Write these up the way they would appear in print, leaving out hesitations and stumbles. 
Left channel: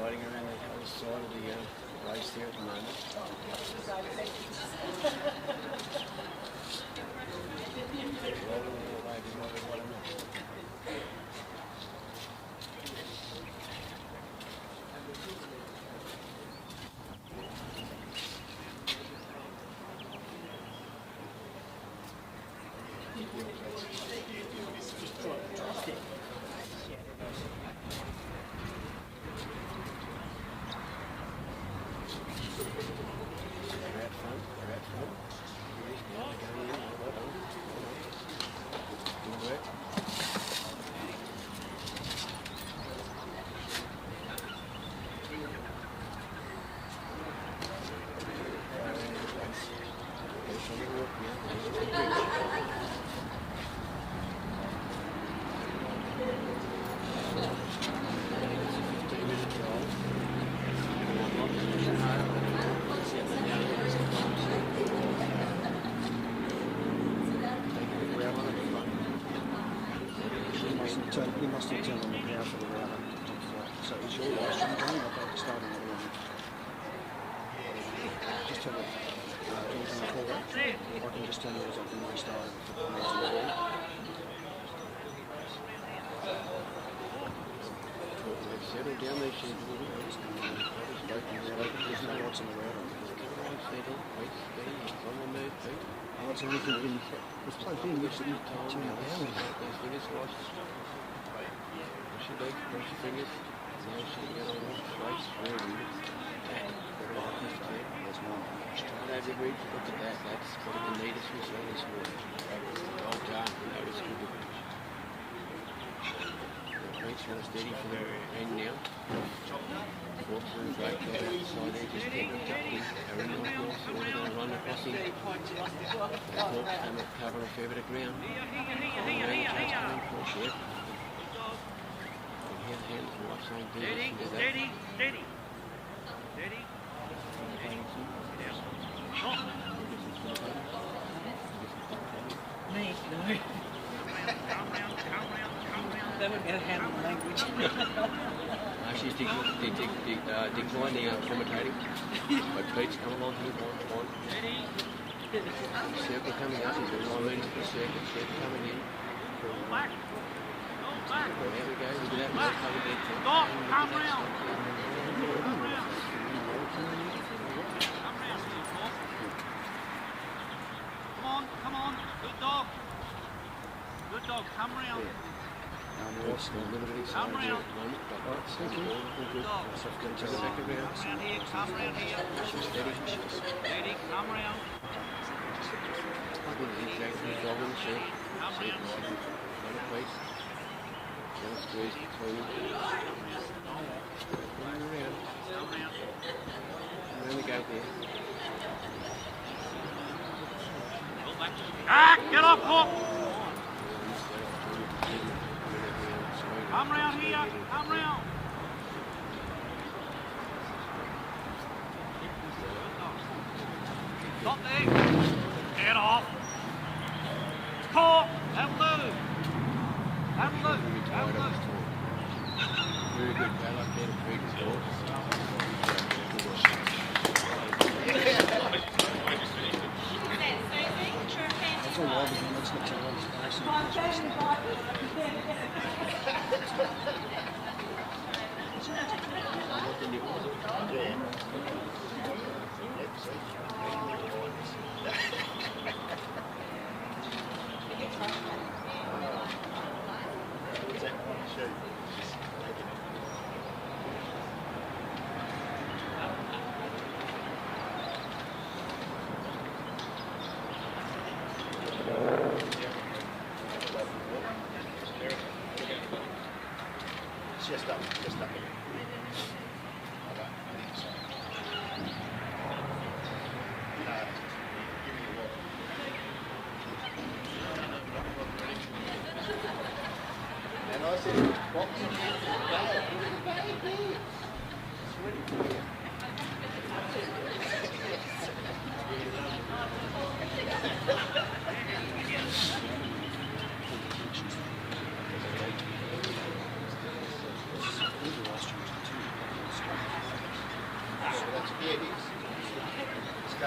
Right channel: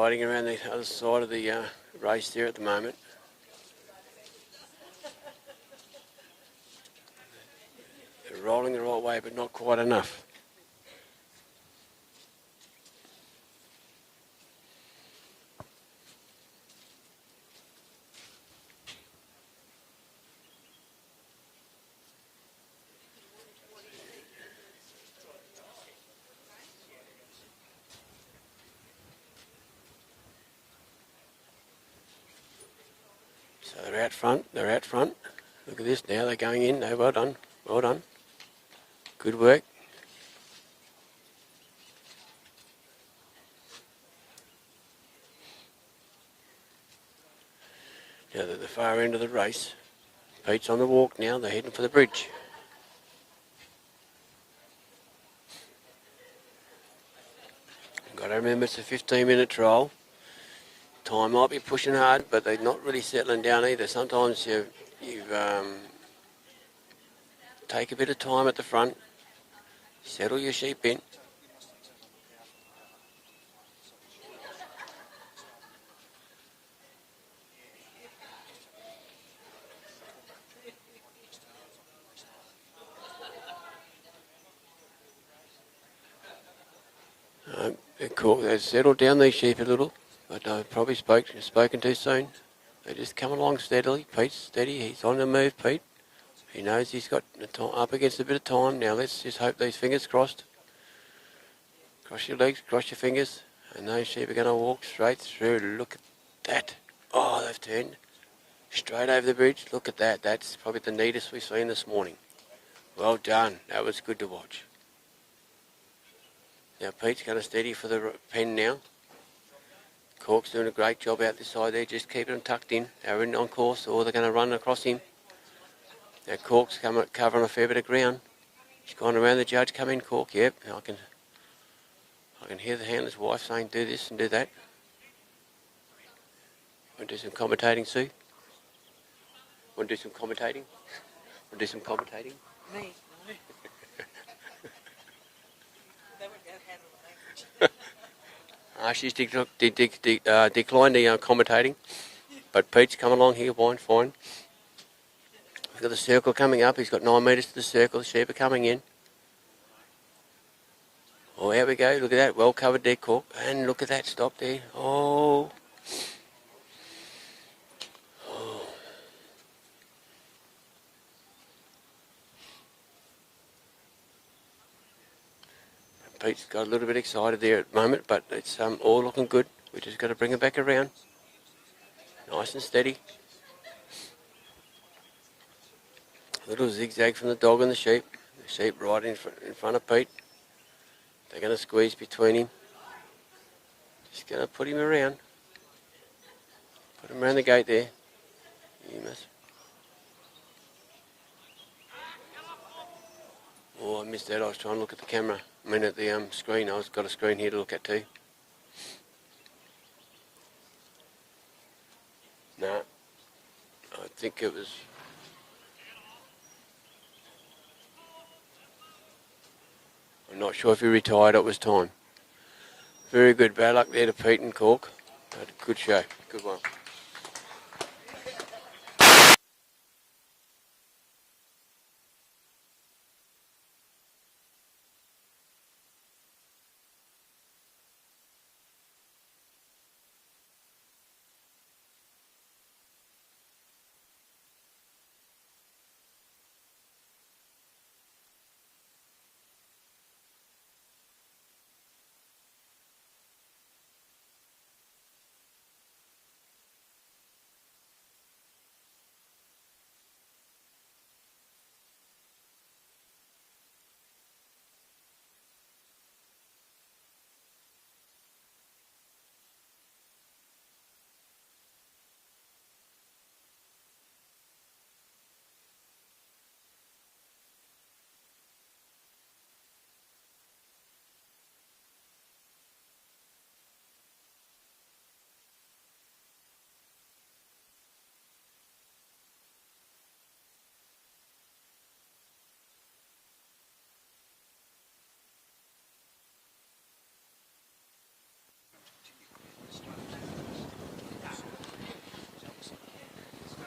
hiding around the other side of the race there at the moment. They're rolling the right way, but not quite enough. They're out front. Look at this now, they're going in. No, well done. Good work. Now at the far end of the race. Pete's on the walk now, they're heading for the bridge. Gotta remember it's a 15-minute trial. Time might be pushing hard, but they're not really settling down either. Sometimes you take a bit of time at the front, settle your sheep in. You must have turned on the power for the round. So it's your last one going up at the starting of the round. Just have a engine call up. I can just turn yours off and restart it. Cool. They've settled down these sheep a little. But probably spoken too soon. They're just coming along steadily. Pete's steady. He's on the move, Pete. He knows he's got the time up against a bit of time. Now let's just hope these fingers crossed. Cross your legs, cross your fingers. And those sheep are going to walk straight through. Look at that. Oh, they've turned straight over the bridge. Look at that. That's probably the neatest we've seen this morning. Well done. That was good to watch. Now Pete's going to steady for the pen now. Cork's doing a great job out the side there, just keeping them tucked in. They're in on course, or they're going to run across him. Now Cork's covering a fair bit of ground. He's going around the judge, come in, Cork. Yep, I can hear the handler's wife saying do this and do that. Want to do some commentating, Sue? Want to do some commentating? Do some commentating? Me? No. They wouldn't get a handle on language. She's declined the commentating, but Pete's come along here, fine. Got the circle coming up, he's got 9 metres to the circle, sheep are coming in. Oh, here we go, look at that, well covered there, Cork, and look at that stock there. Oh. Come on, good dog. Good dog, come round. Pete's got a little bit excited there at the moment, but it's all looking good. We've just got to bring it back around. Nice and steady. Little zigzag from the dog and the sheep. Sheep right in front of Pete. They're going to squeeze between him. Just going to put him around. Around the gate there. Get off, Cork! Oh, I missed that. I was trying to look at the camera. I mean at the screen. I've got a screen here to look at too. No. I think it was... Get off! Cork! That blue! Not sure if he retired, it was time. Very good. Bad luck there to Pete and Cork. Good show. Good one. Is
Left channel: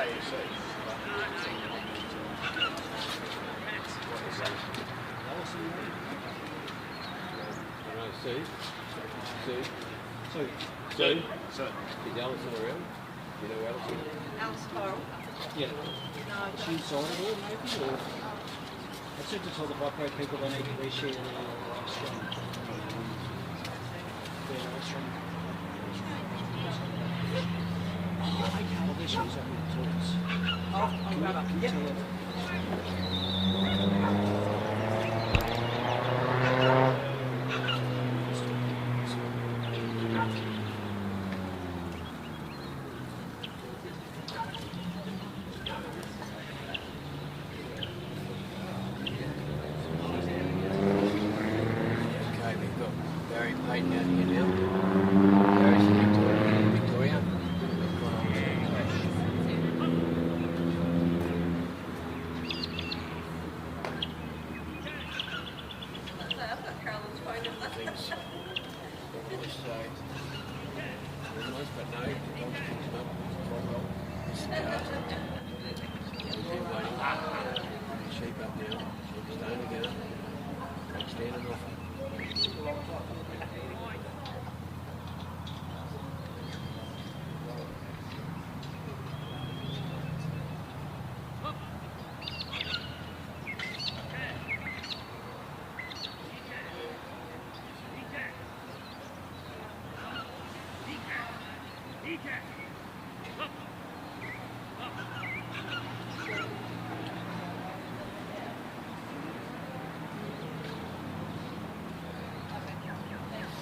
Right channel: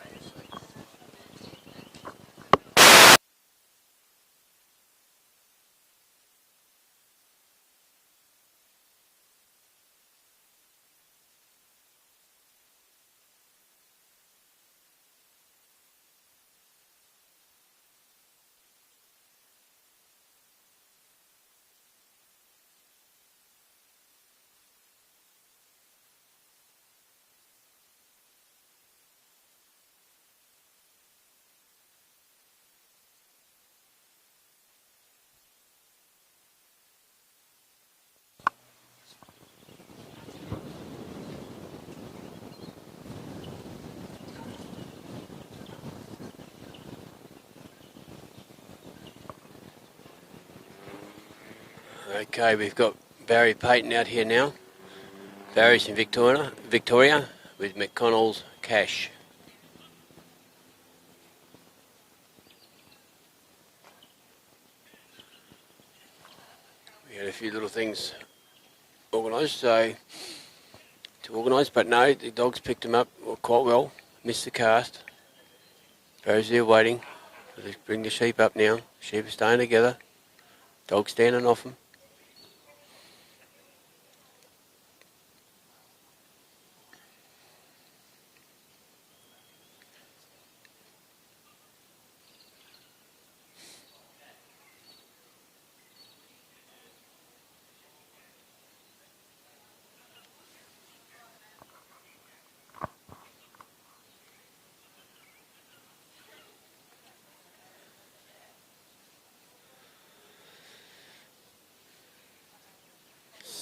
Alison around? Do you know Alison? Alice Farrell. Yeah. No, I She don't. signed it all, maybe? Or I said to tell the Dogpro people they need to reshare their strong. Well, this was only the tools. I'll grab up. Yep. Okay, we've got Barry Payton out here now. Barry's in Victoria with McConnell's Cash. Got a few little things organised, so to organise, but no, the dogs picked him up quite well, missed the cast. Barry's there waiting. Let's bring the sheep up now. Sheep are staying together. Dogs standing off them.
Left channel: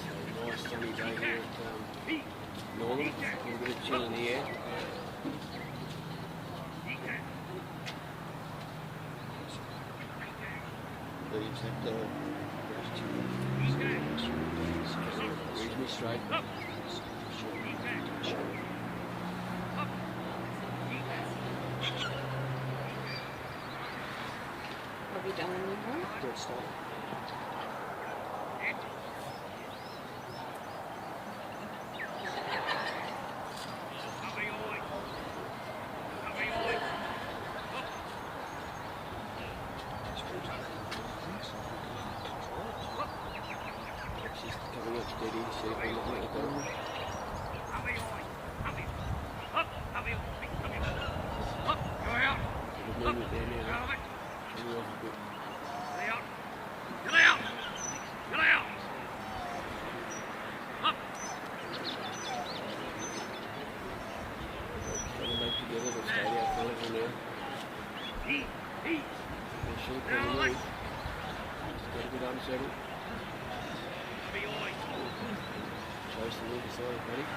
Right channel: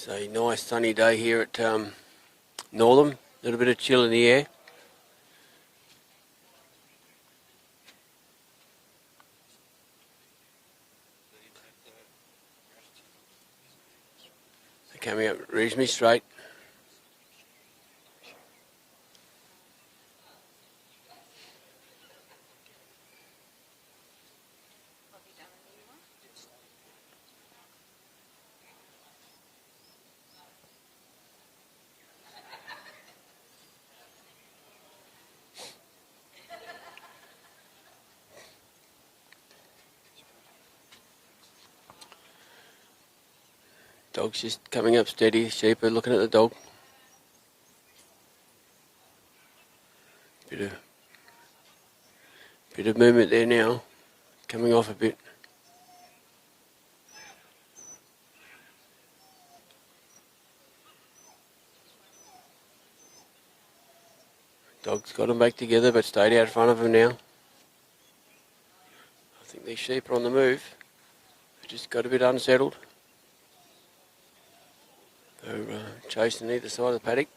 So nice sunny day here at Northam. A little bit of chill in the air. Coming up reasonably straight. Have you done anything? Good stuff. Dog's just coming up steady. Sheep are looking at the dog. Bit of movement there now. Coming off a bit. Dog's got them back together but stayed out front of them now. These sheep are on the move. Just got a bit unsettled. They're chasing either side of the paddock.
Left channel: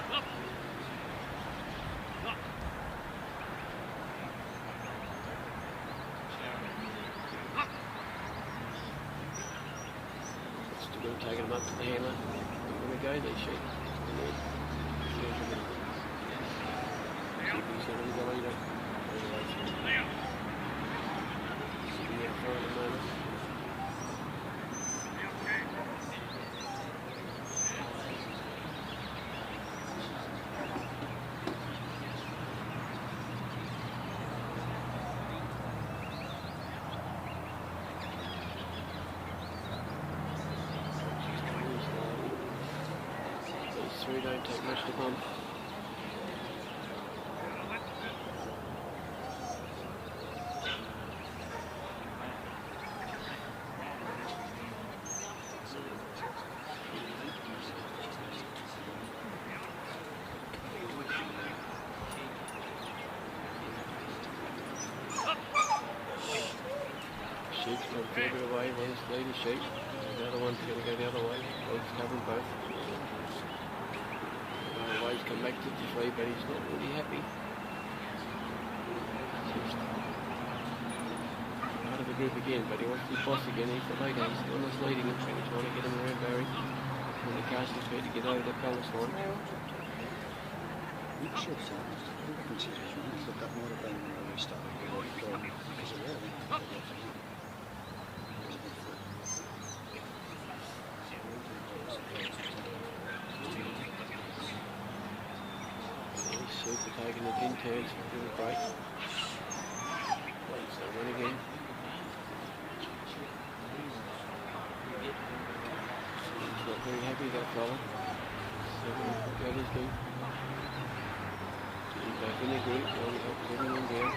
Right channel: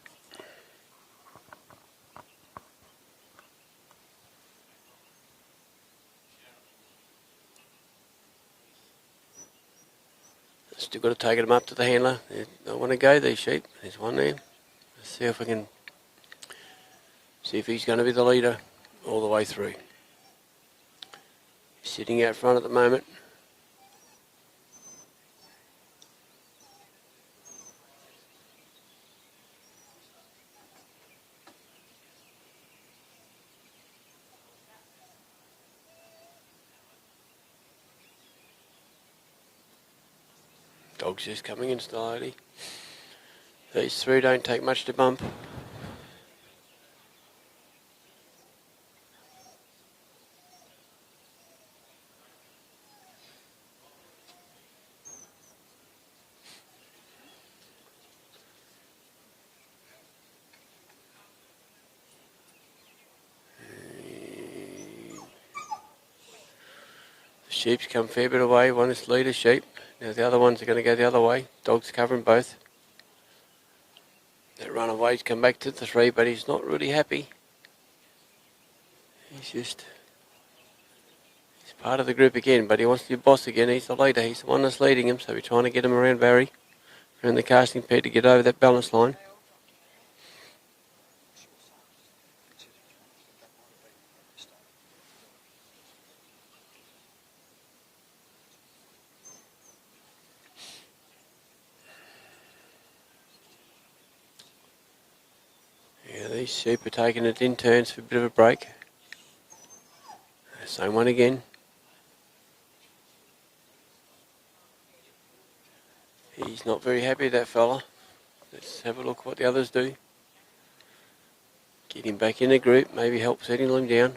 Still got to take them up to the handler. They don't want to go, these sheep. There's one there. See if we can see if he's going to be the leader all the way through. He's sitting out front at the moment. Dog's just coming in slowly. These three don't take much to bump. Sheep's come a fair bit away. One is the leader sheep. Now the other ones are going to go the other way. Dog's covering both. They run away to come back to the three, but he's not really happy. He's part of the group again, but he wants to be boss again. He's the leader. He's the one that's leading him, so we're trying to get him around Barry. We're in the casting pad to get over that balance line. These sheep are taking it in turns for a bit of a break. Same one again. He's not very happy, that fella. Let's have a look what the others do. Get him back in the group, maybe help setting him down.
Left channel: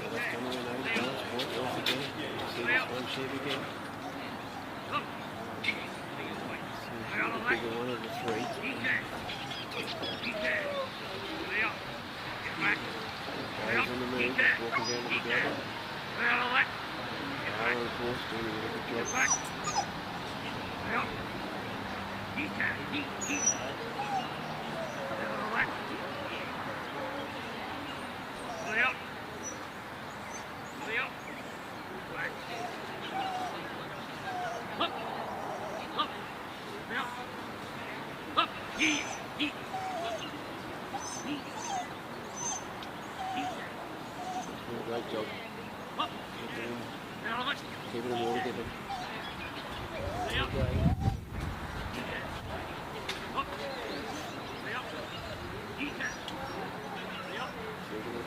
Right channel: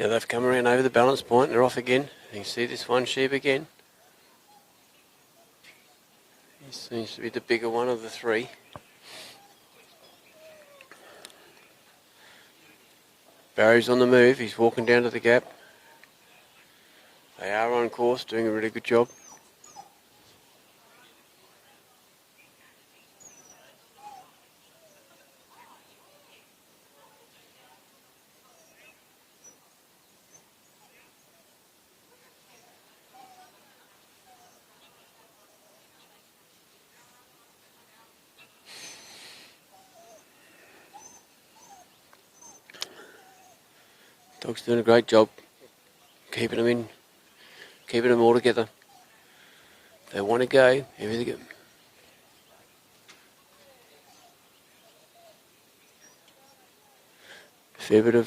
Now they've come around over the balance point, they're off again. You see this one sheep again. Seems to be the bigger one of the three. Barry's on the move, he's walking down to the gap. They are on course, doing a really good job. Dog's doing a great job keeping them in, keeping them all together. If they want to go, everything go. Fair bit of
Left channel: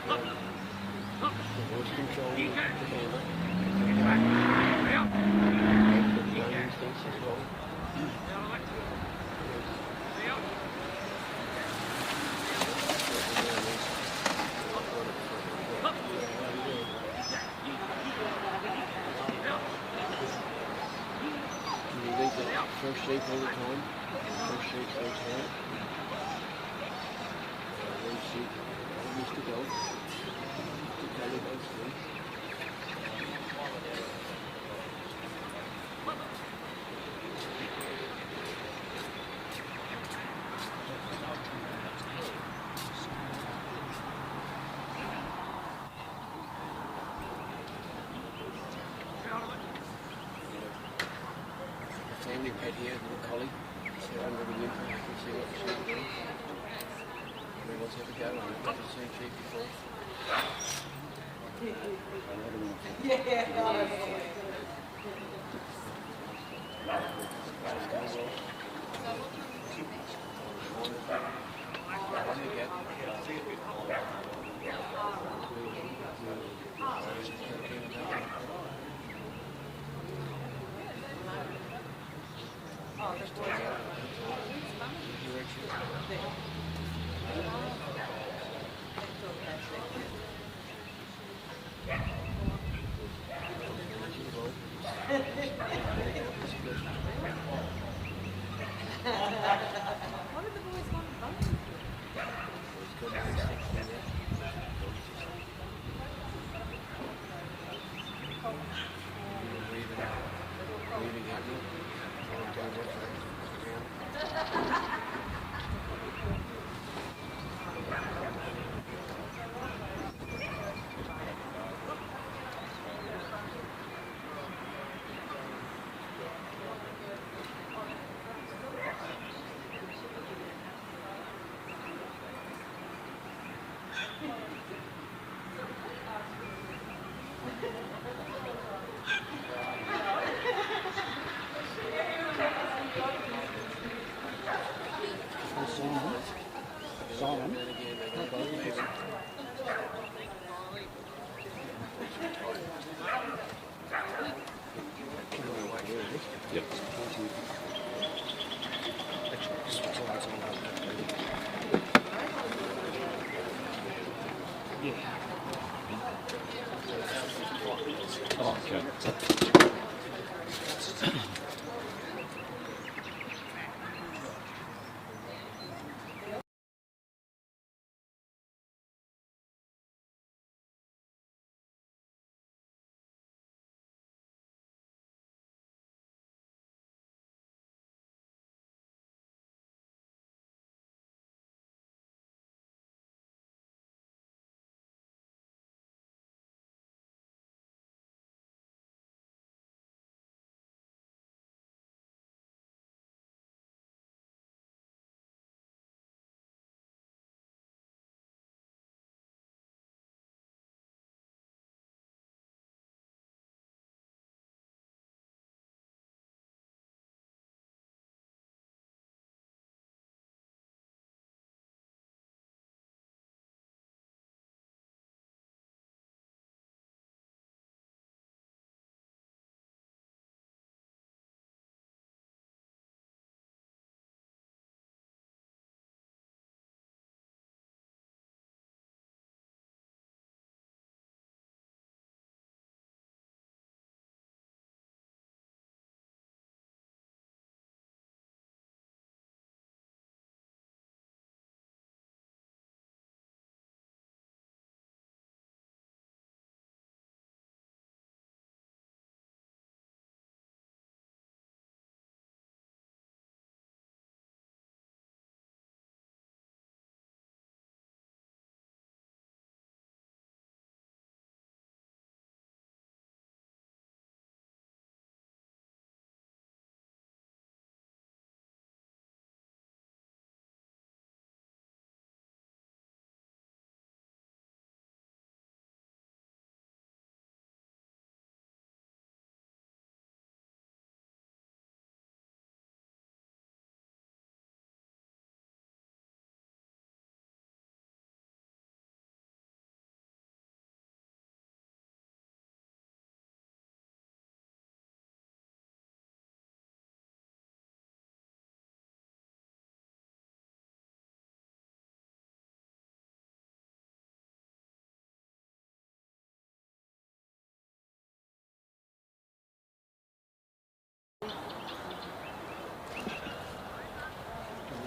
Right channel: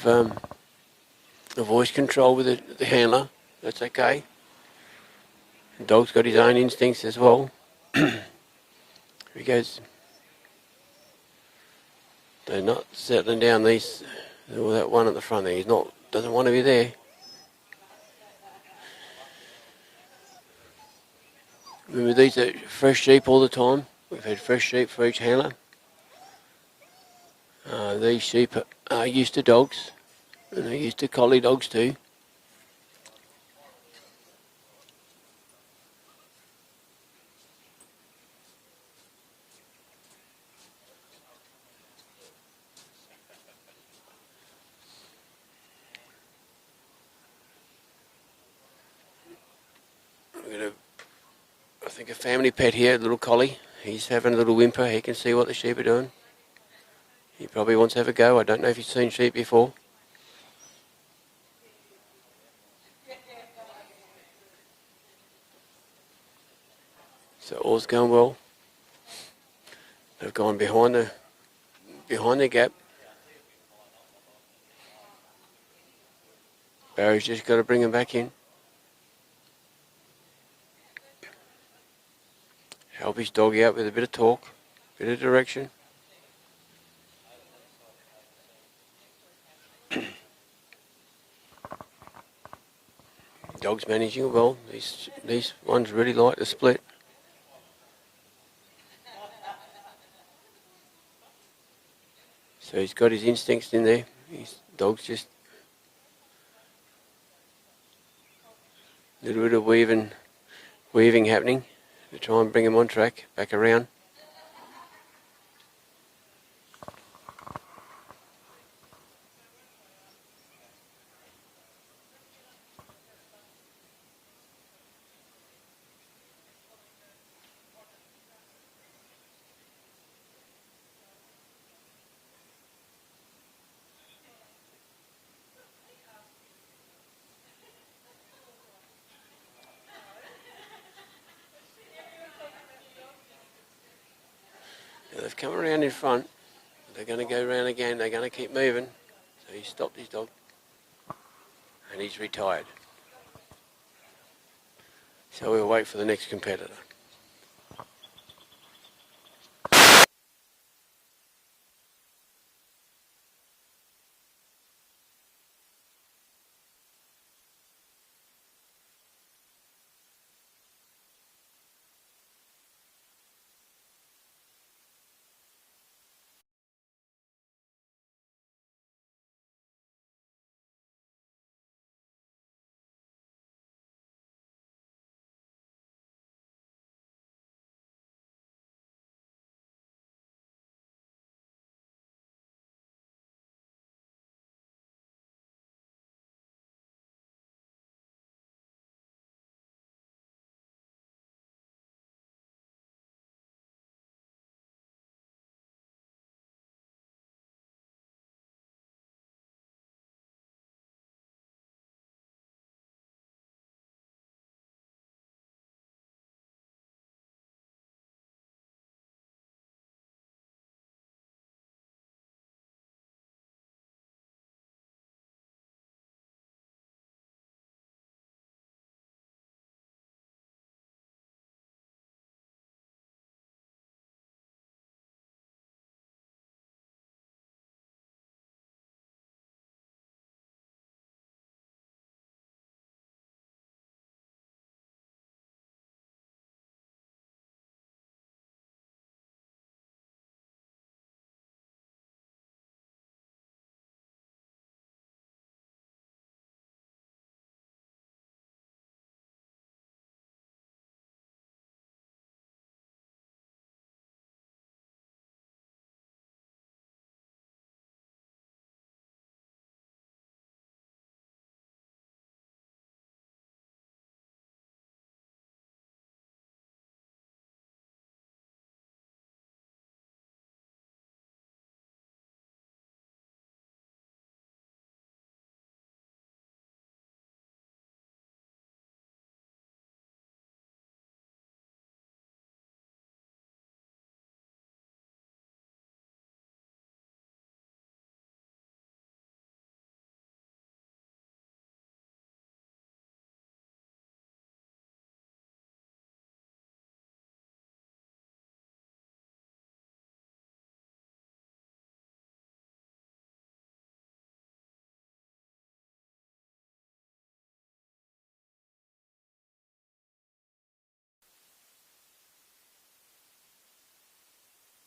voice control with the handler, that's okay. Dog's got his own instincts as well. He goes, they're not settling down these. That one at the front there, doesn't want to be there. Remember, these are fresh sheep all the time. We've had fresh sheep for each handler. These sheep are used to dogs, and they're used to collie dogs too. Family pet here, little collie. He's having a little whimper. He can see what the sheep are doing. He probably wants to have a go. I don't know if he's seen sheep before. So all's going well. They've gone behind the gap. Barry's just got to bring them back in. Help his dog out with a bit of talk, a bit of direction. Dog's managing well. These ones really like the split. So he's got his instincts in there. His dog's just a little bit of weaving happening. Try and bring him on track, back around. Come around in front. They're going to go around again. They're going to keep moving. He stopped his dog. And he's retired. So we'll wait for the next competitor.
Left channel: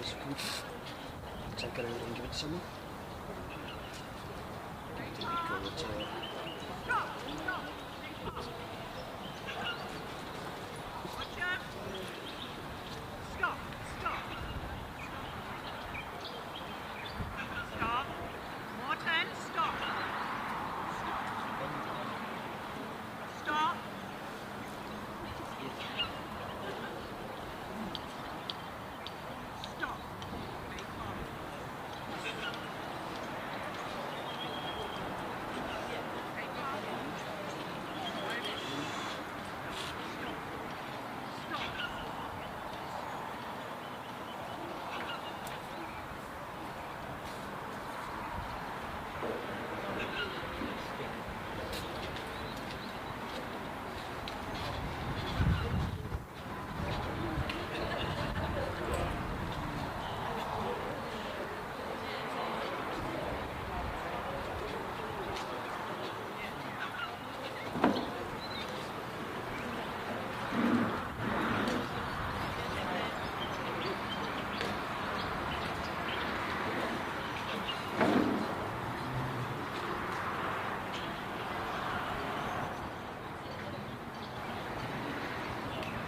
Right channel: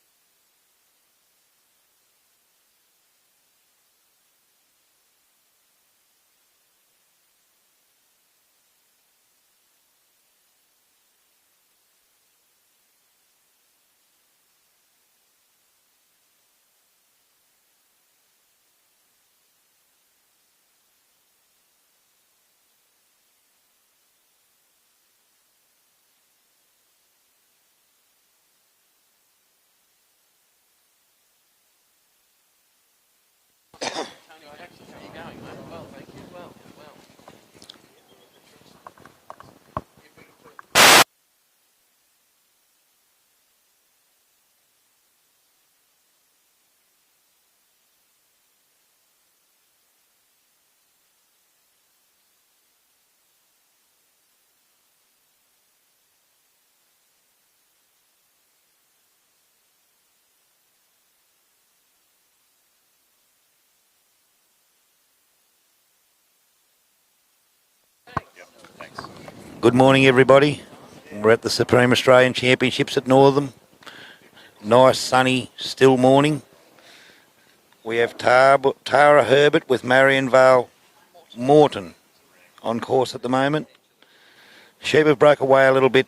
That's good. Take it out and give it to someone. Stop. Morton, stop. Stop. Stop. Good morning, everybody. We're at the Supreme Australian Championships at Northam. Nice, sunny, still morning. We have Tara Herbert with Marionvale Morton on course at the moment. Sheep have broke away a little bit.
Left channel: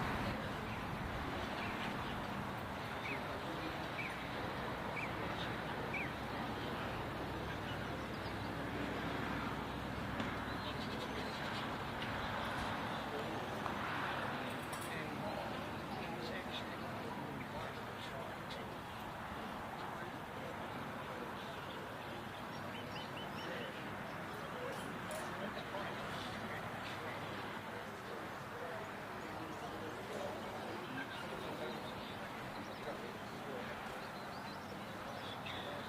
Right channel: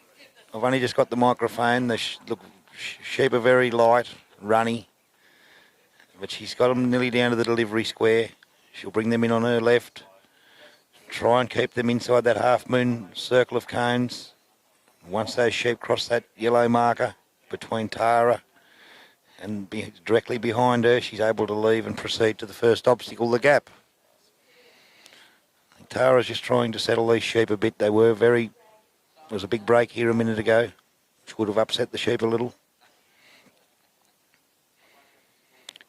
I've only just got the microphone. The sheep are very light, runny, but she's got them nearly down to the delivery square. She'll bring them in on her left. Try and keep them inside that half-moon circle of cones. Once those sheep cross that yellow marker between Tara and directly behind her, she's able to leave and proceed to the first obstacle, the gap. Tara's just trying to settle these sheep a bit. There was a big break here a minute ago, which would have upset the sheep a little.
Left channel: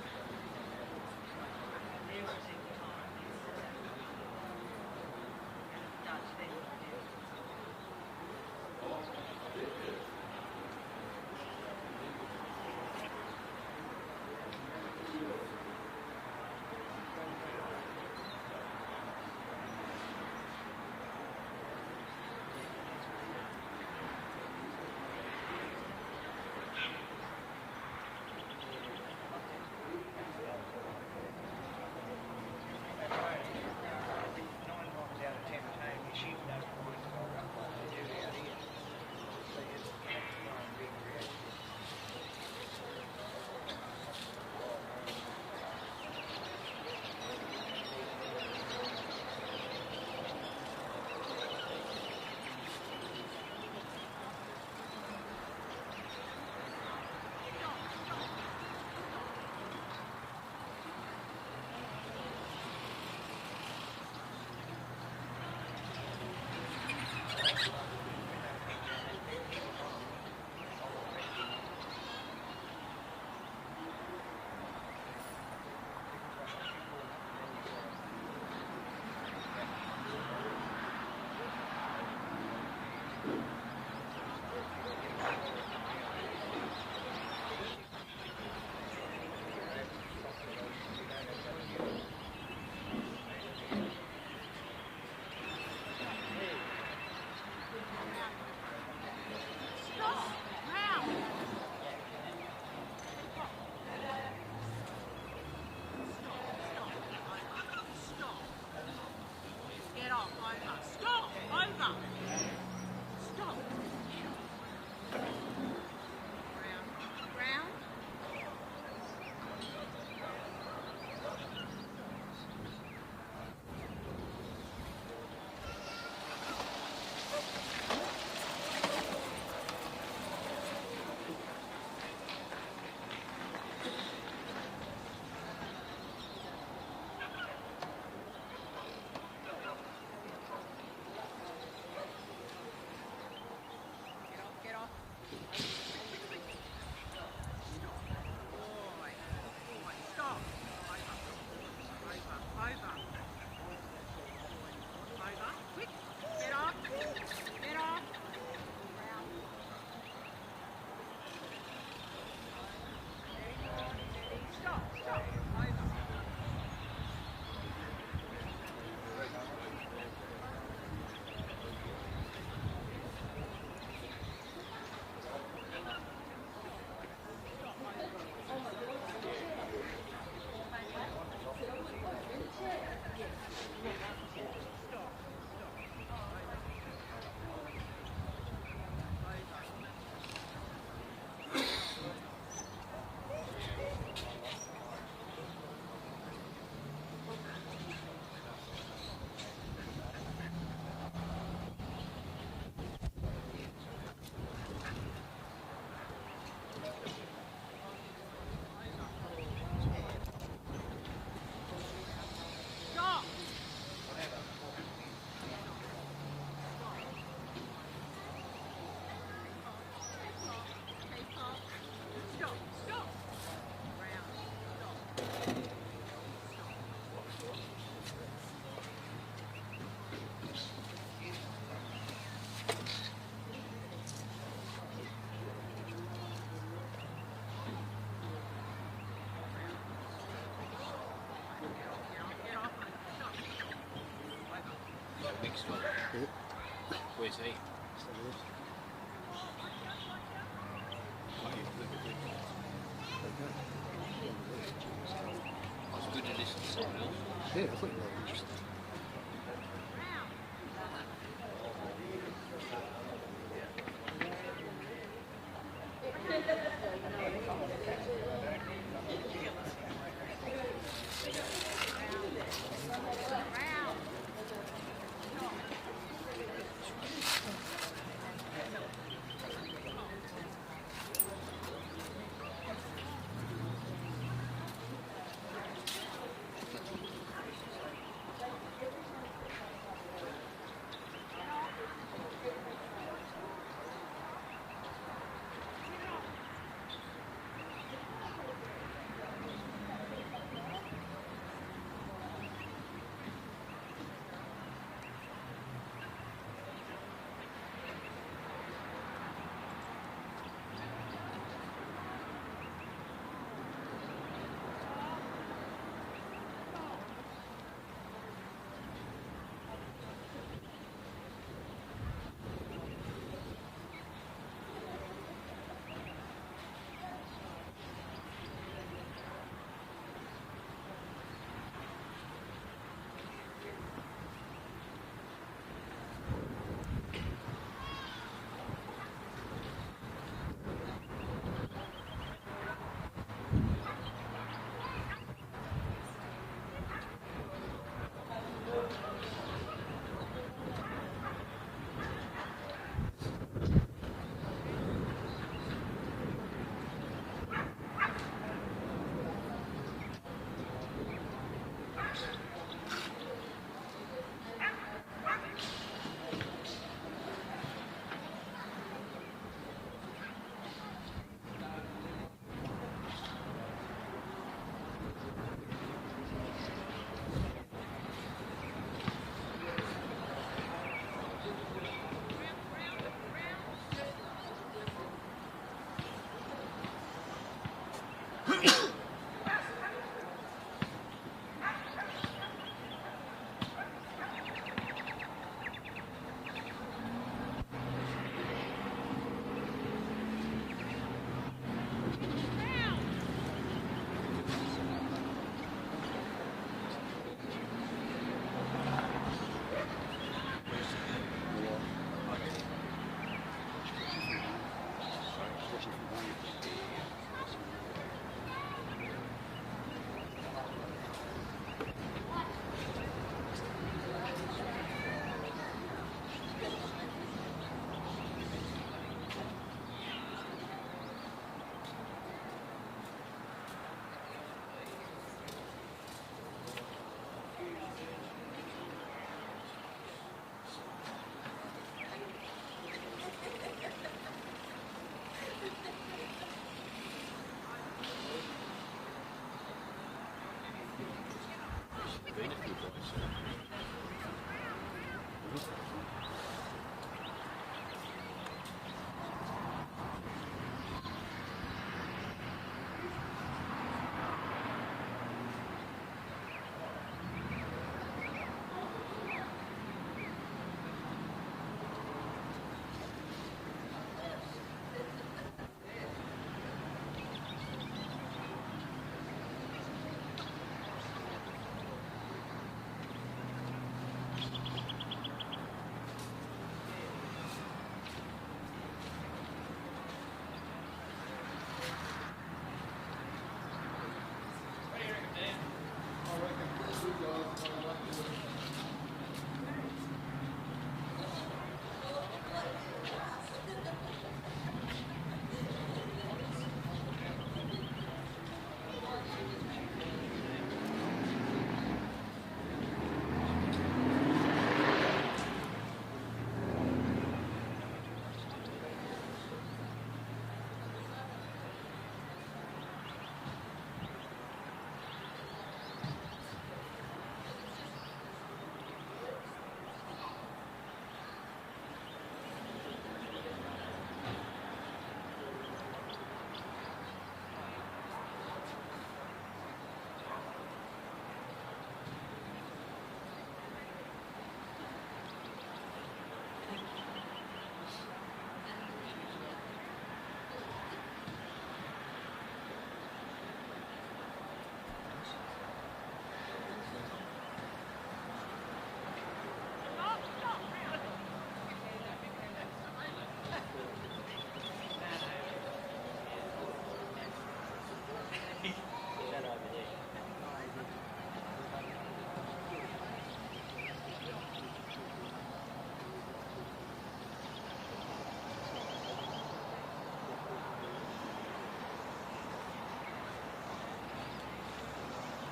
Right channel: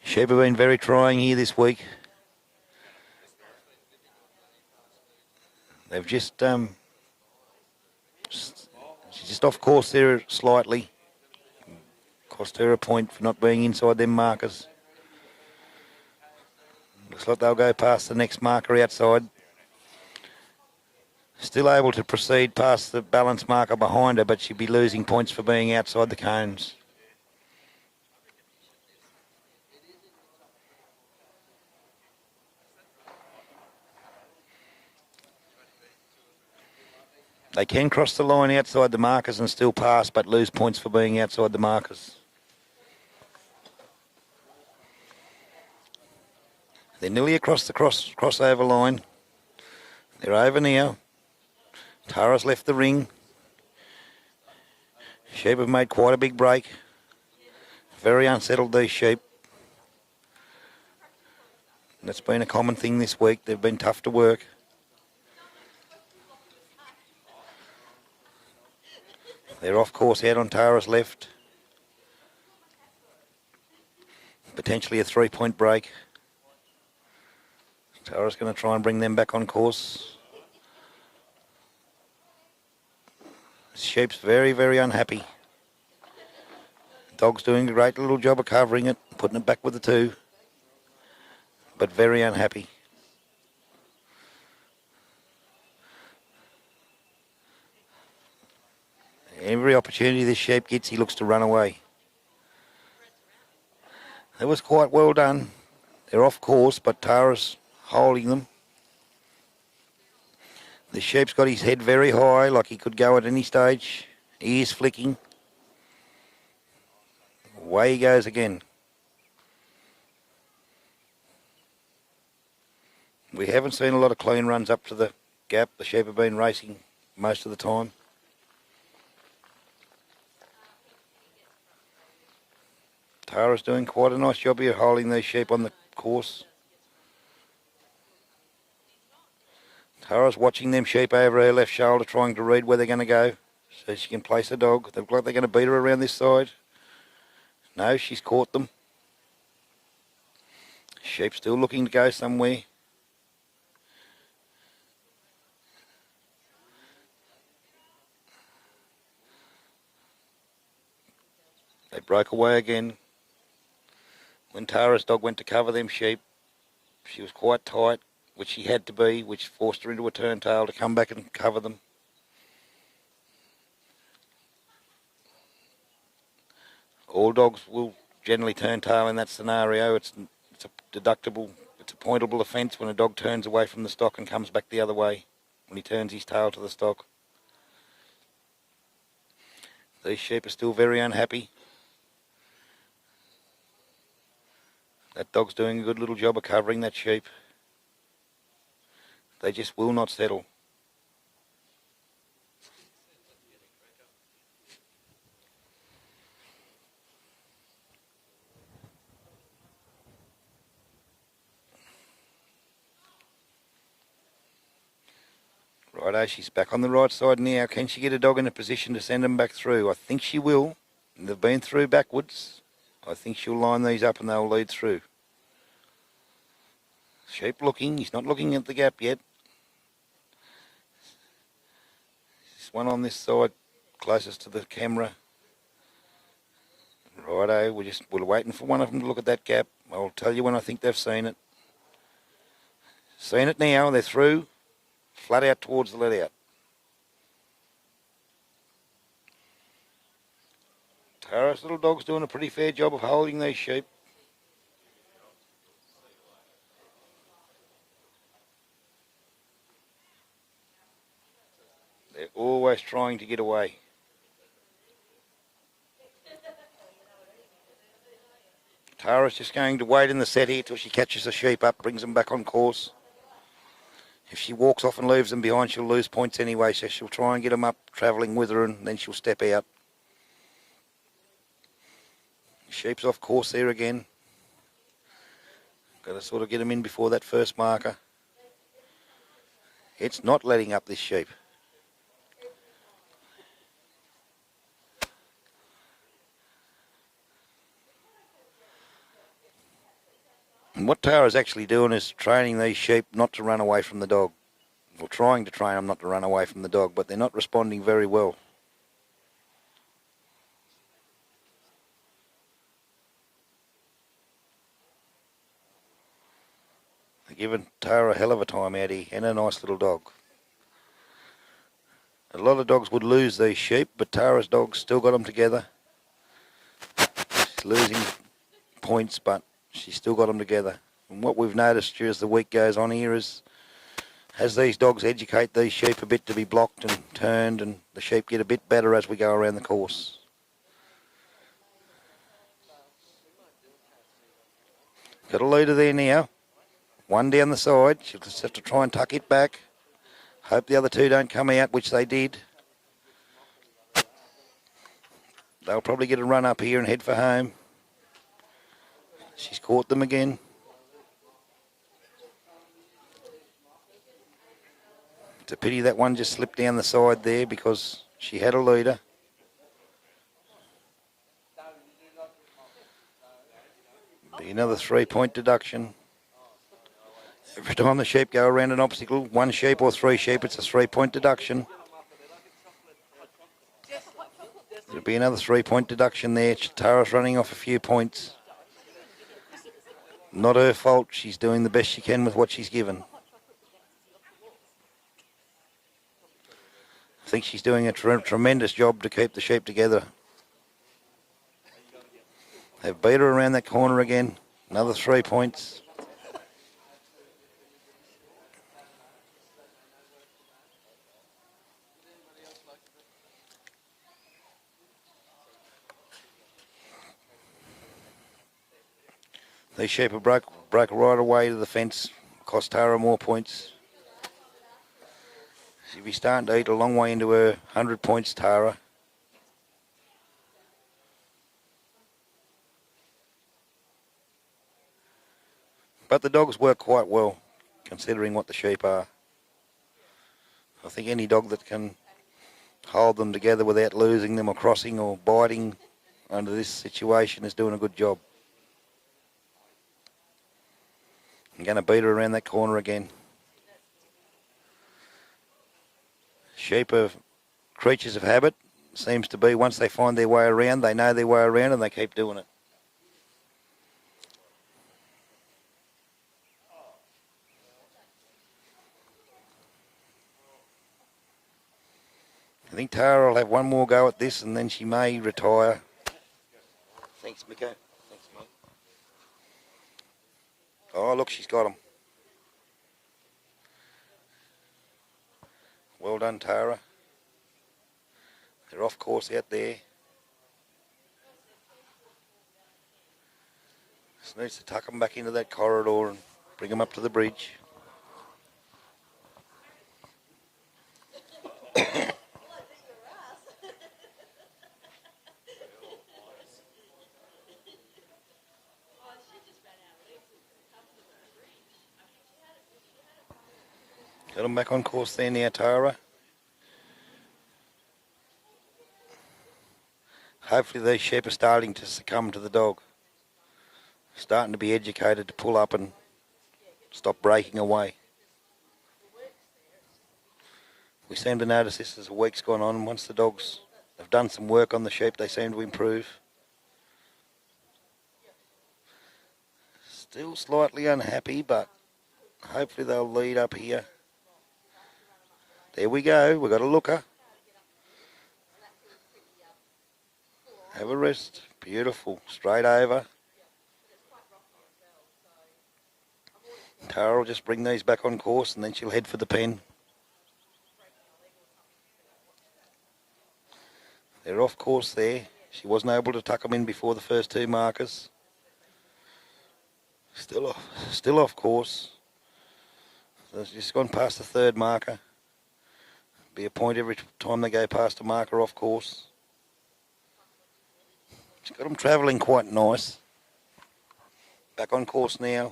Sheep have been very trying here this week. They've just off course there slightly. Cost her a point for not being inside them markers. Looks like they'll go past the next marker outside. Still able to proceed past the balance marker behind her, but she'd be losing points for being outside the cones. They can cross the line outside the markers and still pass, but lose points for being outside the markers. They're nearly across the crossover line. They're over now. Tara's left the ring. Sheep have made quite a big break. Very unsettled, these sheep. That's been a common thing this week. They've been tough to work. They're off course out on Tara's left. Potentially a 3-point break. Tara's going to try and bring them back on course. Sheep's very, very unhappy. Dog's doing a great little job of covering it, putting it back with the 2. But very unhappy. Every opportunity this sheep gets, he looks to run away. That was quite well done. They're off course, but Tara's holding them. The sheep's got his head very high, like he could go at any stage. Ears flicking. Away he goes again. We haven't seen a lot of clean runs up to the gap. The sheep have been racing most of the time. Tara's doing quite a nice job here holding these sheep on the course. Tara's watching them sheep over her left shoulder, trying to read where they're going to go so she can place a dog. They look like they're going to beat her around this side. No, she's caught them. Sheep still looking to go somewhere. They broke away again. When Tara's dog went to cover them sheep, she was quite tight, which she had to be, which forced her into a turntail to come back and cover them. All dogs will generally turn tail in that scenario. It's a deductible, it's a pointable offence when a dog turns away from the stock and comes back the other way when he turns his tail to the stock. These sheep are still very unhappy. That dog's doing a good little job of covering that sheep. They just will not settle. Righto, she's back on the right side now. Can she get a dog in a position to send them back through? I think she will. They've been through backwards. I think she'll line these up and they'll lead through. Sheep looking. He's not looking at the gap yet. There's one on this side, closest to the camera. Righto, we're waiting for one of them to look at that gap. I'll tell you when I think they've seen it. Seen it now. They're through. Flat out towards the let out. Where's he? Tara's little dog's doing a pretty fair job of holding these sheep. It's good to listen to someone else. Yeah, I think they're interesting. They're always trying to get away. Tara's just going to wait in the set here till she catches the sheep up, brings them back on course. If she walks off and leaves them behind, she'll lose points anyway, so she'll try and get them up, travelling with her, and then she'll step out. Sheep's off course there again. Got to sort of get them in before that first marker. It's not letting up this sheep. And what Tara's actually doing is training these sheep not to run away from the dog. Or trying to train them not to run away from the dog, but they're not responding very well. They're giving Tara a hell of a time out here, and a nice little dog. A lot of dogs would lose these sheep, but Tara's dog's still got them together. She's losing points, but she's still got them together. And what we've noticed as the week goes on here is, as these dogs educate these sheep a bit to be blocked and turned, and the sheep get a bit better as we go around the course. Got a leader there now. One down the side. She'll just have to try and tuck it back. Hope the other two don't come out, which they did. They'll probably get a run up here and head for home. She's caught them again. It's a pity that one just slipped down the side there because she had a leader. Be another 3-point deduction. Every time the sheep go around an obstacle, one sheep or 3 sheep, it's a 3-point deduction. There'll be another 3-point deduction there. Tara's running off a few points. Not her fault. She's doing the best she can with what she's given. I think she's doing a tremendous job to keep the sheep together. They've beat her around that corner again. Another 3 points. These sheep have broke right away to the fence, cost Tara more points. She'll be starting to eat a long way into her 100 points, Tara. But the dogs work quite well, considering what the sheep are. I think any dog that can hold them together without losing them or crossing or biting under this situation is doing a good job. I'm going to beat her around that corner again. Sheep are creatures of habit. Seems to be once they find their way around, they know their way around and they keep doing it. I think Tara will have one more go at this and then she may retire. go. Oh, look, she's got him. Well done, Tara. They're off course out there. Just needs to tuck them back into that corridor and bring them up to the bridge. Got them back on course there now, Tara. Hopefully these sheep are starting to succumb to the dog. Starting to be educated to pull up and stop breaking away. We seem to notice this as the week's gone on. Once the dogs have done some work on the sheep, they seem to improve. Still slightly unhappy, but hopefully they'll lead up here. There we go, we've got a looker. Have a rest. Beautiful. Straight over. Tara will just bring these back on course and then she'll head for the pen. They're off course there. She wasn't able to tuck them in before the first two markers. Still off course. So she's gone past the third marker. Be a point every time they go past a marker off course. She's got them travelling quite nice. Back on course now.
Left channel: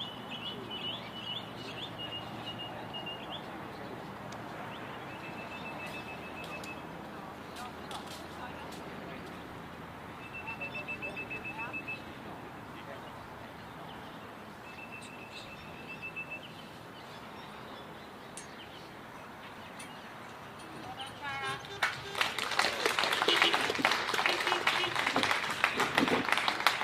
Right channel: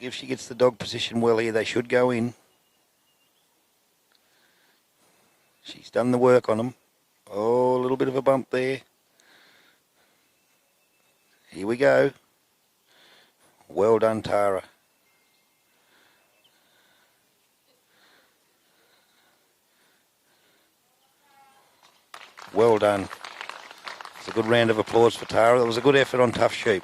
If she gets the dog position well here, they should go in. She's done the work on them. Oh, a little bit of a bump there. Here we go. Well done, Tara. Well done. A good round of applause for Tara. That was a good effort on tough sheep.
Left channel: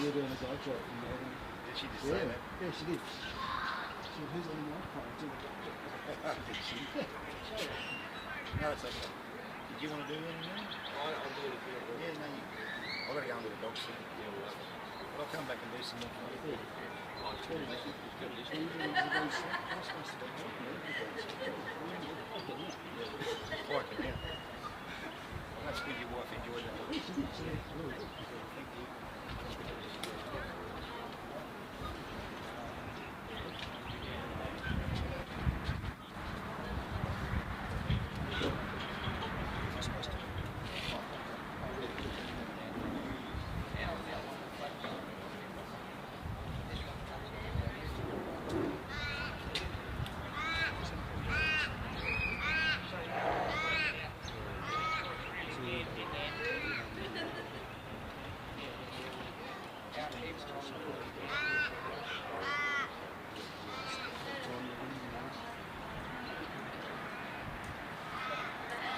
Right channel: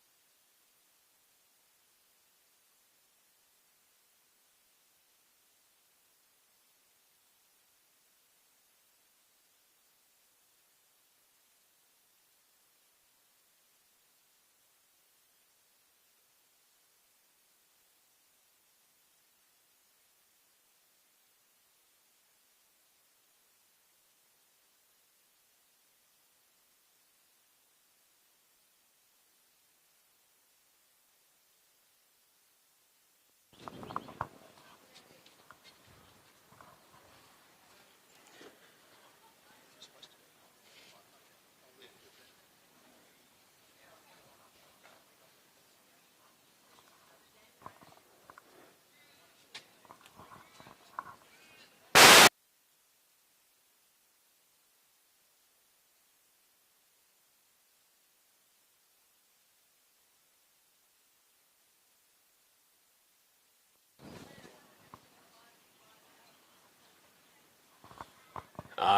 You're doing a dog job. Did she just say that? Yeah, she did. She said, who's on the microphone? No, it's okay. Did you want to do anything now? I'll do it if you're good. Yeah, no, you can. I've got to go and do a dog sit. But I'll come back and do some more for you. Quite, yeah. That's good your wife enjoyed that. Thank you.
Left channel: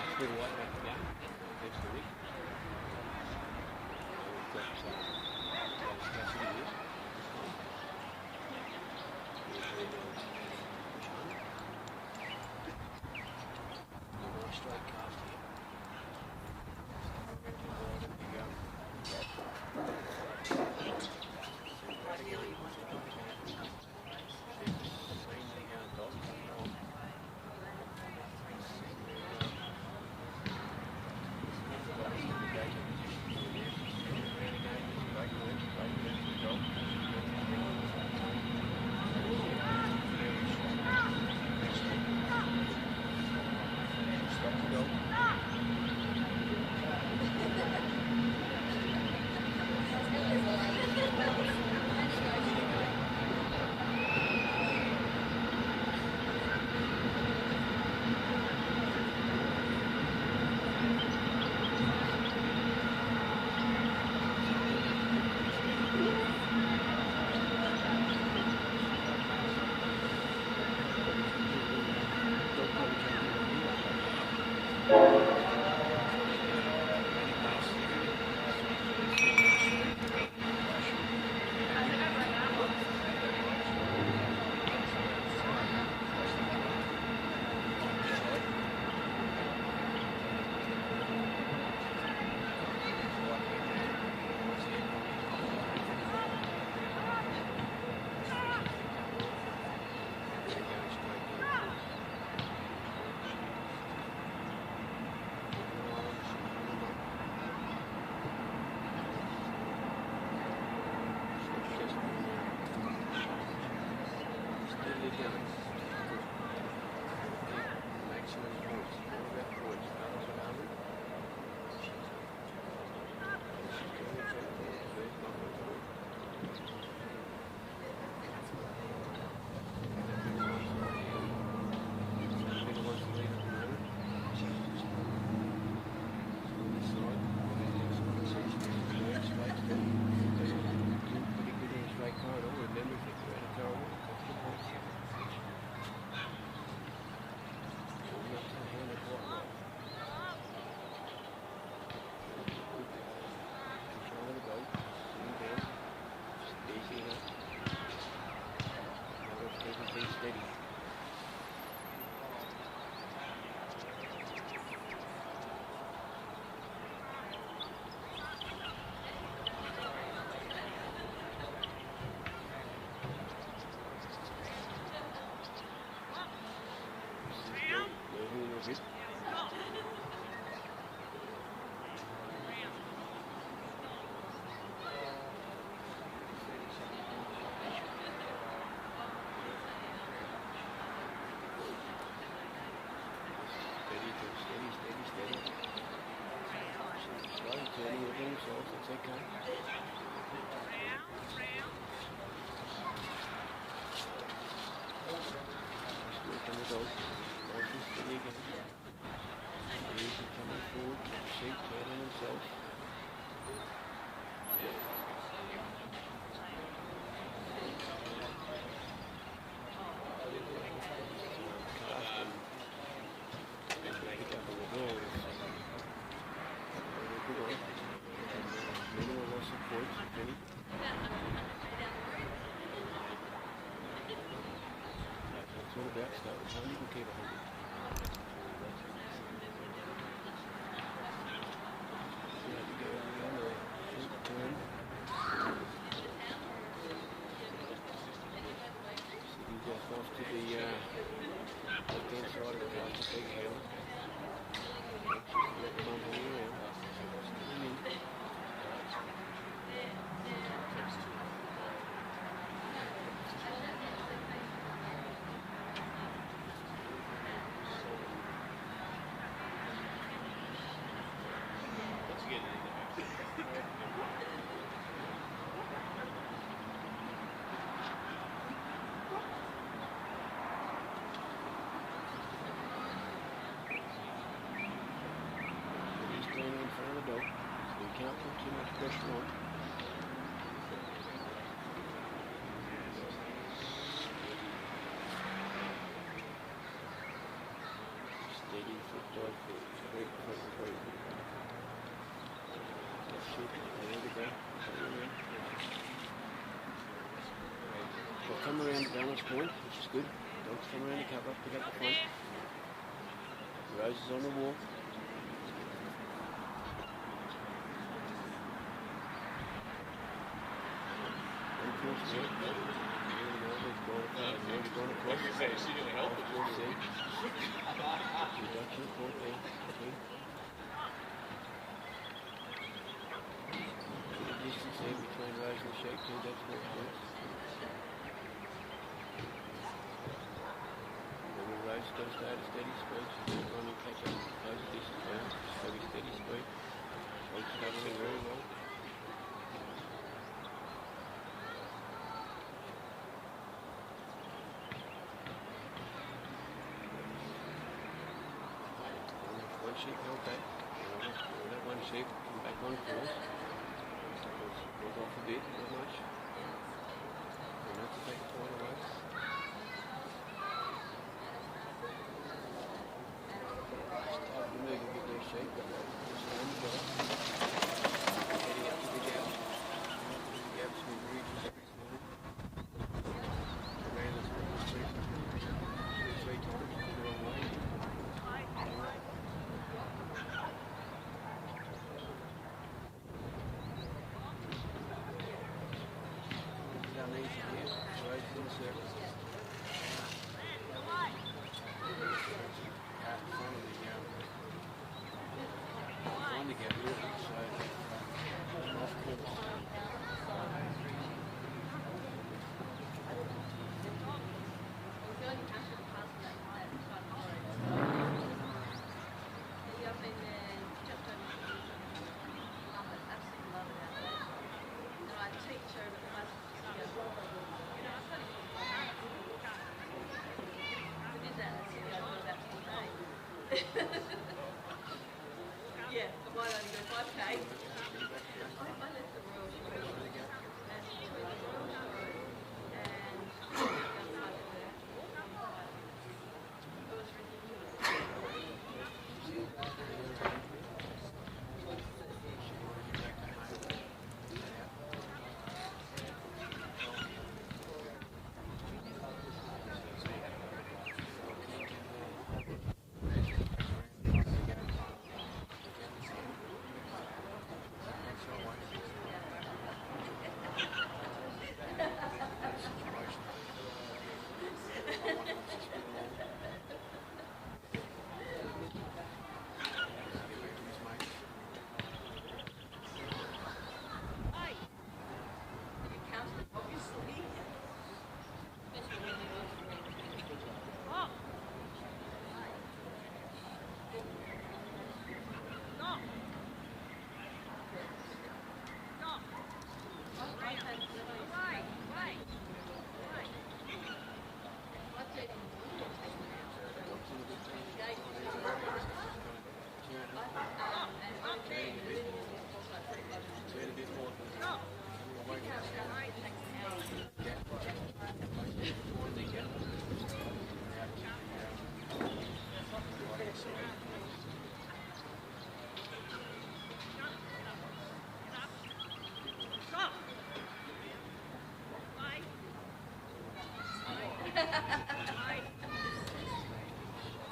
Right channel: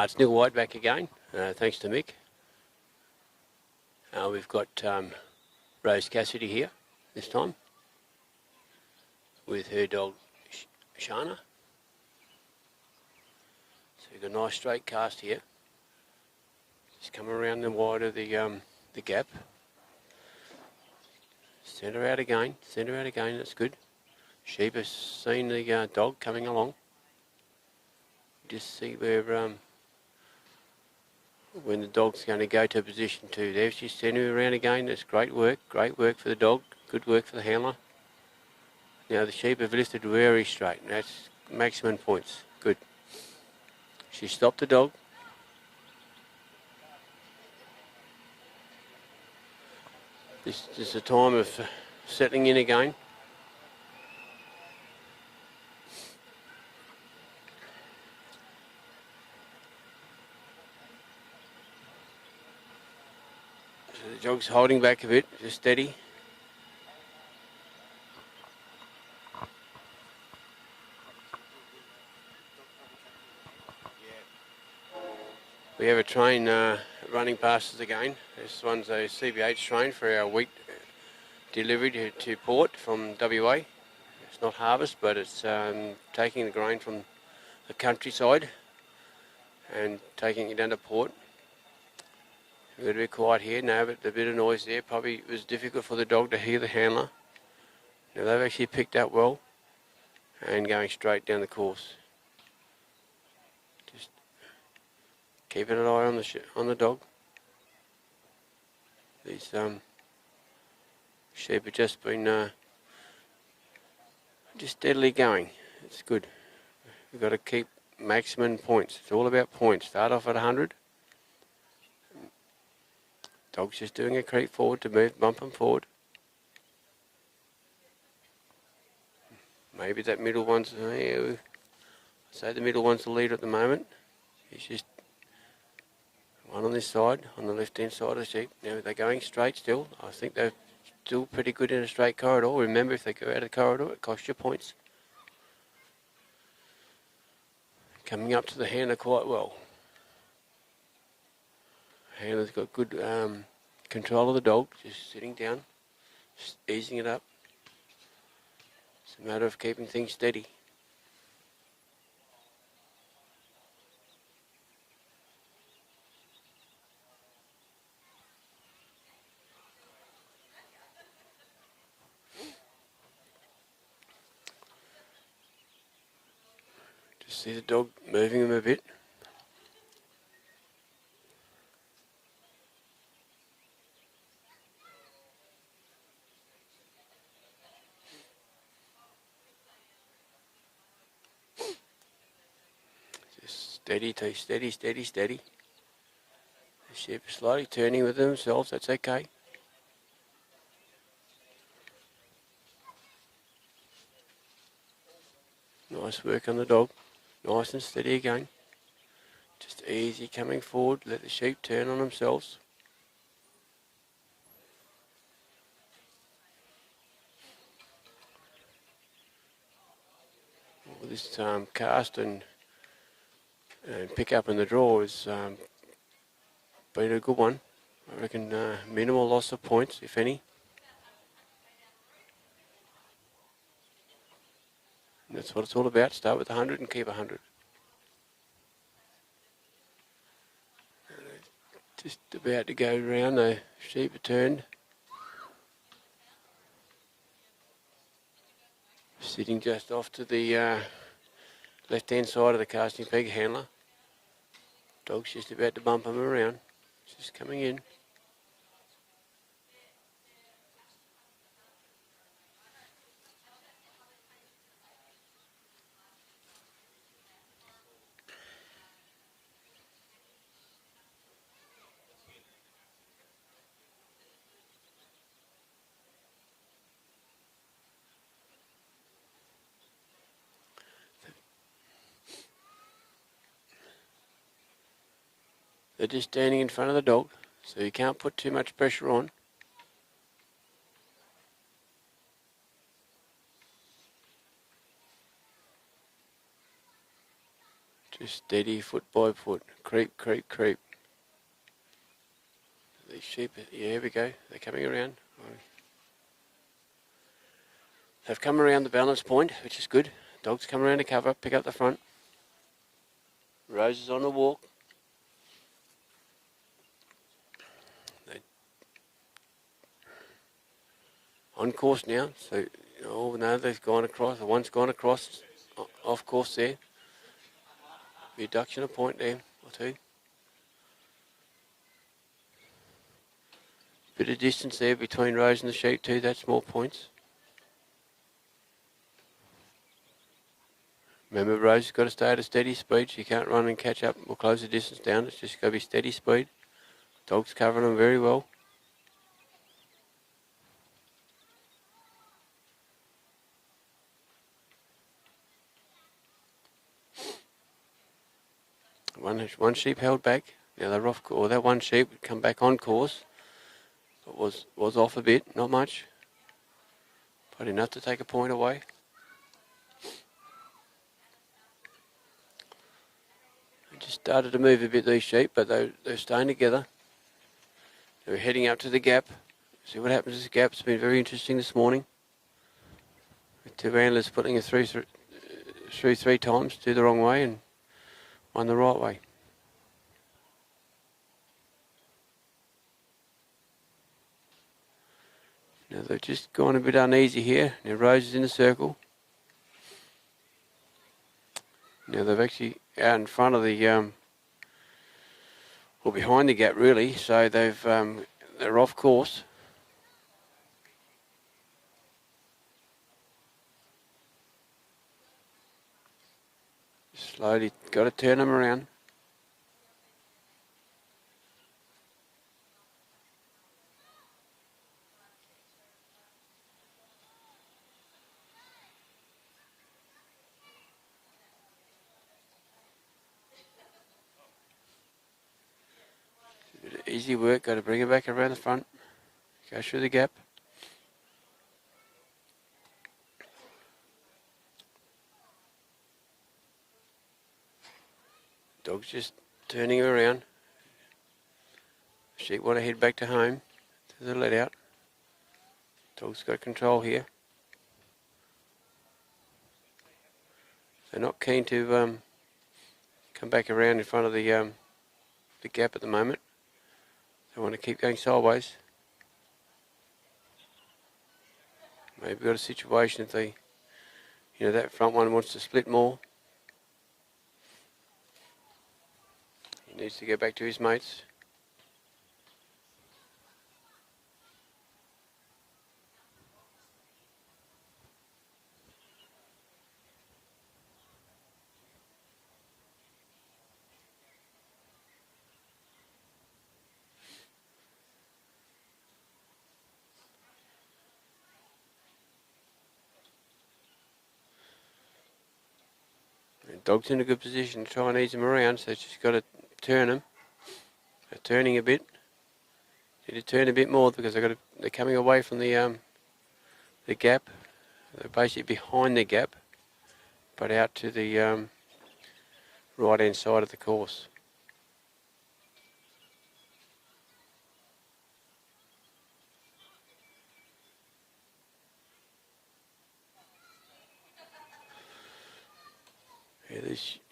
It's Neil White back again, thanks to Mick. We've got Rose Cassidy here this time with her dog Shana. So we've got a nice straight cast here. Just come around the wide of the gap. Send her out again, that's good. Sheep has seen the dog coming along. Just see where when the dog's going to go to position 2. There she's sending her around again. That's great work for the dog, good work for the handler. Now the sheep have listed very straight. That's maximum points. Good. She stopped the dog. This is the time of settling in again. Dog's holding back a bit, just steady. We have a train running past us again. This one's a CBH train for our wheat delivery to port from WA. It's not harvest, but it's taking grain from the countryside and taking it down to port. A little bit quiet here now, but a bit of noise there. Probably was difficult for the dog to hear the handler. Now they've actually picked up well and going straight down the course. Keeping an eye on the dog. His sheep have just been just steadily going. It's good. You've got to keep maximum points. It's all about points. Start off at 100. Dog's just doing a creep forward to move, bump him forward. Maybe that middle one's, say the middle one's the leader at the moment. She's just one on this side, on the left-hand side of the sheep. Now they're going straight still. I think they're still pretty good in a straight corridor. Remember, if they go out of the corridor, it costs you points. Coming up to the handler quite well. Handler's got good control of the dog, just sitting down, just easing it up. It's a matter of keeping things steady. Just see the dog moving him a bit. Steady, steady, steady. Sheep slowly turning with themselves, that's okay. Nice work on the dog. Nice and steady again. Just easy coming forward, let the sheep turn on themselves. This cast and pick up in the draw has been a good one. I reckon minimal loss of points, if any. That's what it's all about. Start with 100 and keep 100. Just about to go around, the sheep are turned. Sitting just off to the left-hand side of the casting peg handler. Dog's just about to bump him around. Just coming in. They're just standing in front of the dog, so you can't put too much pressure on. Just steady, foot by foot, creep, creep, creep. The sheep, yeah, here we go, they're coming around. They've come around the balance point, which is good. Dog's come around to cover, pick up the front. Rose is on the walk. On course now, so, oh no, they've gone across, one's gone across, off course there. Reduction of point there, 2. Bit of distance there between Rose and the sheep too, that's more points. Remember, Rose has got to stay at a steady speed. She can't run and catch up or close the distance down. It's just got to be steady speed. Dog's covering them very well. One sheep held back. Now they're off, or that one sheep come back on course. Was off a bit, not much, but enough to take a point away. Just started to move a bit, these sheep, but they're staying together. We're heading up to the gap. See what happens to the gap. It's been very interesting this morning. Two antlers putting it through 3 times, two the wrong way and one the right way. Now they've just gone a bit uneasy here. Now Rose is in the circle. Now they've actually out in front of the, well, behind the gap really, so they're off course. Slowly got to turn them around. Easy work, got to bring it back around the front. Go through the gap. Dog's just turning her around. Sheep want to head back to home. They're let out. Dog's got control here. They're not keen to come back around in front of the gap at the moment. They want to keep going sideways. Maybe got a situation if they, that front one wants to split more. Needs to get back to his mates. Dog's in a good position to try and ease him around, so just got to turn him. They're turning a bit. Need to turn a bit more because they're coming away from the gap. They're basically behind the gap, but out to the right hand side of the course.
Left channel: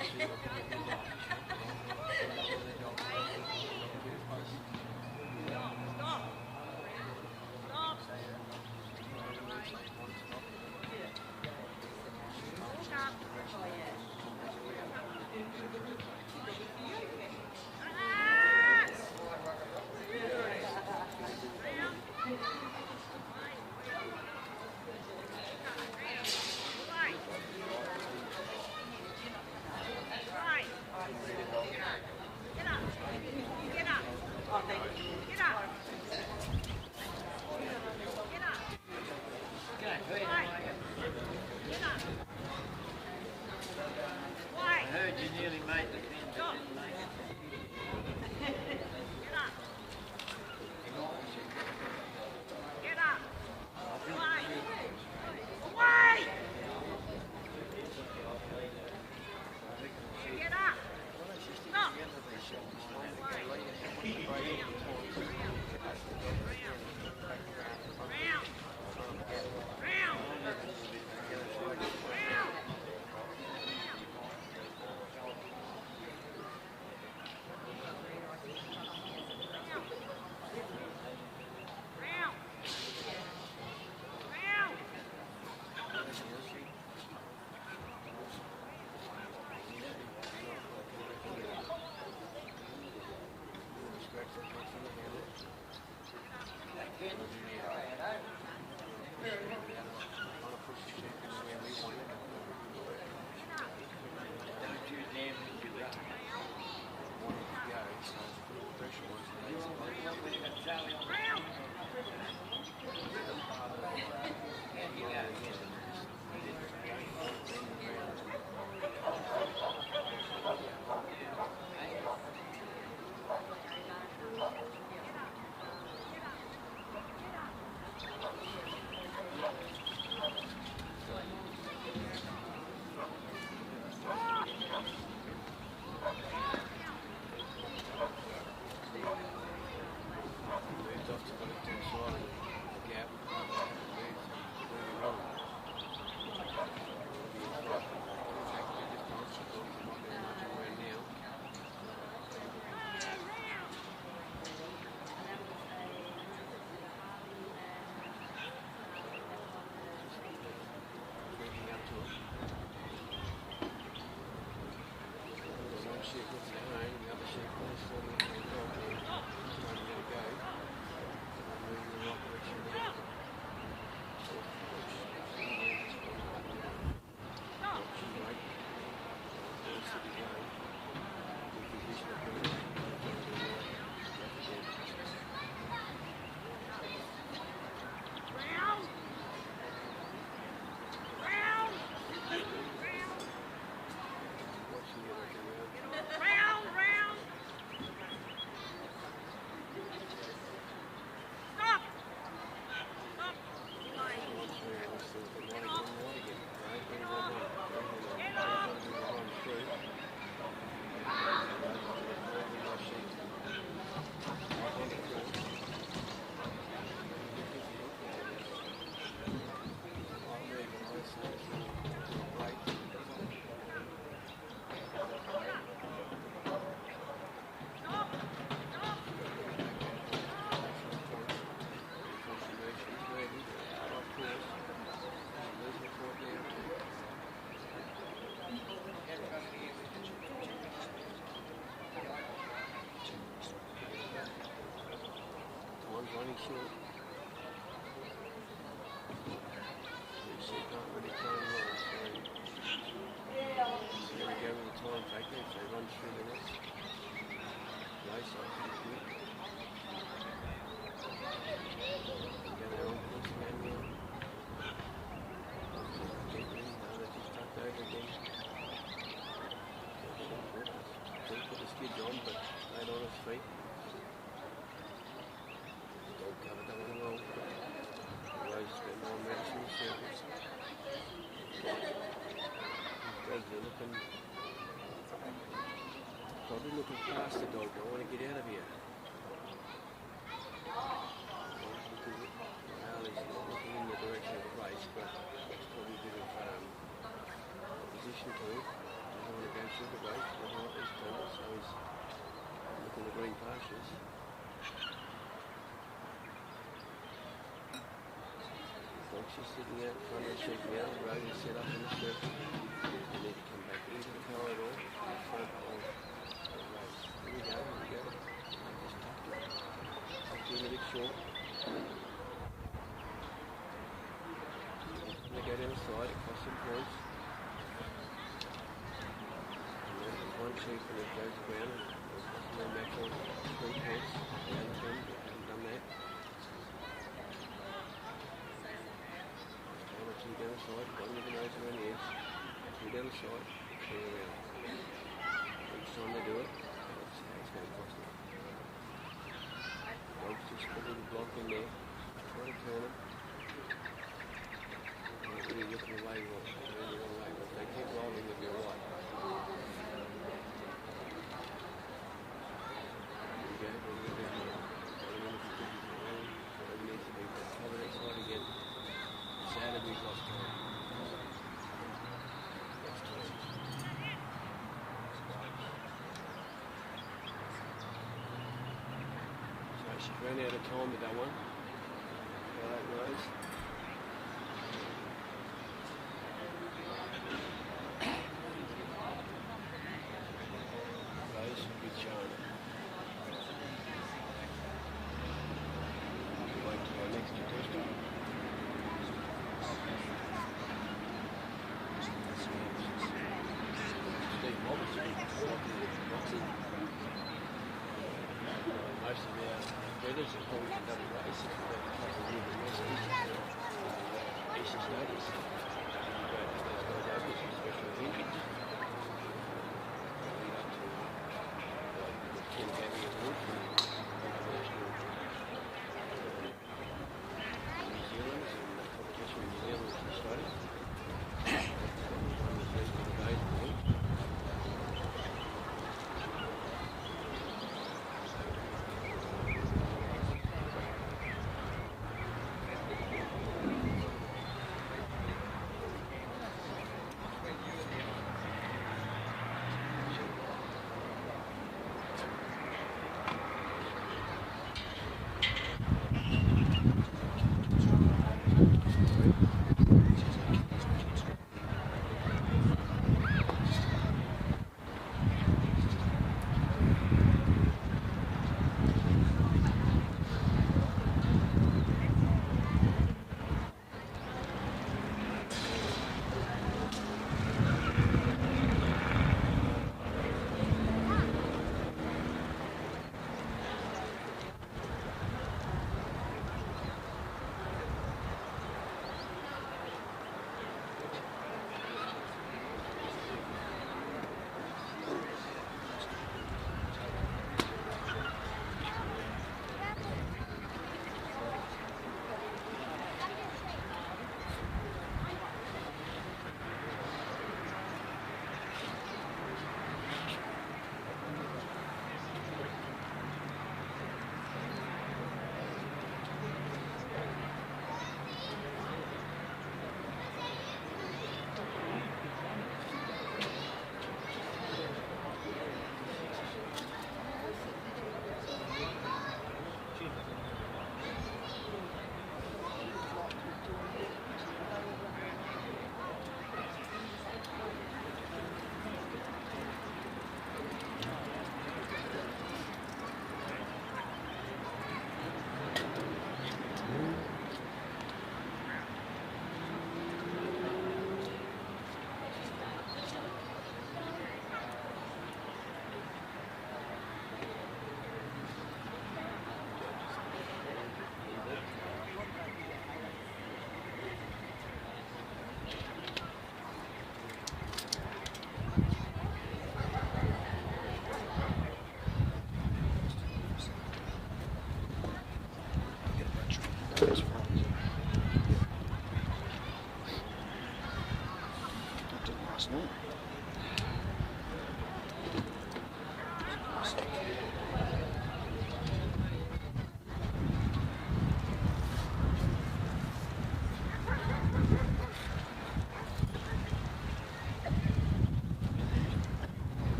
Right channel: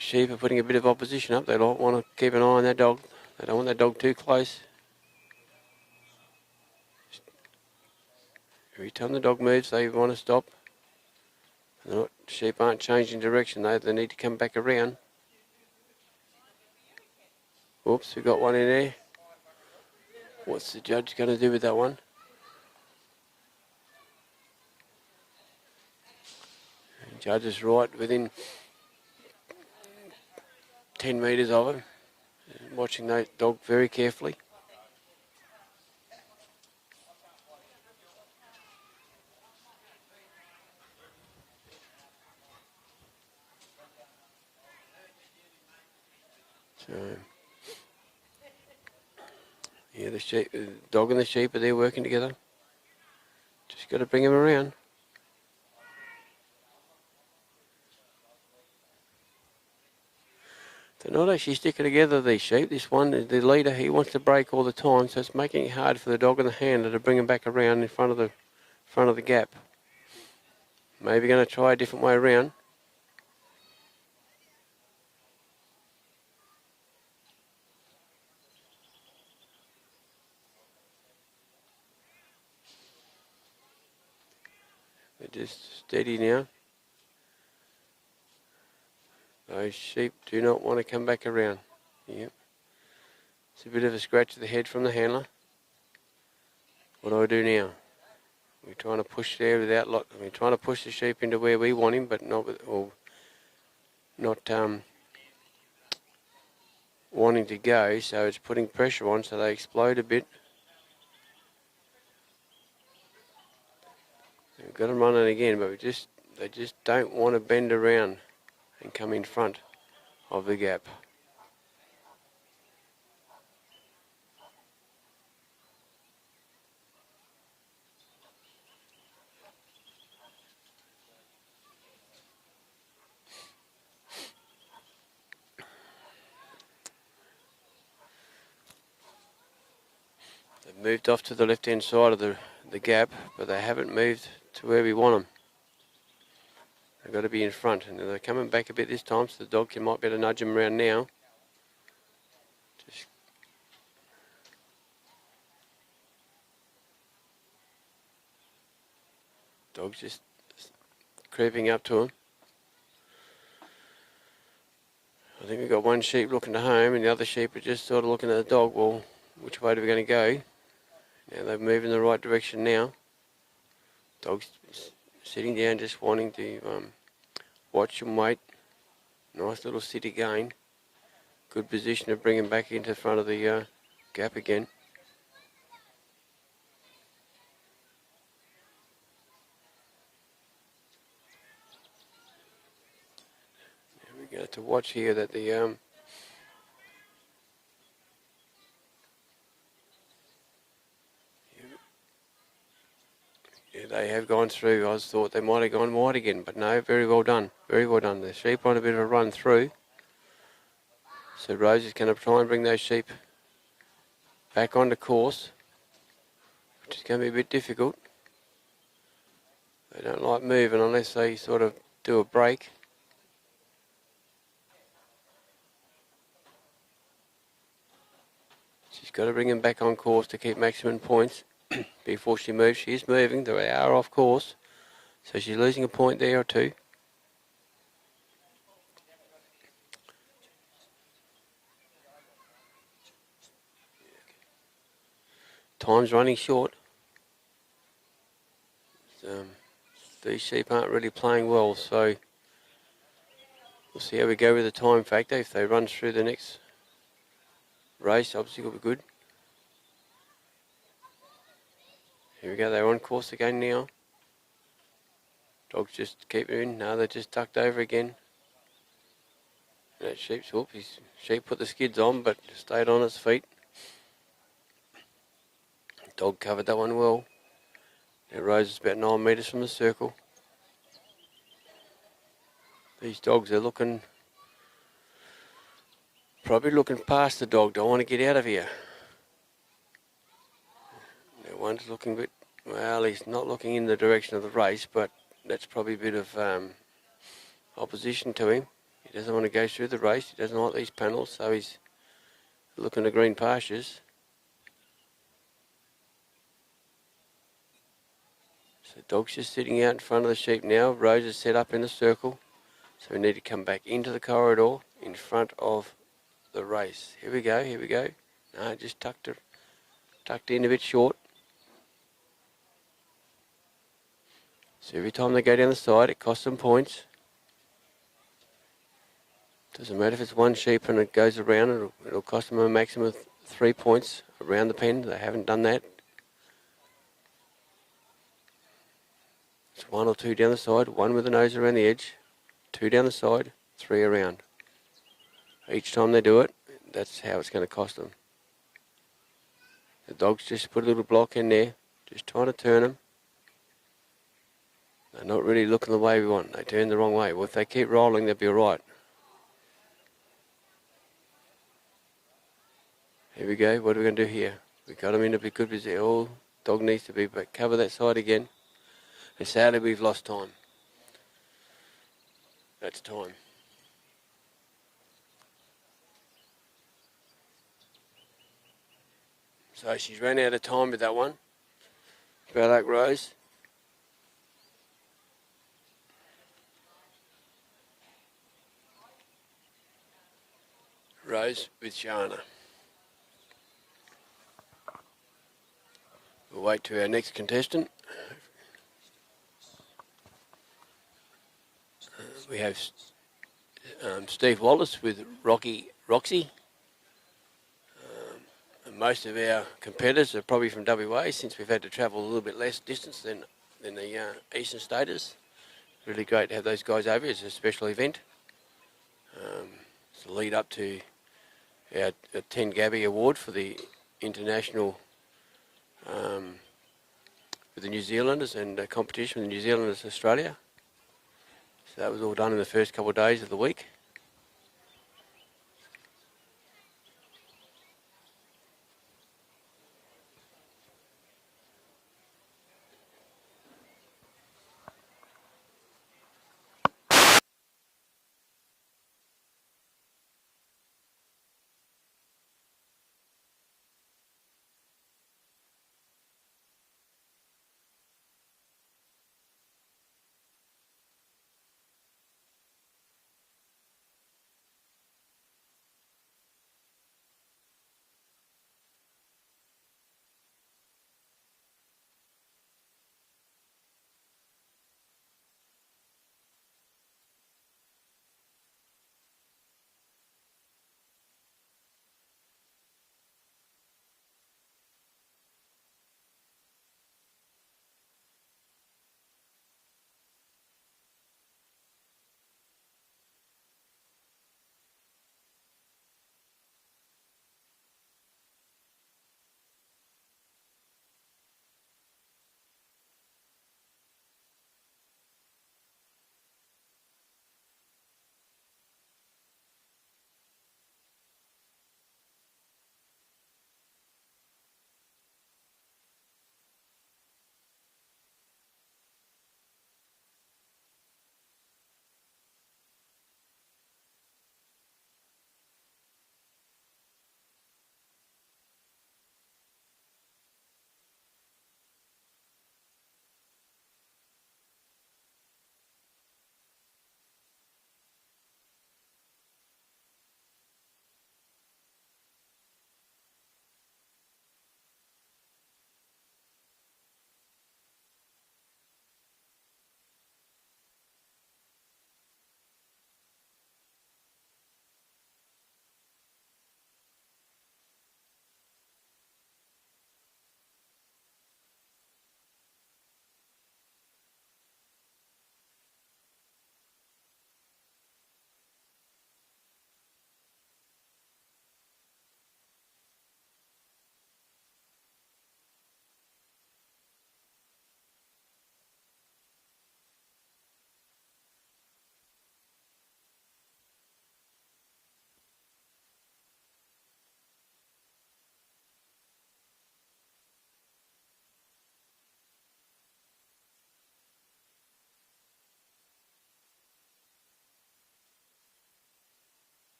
Sheep are putting a bit of opposition up. They don't want to keep an eye on that dog. They don't want that dog too close. Every time the dog moves, they want to stop. No, sheep aren't changing direction though. They need to come back around. Whoops, we've got one in there. What's the judge going to do with that one? The judge is right within 10 metres of it, watching that dog very carefully. Yeah, the sheep, the dog and the sheep are there working together. Just got to bring them around. They're not actually sticking together, these sheep. This one, the leader, he wants to break all the time, so it's making it hard for the dog and the handler to bring him back around in front of the gap. Maybe going to try a different way around. They're just steady now. Those sheep do not want to come back around. Yep. It's a bit of a scratch to the head from the handler. What do I do now? We're trying to push there without lot. We're trying to push the sheep into where we want him, but not with, or not wanting to go. So it's putting pressure on, so they explode a bit. We've got them running again, but they just don't want to bend around and come in front of the gap. Moved off to the left-hand side of the gap, but they haven't moved to where we want them. We've got to be in front, and they're coming back a bit this time, so the dog might be able to nudge them around now. Dog's just creeping up to him. I think we've got one sheep looking to home, and the other sheep are just sort of looking at the dog. Well, which way are we going to go? And they're moving in the right direction now. Dog's sitting down, just wanting to watch and wait. Nice little sit again. Good position to bring him back into front of the gap again. We have to watch here that the they have gone through. I thought they might have gone wide again, but no, very well done. Very well done. The sheep on a bit of a run through. So Rose is going to try and bring those sheep back onto course, which is going to be a bit difficult. They don't like moving unless they sort of do a break. She's got to bring them back on course to keep maximum points. Before she moves, she is moving. They are off course, so she's losing a point there or two. Time's running short. These sheep aren't really playing well, so we'll see how we go with the time factor. If they run through the next race, obviously it'll be good. Here we go, they're on course again now. Dogs just keep moving. No, they're just tucked over again. That sheep's hooked. His sheep put the skids on, but stayed on its feet. Dog covered that one well. It rose about 9 metres from the circle. These dogs are looking, probably looking past the dog. Don't want to get out of here. One's looking a bit, well, he's not looking in the direction of the race, but that's probably a bit of opposition to him. He doesn't want to go through the race. He doesn't like these panels, so he's looking to green pastures. So the dog's just sitting out in front of the sheep now. Rose is set up in the circle, so we need to come back into the corridor in front of the race. Here we go, here we go. No, just tucked in a bit short. So every time they go down the side, it costs them points. Doesn't matter if it's one sheep and it goes around, it'll cost them a maximum of 3 points around the pen. They haven't done that. It's 1 or 2 down the side, 1 with the nose around the edge, 2 down the side, 3 around. Each time they do it, that's how it's going to cost them. The dogs just put a little block in there, just trying to turn them. They're not really looking the way we want. They turn the wrong way. Well, if they keep rolling, they'll be all right. Here we go. What are we going to do here? We've got them in a bit good position. Oh, dog needs to be back. Cover that side again. And sadly, we've lost time. That's time. So she's ran out of time with that one. Bad luck, Rose. Rose with Shana. We'll wait to our next contestant. We have Steve Wallace with Roxy. Most of our competitors are probably from WA, since we've had to travel a little bit less distance than the eastern staters. Really great to have those guys over. It's a special event. It's a lead up to the 10 Gabby Award for the international for the New Zealanders, and a competition with New Zealanders Australia. So that was all done in the first couple of days of the week.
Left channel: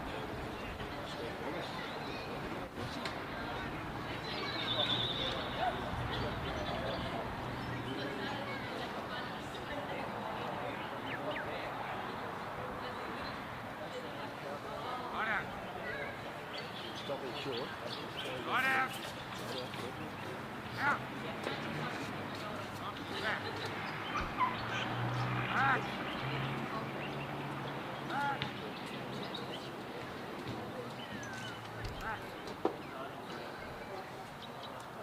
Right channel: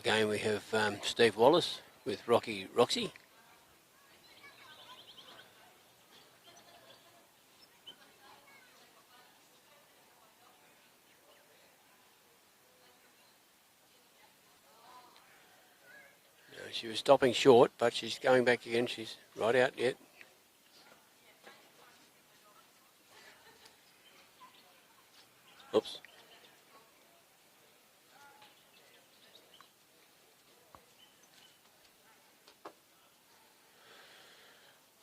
Again, we have Steve Wallace with Roxy. She was stopping short, but she's going back again. She's right out yet. Oops.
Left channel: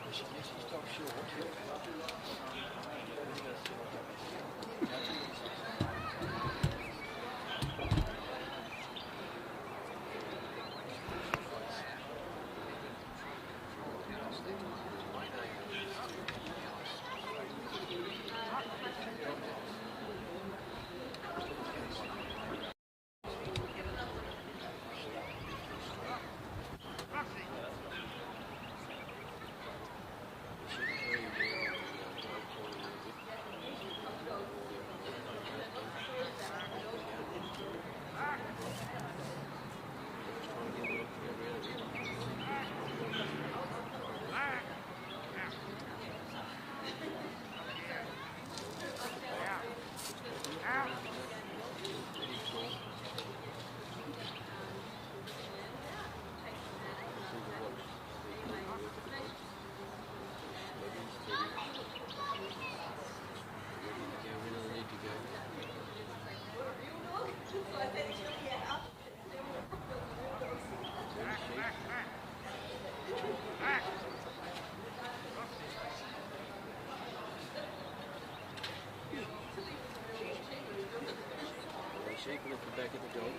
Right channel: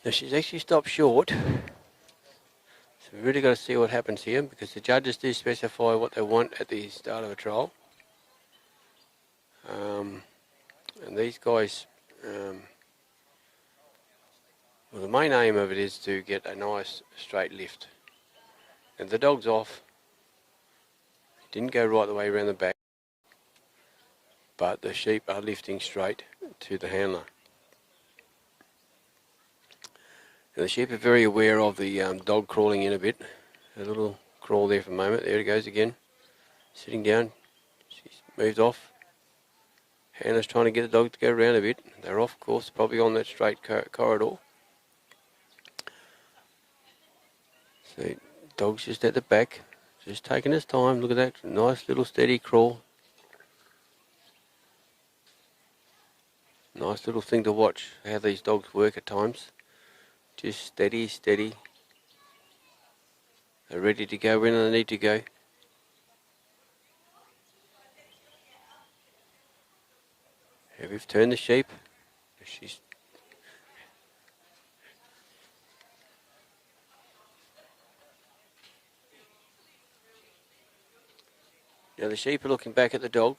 Now she's actually stopped short. We've really got to see what happens here, because the judges do specify what they want at the start of a trial. And These guys, the main aim of it is to get a nice straight lift. If the dog's off, didn't go right the way around the back, but the sheep are lifting straight to the handler. Now, the sheep are very aware of the dog crawling in a bit. A little crawl there for a moment. There it goes again. Sitting down, moved off. Handler's trying to get the dog to go around a bit. They're off course, probably on that straight corridor. So, dog's just at the back, just taking his time. Look at that nice little steady crawl. Nice little thing to watch how these dogs work at times. Just steady, steady. They're ready to go when they need to go. Here we've turned the sheep. Now the sheep are looking back at the dog.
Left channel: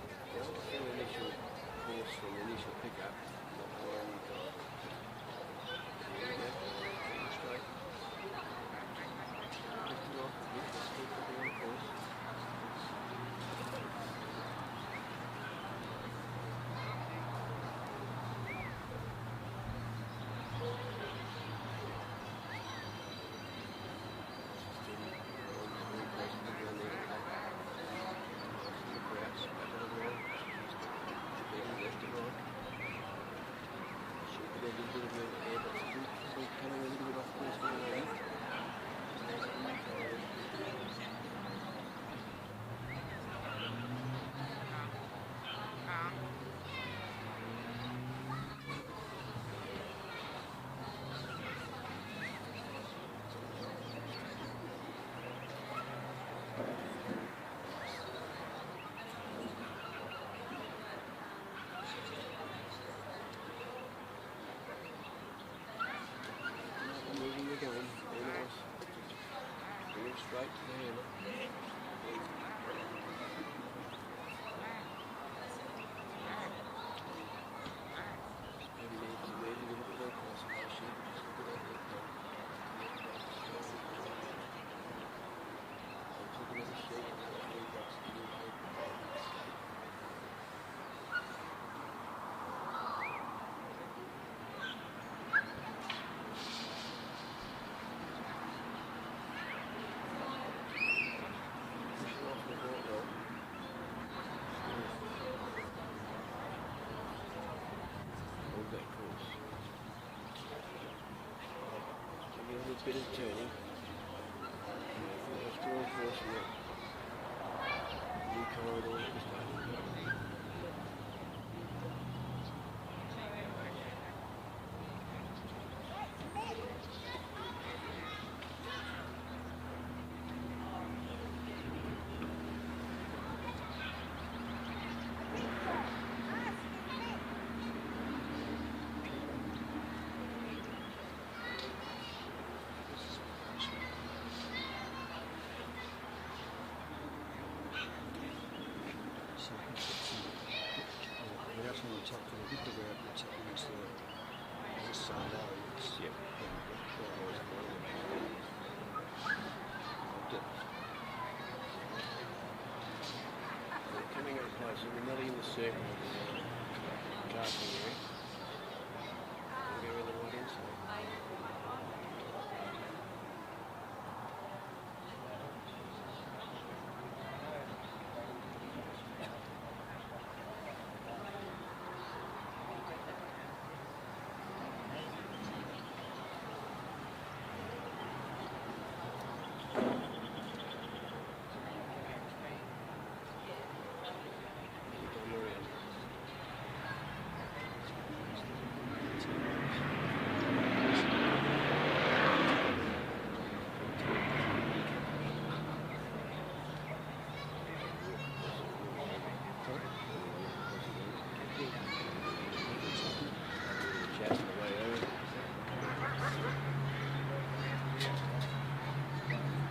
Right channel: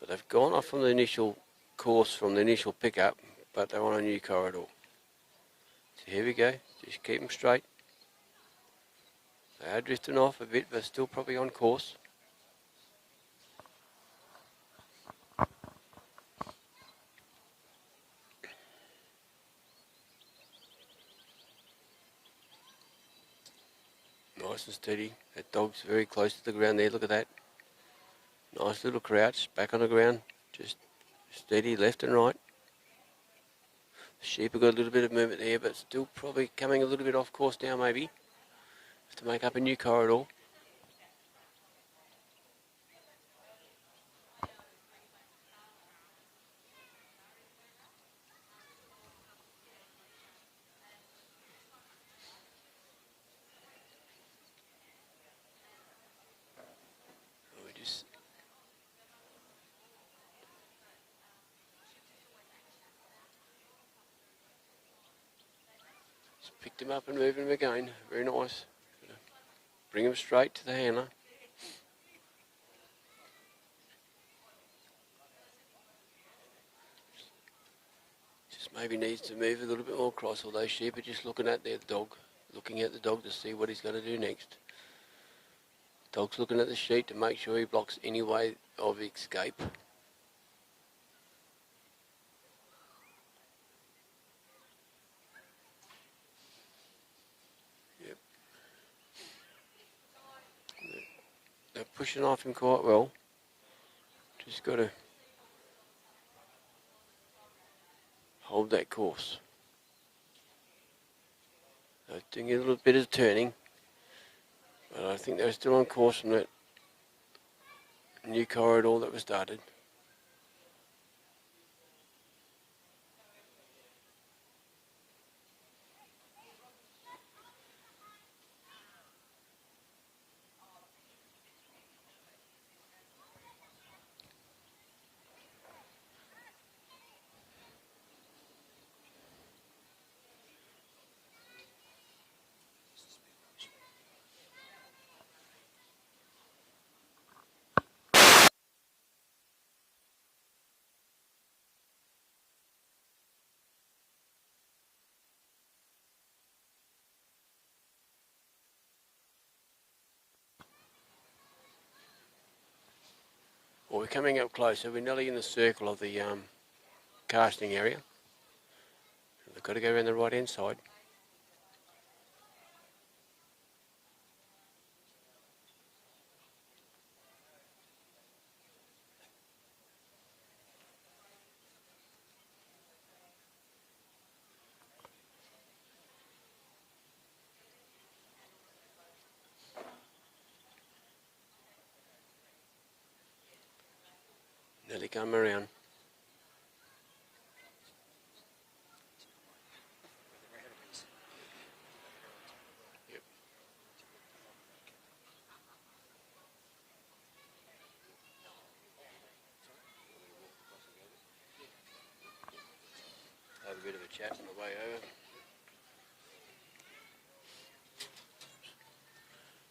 But they've gone off from the initial course, from the initial pickup, but they're on a new corridor. Here we go, just keep them straight. They're drifting off a bit, but still probably on course. Nice and steady. The dog's very close to the ground there, look at that. Nice little crouch, back on the ground, just steady left and right. Sheep have got a little bit of movement there, but still probably coming a little bit off course now maybe, to make up a new corridor. Them up and move them again, very nice. Bring them straight to the handler. Just maybe needs to move a little bit more across, although sheep are just looking at their dog, looking at the dog to see what he's got to do next. Dog's looking at the sheep to make sure he blocks any way of escape. Pushing off him quite well. Just got to hold that course. They're doing a little bit of turning. And I think they're still on course from that new corridor that was started. Well, we're coming up closer. We're nearly in the circle of the casting area. We've got to go around the right hand side. Come around.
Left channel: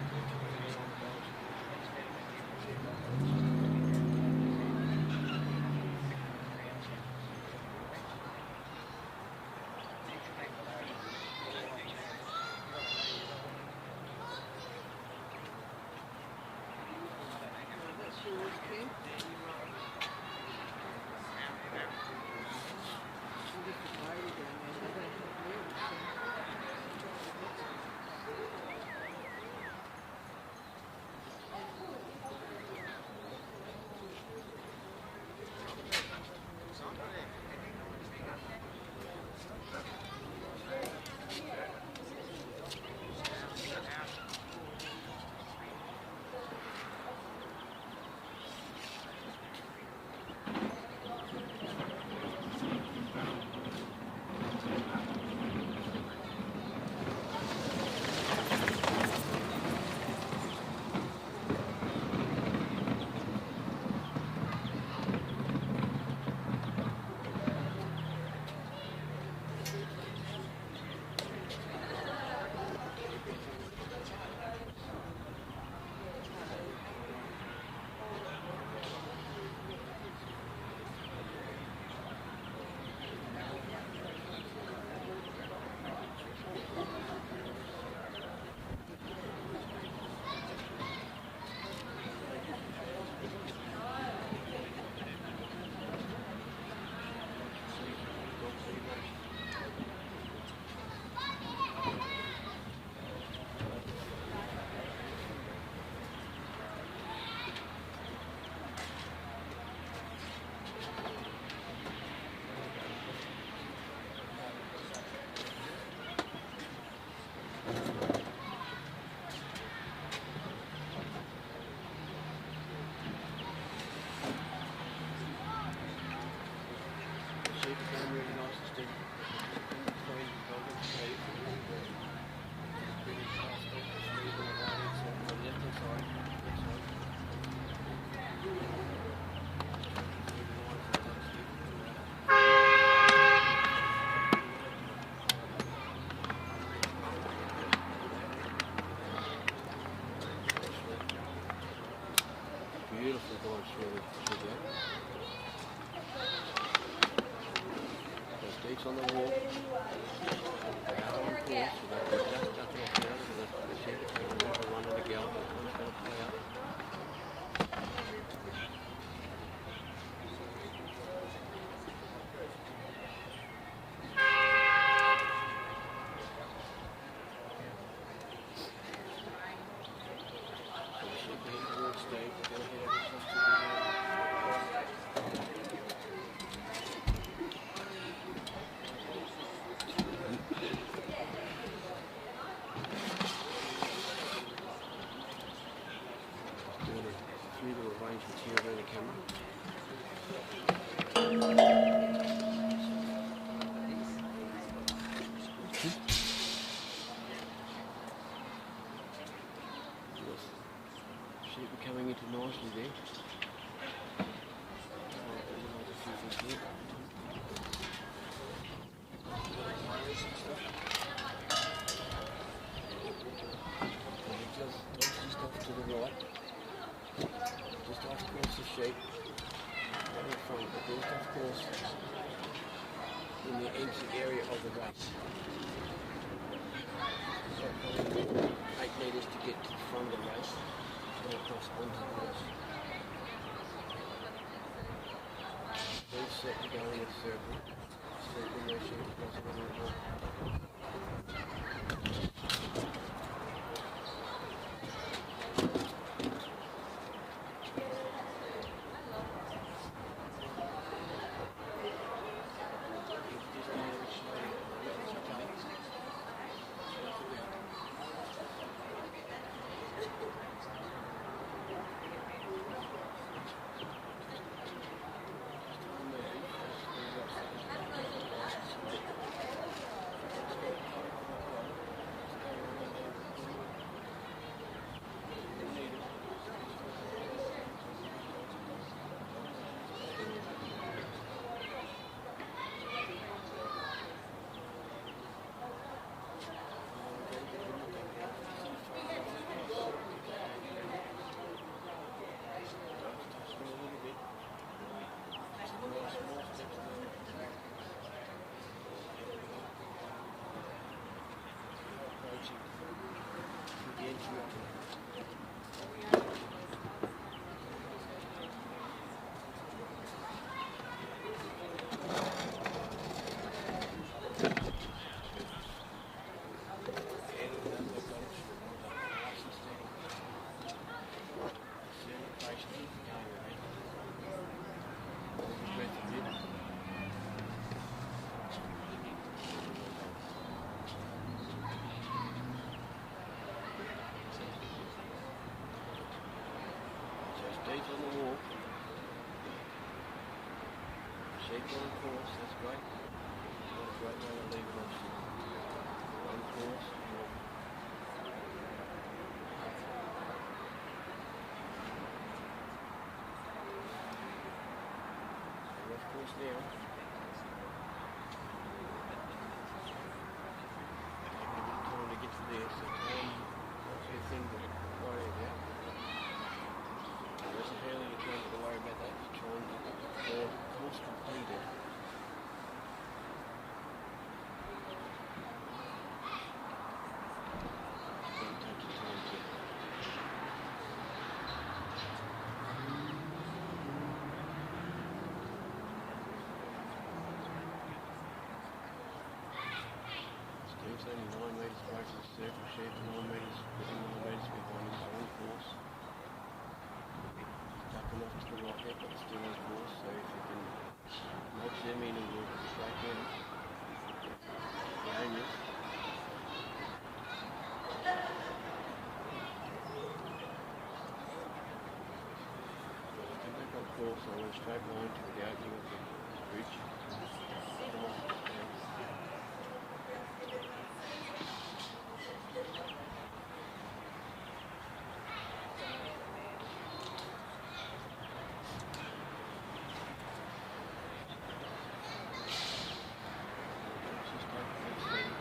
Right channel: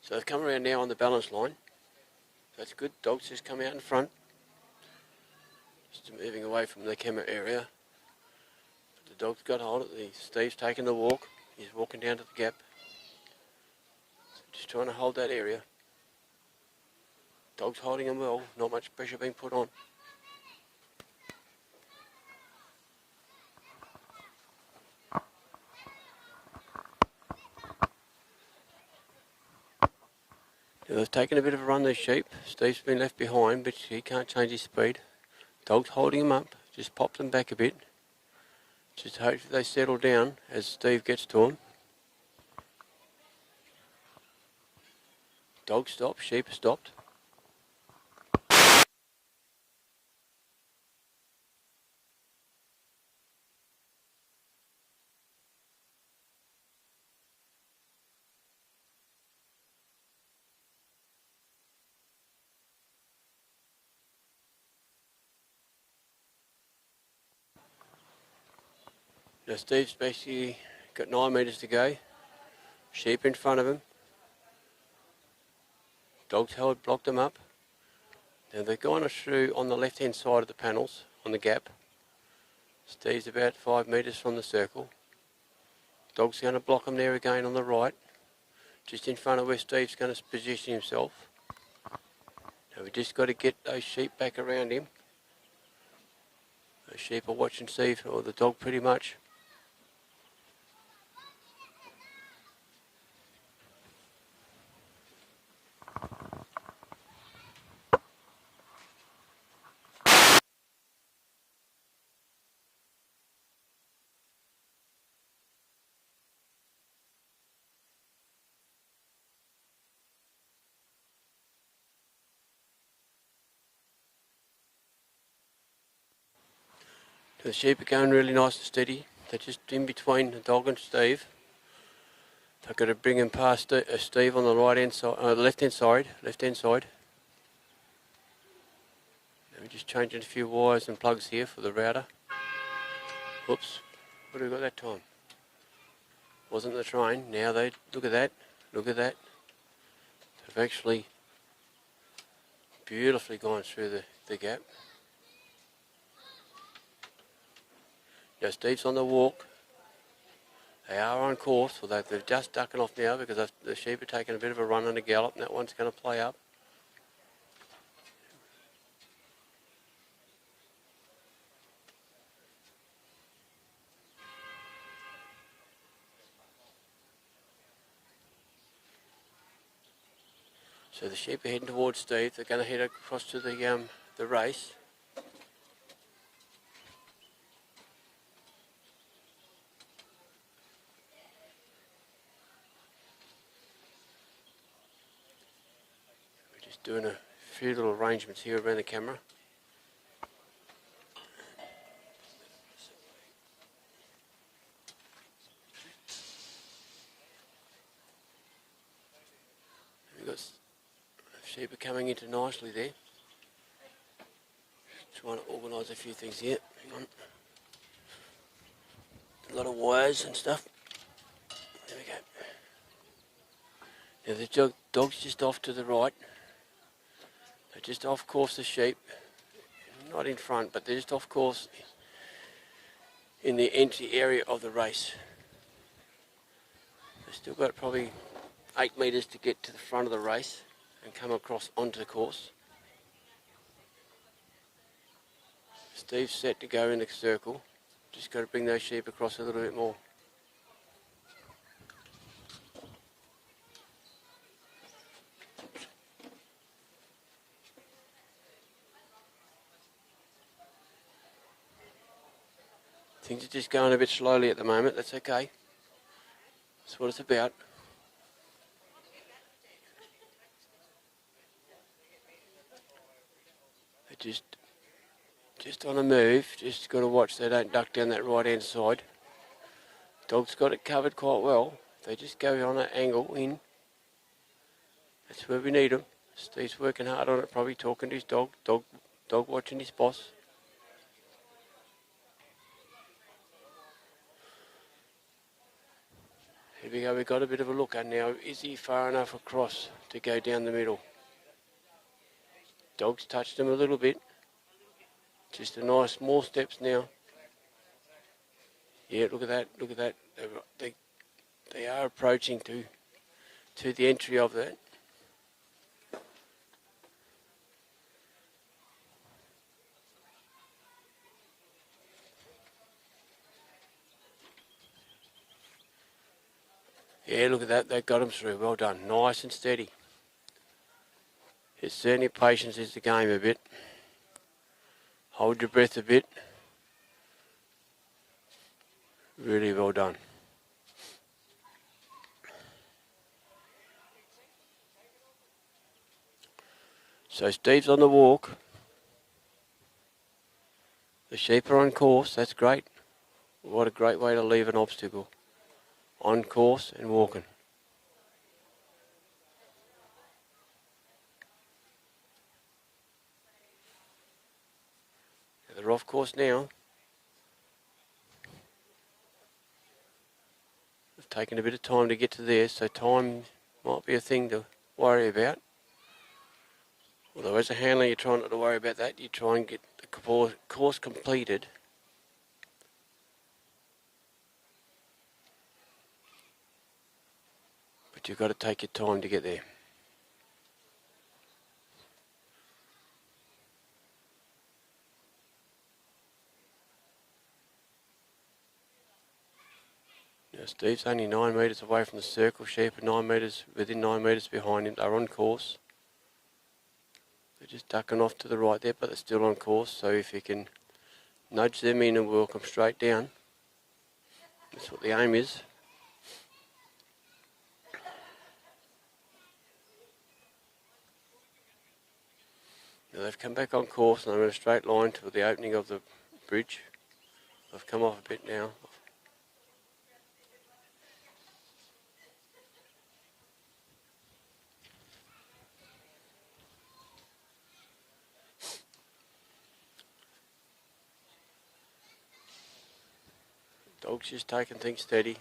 So they've come around now on the balance line. That's good. Dogs just come out in front. away from the camera area. The dog's got hold of it. Steve's taking the walk. He's walking down to the gap. Just trying to hold that area. Dog's holding him well. Not much pressure being put on. They've taken a bit of a run, these sheep. Steve's been left behind, but he can't change his speed. Dog's holding him up, just popped them back a bit. Just hope they settle down as Steve gets to him. Dog stopped, sheep stopped. Now Steve's basically got 9 metres to go. Sheep in front of him. Dog's held, blocked them up. And they're going through on the left hand side of the panels, on the gap. Steve's about 5 metres from the circle. Dog's going to block them there again on the right, just in front of where Steve's going to position himself. And we've just got to get those sheep back around him. The sheep are watching Steve, or the dog pretty much. The sheep are going really nice and steady. They're just in between the dog and Steve. I've got to bring him past Steve on the right hand side, left hand side. Just changing a few wires and plugs here for the router. Oops, what did we got that time? Wasn't the train. Now they look at that. They've actually beautifully gone through the gap. Now Steve's on the walk. They are on course, although they're just ducking off now because the sheep are taking a bit of a run and a gallop, and that one's going to play up. So the sheep are heading towards Steve. They're going to head across to the race. Doing a few little arrangements here around the camera. Sheep are coming into nicely there. Trying to organise a few things here. A lot of wires and stuff. Now the dog's just off to the right. Just off course the sheep, right in front, but they're just off course in the entry area of the race. Still got probably 8 metres to get to the front of the race and come across onto the course. Steve's set to go in the circle, just got to bring those sheep across a little bit more. Things are just going a bit slowly at the moment, that's okay. That's what it's about. Just on a move, just got to watch they don't duck down that right hand side. Dog's got it covered quite well. They just go on that angle in. That's where we need them. Steve's working hard on it, probably talking to his dog. Dog watching his boss. Here we go, we've got a bit of a look at now. Is he far enough across to go down the middle? Dog's touched him a little bit. Just a nice small steps now. Yeah, look at that, look at that. They are approaching to the entry of that. Yeah, look at that, they got them through, well done, nice and steady. It's certainly patience is the game a bit. Hold your breath a bit. Really well done. So Steve's on the walk. The sheep are on course, that's great. What a great way to leave an obstacle. On course and walking. They're off course now. Taking a bit of time to get to there, so time might be a thing to worry about. Although as a handler you're trying not to worry about that, you try and get the course completed. But you've got to take your time to get there. Steve's only 9 metres away from the circle. Sheep are 9 metres, within 9 metres behind him. They're on course. They're just ducking off to the right there, but they're still on course. So if you can nudge them in and walk them straight down, that's what the aim is. Now they've come back on course and they're in a straight line to the opening of the bridge. They've come off a bit now. She's taking things steady.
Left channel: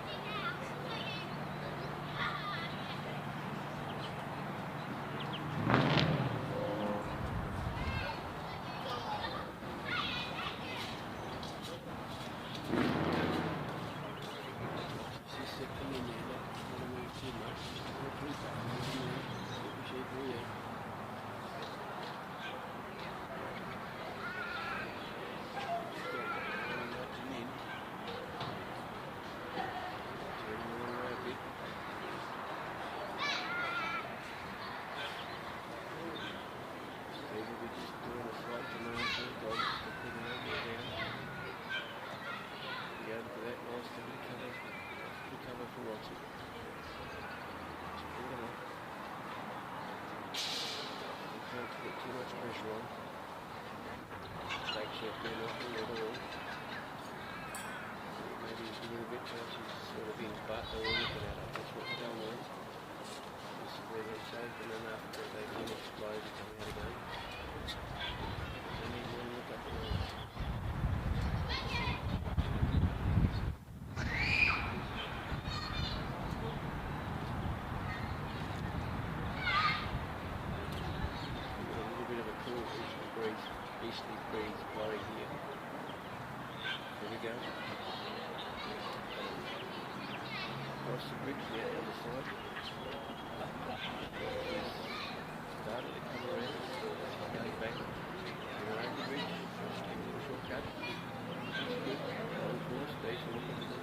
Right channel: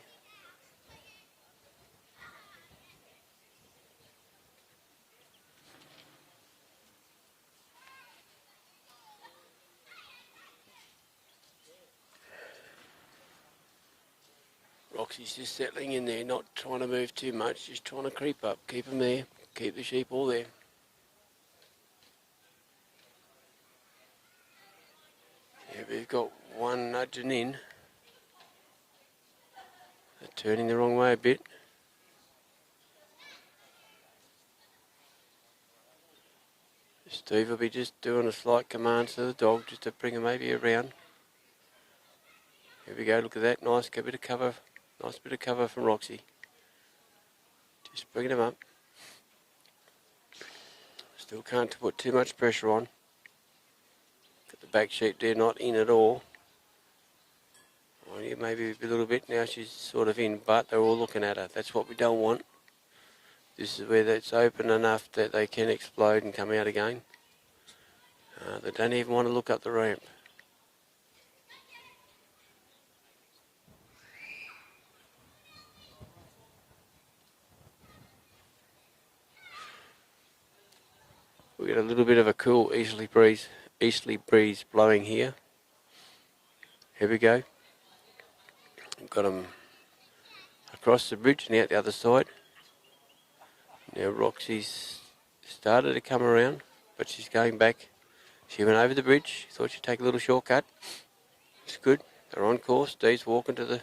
Roxy's just settling in there, not trying to move too much, just trying to creep up, keep them there, keep the sheep all there. We've got one nudging in. Turning the wrong way a bit. Steve will be just doing a slight command to the dog just to bring him maybe around. There we go, look at that, nice bit of cover, nice bit of cover from Roxy. Just bringing him up. Still can't put too much pressure on. The back sheep there not in at all. Maybe a little bit, now she's sort of in, but they're all looking at her. That's what we don't want. This is where it's open enough that they can explode and come out again. They don't even want to look up the rail. We get a little bit of a cool easterly breeze blowing here. Here we go. Got them across the bridge and out the other side. Now Roxy's started to come around, but she's going back. She went over the bridge, thought she'd take a little shortcut. It's good, they're on course. Steve's walking to the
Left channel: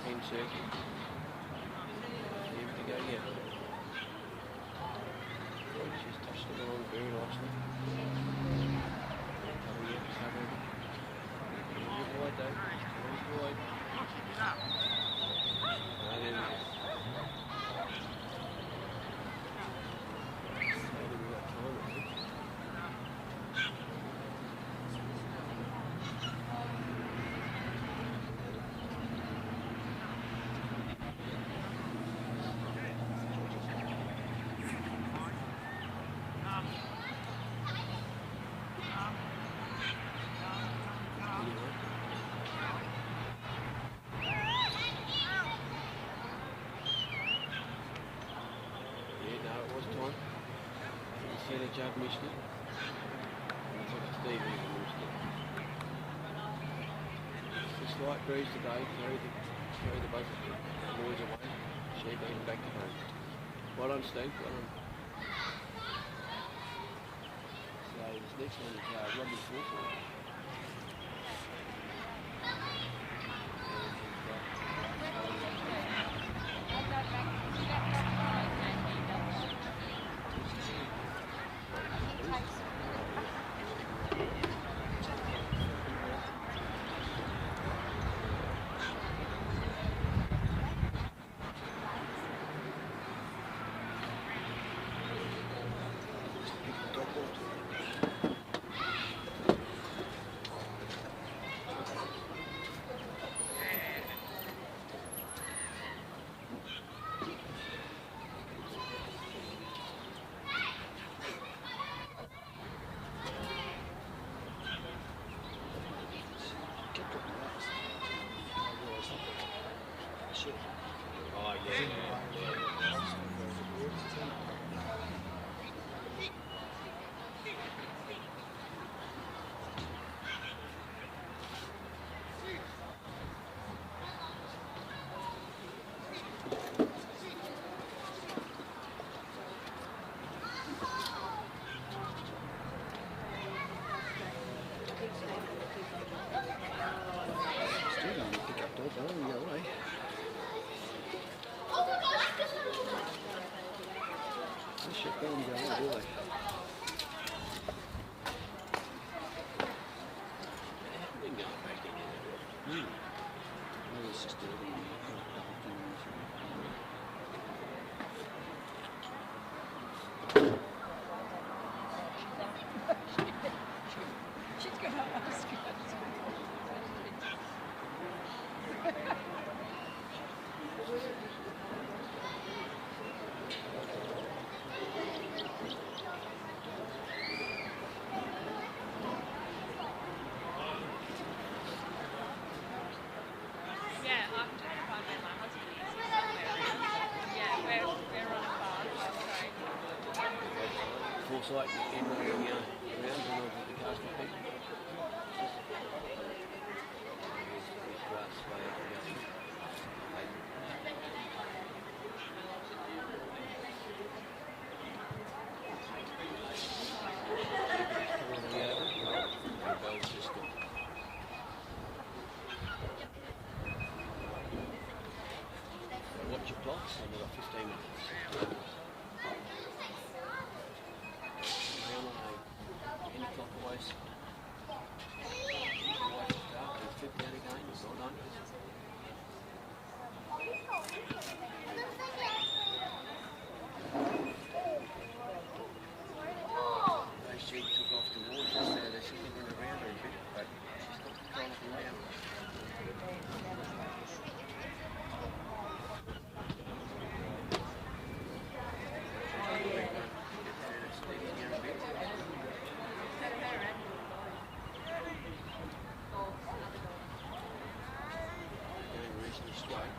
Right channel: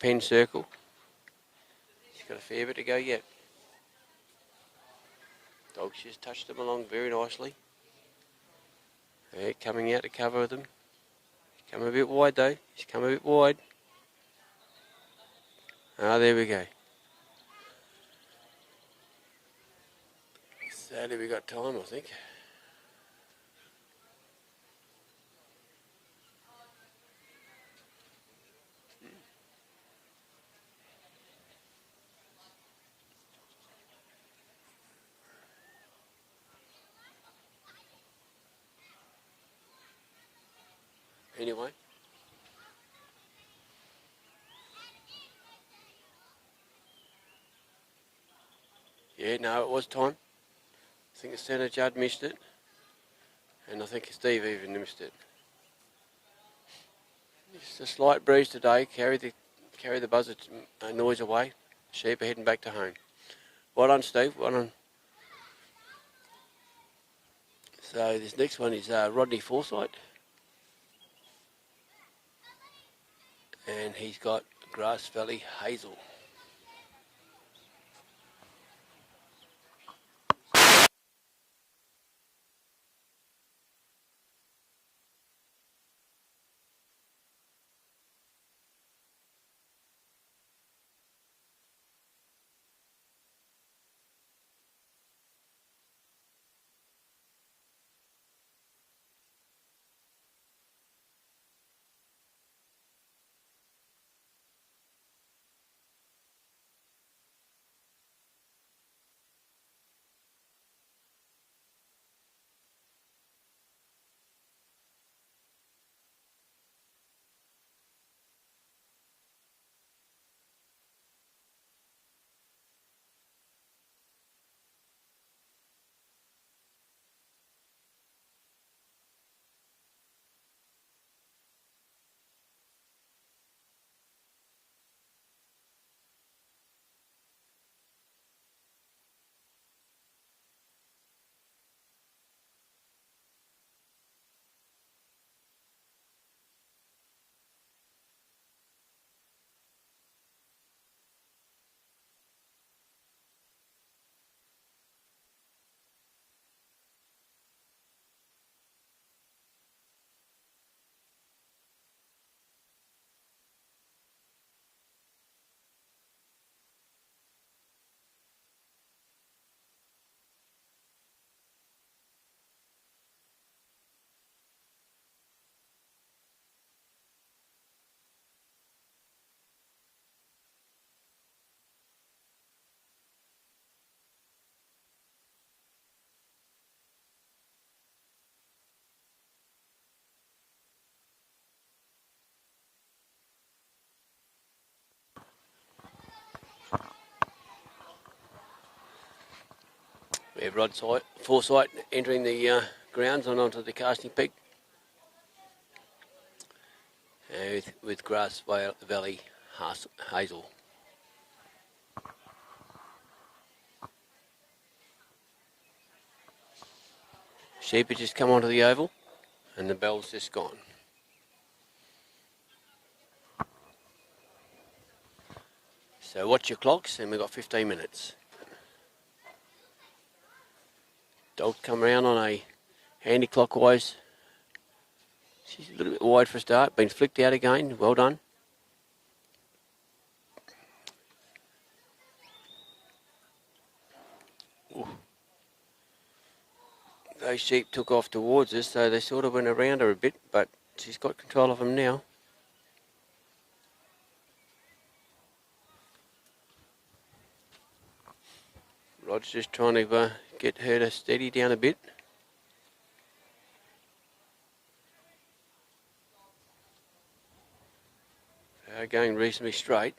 pen circle. Got a fair bit to go yet. Roxy's touched them along very nicely. They're coming out to cover them. Come a bit wide though, she's come a bit wide. Ah, there we go. Sadly we got time, I think. Anyway. Yeah, no, it was time. I think the centre judge missed it. And I think Steve even missed it. It's a slight breeze today. Carry the buzzard noise away. Sheep are heading back to home. Well done, Steve. Well done. So this next one is Rodney Foresight. And he's got Grass Valley Hazel. Still going to pick up Dogpro and go away. They should go and go away, do they? Maybe it's just dirty. She's going to ask you. Yeah, I'm trying to find where my husband is somewhere. Yeah, we're on a farm. Sorry. Yeah, Rodsight, Foresight entering the grounds on onto the casting peak. With Grass Valley Hazel. Sheep had just come onto the oval and the bell's just gone. So watch your clocks and we've got 15 minutes. Dog come round on a anti-clockwise. A little bit wide for a start, been flicked out again, well done. Those sheep took off towards us, so they sort of went around her a bit, but she's got control of them now. Rod's just trying to get her to steady down a bit. Going reasonably straight.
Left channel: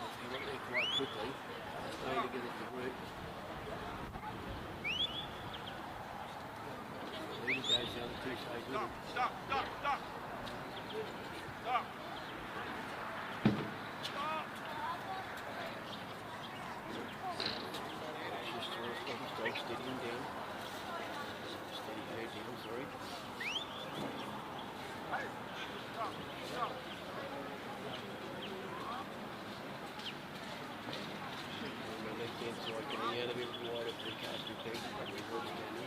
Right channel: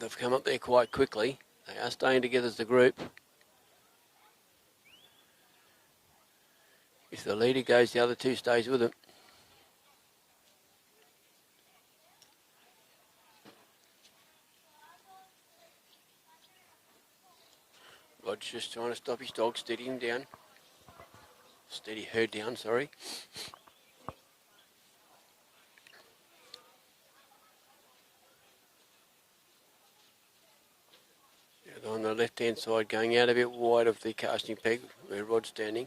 They've come up there quite quickly. They are staying together as a group. If the leader goes, the other two stays with him. Just trying to stop his dog, steady him down. Steady her down, sorry. And on the left-hand side, going out a bit wide of the casting peg, where Rod's standing.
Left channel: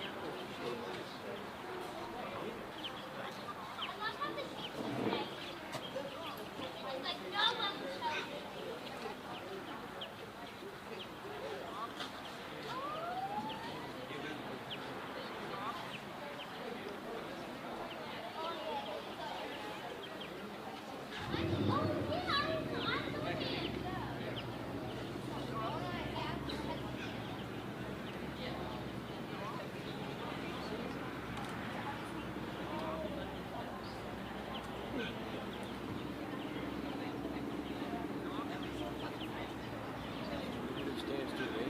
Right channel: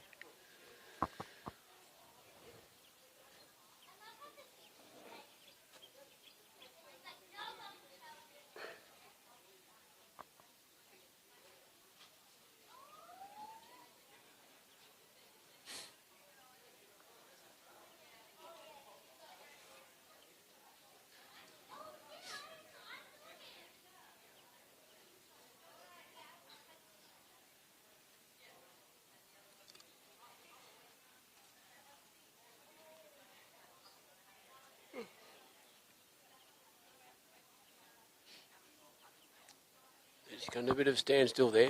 Got a bit of standstill there.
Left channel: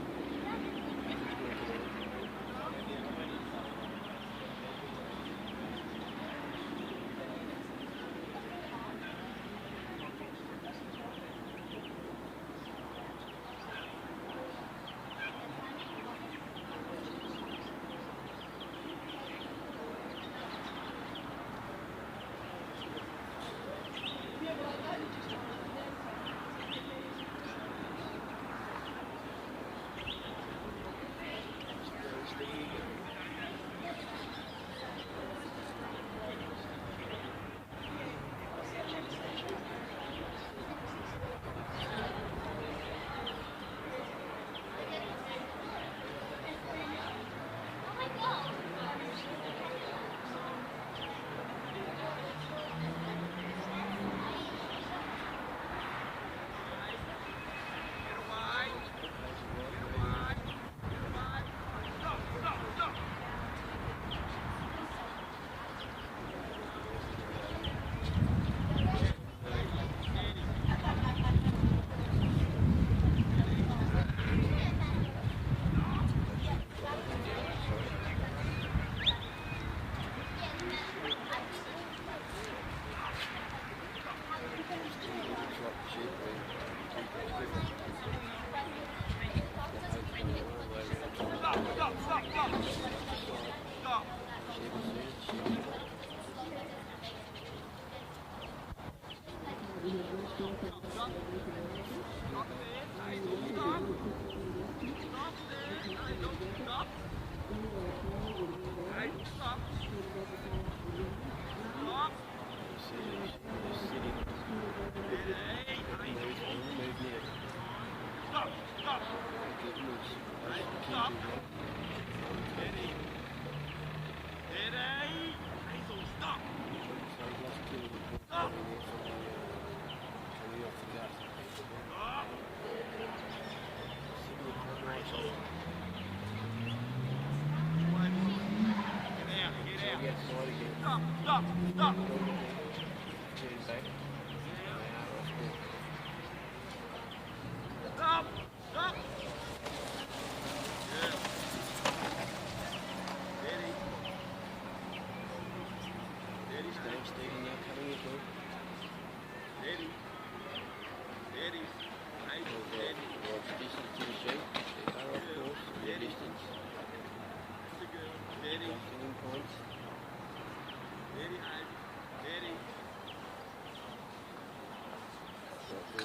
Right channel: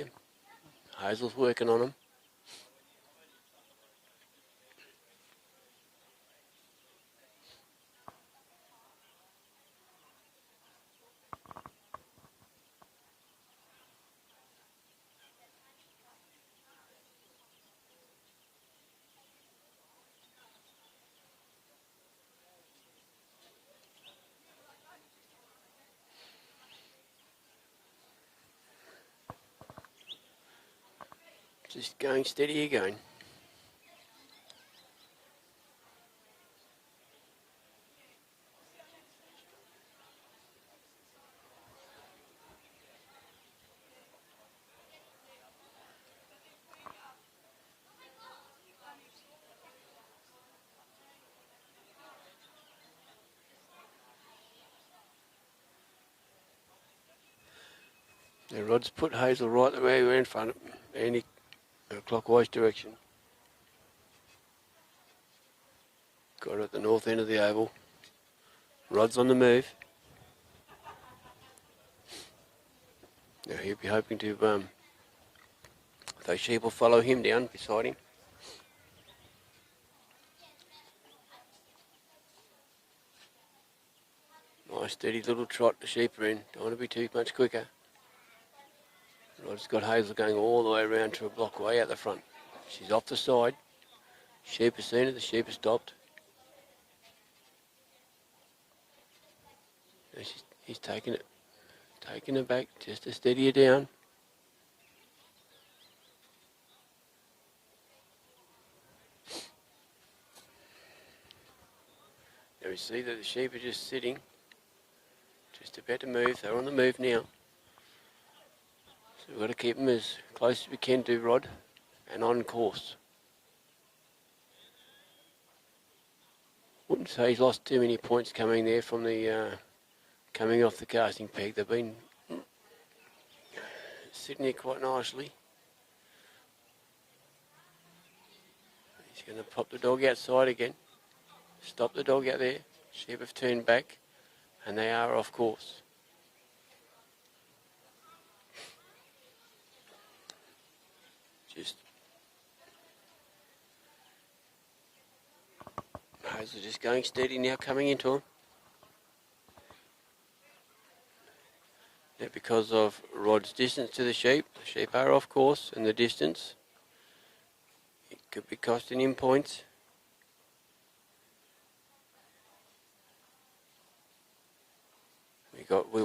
Hazel's working on him. Just going steady again. The rod's put Hazel right the way we're in front, any clockwise direction. Got her at the north end of the oval. Rod's on the move. Yeah, he'll be hoping to, those sheep will follow him down beside him. Nice steady little trot the sheep are in. Don't want to be too much quicker. It's got Hazel going all the way around to block the way out the front. She's off the side. Sheep has seen it, the sheep has stopped. He's taking it back just to steady her down. There we see that the sheep are just sitting. Just about to move, they're on the move now. We've got to keep them as close as we can to Rod and on course. Wouldn't say he's lost too many points coming there from the coming off the casting peg. They've been sitting there quite nicely. Pop the dog outside again. Stop the dog out there. Sheep have turned back and they are off course. Just going steady now, coming into him. And because of Rod's distance to the sheep are off course and the distance. It could be costing him points.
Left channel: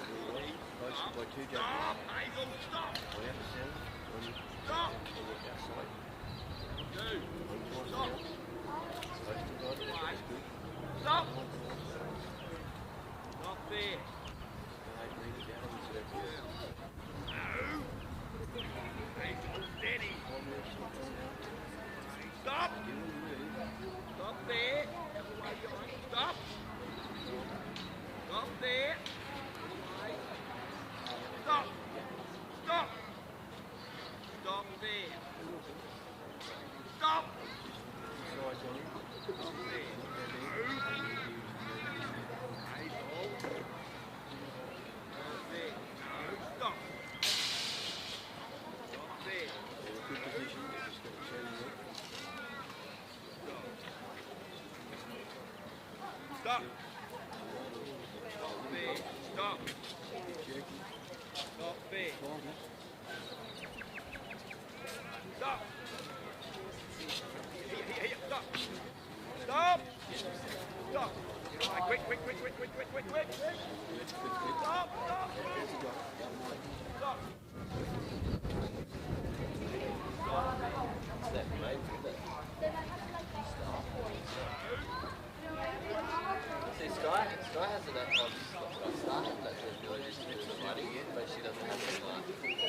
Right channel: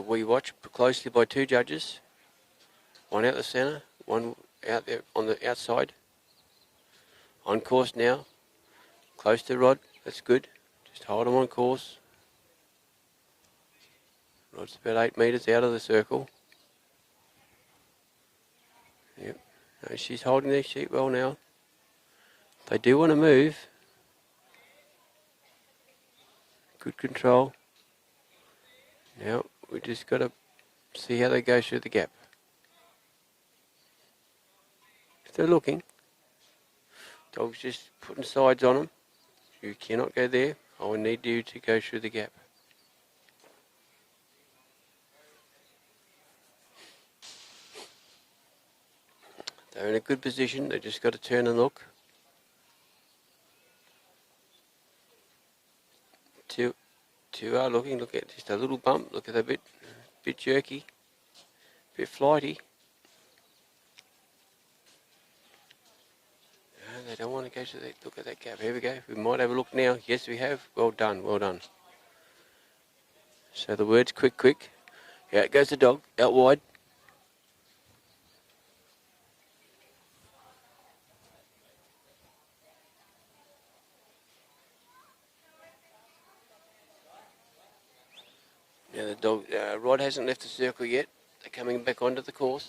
We watch closely by two judges. One out the centre, one out there on the outside. On course now. Close to Rod, that's good. Just hold him on course. Rod's about 8 metres out of the circle. And she's holding their sheep well now. They do want to move. Good control. Yep, we just got to see how they go through the gap. If they're looking. Dog's just putting sides on them. You cannot go there. I will need you to go through the gap. They're in a good position. They've just got to turn and look. Two are looking. Look at just a little bump. Look at that bit jerky, bit flighty. I don't want to go to look at that gap. Here we go. We might have a look now. Yes, we have. Well done, well done. So the words quick, quick. Out goes the dog, out wide. And the dog, Rod hasn't left the circle yet. They're coming back onto the course.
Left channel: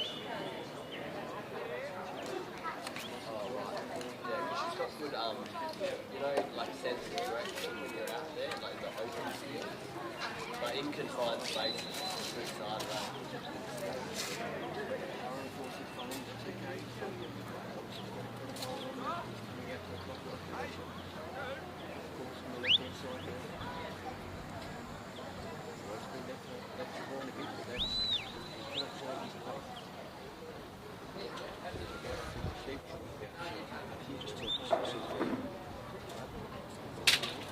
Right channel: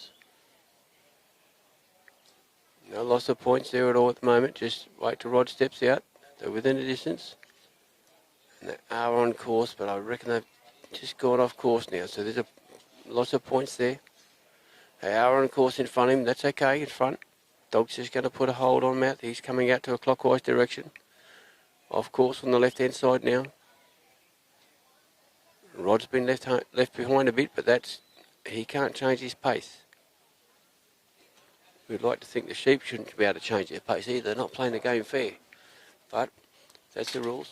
No loss of points there at all at the moment. Just wait till Rod steps out. They're within the distance. They are on course, but I reckon they've just got off course now. So there's a loss of points there. They are on course in front of him. That's okay in front. Dog's just going to put a hold on him out. He's coming out to a clockwise direction. Off course on the left-hand side now. Rod's been left behind a bit, but he can't change his pace. We'd like to think the sheep shouldn't be able to change their pace either. They're not playing the game fair. But that's the rules.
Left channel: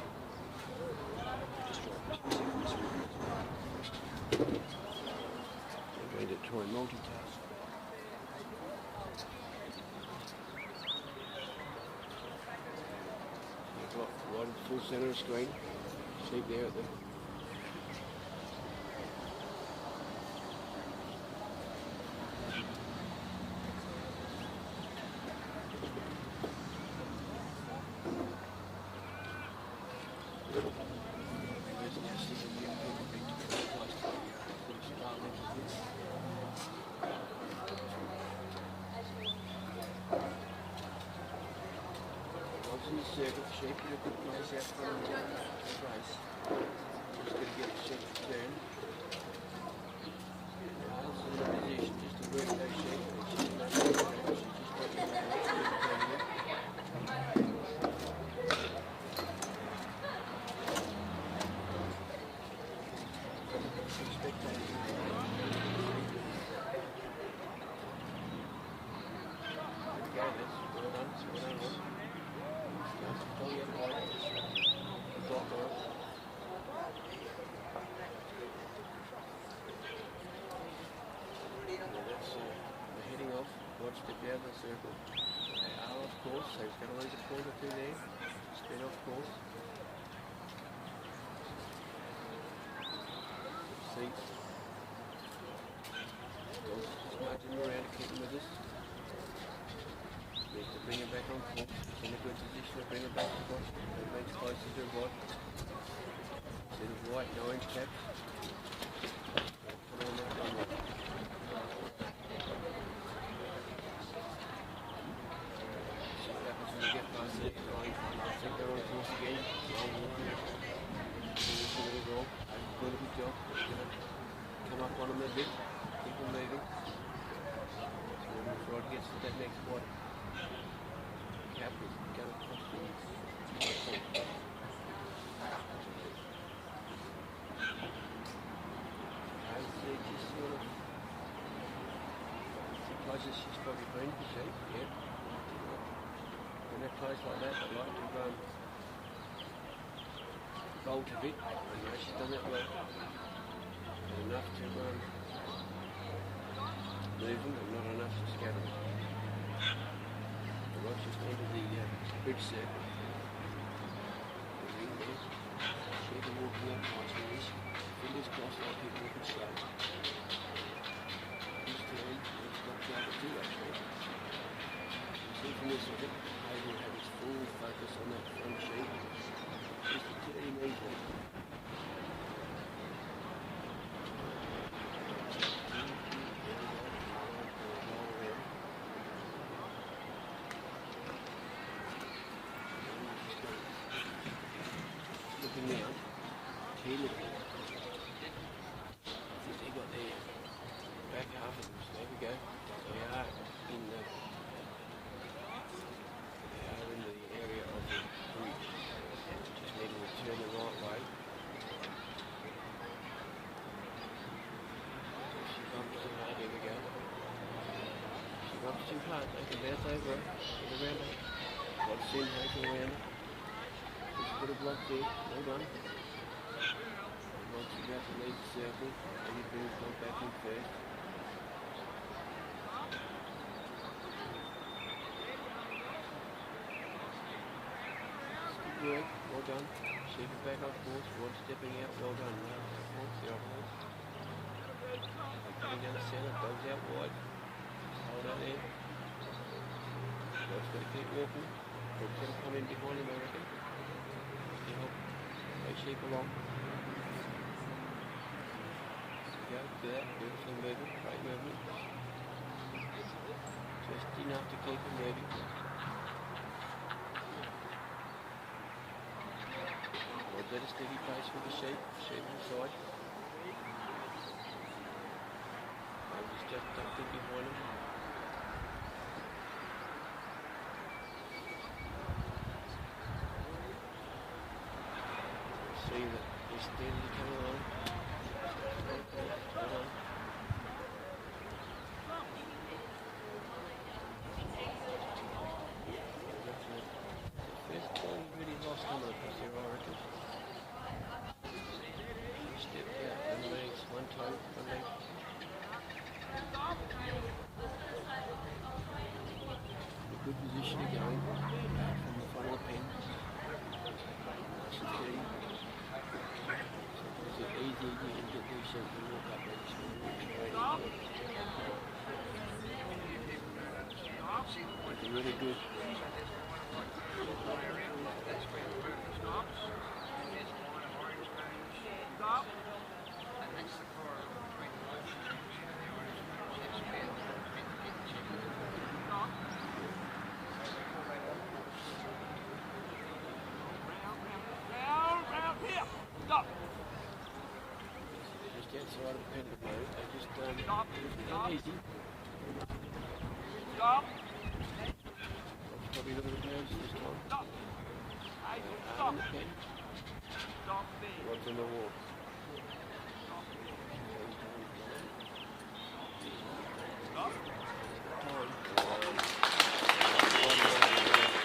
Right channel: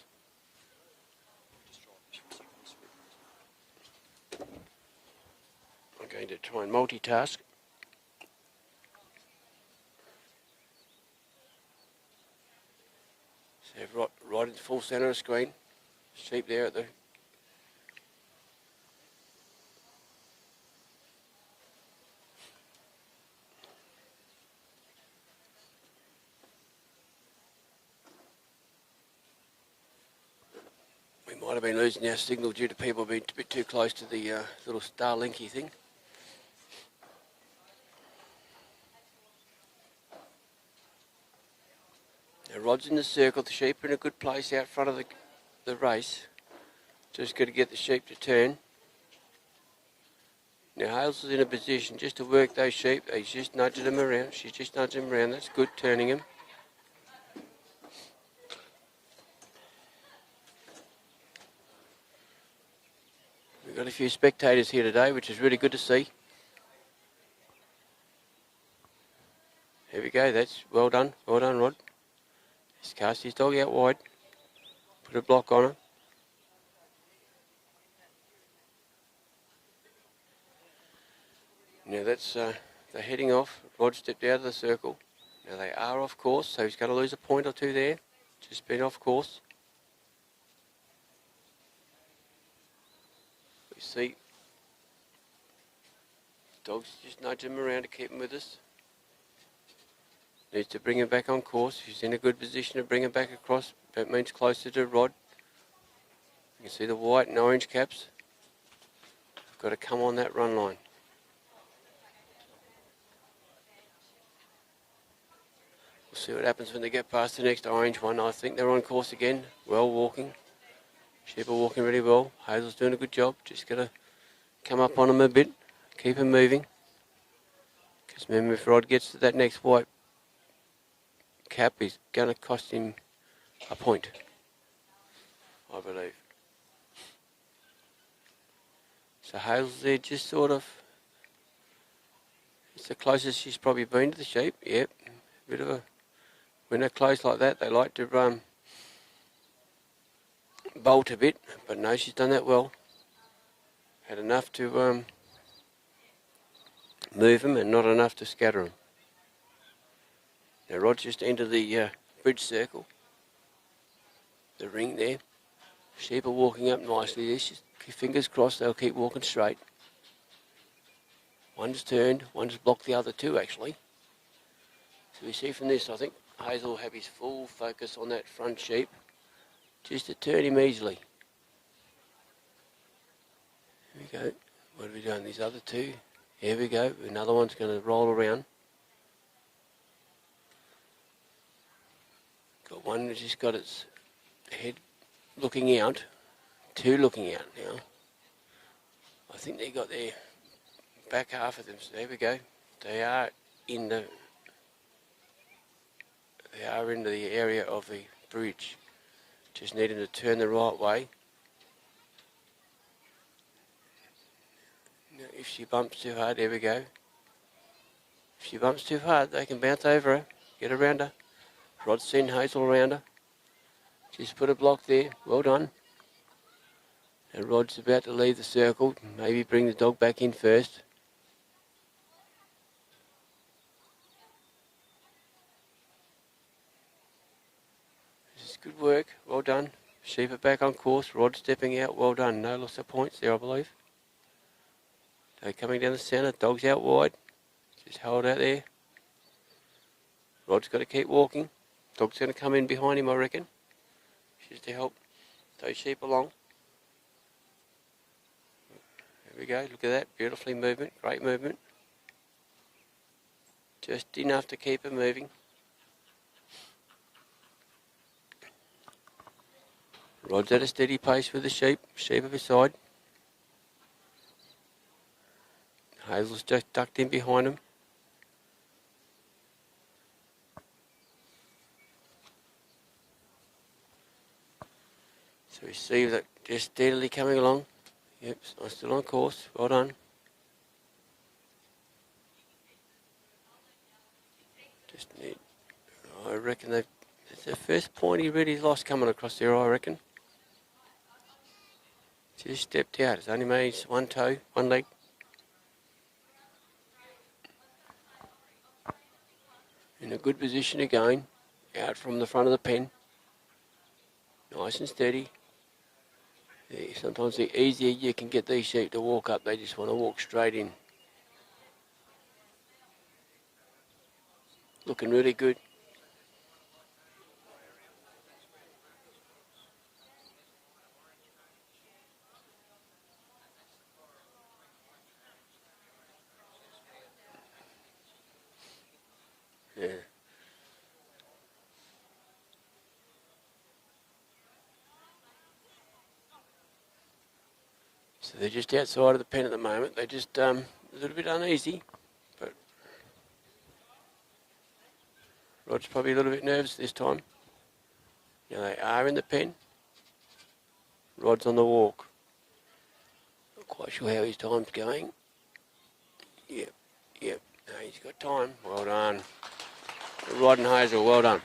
I'm going to try and multitask. So right at the full centre of the screen. Sheep there at the might have been losing our signal due to people being a bit too close to the little Starlinky thing. The rod's in the circle, the sheep are in a good place out front of the race. Just got to get the sheep to turn. Now Hazel's in a position just to work those sheep. He's just nudging them around. She's just nudging them around. That's good, turning them. We've got a few spectators here today, which is really good to see. There we go. That's well done. Well done, Rod. Let's cast his dog out wide. Put a block on it. Now that's they're heading off. Rod stepped out of the circle. Now they are off course, so he's going to lose a point or two there. Just been off course. Let's see. Dogs just nudge him around to keep him with us. Needs to bring him back on course. He's in a good position to bring him back across. That means closer to Rod. You can see the white and orange caps. Got to come on that run line. See what happens when they get past the next orange one. I think they're on course again. Well walking. Sheep are walking really well. Hazel's doing a good job. Just got to come up on them a bit. Keep them moving. Because remember, if Rod gets to that next white cap, is going to cost him a point, I believe. So Hazel's there just sort of, it's the closest she's probably been to the sheep. Yep, bit of a, when they're close like that, they like to bolt a bit, but no, she's done that well. Had enough to move them and not enough to scatter them. Now Rod's just entered the bridge circle. The ring there. Sheep are walking up nicely. This, fingers crossed, they'll keep walking straight. One's turned, one's blocked the other two actually. You see from this, I think Hazel will have his full focus on that front sheep, just to turn him easily. Okay, where we go in these other two? Here we go. Another one's going to roll around. One which has got its head looking out, two looking out now. I think they got their back half of them, so there we go. They are into the area of the bridge. Just need them to turn the right way. If she bumps too hard, there we go. If she bumps too hard, they can bounce over her, get around her. Rod's seen Hazel around her. Just put a block there. Well done. And Rod's about to leave the circle. Maybe bring the dog back in first. Just good work. Well done. Sheep are back on course. Rod stepping out. Well done. No loss of points there, I believe. They're coming down the centre. Dog's out wide. Just hold out there. Rod's got to keep walking. Dog's going to come in behind him, I reckon, just to help those sheep along. Here we go, look at that, beautifully movement, great movement. Just enough to keep it moving. Rod's at a steady pace with the sheep at his side. Hazel's just ducked in behind him. See that just steadily coming along. Yep, so still on course. Well done. reckon it's the first point he really lost coming across there, I reckon. Just stepped out. It's only made one toe, one leg. In a good position again, out from the front of the pen. Nice and steady. Yeah, sometimes the easier you can get these sheep to walk up, they just want to walk straight in. Looking really good. So they're just outside of the pen at the moment. They're just a little bit uneasy. Rod's probably a little bit nervous this time. Now they are in the pen. Rod's on the walk. Not quite sure how his time's going. Yeah, no, he's got time. Well done. Rod and Hazel, well done.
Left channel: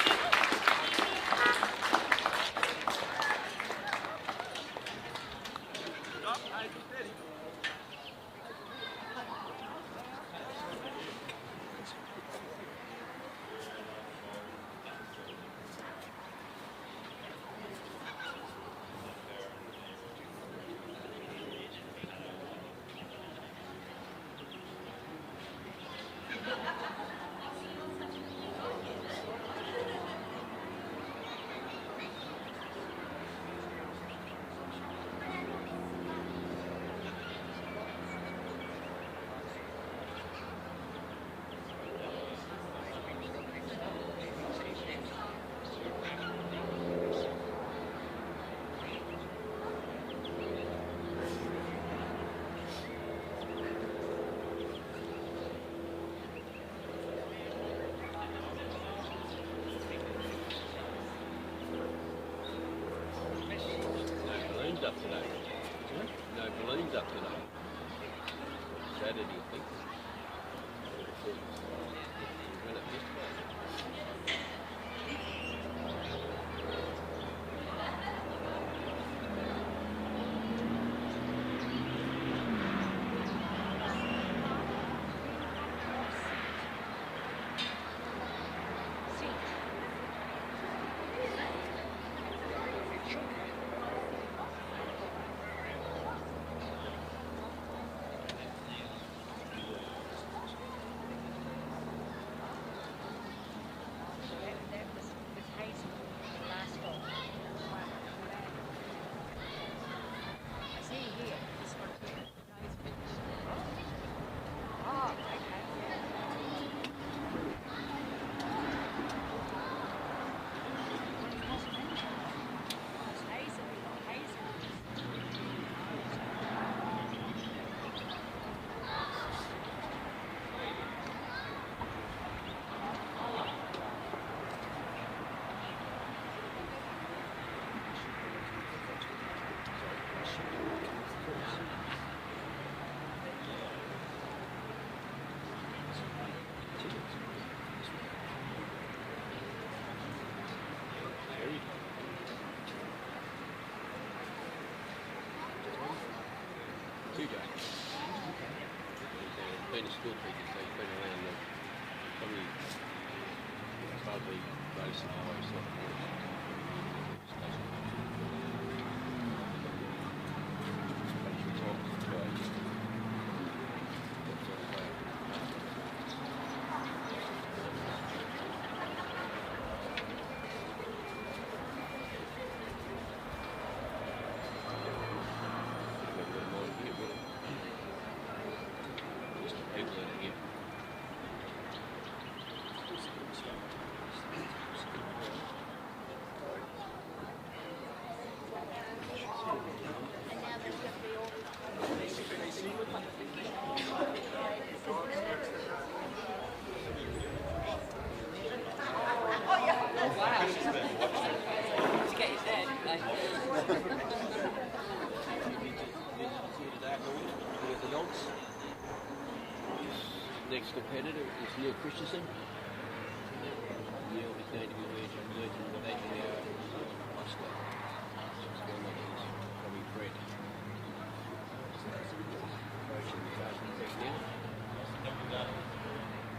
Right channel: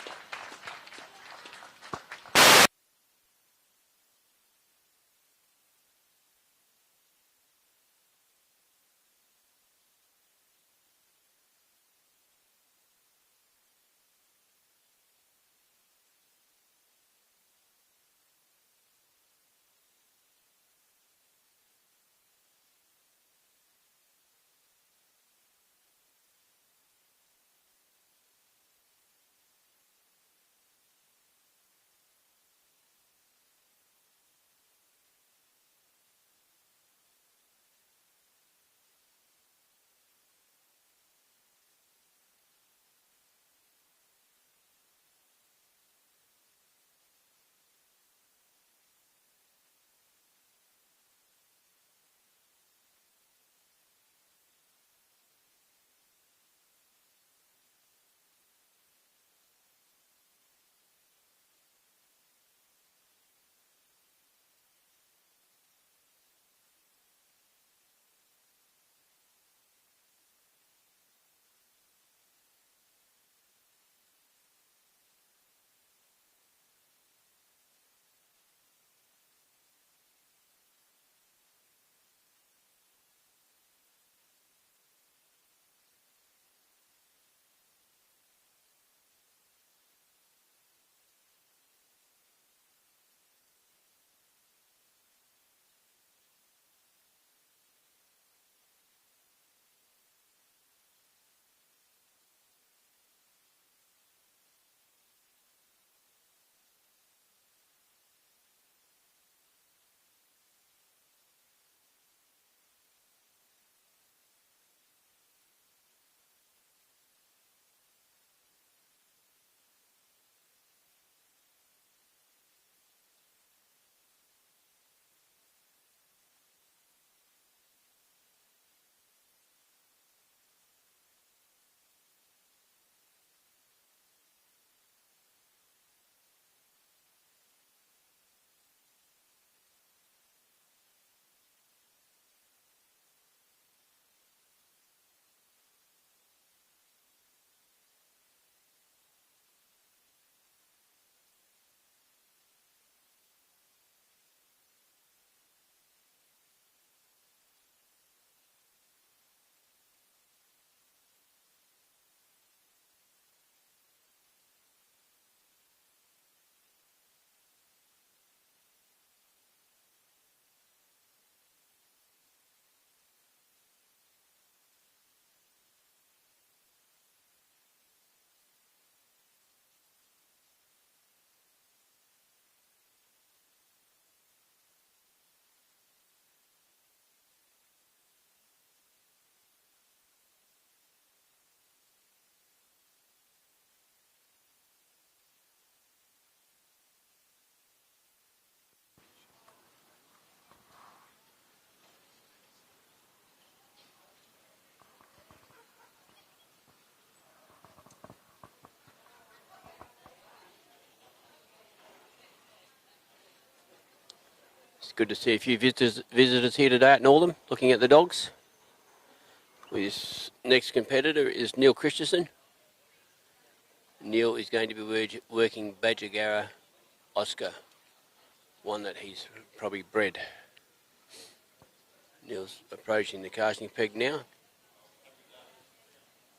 Been a school teacher, so he's been around the probably probably racing highway sort of good to see a few visitors here today at Northam looking at the dogs. His next competitor is Neil Christensen. Neil is going to be working Badger Oscar, one that he's probably bred. Neil's approaching the casting peg now,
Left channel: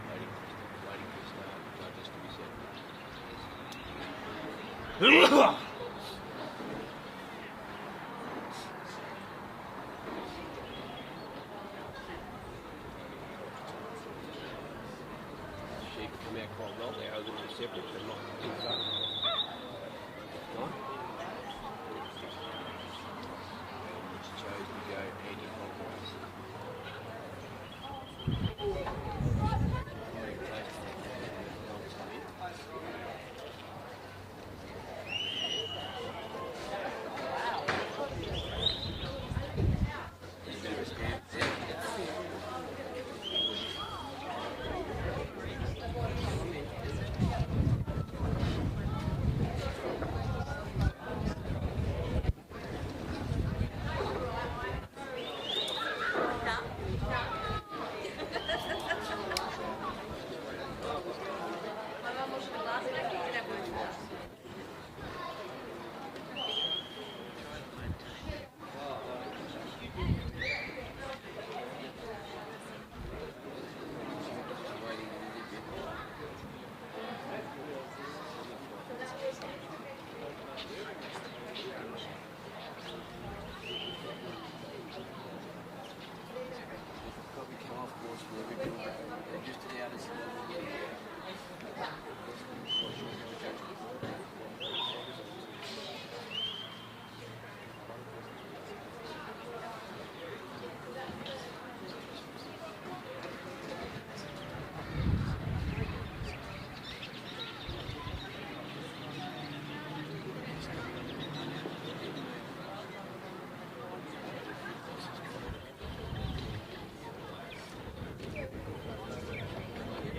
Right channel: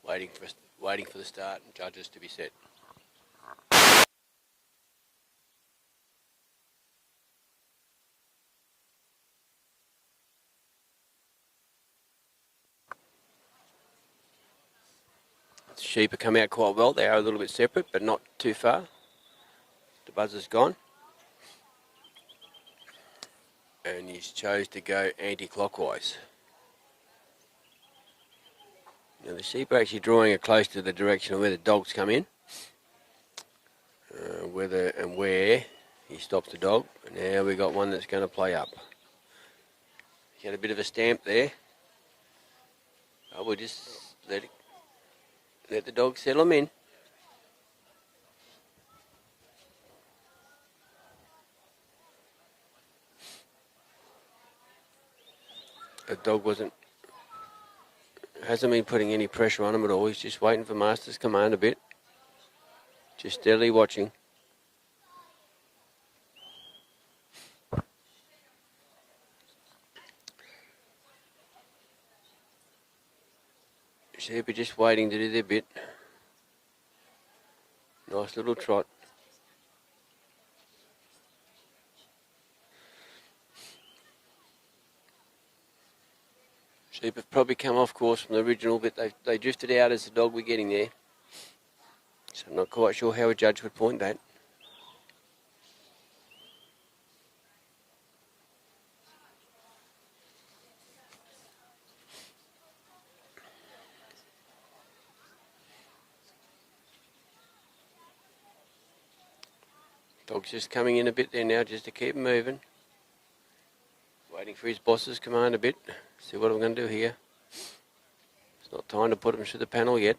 waiting for the start, judges to be set. Sheep have come out quite well. They are a little bit separate, but not too far. The buzzer's gone. And he's chose to go anti-clockwise. Now the sheep are actually drawing it close to the direction of where the dogs come in. Whether and where he stops the dog. But now we've got one that's going to play up. Get a bit of a stamp there. We'll just let the dog settle him in. The dog hasn't been putting any pressure on him at all. He's just waiting for Master's command a bit. Just steadily watching. Sheep are just waiting to do their bit. Nice little trot. Sheep have probably come off course from the original, but they drifted out as the dog were getting there. So I'm not quite sure how a judge would point that. Dog's just coming in a bit there now just to keep him moving. Waiting for his boss's command a bit. See what I'm going to do here. Not time to put him through the panel yet.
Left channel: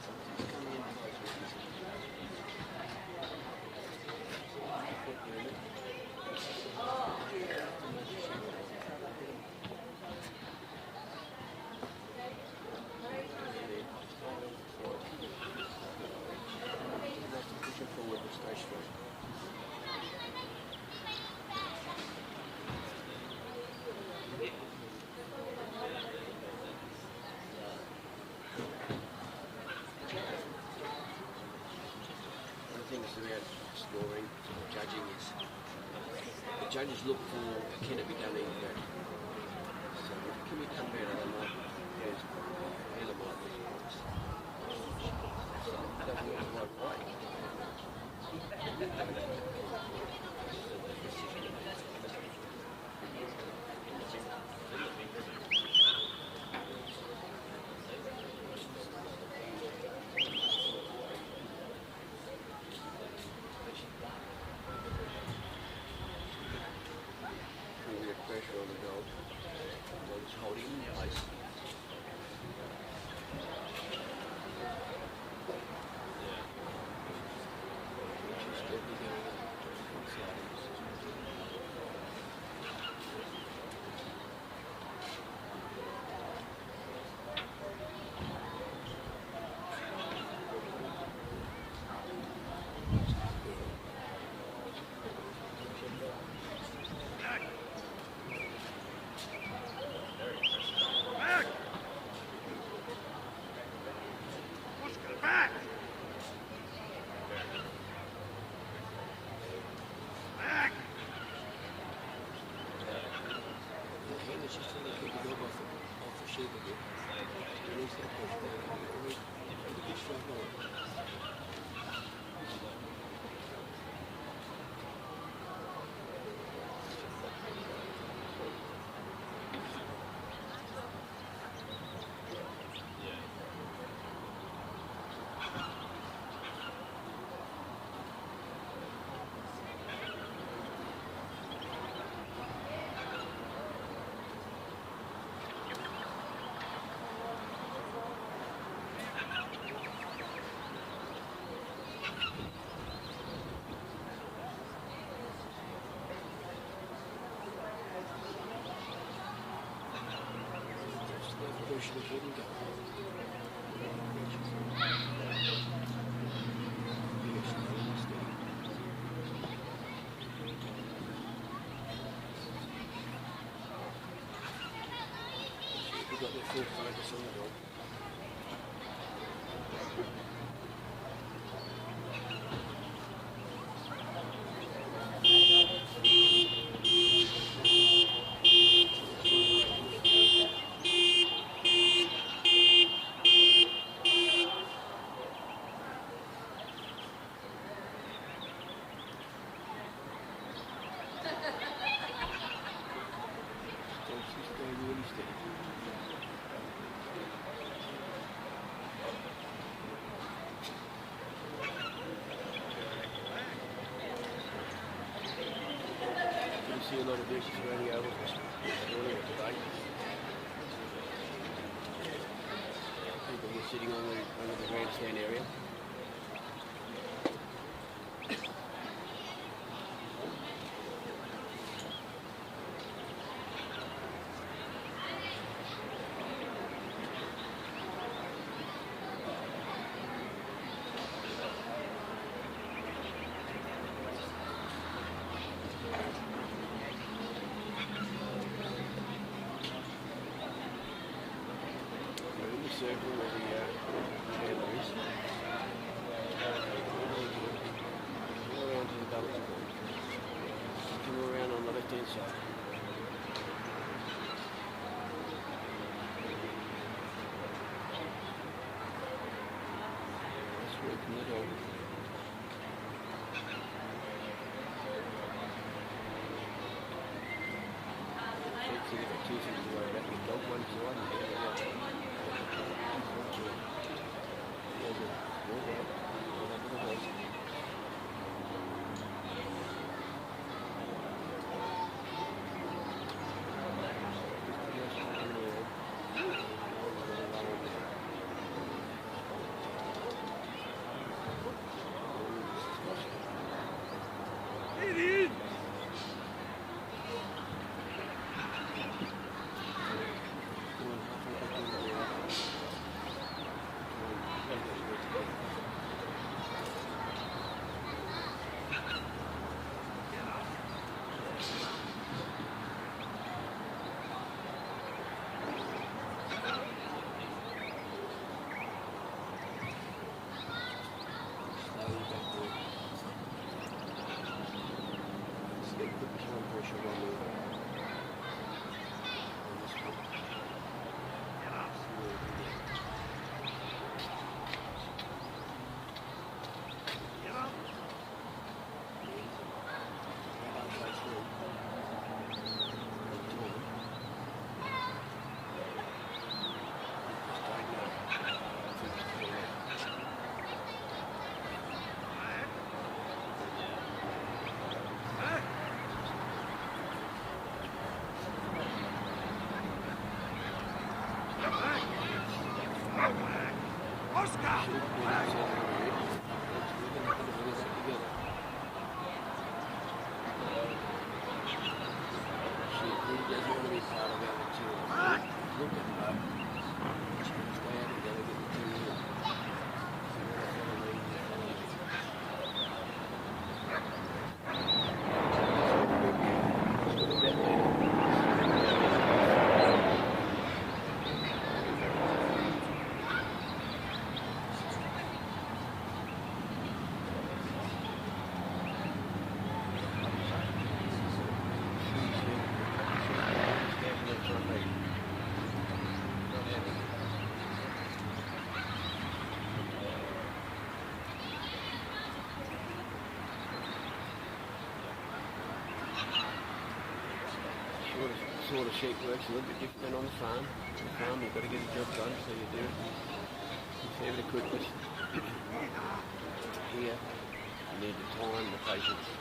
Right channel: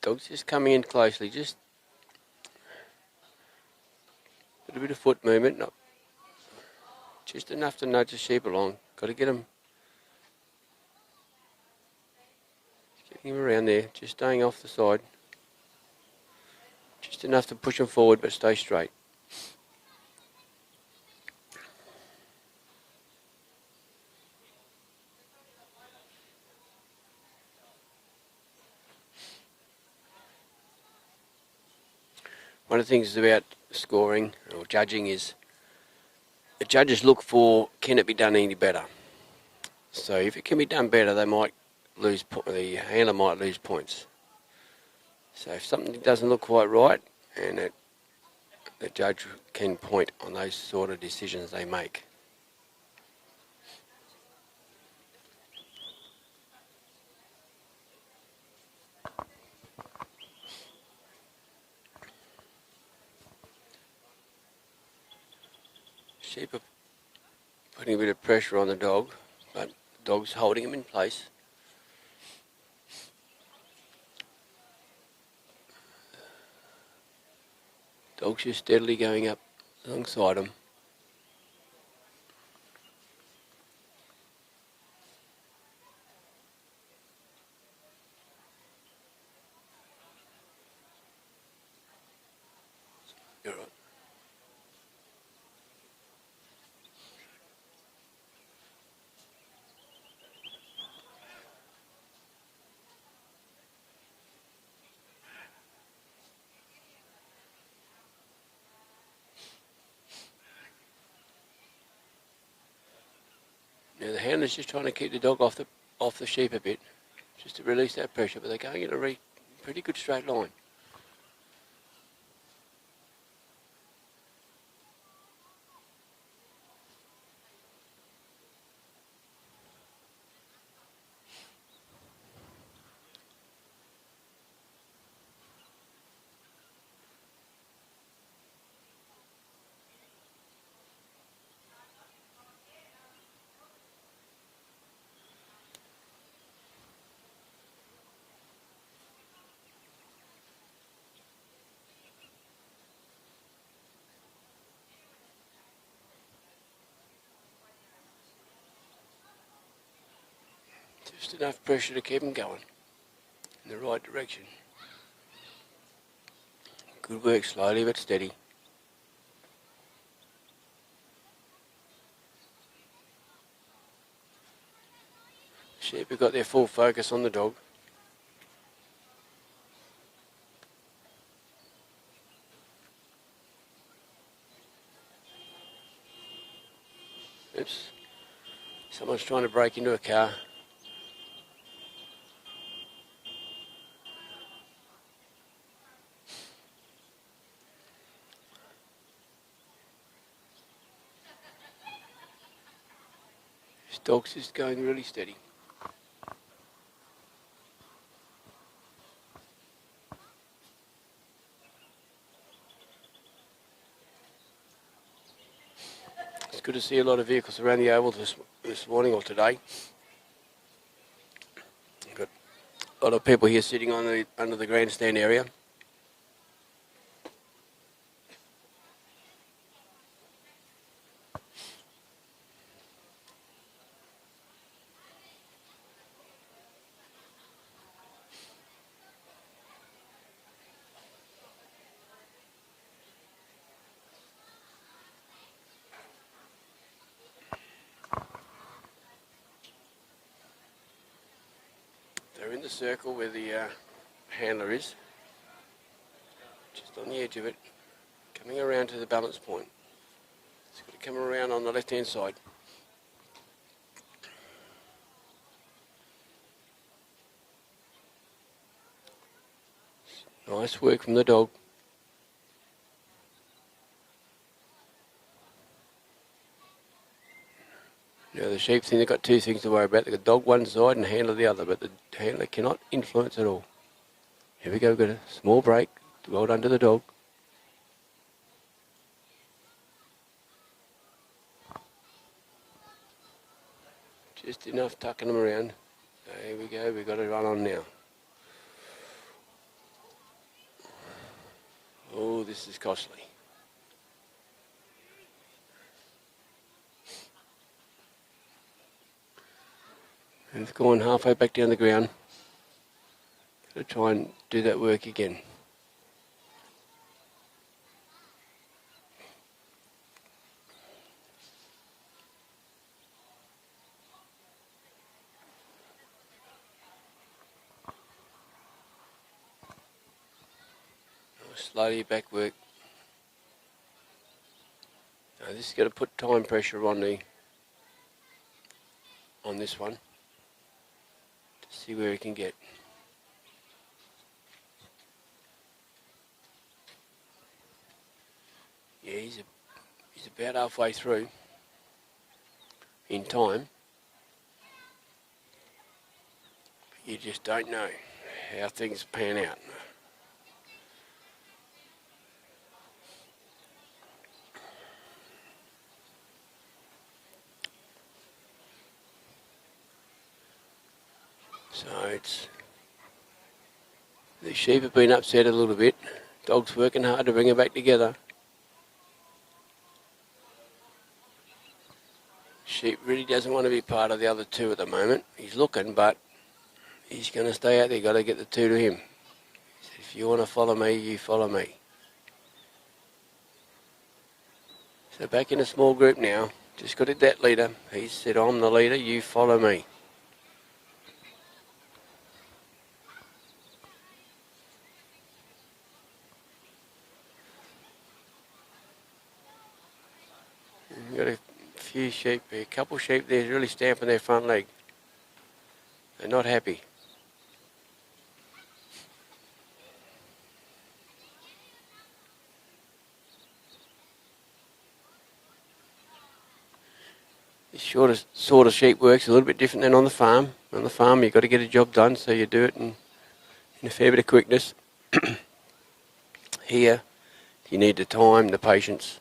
Dog's just coming in closely, just a bit of foot movement, not just enough to nudge the sheep along. Got to get him around there, just staying off the side. Just enough to push him forward, but stay straight. One of the things about scoring or judging is the judges look for, can it be done any better? So if it can be done better, they might lose, the handler might lose points. So if something doesn't look quite right, and the judge can point on those sort of decisions they make. Sheep are putting a bit of pressure on the dog, but the dog's holding him in place. Dog's just steadily going up alongside him. The handler's just trying to keep the dog off the sheep a bit, just to release that pressure, but they're going in a pretty good straight line. Just enough pressure to keep them going in the right direction. Good work, slowly but steady. Sheep have got their full focus on the dog. Someone's trying to break into a car. This dog's just going really steady. It's good to see a lot of vehicles around the oval this morning or today. Got a lot of people here sitting on the under the grandstand area. Circle where the handler is. Just on the edge of it. Coming around to the balance point. Come around on the left hand side. Nice work from the dog. Now the sheep think they've got two things to worry about. They've got dog one side and handler the other, but the handler cannot influence at all. Here we go, we've got a small break. Well done to the dog. Just enough tucking them around. There we go, we've got to run on now. Oh, this is costly. We've gone halfway back down the ground to try and do that work again. Slowly back work. Now this has got to put time pressure on this one. See where he can get. Yeah, he's about halfway through in time. You just don't know how things pan out. The sheep have been upset a little bit. Dog's working hard to bring her back together. Sheep really doesn't want to be part of the other two at the moment. He's looking, but he's going to stay out there. Got to get the two to him. If you want to follow me, you follow me. So back in a small group now. Just got it that leader. He said, I'm the leader, you follow me. Got a few sheep, a couple of sheep there really stamping their front leg. They're not happy. Shortest sort of sheep works a little bit different than on the farm. On the farm you've got to get a job done, so you do it in a fair bit of quickness. Here you need the time, the patience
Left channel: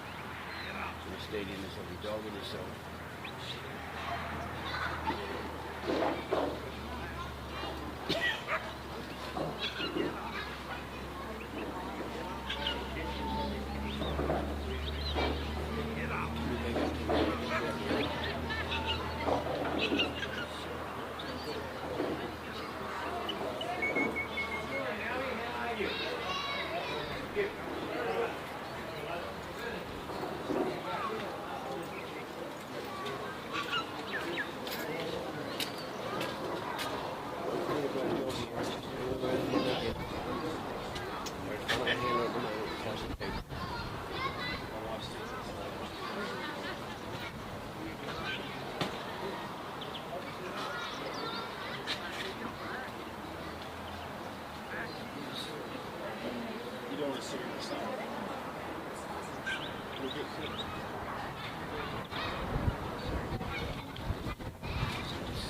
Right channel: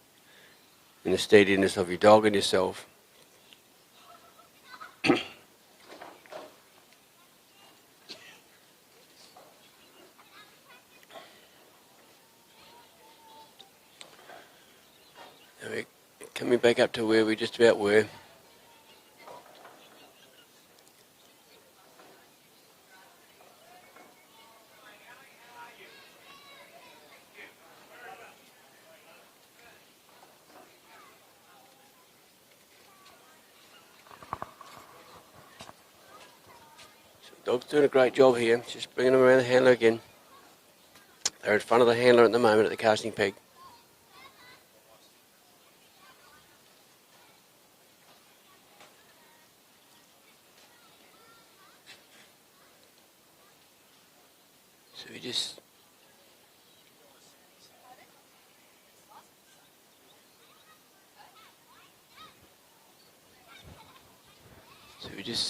and the steadiness of your dog and yourself. Coming back up to where we just about were. Dog's doing a great job here. Just bringing them around the handler again. They're in front of the handler at the moment at the casting peg. So we just You don't want to sit in the sun.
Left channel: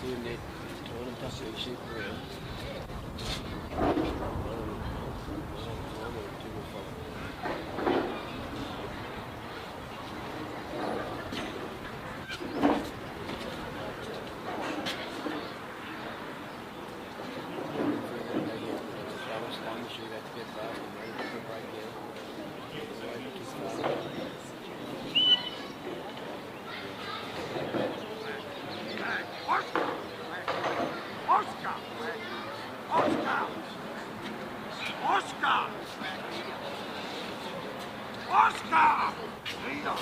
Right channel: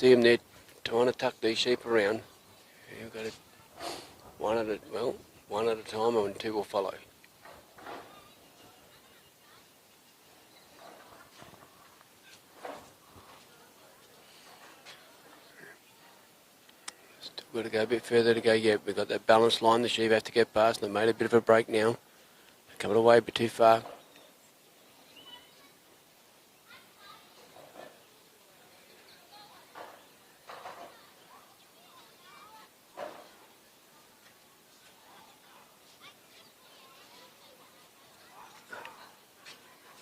see them there trying to tuck these sheep around. One at a time, and two will follow. Got to go a bit further to go yet. We've got that balanced line the sheep have to get past. They've made a bit of a break now. Coming away a bit too far.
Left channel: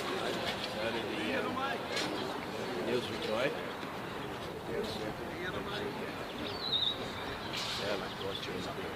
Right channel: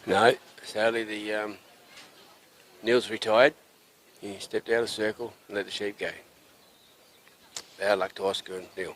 No, sadly Neil's retired. He stepped out of the circle and let the sheep go. Bad luck to Oscar and Neil.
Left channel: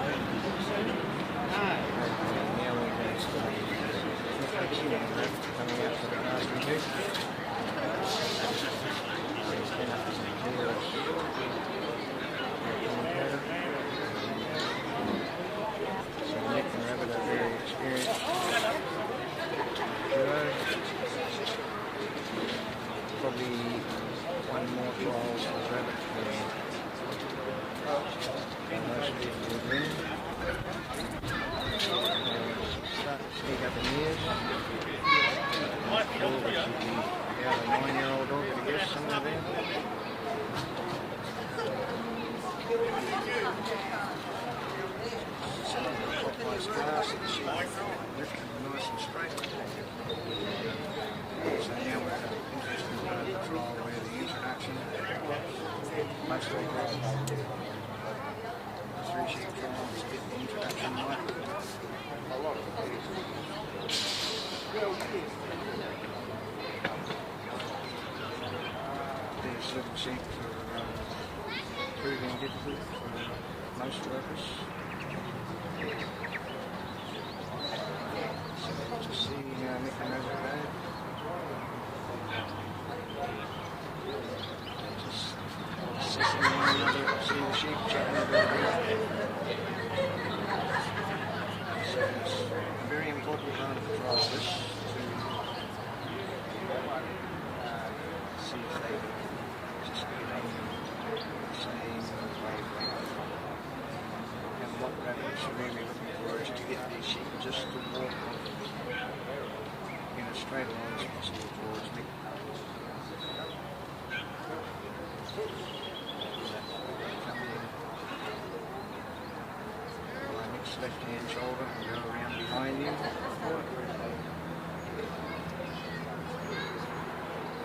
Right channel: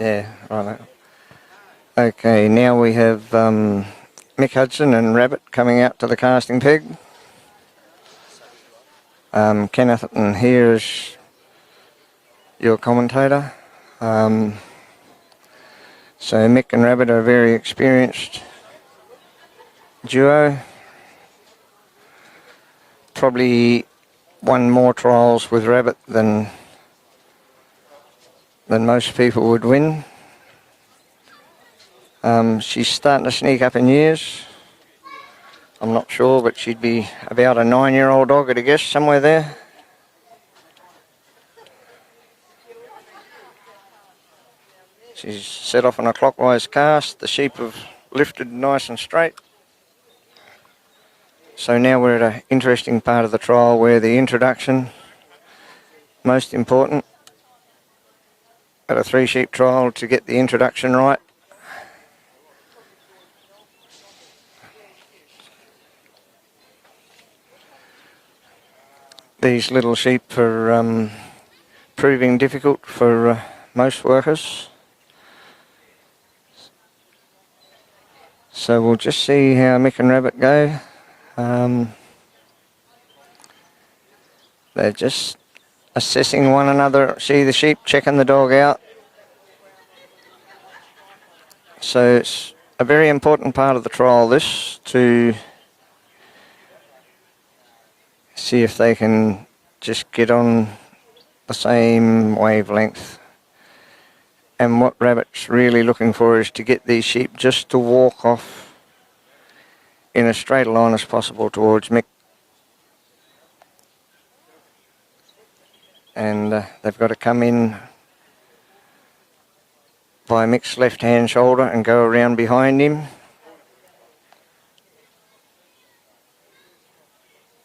Yeah, right. Okay, now we have Mick, Hudson and Rabbit coming out to the casting peg. Kenneth and here is your commentator. So Mick and Rabbit are a very experienced duo. Probably won more trials with Rabbit than most people would win. She's starting to sneak up in years. I'm not sure, but she'd be about a 9-year-old dog at a guess, somewhere there. She's set off on a clockwise cast. The sheep have lifted nice and straight. So now we're at an interesting part of the trial where the introduction, most important. At a 3-sheep trial to get the introduction right. These little sheep are proving difficult for most workers. So we'll just see how Mick and Rabbit go. They're just assessing one another. See the sheep checking the dog out. So it's a very important part of the trial, this, to see if they can just get on the same wavelength. And what Rabbit's really looking for is to get these sheep just to walk off in as straight a line as possible towards Mick. And they've got to come in by Mick's left-hand shoulder and go around behind him.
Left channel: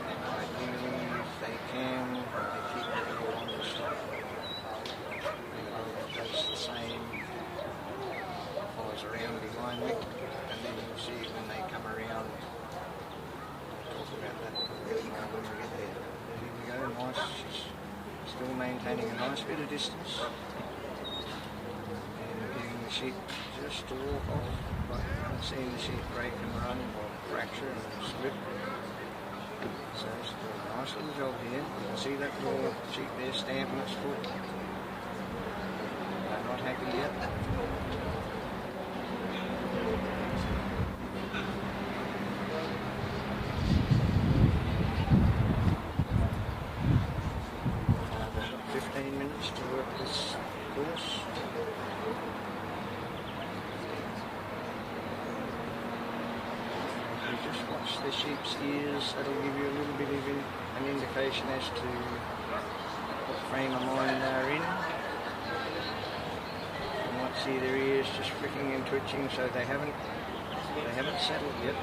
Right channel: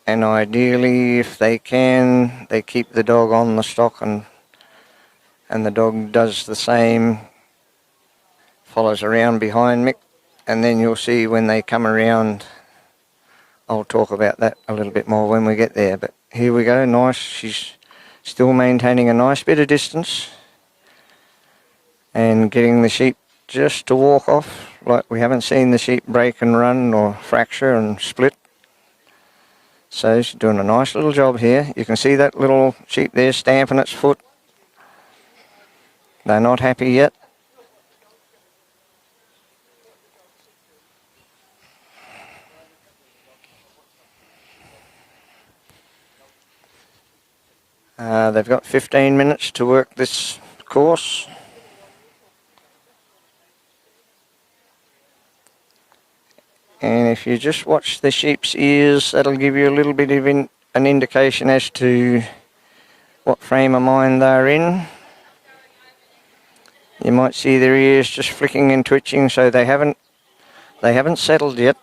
And ideally, if they can, they keep the dog on the stock, and the dog does the same, follows around behind Mick, and then you'll see when they come around, I'll talk about that a little bit more when we get there. But here we go, nice, she's still maintaining a nice bit of distance and getting the sheep just to walk off, like we haven't seen the sheep break and run or fracture and split. So she's doing a nice little job here. You can see that little sheep there stamping its foot. They're not happy yet. They've got 15 minutes to work this course. And if you just watch the sheep's ears, that'll give you a little bit of an indication as to what frame of mind they're in. You might see their ears just flicking and twitching, so they haven't settled yet.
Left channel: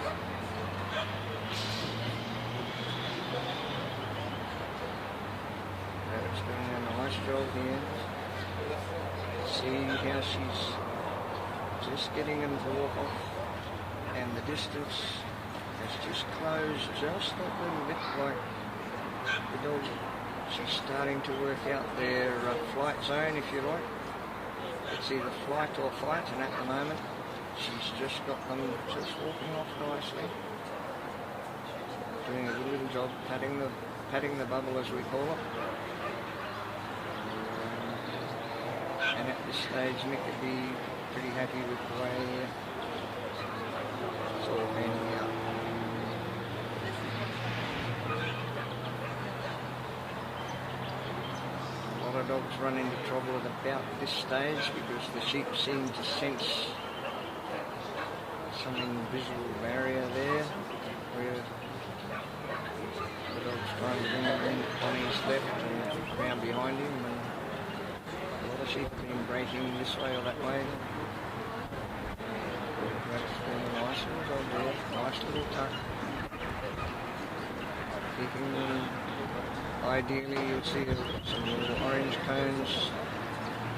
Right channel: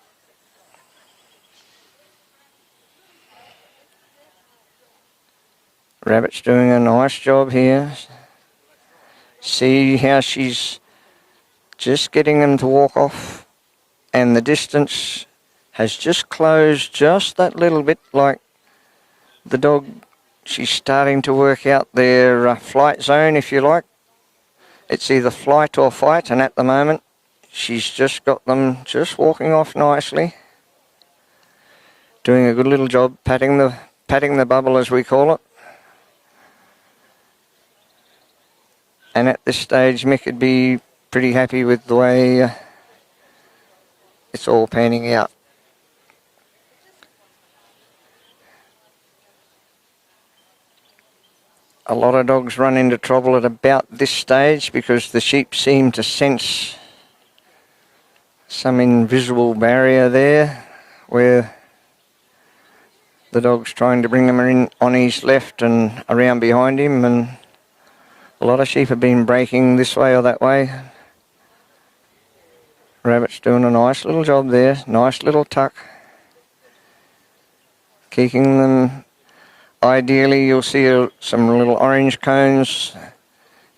Rabbit's doing a nice job here. See how she's just getting them to walk off, and the distance has just closed just that little bit, like the dog, she's starting to work out their flight zone, if you like. It's either flight or fight, and at the moment she's just got them just walking off nicely. Doing a good little job patting the bubble, as we call it. And at this stage, Mick would be pretty happy with the way it's all panning out. A lot of dogs run into trouble at about this stage because the sheep seem to sense some invisible barrier there where the dog's trying to bring them in on his left and around behind him, and a lot of sheep have been breaking this way or that way. Rabbit's doing a nice little job there, nice little tuck. Keeping them, ideally you'll see some little orange cones.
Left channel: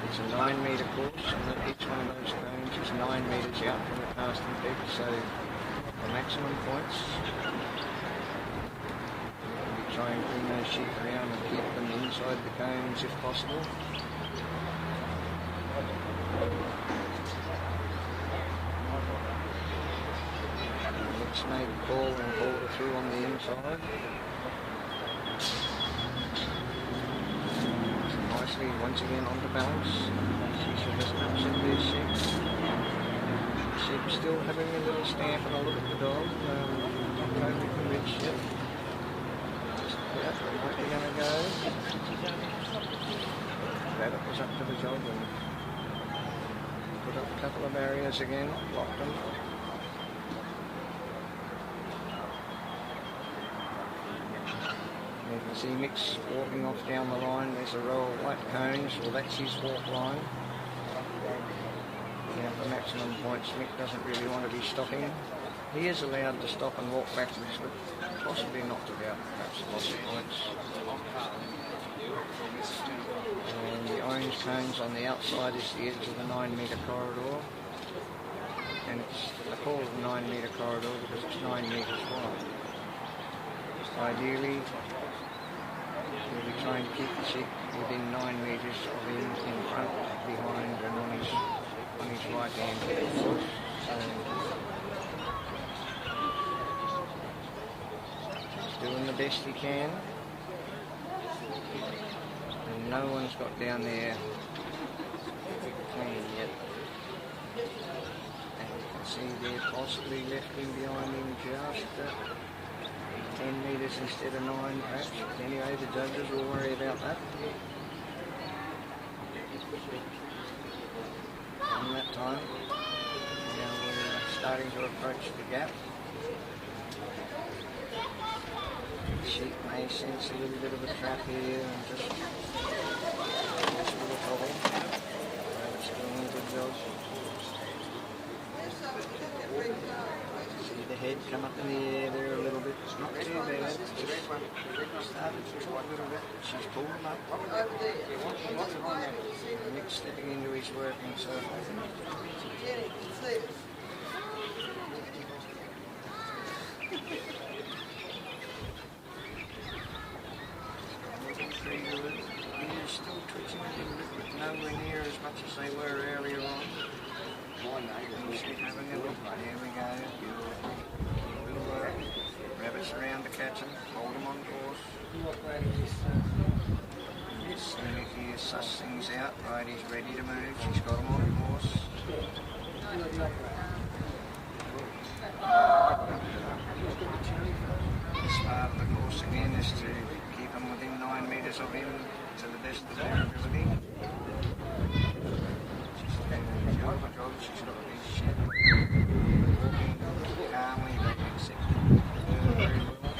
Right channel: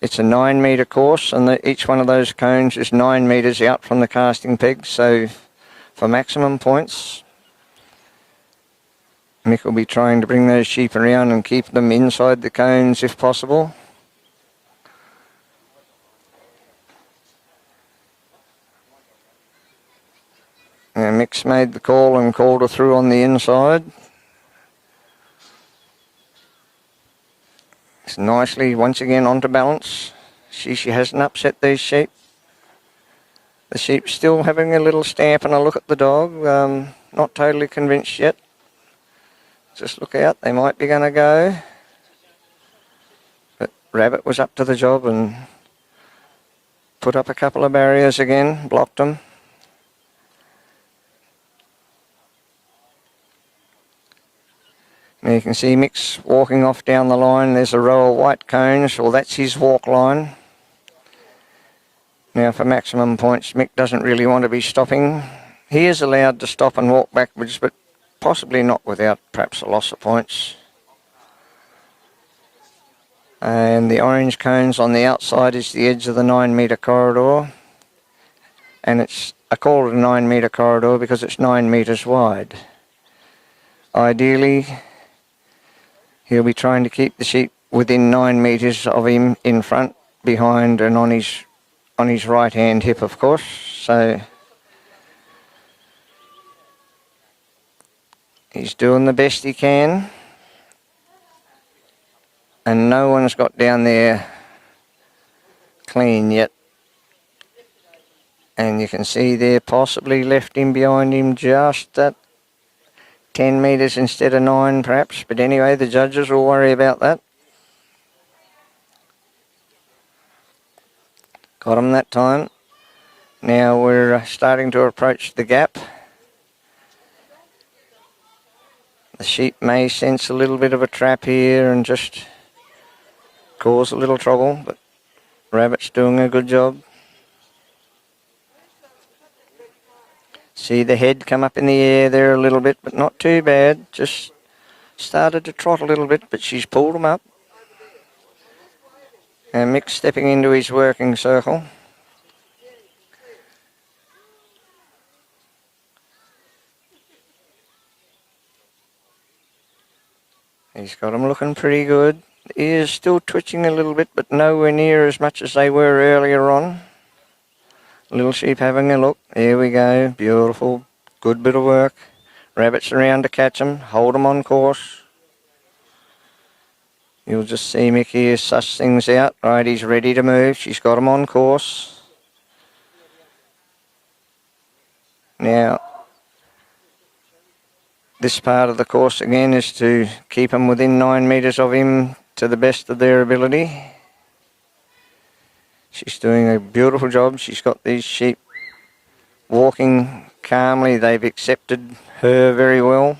It's a 9 metre course, and each one of those cones is 9 metres out from the casting peg, so for maximum points, Mick will be trying to bring those sheep around and keep them inside the cones if possible. And Mick's made the call and called her through on the inside. It's nicely once again onto balance. She hasn't upset these sheep. The sheep's still having a little stamp and a look at the dog. Not totally convinced yet. Just look out, they might be going to go. But Rabbit was up to the job and put up a couple of barriers again, blocked them. There you can see Mick's walking off down the line. There's a row of white cones. Well, that's his walk line. Now for maximum points, Mick doesn't really want to be stopping. He is allowed to stop and walk backwards, but possibly not without perhaps a loss of points. And the orange cones on the outside is the edge of the 9 metre corridor. And I call it a 9 metre corridor because it's 9 metres wide. Ideally, he'll be trying to keep the sheep within 9 metres of him in front, behind and on his right hand hip, of course. So he's doing the best he can. And no one's got down there clean yet. And you can see there possibly left him behind him just at 10 metres instead of 9 perhaps, but anyway, the judges will worry about that. Got him that time. Now we're starting to approach the gap. The sheep may sense a little bit of a trap here and just cause a little trouble, but Rabbit's doing a good job. See the head come up in the air there a little bit, but not too bad. Just started to trot a little bit, but she's pulled him up. And Mick's stepping into his working circle. He's got them looking pretty good. The ears still twitching a little bit, but nowhere near as much as they were earlier on. Little sheep having a look. There we go. Beautiful. Good bit of work. Rabbit's around to catch them. Hold them on course. You'll just see Mick here suss things out. Right, he's ready to move. She's got him on course. Now, this part of the course again is to keep them within 9 metres of him to the best of their ability. She's doing a beautiful job. She's got these sheep walking calmly. They've accepted her very well.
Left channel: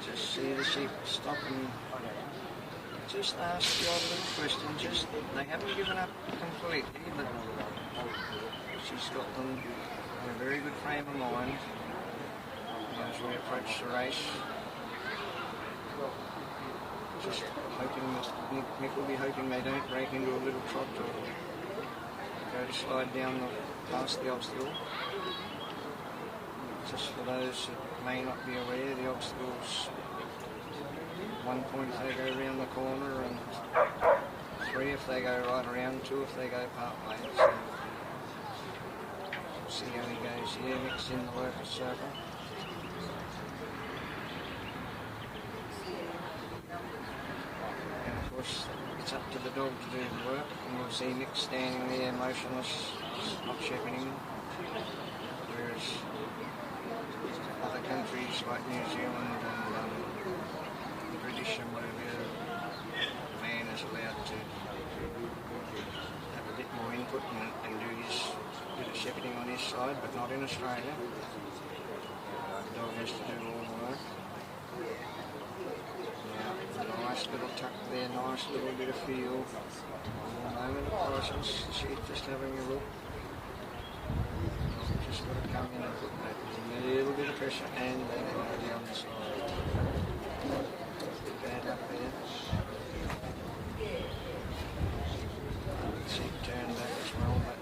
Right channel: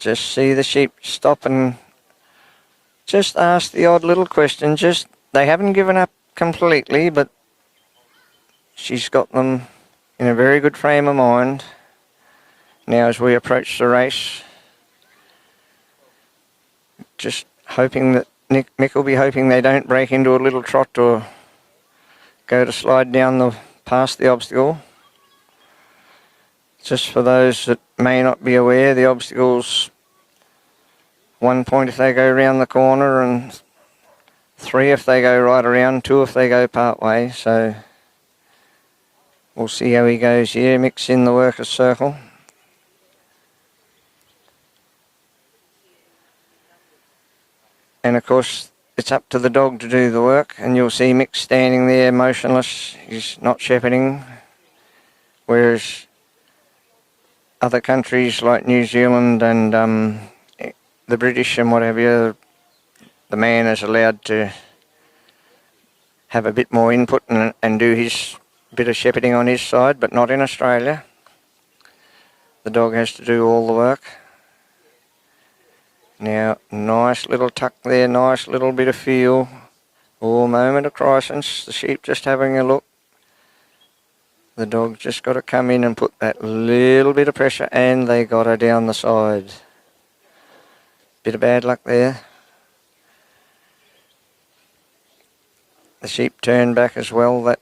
Just see the sheep stop and just ask the odd little question. They haven't given up completely, but she's got them in a very good frame of mind. Now as we approach the race, just hoping that Mick will be hoping they don't break into a little trot or go to slide down past the obstacle. Just for those that may not be aware, the obstacle's 1 point if they go around the corner and 3 if they go right around, 2 if they go part way. So we'll see how he goes here. Mick's in the workers' circle. And of course, it's up to the dog to do the work, and you'll see Mick standing there motionless. He's not shepherding. Whereas other countries like New Zealand and the British and whatever, the man is allowed to have a bit more input and do his bit of shepherding on his side, but not in Australia. The dog has to do all the work. Now, nice little tuck there, nice little bit of feel. Oh, moment of crisis. The sheep just having a look. The dog just got to come in and put that little bit of pressure, and they got her down the side. Bit of bad luck there. The sheep turned back as well. That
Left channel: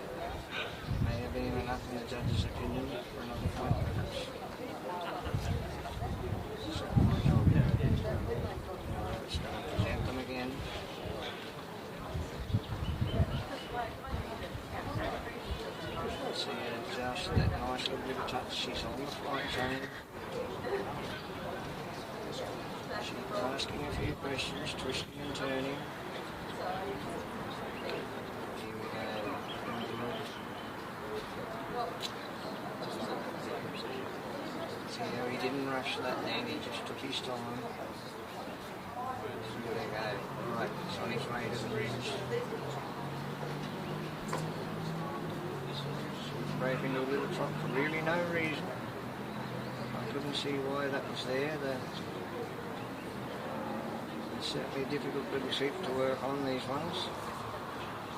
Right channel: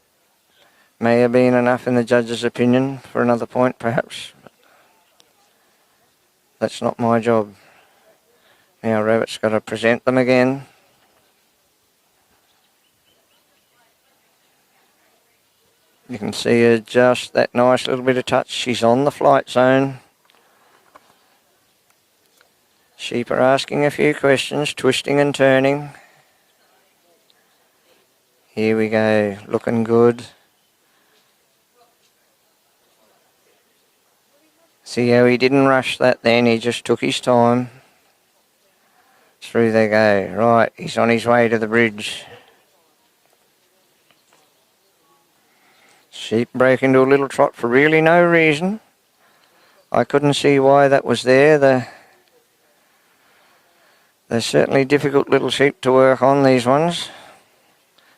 may have been enough in the judge's opinion for another point, perhaps. That's not my job. Now Rabbit's got to present them again. You can see her just that nice little bit of touch. She's on the flight zone. Sheep are asking a few questions, twisting and turning. Here we go, looking good. See how he didn't rush that then, he just took his time. Through they go. Right, he's on his way to the bridge. Sheep break into a little trot for really no reason. I couldn't see why that was there. They're certainly difficult little sheep to work on, these ones.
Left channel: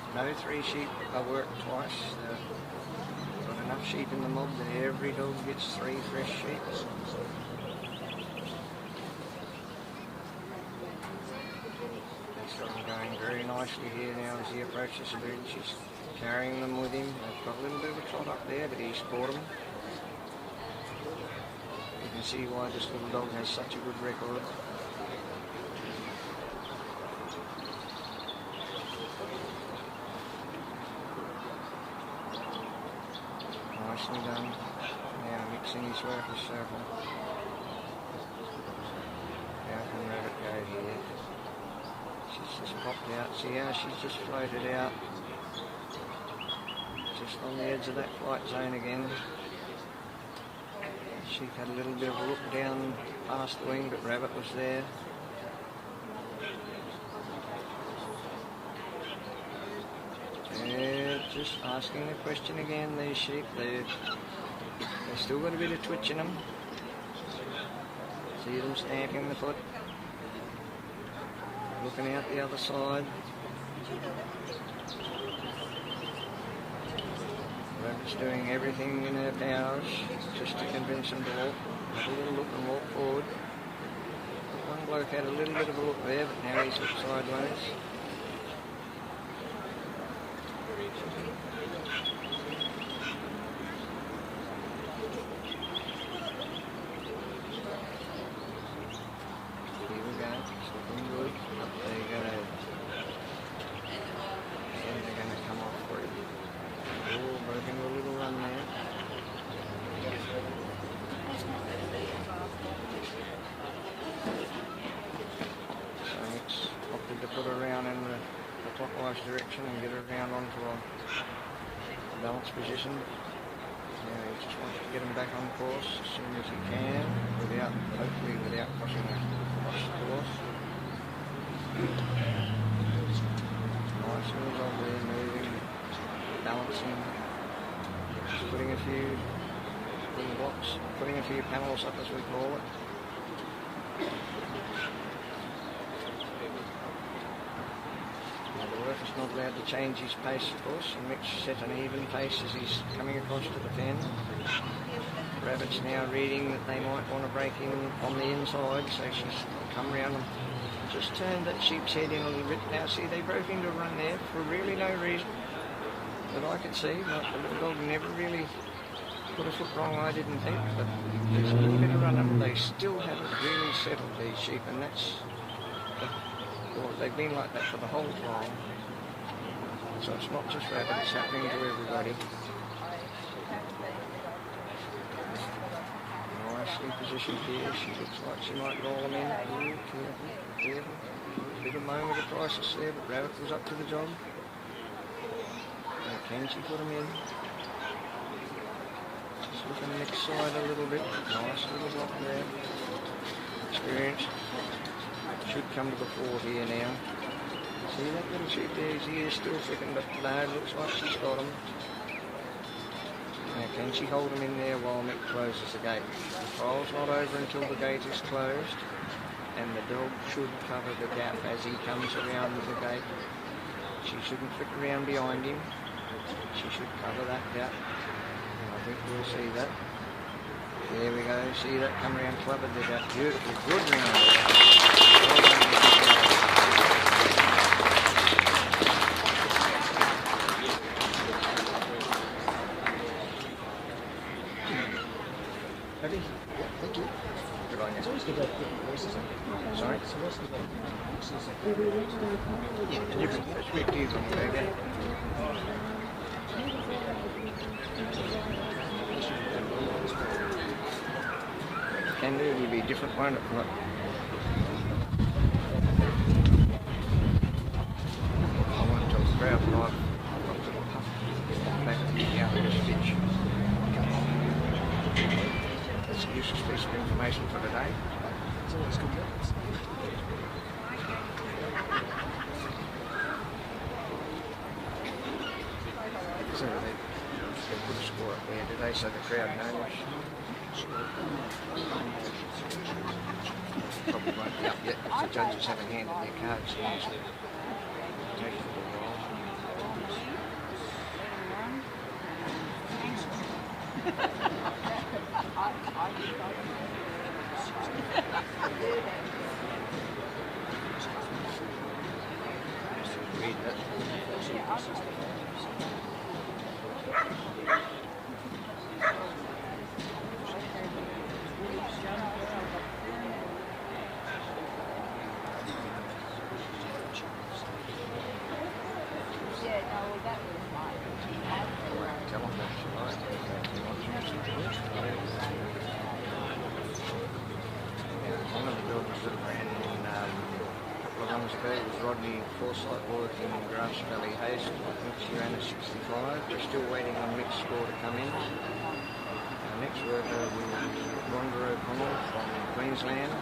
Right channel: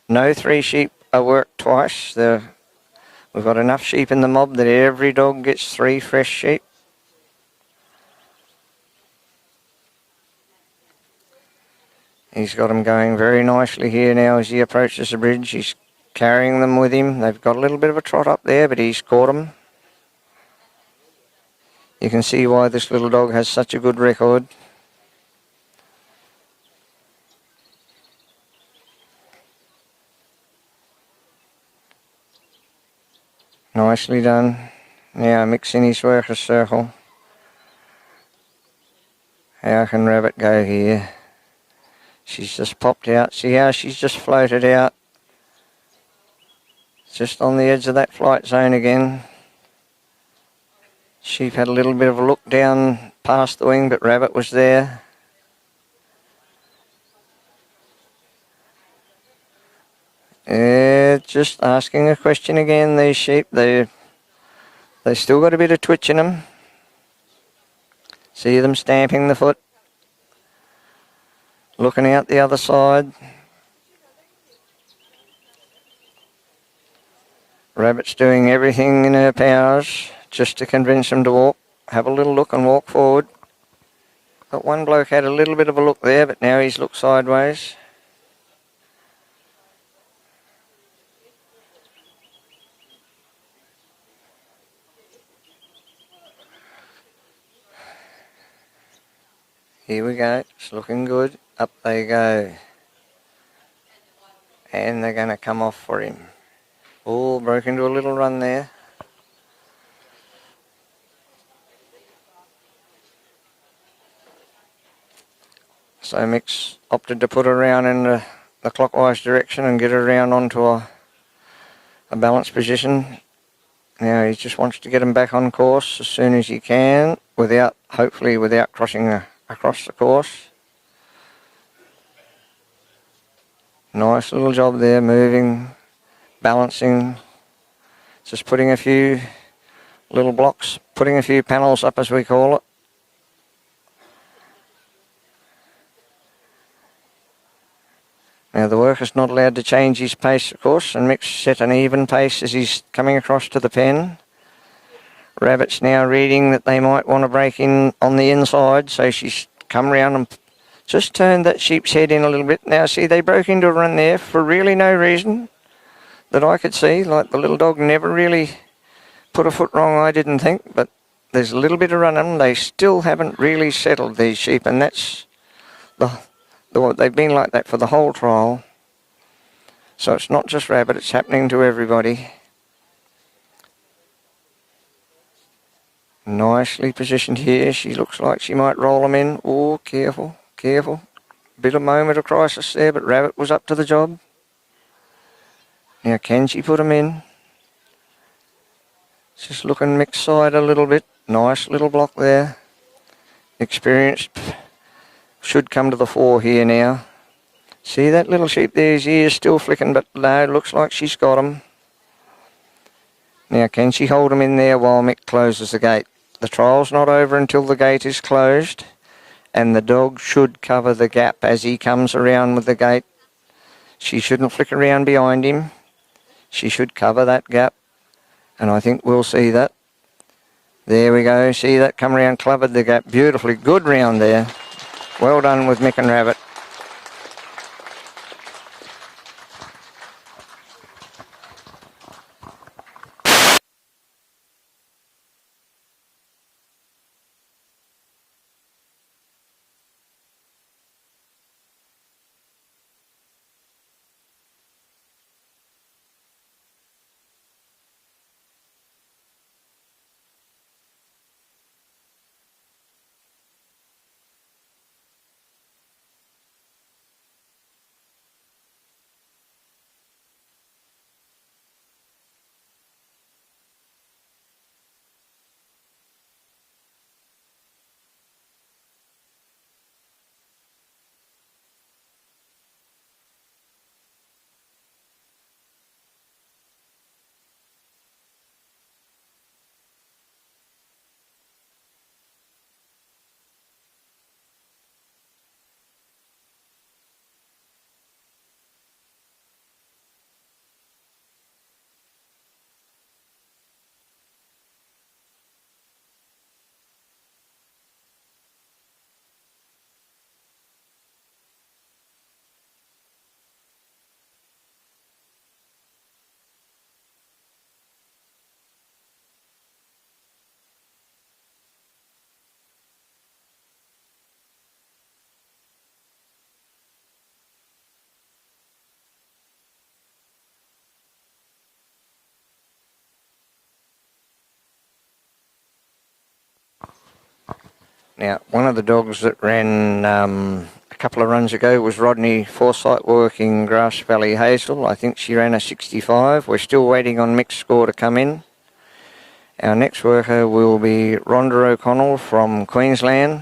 No 3 sheep are worked twice. We've got enough sheep in the mob that every dog gets 3 fresh sheep. He's got them going very nicely here now as he approaches the bridge. He's carrying them with him. They've got a little bit of a trot up there, but he's caught them. You can see why this little dog has such a good record. Nicely done. Now mixing his workers' circle. How can Rabbit go here? She's just popped out. See how she's just floated out? Just on the edge of that flight zone again. Sheep had a little bit of a look down past the wing, but Rabbit was there. Just asking a question again, these sheep. They still got a bit of twitch in them. See them stamping the foot. Looking out the other side. Rabbit's doing everything in her powers just to convince them to walk. Have a little look and walk forward. But one bloke had a little bit of a look there, but now he's looked sideways. Here we go, it's looking good. Up they go. And they're going to come off for him. Oh, broke into a little run there. So Mick's opted to put her around in the clockwise direction and get her around onto a balanced position. Now he just wants to get him back on course as soon as he can, hopefully without crossing across the course. Nice little job there, moving, balancing, just putting a few little blocks, putting a few panels up as we call it. Now the worker's not allowed to change his pace, of course, and Mick's set an even pace as he's coming across to the pen. Rabbit's now reading that they might want to break in on the inside, so she's come round and just turned that sheep's head in a little bit. Now see, they broke into a run there for really no reason that I could see. Like the little dog never really put a foot wrong, I didn't think, but there's a little bit of running. They still haven't really settled, these sheep, and that's they've been like that for the whole trial. So it's not just Rabbit, it's happening to everybody. Nicely positioned here. She looks like she might roll them in. Oh, careful, careful. Bit of moment of crisis there, but Rabbit was up to the job. Now can she put them in? Just looking mixed side a little bit. Nice little block there. Experienced. Should come to the fore here now. See that little sheep there, his ear's still flicking, but no, looks like she's got him. Now can she hold him in there while Mick closes the gate? The trial's not over until the gate is closed, and the dog should cover the gap as he comes around with the gate. She shouldn't flick around behind him. She should cover that gap, and I think we'll see that. There we go, see that come around, covered the gap beautifully. Good round there. Well done with Mick and Rabbit. Can really be different, won't it? That's a useless piece of information for today. It's always good. So they put a score up there today so the crowd knows. Probably won't be up yet if the judges haven't handed their cards usually. Take it for a while. Now, one of the dogs that ran a couple of runs ago was Rodney Foresight working Grass Valley Hazel. I think she ran a 65. We're still waiting on Mick's score to come in. Our next worker will be Ronda O'Connell from Queensland,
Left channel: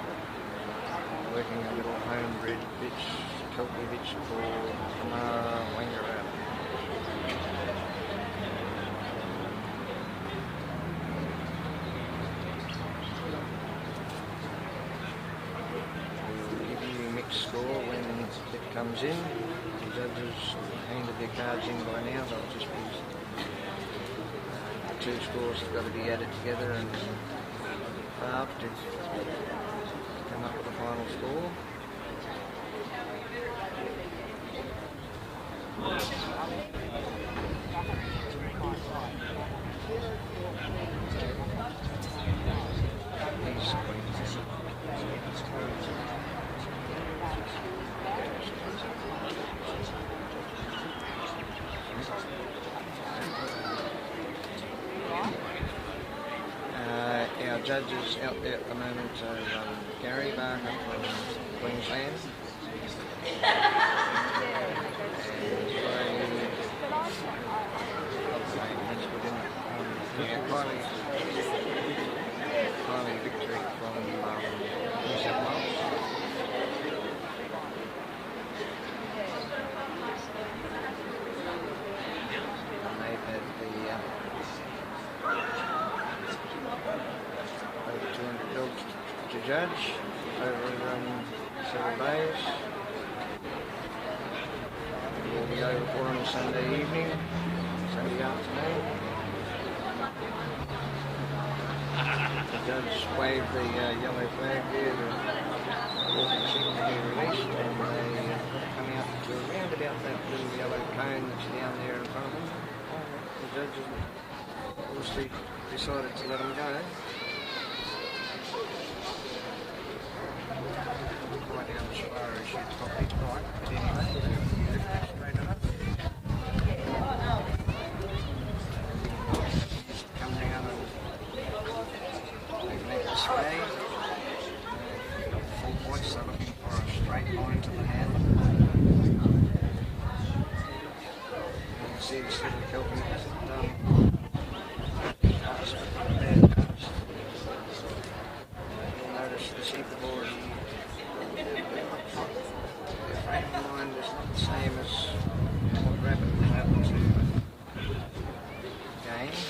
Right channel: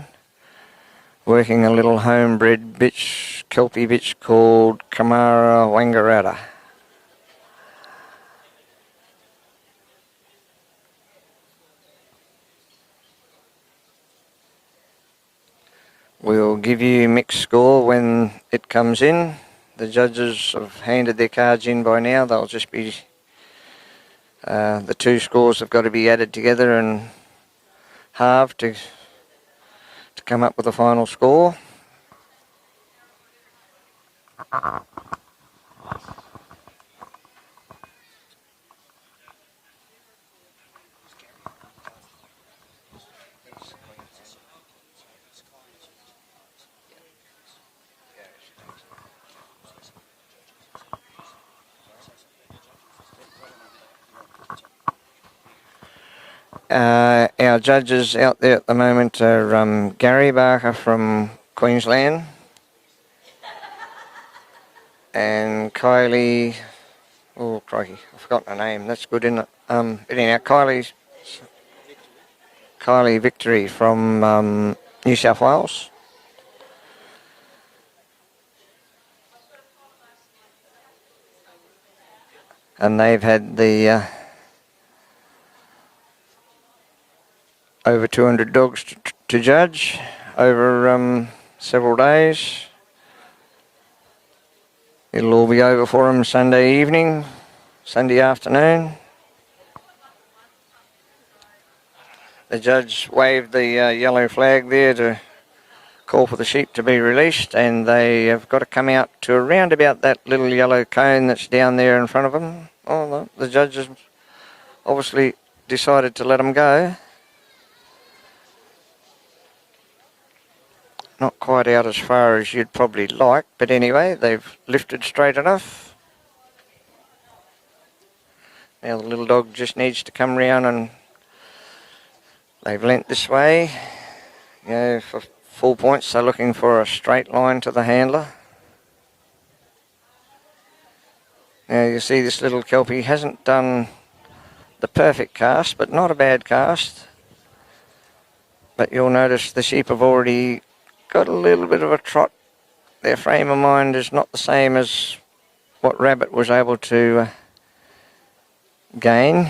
working a little homebred bitch, Kelpie bitch called Kamara Wanganger. We'll give you Mick's score when it comes in. The judges have handed their cards in by now. They'll just be, the two scores have got to be added together and halved to come up with a final score. Our judges out there at the moment are Gary Barker from Queensland and Kylie, oh crikey, forgotten her name, that's good, isn't it? But anyhow, Kylie Victory from New South Wales. And they've had the over 200 dogs to judge over several days. It'll all be over for them Sunday evening, Sunday afternoon. The judge waved the yellow flag there to call for the sheep to be released, and they have got to come out to around about that little yellow cone that's down there in front of them. Oh no, the judge has obviously decided to let them go. Not quite out as far as you'd probably like, but anyway, they've lifted straight enough. Now the little dog just needs to come round, and they've leant this way. You know, for full points, they're looking for a straight line to the handler. Now you see this little Kelpie hasn't done the perfect cast, but not a bad cast. But you'll notice the sheep have already got a little bit of a trot. Their frame of mind is not the same as what Rabbit was able to gain.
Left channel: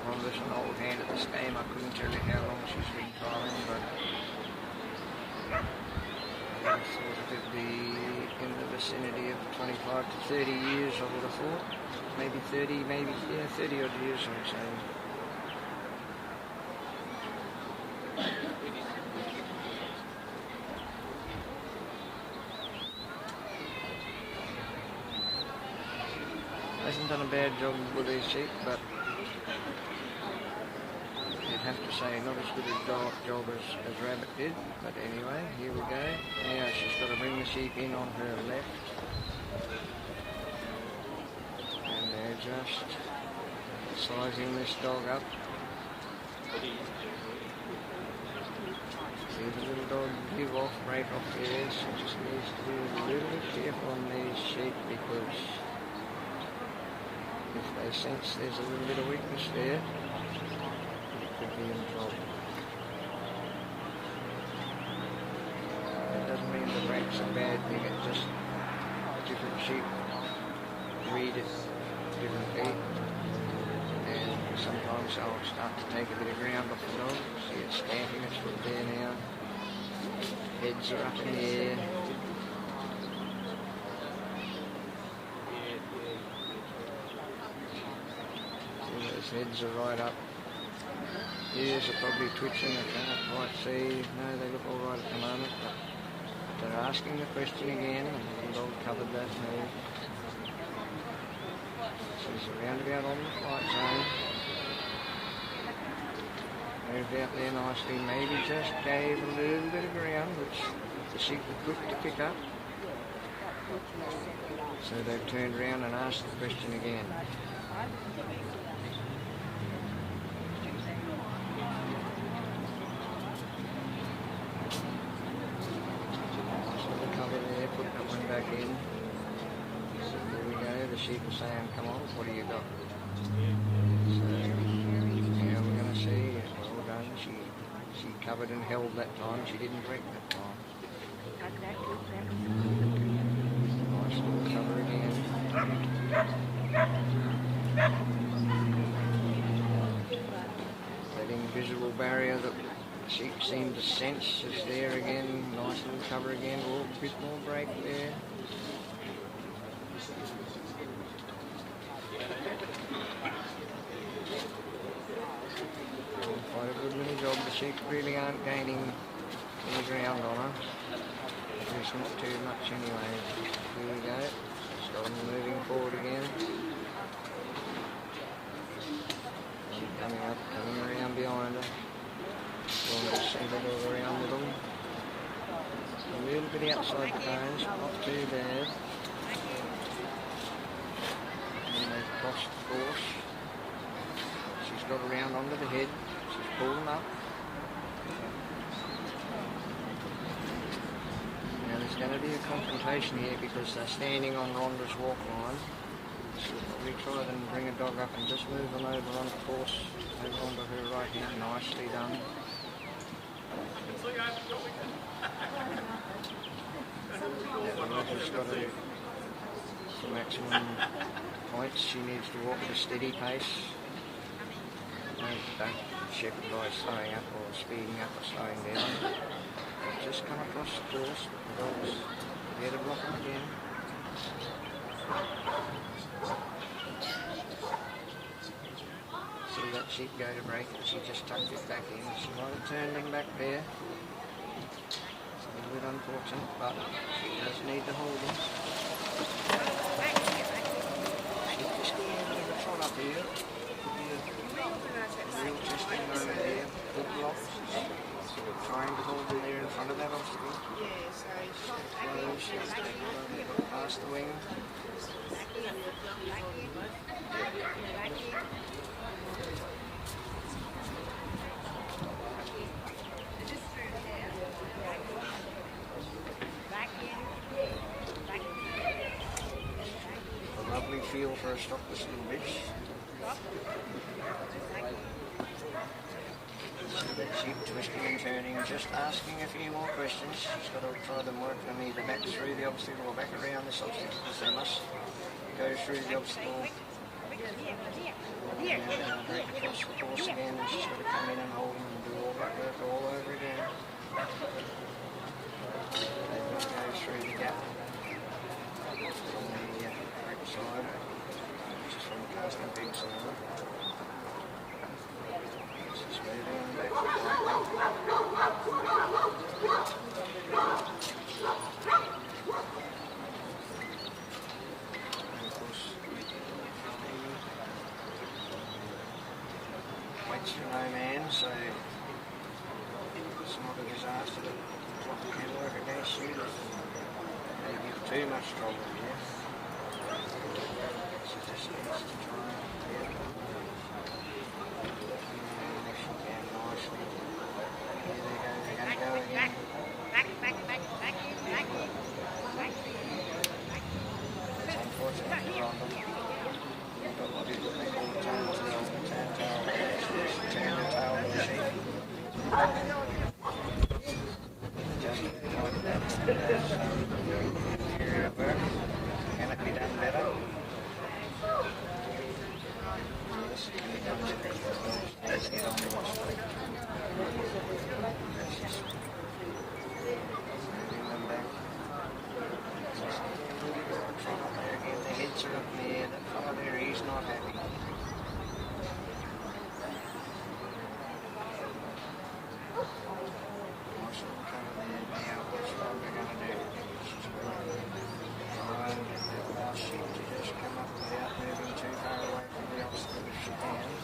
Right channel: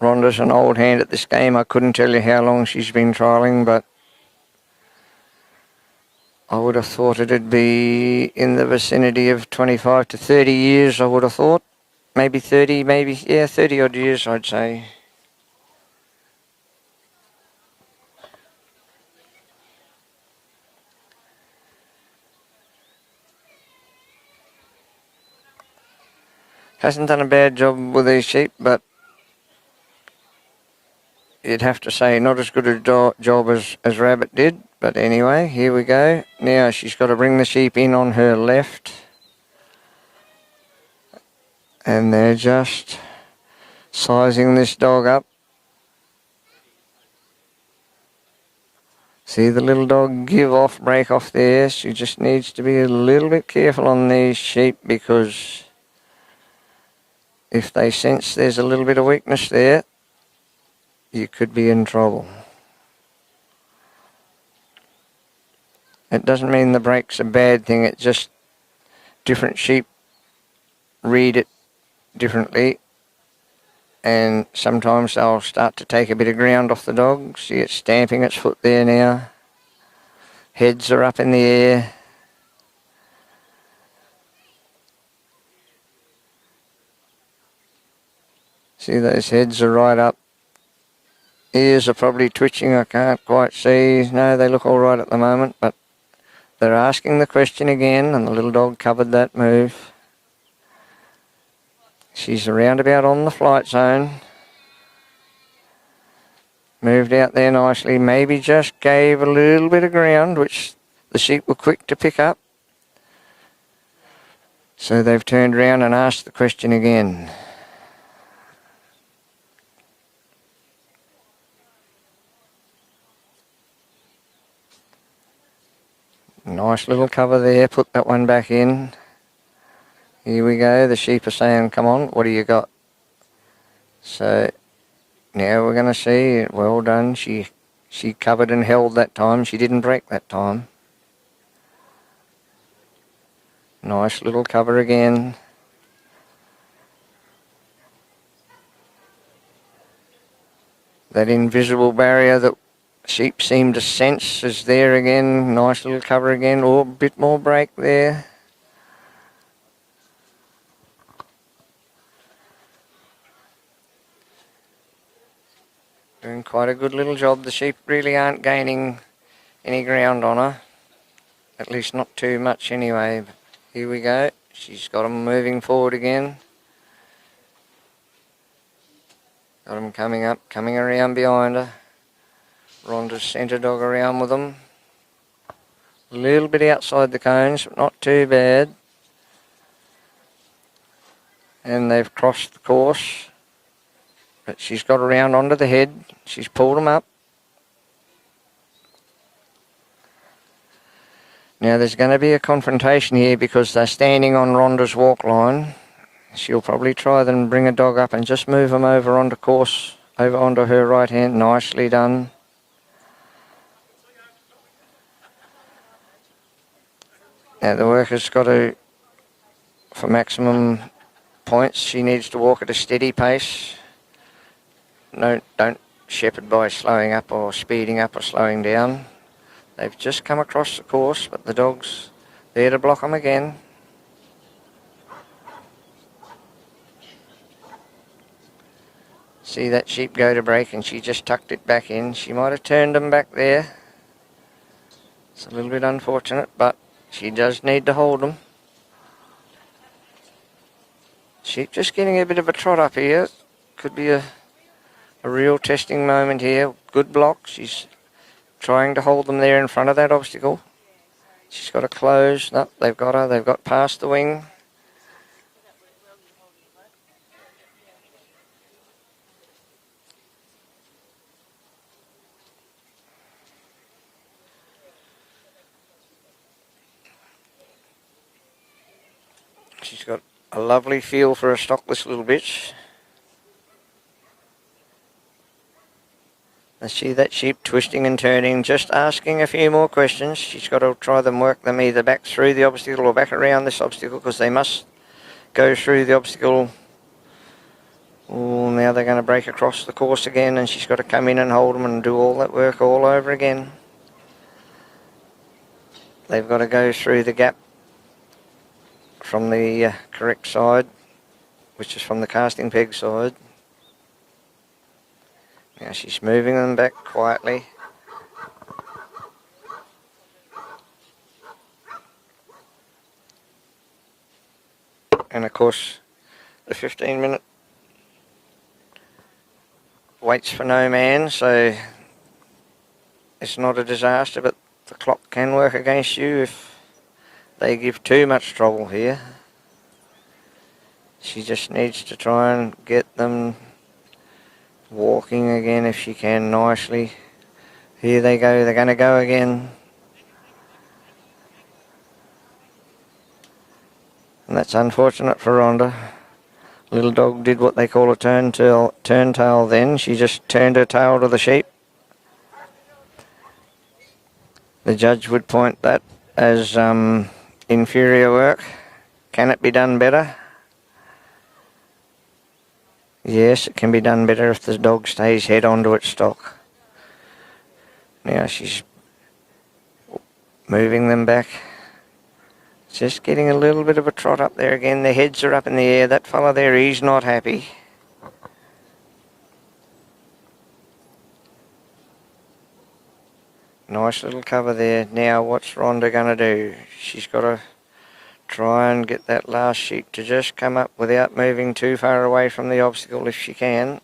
Ronda's an old hand at this game. I couldn't tell you how long she's been trialling, but I would have thought it'd be in the vicinity of 25 to 30 years, I would have thought. Maybe 30, maybe, yeah, 30 odd years, I'd say. Hasn't done a bad job with these sheep, but you'd have to say not as good a job as Rabbit did. But anyway, here we go. Now she's got to bring the sheep in on her left. And they're just sizing this dog up. See the little dog break off there. She just needs to be a little bit careful on these sheep, because if they sense there's a little bit of weakness there, you could be in trouble. It doesn't mean the break's a bad thing, it's just different sheep read it differently, and sometimes they'll start to take a bit of ground off the dog. See it stamping its foot there now. Heads are up in the air. See, those heads are right up. Ears are probably twitching, I can't quite see. No, they look all right at the moment, but they're asking the question again, and the little dog covered that move. She's around about on the flight zone. Moved out there nicely, maybe just gave a little bit of ground, which the sheep were quick to pick up. So they've turned around and asked the question again. Nice little cover there, put that one back in. Here we go, the sheep are saying, come on, what do you got? So now we're going to see, well done, she covered and held that time, she didn't break that time. Nice little cover again. That invisible barrier that sheep seem to sense is there again. Nice little cover again. Oh, a bit more break there. Doing quite a good little job. The sheep really aren't gaining any ground on her. At least not too much anyway. Here we go. She's got them moving forward again. Got them coming up, coming around behind her. Ronda's centre dog around with them. A little bit outside the cones, not too bad. And they've crossed the course. But she's got around onto the head. She's pulled them up. Now there's going to be a confrontation here because they're standing on Ronda's walk line. She'll probably try and bring a dog up and just move them over onto course, over onto her right hand. Nicely done. Now the worker's got to, for maximum points, she needs to walk at a steady pace. No, don't shepherd by slowing up or speeding up or slowing down. They've just come across the course, but the dog's there to block them again. See that sheep go to break and she just tucked it back in. She might have turned them back there. It's a little bit unfortunate, but she does need to hold them. Sheep just getting a bit of a trot up here. Could be a real testing moment here. Good block. She's trying to hold them there in front of that obstacle. She's got to close. No, they've got her. They've got past the wing. She's got a lovely feel for a stockless little bitch. I see that sheep twisting and turning, just asking a few more questions. She's got to try and work them either back through the obstacle or back around this obstacle because they must go through the obstacle. Oh, now they're going to break across the course again and she's got to come in and hold them and do all that work all over again. They've got to go through the gap from the correct side, which is from the casting peg side. Now she's moving them back quietly. And of course, the 15-minute waits for no man, so it's not a disaster, but the clock can work against you if they give too much trouble here. She just needs to try and get them walking again if she can nicely. Here they go, they're going to go again. And that's unfortunate for Ronda. Little dog did what they call a turn tail then. She just turned her tail to the sheep. The judge would point that as inferior work. Can it be done better? Yes, it can be done better if the dog stays head onto its stock. Now she's moving them back. Just getting a little bit of a trot up there again. Their heads are up in the air. That fella there, he's not happy. Nice little cover there. Now what's Ronda going to do? She's got to try and get that last sheep to just come up without moving too far away from the obstacle if she can.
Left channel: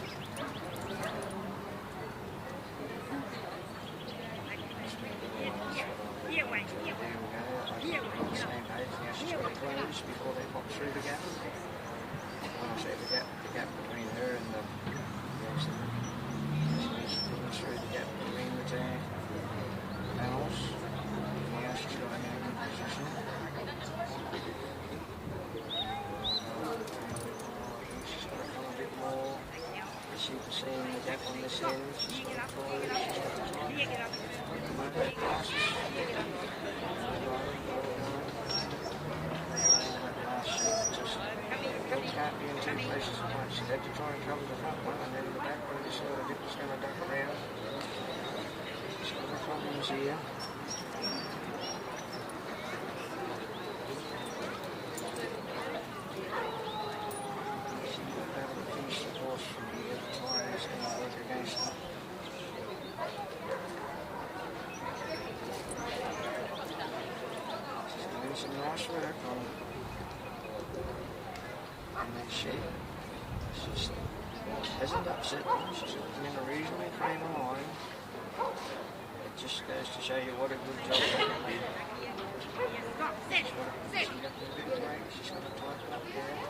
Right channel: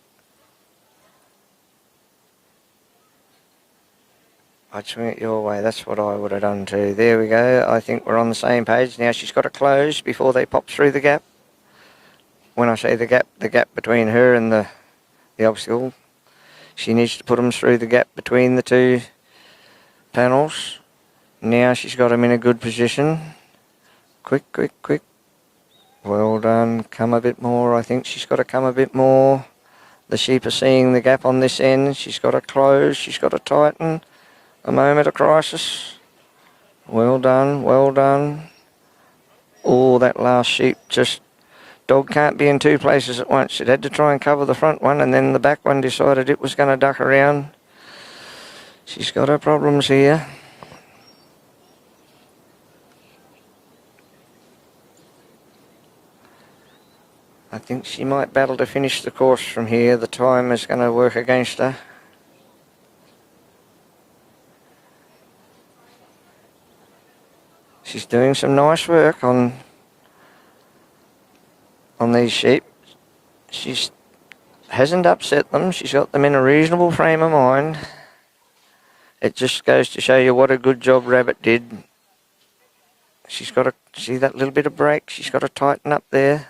I'd swing it your way. That's what I would have done too. There we go. I think we're on the same page. Now she's got to close before they pop through the gap. When I say the gap between her and the obstacle. She needs to put them through the gap between the two panels. Now she's got him in a good position. Quick. Well done. Come a bit more. I think she's got to come a bit more. The sheep are seeing the gap on this end. She's got to close. She's got to tighten. A moment of crisis. Well done. Oh, that last sheep just... Dog can't be in two places at once. It had to try and cover the front one, and then the back one decided it was going to duck around. She's got her problems here. I think she might battle to finish the course from here. The time is going to work against her. She's doing some nice work on these sheep. She hasn't upset them. She's got them in a reasonable frame of mind. It just goes to show you what a good job Rabbit did. She's got to see that little bit of break. She's got to tighten up there.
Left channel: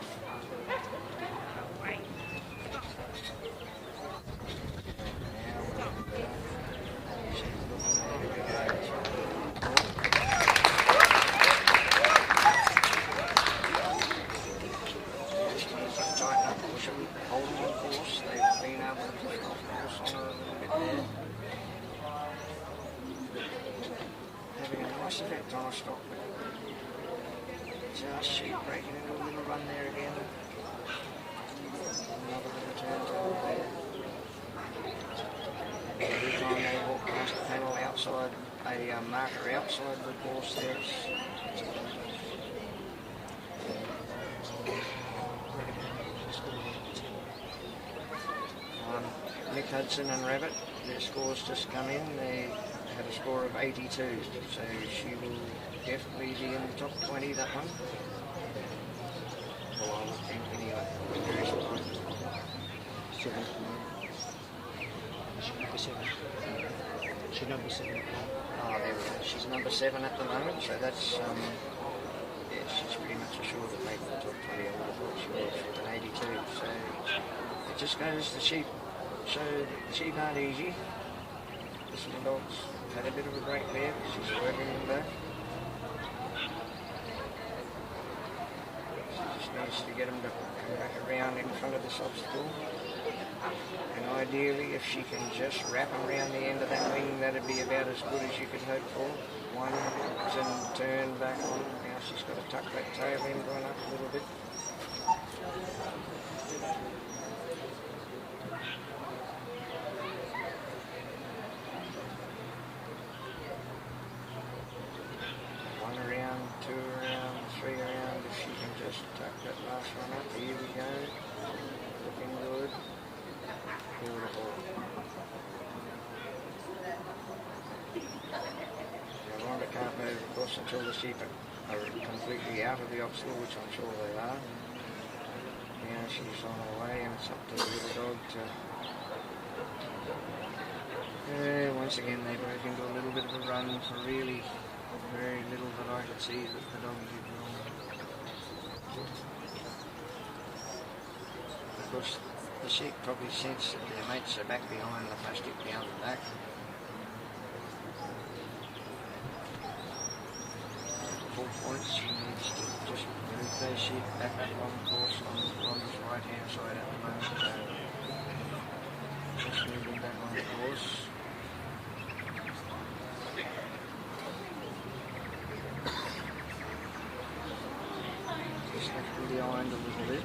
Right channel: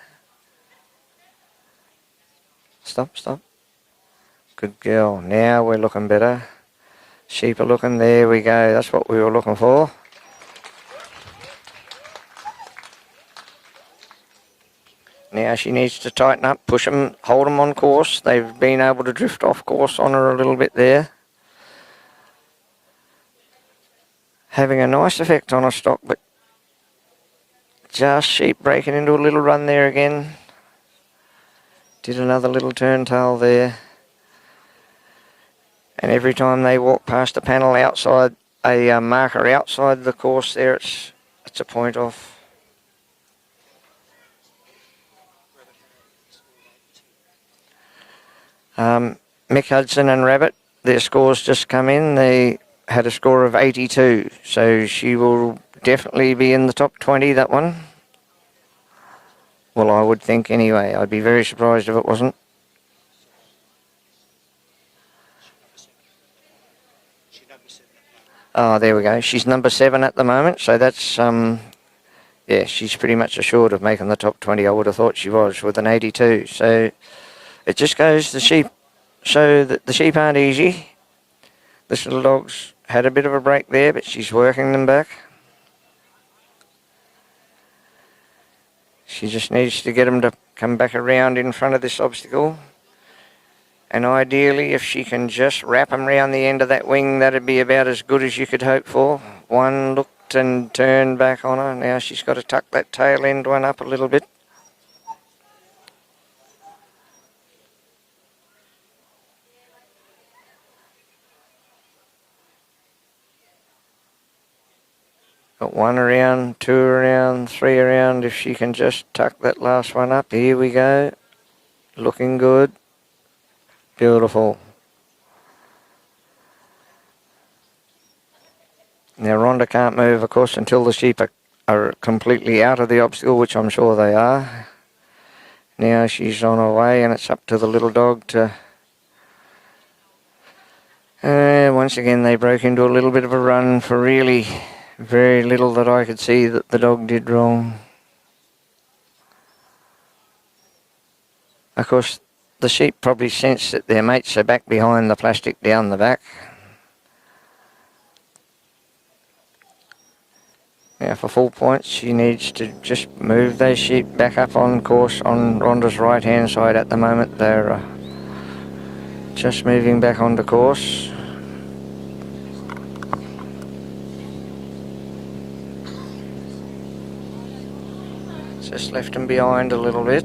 Stop. Good girl. Now we're looking better. Sheep are looking. There we go. That's what we were looking for. Now she needs to tighten up, push them, hold them on course. They've been able to drift off course on her a little bit there. Having a nice effect on her stock, but just sheep breaking into a little run there again. Did another little turn tail there. And every time they walk past a panel outside, a marker outside the course there, it's a point off. Mick, Hudson and Rabbit, their scores just come in. They had a score of 82, so she will definitely be in the top 20, that one. Well, I would think anyway. I'd be very surprised if it wasn't. Oh, there we go. She's number 7 at the moment, so that's, yeah, she's pretty much assured of making the top 20. I would have thought she was with an 82. So it just goes to sheep, show that the sheep aren't easy. This little dog's had a bit of a break there, but she's working them back. She just needs to get them to come back around in front of this obstacle. And ideally, if she can just wrap them round the end of that wing, that'd be about as good as you could hope for. One looked and turned back on her. Now she's got to tuck that tail end one up a little bit. Got 1 around, 2 around, 3 around. If she can just tuck that last one up. Here we go. Looking good. Beautiful. Now Ronda can't move, of course, until the sheep are completely out of the obstacle, which I'm sure they are. Now she's on her way, and it's up to the little dog to... once again, they broke into a little bit of a run for really very little that I could see that the dog did wrong. Of course, the sheep probably sense that their mates are back behind the plastic down the back. Now for full points, she needs to just move those sheep back up on course on Ronda's right hand side at the moment. They're just moving back onto course. Just left them behind a little bit,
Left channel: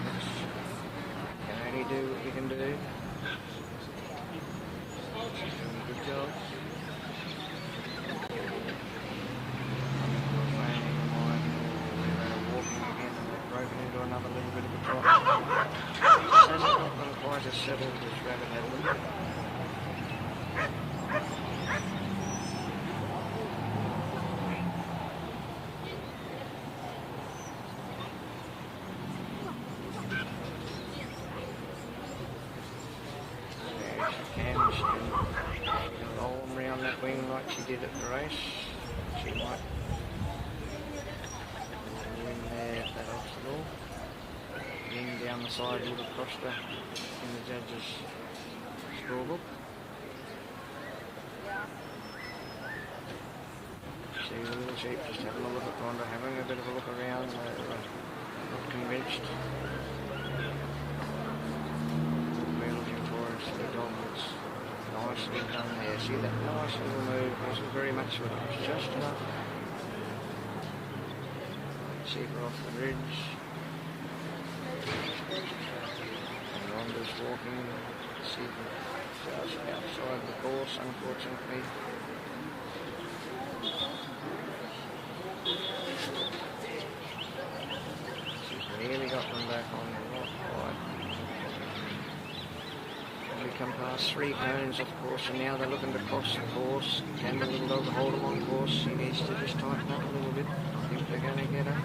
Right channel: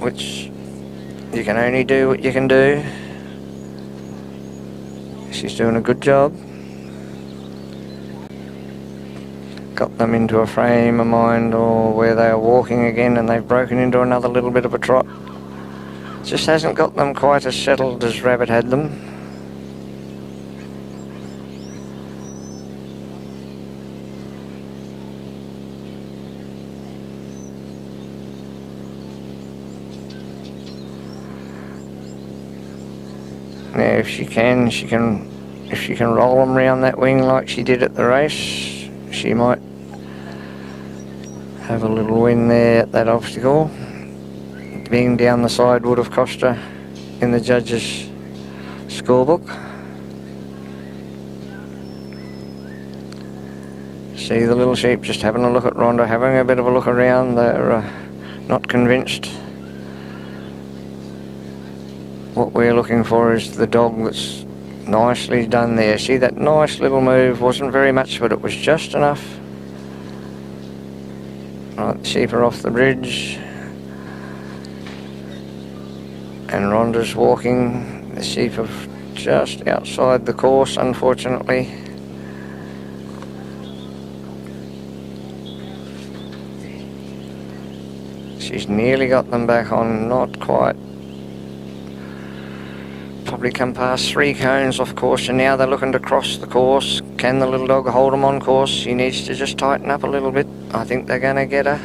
which you can only do what you can do. She's doing a good job. Got them into a frame of mind or where they are walking again, and they've broken into another little bit of a trot. Just hasn't got them quite as settled as Rabbit had them. Now, if she can roll them round that wing like she did at the race, she might have a little win there at that obstacle. Being down the side would have cost her in the judges' scorebook. See the little sheep just having a look at Ronda, having a bit of a look around. They're not convinced. What we're looking for is the dog that's nicely done there. See that nice little move? Wasn't very much, but it was just enough. Right, the sheep are off the bridge. And Ronda's walking. The sheep are just outside the course, unfortunately. She's nearly got them back on, not quite. Probably come past 3 cones off course, and now they're looking to cross the course. Can the little dog hold them on course? She needs to just tighten up a little bit. I think they're going to get her.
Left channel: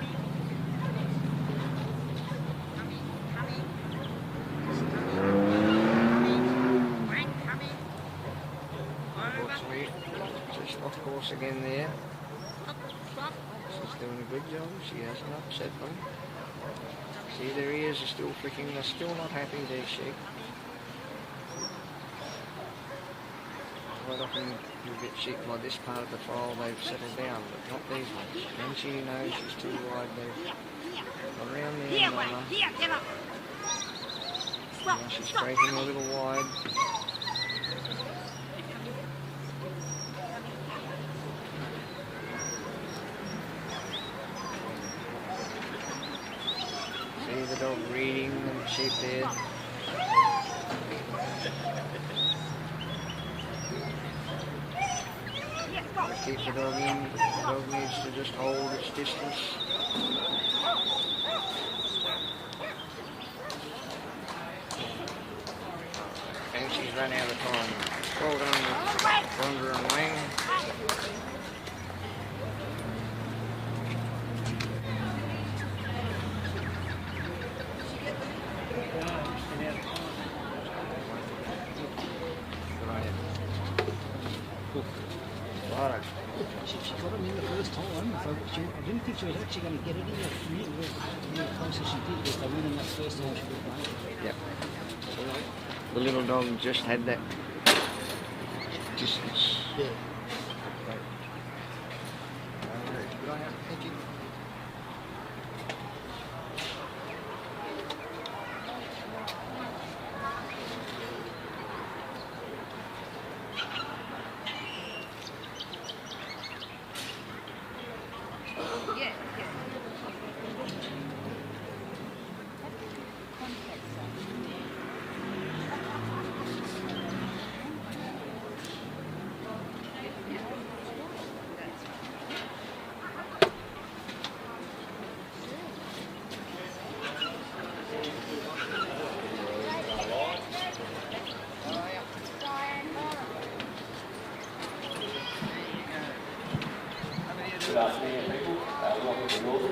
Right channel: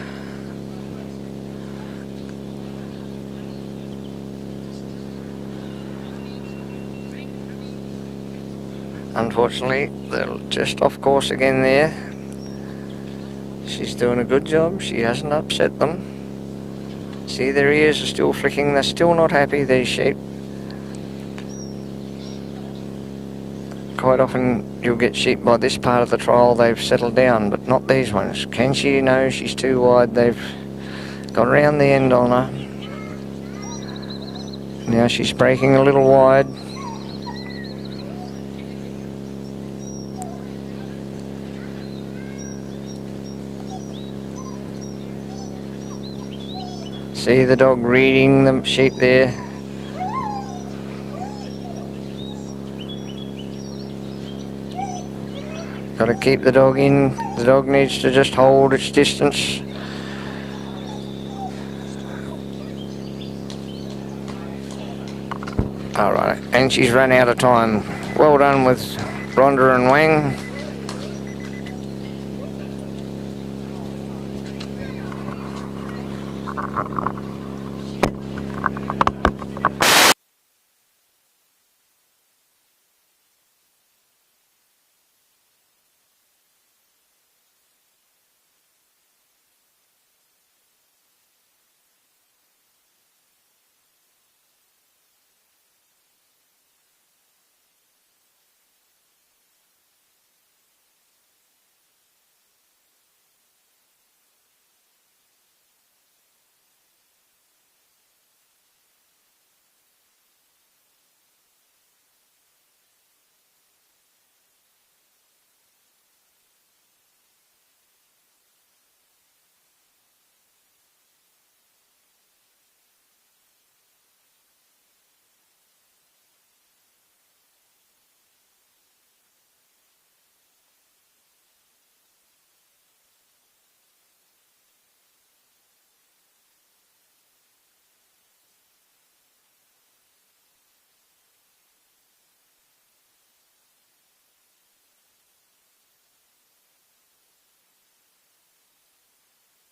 Unfortunately, they're just off course again there. She's doing a good job. She hasn't upset them. See, their ears are still flicking. They're still not happy, these sheep. Quite often you'll get sheep by this part of the trial, they've settled down, but not these ones. Can she? No, she's too wide. They've got around the end on her. Now she's breaking a little wide. See the dog reading the sheep there. Got to keep the dog in. The dog needs to just hold its distance. All right, and she's run out of time. Well done with Ronda and Wang. The little dog just had that distance. Yeah. Good afternoon, people. Welcome to Northam.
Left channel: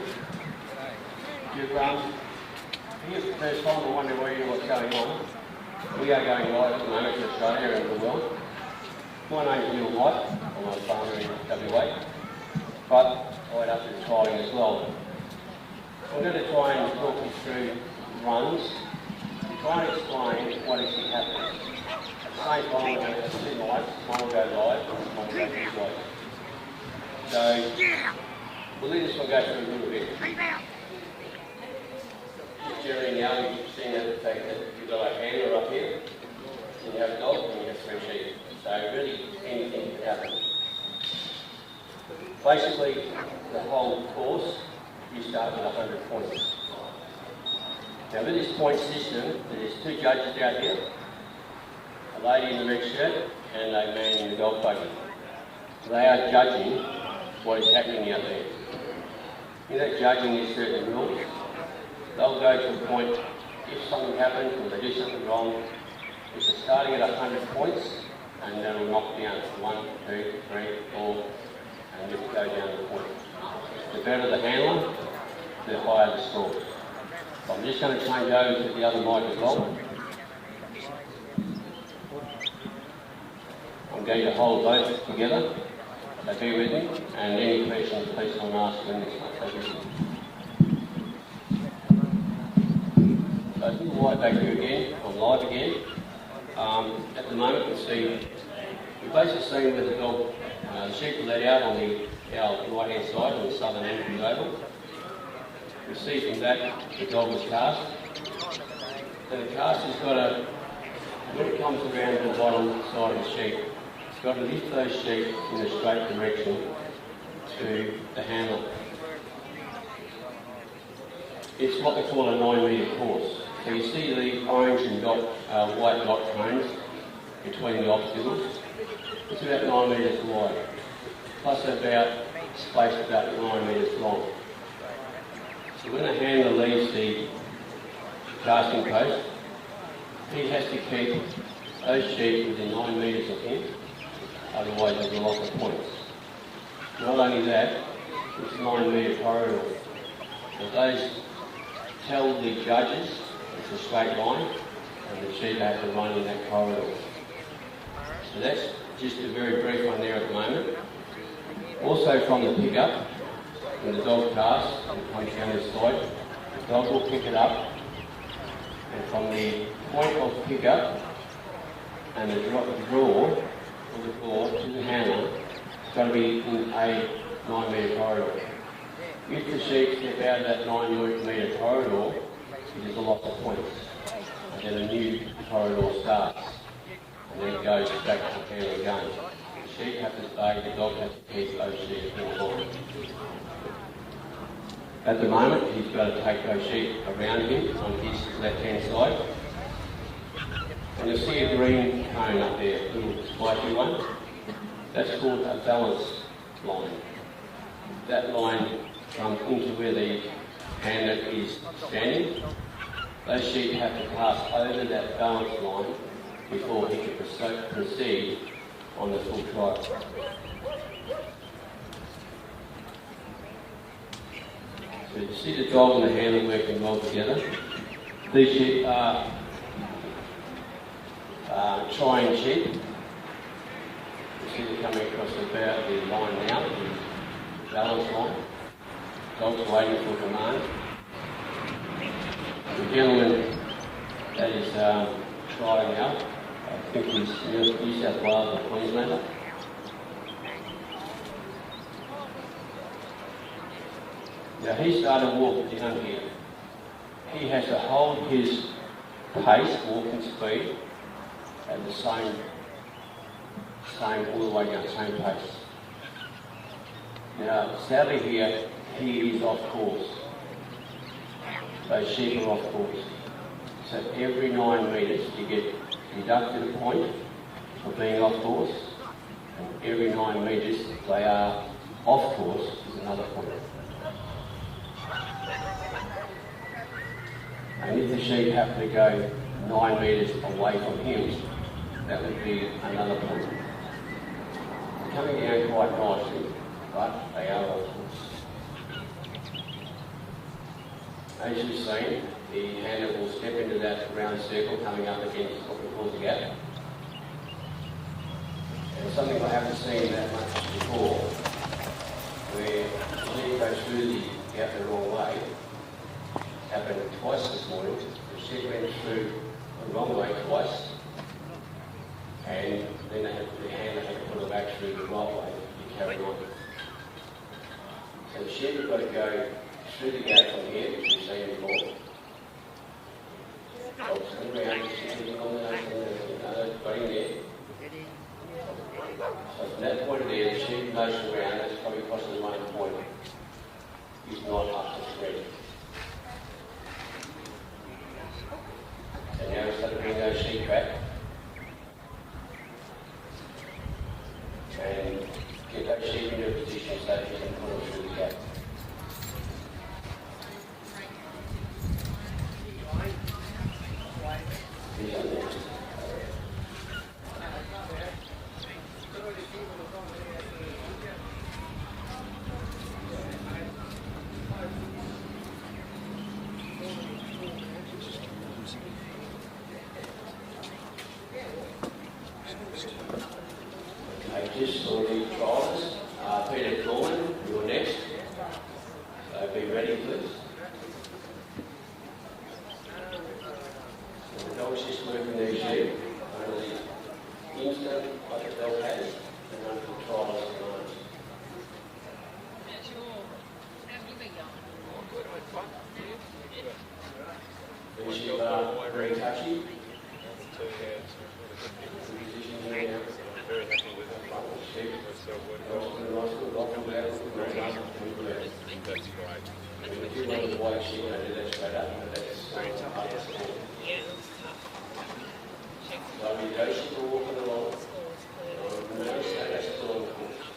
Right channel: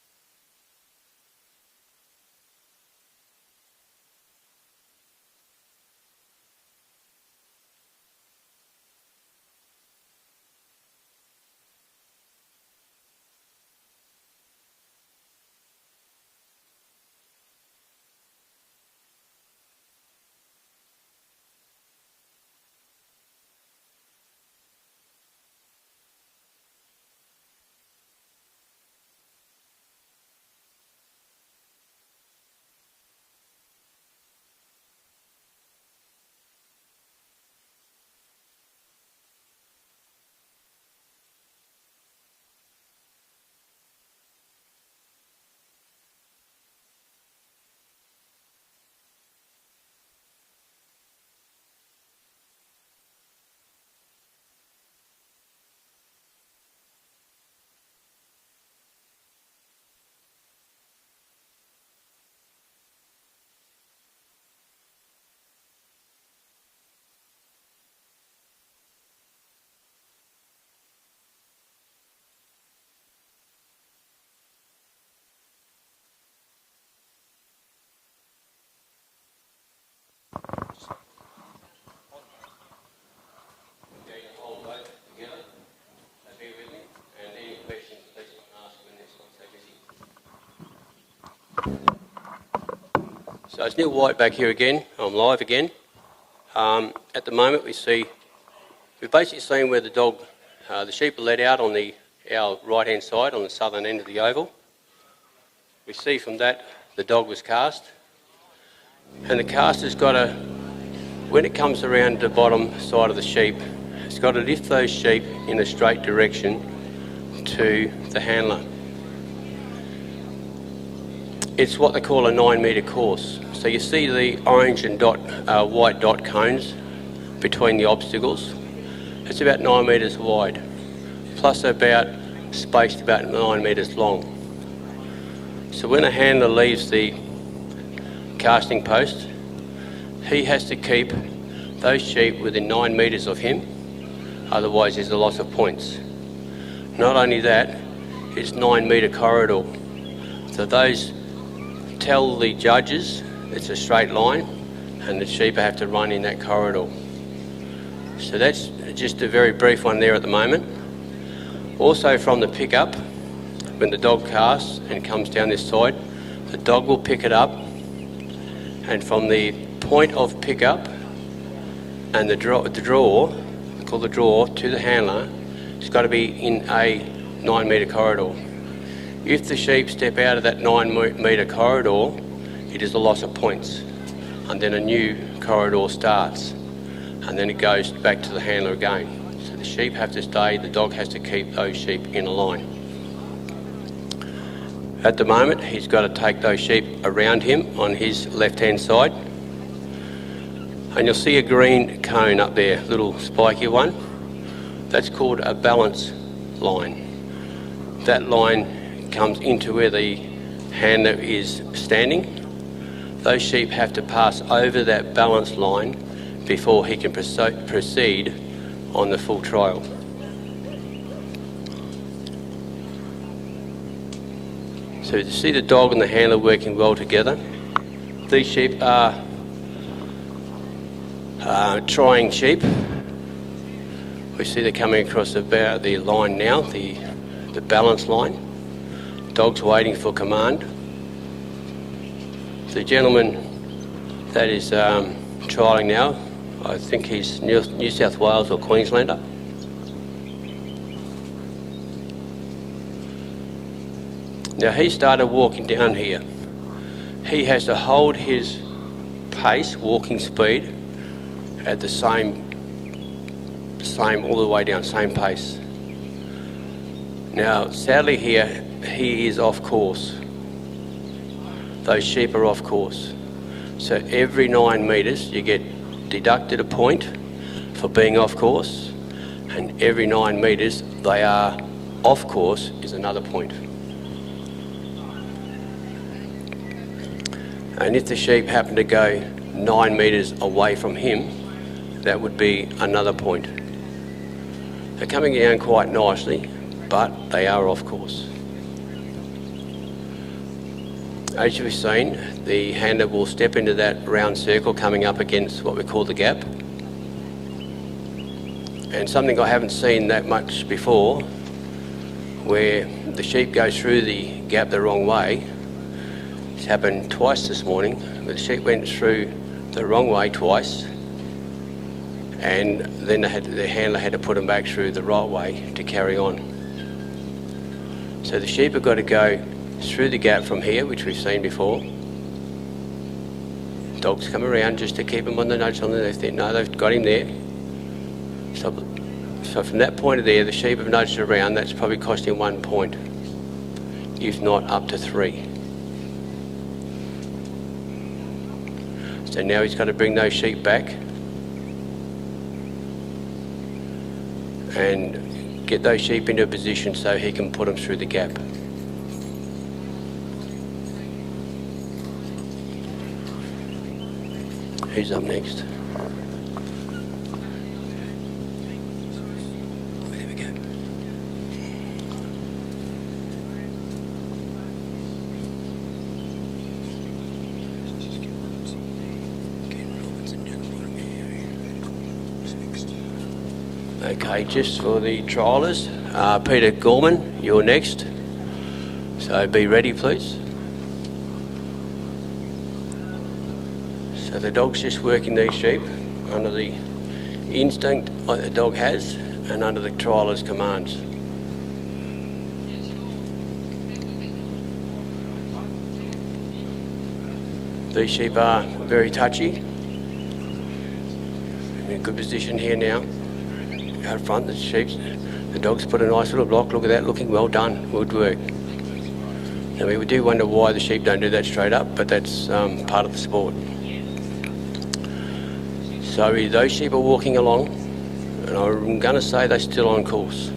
Here's the first time I wonder what's going on. We are going live at the moment to Australia and the world. My name is Neil White. I'm a farmer in WA, but I went up to trialling as well. I'm going to try and talk you through runs to try and explain what is happening. At the same time, I'm going to see live, mine will go live, mine will go live. So, we'll let this one go through a little bit. During now, you've seen the fact that you've got a handler up here, and you have a dog, and you have 3 sheep. So really, anything can happen. Basically, the whole course, you start with 100 points. Now with this point system, there's 2 judges out here, a lady in the red shirt and a man in the dog buggy. They are judging what is happening out there. In that judging, there's certain rules. They'll go to a point, if something happens or they do something wrong, if they're starting at 100 points, and then it'll knock down 1, 2, 3, 4, and just go down the point. The better the handler, the higher the score. So I'm just going to change over to the other mic as well. I'm going to hold both together. So be with me, and any questions please come and ask when this one. So it's Neil White back here again. I'm live again. At the moment we've basically seen where the sheep are let out on the our right-hand side on the southern end of the oval. We see from that the dog was cast, and the caster's got to, when it comes around the bottom side of the sheep, it's got to lift those sheep in a straight direction to the handler. It's what they call a 9-metre course. So you see the orange and white dot cones between the obstacles. It's about 9 metres wide, plus about spaced about 9 metres long. So when a handler leaves the casting post, he has to keep those sheep within 9 metres of him, otherwise there's a loss of points. Not only that, it's 9 metre corridor. So those tell the judges it's a straight line and the sheep have to run in that corridor. So that's just a very brief one there at the moment. Also from the pickup, when the dog casts and comes down this side, the dog will pick it up, and from the point of pickup and the draw called the draw to the handler, it's got to be in a 9 metre corridor. If the sheep step out of that 9 metre corridor, it is a loss of points, and then a new corridor starts, and then it goes back to the handler again. So the sheep have to stay, the dog has to keep those sheep in a line. At the moment, he's got to take those sheep around him on his left-hand side. And you'll see a green cone up there, little spiky one. That's called a balance line. That line comes into where the handler is standing. Those sheep have to pass over that balance line before he can proceed on the full trial. So you see the dog and the handler working well together. These sheep are trying sheep. We see they're coming across about the line now, the balance line. Dog's waiting for command. The gentleman that is trialling now, I think he's New South Wales or Queenslander. Now he started walking down here. He has to hold his pace, walking speed, at the same all the way down, same pace. Now sadly here, he is off course. Those sheep are off course. So every 9 metres you get deducted a point for being off course, and every 9 metres they are off course is another point. And if the sheep happen to go 9 metres away from him, that would be another point. They're coming down quite nicely, but they are off course. As you've seen, the handler will step into that round circle coming up against what we call the gap. And something I haven't seen that much before, where the sheep goes through the gap the wrong way. It's happened twice this morning. The sheep went through the wrong way twice, and then the handler had to put them back through the right way to carry on. So the sheep have got to go through the gap from here, which we've seen before. Dogs come around just to keep him on the nudge on the left there. No, they've got him there. So from that point of there, the sheep have nudged around. That's probably cost him 1 point, if not up to 3. So now he's got to bring those sheep back and get those sheep into a position so he can put them through the gap. Who's up next? There we go. Okay, just for the triallers, Peter Gorman, you're next. So be ready, please. So the dog's just working these sheep under the instinct the dog has and under the trialler's commands. These sheep are very touchy. In good position here now. Out front, the dog's put a nice little block. Look at that, looking well done. Good work. And we do wonder why the sheep don't do that straight up, but that's part of the sport. So those sheep are walking along, and I'm going to say they're still on course.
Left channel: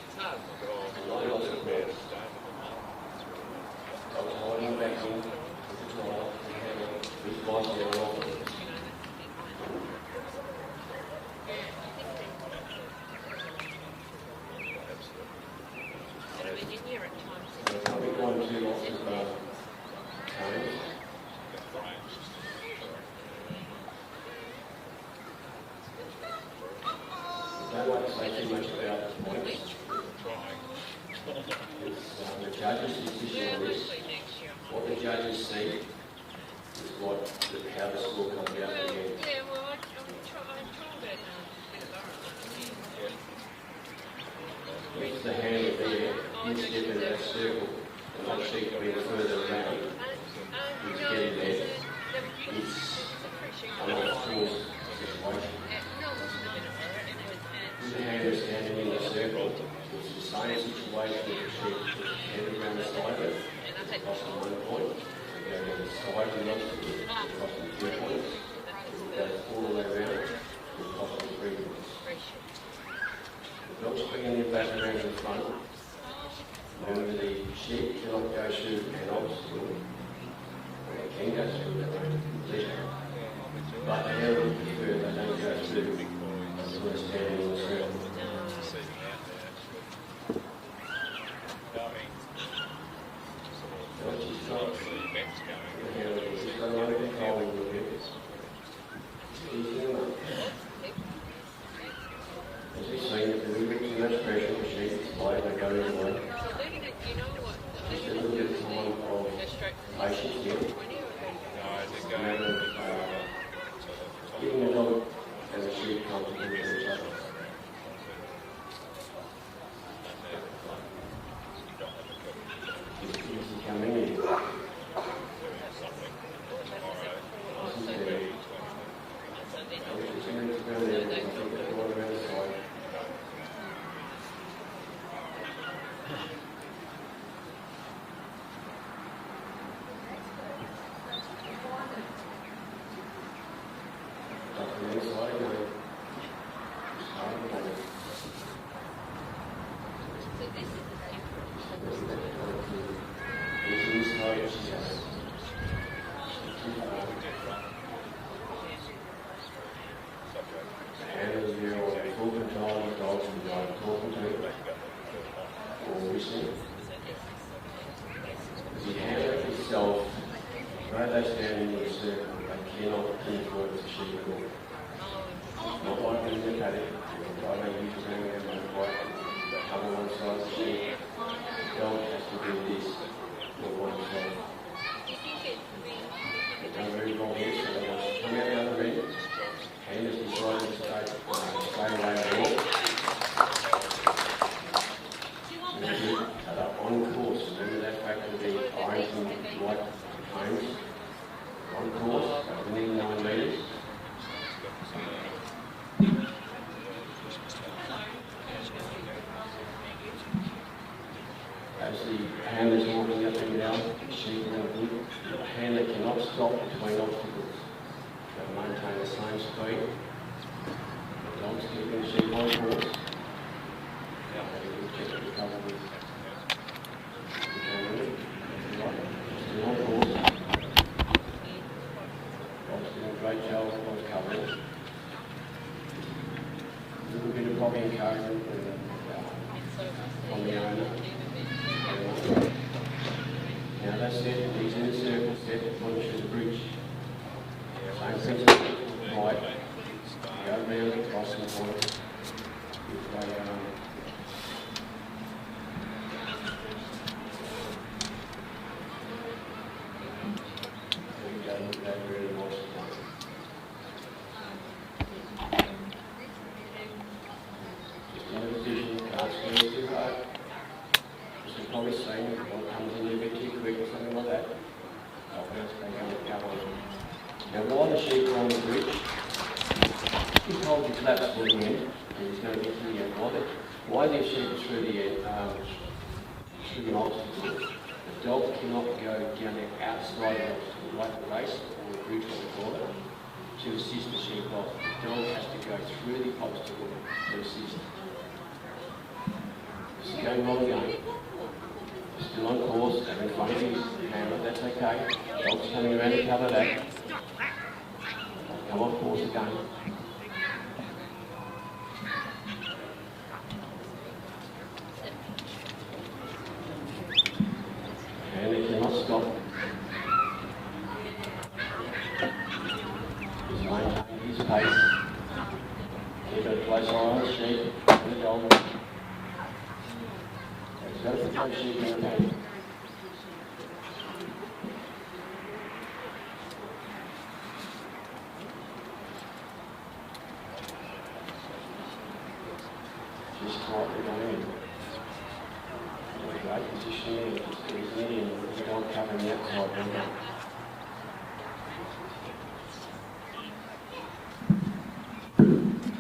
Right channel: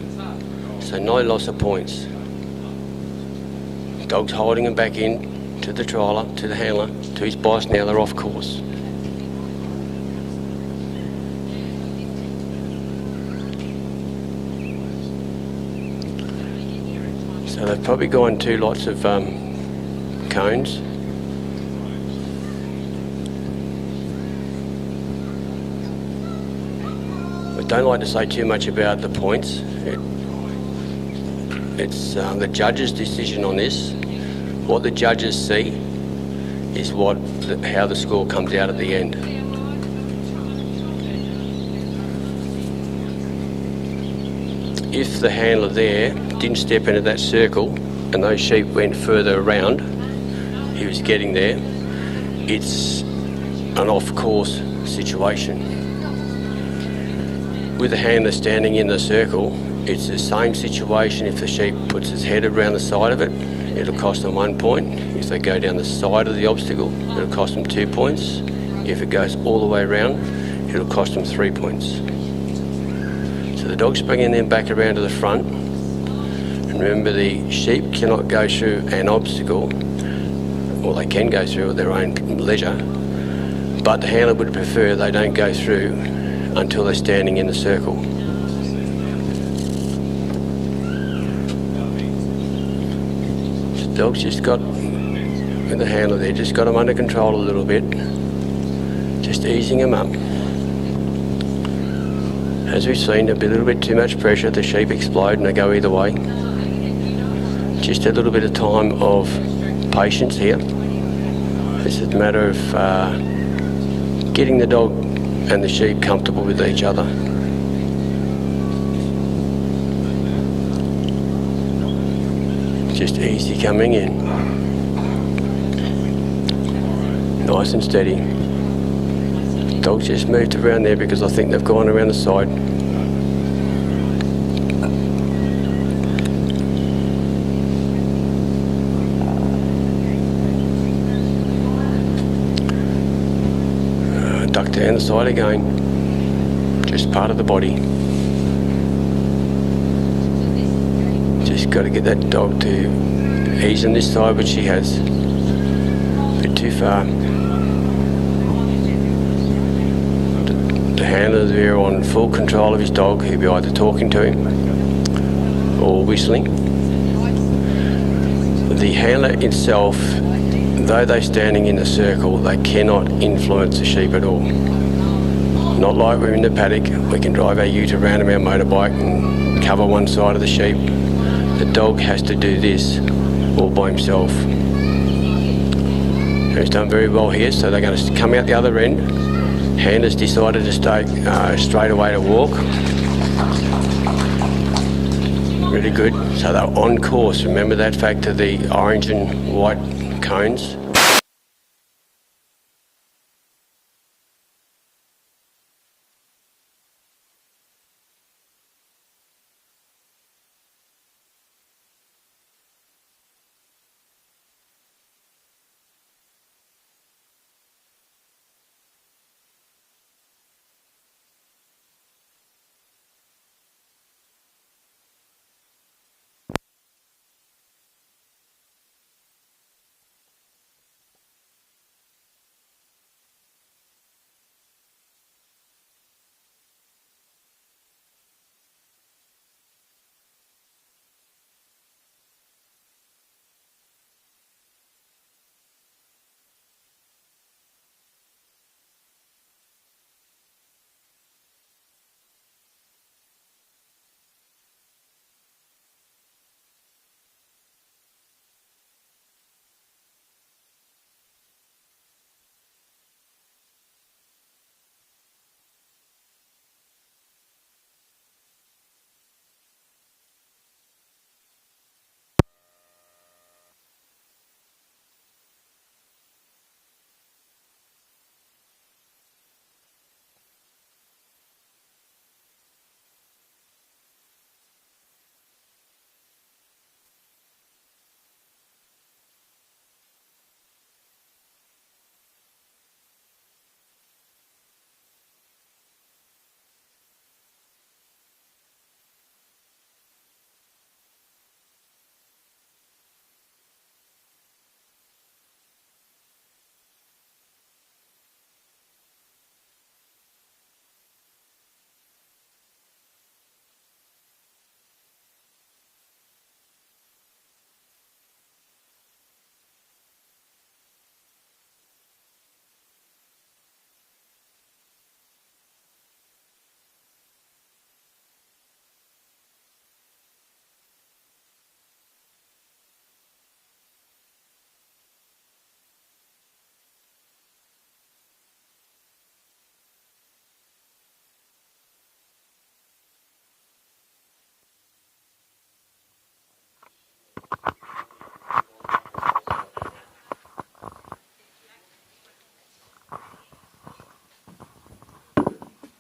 So no loss of points. Dog's holding them back in to the trialer, to the handler, to his boss. Now they're off course. So they've probably gone 2 lots of cones. I don't like to say too much about the points. It's the judge's decision on this. What the judges see is how the score comes out at the end. If the handler there didn't step into that circle and those sheep went further around, he was getting there, it's an off-course situation. With the handler standing in the circle, it's the same situation. If the sheep puts its head around the side of it, it'll cost them 1 point. If they go down the side of the obstacle, it'll cost them 2 points. If it goes all the way around, it'll cost them 3 points. So the dog's bringing them back around to the front. And remember, the sheep cannot go through an obstacle, or they can go through at their own leisure, but the handler would prefer they don't go through until they're standing in the circle. Dog's just got, with the handler there, just got him under control a little bit. Just easing him up. As we've seen, a little bit too much pressure, the sheep explode and they go either way. Just a little bit of time of patience here. This is a matter of getting the dog and the sheep comfortable with each other. Just easy coming in. Nice and steady. Dog's just moved around there because I think they've gone around the side. Duck down the side again. Just part of the body. Just got to get that dog to ease on this side, which she has. A bit too far. The handler's there on full control of his dog. He'll be either talking to him or whistling. The handler itself, though they're standing in a circle, they cannot influence the sheep at all. Not like we're in the paddock. We can drive our ute around on our motorbike and cover one side of the sheep. The dog has to do this all by himself. He's done very well here, so they're going to come out the other end. Handler's decided to stay straight away to walk. Really good. So they're on course. Remember that fact of the orange and white cones. On course, within 9 metres. As the handler's walking up and down, the handler cannot stop between obstacles. They'll maintain the same speed. The dog's keeping the sheep on course. Still on course. Dog's doing a great job of covering. A little bit of probably encouragement on the owner. Now that's it, he's in the circle, set, punishes the bridge. Same principle, right, go around, cross the point. If they, just why they're sheep through the obstacle. The dog cannot go down the outside of the obstacle, like the race or the bridge or the corner, to assist the sheep off. The dog has to go through the obstacle to assist. This is going well again. Still on course, they're in front of his camera, that's okay. Dog's coming around to cover that. Come off course again. And they cannot stop. He's maintaining his pace. Keep a close eye on the sheep and the dog. He's got to put those sheep in the paddock. Just tightly going in. Great positioning, just getting in, the dog covering that side window.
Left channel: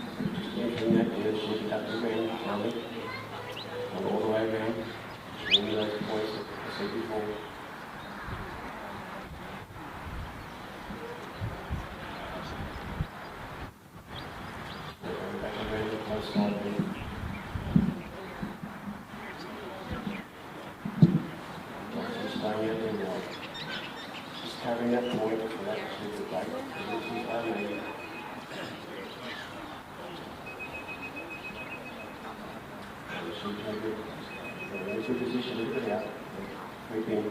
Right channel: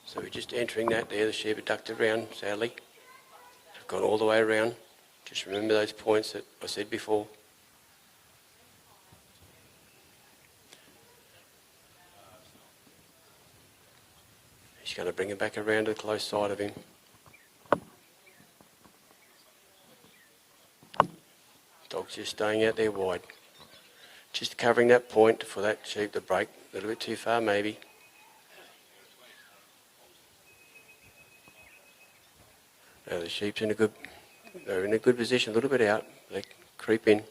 So we're just entering that there, the sheep are ducked around, sadly. Gone all the way around. Just remember those points that I said before. Just going to bring it back around to the close side of him. Dog's just staying out there wide. Just covering that point for that sheep to break. A little bit too far maybe. The sheep's in a good, they're in a good position, a little bit out. They creep in.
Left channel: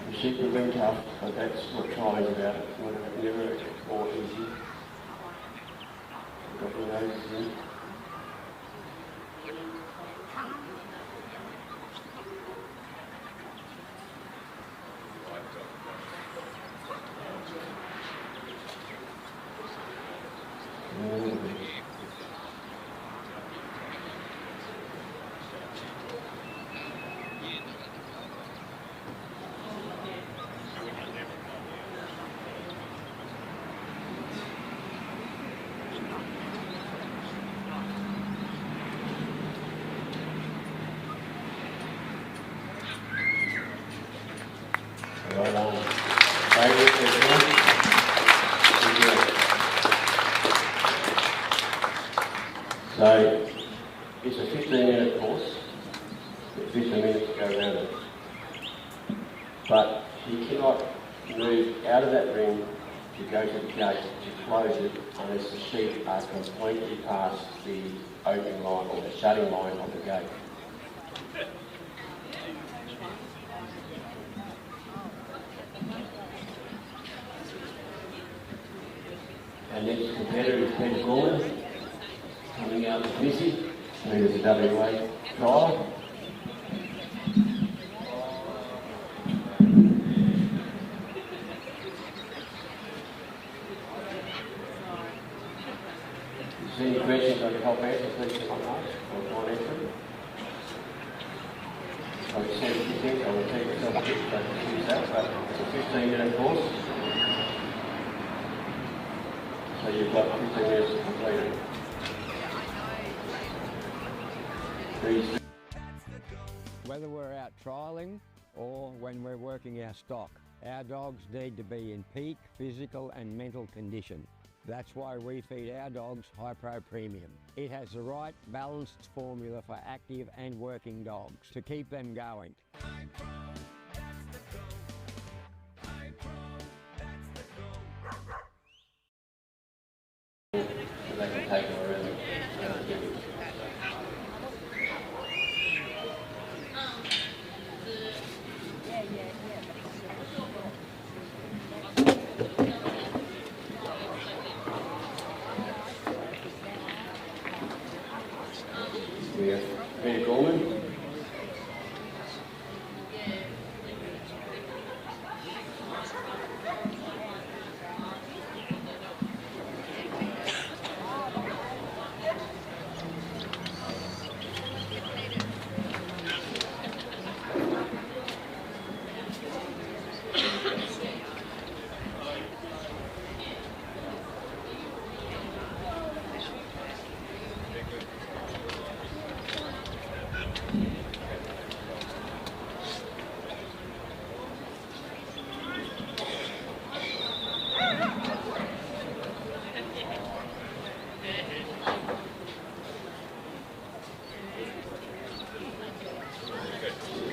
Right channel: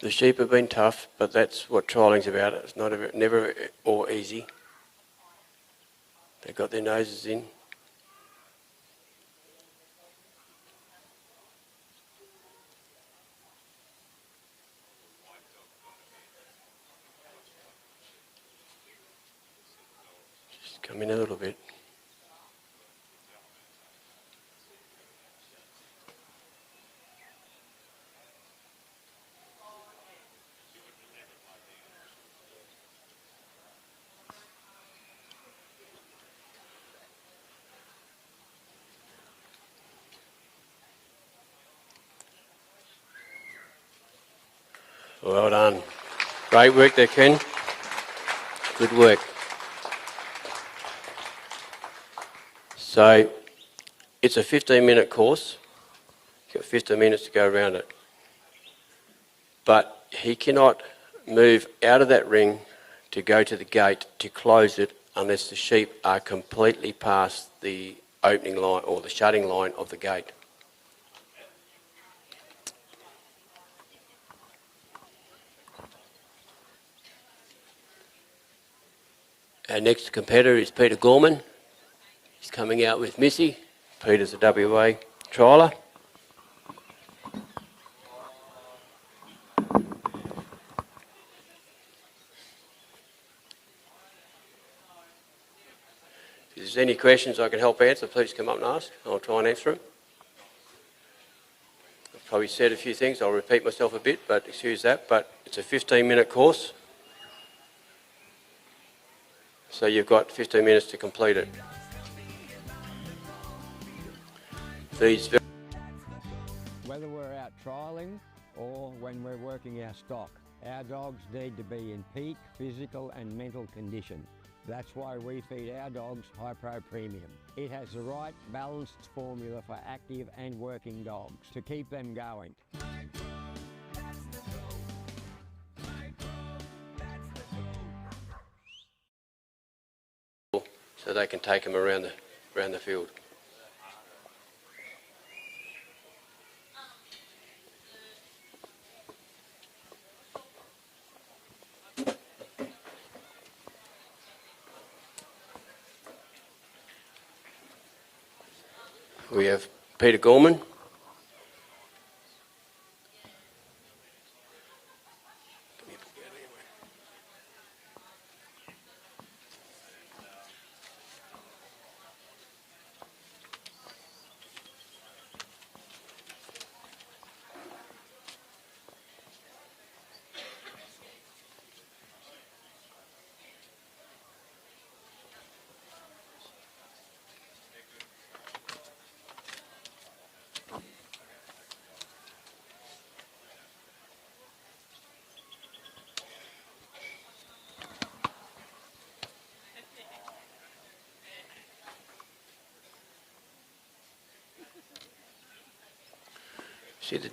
The sheep have been tough, but that's what trialling's about. It's never all easy. They've got their noses in. Come in a little bit. Well done. Great work there, Ken. Good work. So, it's a 15-minute course. You've got 15 minutes to go around it. But he cannot move out of that ring to go to the gate to close it unless the sheep are completely past the opening line or the shutting line of the gate. Our next competitor is Peter Gorman. He's coming out with Missy. Peter's a WA trialer. If there's any questions I can help answer, please come up and ask. I'll try and answer them. Probably said a few things, I'll repeat myself a bit, but excuse that. But it's a 15-minute course. So you've got 15 minutes to complete it. Whether we're out trialling or when we're working our stock, our dogs need to be in peak physical and mental condition. That's why we feed our dogs High Pro Premium. It has the right balanced formula for active and working dogs to keep them going. So they can take them around the field. We have Peter Gorman.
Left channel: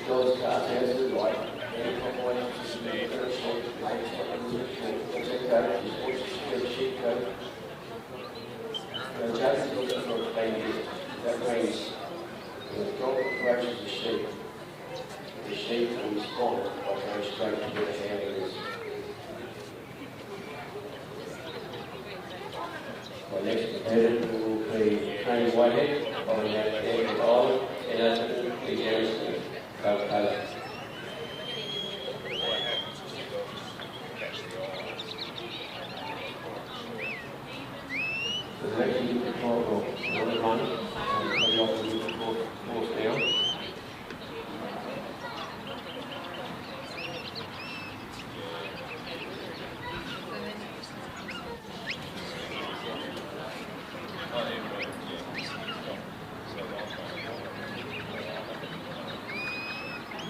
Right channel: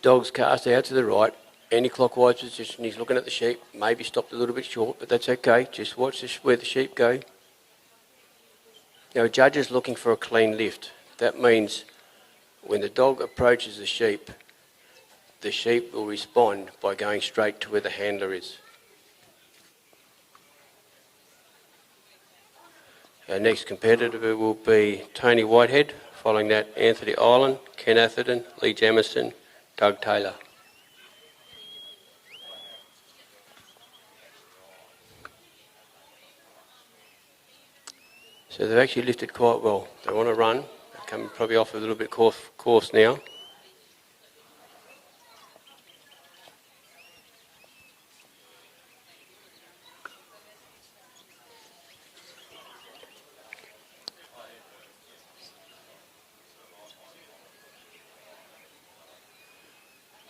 dog's cast out to the right, anti-clockwise position, he's looking at the sheep, maybe stopped a little bit short, but that's okay, just watch where the sheep go. Now a judge is looking for a clean lift. That means when the dog approaches the sheep will respond by going straight to where the handler is. Our next competitor will be Tony Whitehead, following that Anthony Ireland, Ken Atherton, Lee Jameson, Doug Taylor. So they've actually lifted quite well. They want to run, coming probably off a little bit course now.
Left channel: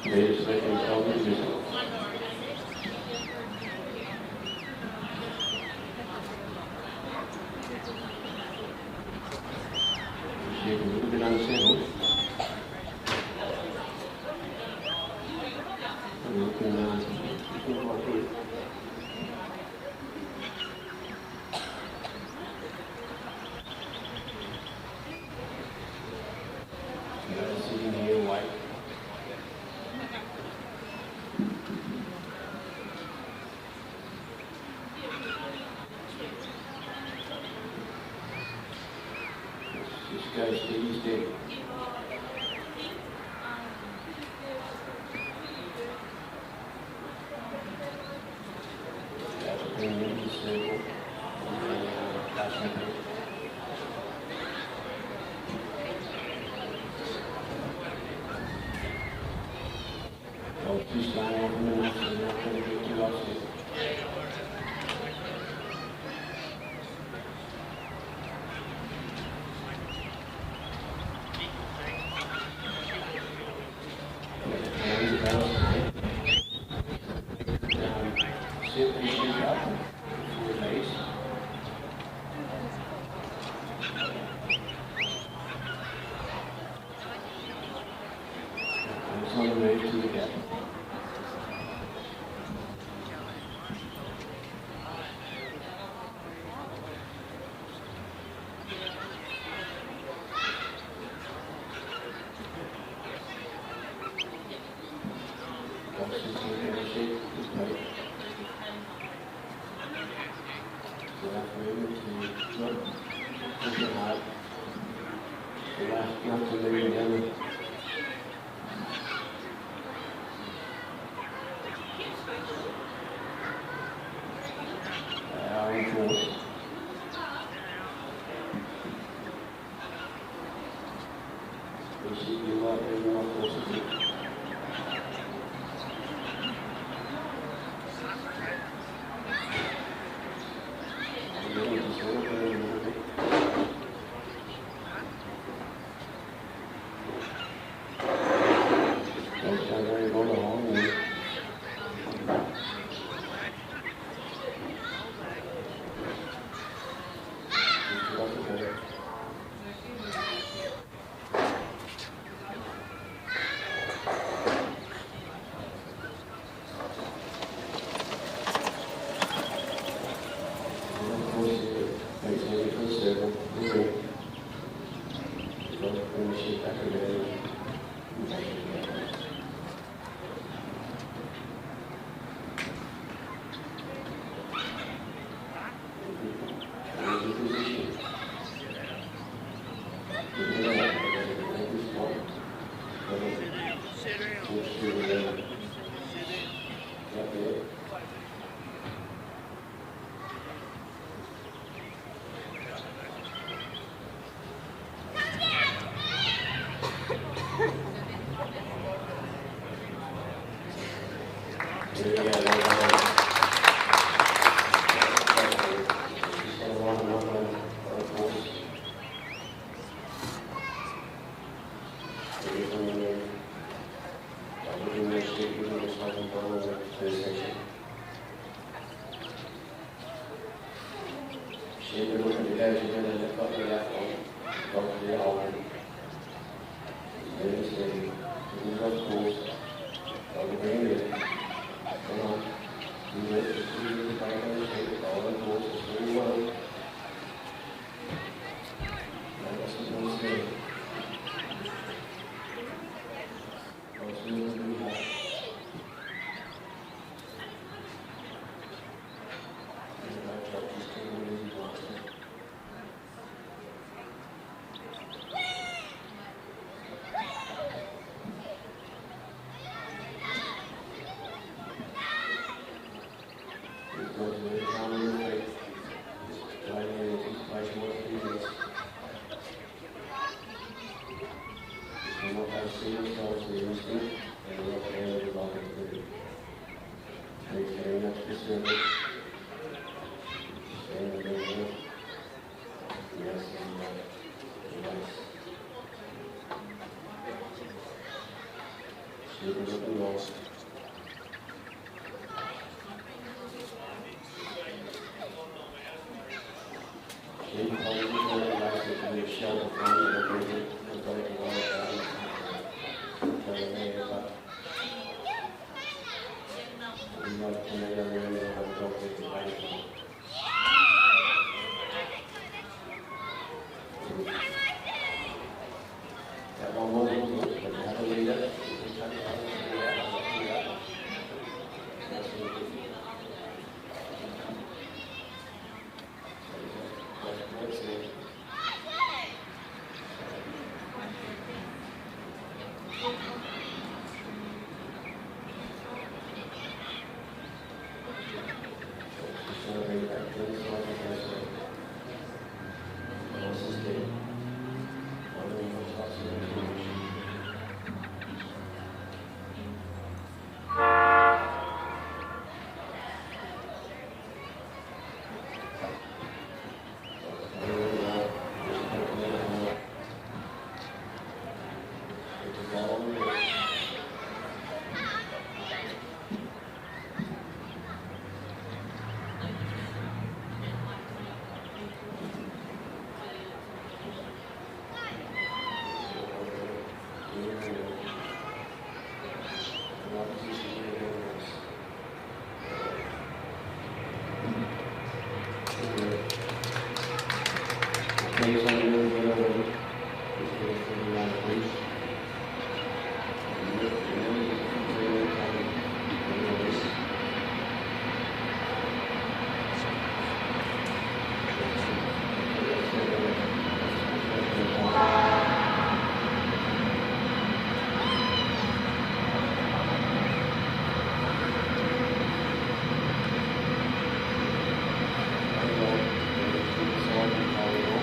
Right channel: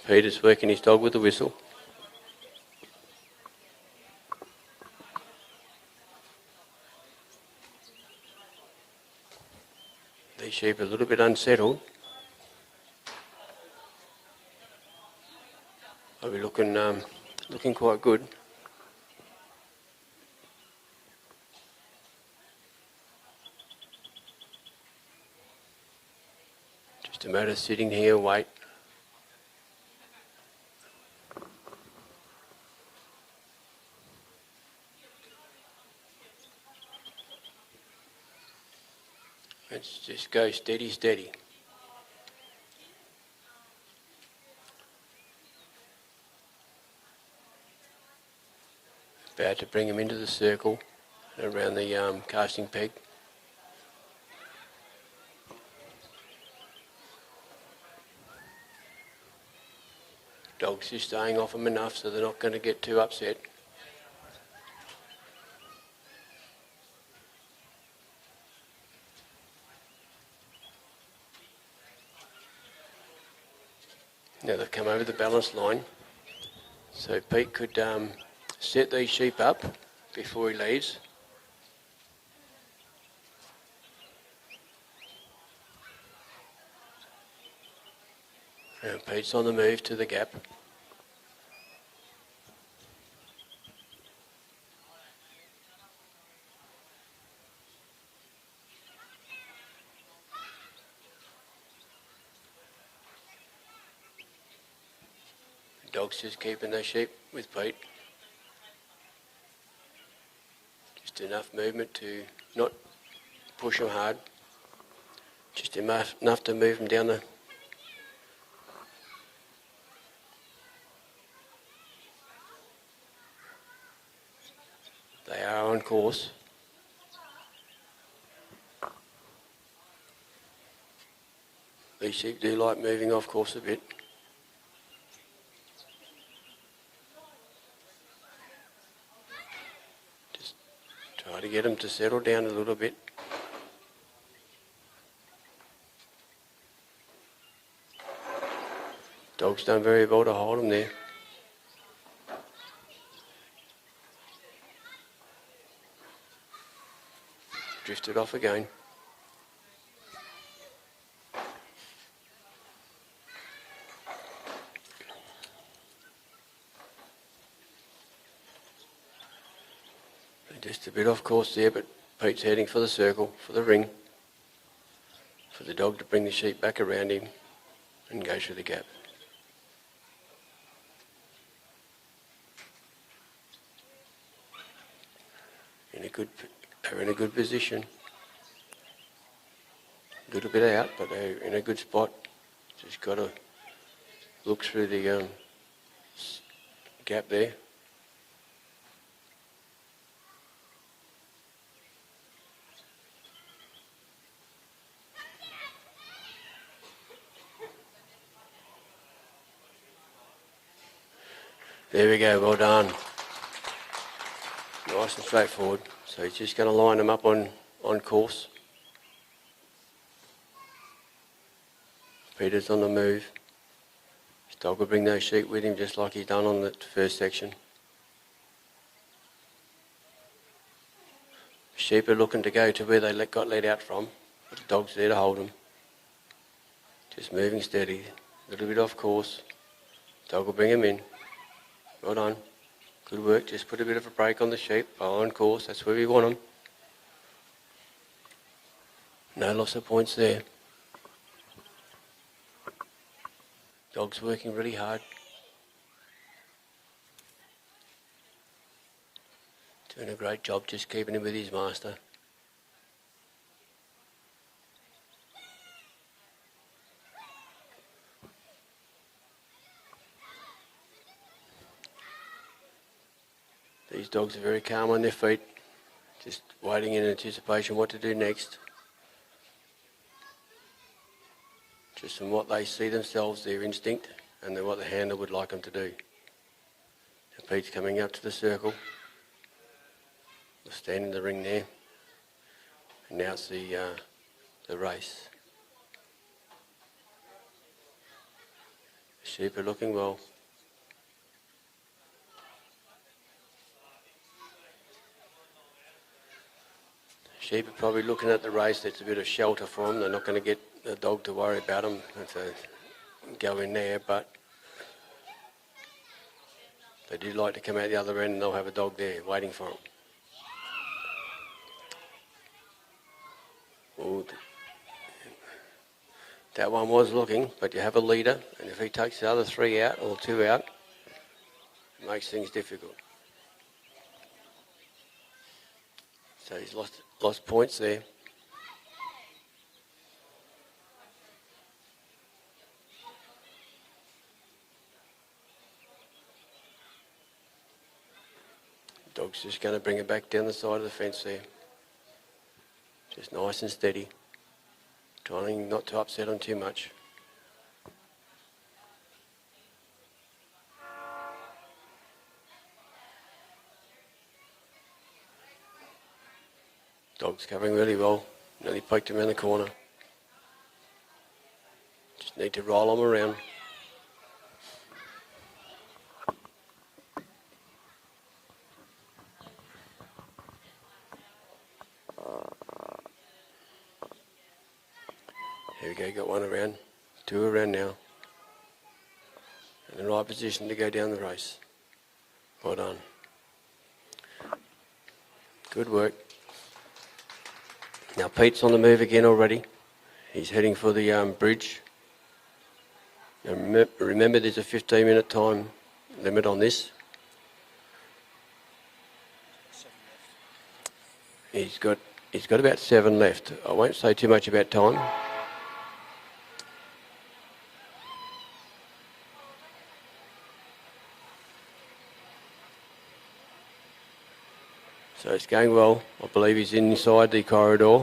Peter's working his dog with the whistle. The sheep are a little bit unsettled. But we're looking quite good. Just a matter of sitting here, wait. Just go steady, steady. About to bring him into the circle around the casting peak. Dogs just staying off him enough so they're not going to get too upset. Now they've come over the balance line, so Pete could set these sheep up before he leads. Now Pete's on the move to the gap. Dogs just keeping their sheep with Pete. Just enough movement to not push her hard. Just enough to move him down the... They are on course. These sheep do like moving off course a bit. Get them to settle down a little bit. Dog's done very well to hold them there. Drifted off again. Bit off course there, but Pete's heading for the circle, for the ring, for the dog to bring the sheep back around him and go through the gap. In a good position. Good bit out, but in a good spot. Just got to look through the gap there. There we go, well done. Nice and straightforward. So she's going to line them up on course. Peter's on the move. Dog will bring those sheep with him just like he done on the first section. Sheep are looking to go to where they got let out from. Dog's there to hold them. Just moving steady. A little bit off course. Dog will bring him in. Well done. Good work. Just put a bit of a break on the sheep. Follow on course. That's where we want them. No loss of points there. Dog's working really hard. Doing a great job just keeping him with his master. These dogs are very calm on their feet, just waiting in anticipation what to do next. Just from what they see themselves, their instinct, and then what the handler would like them to do. Pete's coming up to the circle. Stand in the ring there. Now it's the race. Sheep are looking well. Sheep are probably looking at the race. There's a bit of shelter for them. They're not going to get the dog to worry about them if they go in there, but they do like to come out the other end and they'll have a dog there waiting for them. That one was looking, but you have a leader. If he takes the other three out or two out, makes things difficult. So he's lost points there. Dog's just going to bring it back down the side of the fence there. Just nice and steady. Trying not to upset them too much. Dog's coming really well. Really poked him in the corner. Just need to roll him around. Two around now. In the right position to go down the race. Well done. Good work. Now Pete's on the move again already. He's heading for the bridge. And remember there's a 15-minute time limit on this. He's got about 7 left. I won't say too much about time. It's going well. I believe he's inside the corridor.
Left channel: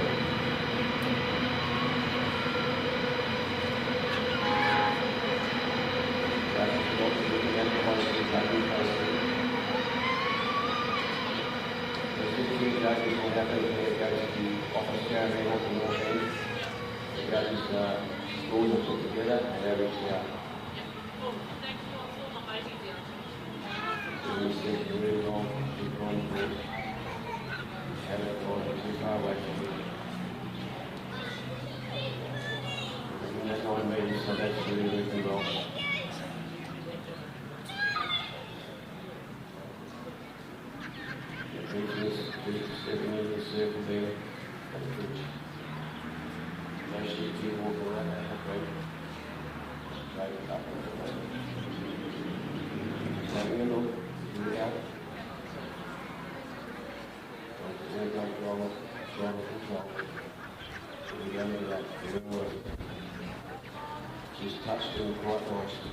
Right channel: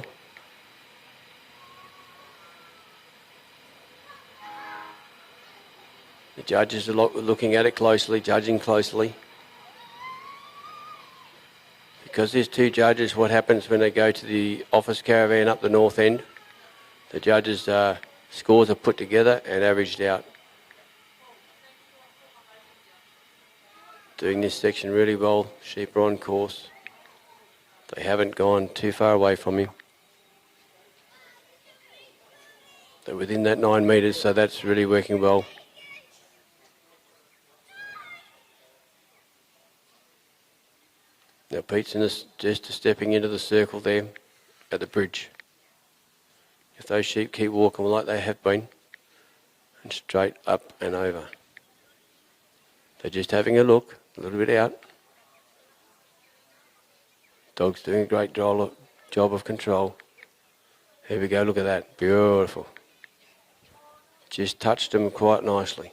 The judges are looking at it closely, judging closely. Because there's 2 judges, what happens when they go to the office caravan up the north end, the judges' scores are put together and averaged out. Doing this section really well. Sheep are on course. They haven't gone too far away from him. They're within that 9 metres, so that's really working well. Now Pete's just stepping into the circle there at the bridge. If those sheep keep walking like they have been, straight up and over. They're just having a look, a little bit out. Dog's doing a great job of control. There we go, look at that, beautiful. Just touched him quite nicely.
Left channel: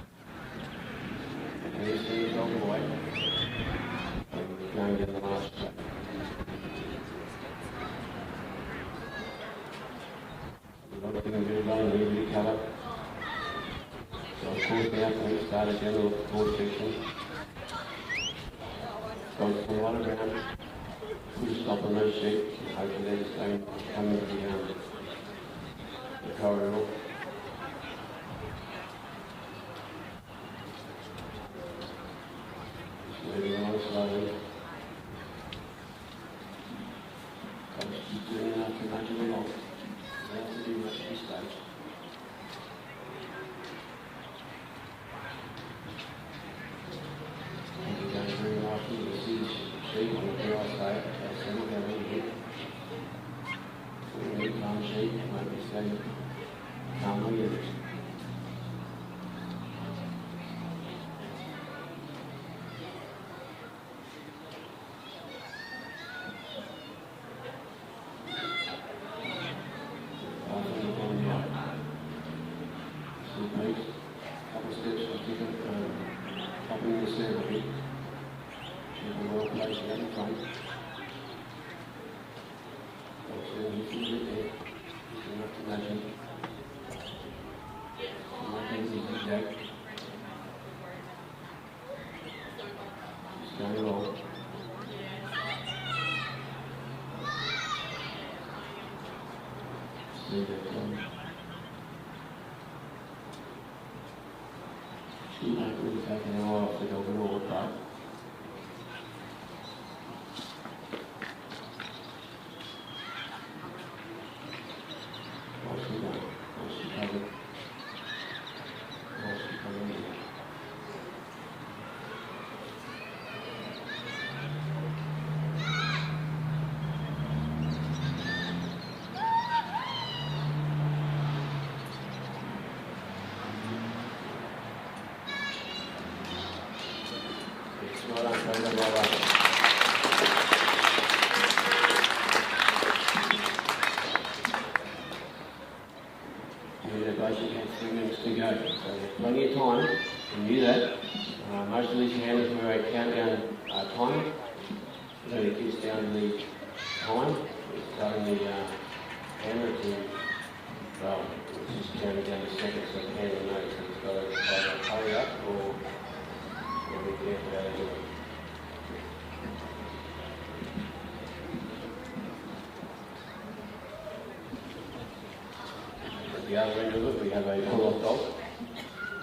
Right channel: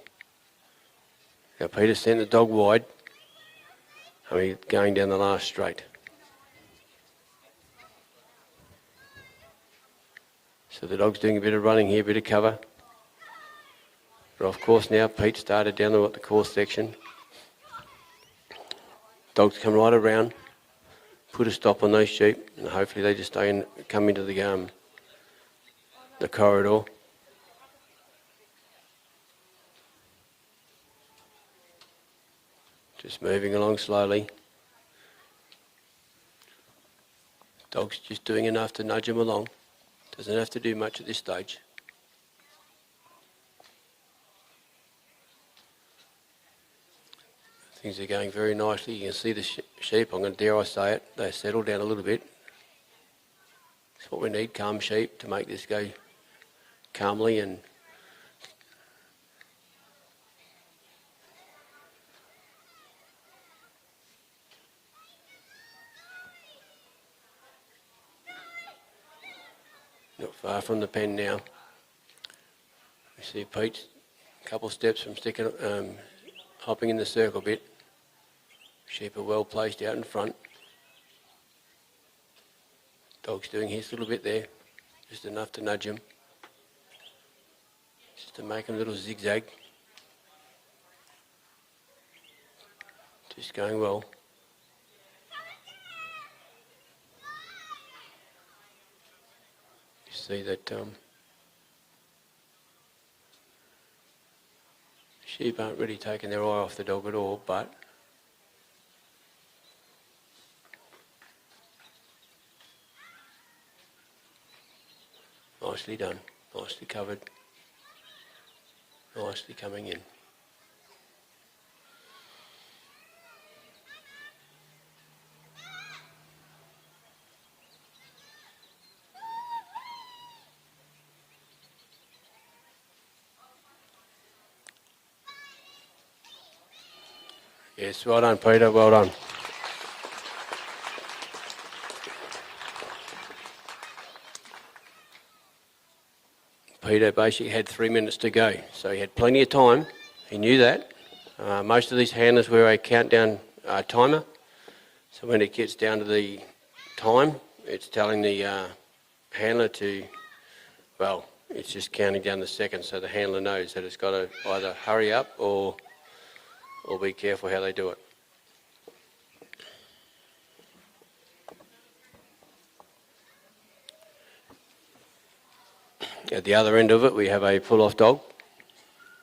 Now Peter sent the dog wide. I mean, going down the last straight. So the dog's doing a bit of running here, a bit of cover. But of course now Pete started down the course section. Dog's come right around. Put a stop on those sheep, and hopefully they just don't come into the corridor. Just moving along slowly. Dog's just doing enough to nudge him along. Doesn't have to do much at this stage. Things are going very nicely. You can see the sheep, I'm going to dare I say it, they settle down a little bit. That's what we need, calm sheep, to make this go calmly and not far from the pen now. See Pete, a couple of steps from sticking, hopping in the circle a bit. Sheep are well placed out in front. Dog's doing his little bit there, just enough to nudge him, just to make a little zigzag. Just going well. See that sheep aren't really taking their eye off the dog at all, but nicely done, nicely covered, nicely coming in. Yes, well done, Peter, well done. Peter basically had 3 minutes to go, so he had plenty of time. He knew that. Most of these handlers wear a countdown timer, so when it gets down to the time, it's telling the handler to, well, it's just counting down the seconds, so the handler knows that it's got to either hurry up or be careful how they do it. At the other end of it, we have a pull-off dog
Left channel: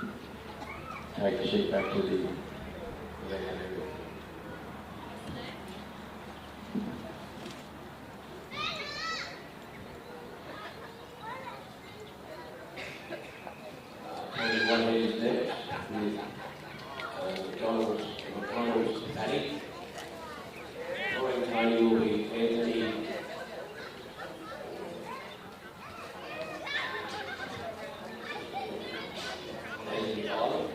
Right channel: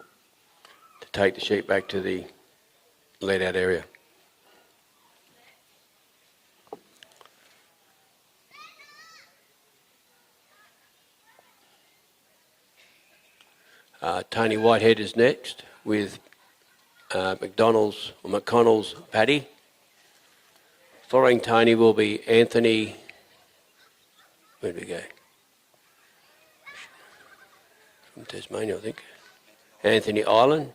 to take the sheep back to the let-out area. Tony Whitehead is next with McConnell's Paddy. Following Tony will be Anthony, where did we go? Tasmania, I think. Anthony Island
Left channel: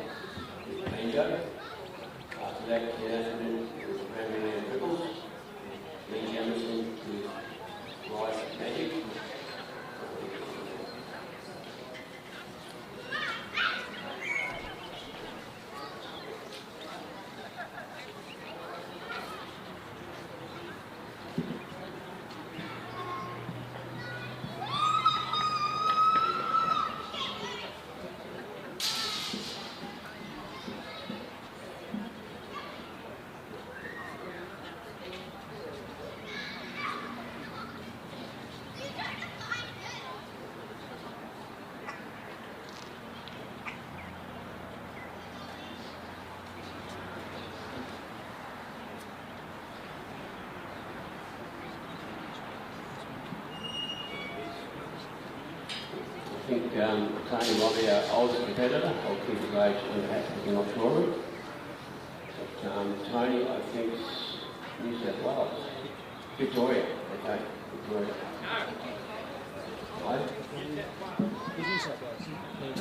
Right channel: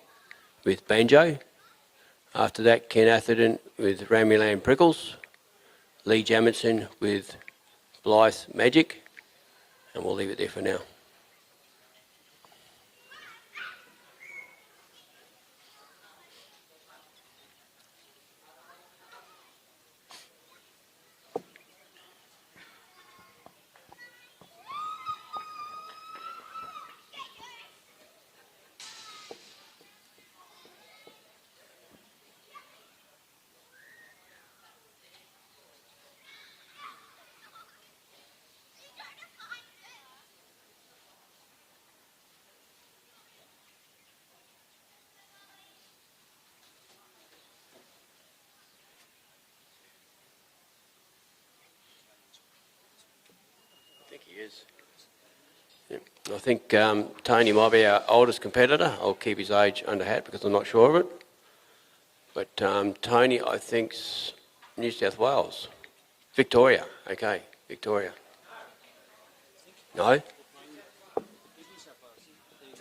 with Banjo. After that, Ken Athean with Athean and Prickles. Lee Jameson with Magic. And we'll leave it there for now. I think Tony might be our oldest competitor. I'll keep his age under hat because I'm not sure of it. But Tony, I think's New South Wales. Victoria, okay, Victoria. No?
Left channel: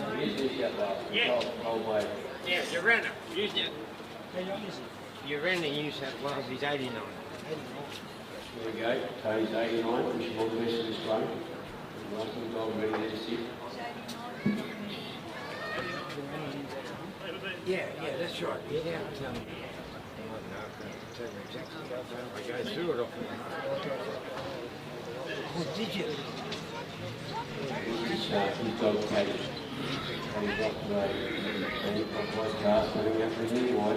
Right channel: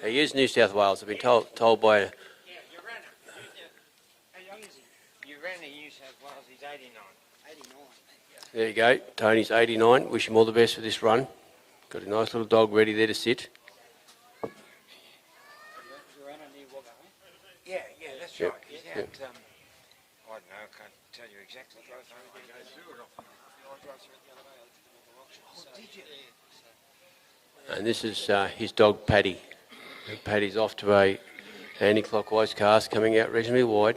He is New South Wales. I've been told by... Yeah, you ran it. You ran the New South Wales, he's 89. There you go, Tony's 89. Wish him all the best for this run. Got a nice little dog ready there to sit. Yeah, that's right. Yeah. I might know, I can't tell you exactly how far I go through it off. Oh, did you? And this is his dog Paddy. Paddy's off to a anti-clockwise cast, coming out reasonably wide.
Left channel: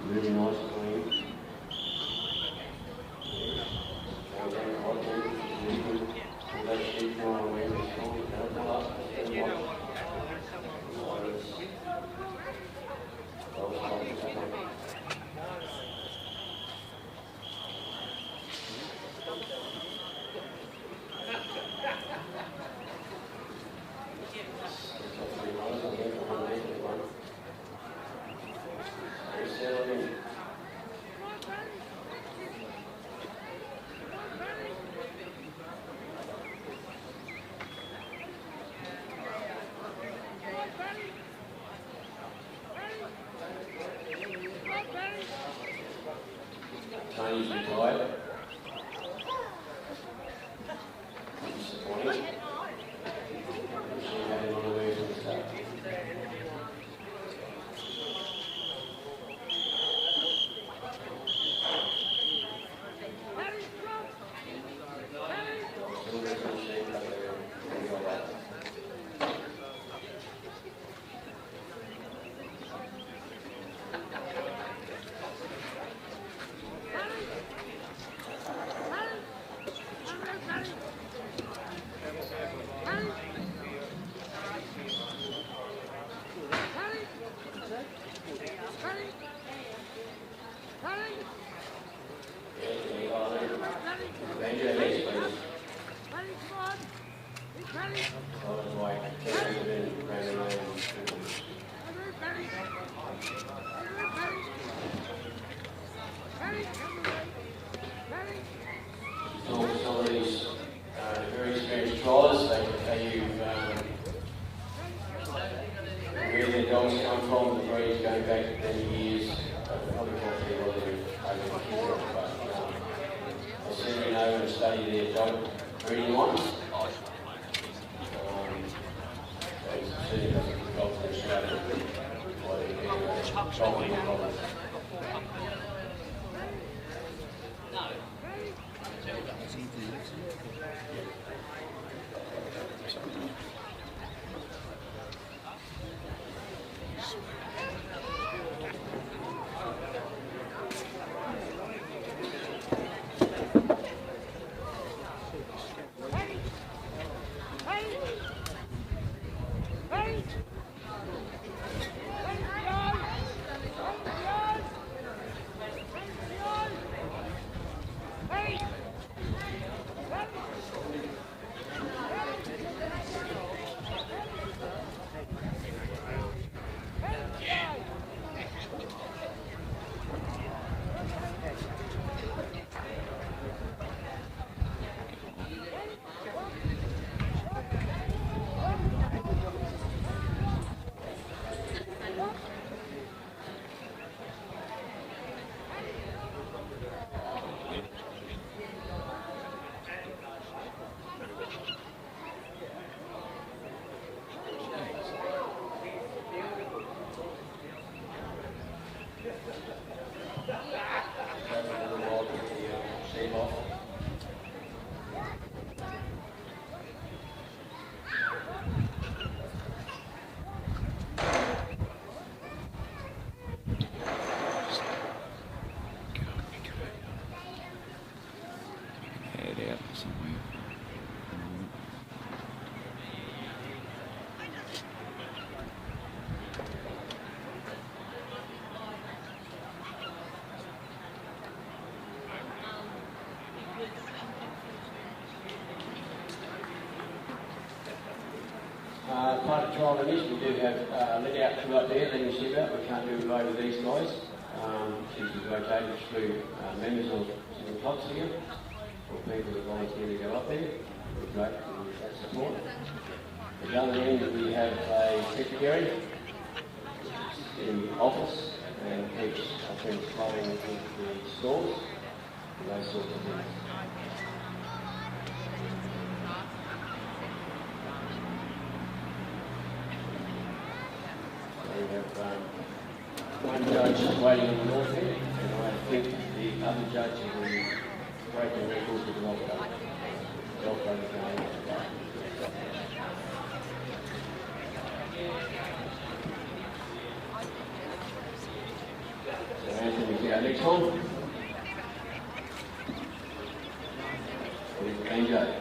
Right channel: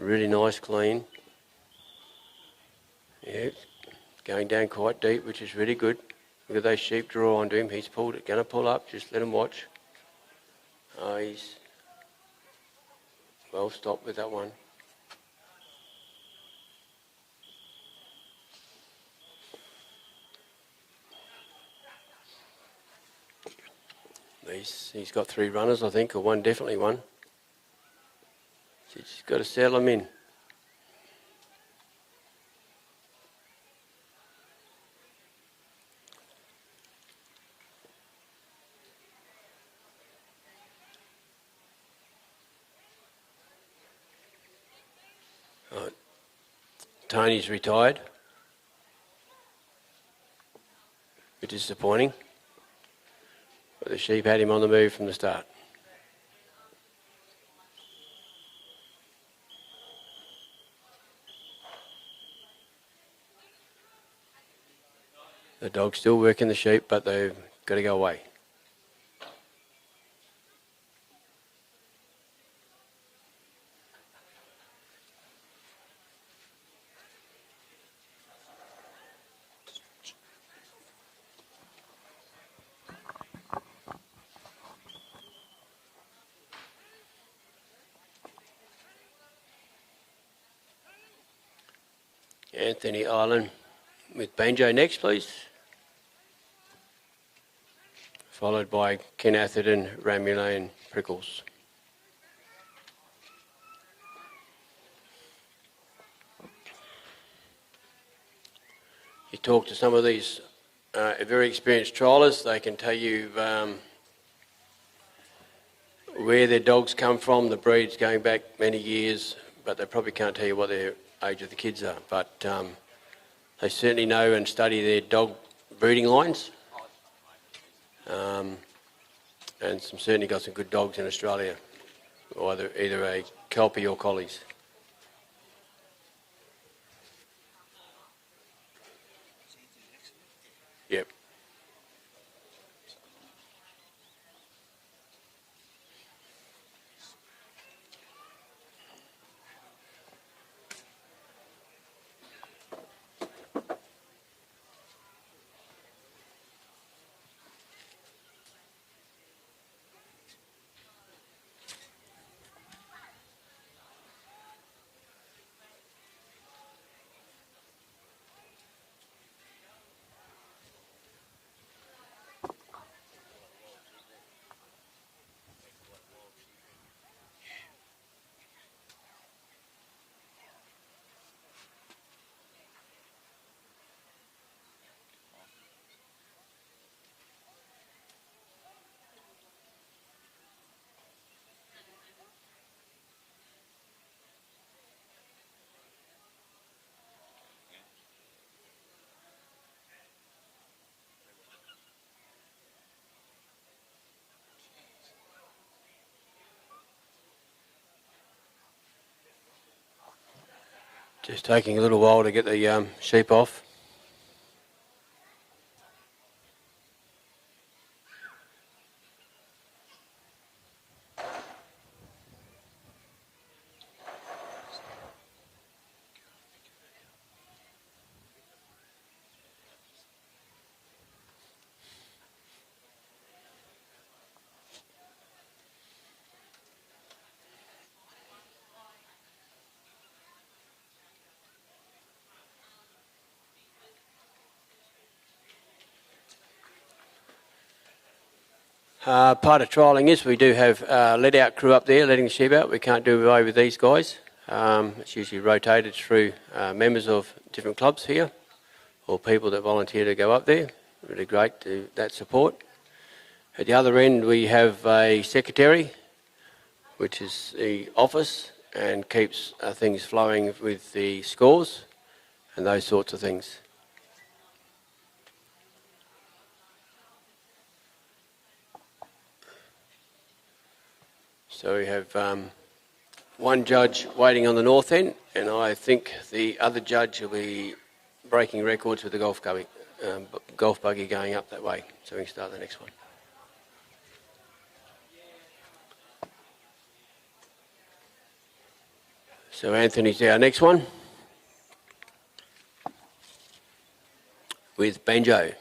Really nice, clean. Yeah, going down quite deep, which is really good. Look at those sheep draw onto him. He's going to pull up. Just let him watch. Oh, he's well stopped with that one. He's got 3 runners, I think, or one, definitely one. Just got to settle them in. Tony's retired. Bit disappointing. But the sheep had him on the move from the start. The dog's still working the sheep, but they've got to go away. Anthony Island with Banjo next, please. Followed by Ken Atherton, and Prickles. You talk to some of these very experienced trialists, they can tell you where their dogs come from, the breeds going back many years, but they probably can't tell you what their age of the kids are. But they certainly know and study their dog breeding lines. And certainly got some good dogs in Australia, either a Kelpie or Collies. Yep. Just taking a little while to get the sheep off. Part of trialling is we do have let-out crew up there letting the sheep out. We can't do away with these guys. It's usually rotated through members of different clubs here or people that volunteer to go up there. Really great to that support. At the other end we have a secretary, which is the office and keeps things flowing with the scores and those sorts of things. So we have one judge waiting on the north end, and I think the other judge will be breaking records with the golf buggy going up that way. So we can start the next one. So Anthony's our next one with Banjo.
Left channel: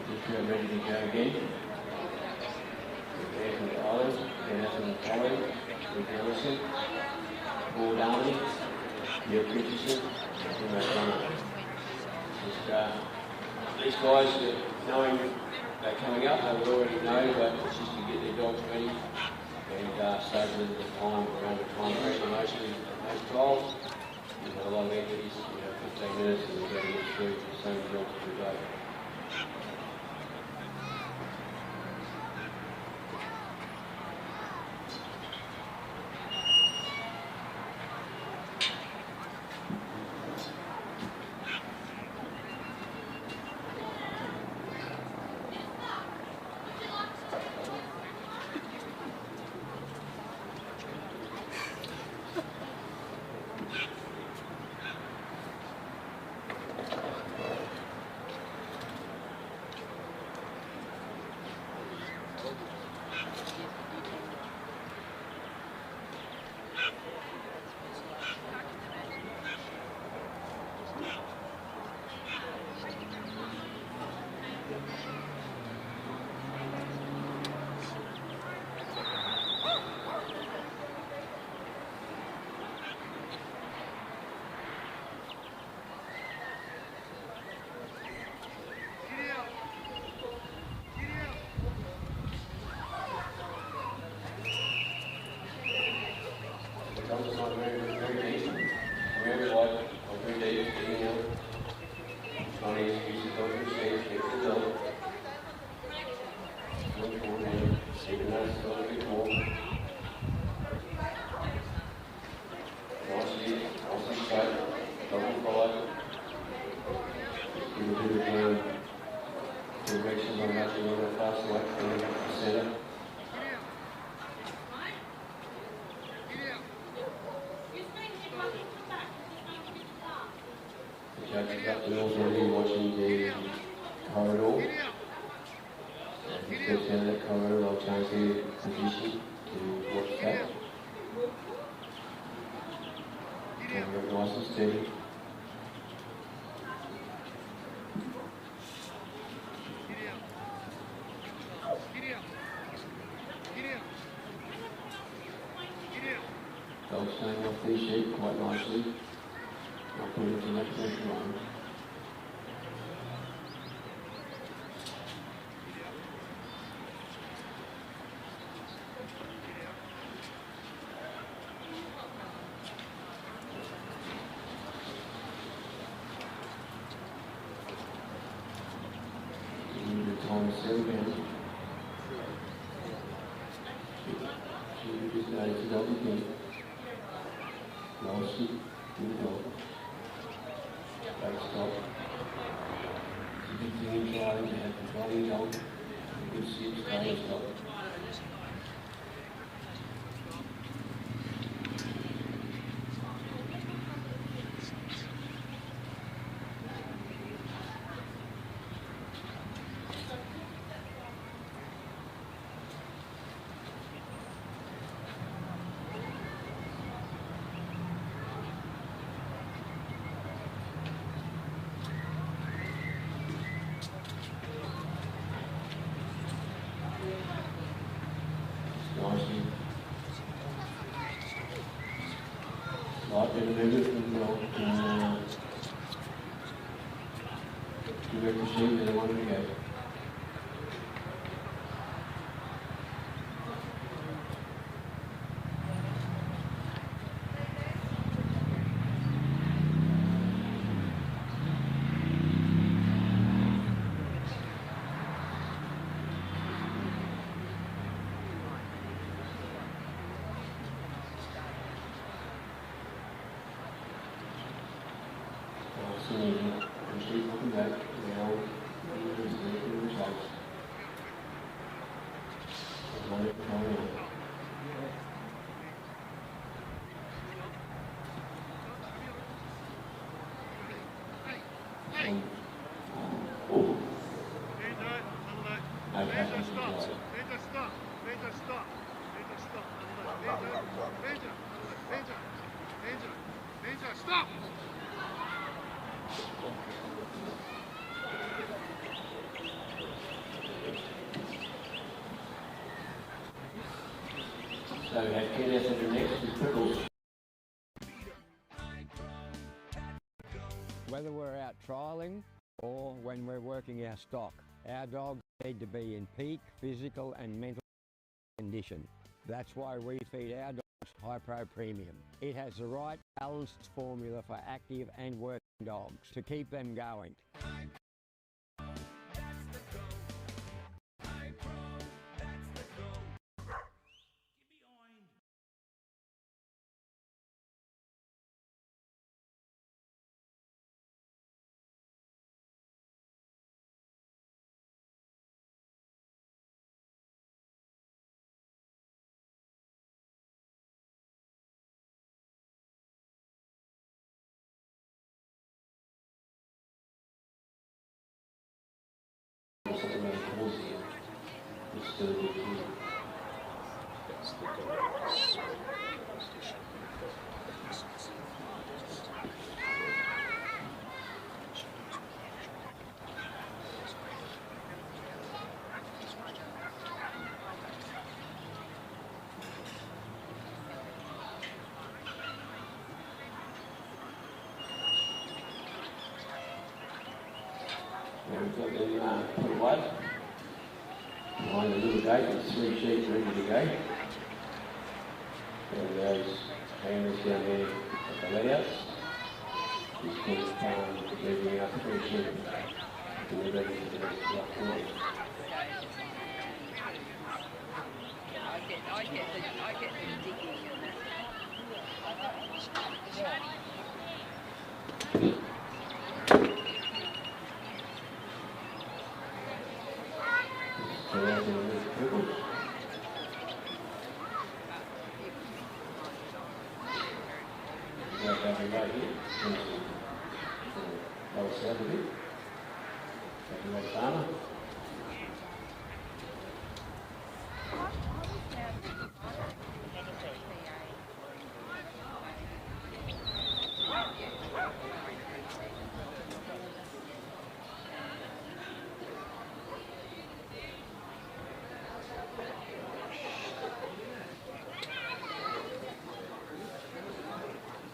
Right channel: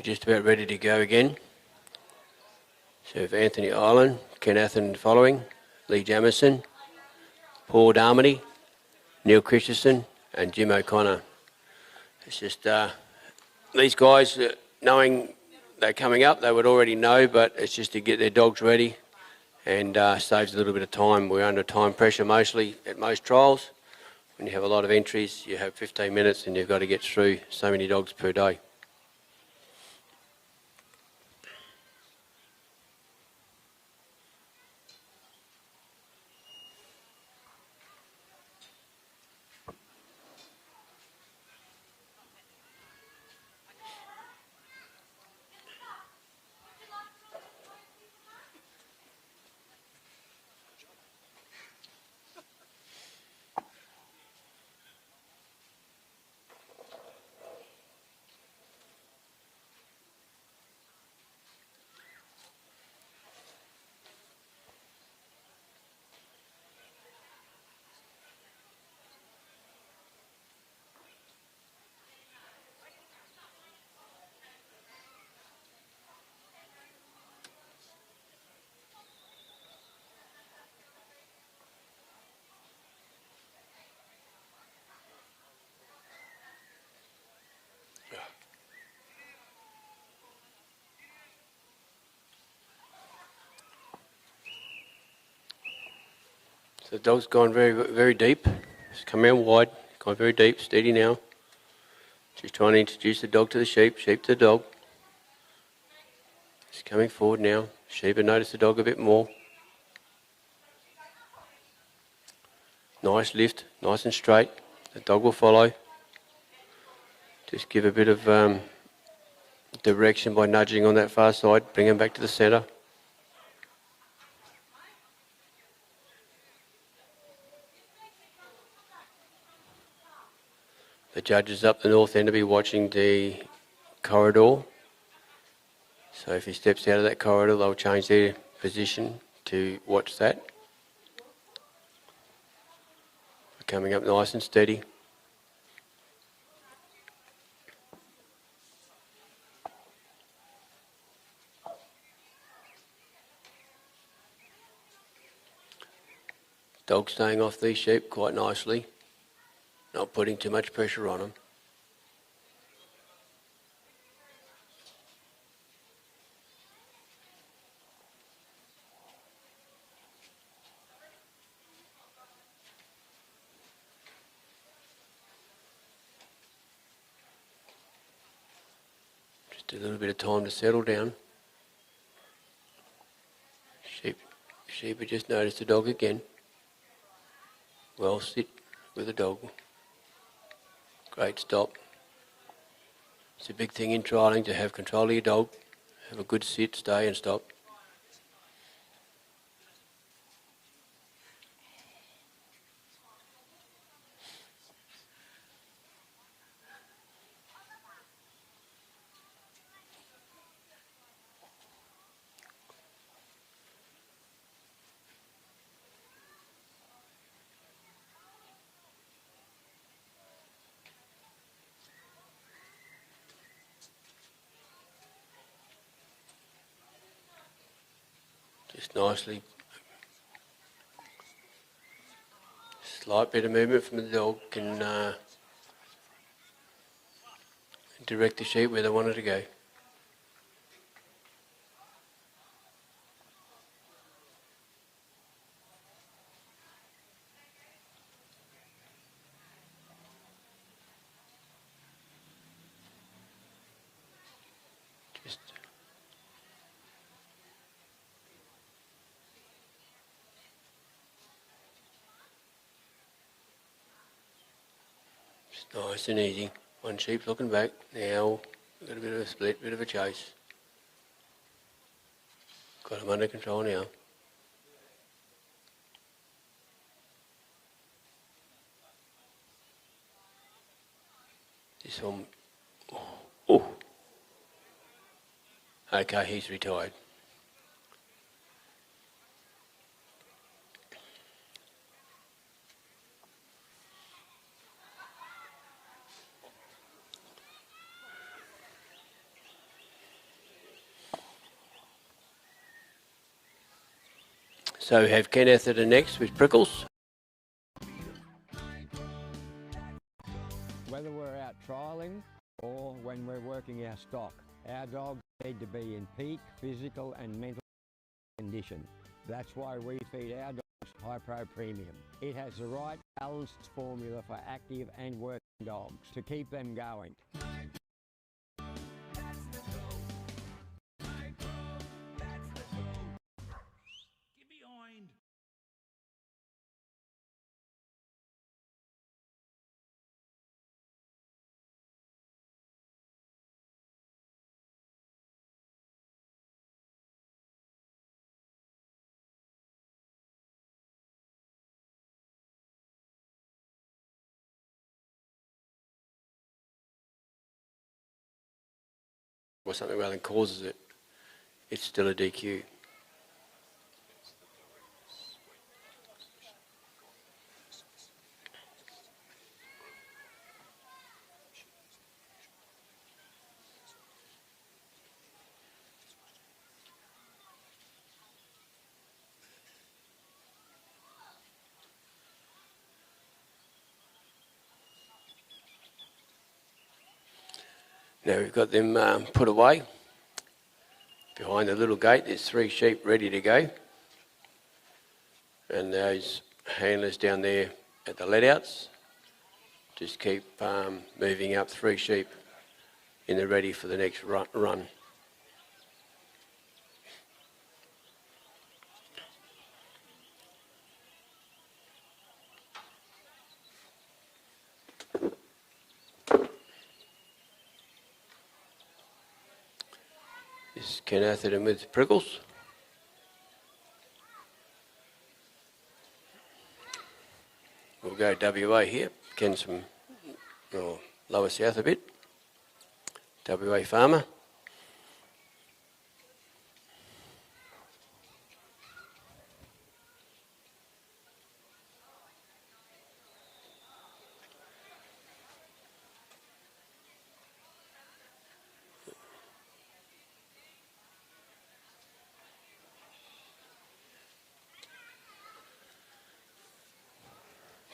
We're just about ready to go again. So for Anthony Island, Ken Athen following, Lee Jameson, Paul Darmody, Neil Christensen and Jim O'Connor. It's just these guys, knowing they're coming up, they would already know, but it's just to get their dogs ready and saves a little bit of time. We're under time pressure mostly at most trials. And you have a lot of entries, you have 15 minutes and you've got to get through so many dogs per day. The dog's gone very deep. He's come out wide, gone very deep, steady now. Just trying to introduce the dog to the sheep, sheep to the dog. He's coming forward now. Sheep have noticed the dog a bit more. Nice lift, nice and straight. The dog will follow. Just give a bit of direction by nudging on that far side, bring him back to the centre. The judges up the north end will be watching the corridor. So if he steps out of that corridor, they'll change their position to watch that. Coming up nice and steady. Dog staying off these sheep quite nicely. Not putting too much pressure on them. Just a little bit of time to settle down. Sheep have just noticed the dog again. Well, sit with the dog. Great stop. It's a big thing in trialling to have control of your dog, have a good sit, stay and stop. Nicely. Slight bit of movement from the dog can direct the sheep where they want it to go. Nice and easy. One sheep looking back. Now, a little bit of a split, bit of a chase. Got him under control now. This thing. Oh. Okay, he's retired. So we have Kenneth at the next with Prickles. Whether we're out trialling or when we're working our stock, our dogs need to be in peak physical and mental condition. That's why we feed our dogs High-Pro Premium. It has the right balanced formula for active and working dogs to keep them going. Or something rather than causes it, it's still a DQ. Now we've got them put away. Behind the little gate there's 3 sheep ready to go. And those handlers down there at the let-outs just keep moving up 3 sheep in the ready for the next run. Kenneth and with Prickles. We'll go WA here. Ken's from lower south a bit. WA farmer.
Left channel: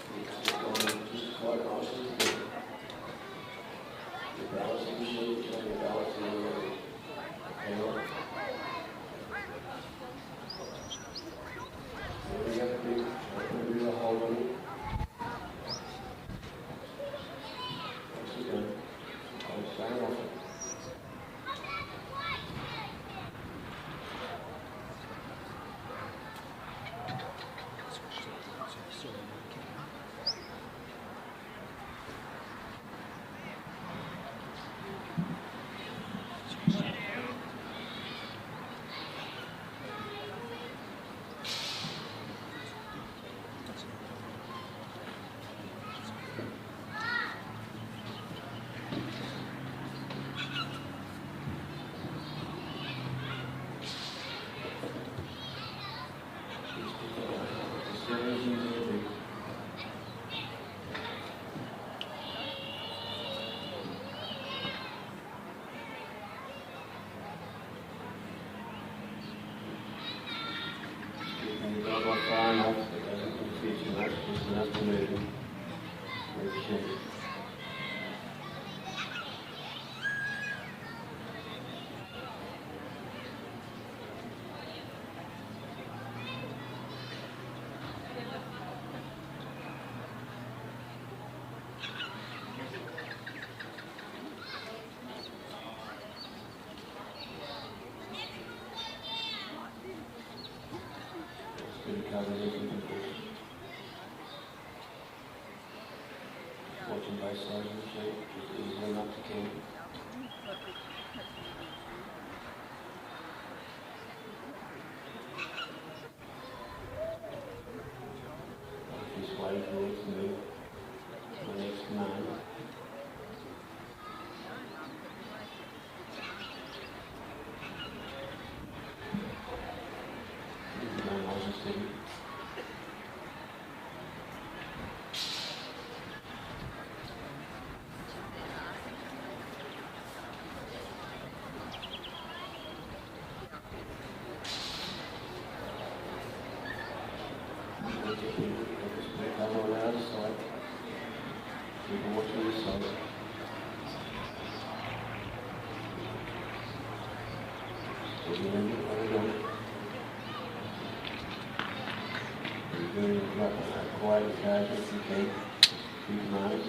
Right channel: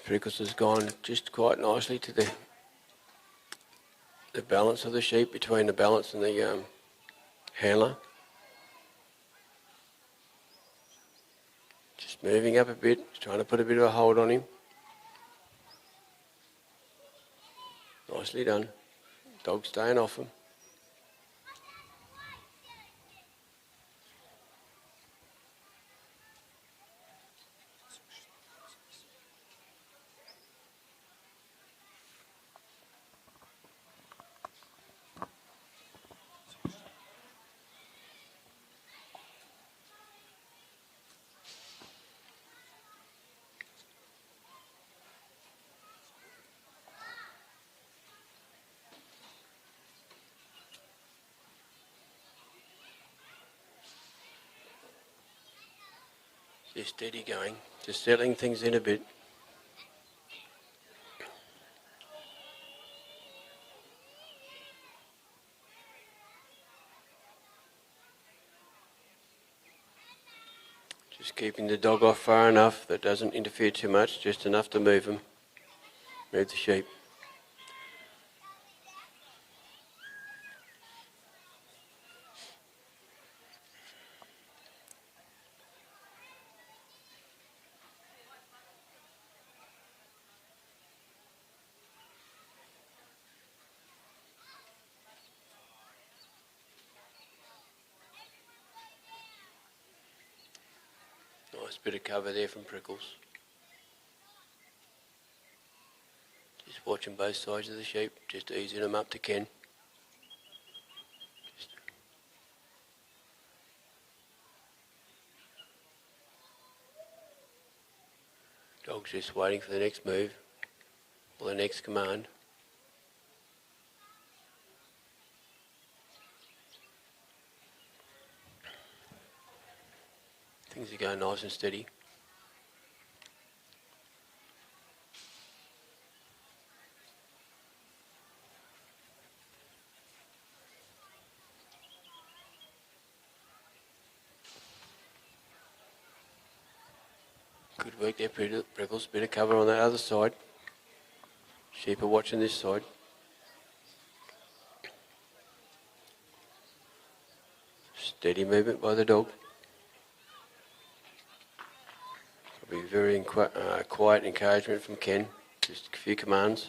Prickles has gone just quite nicely to the balance of the sheep, between the balance and the handler. Just moving up a bit, trying to put a bit of a hold on him. Nicely done. Dog staying off him. Steady going, just settling things in a bit. Just keeping the dog off far enough that doesn't interfere too much, just enough to move him, move the sheep. Bit of cover there from Prickles. Just watching both sides of the sheep, just easing them up to Ken. Dog's just waiting for the next move, or the next command. Nice and steady. Good, yeah, Prickles, bit of cover on that other side. Sheep are watching this side. Steady movement by the dog. Very quiet encouragement from Ken. Just a few commands.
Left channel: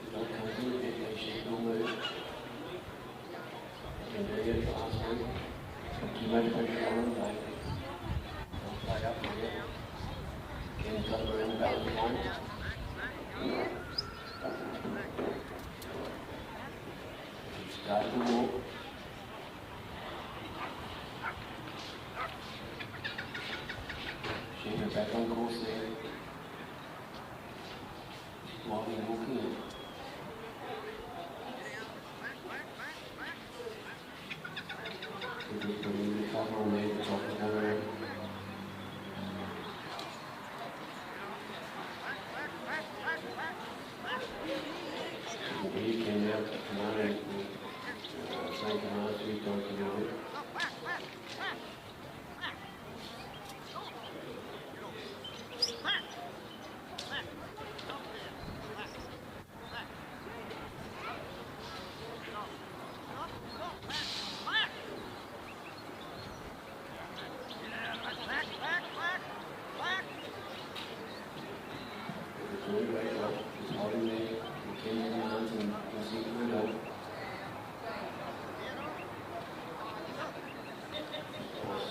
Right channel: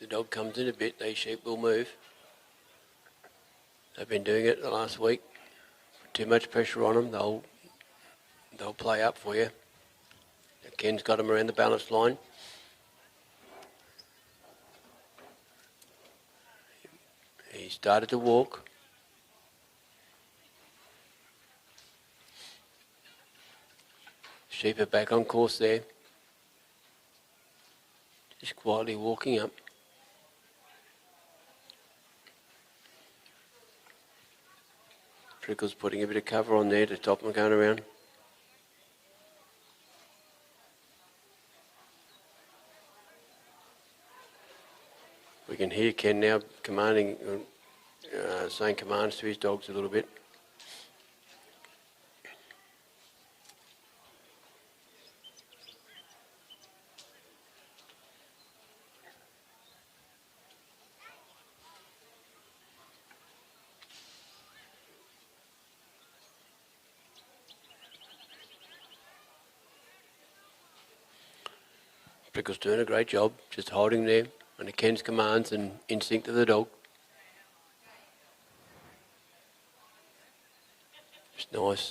The dog comes in a bit, these sheep will move. They've been doing it the last week. Too much pressure on them, they'll play up for you. Ken's got them around the balance line. He started to walk. Sheep are back on course there. Just quietly walking up. Prickles putting a bit of cover on there to stop them going around. You can hear Ken now commanding, saying commands to his dogs a little bit. Prickles doing a great job, just holding there under Ken's commands and instinct of the dog. It's nice.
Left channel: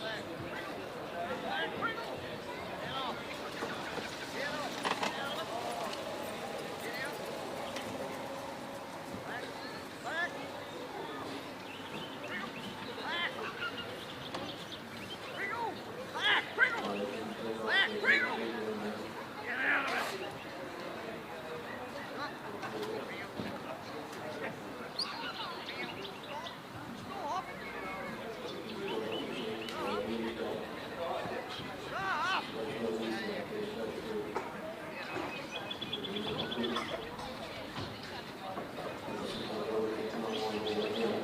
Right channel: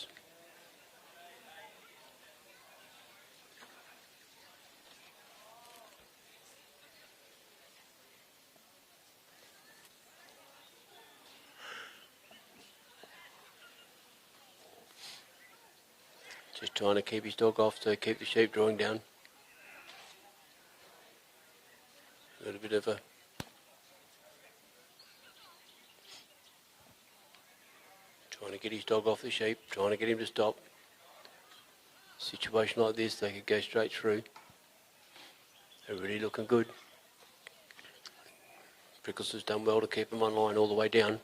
Just trying to keep his dog off to keep the sheep drawing down. Bit of a trying to get his dog off the sheep, trying to get him to stop. A situation like this, they could go straight through. They're really looking good. Prickles has done well to keep them on line all the way down.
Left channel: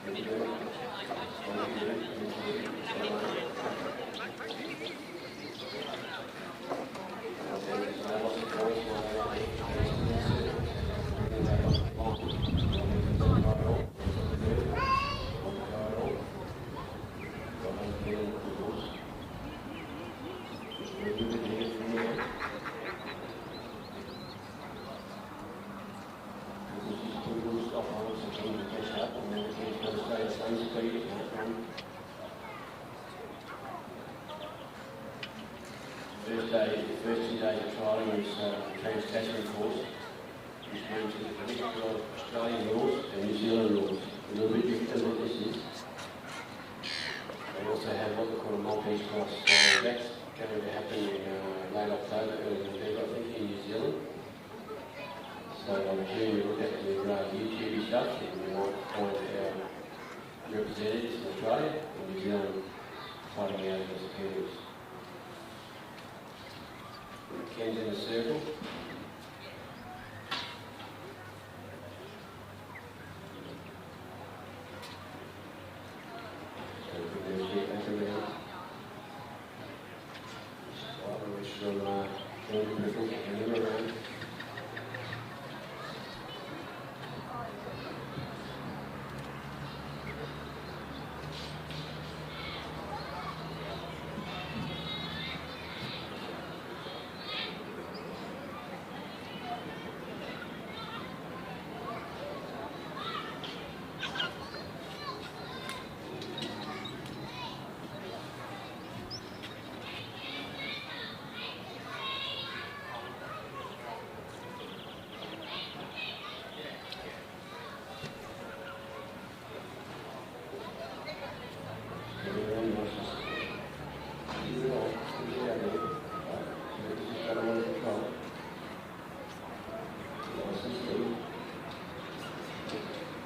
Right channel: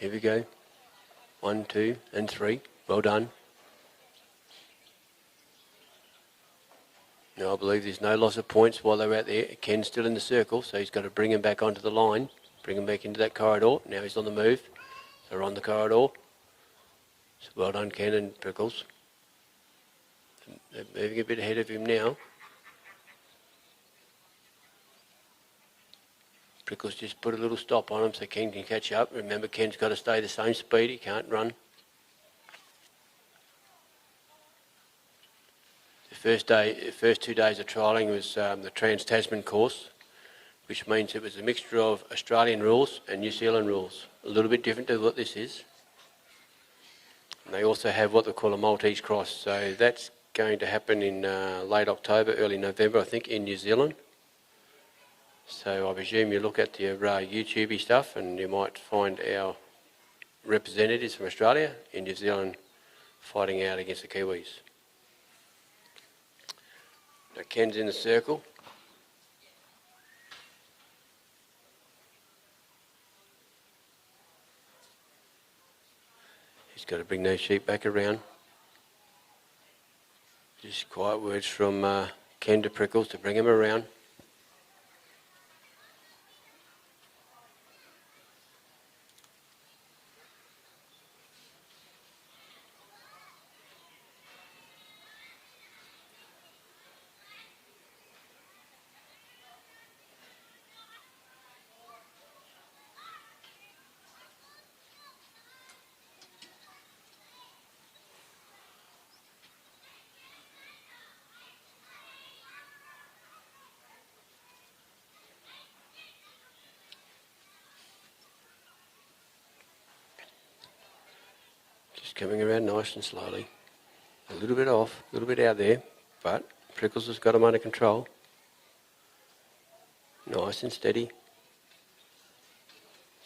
Here we go. 1, 2, and 3. Well done. I believe there's no loss of points while they're out there. Ken's still in the circle, so he's got to bring him back onto the line, bring him back into that corridor. Now he's on the move. They're on the corridor. Well done, Ken and Prickles. They're moving a bit ahead of him now. Prickles just put a little stop on him so Ken can catch up. Remember, Ken's got to stay the same speed. He can't run. First 2 days of trialling was the Trans-Tasman course, which means it was a mixture of Australian rules and New Zealand rules. A little bit different to what this is. They also have what they call a Maltese cross, so that's going to happen in late October, early November, I think, in New Zealand. So I presume you look at your YouTube stuff and you might find our representatives from Australia in New Zealand fighting out against the Kiwis. Ken's in the circle. Just got to bring those sheep back around. Just quiet words from Ken to Prickles to bring him around. Coming around nice and slowly. A little bit off, a little bit out there, but Prickles has got him under control. Nice and steady.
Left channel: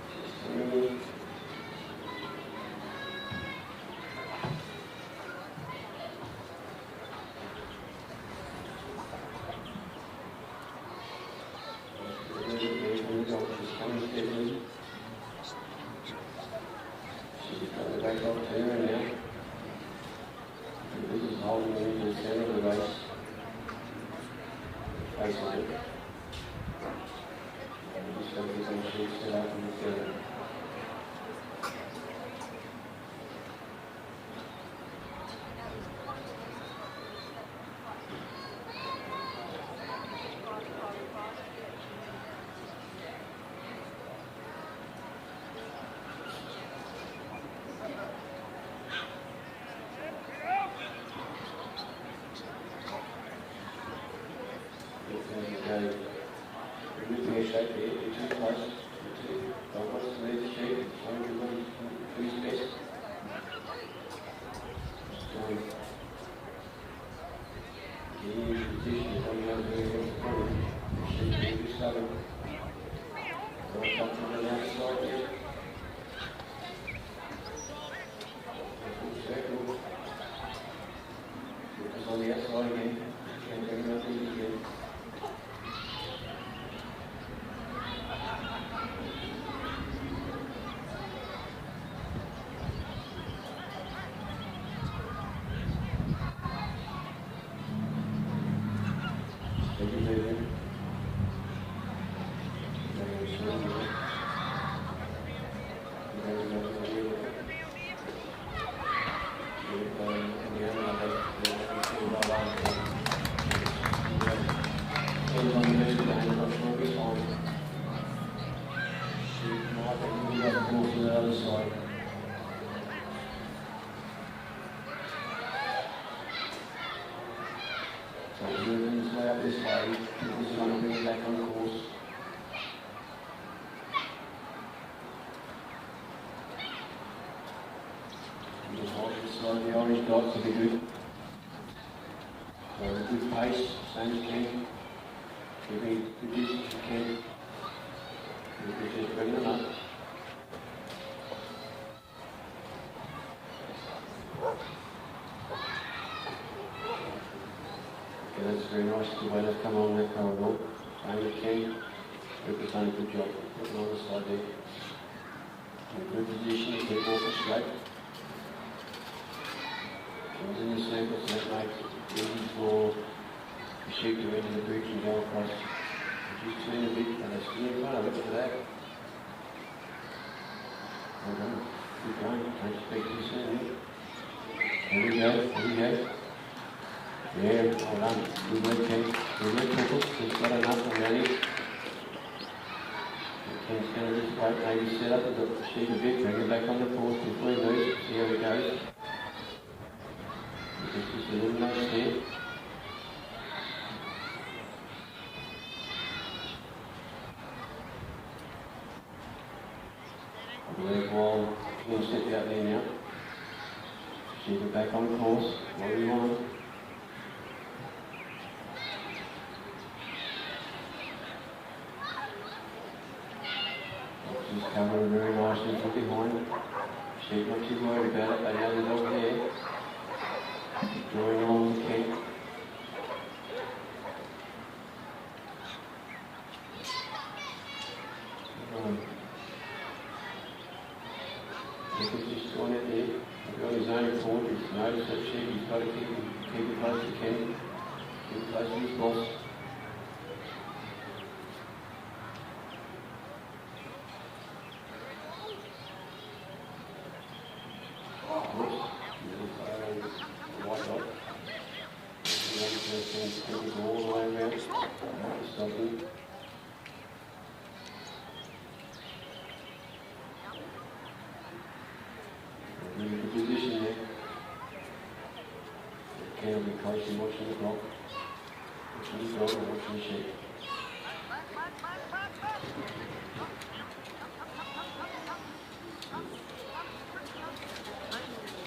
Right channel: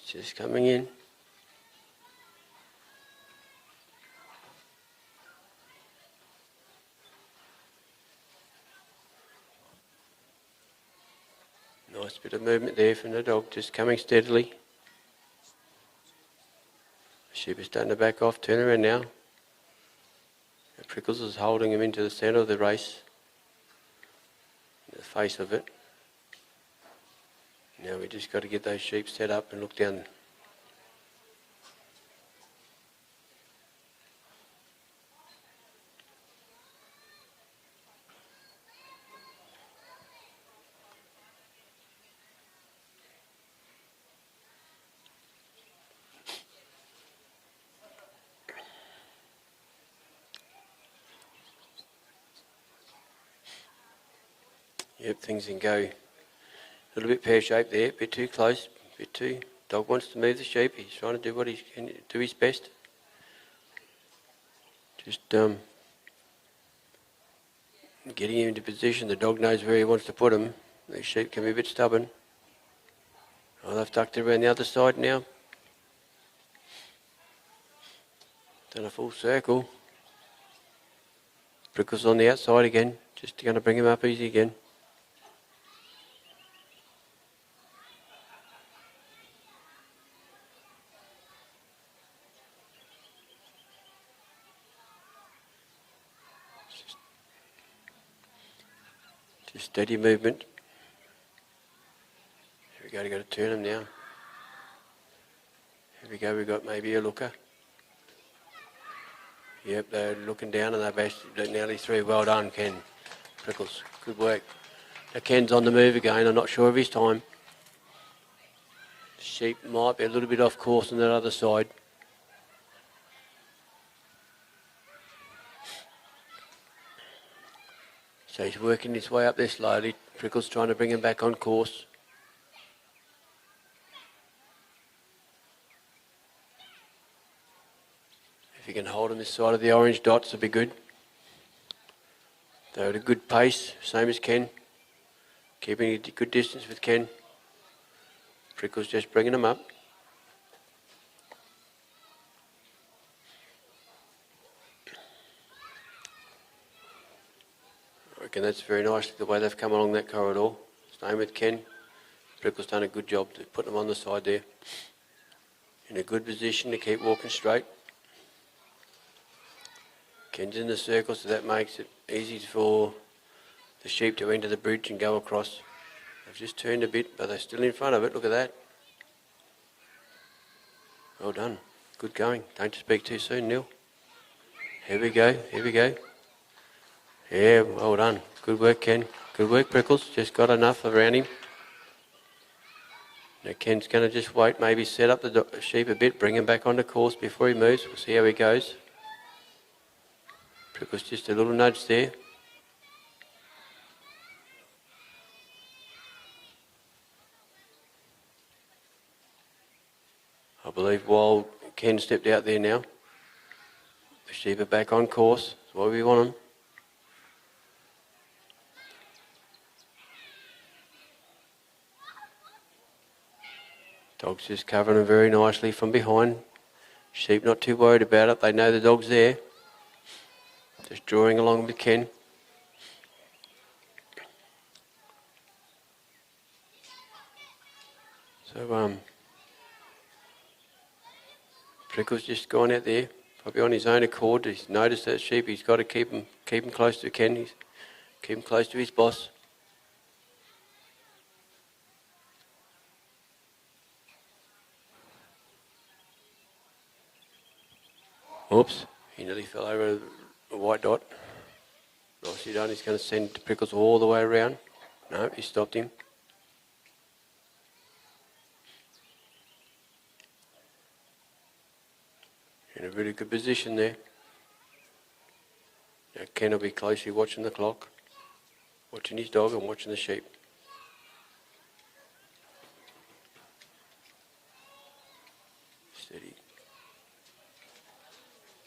Just coming in. Nice bit of movement there from the dog, just coming steadily. Sheep is starting to back off, turn around now. Prickles is holding him into the centre of the race. The face of it. Now we just got to get those sheep set up and look down them. Yep, things can go a little bit pear-shaped there, a bit too close, a bit too... Dog wants to move the sheep, he's trying to do what he can do his best. Just getting him into position, the dog knows where he wants to put him. The sheep can be a bit stubborn. Well, they've tucked it around the other side now. Done a full circle. Prickles on the outside again, just going to bring him up easy again. Steady movement. We've got to turn him now. Here we go, we've got maybe a looker. Yep, they're looking down and they're doing nearly three. Well done, Ken. Good work. So Ken's on the move again, I'm not sure of his time. Sheep might be a little bit off course on that other side. So he's working his way up there slowly. Prickles trying to bring him back on course. If you can hold it this side of the orange dots, it'll be good. They're at a good pace, same as Ken. Keeping it a good distance with Ken. Prickles just bringing them up. And that's very nice the way they've come along that corridor. Same with Ken. Prickles done a good job to put them on the side there. In a good position to keep walking straight. Ken's in the circle, so that makes it easy for the sheep to enter the bridge and go across. Just turned a bit, but they're still in front of it. Look at that. Well done. Good going. Don't speak too soon, Neil. Here we go. Here we go. Yeah, well done. Good work, Ken. Good work, Prickles. Just got enough around him. Now Ken's going to just wait, maybe set up the sheep a bit, bring him back on the course before he moves. See how he goes. Prickles just a little nudge there. I believe while Ken stepped out there now, the sheep are back on course, where we want them. Dog's just covering them very nicely from behind. Sheep not too worried about it, they know the dog's there. Just drawing along with Ken. So, Prickles just gone out there. Probably on his own accord. He's noticed that sheep, he's got to keep him close to Ken, keep him close to his boss. Oops, he nearly fell over a white dot. If he don't, he's going to send Prickles all the way around. No, he stopped him. In a really good position there. Now Ken will be closely watching the clock, watching his dog and watching the sheep.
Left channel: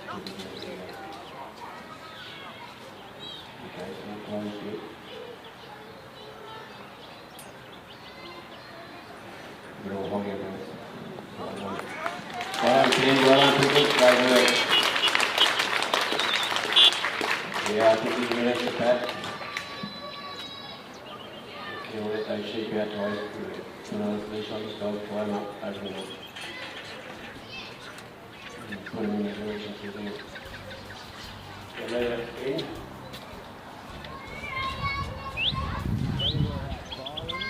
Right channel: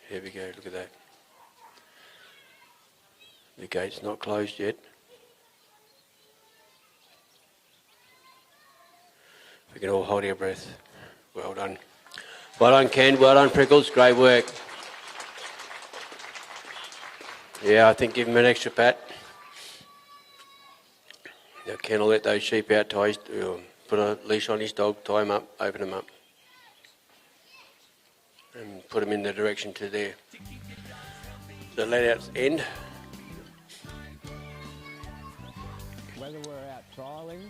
There we go, look at that. The gate's not closed yet. You can all hold your breath. Well done. Well done, Ken. Well done, Prickles. Great work. Yeah, I think give him an extra pat. Yeah, Ken will let those sheep out, put a leash on his dog, tie him up, open him up. And put him in the direction to the let out end. Whether we're out trialling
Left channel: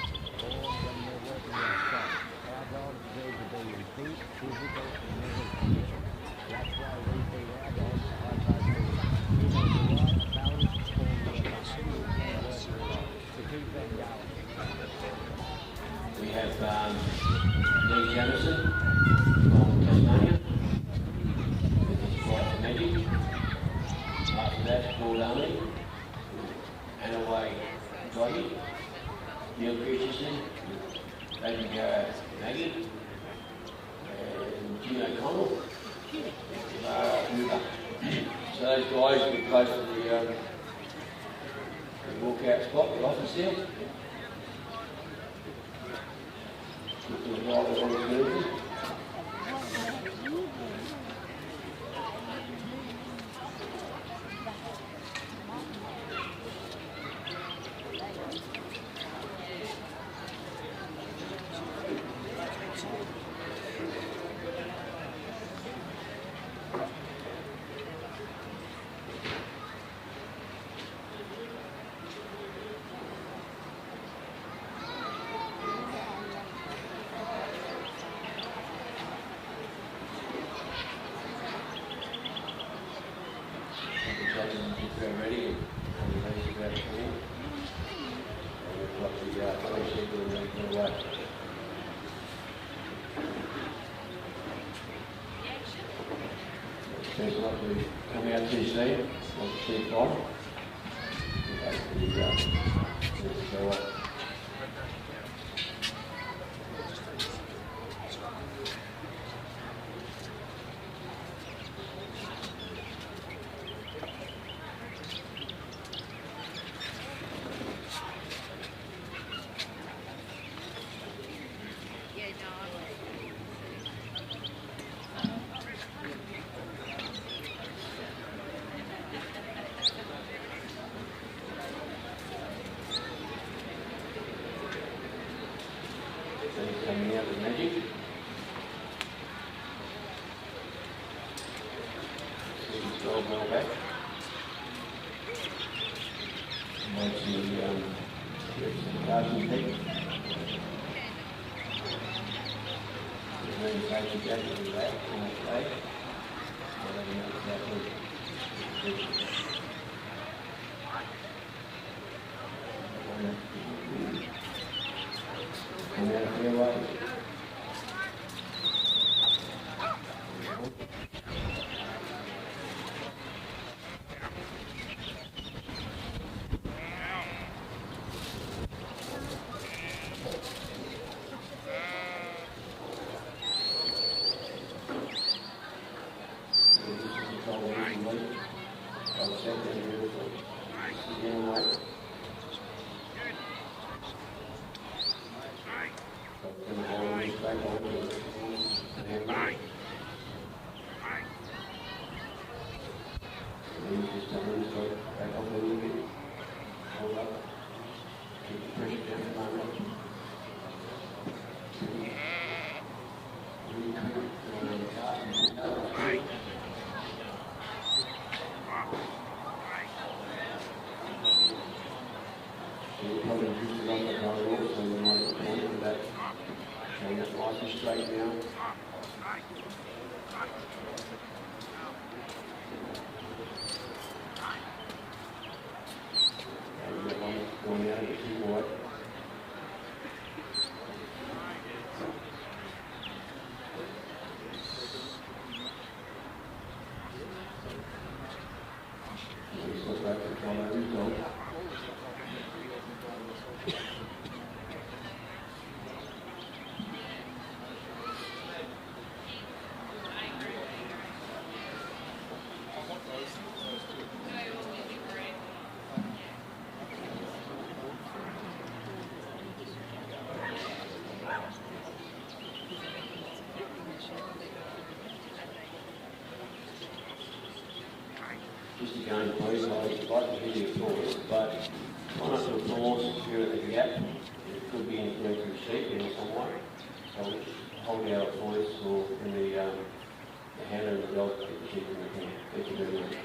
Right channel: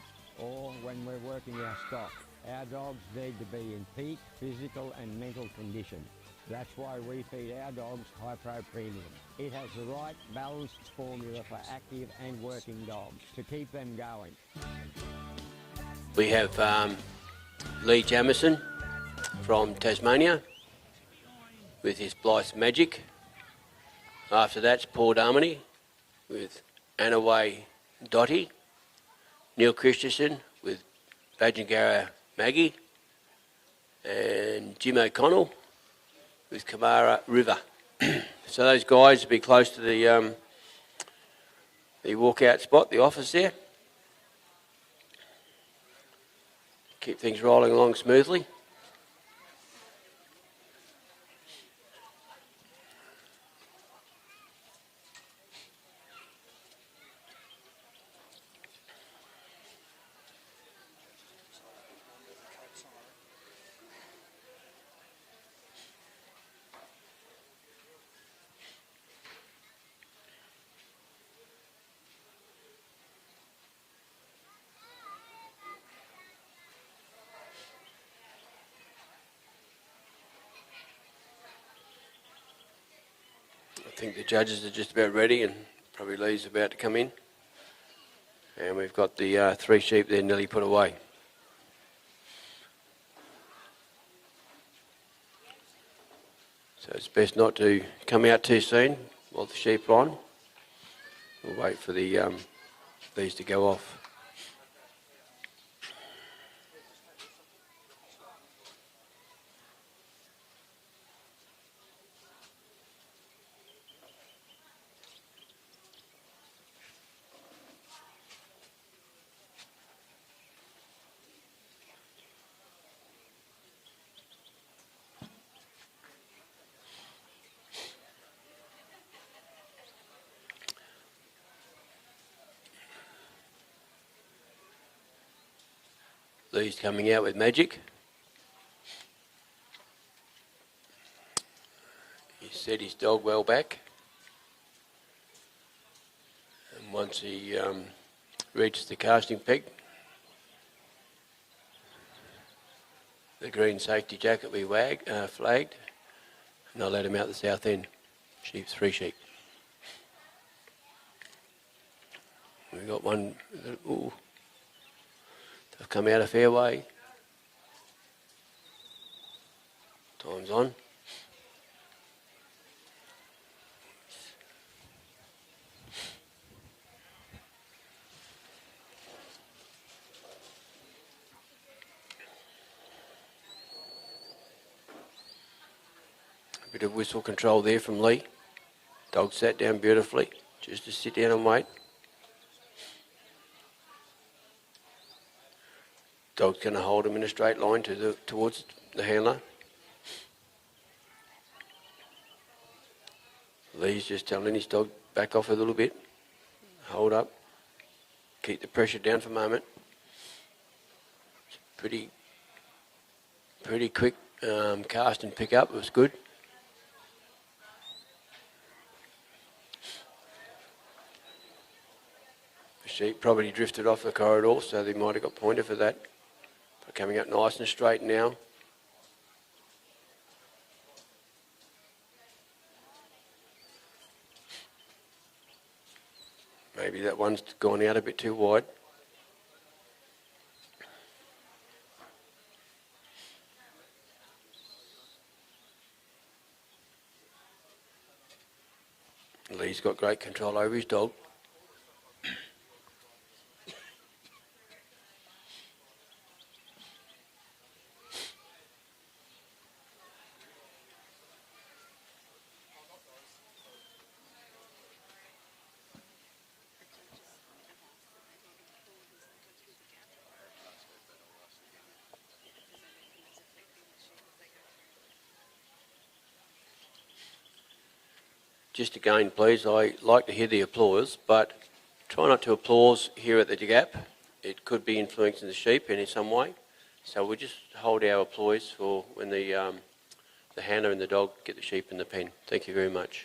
or when we're working our stock, our dogs need to be in peak physical and mental condition. That's why we feed our dogs high protein. It has the right balanced formula for active and working dogs to keep them going. We have Lee Jameson from Tasmania with his Foresight and Magic. After that's Paul Darmony with Anaway Delty. Neil Christensen with Banjo Maggie. And Jim McConnell with Kamara River. So those guys will be close to the walkout spot, the office there. Keep things rolling along smoothly. I think the judges are just about ready and probably Lee's about to come in. And we've got the 3 sheep there nearly put away. So it's best not to come out too soon while the sheep are on. We'll wait for these to go off. He's coming out with Magic. Set his dog well back. Once he reaches the casting peak, the green safety jacket will be flagged, and I'll let him out the south end. She's 3 sheep. We've got one. Ooh. Come out a fair way. Time's on. Bit of whistle control there from Lee. Dog sat down beautifully. Just to sit down and wait. Dog's going to hold him in a straight line towards the handler. Lee's just telling his dog back off a little bit. Hold up. Keep the pressure down for a moment. Pretty quick cast and pick up was good. She probably drifted off the corridor, so they might have got pointed for that. Coming up nice and straight now. Maybe that one's gone out a bit too wide. Lee's got great control over his dog. just again, please, I like to hear the applause, but try not to applause here at the gap. It could be influencing the sheep in some way. So we just hold our applause for when the handler and the dog get the sheep in the pen. Thank you very much.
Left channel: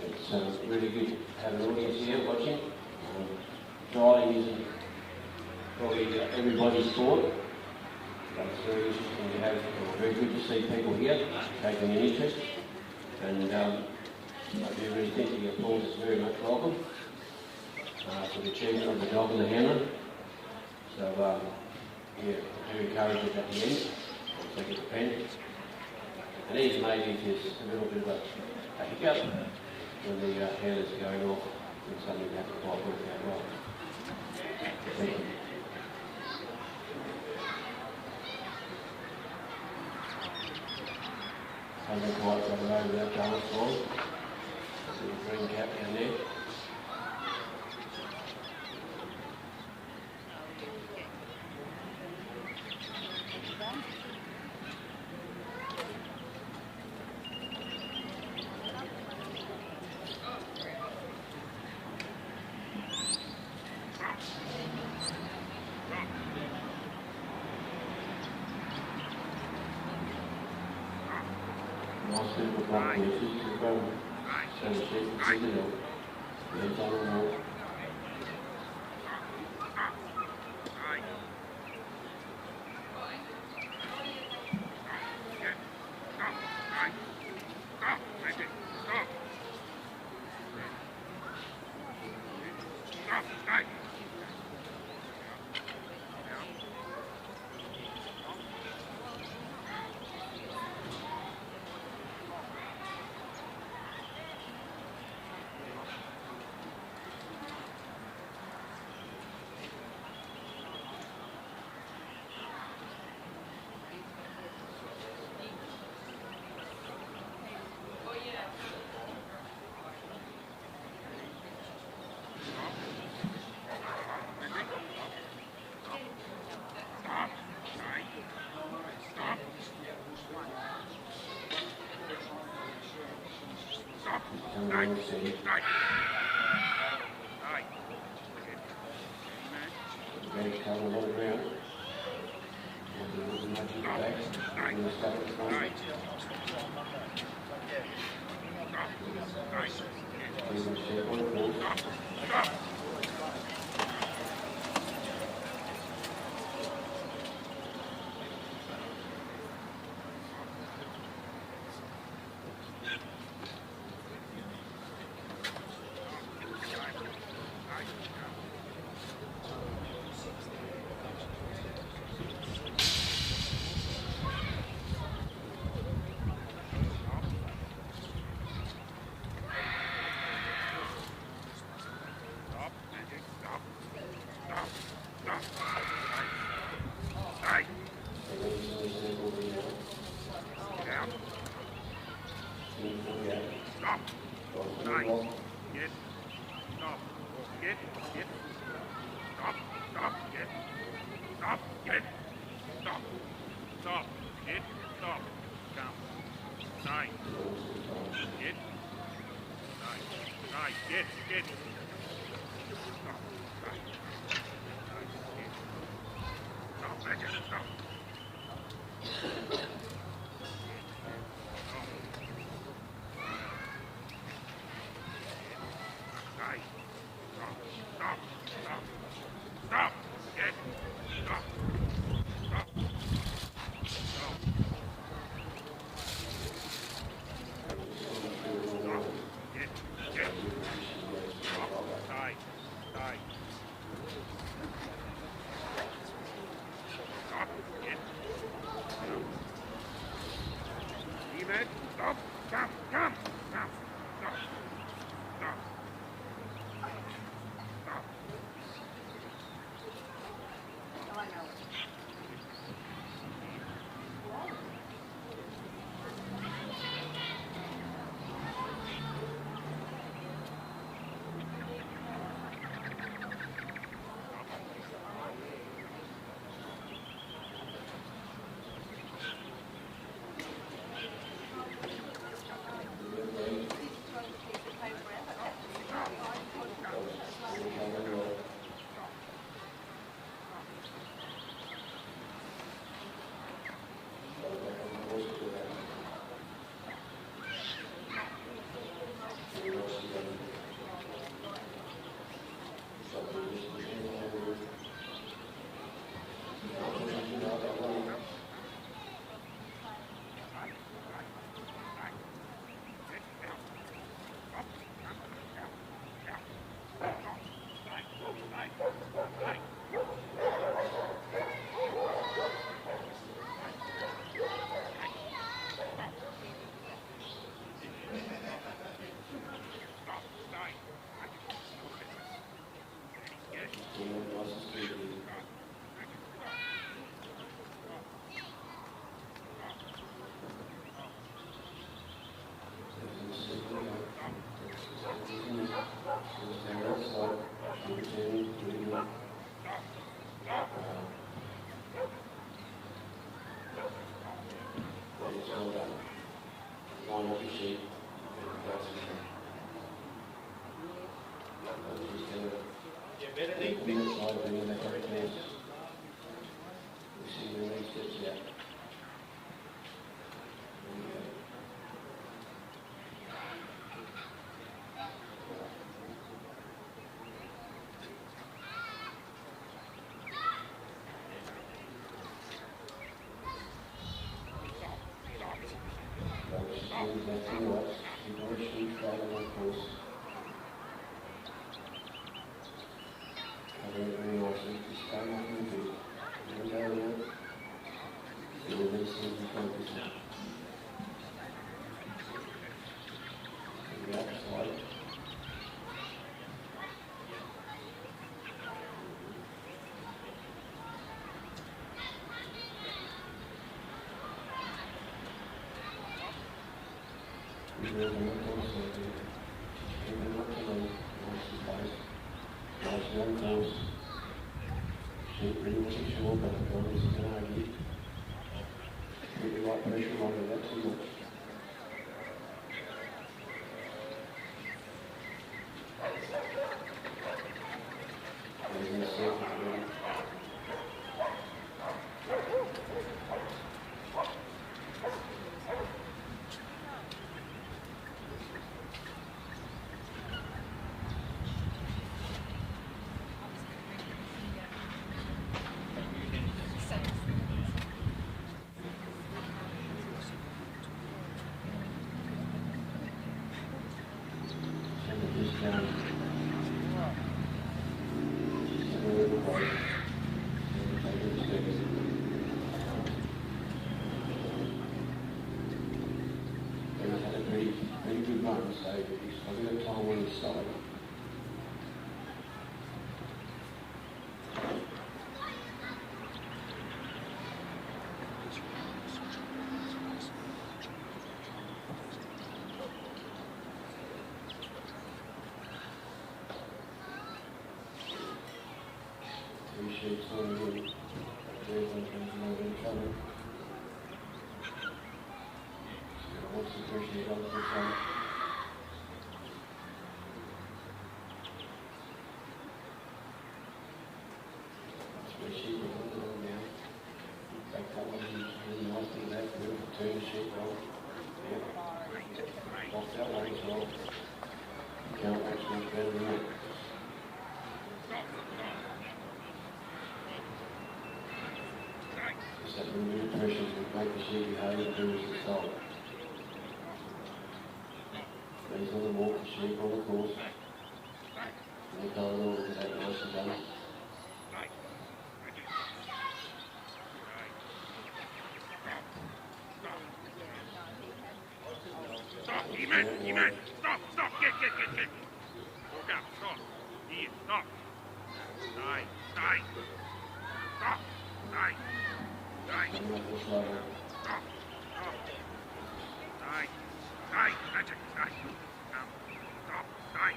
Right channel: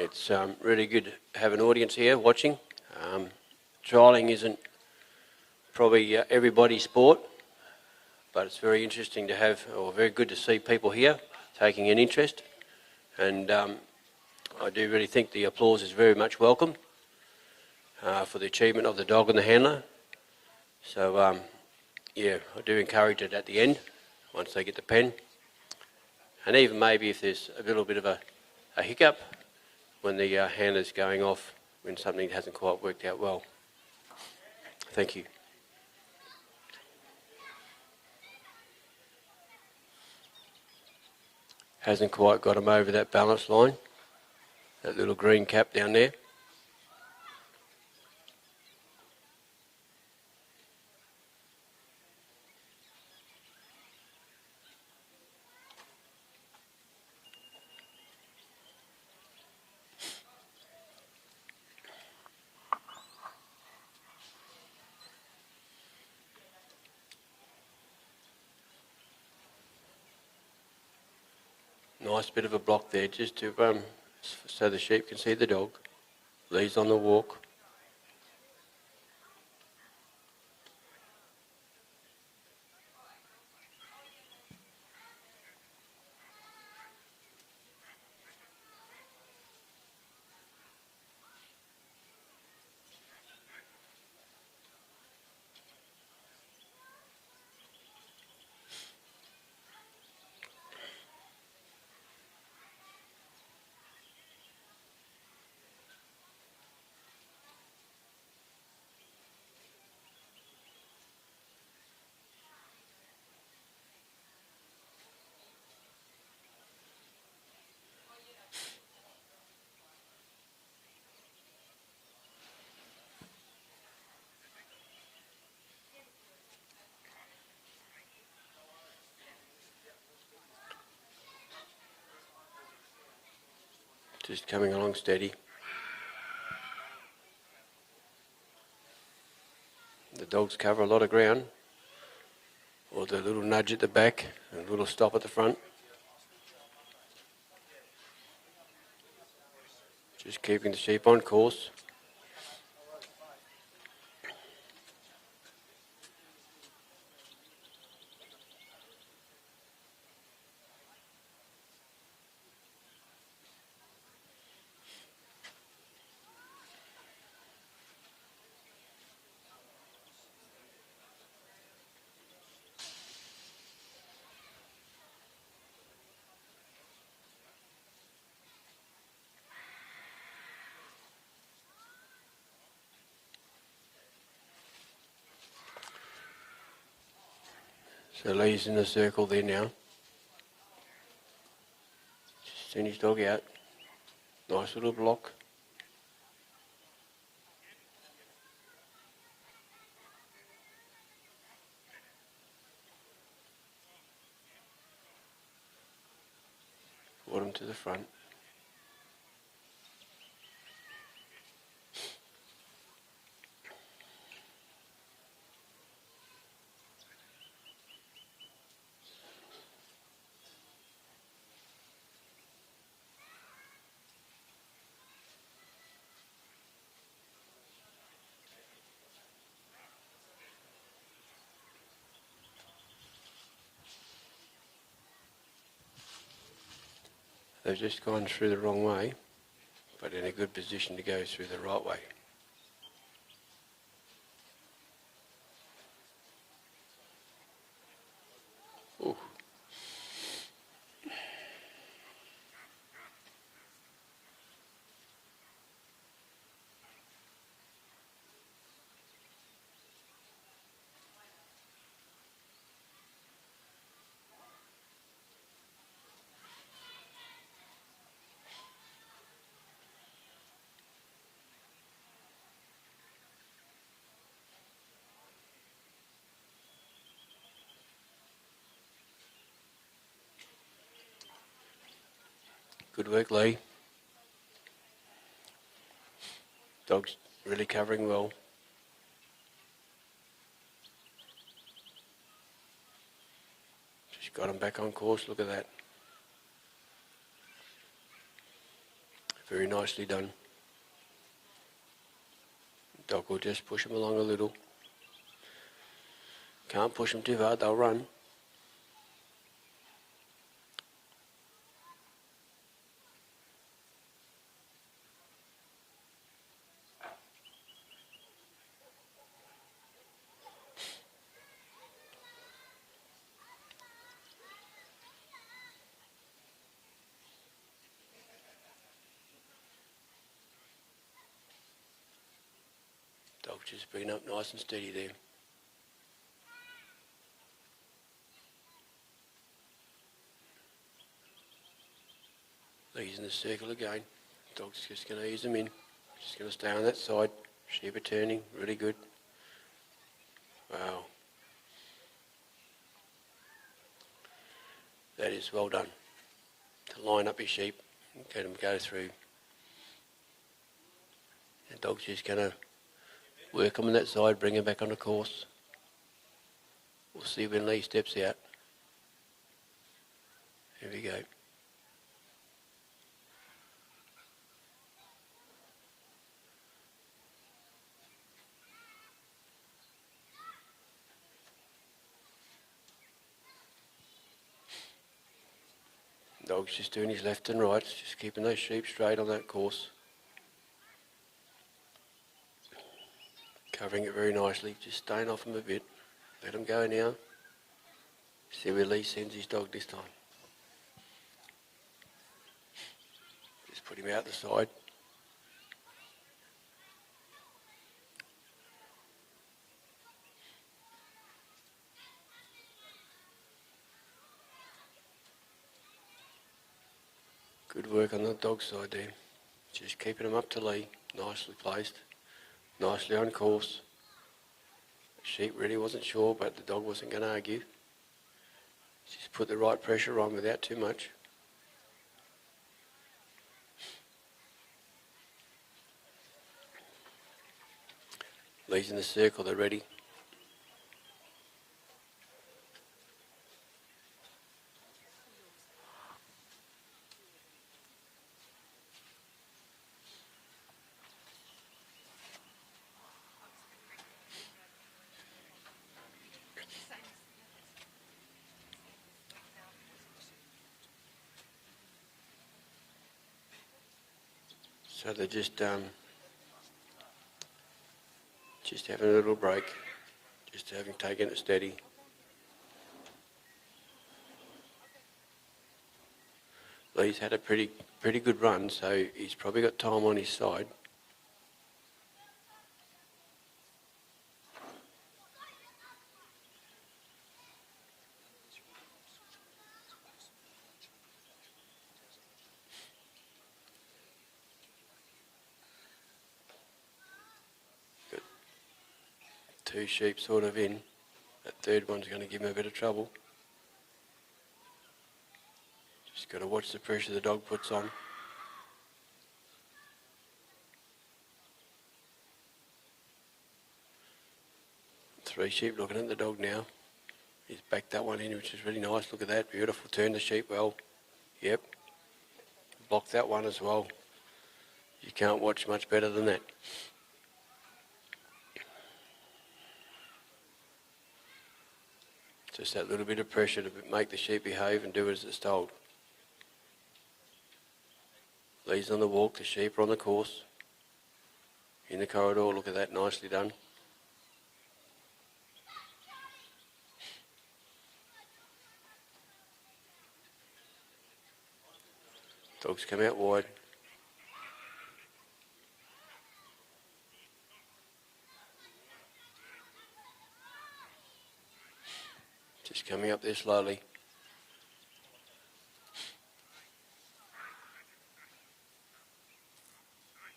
It's really good to have an audience here watching. Trialling isn't probably everybody's sport, but it's very interesting to have, or very good to see people here taking an interest. And I do really think the applause is very much welcome for the achievement of the dog and the handler. So yeah, I do encourage it at the end, once they get the pen. And even maybe if there's a little bit of a hiccup, when the handler's going off, when something hasn't quite worked out well. Thank you. Hasn't quite got him over that balance line. That little green cap down there. Nice bit of a block there, just to so the sheep can see the dog. Leads on the walk. Just coming along steady. The dogs cover a lot of ground. Or the little nudge at the back, a little stop at the front. Just keeping the sheep on course. The lead's in the circle there now. Send his dog out. Nice little block. Got him to the front. They've just gone through the wrong way. That's a good position to go through the right way. Good work, Lee. Dog's really covering well. She's got him back on course, look at that. Very nicely done. Dog will just push him along a little. Can't push them too hard, they'll run. Dog's just been up nice and steady there. He's in the circle again. Dog's just going to ease him in. Just going to stay on that side. Sheep returning, really good. Wow. That is well done. Line up his sheep, get him to go through. Dog's just going to work him on that side, bring him back on the course. We'll see when Lee steps out. Here we go. Dog's just doing his left and right, just keeping those sheep straight on that course. Covering it very nicely, just staying off him a bit. Let him go now. See where Lee sends his dog this time. Just put him out the side. Good work on the dog side there. Just keeping him up to lead, nicely placed, nicely on course. Sheep really wasn't sure, but the dog wasn't going to argue. Just put the right pressure on without too much. Lee's in the circle, they're ready. So they're just having a little break, just having taken it steady. Lee's had a pretty good run, so he's probably got time on his side. Two sheep sort of in. That third one's going to give him a bit of trouble. Just got to watch the pressure the dog puts on. Three sheep looking at the dog now. He's backed that one in, which is really nice. Look at that, beautiful. Turn the sheep well. Yep. Blocked that one as well. You can't watch much better than that. Just that little bit of pressure to make the sheep behave and do as it's told. Lee's on the walk, the sheep are on the course. In the corridor, look at that, nicely done. Dogs come out wide. Stop, get. Look out, stop. Here, stop. Stay. Stop, stay. Just coming up there slowly. Stop. Stay. Magic, stay. Stop, stay.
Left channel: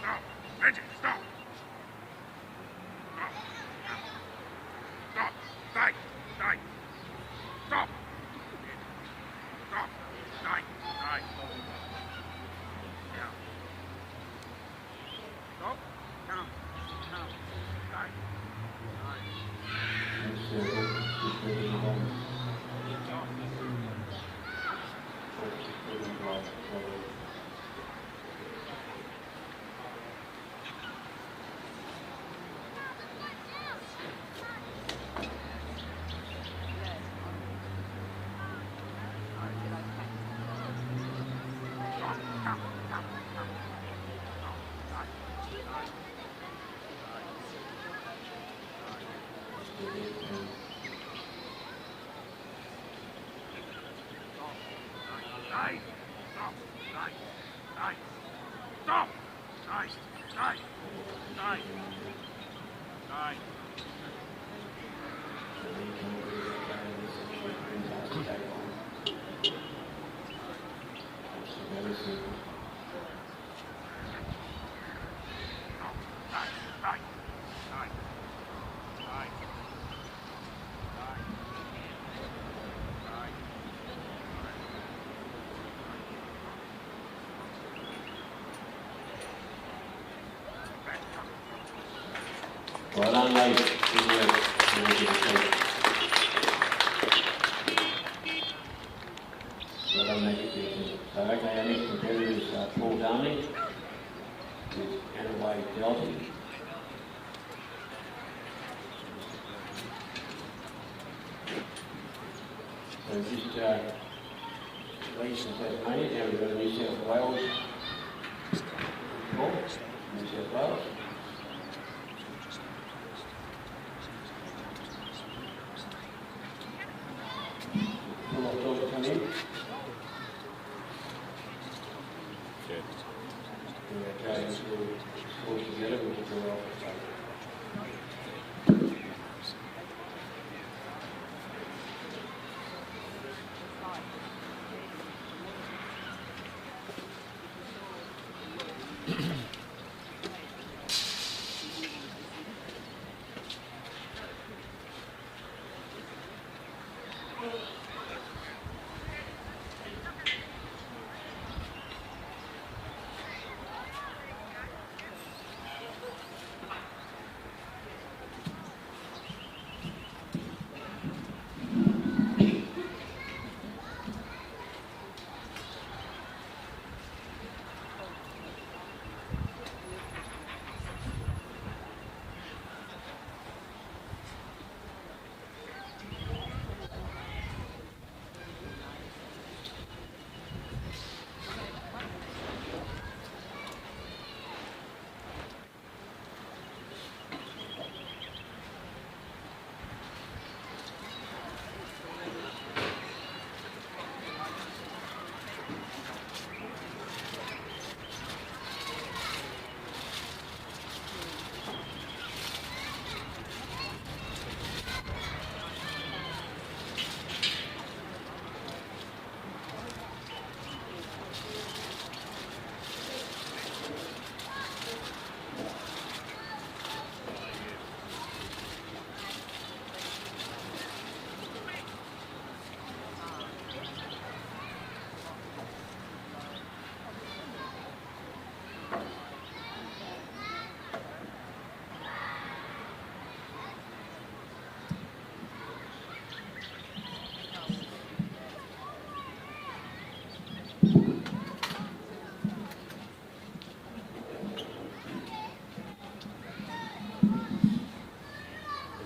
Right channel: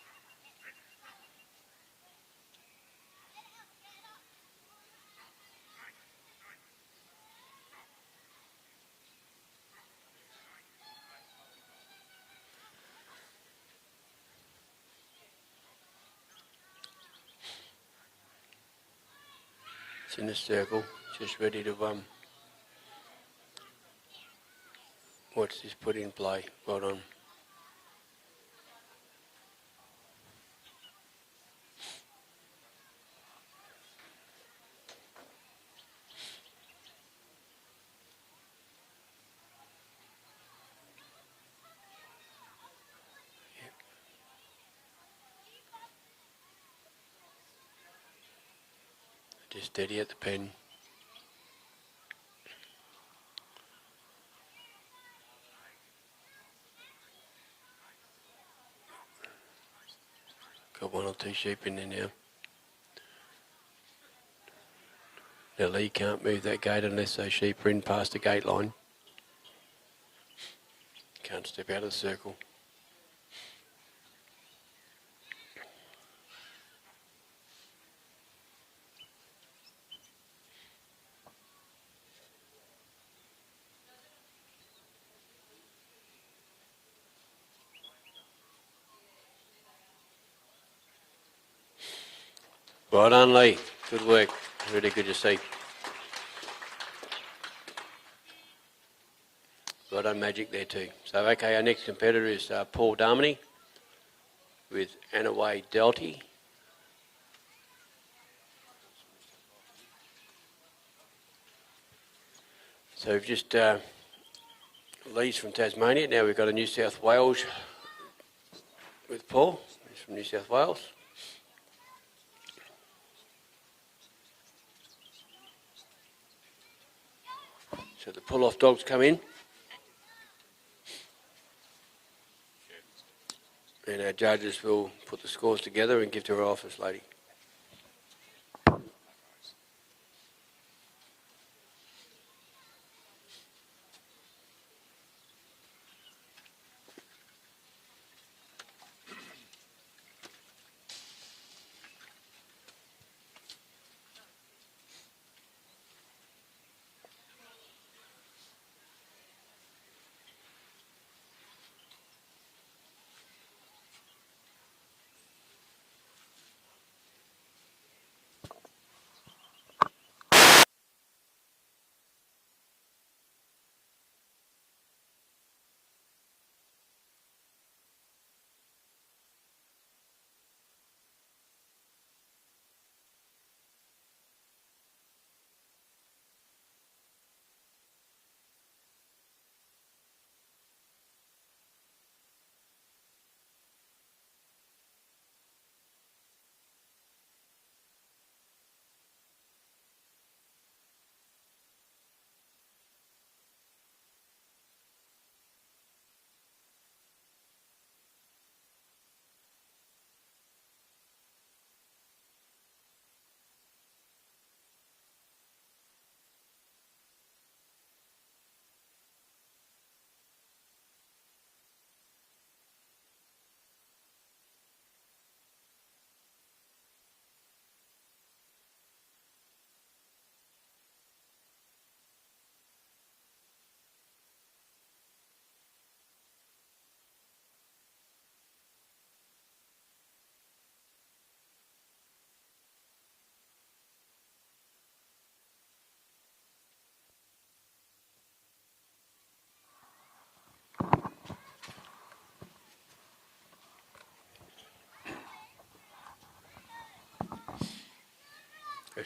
Stop. Magic, stop. Stop. Stop, stay. Stop. the circle, just ready to what's this put in play, right on. Just steady at the pen. Got one or two sheep in there now. The lead can't move that gate unless those sheep are in past the gate line. Can't step out of the circle. Right on, Lee. Good work. Really good to see. Right on, Magic there too. So, okay, our next competitor is Paul Darmany with Anaway Delty. So just Lee's from Tasmania. Now we've got a New South Wales with Paul from New South Wales. Pull-off dogs come in. And our judges will put the scores together and give to our office lady.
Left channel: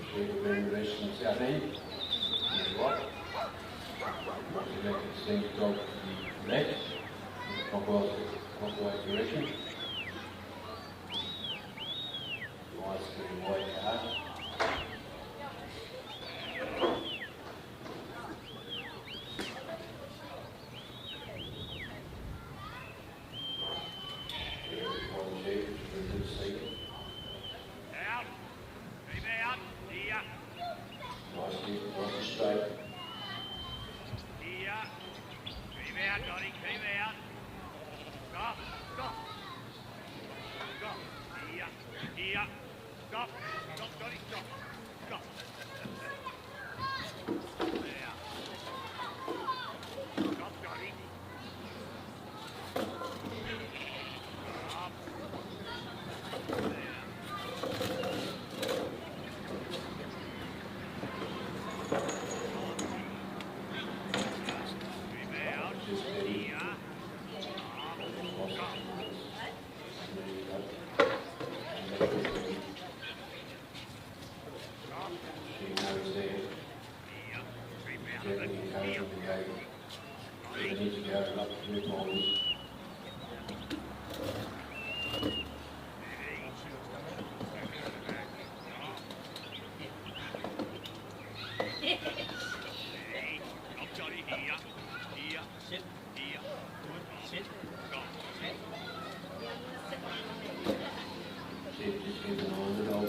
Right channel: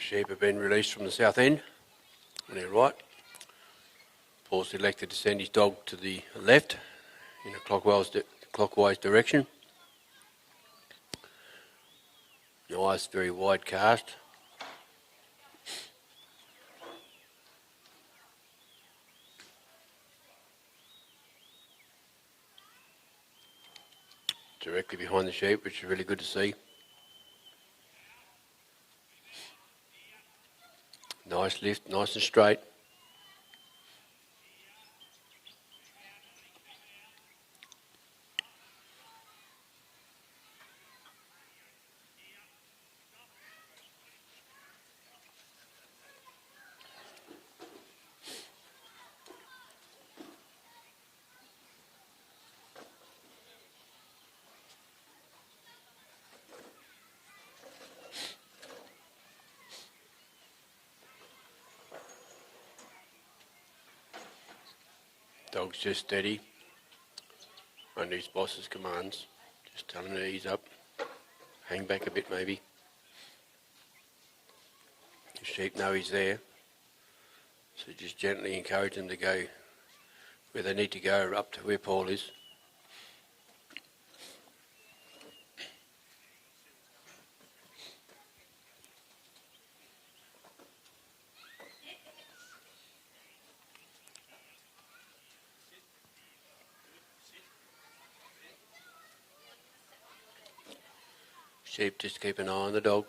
Sheep have been released from the south end, to the right. Paul's elected to send his dog to the left in a clockwise direction. The eyes very wide cast. Directly behind the sheep, which is really good to see. Nice lift, nice and straight. just steady. Under his boss's commands. Just tell him to ease up. Hang back a bit maybe. Sheep know he's there. So you just gently encourage them to go where they need to go, up to where Paul is. Sheep, just keep an eye on the dog.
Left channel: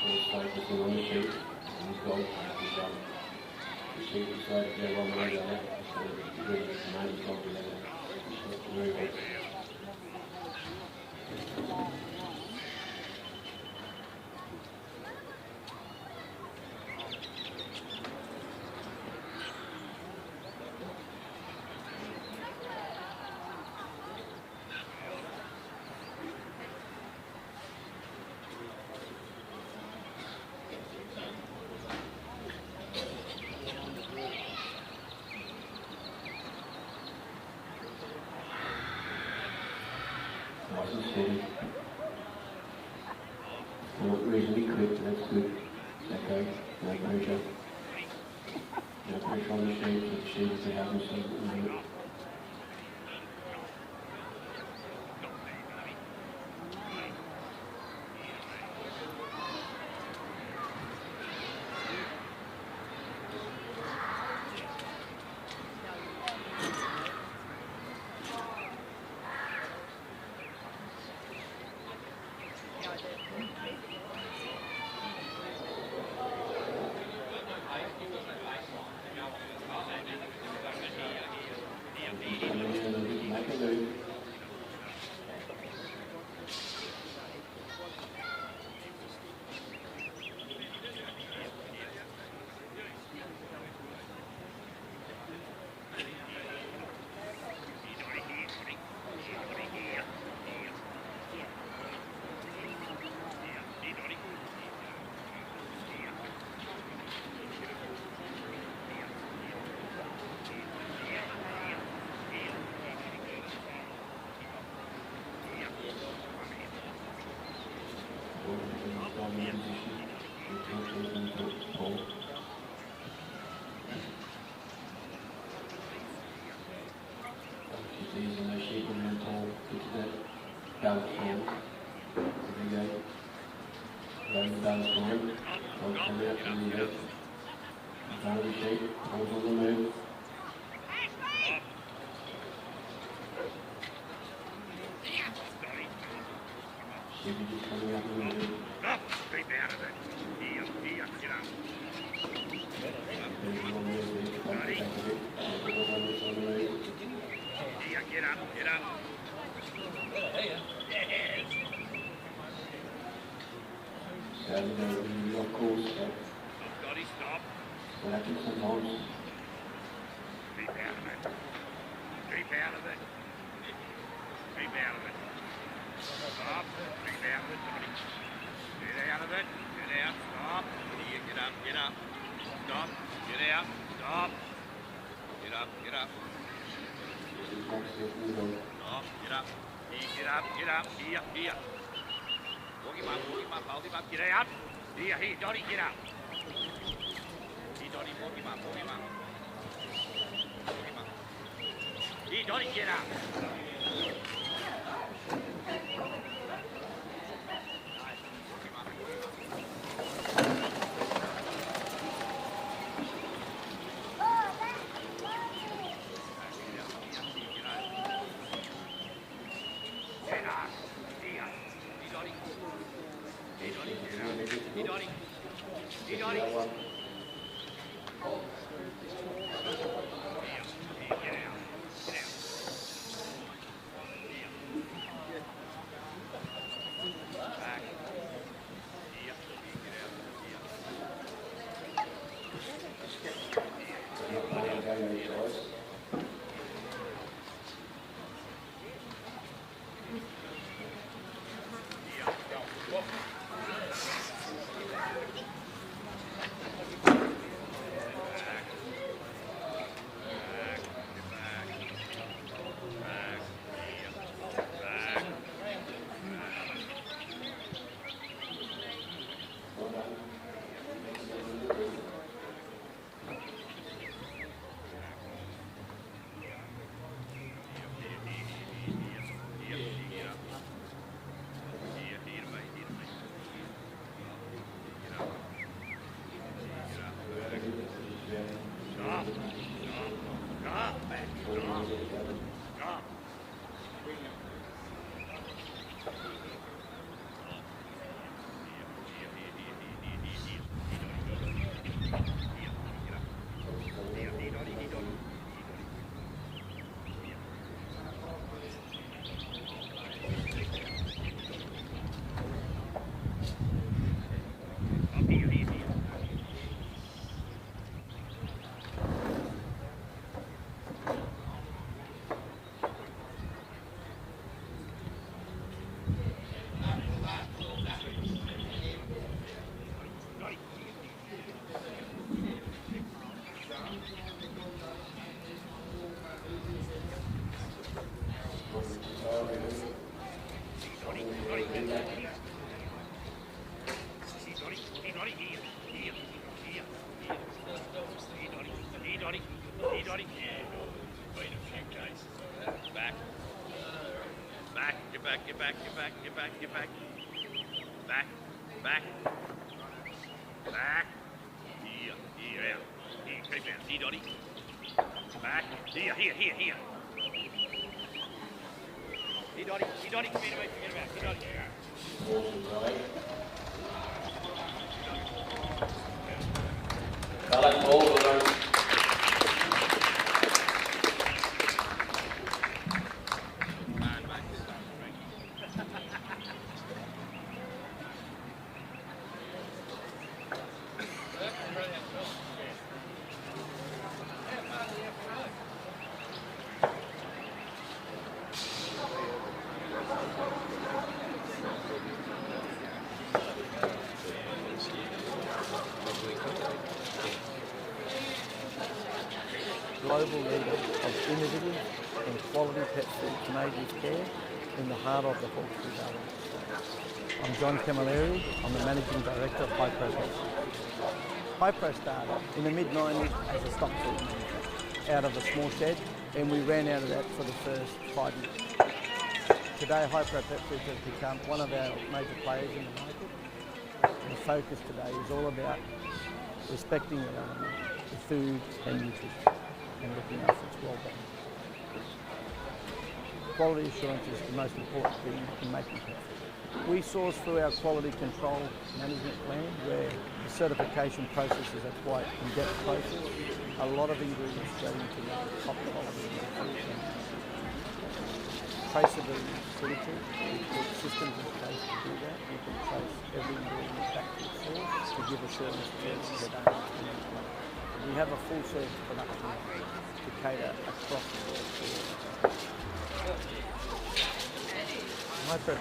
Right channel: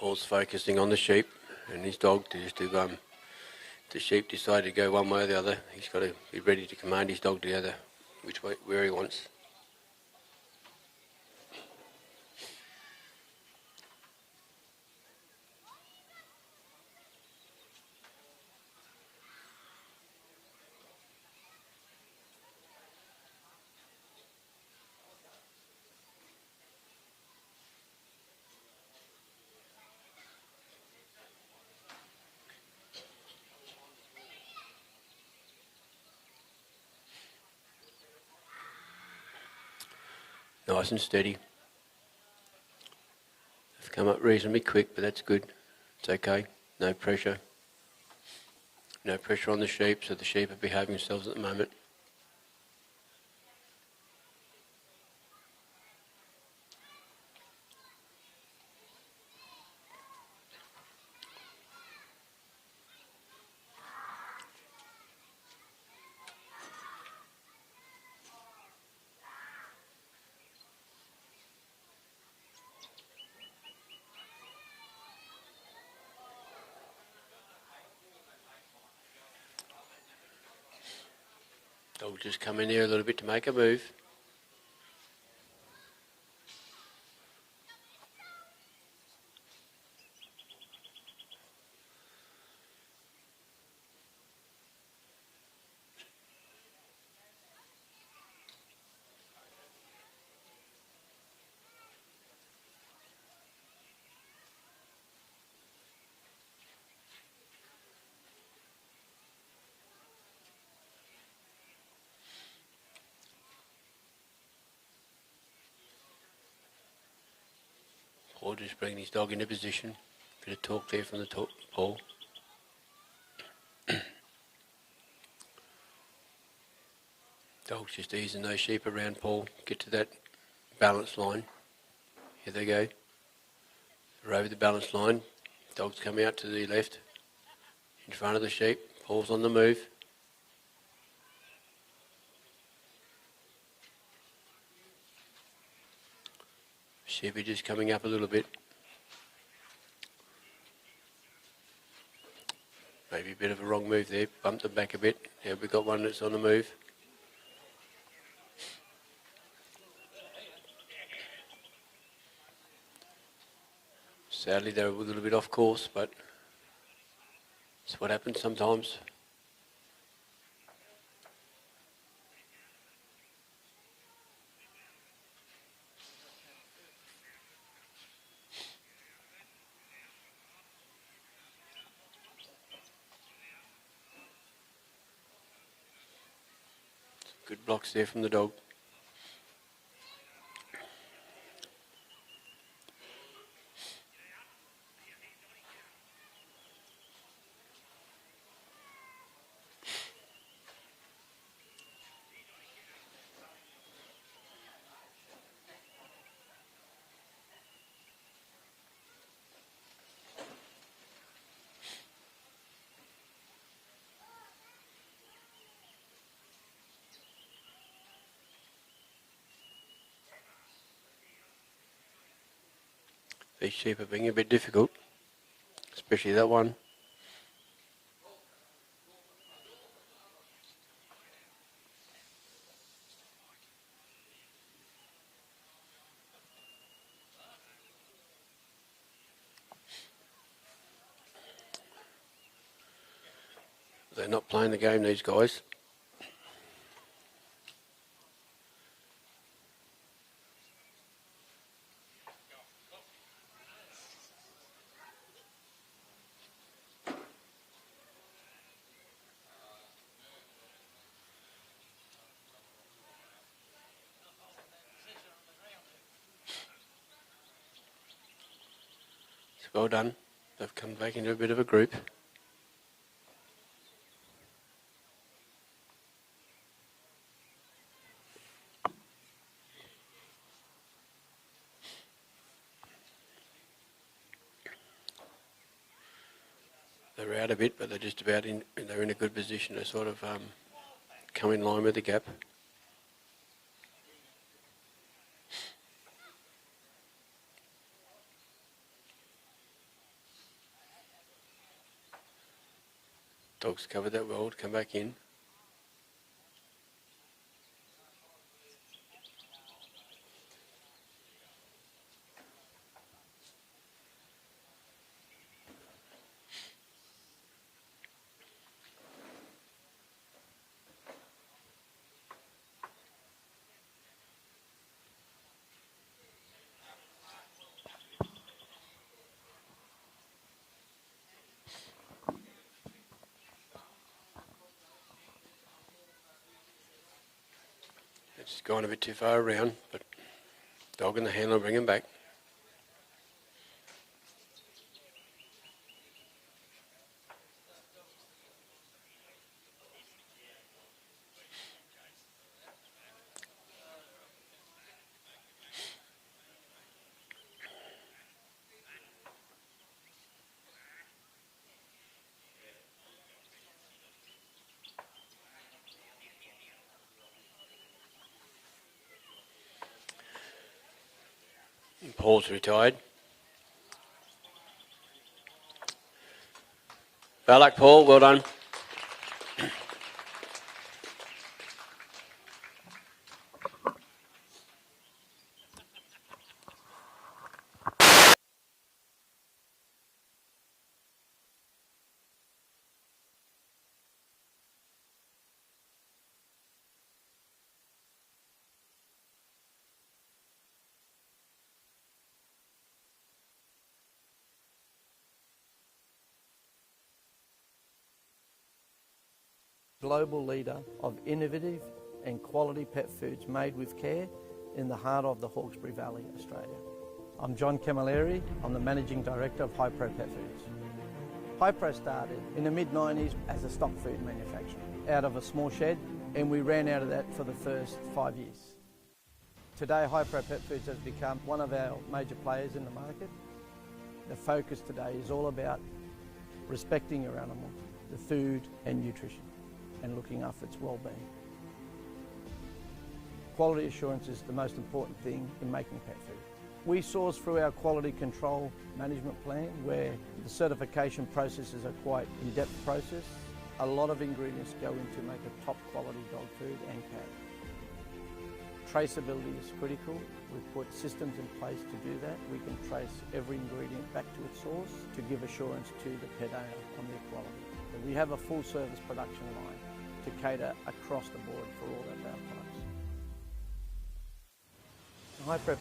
Paul's focusing on the sheep and his dog. If the sheep decide to go one way or the other, he's got to be ready to command his dog to the other, which way, where he wants. Nice and steady. It's come up reasonably quick, but that's good. It's okay. No pressure. No pressure on the sheep, so the sheep are behaving themselves at the moment. Just come in here a little bit to make a move. Or just bring his dog into position. Bit of talk there from the ball. Dog's just easing those sheep around Paul. Get to that balance line. There they go. We're over the balance line. Dogs come out to the left. In front of the sheep. Paul's on the move. Sheep are just coming up a little bit. Maybe a bit of a wrong move there, bumped it back a bit. Now we've got one that's on the move. Sadly they're a little bit off course, but that's what happens sometimes. Good blocks there from the dog. Get up, here. Walk him up, hold him up, get out. Here, Dotty, get up. Here, Dotty, walk him up. Here, Dotty, get up. These sheep are being a bit difficult, especially that one. They're not playing the game, these guys. well done. They've come back into a bit of a group. They're out a bit, but they're just about in. They're in a good position to sort of come in line with the gap. Dogs covered that well to come back in. Going a bit too far around, but dog in the handle, bring him back. Paul's retired. Ballack, Paul, well done. Global leader of innovative and quality pet foods made with care in the heart of the Hawkesbury Valley, Australia. I'm John Camilleri. I'm the Managing Director of Hypro Pet Foods. Hypro started in the mid-90s as a stock food manufacturer out of a small shed, and we ran out of that for the first 5 years. Today, Hypro Pet Foods has become one of our major players in the market. The focus today is all about respecting your animal, the food and nutrition, and looking after its well-being. Quality assurance is the most important thing in making pet food. We source through our quality control management plan, where the certification processes are quite in-depth process. A lot of ingredients go into make a top quality dog food and pet. Traceability is critical. We put systems in place to do that. We can trace every ingredient back to its source to give assurance to the pet owner on their quality. We have a full service production line to cater across the board for all of that. Hypro.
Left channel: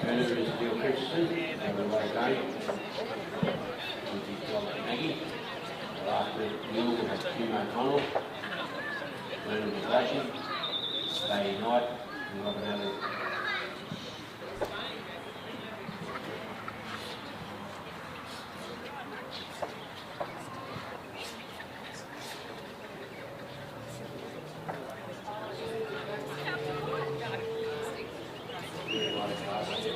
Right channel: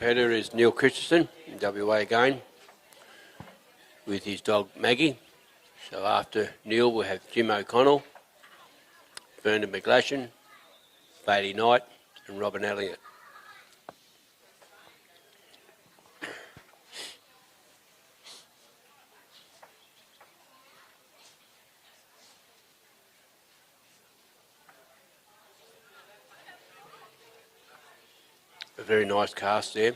Competitor is Neil Christensen, WA again, with his dog Maggie. So after Neil we have Jim O'Connell, Vernon Miglashian, Lady Knight and Robin Elliott. Very nice cast there.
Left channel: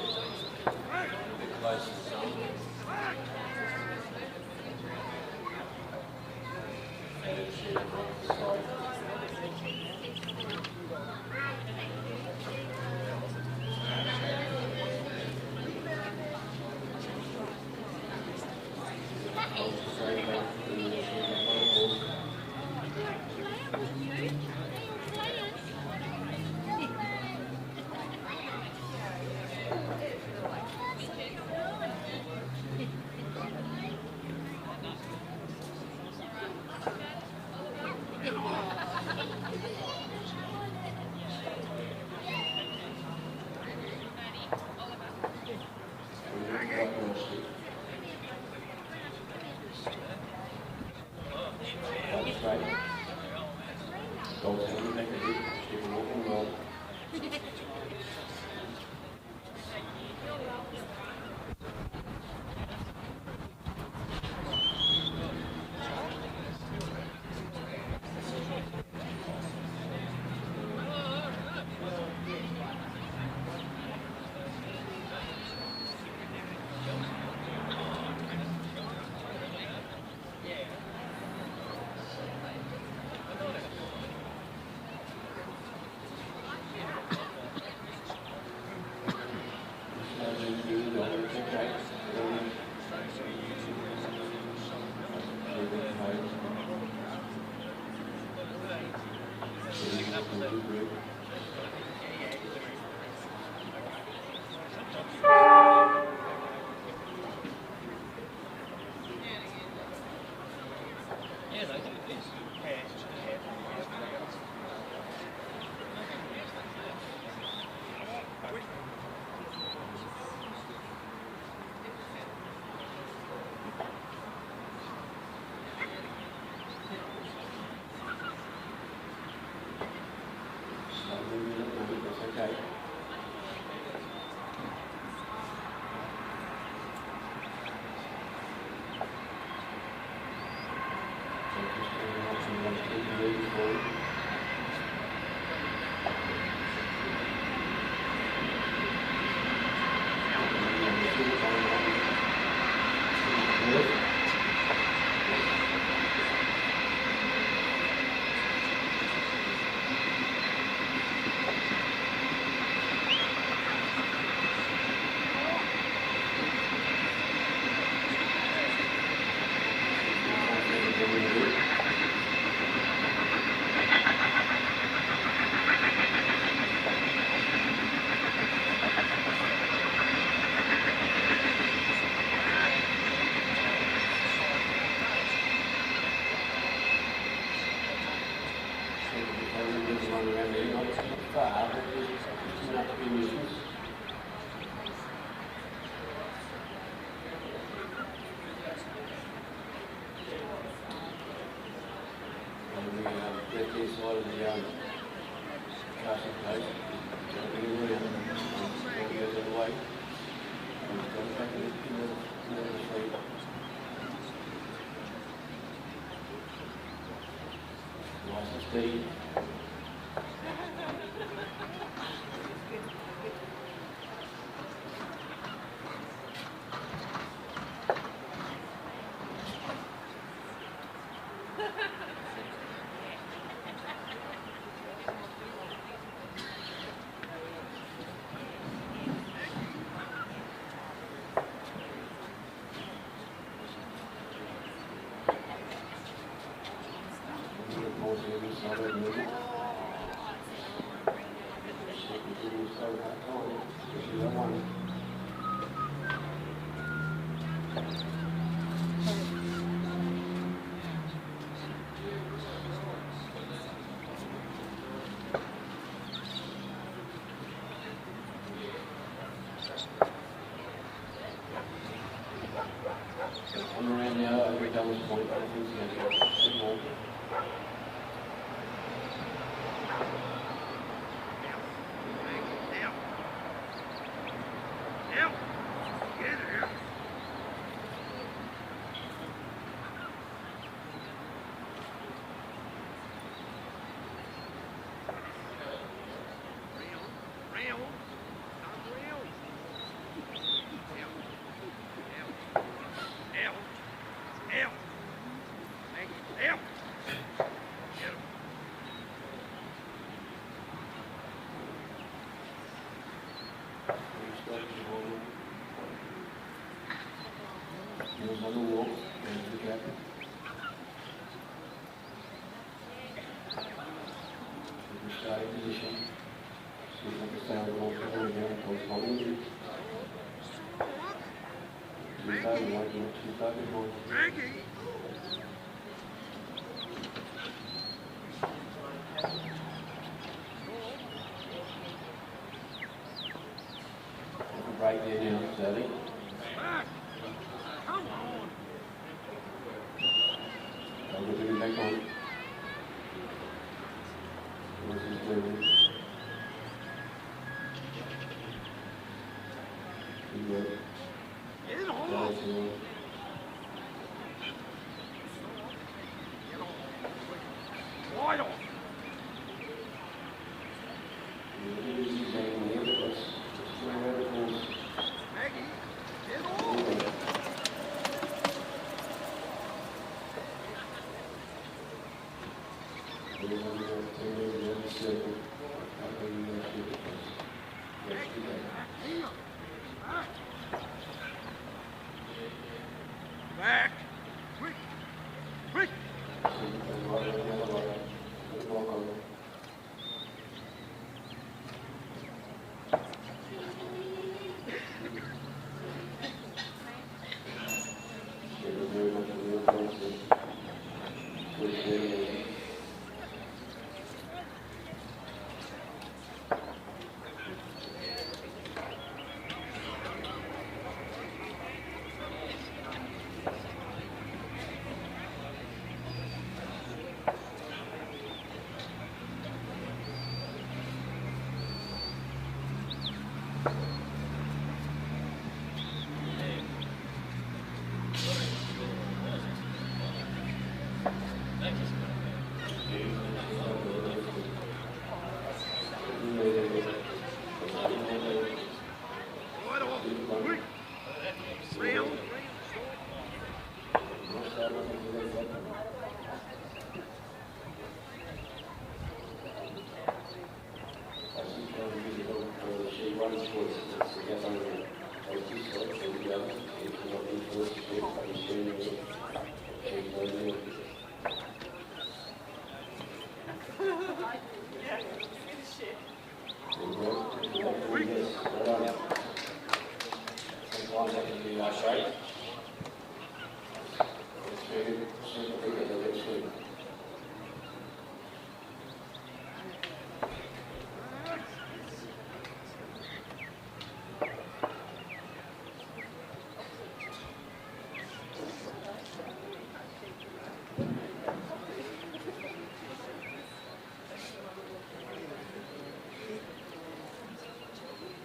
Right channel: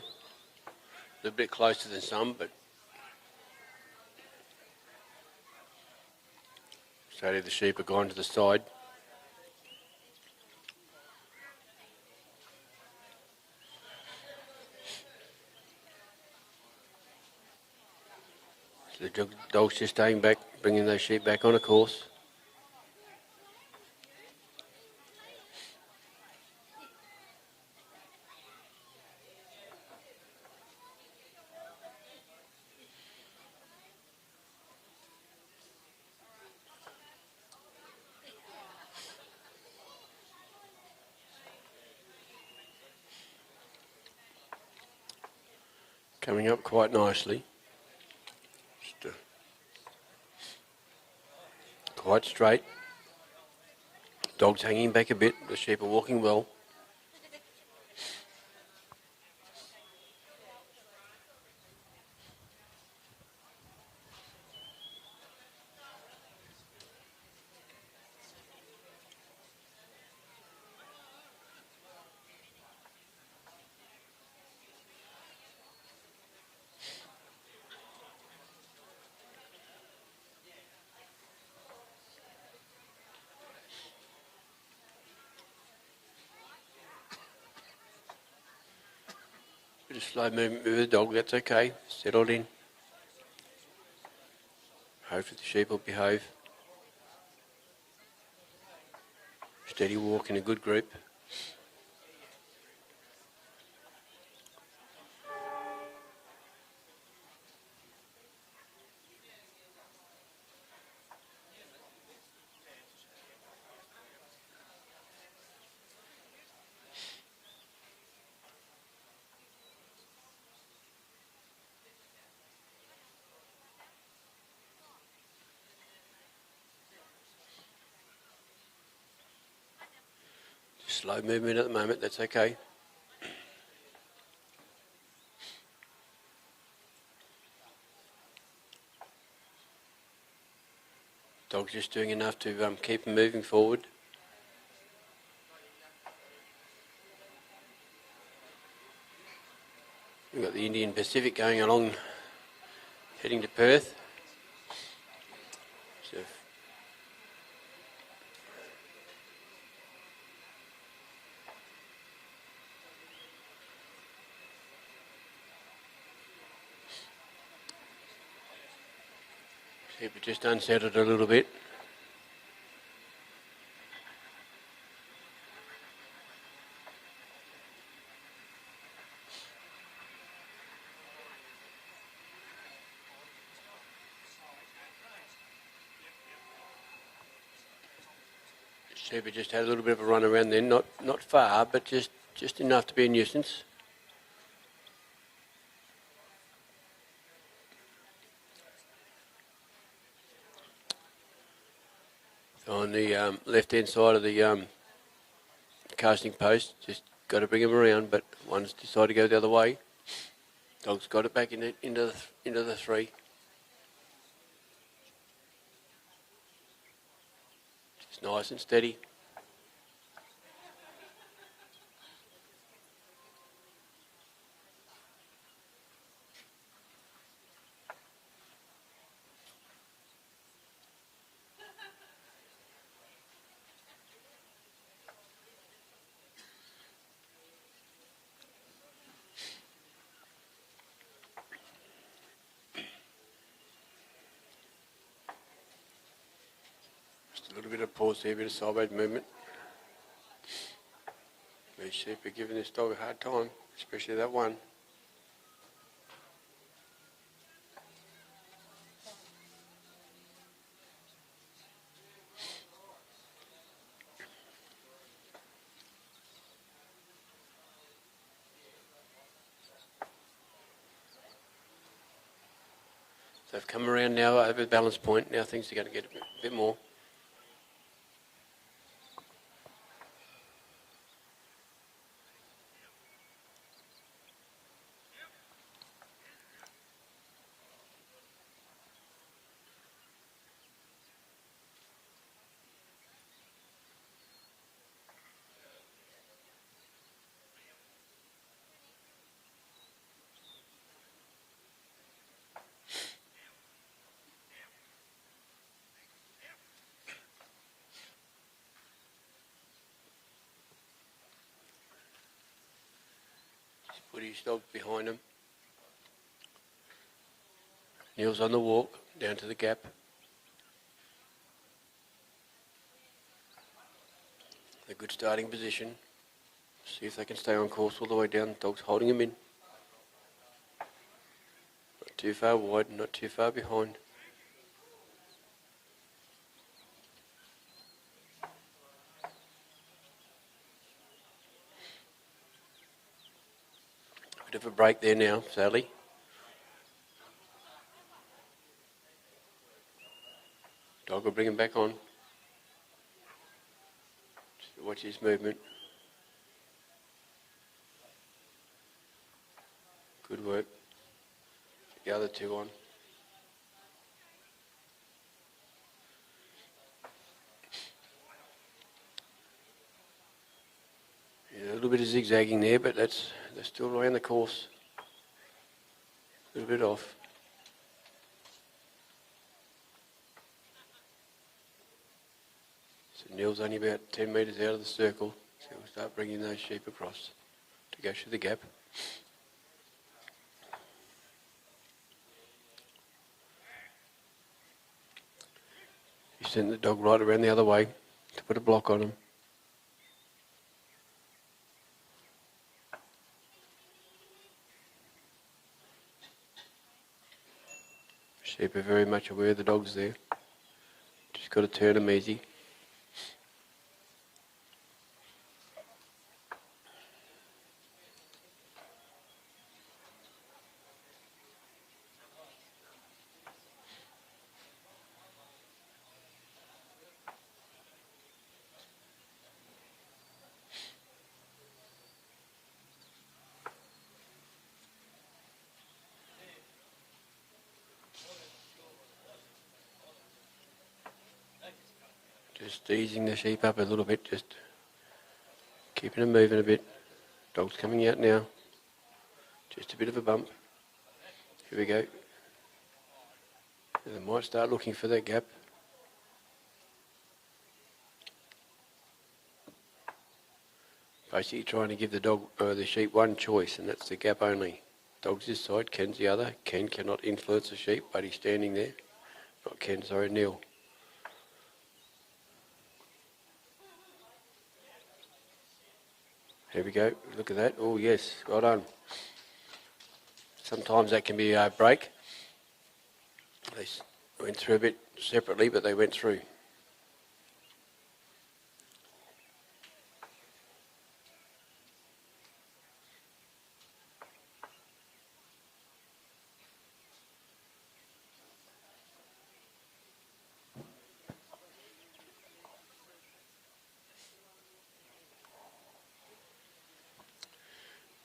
A little bit closer to some, but so the sheep are gone to the side. The dogs just staying back, bringing those sheep back on a course. coming up quite nicely. Quite straight. Dog's hanging back a bit. The sheep are walking well. Slow movement with the dog, that's okay. Settled in. Hopefully the sheep will behave. Steady walk in a good group. Slow movement at the moment, that's okay. Dog's just doing enough to keep him moving forward. The Indian Pacific going along in Perth. Unsettled a little bit. Sheepy just had a little bit of a run around there, not far, but just enough to be a nuisance. On the left-hand side of the casting post, just got to bring him around, but one's decided to go the other way. Dog's got it back into the three. It's nice and steady. See a bit of sideways movement. They should be giving this dog a hard time, especially that one. So come around now at a balance point. Now things are going to get a bit more. Dog behind him. Heels on the walk, down to the gap. A good starting position. See if they can stay on course all the way down. The dog's holding him in. Not too far wide, not too far behind. Break there now, Sally. Dog will bring him back on. Watch his movement. Good work. The other two on. Yeah, a little bit of zigzagging there, but that's still around the course. A bit off. Neil's only about 10 metres out of the circle. Start bringing those sheep across. Go through the gap. Send the dog right around the other way to put a block on him. Sheep are very much aware the dog's there. Just got to turn him easy. Easing the sheep up a little bit, just keeping them moving a bit. Dog's coming out now. It's a bit of a bump. Here we go. They might start looking for that gap. Basically trying to give the dog, the sheep one choice, and that's the gap only. Dog's this side, Ken's the other. Ken cannot influence the sheep, but he's standing there. Not Ken, sorry, Neil. There we go, look at that. Oh yes, well done. Sometimes that can be a break. They went through a bit separately, but they went through.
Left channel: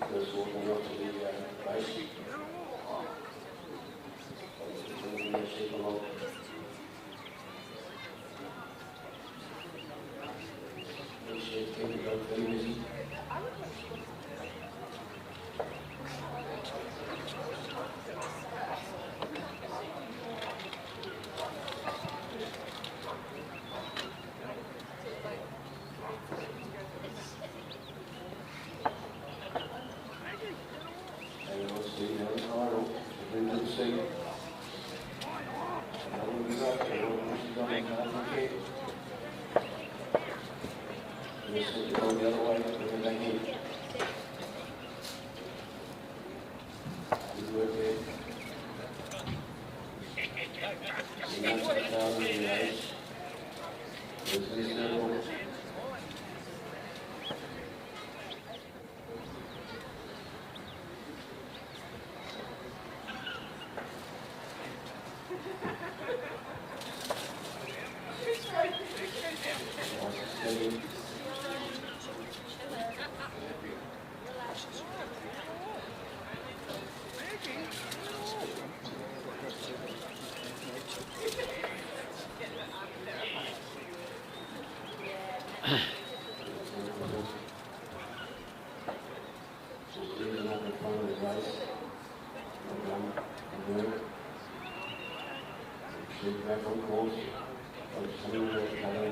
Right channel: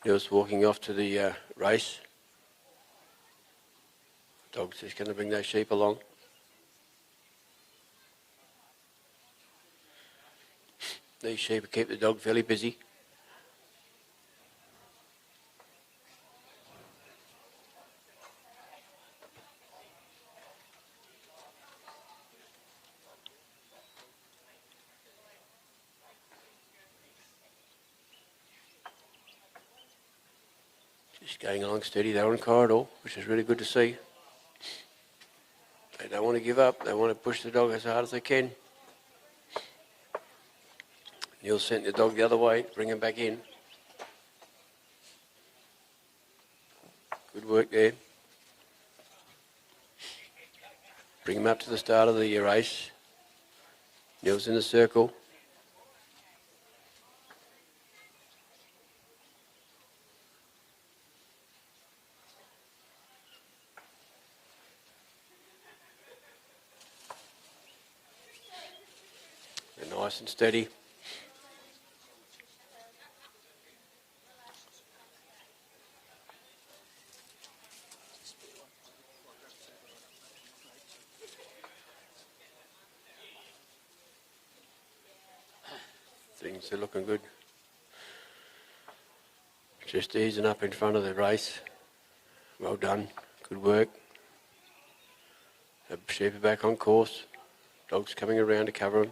He was walking off to the race. Dog's just going to bring those sheep along. These sheep keep the dog fairly busy. Going along steady, they're on a corridor, which is really good to see. They don't want to give up, they want to push the dog as hard as they can. You'll send the dog the other way, bring him back in. Good work there. Bring him up to the start of the race. Neil's in the circle. Nice and steady. Things are looking good. Just easing up in front of the race. Well done. Good work. The sheep are back on course. Dog's coming around to cover him.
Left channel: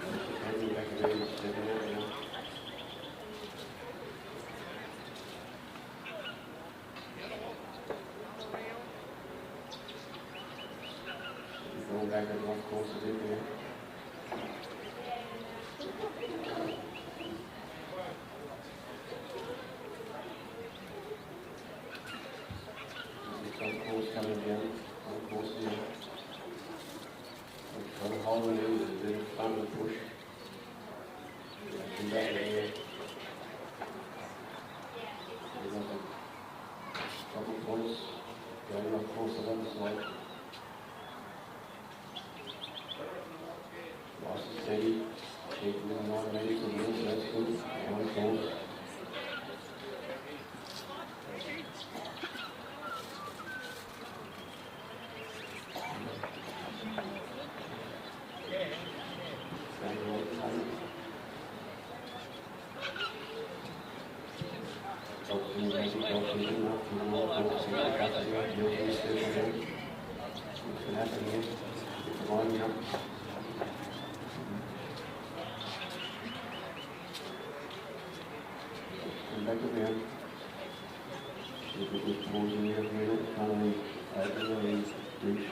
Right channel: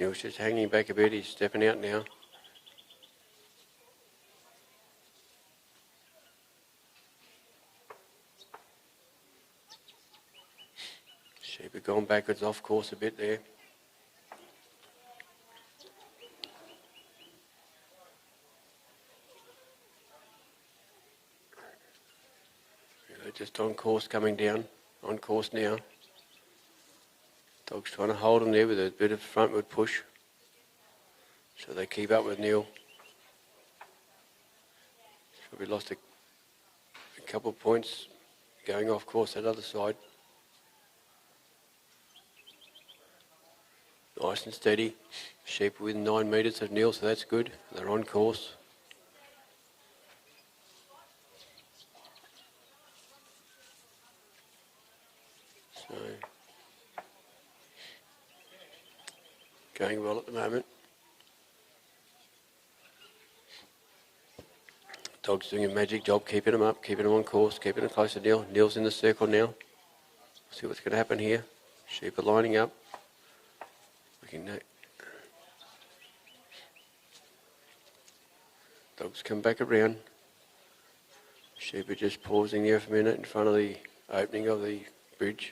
Mill's just hanging back a bit. He's stepping out now. Sheep are going backwards off course a bit there. We're just on course coming down. On course now. Dog's trying to hold him there with a bit of frontward push. So they keep up with Neil. We lost a couple of points going off course that other side. steady. Sheep within 9 metres of Neil, so that's good. They're on course. Going well at the moment. Dog's doing a magic job, keeping him up, keeping him on course, keeping him close to Neil. Neil's in the circle now. See what's going to happen here. Sheep are lining up. Dog's come back around. Sheep are just pausing there for a minute in front of the opening of the bridge.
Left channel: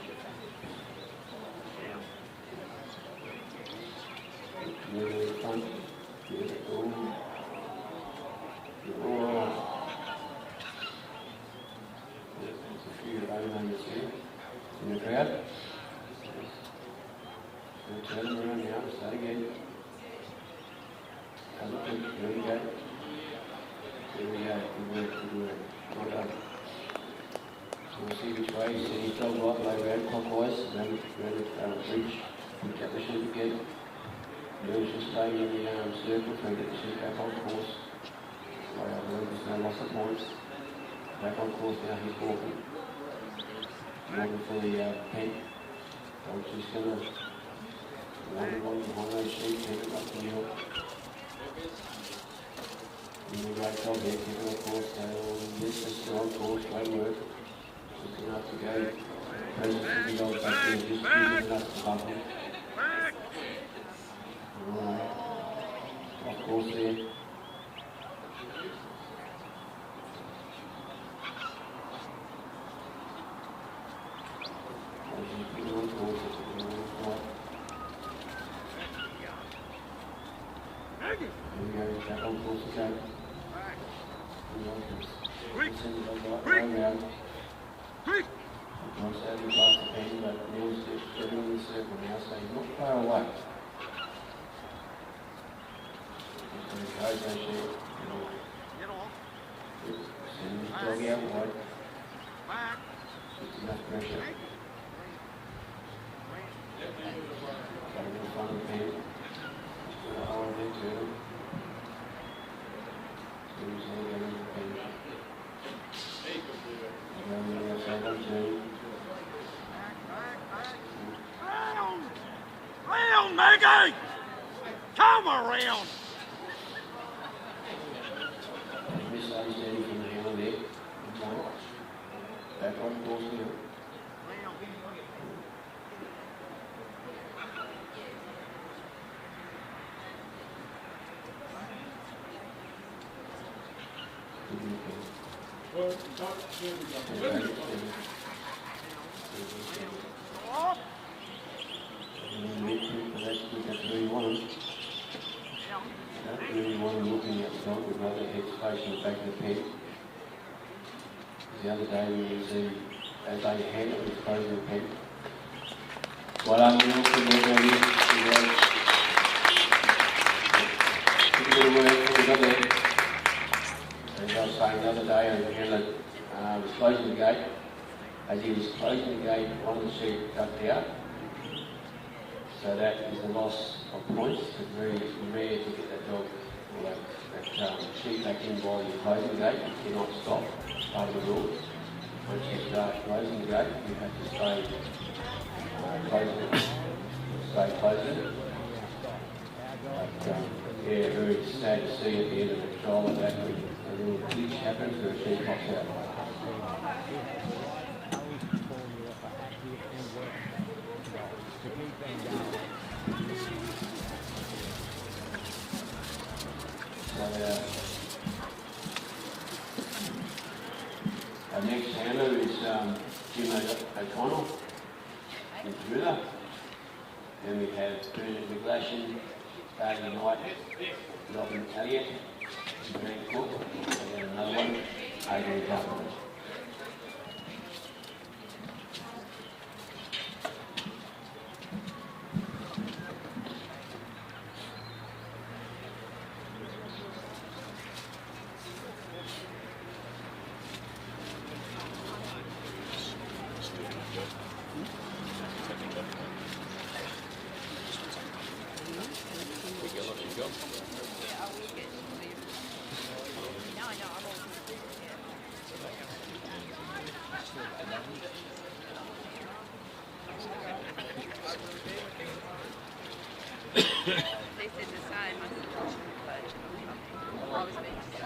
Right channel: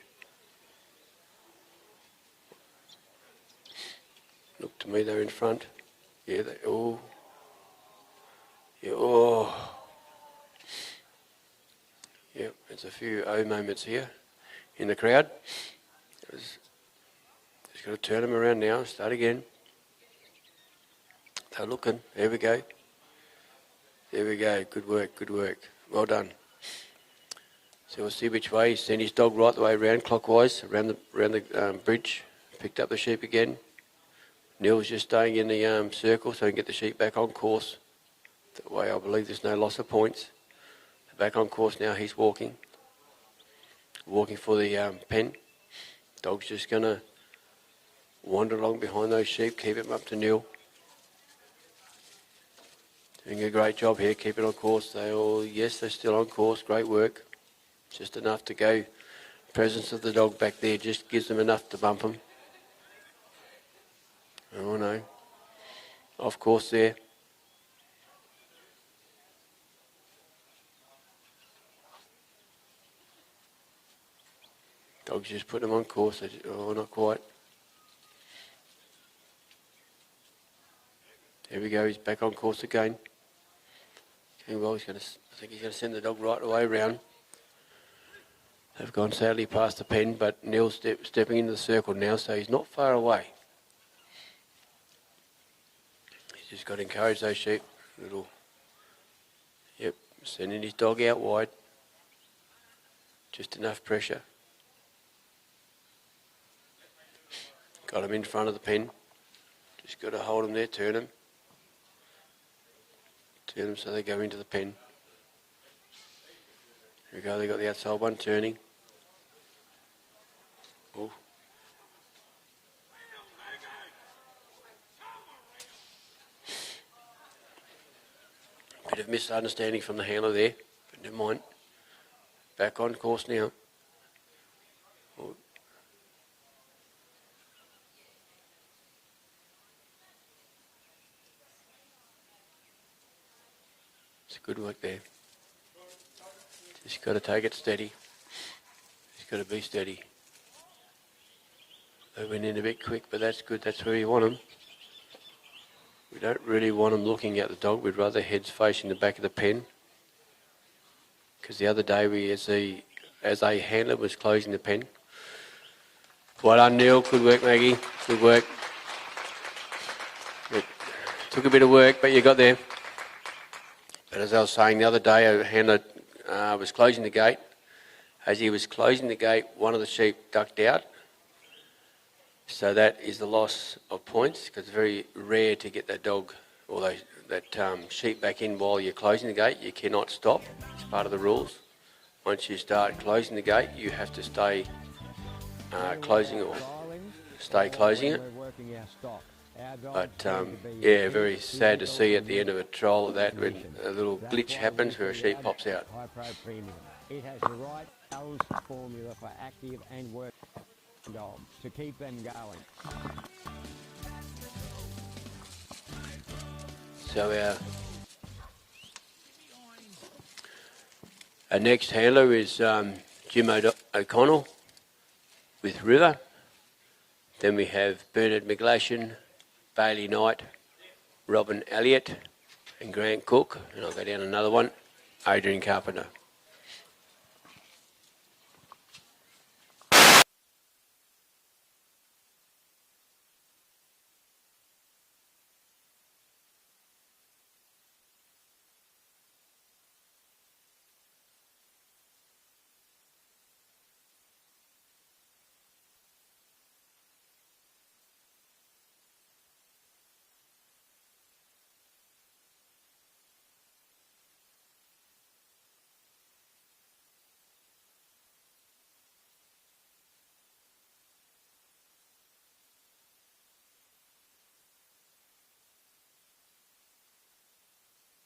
Look to me, they're in front. Yeah, they go. Yeah, oh. Yeah, there's a few O moments here in the crowd. Just got to turn them around now. Start again. They're looking. There we go. There we go. Good work. Good work. Well done. So we'll see which way. He's sent his dog right the way around, clockwise, around the bridge. Picked up the sheep again. Neil's just staying in the circle so he can get the sheep back on course. Way I believe there's no loss of points. Back on course now, he's walking for the pen. Dog's just going to wander along behind those sheep, keep him up to Neil. Doing a great job here, keep it on course. Yes, they're still on course, great work. Just enough to go. Presence of the dog back there just gives them enough to bump them. Oh no, off course there. Dog's just put them on course, oh, not quite. Here we go, he's back on course again. Well, he's going to send the dog right the way around. They've gone sadly past the pen, but Neil's stepping into the circle now, so he's not far away. He's got to encourage those sheep. Yep, sending his dog out wide. Just enough pressure. Got him in front of the pen. Just got to hold him there, turn him. Turn them so they go into the pen. There we go, they got the outside one turning. Round, Maggie! Come around! Bit of misunderstanding from the handler there. Never mind. Back on course now. Good work there. She's got to take it steady. She's got to be steady. They went in a bit quick, but that's good. That's where you want them. You don't really want them looking at the dog. We'd rather heads facing the back of the pen. Because the other day we see, as a handler was closing the pen. Well done, Neil. Good work, Maggie. Good work. Took a bit of work, but you got there. As I was saying the other day, a handler was closing the gate. As he was closing the gate, one of the sheep ducked out. So that is the loss of points, because it's very rare to get that dog or that sheep back in while you're closing the gate. You cannot stop. It's part of the rules. Once you start closing the gate, you have to stay closing it. Stay closing it. But yeah, very sad to see at the end of a trial of that when a little glitch happens where a sheep pops out. It has the right balanced formula for active and work dogs to keep them going. So our next handler is Jim O'Connell with River. Then we have Bernard Miglashian, Bailey Knight, Robin Elliott and Grant Cook. And I'll go down another one, Adrian Carpenter. They said the same. I said, but I was meant to say.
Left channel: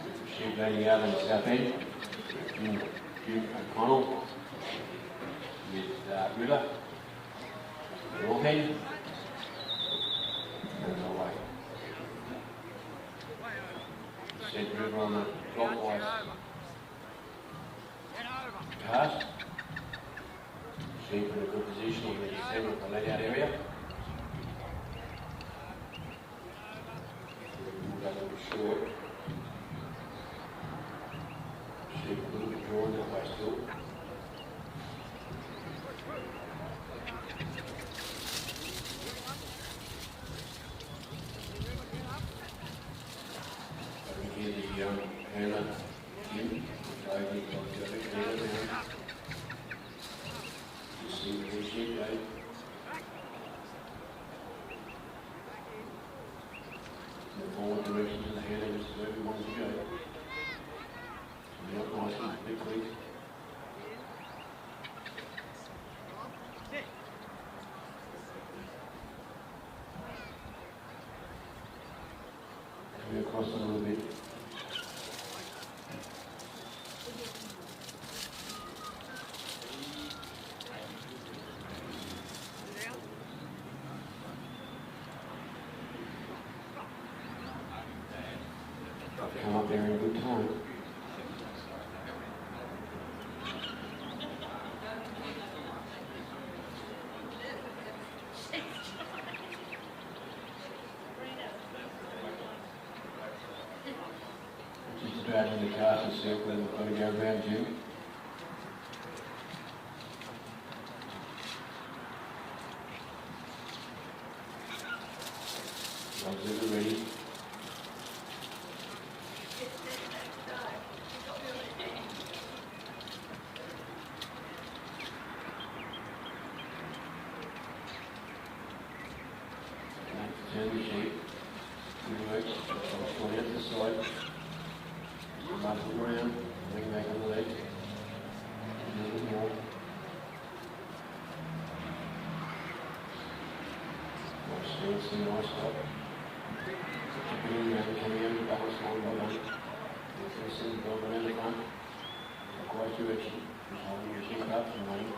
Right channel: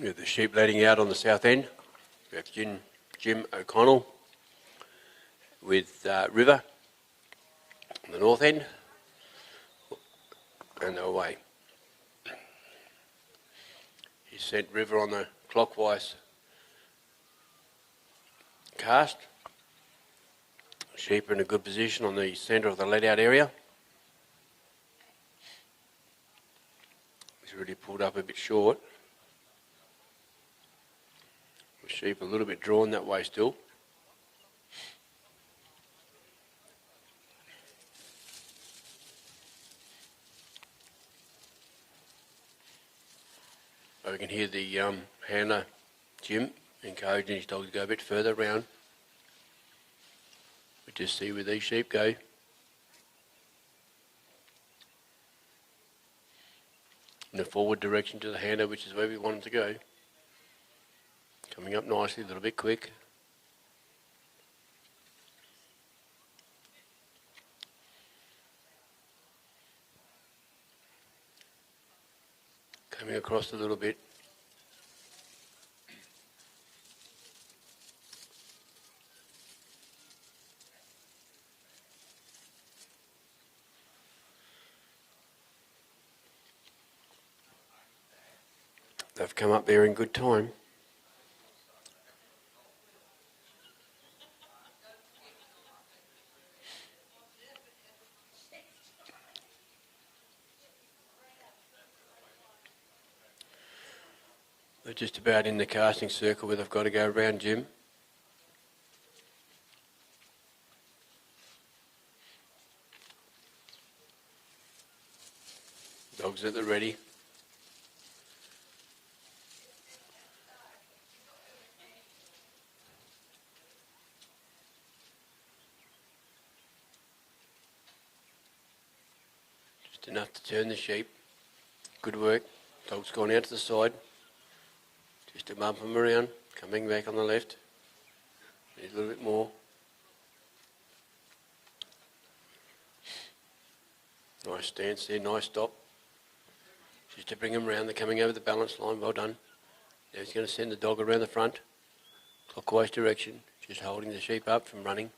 With the sheep leading out on the south end, Jim O'Connell with River on the north end and away. You said River on the clockwise cast. Sheep are in a good position on the centre of the let out area. He's really pulled up a bit short. Sheep a little bit drawn that way still. I can hear the handler, Jim, encouraging his dog to go a bit further round. Just see where these sheep go. In the forward direction to the handler, which is where we wanted to go. Coming up nicely, a little bit quick. Coming across a little bit. They've come up there in good time. Just about in the casting circle where they've got to go around Jim. Dogs at the ready. Just enough to turn the sheep. Good work. Dog's gone out to the side. Up and around, coming back on the left, a little bit more. Nice stance there, nice stop. Just to bring them around, they're coming over the balance line, well done. He's going to send the dog around the front, clockwise direction, just holding the sheep up from running.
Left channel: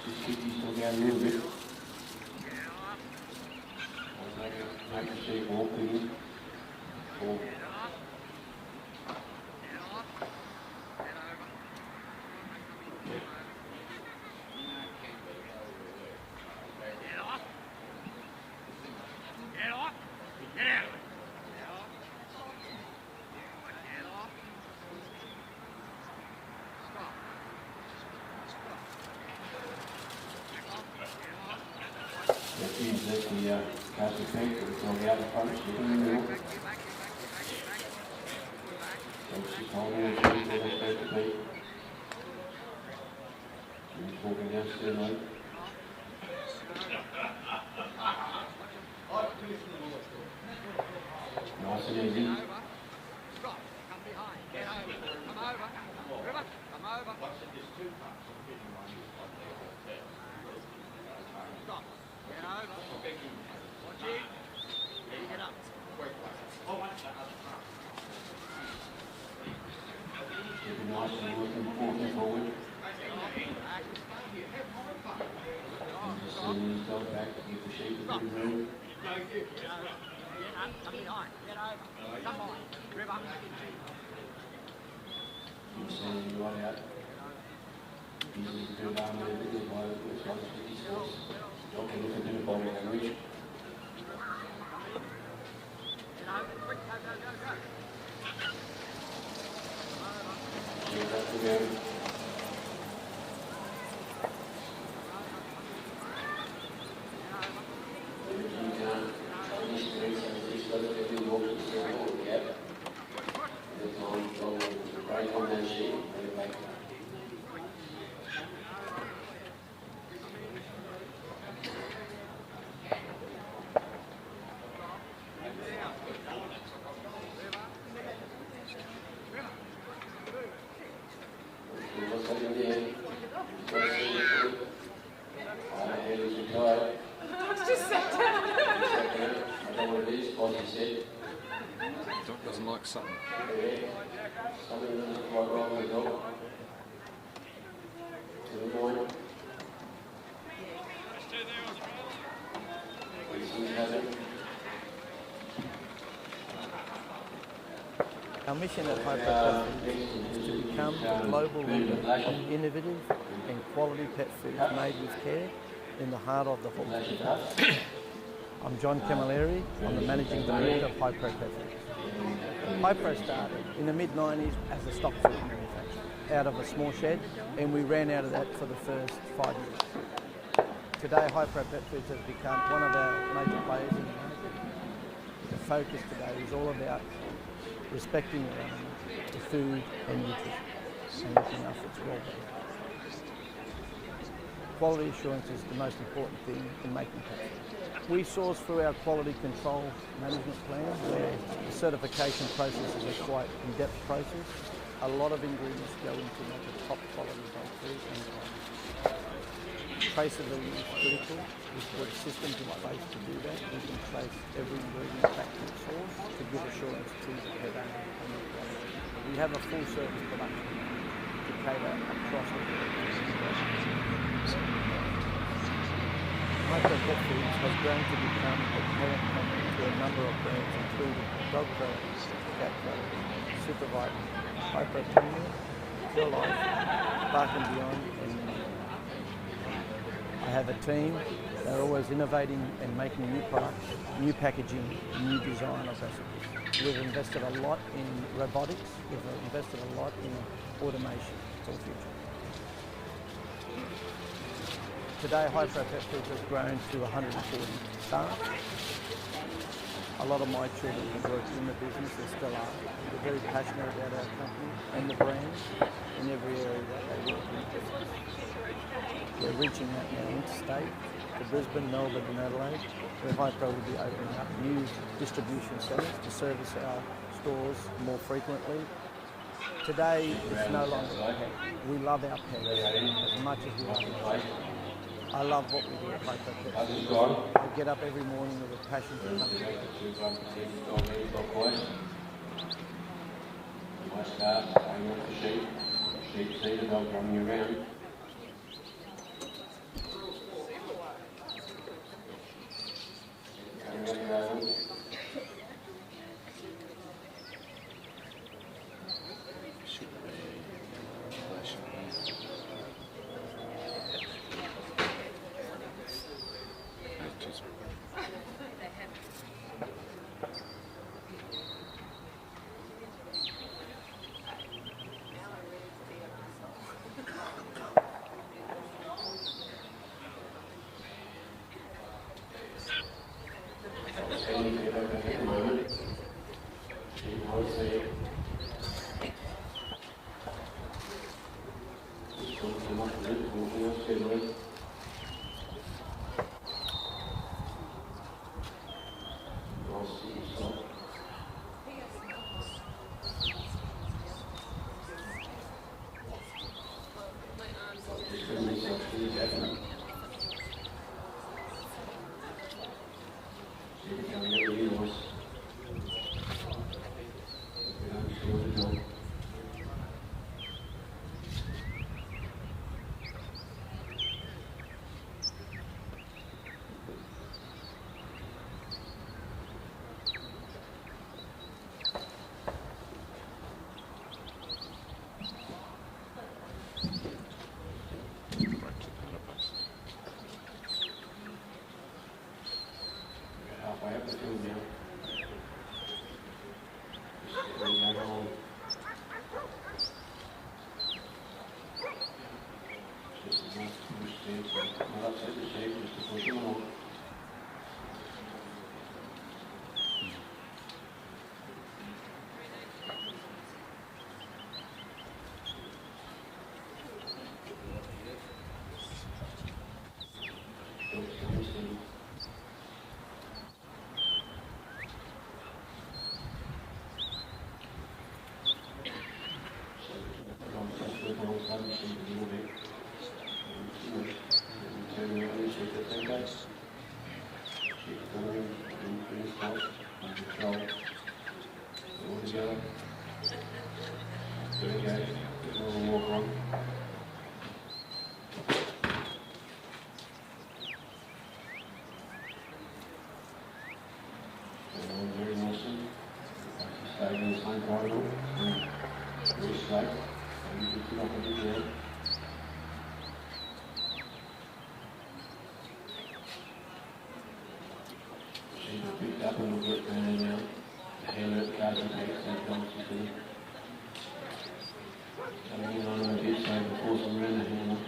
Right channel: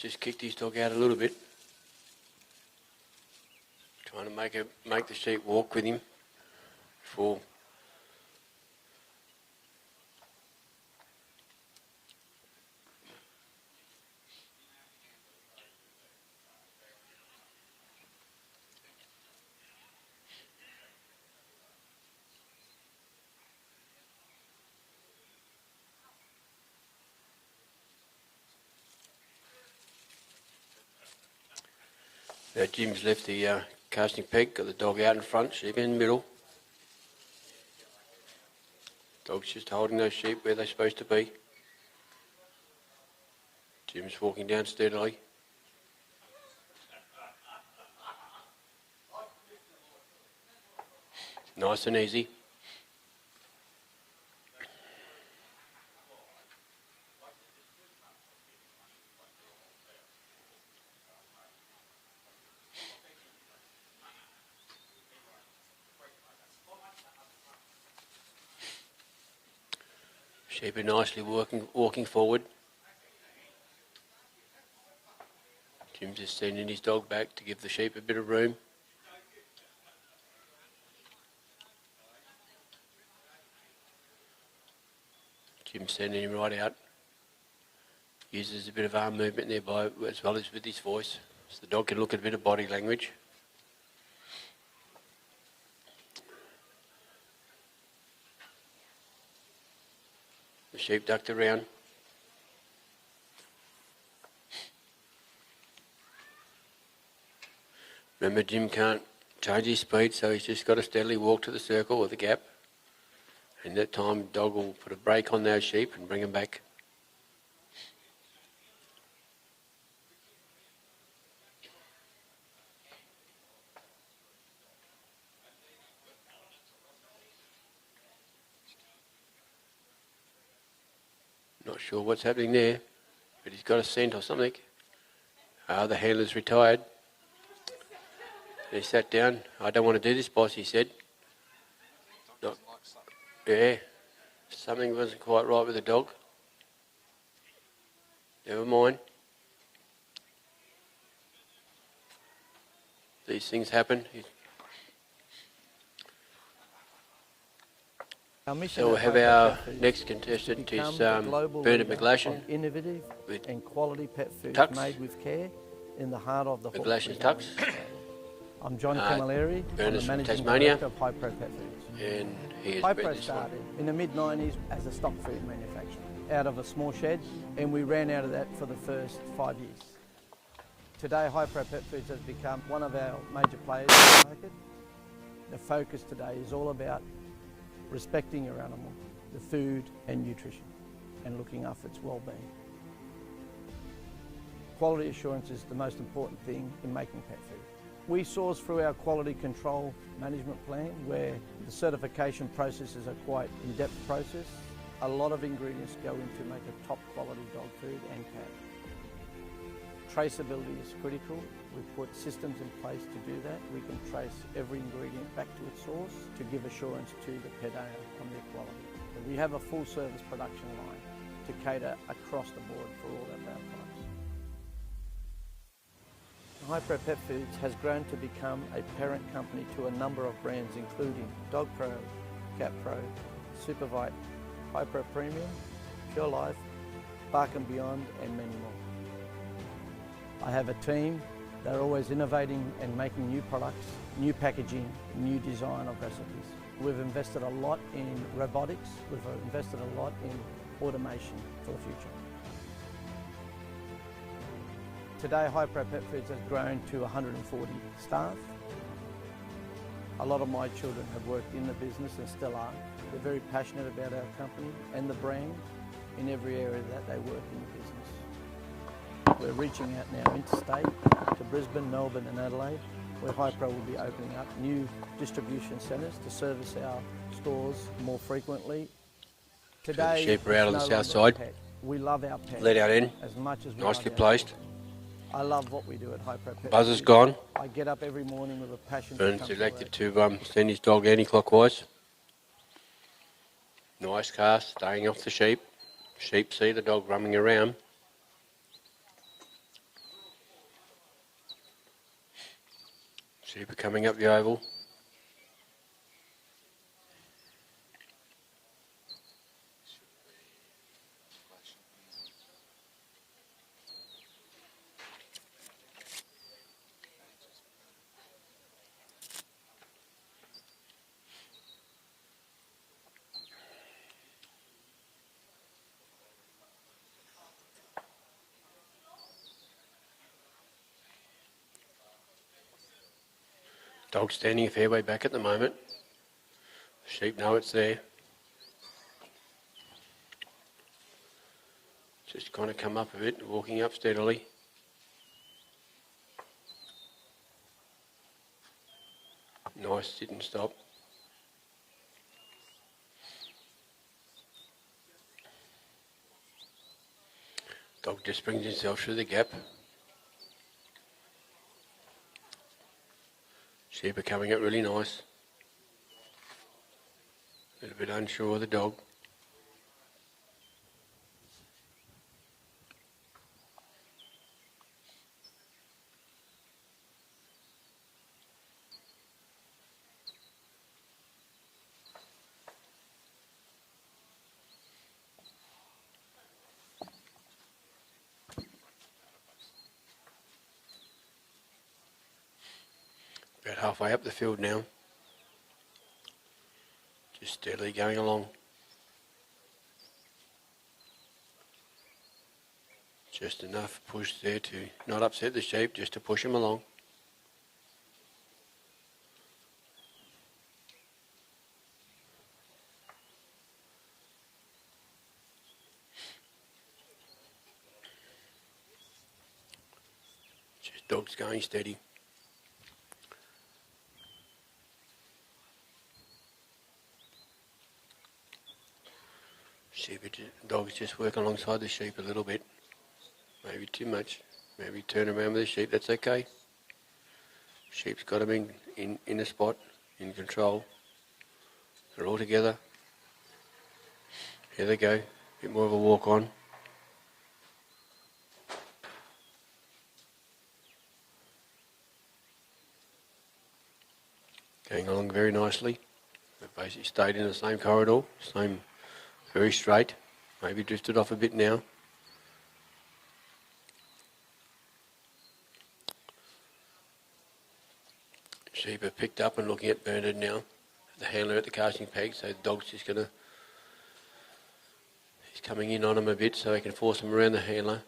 Just kicked his dog out a little bit. Trying to make the sheep walk with him before. Jim's left the casting peg, got the dog out in front, sheep in the middle. Dog's just holding those sheep where they're supposed to be. Jim's walking down steadily. Nice and easy. Sheep are nicely walking forward. Jim just sending his dog back to give the sheep a bit of room. Jim's sending him right out. Uses a bit of arm movement nearby as well as with his voice. So the dog can look at a bit of body language. Sheep ducked around. Remember, Jim can't charge his speed, so he's just got to steadily walk to the circle or the gap. And that time, the dog will put a brake on those sheep and bring them back. Not sure what's happening there, but he's got a scent or something. The handler's retired. He sat down. I don't want to do this, boss, he said. Dog doesn't like something. Yeah, something wasn't quite right with the dog. Never mind. These things happen. Our mission So we'll at have Hyper our Pet Foods next is to contestant become is the global Bernard leader Miglashian. of innovative and quality pet foods Tucks. made with care in the heart of the Hawkesbury Miglashian Valley. Tucks. I'm John Camilleri. I'm the Bernard's from managing Tasmania. director of Hypro Pet Foods. And here's Hypro Bernard's. started in the mid-90s as a stock food manufacturer out of a small shed, and we ran out of that for the first 5 years. Today, Hypro Pet Foods has become one of our major players in the market. The focus today is all about respecting your animal, the food and nutrition, and looking after its well-being. Quality assurance is the most important thing in making pet food. We source through our quality control management plan, where the certification process is a quite in-depth process. A lot of ingredients go into make a top quality dog food and cat. Traceability is critical. We put systems in place to do that. We can trace every ingredient back to its source to give assurance to the pet owner on the quality. But we have a full service production line to cater across the world for any of our customers. Hypro Pet Foods has grown to become a parent company to a number of brands including Dogpro, Catpro, Supervite, Hypro Premium, Pure Life, Bark and Beyond, and many more. I have a team. They're always innovating and making new products, new packaging, new design of recipes. We've invested a lot in robotics. We've invested a lot in automation for the future. Today, Hypro Pet Foods has grown to 140 staff. A lot of my children have worked in the business and still are. We're very passionate about our company and the brand in every area that they work in the business. We're reaching out now interstate to Brisbane, Melbourne and Adelaide, where Hypro will be opening up new distribution centres to service our stores more frequently. Today, Sheep are out on it's the no south longer side. a pet. We love our pets Let out in. as much as we Nicely love our placed. children. I love what we do at Hypro Pet Buzz is Foods. gone. I get up every morning with a passion to Bernard's come to work. elected to send his dog anti-clockwise. Nice cast, staying off the sheep. Sheep see the dog running around. Sheep are coming up the oval. Dog standing a fair way back at the moment. Sheep know it's there. Just kind of come up a bit, walking up steadily. Nice sit and stop. Dog just brings himself through the gap. Sheep are coming up really nice. A bit unsure of the dog. halfway up the field now. Just steadily going along. Just enough push there to not upset the sheep, just to push him along. Just dogs going steady. Dogs just work alongside the sheep a little bit. Maybe too much. Maybe turn around with the sheep, that's okay. Sheep's got them in a spot, in control. They're all together. There they go. Bit more of a walk on. Going along very nicely. Basically stayed in the same corridor, very straight. Maybe drifted off a bit now. Sheep are picked up and looking at Bernard now. The handler at the casting peg, so the dog's just he's coming in on him a bit so they can force him around the handler.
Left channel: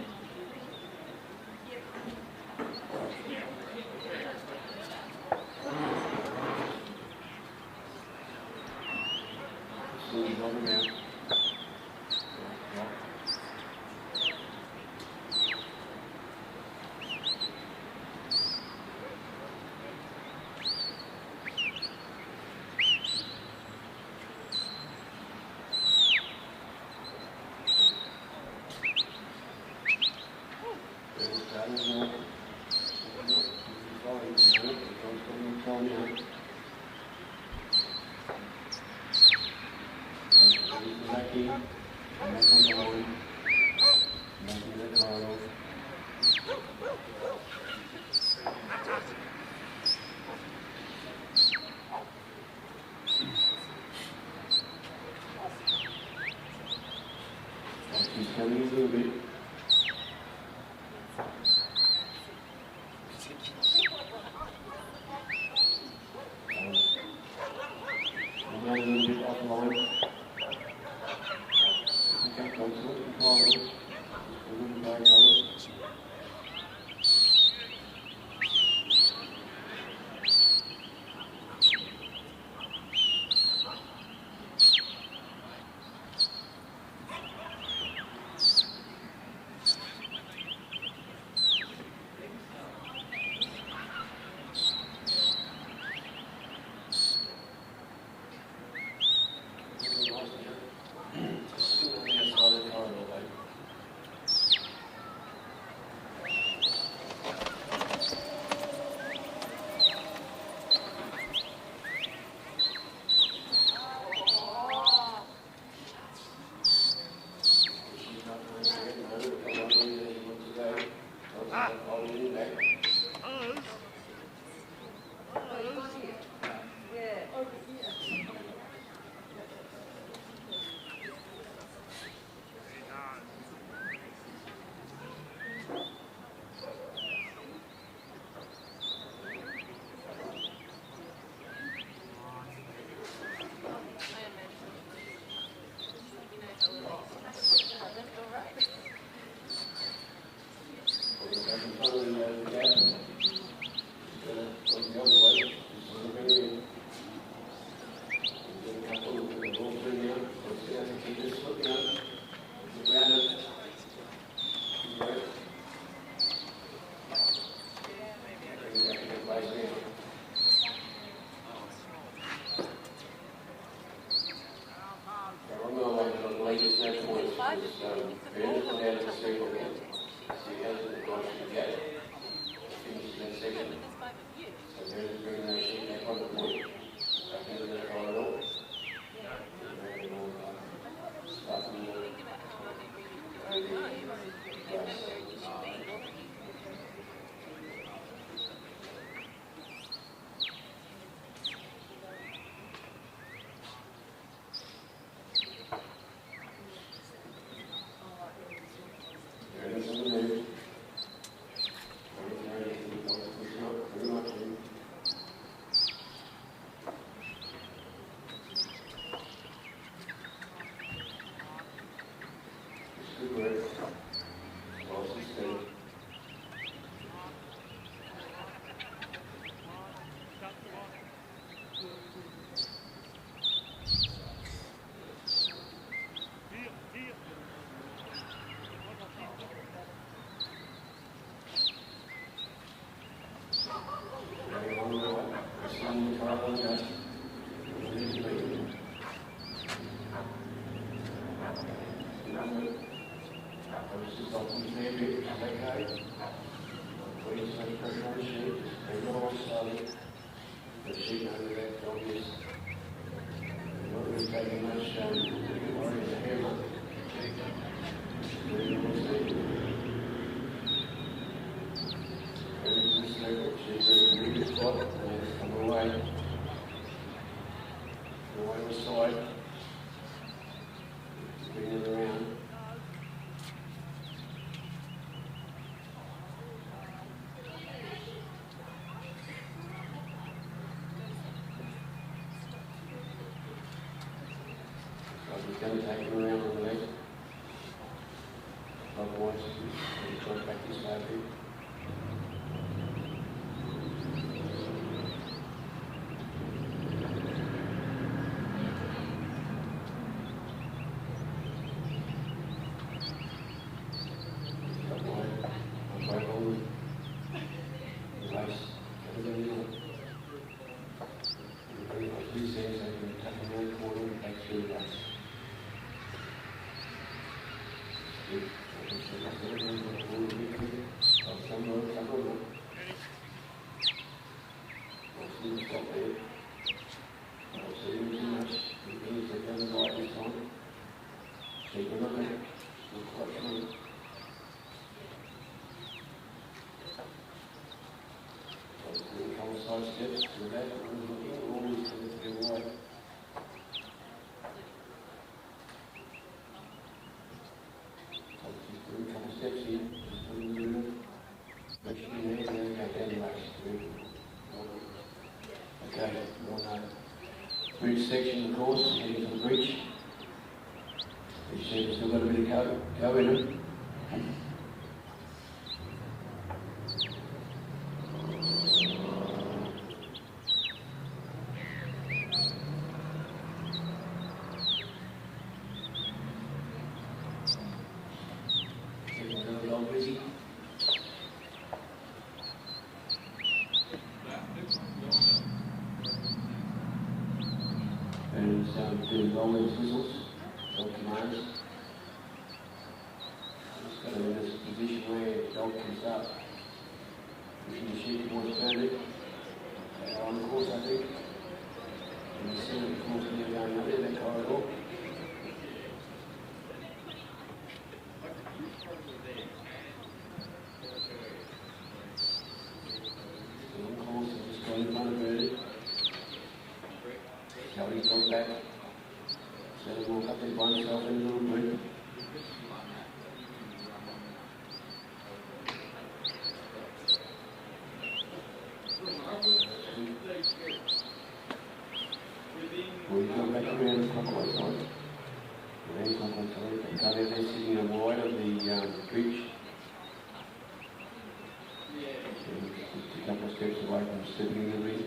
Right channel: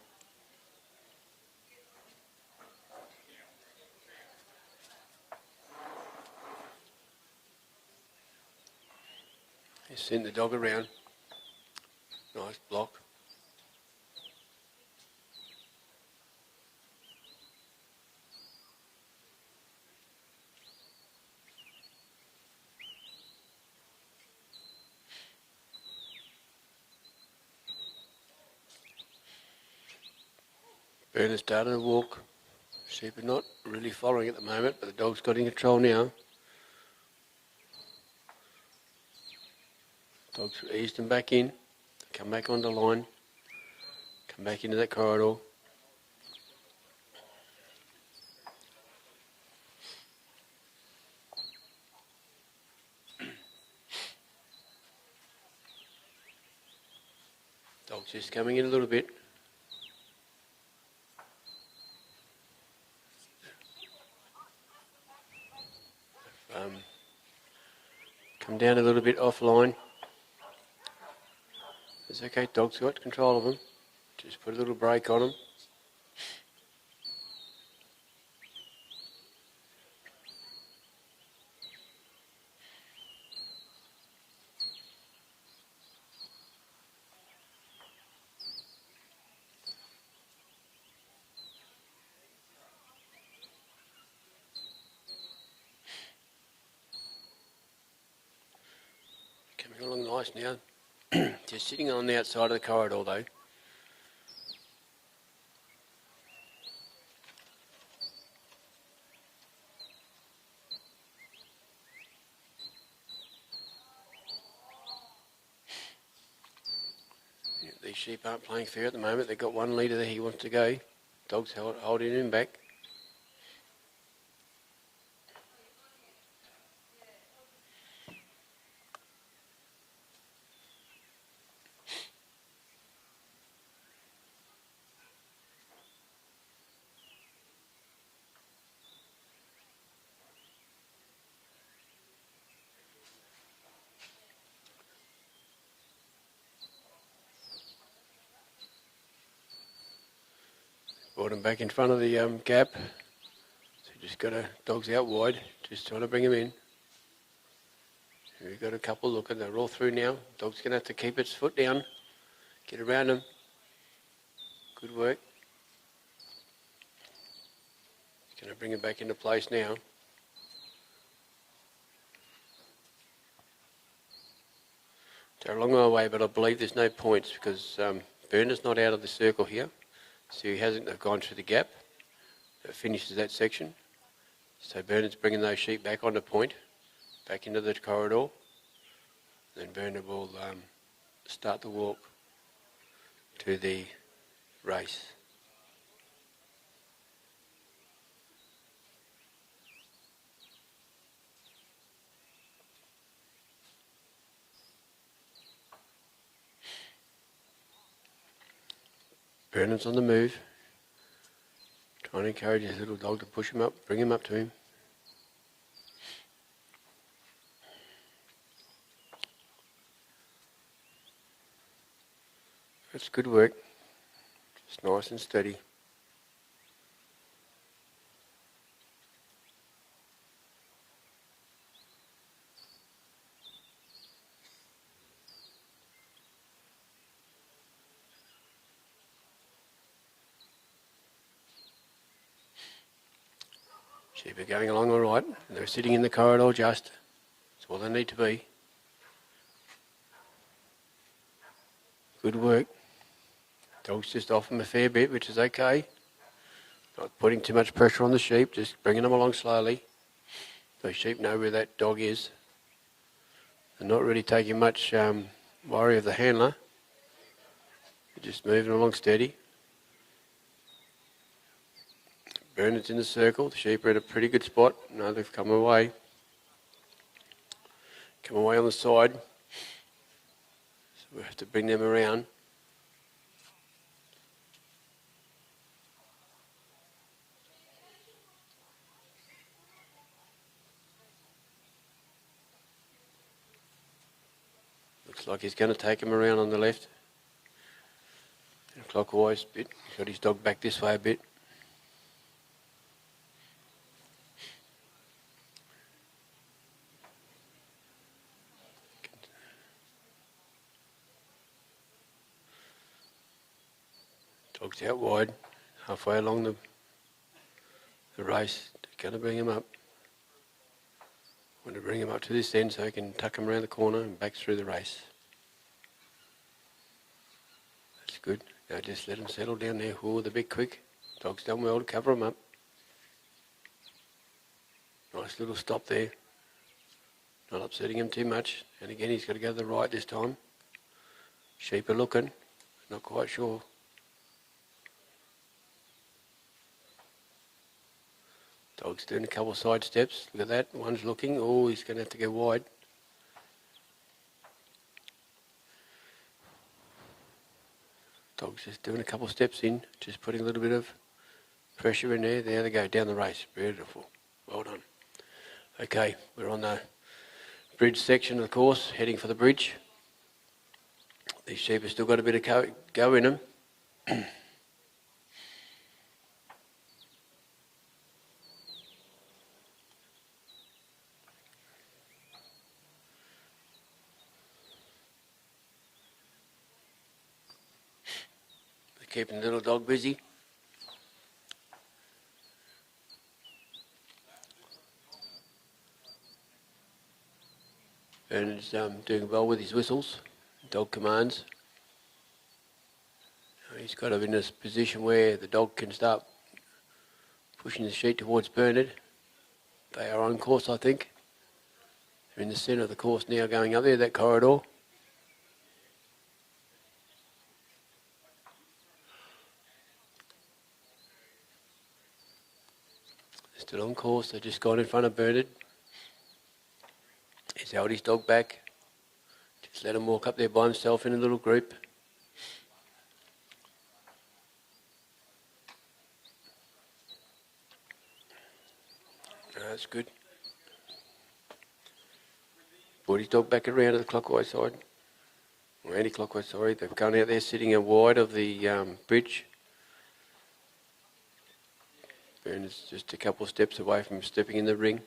Send the dog around. Nice block. Bernard started to walk. Sheep are not really following at the moment, but the dog's got in control now. Ease them back in, come back on the line, come back into that corridor. She's coming in a little bit. Come down a little bit offline. Okay, dog's got control of them. Just put a little brake on them. Coming along nice now. Just sitting on the outside of the corridor though. These sheep aren't playing fair at the moment. They've got one leader that he wants to go. Dog's not holding him back. Brought him back in front of the gap. Just got a dog's out wide, just trying to bring him in. We've got a couple, look at them all through now. Dog's going to have to keep its foot down, get around him. Good work. Gonna bring him back into place now. They're a long way away, but I believe there's no points because Bernard's not out of the circle here. So he hasn't gone through the gap. It finishes that section. So Bernard's bringing those sheep back on the point, back into the corridor. Then Bernard will start the walk to the race. Bernard's on the move, trying to encourage his little dog to push him up, bring him up to him. It's good work. It's nice and steady. They're going along all right. They're sitting in the corridor just. That's what they need to be. Good work. Dog's just off them a fair bit, which is okay. Not putting too much pressure on the sheep, just bringing them along slowly. The sheep know where that dog is. And not really taking much worry of the handler. Just moving along steady. Bernard's in the circle. The sheep are at a pretty good spot. Now they've come away. Come away on the side. We have to bring them around. Looks like he's going to take him around on the left. Clockwise a bit. Put his dog back this way a bit. Out wide, halfway along the race, going to bring him up. Going to bring him up to this end so I can tuck him around the corner and back through the race. It's good. Now just let him settle down there. Oh, they're a bit quick. Dog's done well to cover him up. Nice little stop there. Not upsetting him too much. And again, he's going to go to the right this time. Sheep are looking. Not quite sure. Dog's doing a couple of side steps. Look at that. One's looking. Oh, he's going to have to go wide. Dog's just doing a couple of steps in, just putting a little bit of pressure in there. There they go, down the race. Beautiful. Well done. Okay, we're on the bridge section of the course, heading for the bridge. These sheep have still got a bit of go in them. Keeping the little dog busy. Bernard's doing well with his whistles. Dog commands. He's got him in this position where the dog can start pushing the sheep towards Bernard. They are on course, I think. They're in the centre of the course now, going up there, that corridor. Still on course, they've just gone in front of Bernard. He's held his dog back. Just let him walk up there by himself in a little group. That's good. Brought his dog back around to the clockwise side. Or anti-clockwise, sorry. They're going out there sitting out wide of the bridge. And it's just a couple of steps away from stepping in the ring.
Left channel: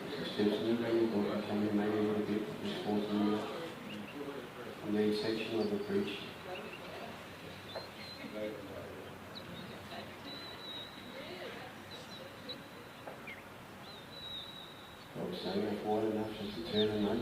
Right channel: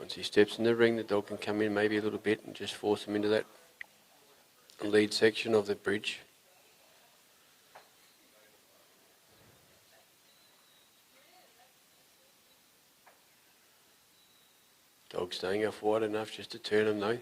Once he steps in the ring, the dog can come in maybe a little bit and just force him into that lead section of the bridge. Dog staying off wide enough just to turn him though.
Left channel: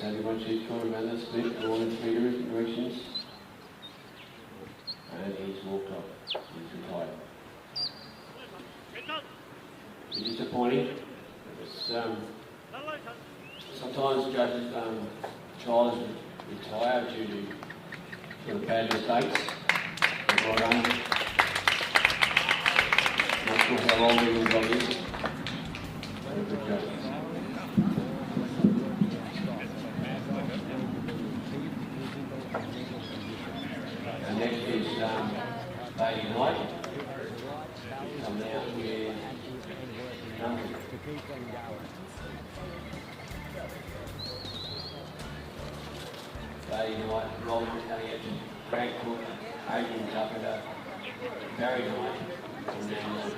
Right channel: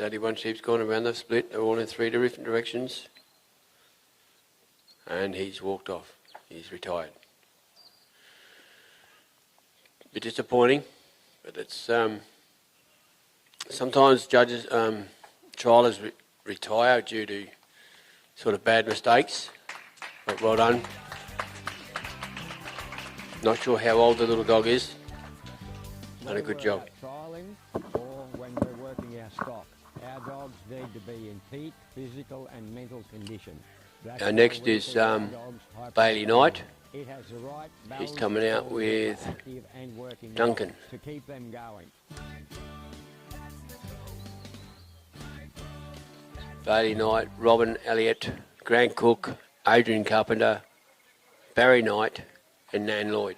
Only one sheep's gone around the split, all in 3 different directions. And he's walked off. He's retired. A bit disappointing, but it's sometimes judges, trialers retire due to sort of bad mistakes. But well done. Not sure how old the little dog is. Done a good job. Trialing or when we're working our stock, our dogs need to be in peak physical and mental condition. That's Our why next we is feed our dogs Bailey Knight. It has the right He's balance coming out between with active and working Duncan. dogs to keep them going. Bailey Knight, Robin Elliott, Grant Cook, Adrian Carpenter, Barry Knight and Nan Lloyd.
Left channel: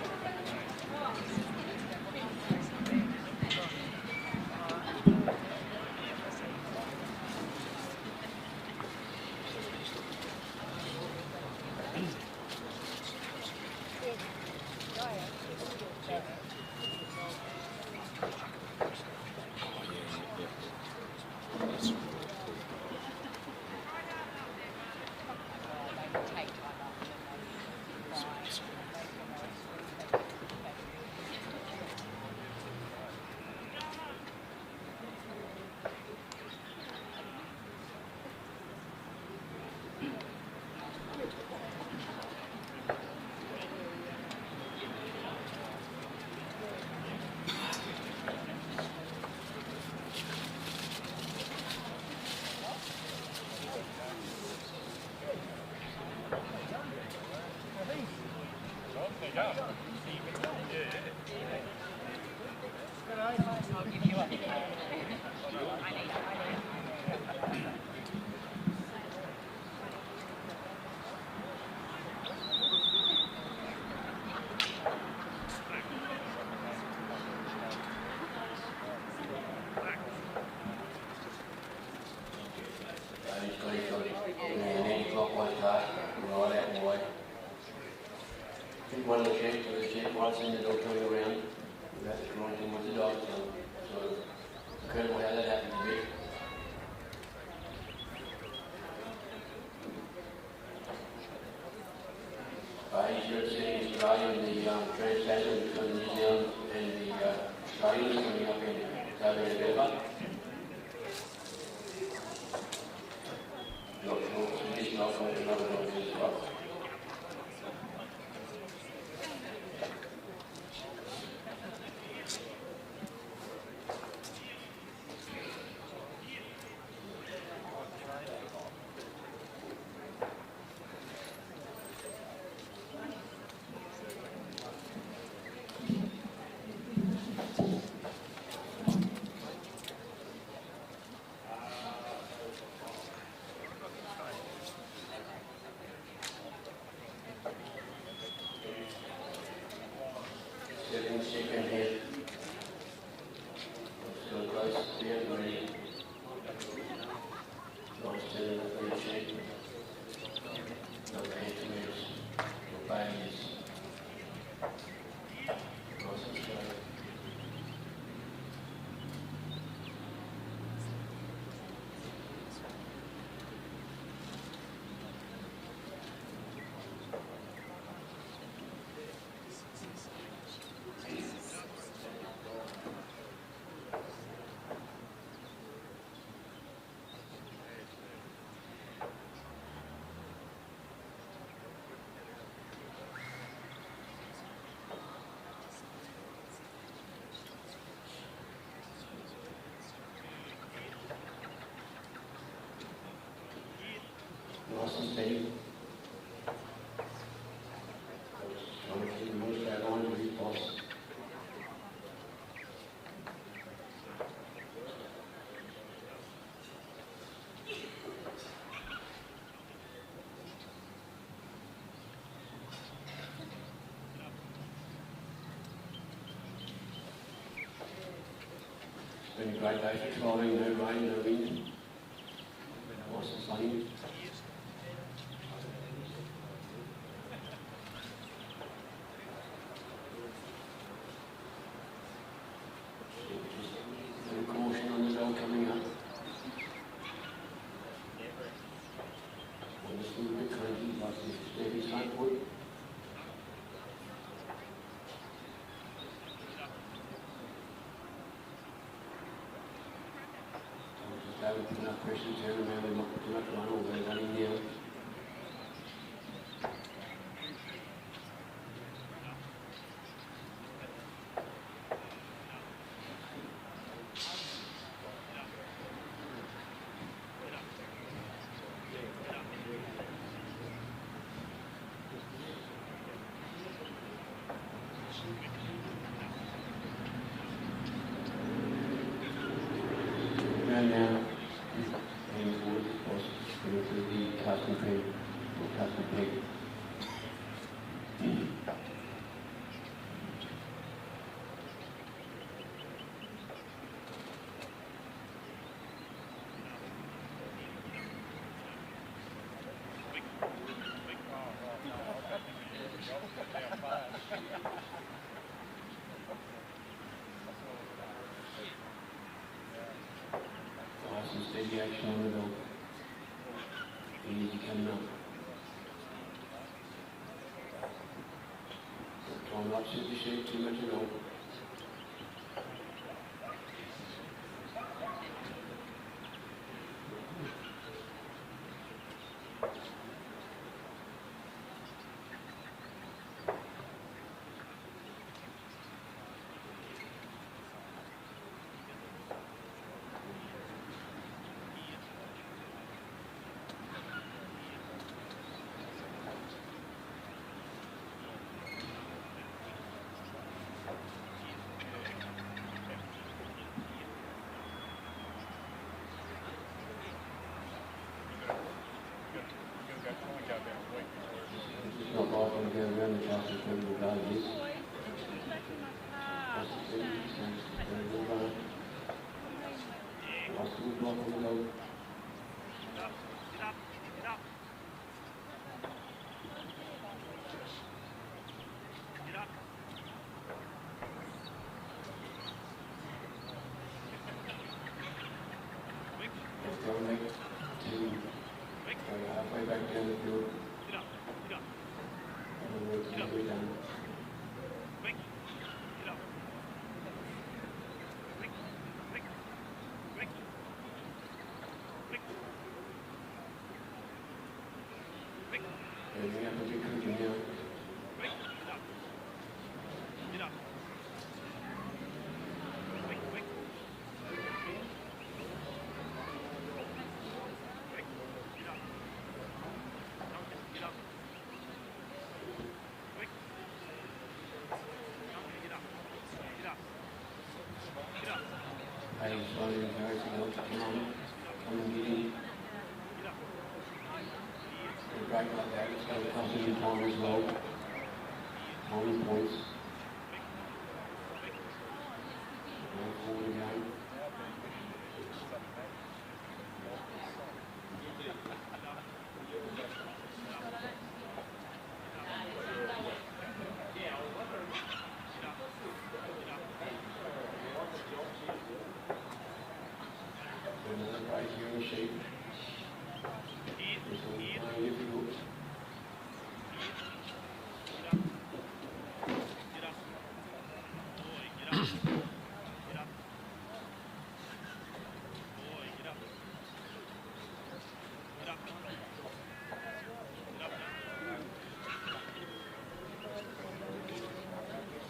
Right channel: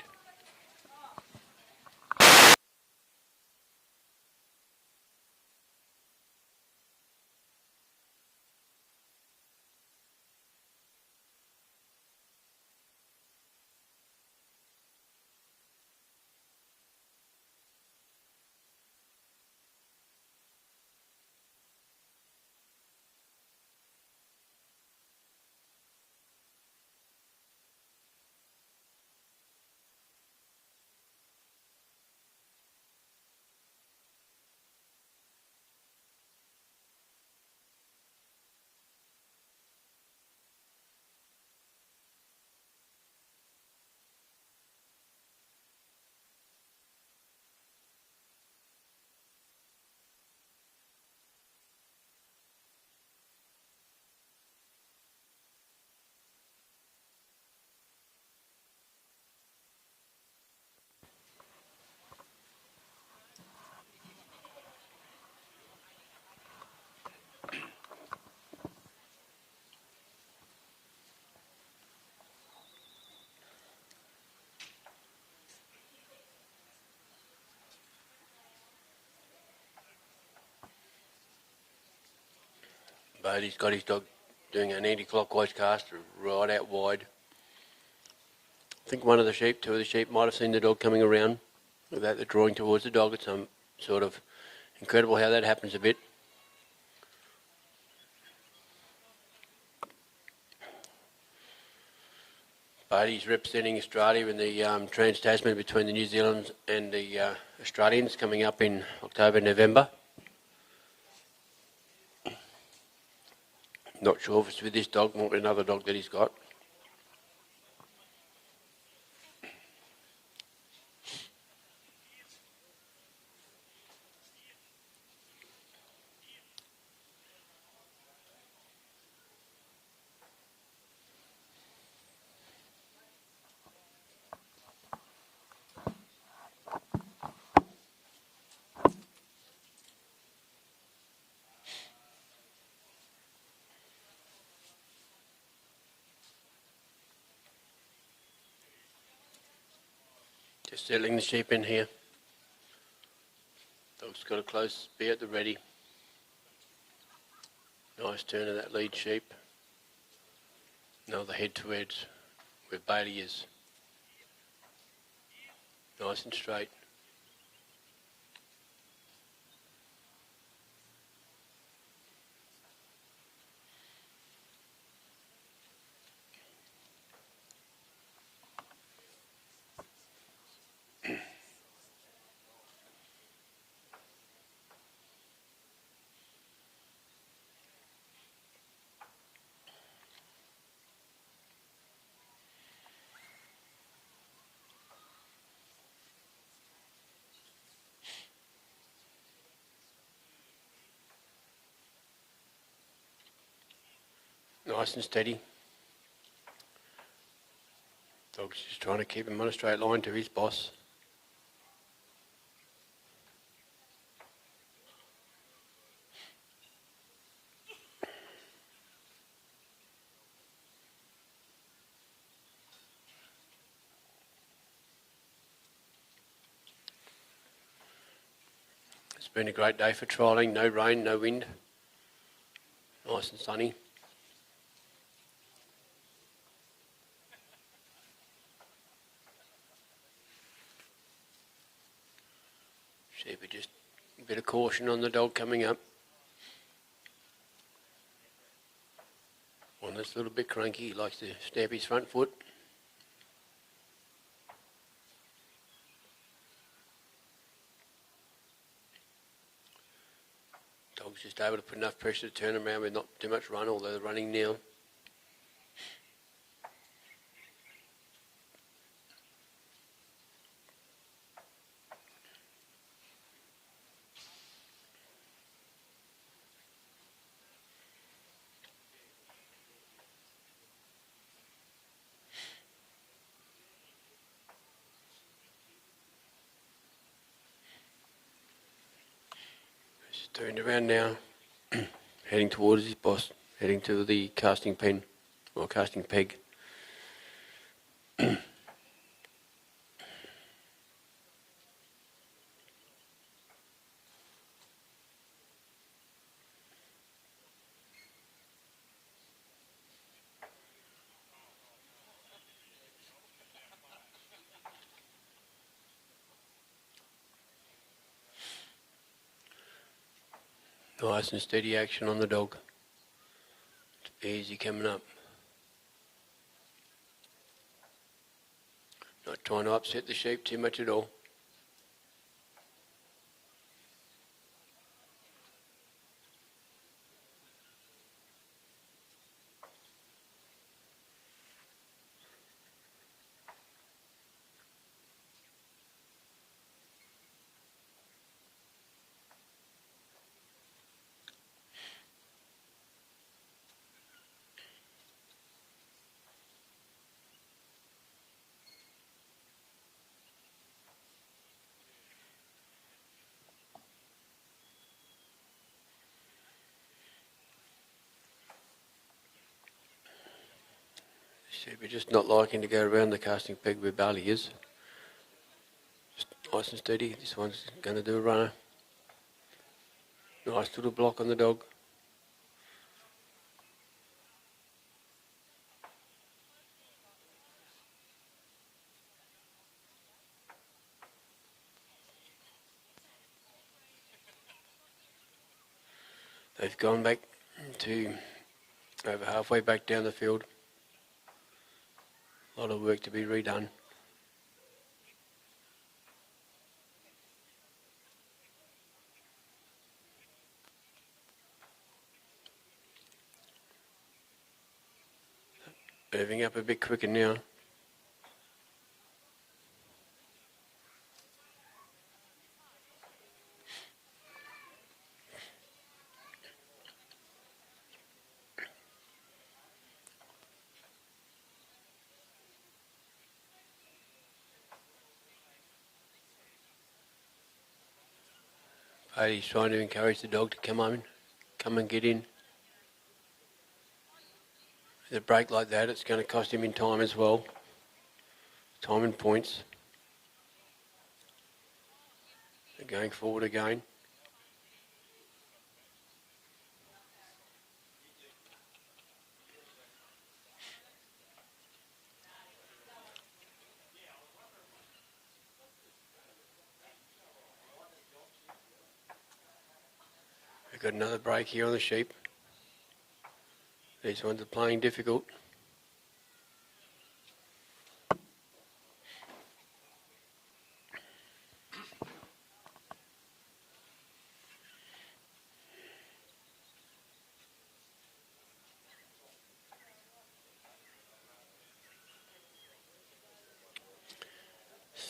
Bailey's got his dog doing an anti-clockwise cast right out wide. I think one of the sheep, two of the sheep, might have seen the dog coming around without the drawing towards the dog. It's sort of incredible how that happens a bit. Bailey's representing Australia in the Trans-Tasman between the New Zealanders and the Australians coming up in October, November. Not sure if it's with this dog or another dog that he's got. Settling the sheep in here. Just got a close, be at the ready. Nice turn of that lead sheep. Another head to head where Bailey is. Nice and straight. Nice and steady. Dog's just trying to keep him on a straight line to his boss. It's been a great day for trialling, no rain, no wind. Nice and sunny. Bit of caution on the dog coming up. Well, that's a little bit cranky, he likes to stab his front foot. Dog's just able to put enough pressure to turn around with not too much run, although they're running now. around now, heading towards his boss, heading to the casting pen, or casting peg. Nice and steady action on the dog. Easy coming up. Not trying to upset the sheep too much at all. Just not liking to go around the casting peg where Barley is. Just nice and steady. This one's going to do a runner. Nice little block on the dog. They've gone back to over halfway back down the field. A lot of work to be redone. Moving up a bit quicker now. He's trying to encourage the dog to come and get in. The break like that, it's going to cost him in time as well. Time and points. Going forward again. Got another break here on the sheep. These ones are playing difficult.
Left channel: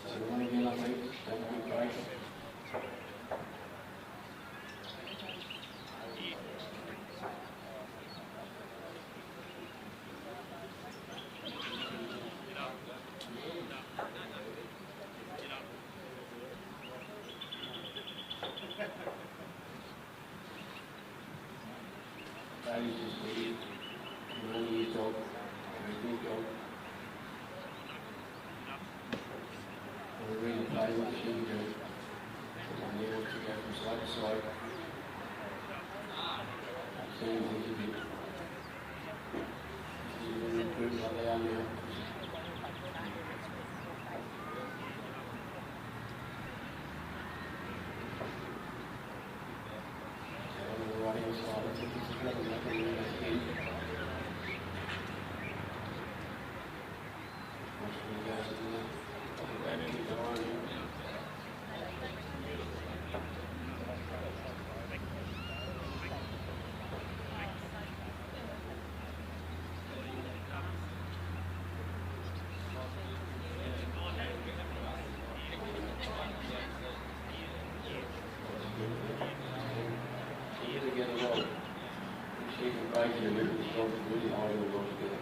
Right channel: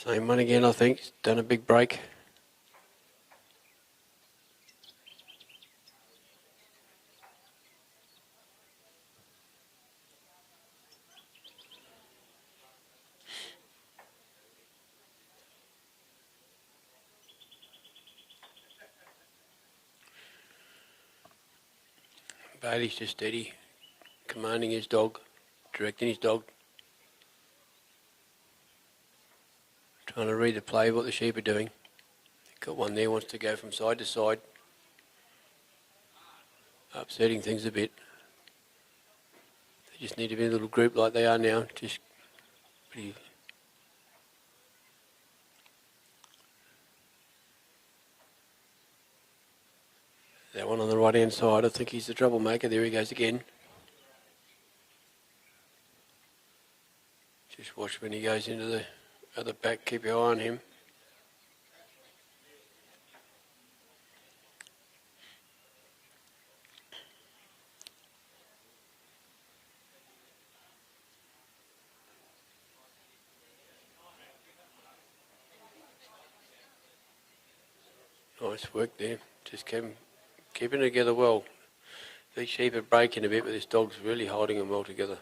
Same one again, I think. Done a big break. He's just steady, commanding his dog, directing his dog. Trying to read the play of what the sheep are doing. Got one there, wants to go from side to side. Upsetting things a bit. Just need to be in a little group like they are now. Just one on the right hand side, I think he's the troublemaker. There he goes again. Just watch when he goes into the other back, keep your eye on him. Nice work there, just keeping it together well. These sheep are breaking a bit, but this dog's really holding them well together.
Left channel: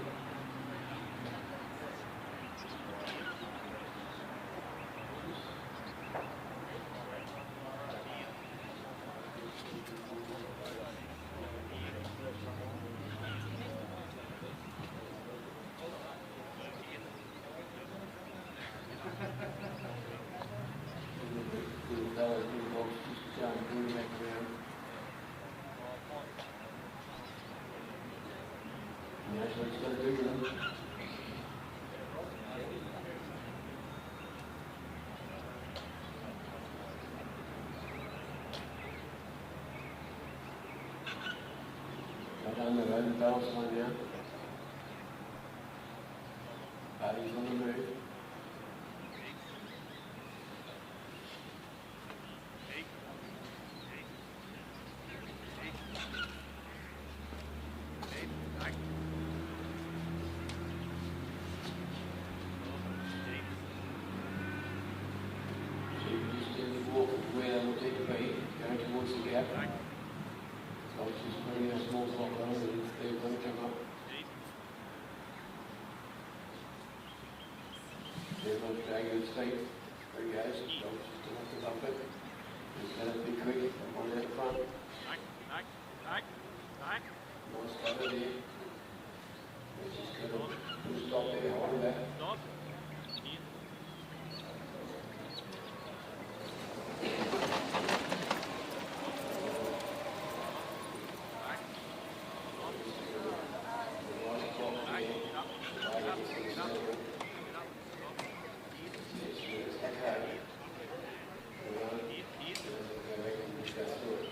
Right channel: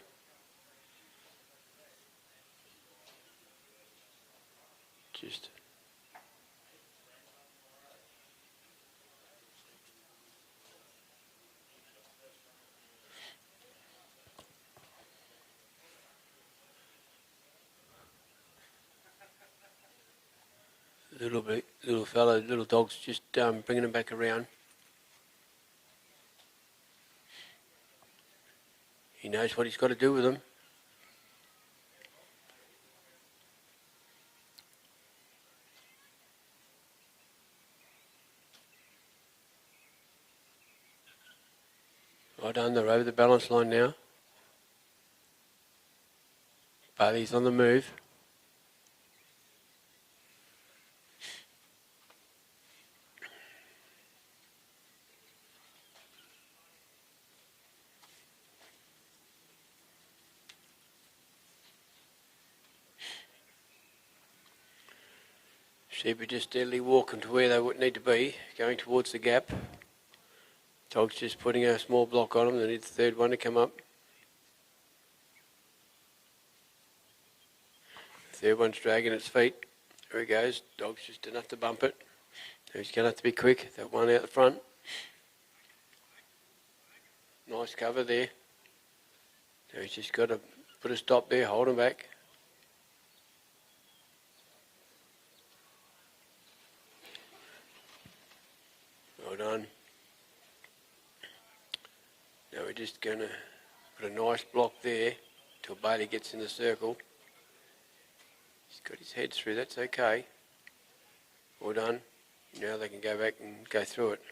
little fellow, little dog's just bringing him back around. He knows what he's got to do with them. Well done, they're over the balance line now. Bailey's on the move. Sheep are just steadily walking to where they would need to be, going towards the gap. Dog's just putting a small block on them, they need the third one to come up. Third one's dragging its feet. There he goes, dog's just enough to bump it. He's going to have to be quick, that one out the front. Nice cover there. He's just got to put a stop there, hold him back. Going to put a nice block there until Bailey gets in the circle. He's got his head through, that's okay. Well done. Now they can go back and go through it.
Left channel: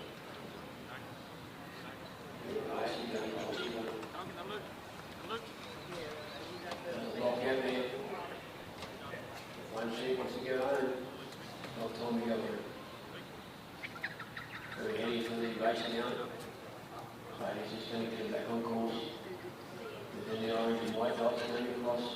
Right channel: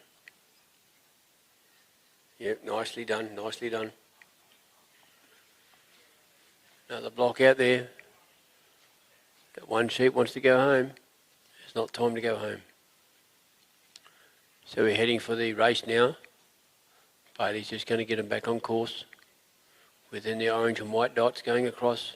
Yep, nicely done, nicely done. Another block out there. That one sheep wants to go home. It's not time to go home. So we're heading for the race now. Bailey's just going to get him back on course within the orange and white dots going across.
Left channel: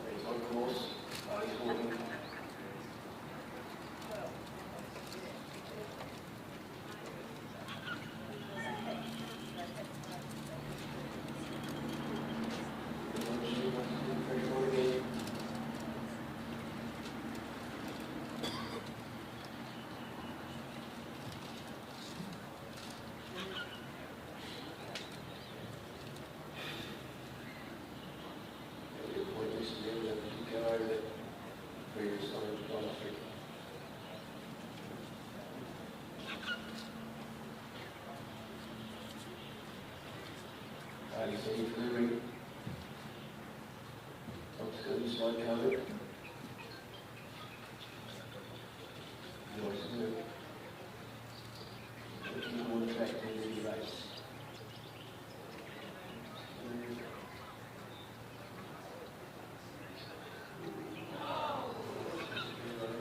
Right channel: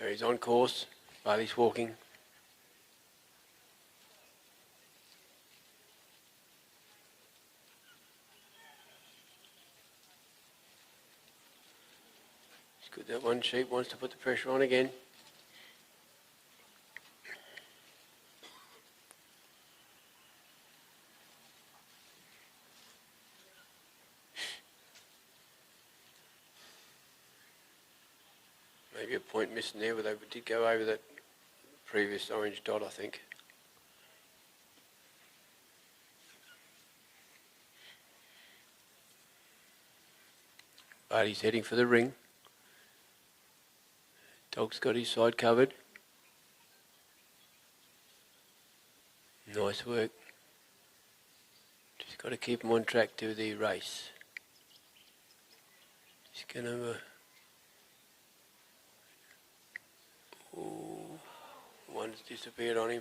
There he's on course. Bailey's walking. That one sheep wants to put the pressure on again. Missing there, but they did go over the previous orange dot, I think. But he's heading for the ring. Dog's got his side covered. Nice work. Just got to keep him on track to the race. He's going to... disappeared on him.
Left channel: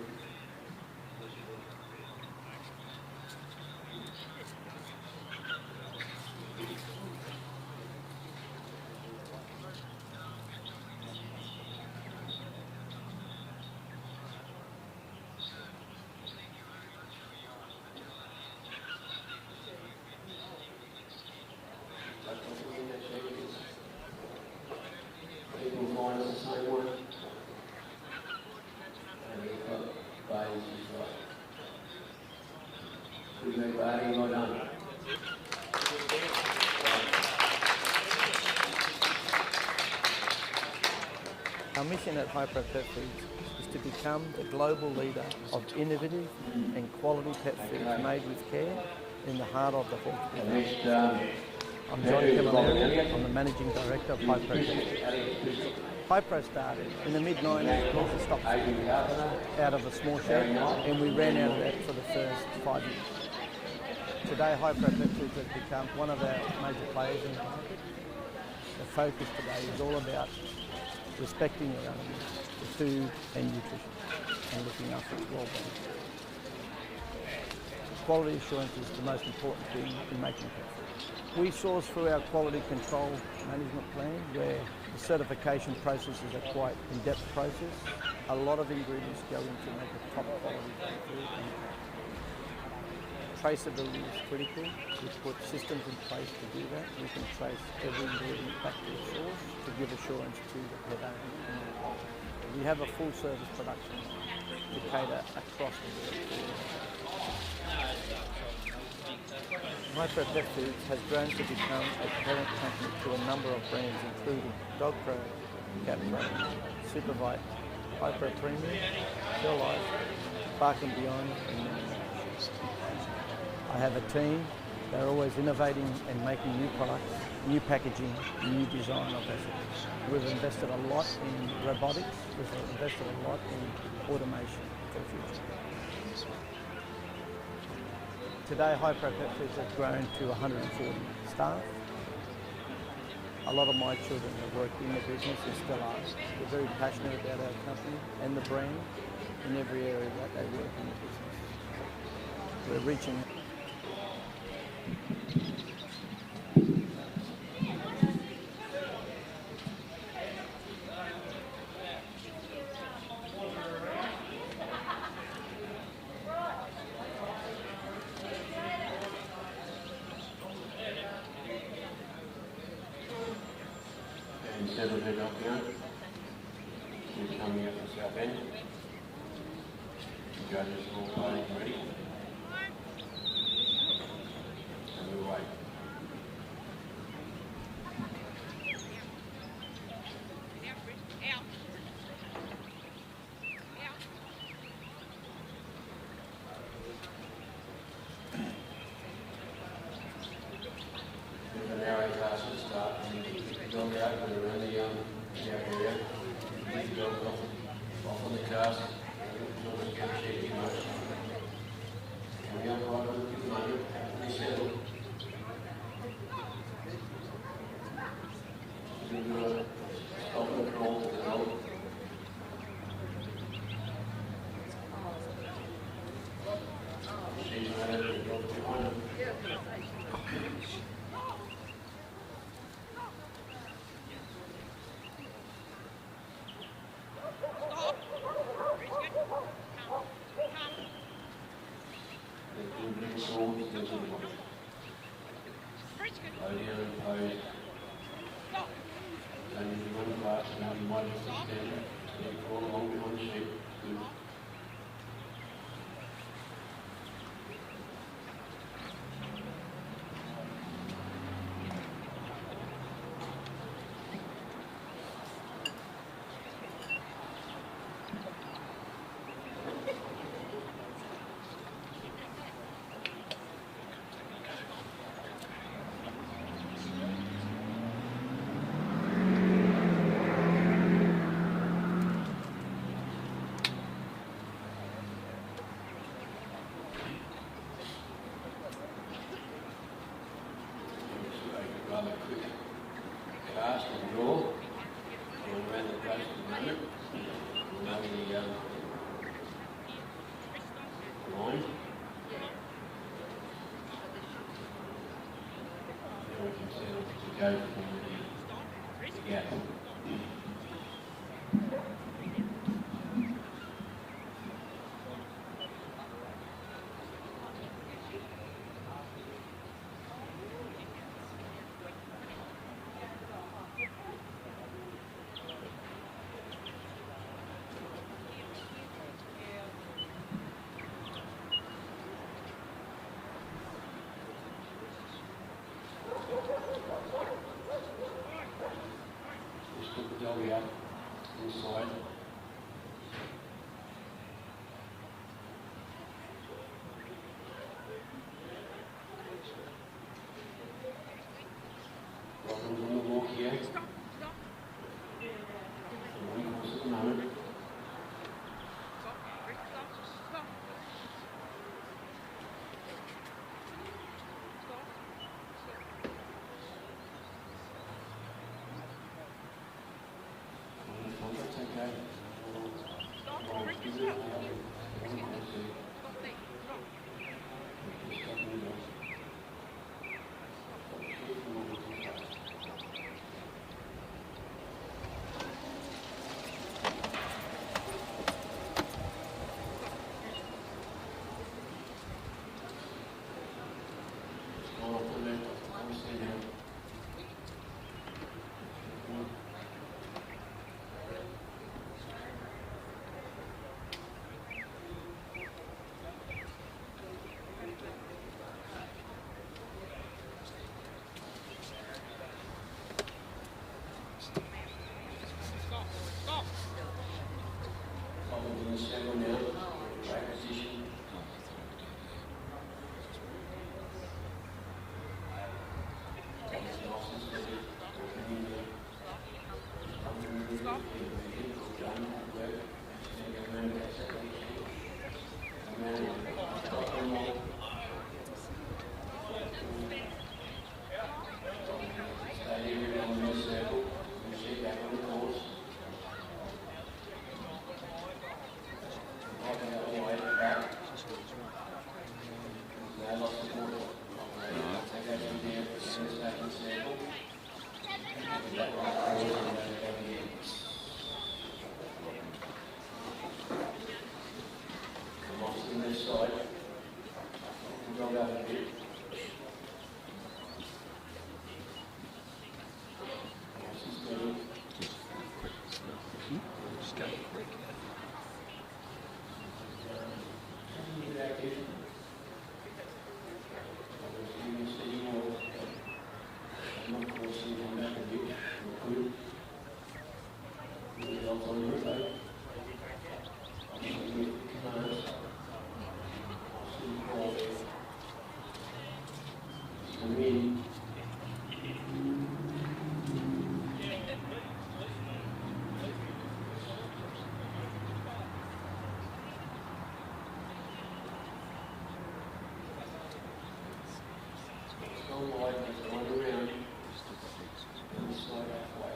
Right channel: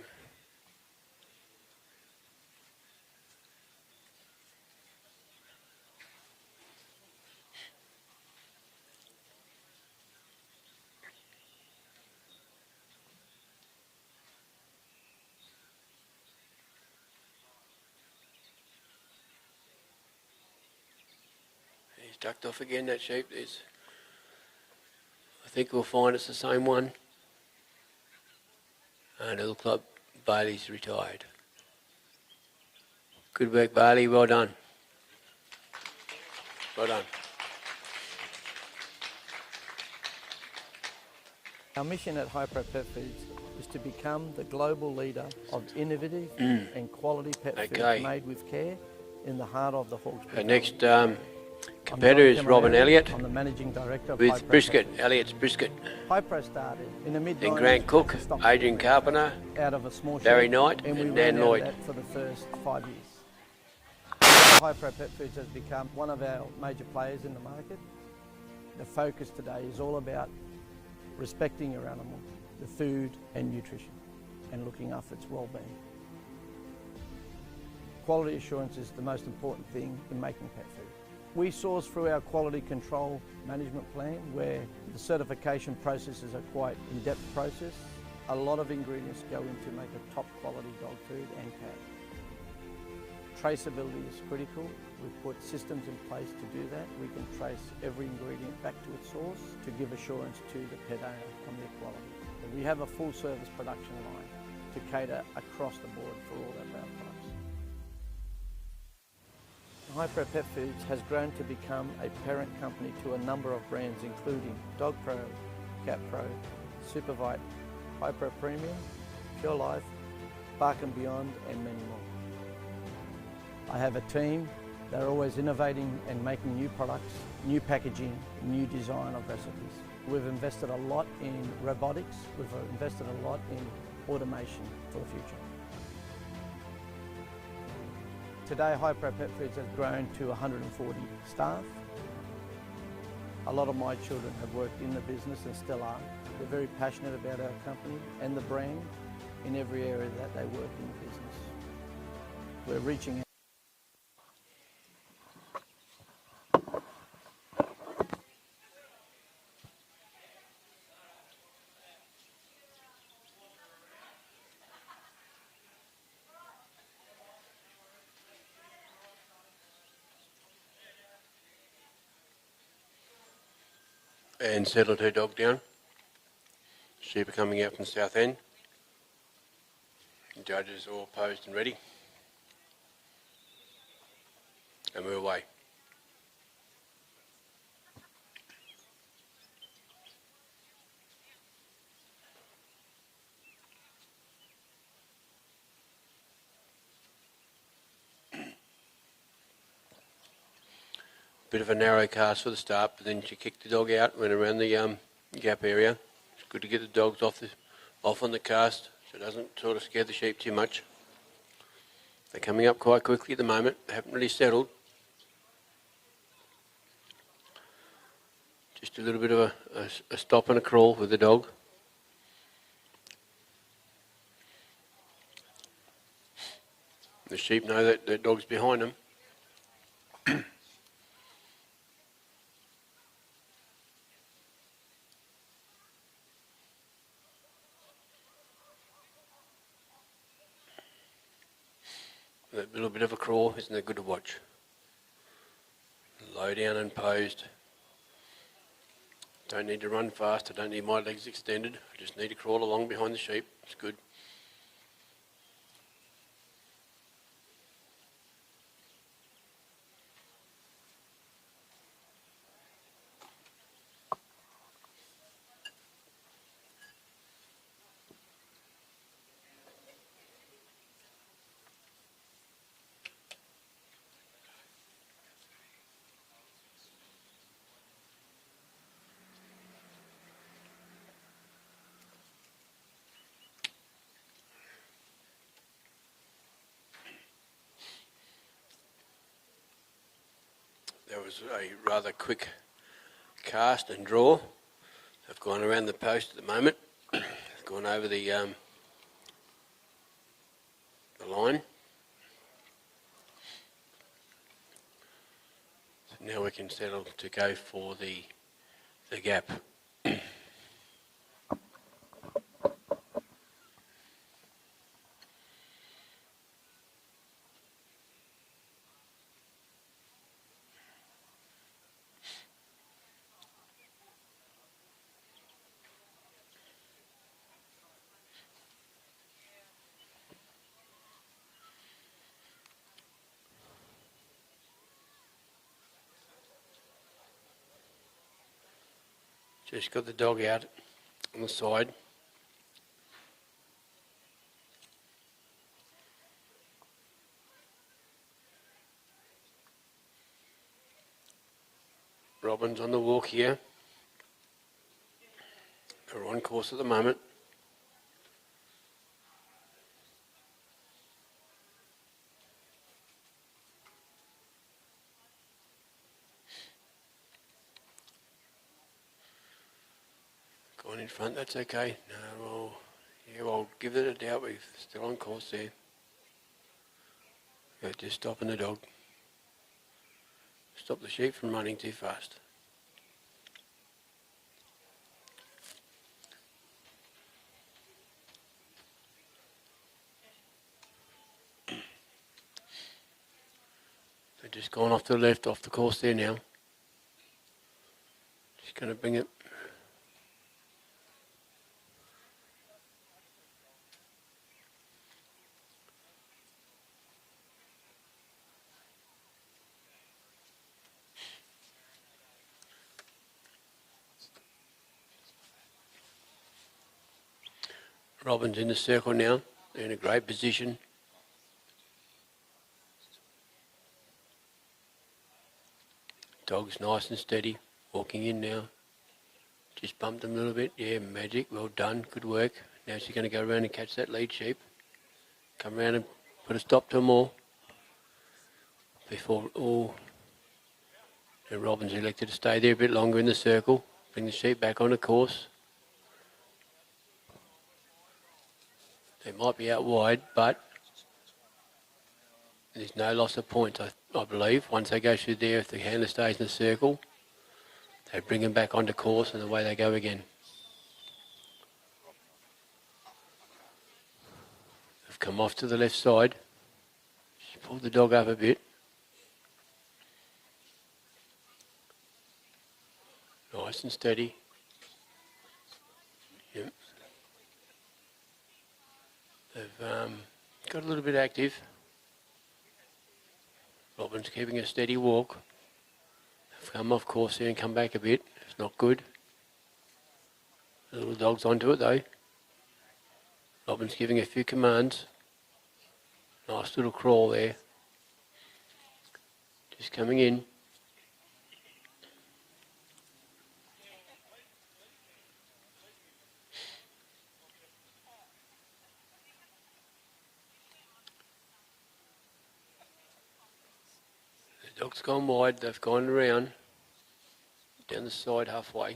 He's ducked off again, that sheep is. I think we'll find it's the same one. And it looks like Bailey's retired. Good work, Bailey. Well done. Well done. Our mission at Hypro Pet Foods is to become the global leader of innovative and quality pet food made with care in the heart of the Hawkesbury. The next competitor is Robin Elliott. I'm the managing director of with Hypro Brisket, Elliott's Brisket. Hypro started in the mid-90s. Grant Cook, Adrian Carpenter, out of a small Barry shop, Knight, and we Nan ran out of Lloyd. that for the first 5 years. Today, Hypro Pet Foods has become one of our major players in the market. The focus today is all about respecting your animal, the food and nutrition, and looking after its well-being. Quality assurance is the most important thing in making pet food. We source through our quality control management plan, where the certification process is a quite in-depth process. A lot of ingredients go into make a top quality dog food and cat. Traceability is critical. We put systems in place to do that. We can trace every ingredient back to its source to give assurance to the pet owner on the quality. We have a full service production line to cater across the board for all of our customers. Hypro Pet Foods has grown to become a parent company to a number of brands including Dogpro, CatPro, Supervite, Hypro Premium, Pure Life, Bark and Beyond, and many more. I have a team. They're always innovating and making new products, new packaging, new design of recipes. We've invested a lot in robotics. We've invested a lot in automation for the future. Today, Hypro Pet Foods has grown to 140 staff. A lot of my children have worked in the business and still are. They're very passionate about our company and the brand in every area that they work in the business. We're reaching. And settled her dog down. Sheep coming out from the south end. Judges all posed and ready. And we're away. Bit of a narrow cast for the start, but then she kicked the dog out, went around the gap area. Good to get the dogs off on the cast. It doesn't sort of scare the sheep too much. They're coming up quite quickly at the moment. They haven't really settled. Just a little bit of a stop and a crawl with the dog. The sheep know that their dog's behind them. Bit of a crawl, isn't it good to watch? Low down and posed. Don't need to run fast, I don't need my legs extended, just need to crawl along behind the sheep, it's good. A rather quick cast and draw. I've gone around the post at the moment. I've gone over the line. Now we can settle to go for the gap. Just got the dog out on the side. Robin's on the walk here. We're on course at the moment. That's okay. I'll give it a doubt. We're still on course there. We're just stopping the dog. Stop the sheep from running too fast. We're just going off to the left, off the course there now. Just going to bring it. Robin's in the circle now, in a great position. Dog's nice and steady, walking in now. Just bumped him a little bit, yeah, Magic, well done, good work. Now she's going to go around and catch that lead sheep. Come around and put a stop to them all. Before, and Robin's elected to stay there a bit longer in the circle, bring the sheep back on the course. They might be out wide, but there's no loss of points, I believe. Once they go through there, if the handler stays in the circle, they bring them back onto course and away they go again. They've come off to the left side, pulled the dog up a bit. Nice and steady. They've got a little bit active. Robin's keeping a steady walk. Come off course here and come back a bit. It's not good. Little dog's onto it though. Robin's giving a few commands. Nice little crawl there. He's coming in. Dog's gone wide, they've gone around, down the side halfway.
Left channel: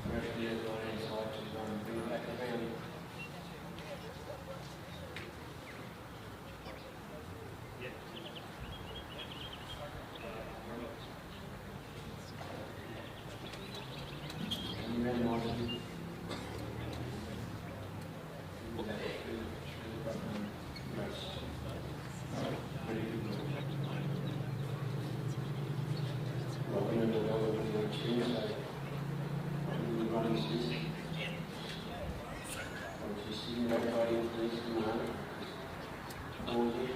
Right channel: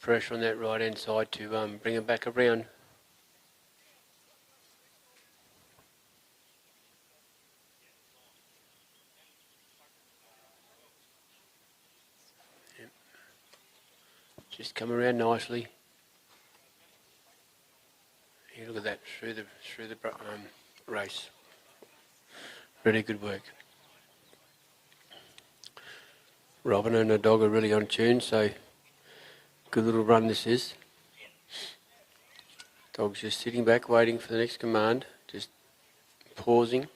Pressure on that right hand side to bring it back around. Just come around nicely. Look at that, through the race. Really good work. Robin and the dog are really on tune, so good little run this is. Dog's just sitting back waiting for the next command, just pausing.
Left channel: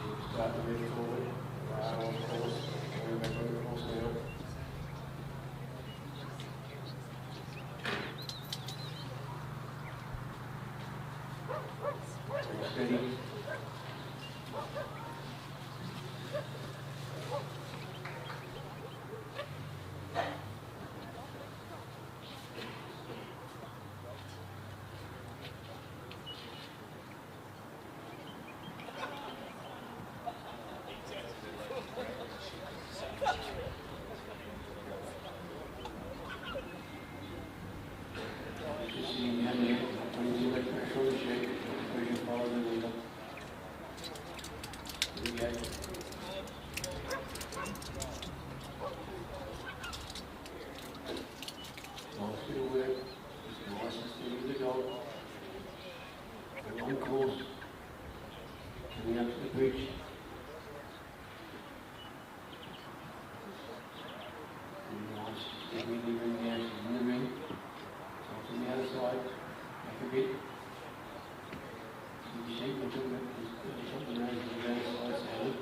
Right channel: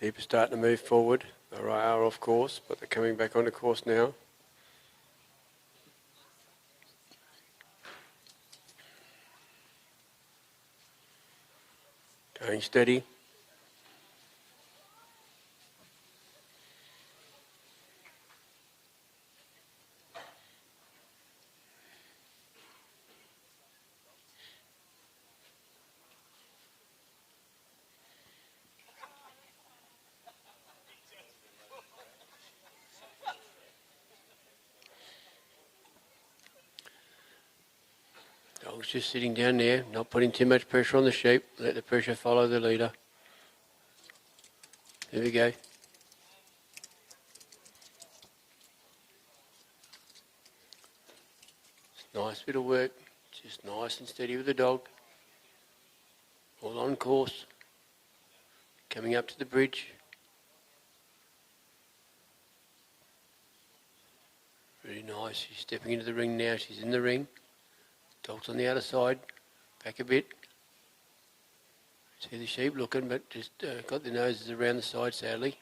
Sheep are starting to move forward. They are off course, but they're coming back onto course now. Going steady. Just sitting down there, not putting too much pressure on the sheep. Let the pressure follow the leader. There we go. Nice bit of work. Just nice and steady with the dog. All on course. Coming up to the bridge. Very nice. She's stepping into the ring now. She's in the ring. Dog's on the outer side, back a bit. See the sheep looking, but just got the noses around the side, sadly.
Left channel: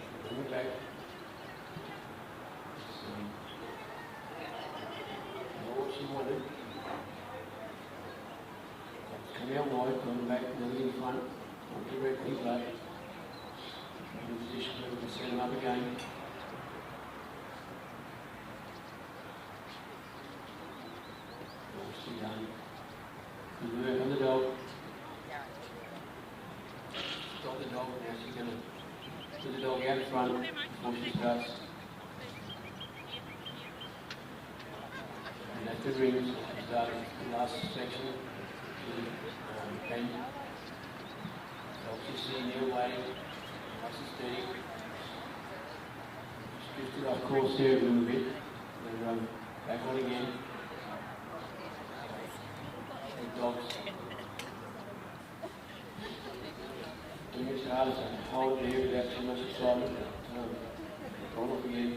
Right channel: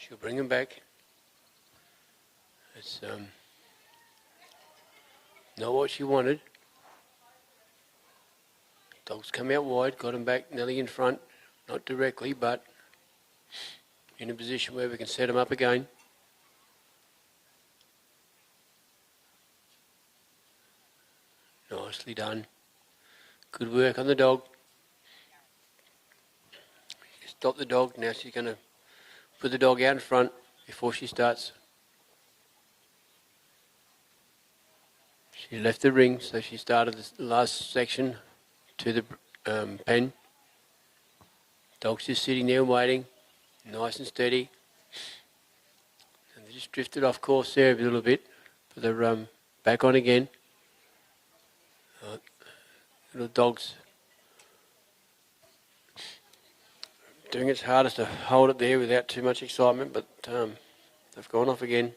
She'll bring them back. It's not what she wanted. Dog's come out wide, got him back nearly in front. Not directly, but in a position where we can set him up again. Nicely done. Good work on the dog. Stop the dog. Now she's going to put the dog out in front before she starts. She left the ring, so she started the last section to the pen. Dog's just sitting there waiting, nice and steady. Just drifted off course there a little bit. They're back on again. The dog's doing its hardest to hold it there without too much excitement, but they've gone off again.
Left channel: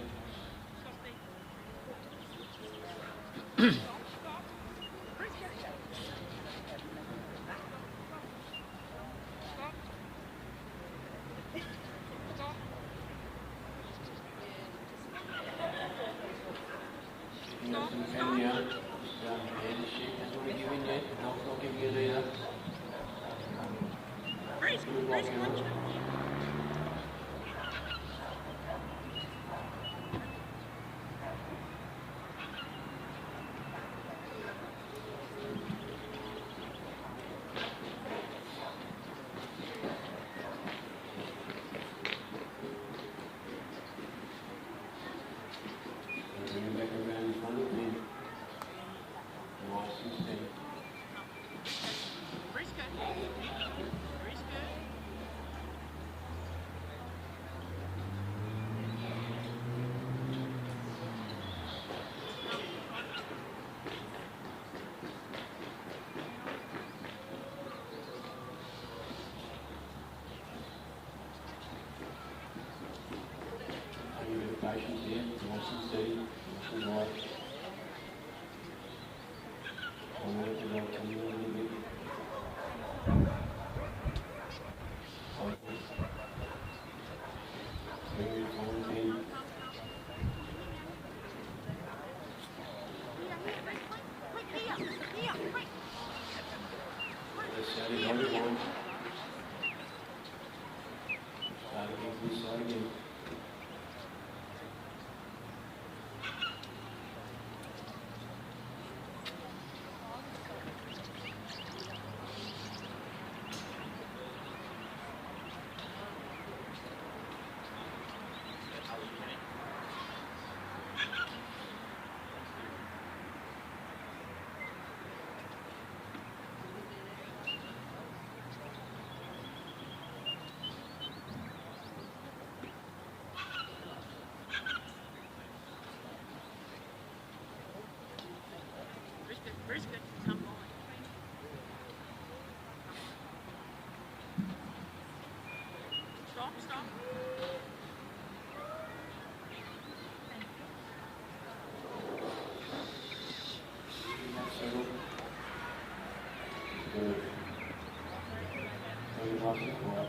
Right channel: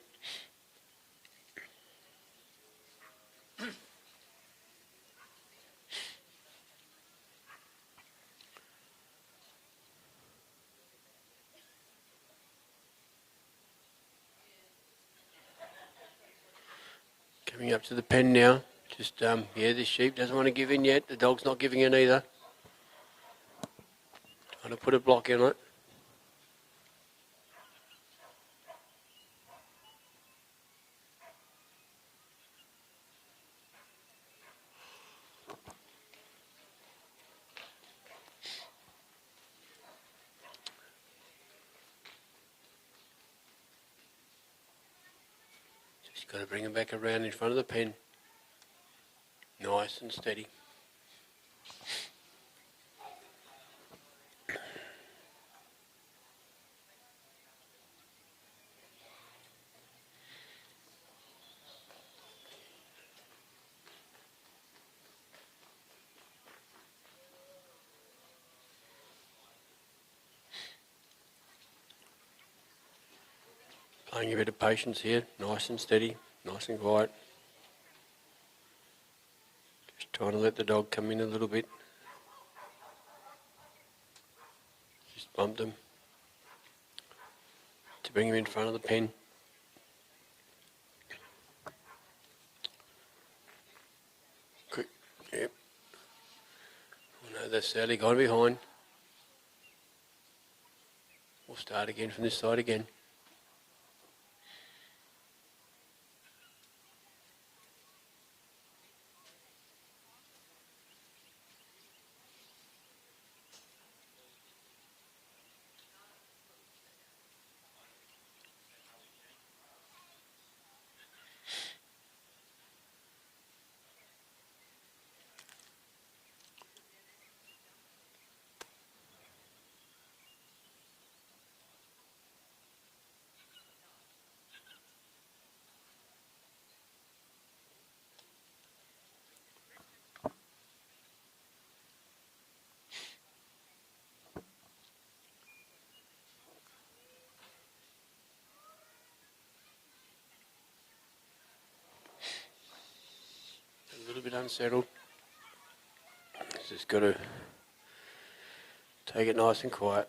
to the pen now. Just, yeah, this sheep doesn't want to give in yet. The dog's not giving in either. I'll put a block in on it. Bring him back around in front of the pen. Nice and steady. Playing a bit of patience here, nice and steady. Nice and light. Just trying to let the dog come in a little bit. Just bumped him. To bring him in front of the pen. Good. Yeah. No, that's sadly got behind. We'll start again from this side again. Unsettled. Just got to take it nice and quiet.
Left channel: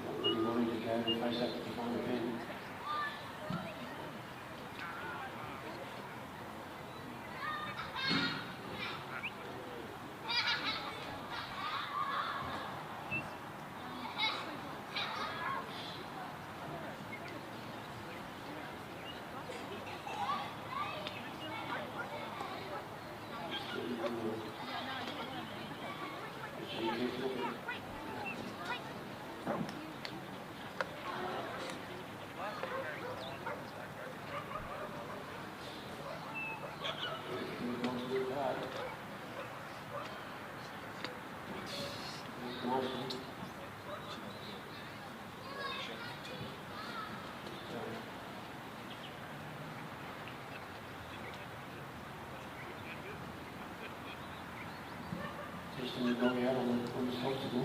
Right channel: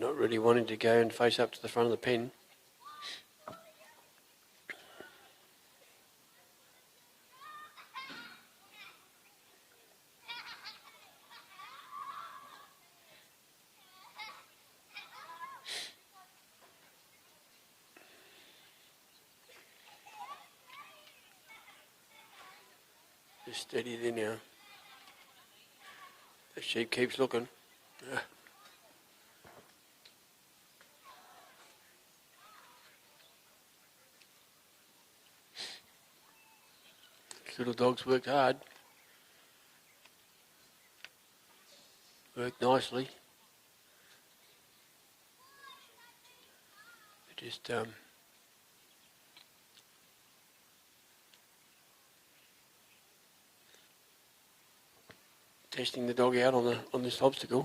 Not really wanting to go and face up to the front of the pen. Just steady there now. The sheep keeps looking. Little dog's worked hard. Worked nicely. Just testing the dog out on this obstacle.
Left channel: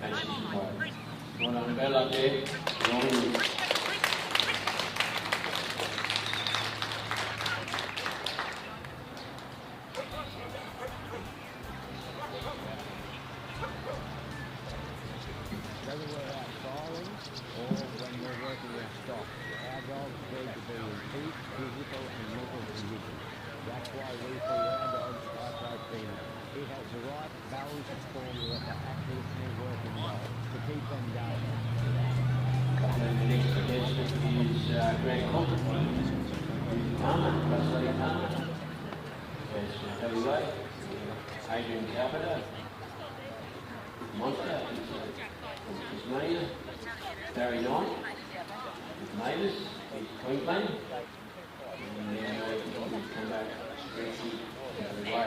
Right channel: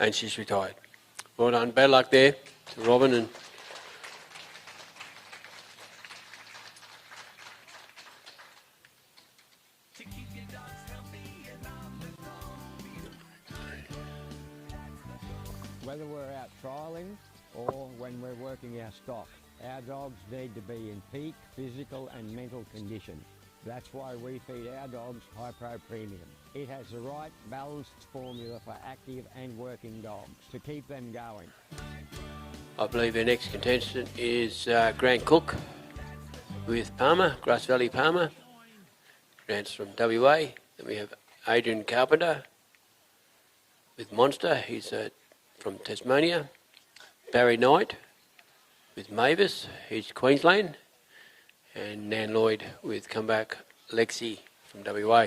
And she's retired. Well done. Bad luck there, Robin. And whether we're out trialling or when we're working our stock, our dogs need to be in peak physical and mental condition. That's why we feed our dogs High-Pro Premium. It has the right balanced formula for active and working dogs to keep them going. I believe our next contestant is Grant Cook with Palmer, Grass Valley Palmer. Grant's from WA. Then we have Adrian Carpenter with Monster. He's from Tasmania. Barry Knight with Mavis. He's Queensland. And Nan Lloyd with Comeback Lexi from WA.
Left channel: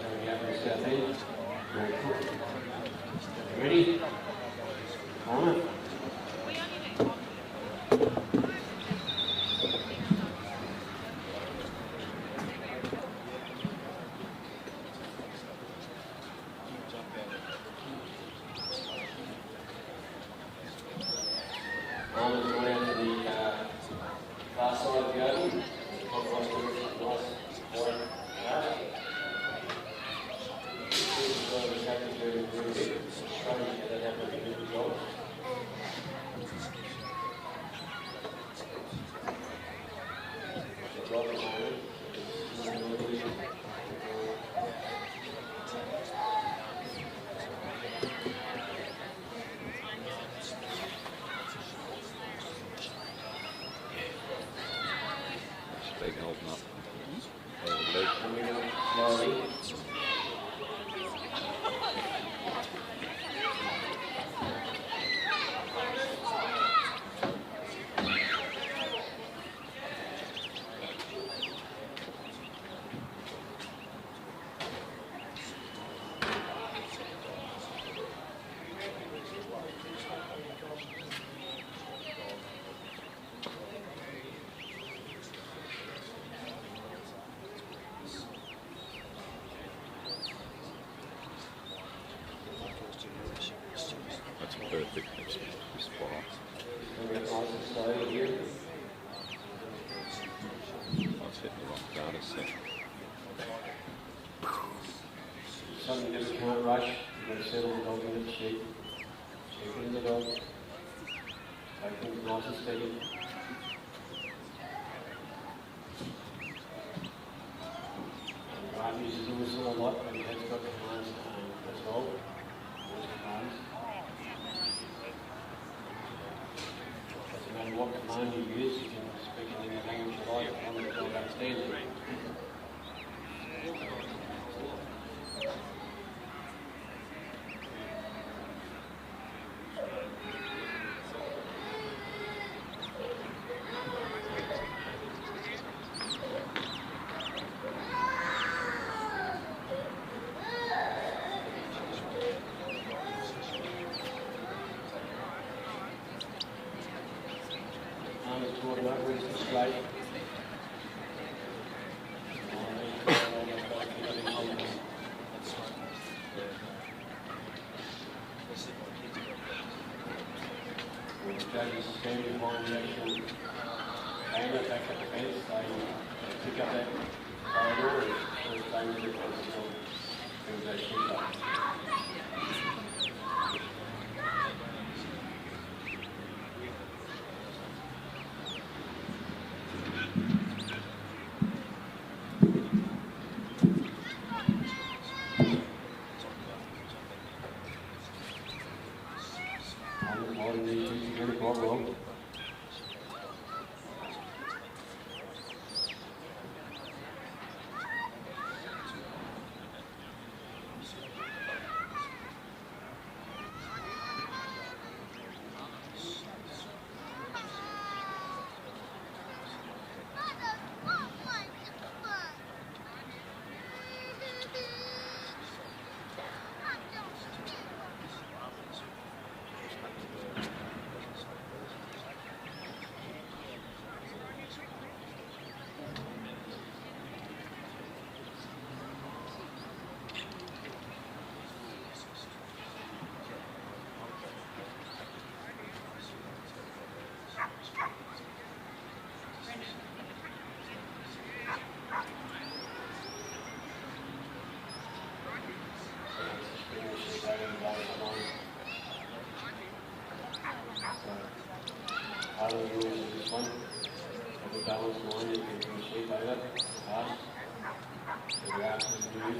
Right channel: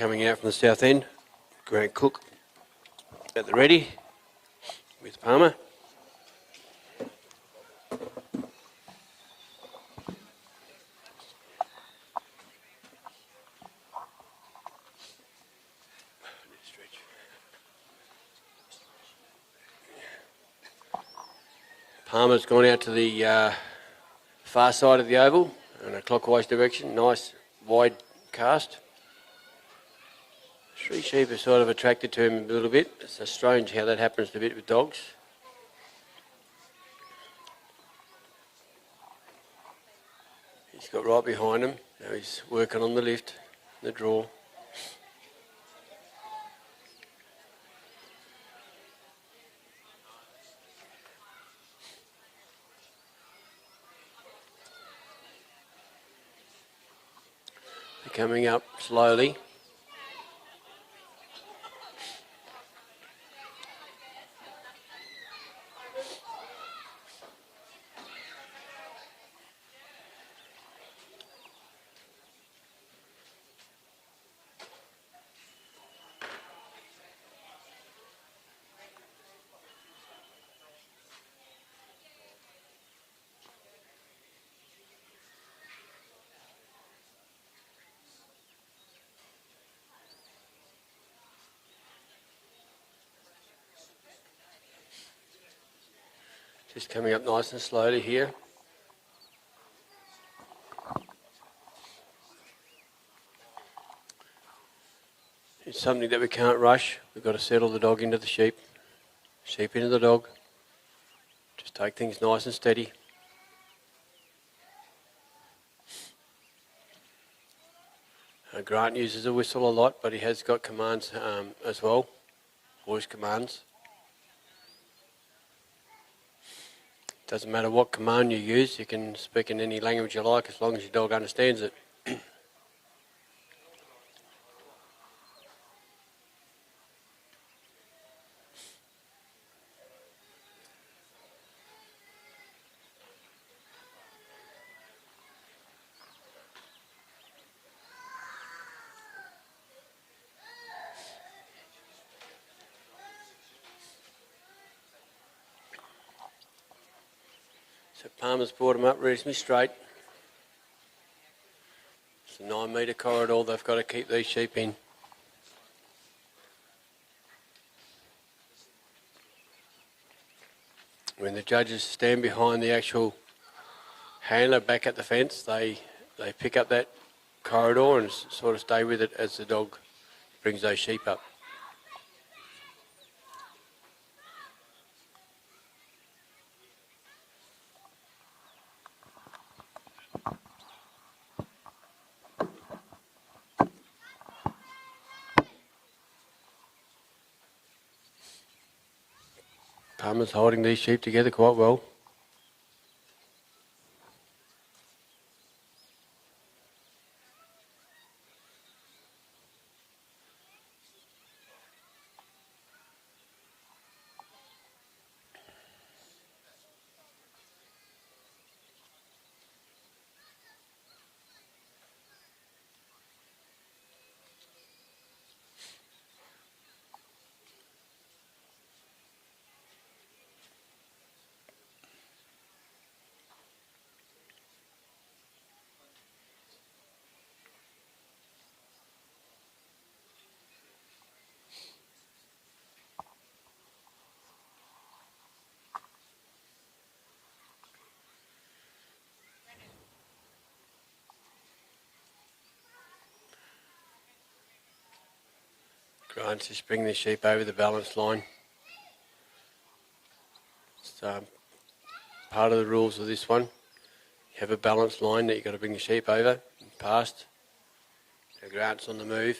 coming out from the south end. Grant Cook at the ready with Palmer. Palmer's gone out to the far side of the oval in a clockwise direction. Nice wide cast. Sheep is sort of attracted to him a little bit. It's strange how that happens a bit with dogs. He's got right behind him. Now he's working on the lift, the draw. Coming up slowly. Just coming up nice and slowly here. It's something that we can't rush. We've got to settle the dog into the sheep. Sheep into the dog. Just take things nice and steady. Grant uses a whistle a lot, but he has got commands as well, voice commands. Doesn't matter what command you use, you can speak in any language you like as long as your dog understands it. Armour's brought them up reasonably straight. It's a 9 metre corridor they've got to keep these sheep in. When the judges stand behind the actual handler back at the fence, they pick up that corridor and sort of stay with it as the dog brings those sheep up. Palmer's holding these sheep together quite well. Just bring the sheep over the balance line. So, part of the rules of this one, you have a balance line that you've got to bring the sheep over, past, have your arms on the move,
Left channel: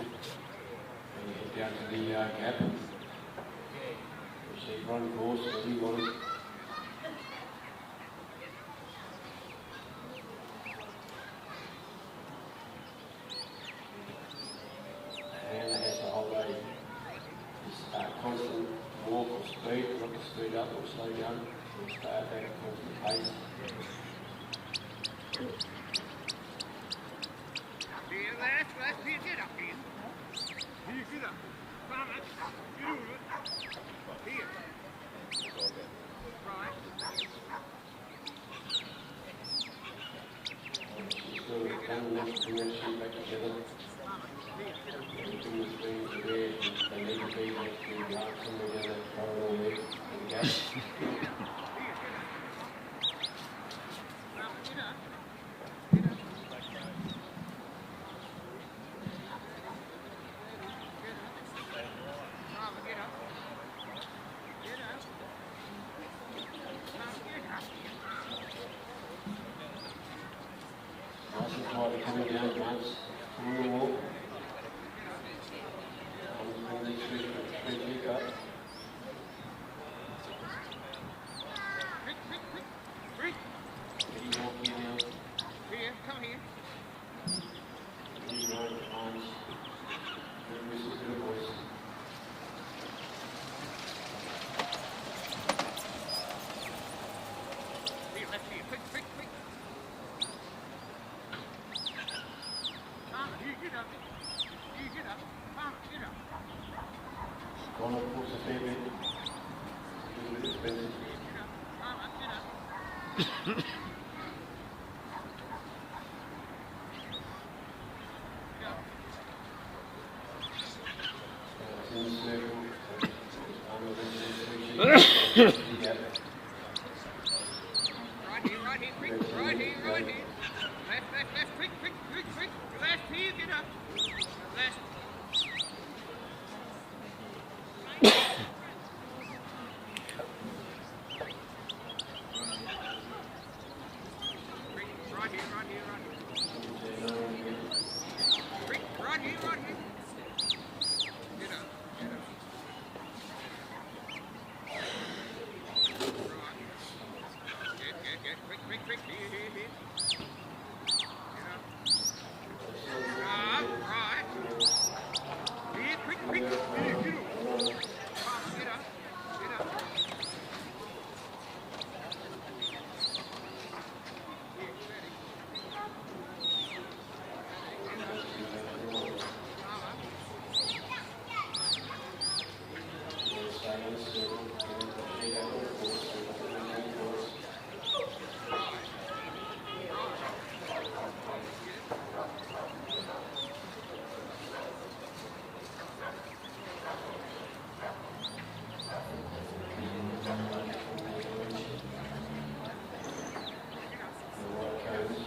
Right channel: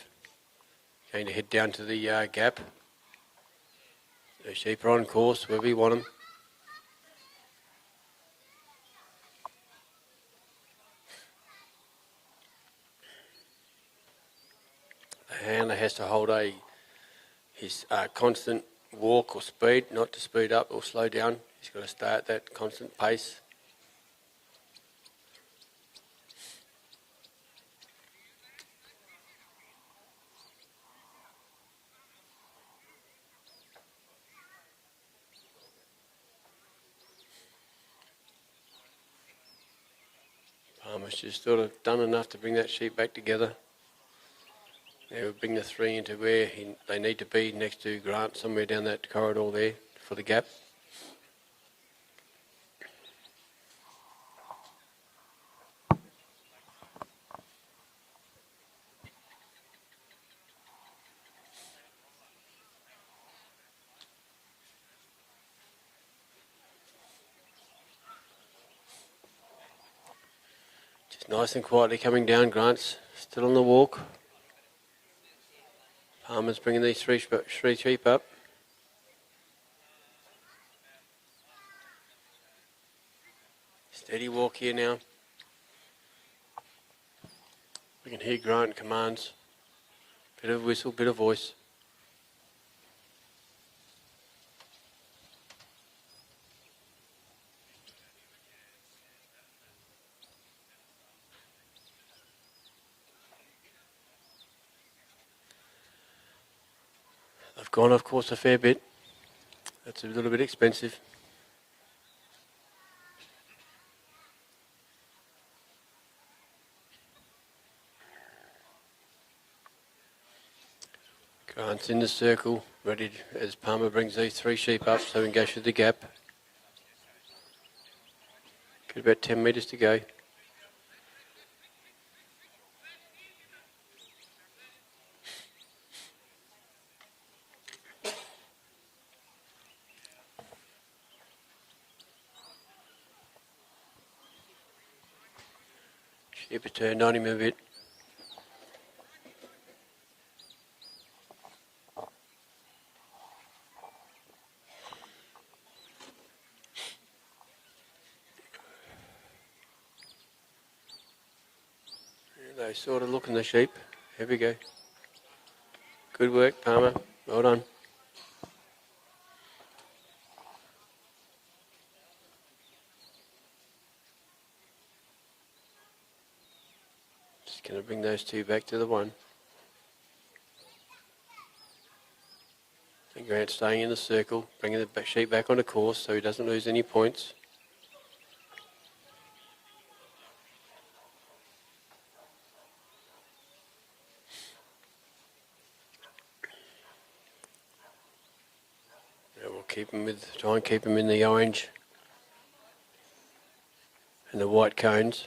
and you head down to the gap. The sheep are on course wherever you want them. The handler has to hold his constant walk or speed, not to speed up or slow down. He's got to stay at that constant pace. has sort of done enough to bring that sheep back together. They'll bring the three into where they need to be next to Grant, somewhere down that corridor there for the gap. Just nice and quietly coming down. Grant's still on the walk. Palmer's bringing these three sheep up. Steady walk here now. You can hear Grant commands. Bit of whistle, bit of voice. I've gone off course a fair bit. That's a little bit expensive. Grant's in the circle, ready as Palmer brings these three sheep up to engage with the gap. About 10 metres to go. Sheep turned on him a bit. They sort of looking the sheep. Here we go. Good work, Palmer. Well done. Going to bring those two back to the one. Grant staying in the circle, bringing the sheep back on the course so he doesn't lose any points. Try and keep them in the orange and the white cones.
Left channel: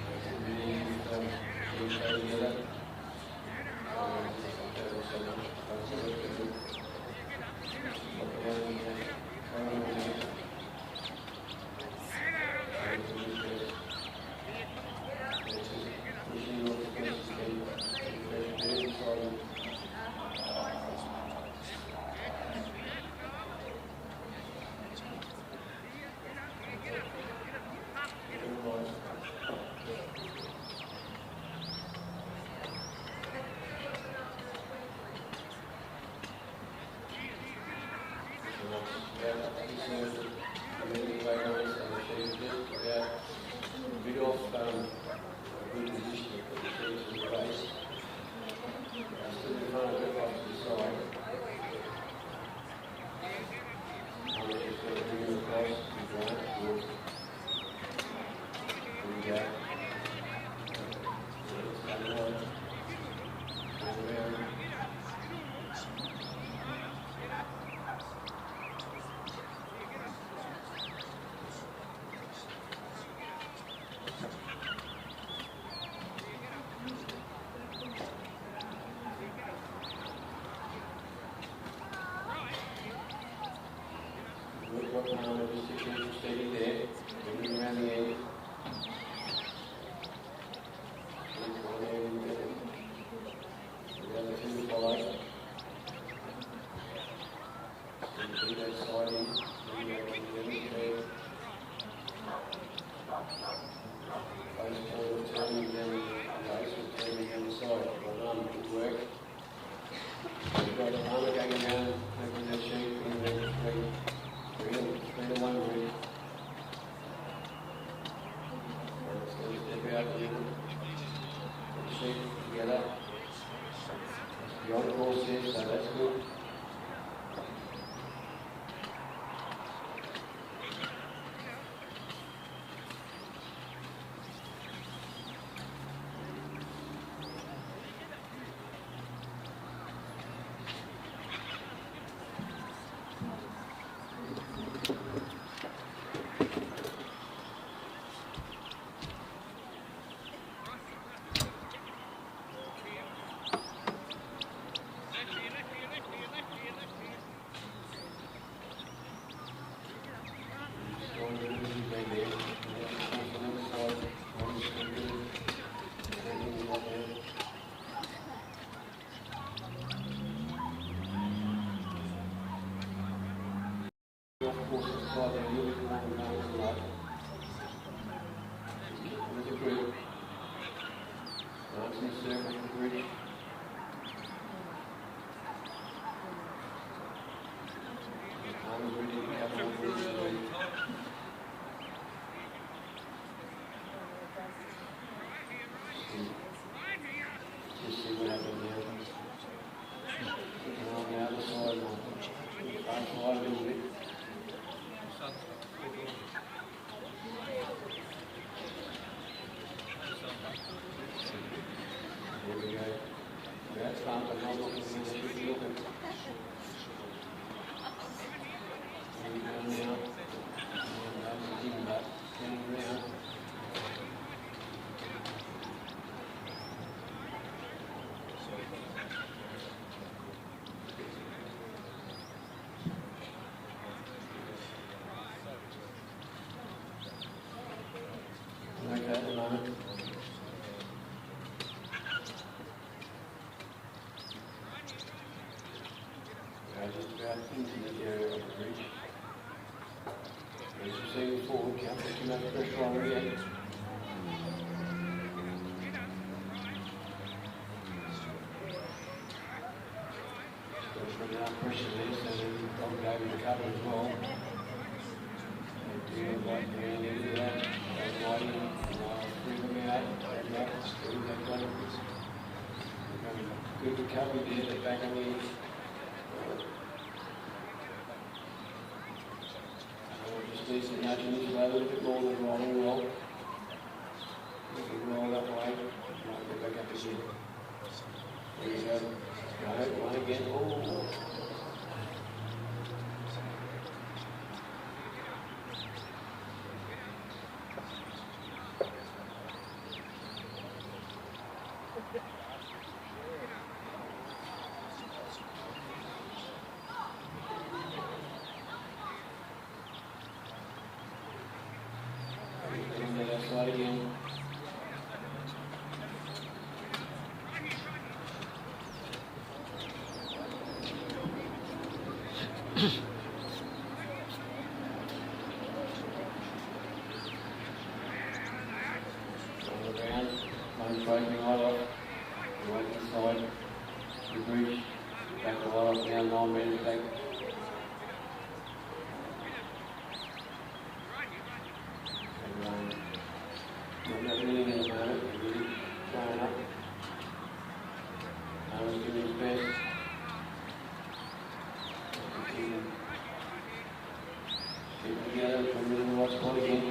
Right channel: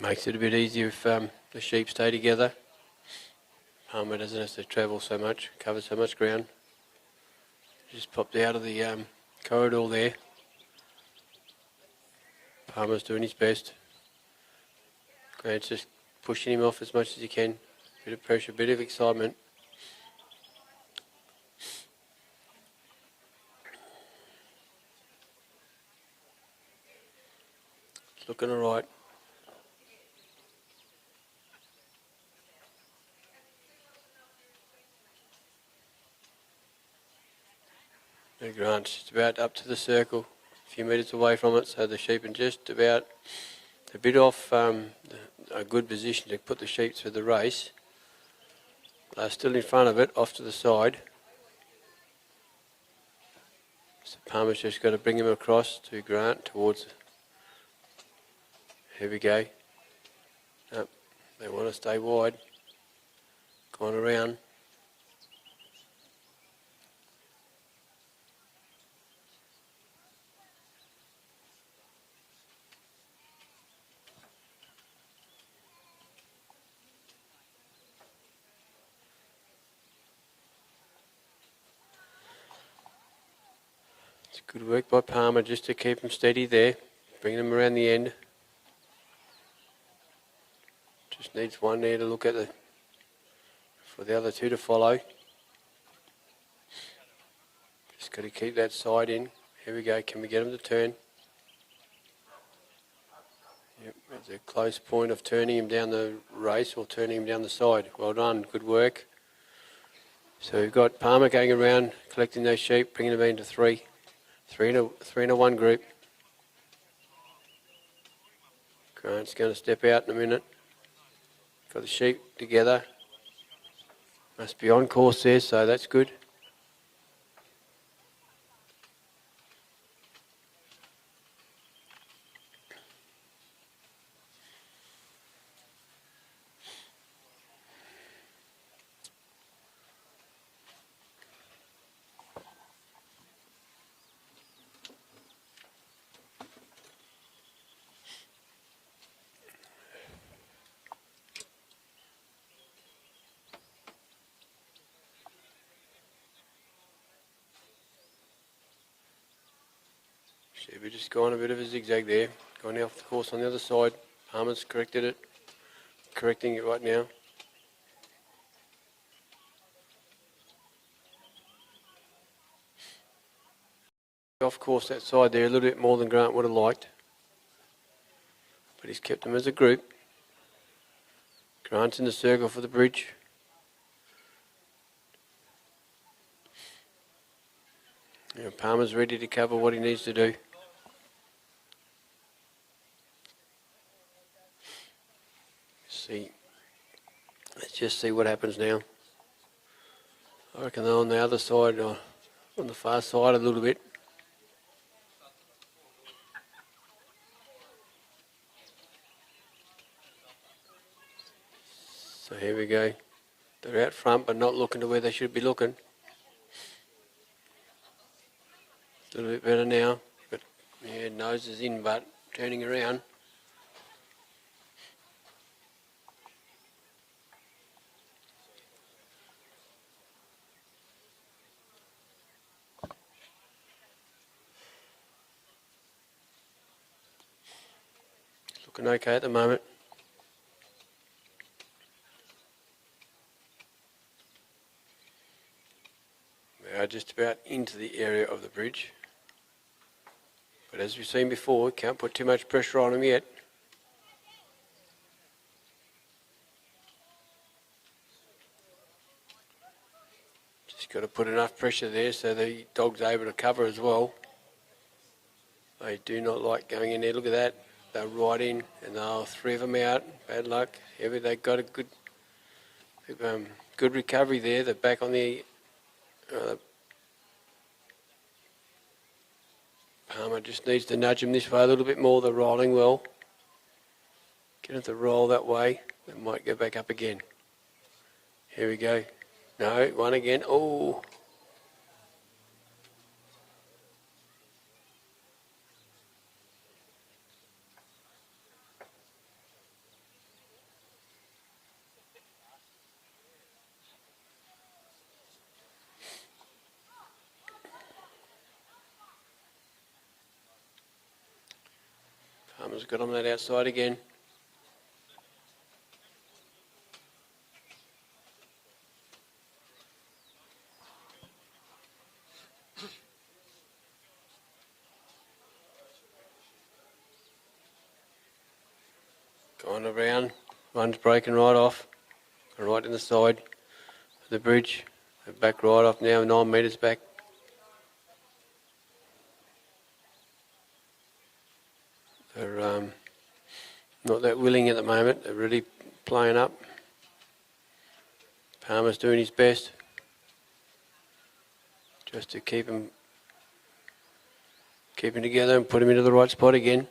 Makes it a bit easier if the sheep stay together. It doesn't have to travel so much, cover so much ground. Just popped out of the corridor there. Palmer's doing his best. Grant's just pushing him off as much as he can. Bit of pressure, bit of excitement. It's looking all right. Grant's just about up to the circle. Few metres away from it, so the sheep are just about a bit off a good position to put the sheep through the race. They're still in front of it, off to the side. Palmer's just got to bring him across to Grant towards. Here we go. They want to stay wide. Come on around. Good work by Palmer just to keep them steady there, bring them around the end. Just needs one there to look at for the other two to follow. Just got to keep that side in. Here we go, can we get them to turn? The close point of turning him down the race or turning him down the side. Well done, good work. So we've got Palmer going around, collecting those sheep, bringing them into three. Three in a one group. Grant's going to step out in a minute. Got the sheep together. Must be on course there, so that's good. Gone a bit of a zigzag there, going off the course on the other side. Armour's corrected it, correcting it right now. Off course that side there a little bit more than Grant would have liked. But he's kept them as a group. Grant's in the circle for the bridge. And Palmer's ready to cover what he needs to do. Let's just see what happens now. I reckon they're on the other side, or on the far side a little bit. So here we go. They're out front but not looking to where they should be looking. A little bit better now, but yeah, nose is in but turning around. Okay at the moment. We are just about into the area of the bridge. But as we've seen before, we can't put too much pressure on them yet. Just got to put enough pressure there so the dog's able to cover as well. They do not like going in there. Look at that. They're right in, and now 3 of them out. Bad luck. They've got a good recovery there. They're back on the. Palmer just needs to nudge them this way a little bit more. They're rolling well. Get it to roll that way. They might go back up again. Here we go. No, one again. Oh. Got on that outside again. On around, one's breaking right off, right in the side of the bridge, back right off now, 9 metres back. Not that willing at the moment. They're really playing up. Palmer's doing his best just to keep him together and put him into the right spot again.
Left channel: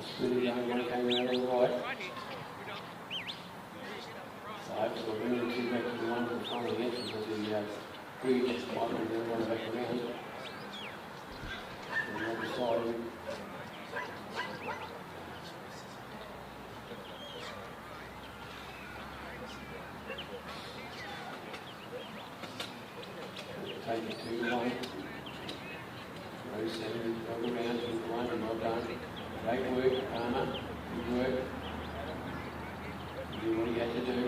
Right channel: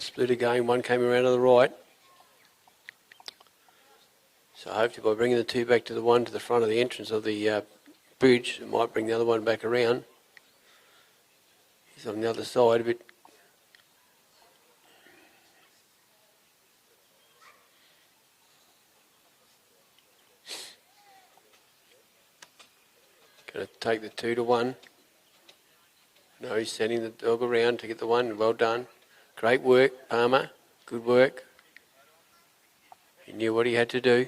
Split again, one came around to the right. So hopefully by bringing the 2 back to the one to the front of the entrance of the bridge, it might bring the other one back around. It's on the other side a bit. Going to take the 2 to 1. No, he's sending the dog around to get the 1. Well done. Great work, Palmer. Good work. He knew what he had to do.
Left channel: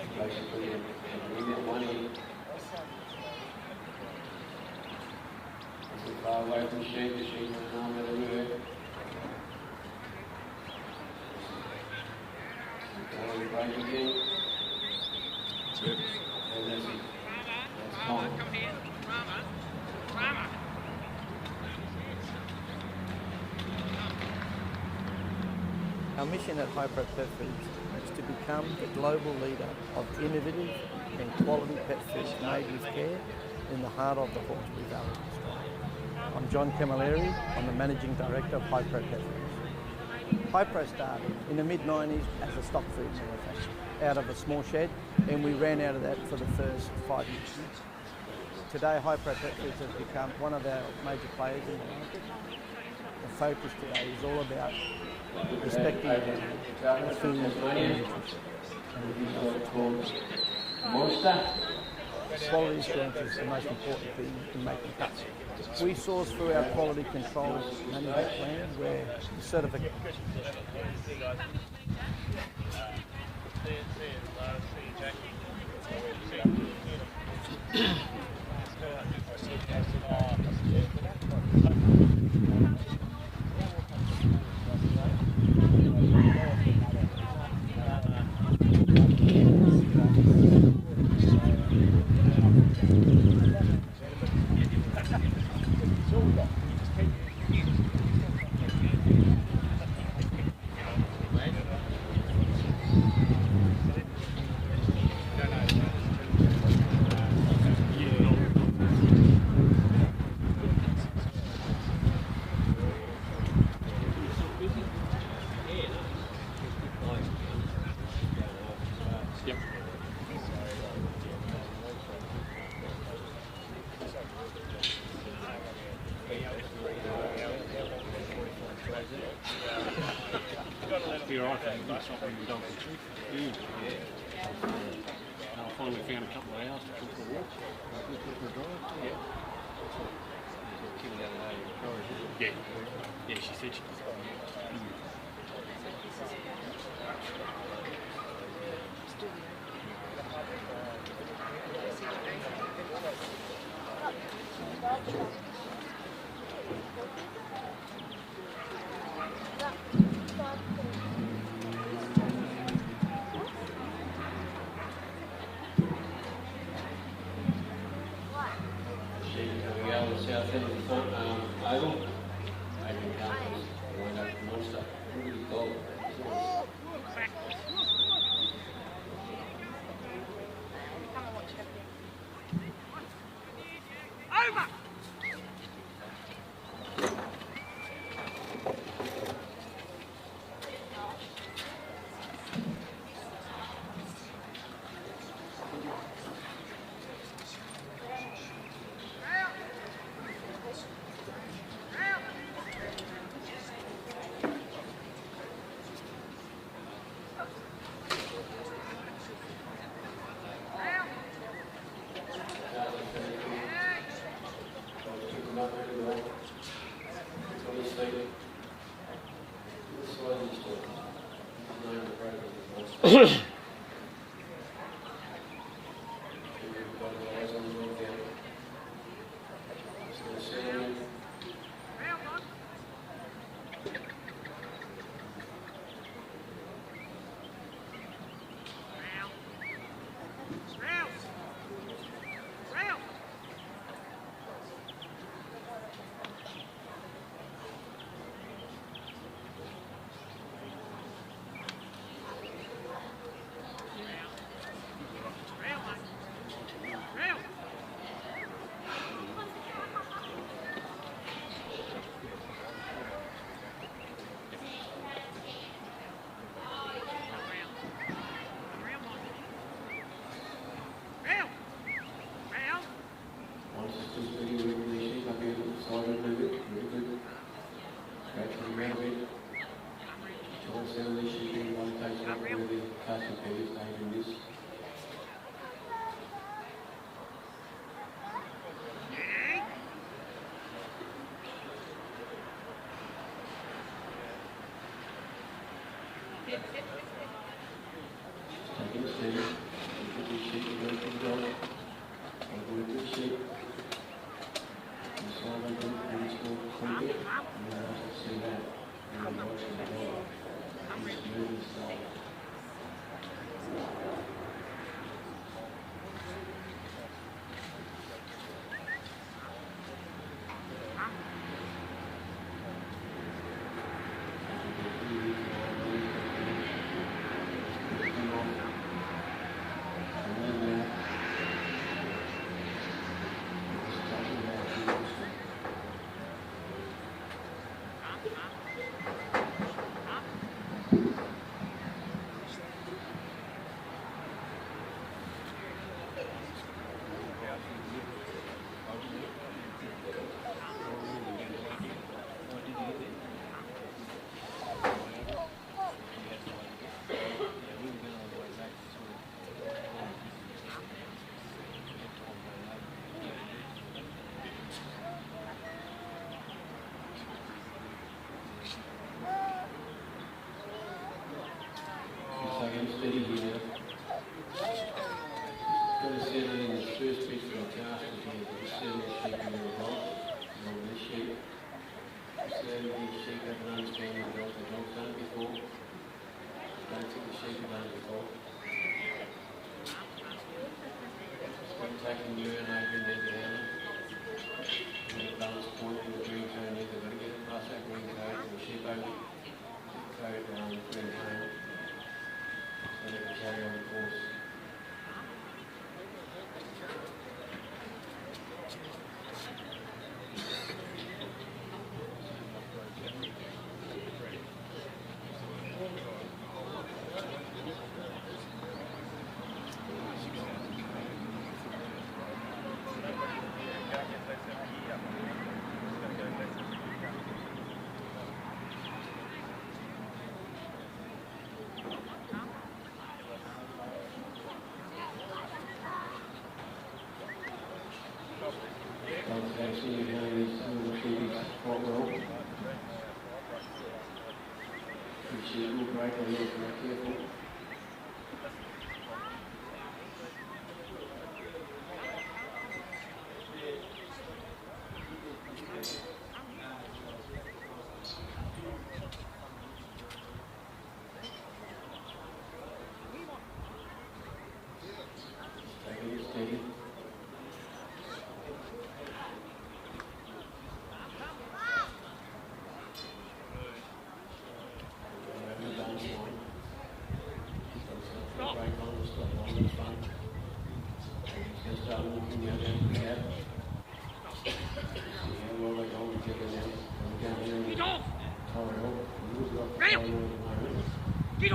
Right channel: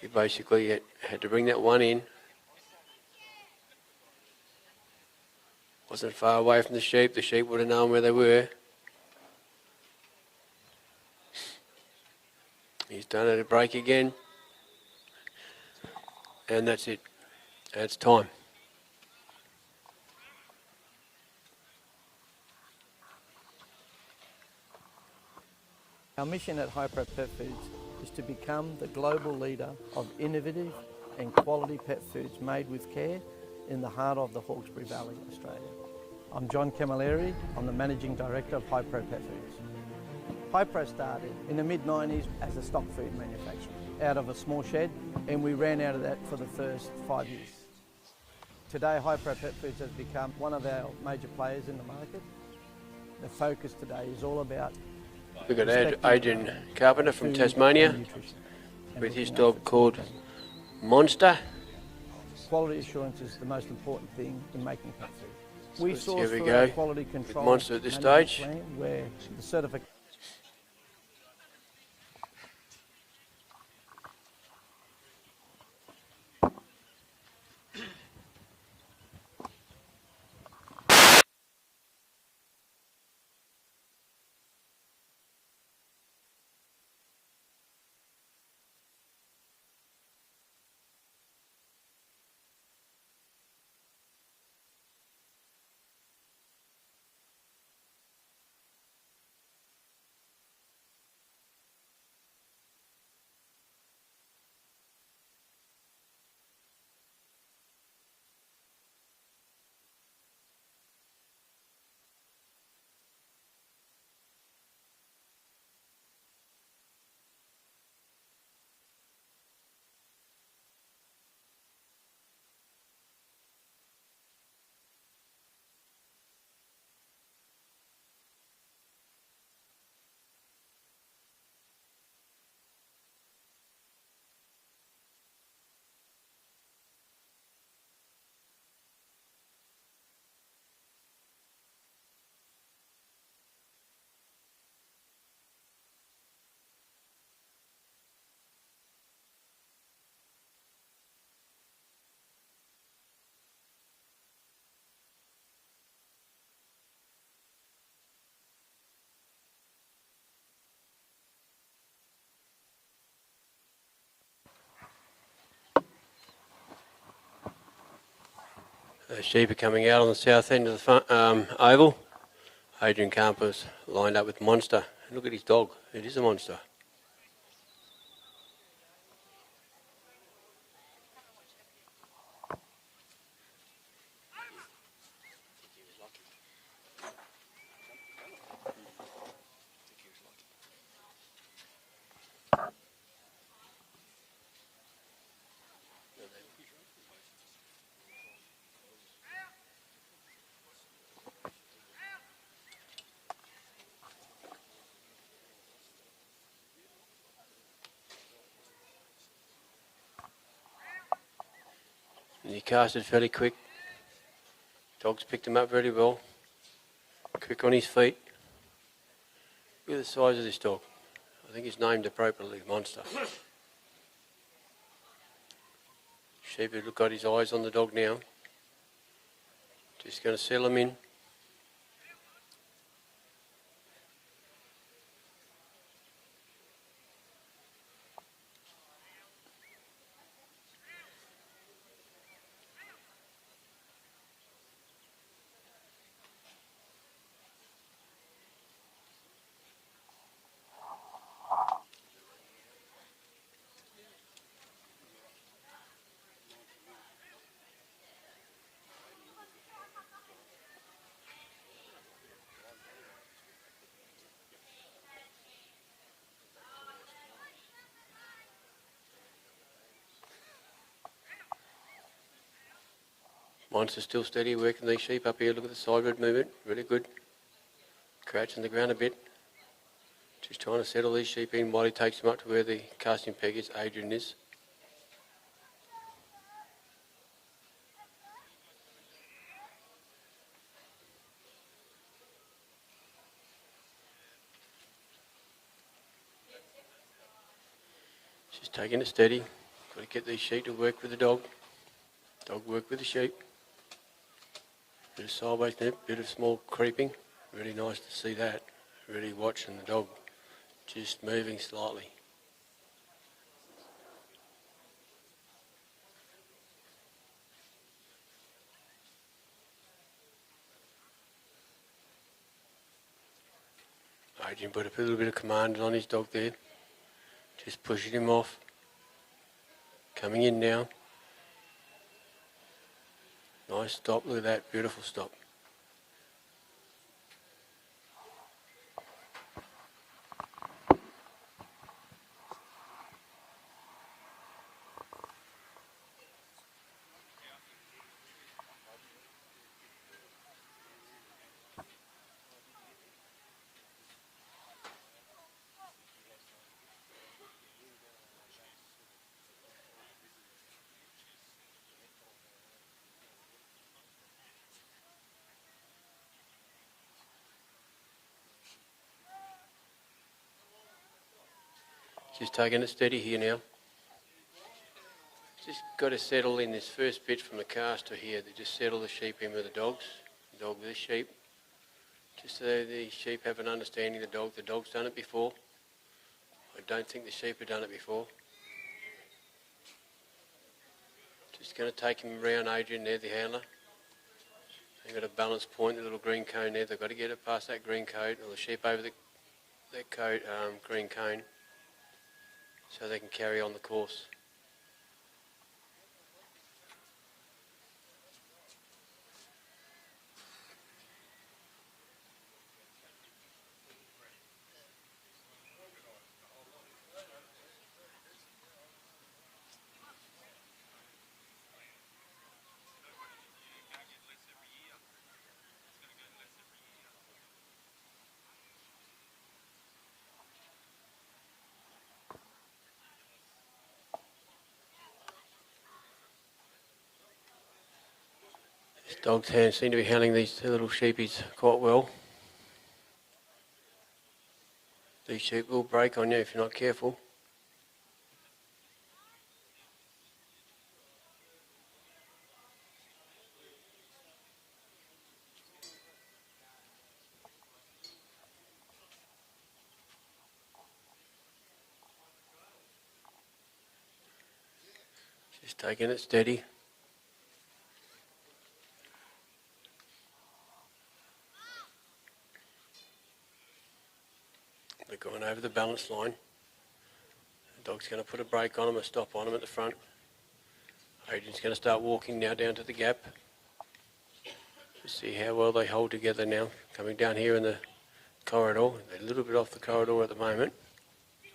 He basically had to bring that 1 in. Wasn't far away from the sheep. The sheep would have known where they were. He's done it at break again. And that's it. That's time. Our mission at Hypro Pet Foods is to become the global leader of innovative and quality pet foods made with care in the heart of the Hawkesbury Valley, Australia. I'm John Camilleri. I'm the Managing Director of Hypro Pet Foods. Hypro started in the mid-90s as a stock food manufacturer out of a small shed, and we ran out of that for the first 5 years. Today, Hypro Pet Foods has become one of our major players in the market. The focus today is all about We've got Adrian Carpenter from Tasmania with his dog called Monster. Quality assurance is the most important thing in making pets. We source Here we for go. our quality control Monster at this management stage. plan where the certificate. You're right, I stopped when the dog was sick. And I finally found a couple of hours to cook for walk. For a drive. Yeah. Yeah. Yeah, she said she was. Sheep are coming out on the south end of the front, oval. Adrian Carpenter's lined up with Monster. Look at his dog. It is a monster. Casted fairly quick. Dog's picked him up very well. Quick on his feet. Look at the size of this dog. I think he's named appropriately, Monster. Sheep has got his eyes on the dog now. Just going to settle him in. Monster's still steady, working these sheep up here. Look at the sideward movement, really good. Crouching the ground a bit. Just trying to settle these sheep in while he takes them up to where the casting peg is, Adrian is. Just taking it steady. Get these sheep to work with the dog. Dog work with the sheep. Bit of sideways there, bit of small creeping. Really nice to see that. Really watching the dog just moving slightly. put a little bit of command on his dog there. Just pushing him off. Coming in now. Nice stop with that, beautiful stop. Just taking it steady here now. Just got to settle in this first bit from the caster here. Just settle the sheep in with the dogs. The dog with the sheep. Just so the sheep have an understanding of the dog. The dog's done it before. I don't think the sheep have done it before. Just going to take him around Adrian there, the handler. Got a balance point, the little green cone there. They've got to get it past that green cone and the sheep over the green cone so they can carry on the course. Dogs seem to be handling these two little sheepies quite well. These sheep will break on you if you're not careful. Just taking it steady. The balance line. The dog's going to put a brake on him, a stop on him at the front. Adrian's going to start walking now down to the gap. See how well they hold together now. Coming down here in the corridor, a little bit off the corridor at the moment. He's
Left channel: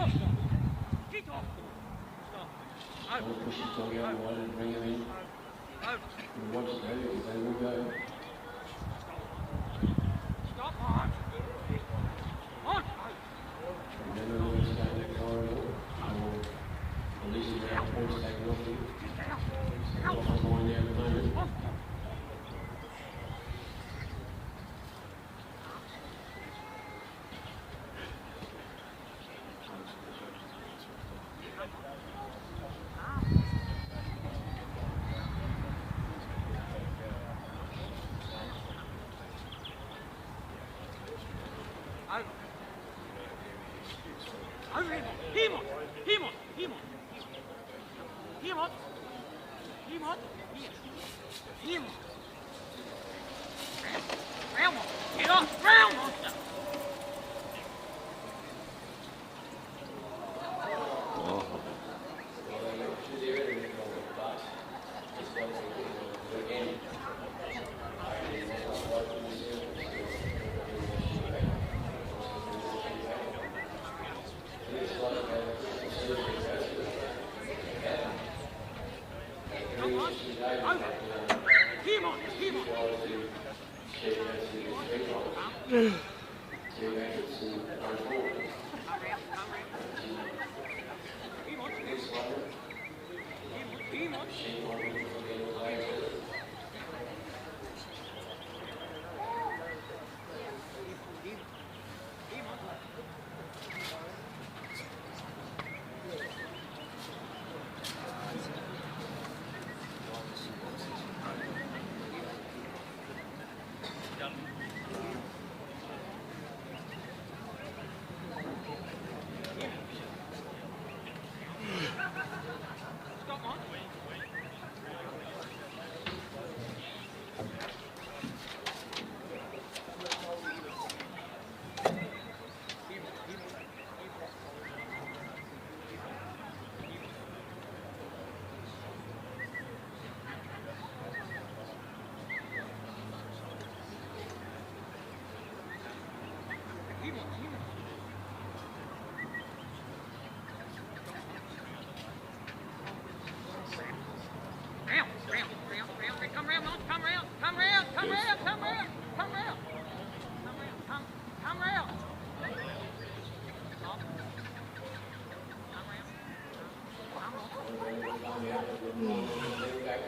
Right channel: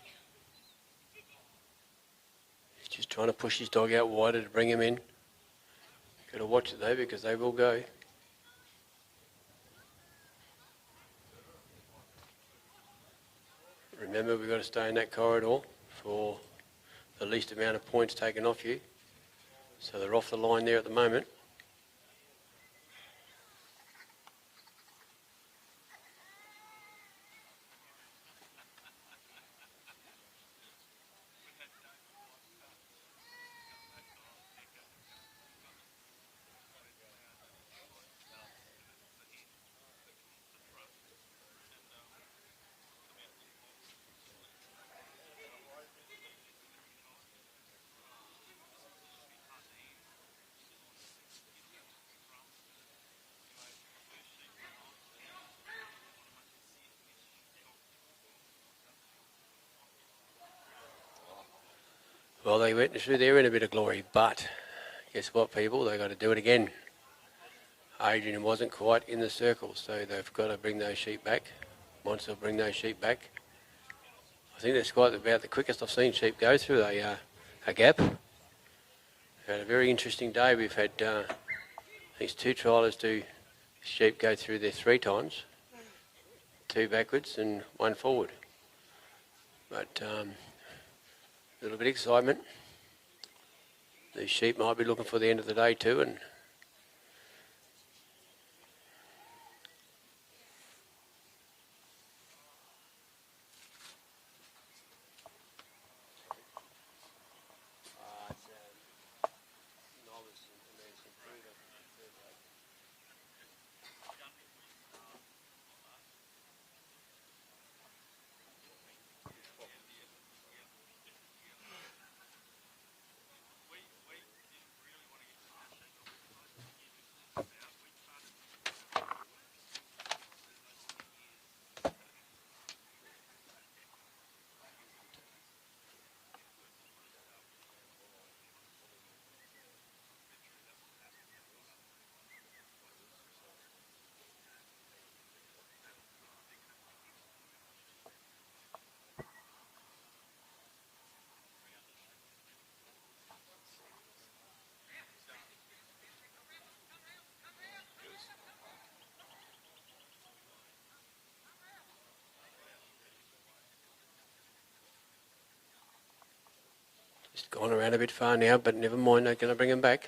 just trying to push his dog out wider to bring him in. Better watch it though because they will go. Remember, we've got to stay in that corridor for the least amount of points taken off you. So they're off the line there at the moment. Well, they went through there in a bit of glory, but guess what, people? They've got to do it again. Adrian wasn't quite in the circle, so they've got to bring those sheep back. Wants to bring those sheep back. I think that's quite about the quickest I've seen sheep go through a gap. We've had a very interesting day. We've had these two trialers do sheep go through there 3 times, 2 backwards and 1 forward. But a little bit of excitement. The sheep might be looking for the end of the day too. And Gone around a bit far now, but never mind, they're going to bring him back.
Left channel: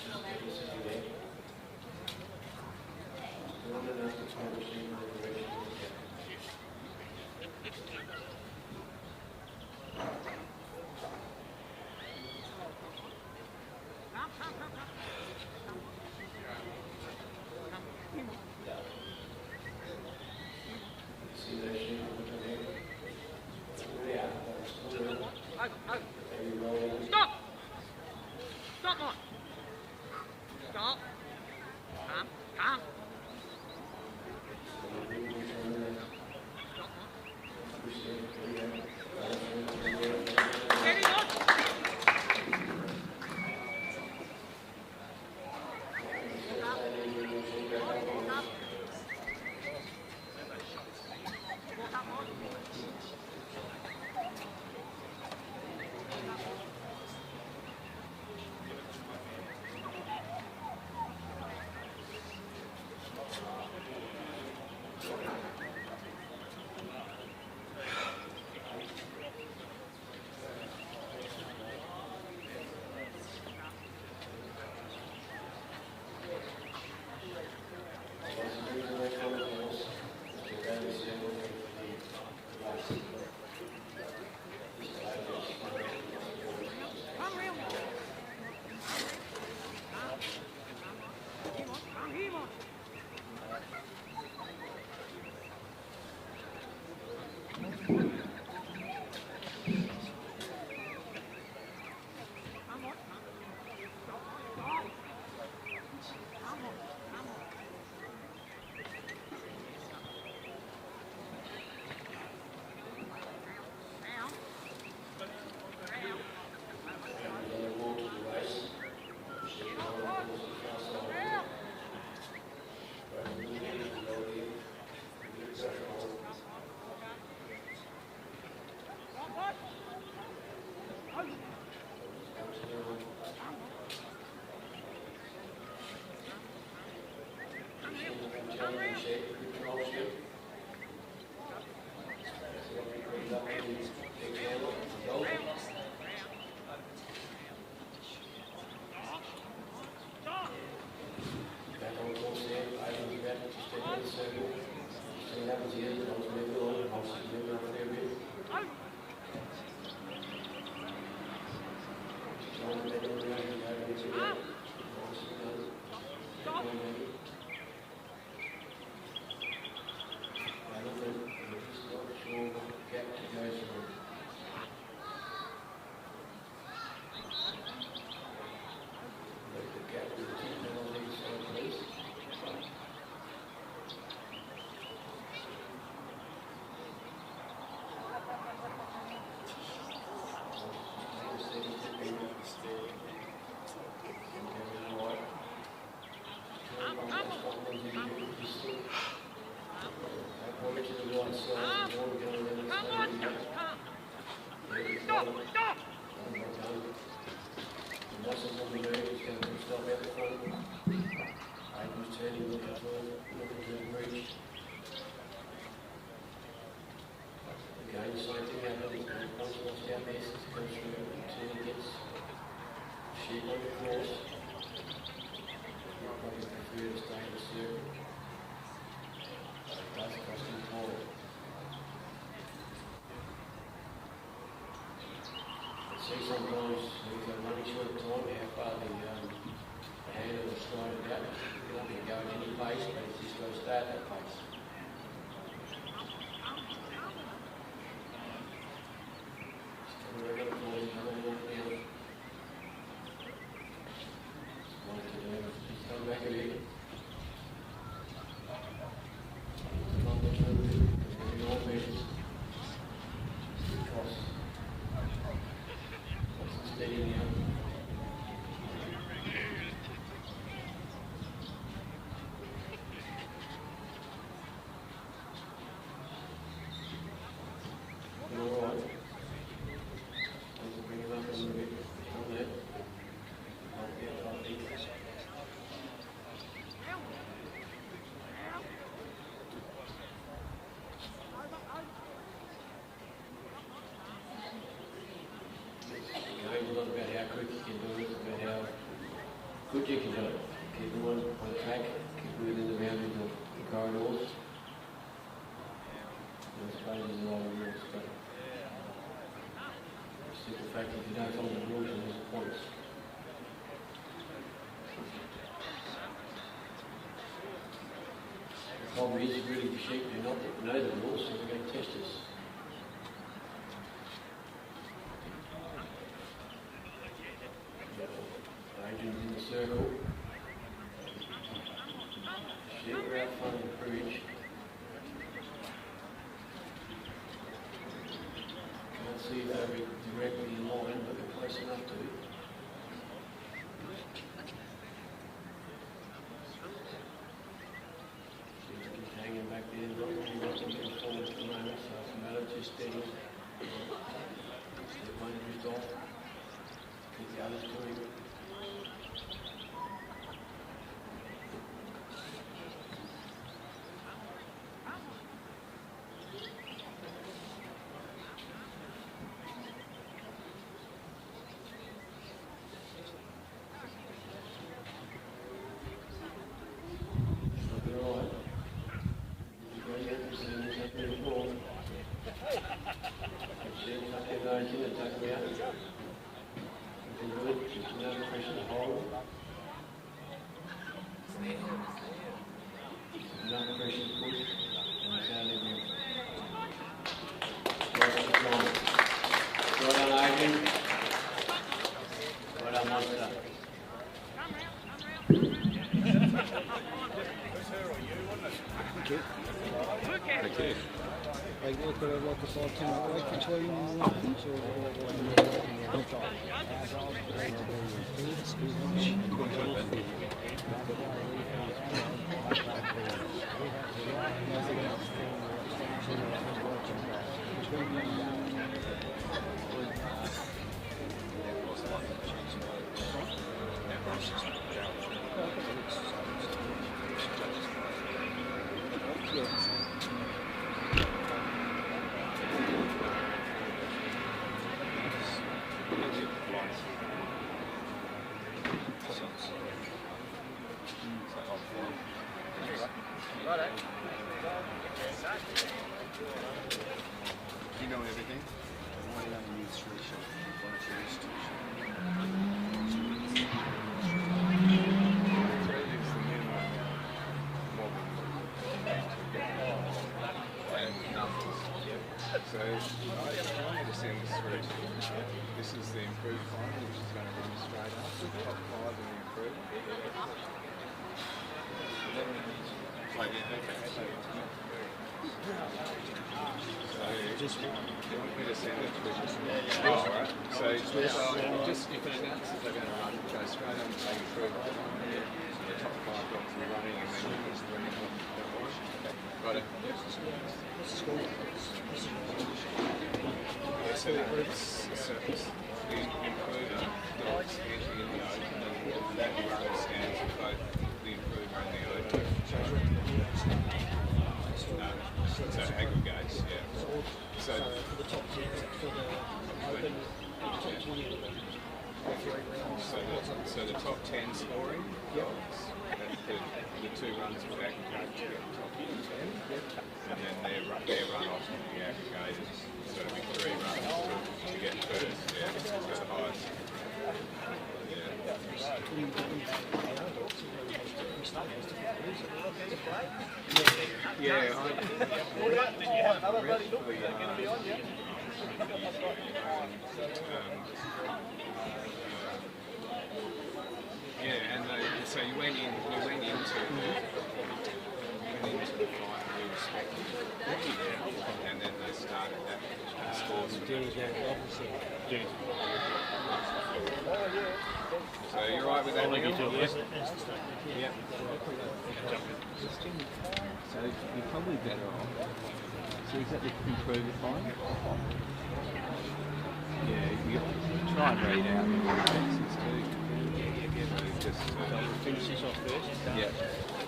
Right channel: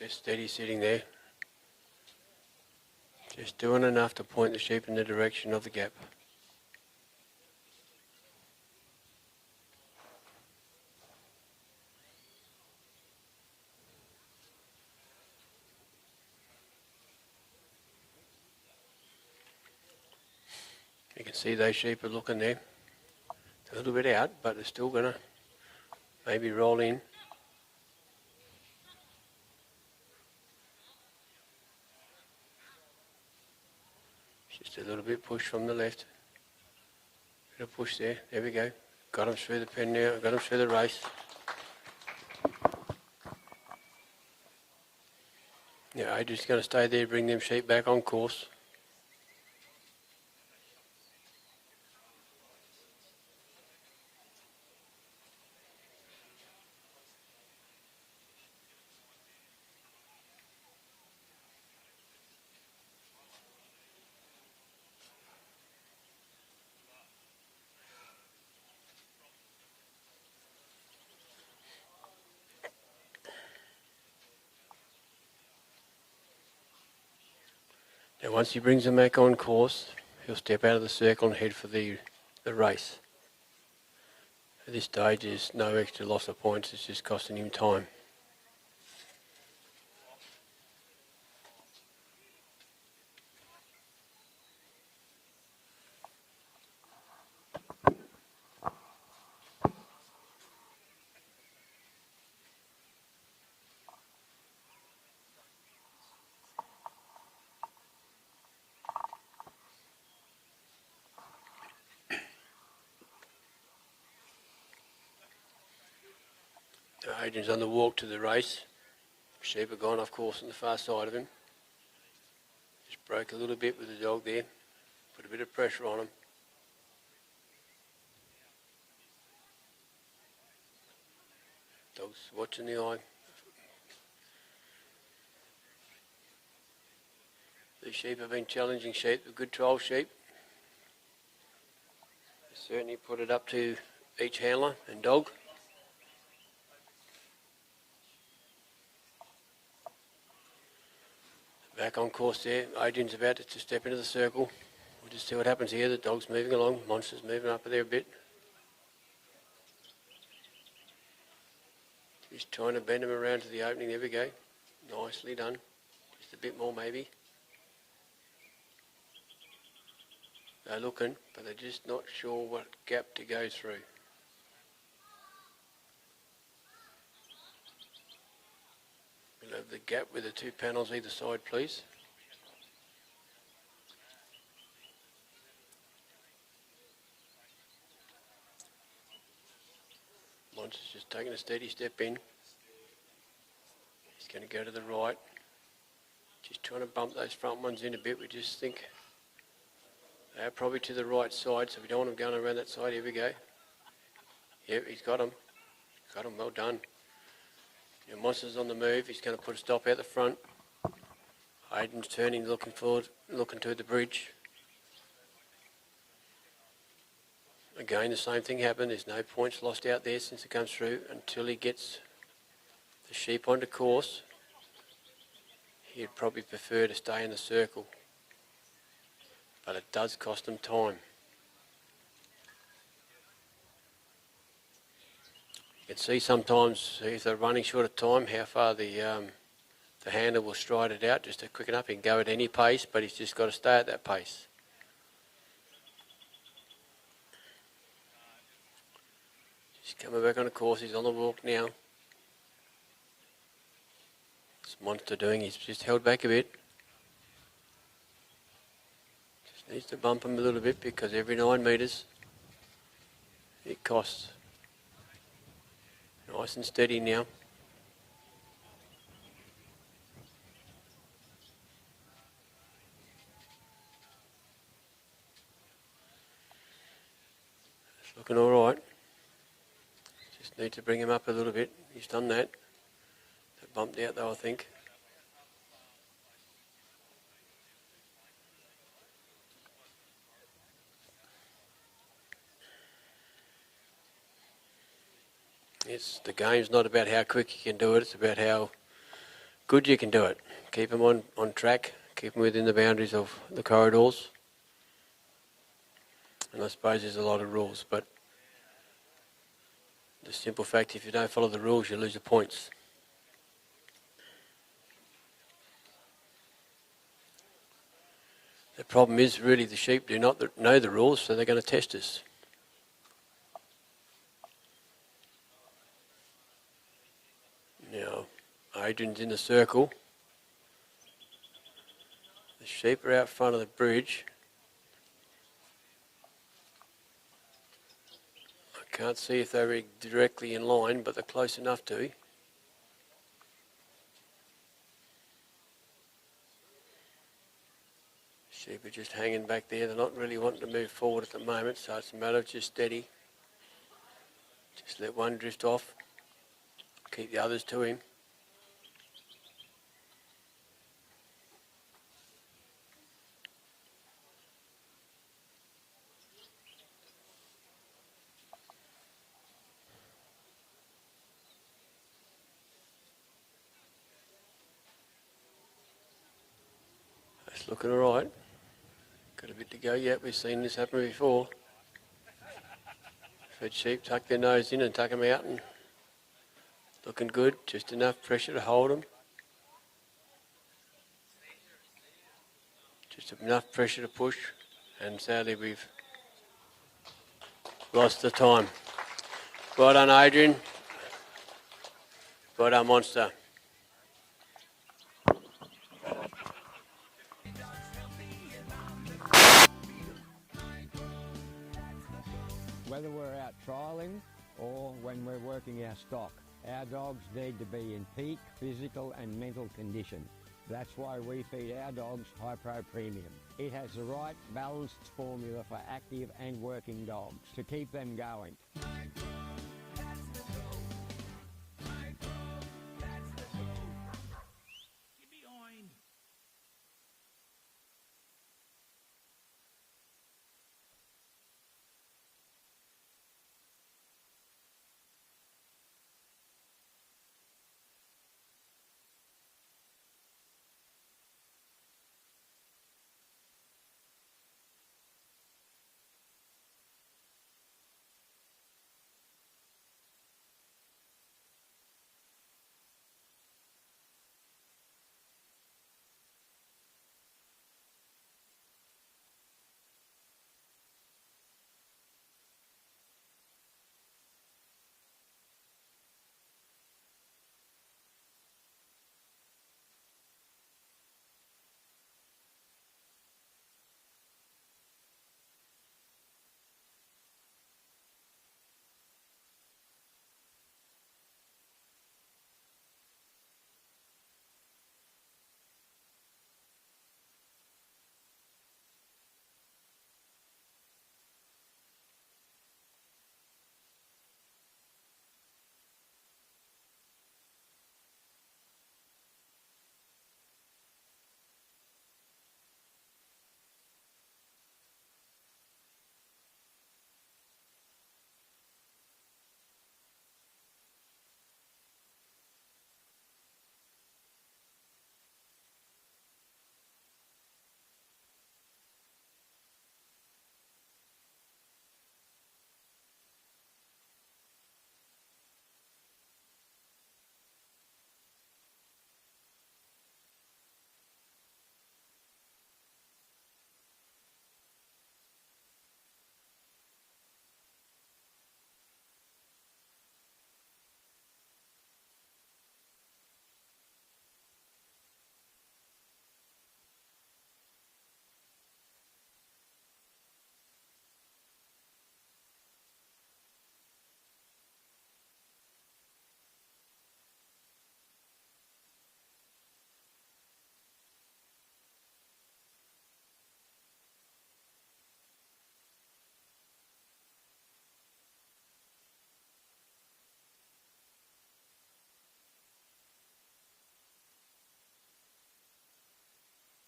Just steady sitting there. Just doing enough to point the sheep in the direction of the gap. You can see those sheep are looking there. A little bit out, but they're still going to maybe roll in. Stop! Stop, Mike! Stop! Calm. Just a little bit push from the left. A push there. There we go. Got him through the pen now. Got him through the race. Yeah, Adrian's going to stay there, bring them sheep back on course. Once he brings them back on course, he'll step out of the circle and head for the race. At this stage, there's no extra loss of points, it's just costing him time. Adrian's on the walk to the race. Sheep have gone off course on the far side of him. Just broke a little bit with the dog there. Put a bit of pressure on him. Dog's watching the eye. These sheep have been challenging sheep, good trial sheep. Certainly put it up to each handler and dog. Back on course there. Adrian's about to step into the circle. Just see what happens here. The dog's moving along. Monster's moving up there a bit. Just trying to bend him around to the opening. There we go. Nicely done. A bit more maybe. They're looking, but they're just not sure what gap to go through. Gap with the two panels either side, please. Just taking a steady step in. It's going to go to the right. Just trying to bump those front ones in a bit. We just think they're probably to the right side, so don't want them going around that side. Here we go. Yep, he's got them. Got them, well done. The monster's on the move, he's going to put stop out the front. Aiden's turning, looking forward, looking to the bridge. Again, the same thing happened, there's no points lost out there since it comes through until he gets the sheep onto course. He'd probably prefer to stay in the circle, but it does cost him time. You can see sometimes if they're running short of time how far the handler will stride it out just to quicken up. He can go at any pace, but he's just got to stay at that pace. He's coming back on the course, he's on the walk now. What's Monster doing? He's just held back a bit. Needs to bump him a little bit because every 9 metres it costs. Nice and steady now. need to bring him up a little bit. He's done that. Bumped out though, I think. The game's not about how quick you can do it, it's about how good you can do it. Keep them on track, keep them within the boundaries of the corridors. And I suppose there's a lot of rules, but the simple fact, if you don't follow the rules, you lose the points. The problem is really the sheep do not know the rules, so they're going to test us. Adrian's in the circle. The sheep are out front of the bridge. I can't see if they're directly in line, but they're close enough to. Sheep are just hanging back there. They're not really wanting to move forward at the moment, so it's a matter of just steady. Just let one drift off. Keep the others to him. Looking all right. Got a bit to go yet. We've seen this happen before. Let sheep tuck their nose in and tuck them out. And looking good. Just enough pressure to hold them. Just enough pressure to push. And sadly we've lost the time. Well done, Adrian. Well done, Monster. Or when we're working our stock, our dogs need to be in peak, physical and mental condition. That's why we feed our dogs high protein. It has the right balanced formula for active and working dogs to keep them going. So the top 10 scoring dogs, the two runs will aggregate to get the top 10, and then their run-offs will be aggregated, so it'll be 3 runs to get first, so the highest. And so we went into the fight really respected, and then they started that scores. So you're right with that? Yep. So you're probably better off. So is that the improver fine? Yeah, you try and read out the reflexes too. Just, Finish this off first. yeah.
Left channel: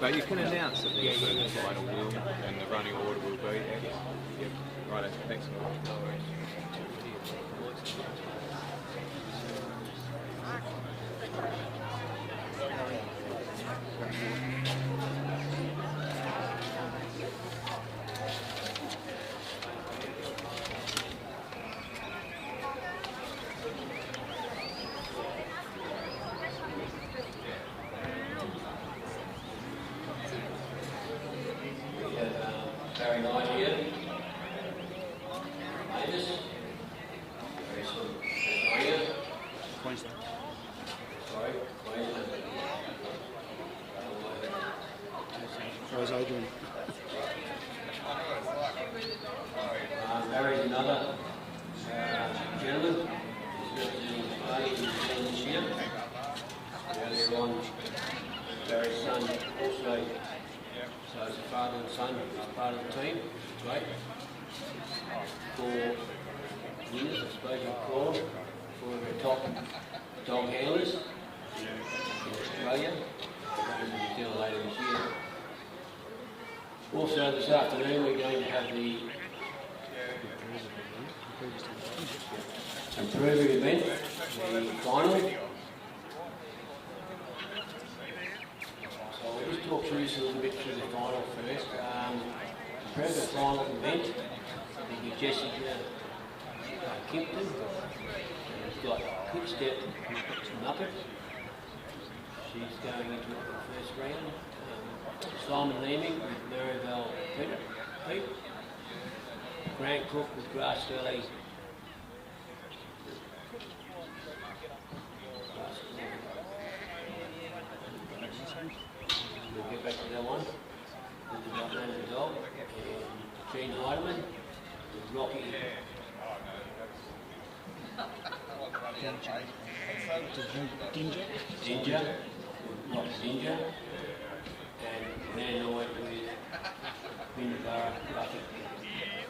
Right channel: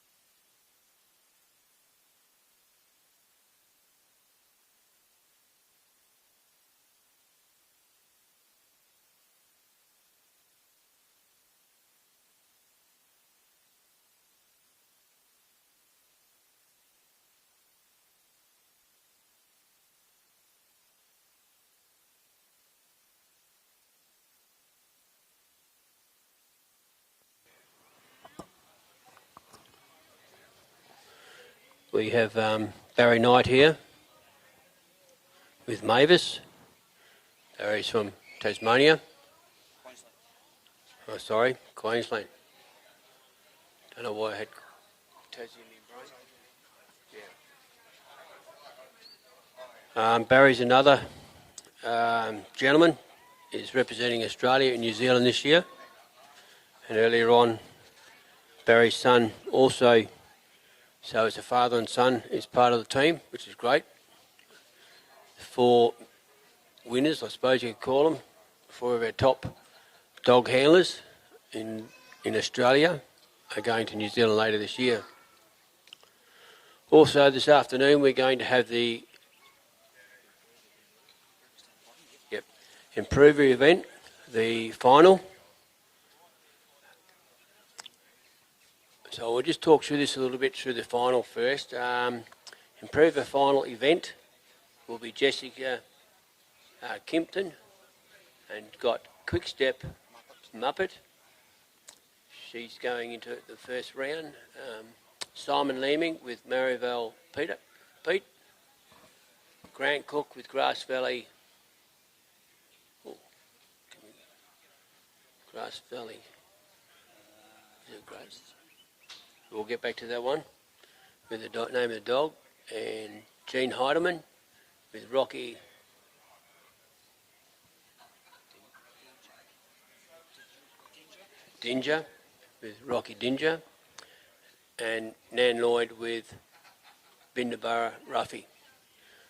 But you can announce that the final will and the running order will be. Yeah. Right, thanks. We have Barry Knight here with Mavis. Barry's from Tasmania. Queensland. Oh, sorry, Queensland. Don't know why I had... How's Adrian? Barry's another gentleman. He's representing Australia and New Zealand this year. And earlier on, Barry's son also, so it's a father and son, is part of the team, which is great. 4 winners, I suppose you could call them, 4 of our top dog handlers in Australia are going to New Zealand later this year. Also this afternoon we're going to have the Improver event, the final. So we'll just talk through this a little bit through the final first. Improver final event will be Jessica Kimpton, and you've got Quick Step Muppet. She's going into the first round. Simon Leeming with Marionvale Pete. Grant Cook with Grass Valley. We'll get back to that one with the name of the dog. And Gene Heidemann with Rocky. Dinger with Rocky Dinger. And Nan Lloyd with Bindabara Ruffy.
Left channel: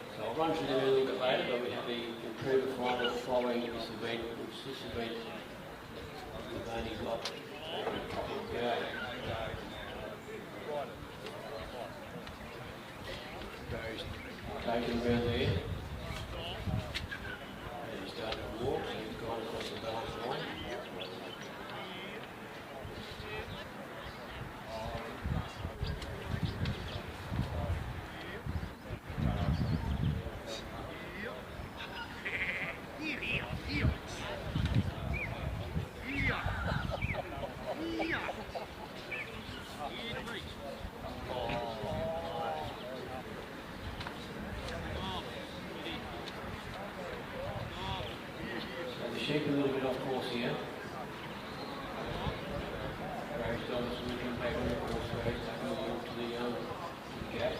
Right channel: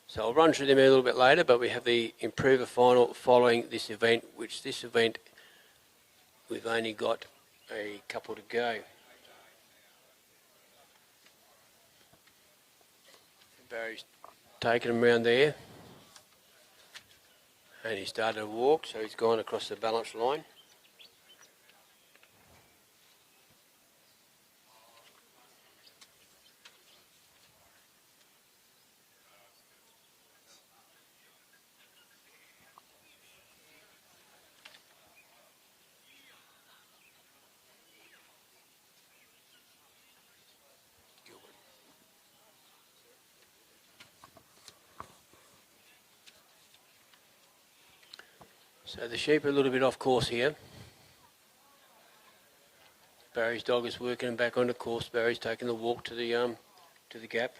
So I'll run through them a little bit later, but we have the Improver final following this event, which this event we've only got a couple to go. Barry's taken him round there, and he's started to walk, so he's gone across the balance line. The sheep are a little bit off course here. Barry's dog is working him back onto course. Barry's taking the walk to the gap.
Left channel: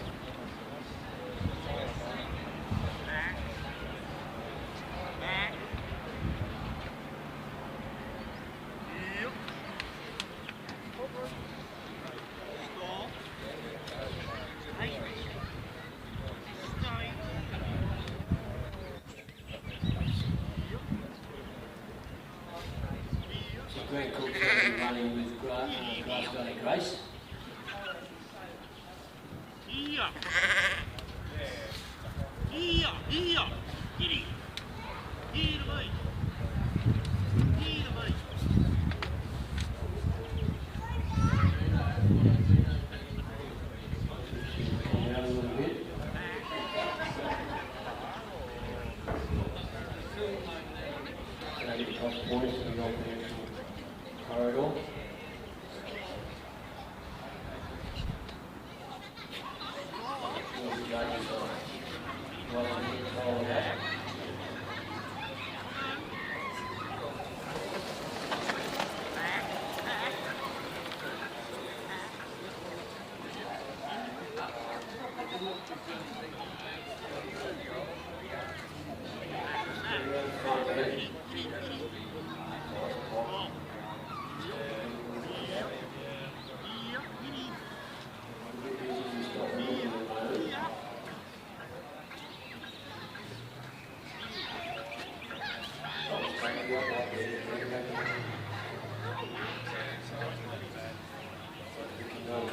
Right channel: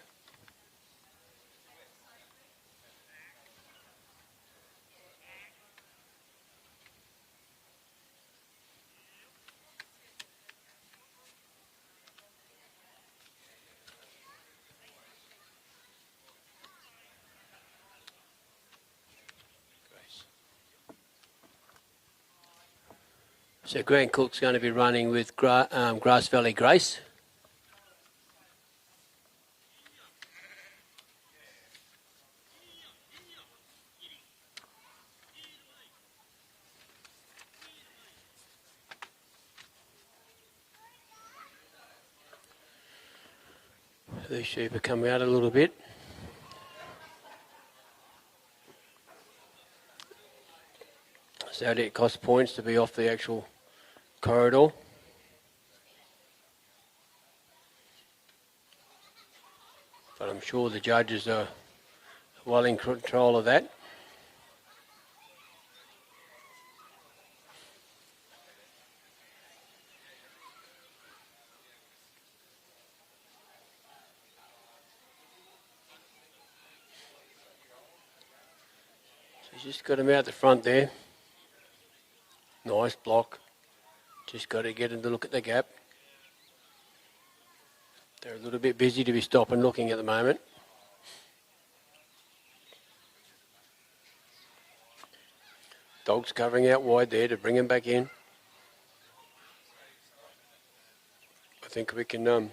So Grant Cook's going to be running with Grass Valley Grace. The sheep will come out a little bit. So it costs points to be off the actual corridor. I'm sure the judges are well in control of that. Just got him out the front there. Nice block. Just got to get him to look at the gap. They're a little bit busy to be stopping looking at the moment. covering out wide there to bring him back in. I think we can try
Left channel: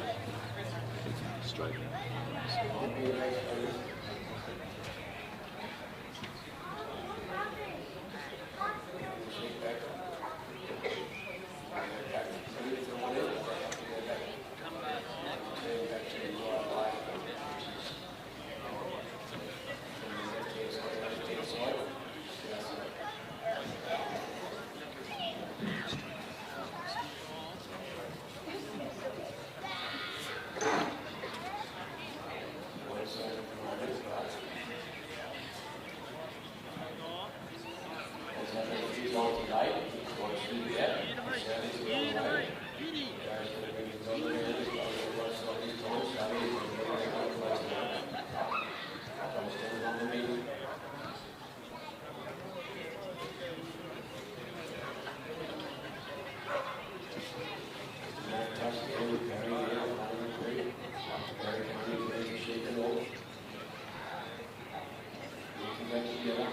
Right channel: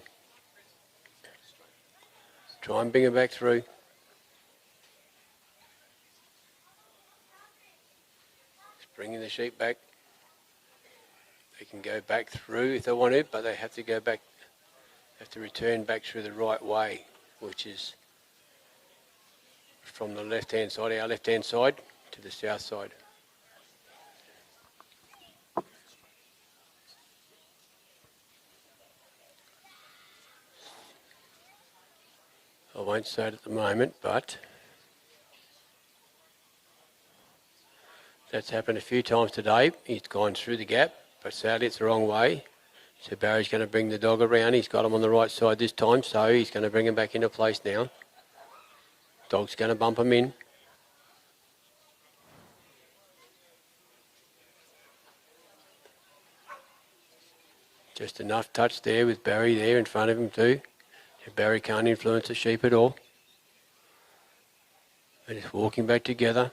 and bring him back through. Bringing the sheep back. They can go back through if they want to, but they have to go back to return back through the right way, which is from the left-hand side, our left-hand side, to the south side. I won't say it at the moment, but that's happened a few times today. He's gone through the gap, but sadly it's the wrong way. So Barry's going to bring the dog around. He's got him on the right side this time, so he's going to bring him back into place now. Dog's going to bump him in. Just enough touch there with Barry there in front of him too. Barry can't influence the sheep at all. They're just walking back together.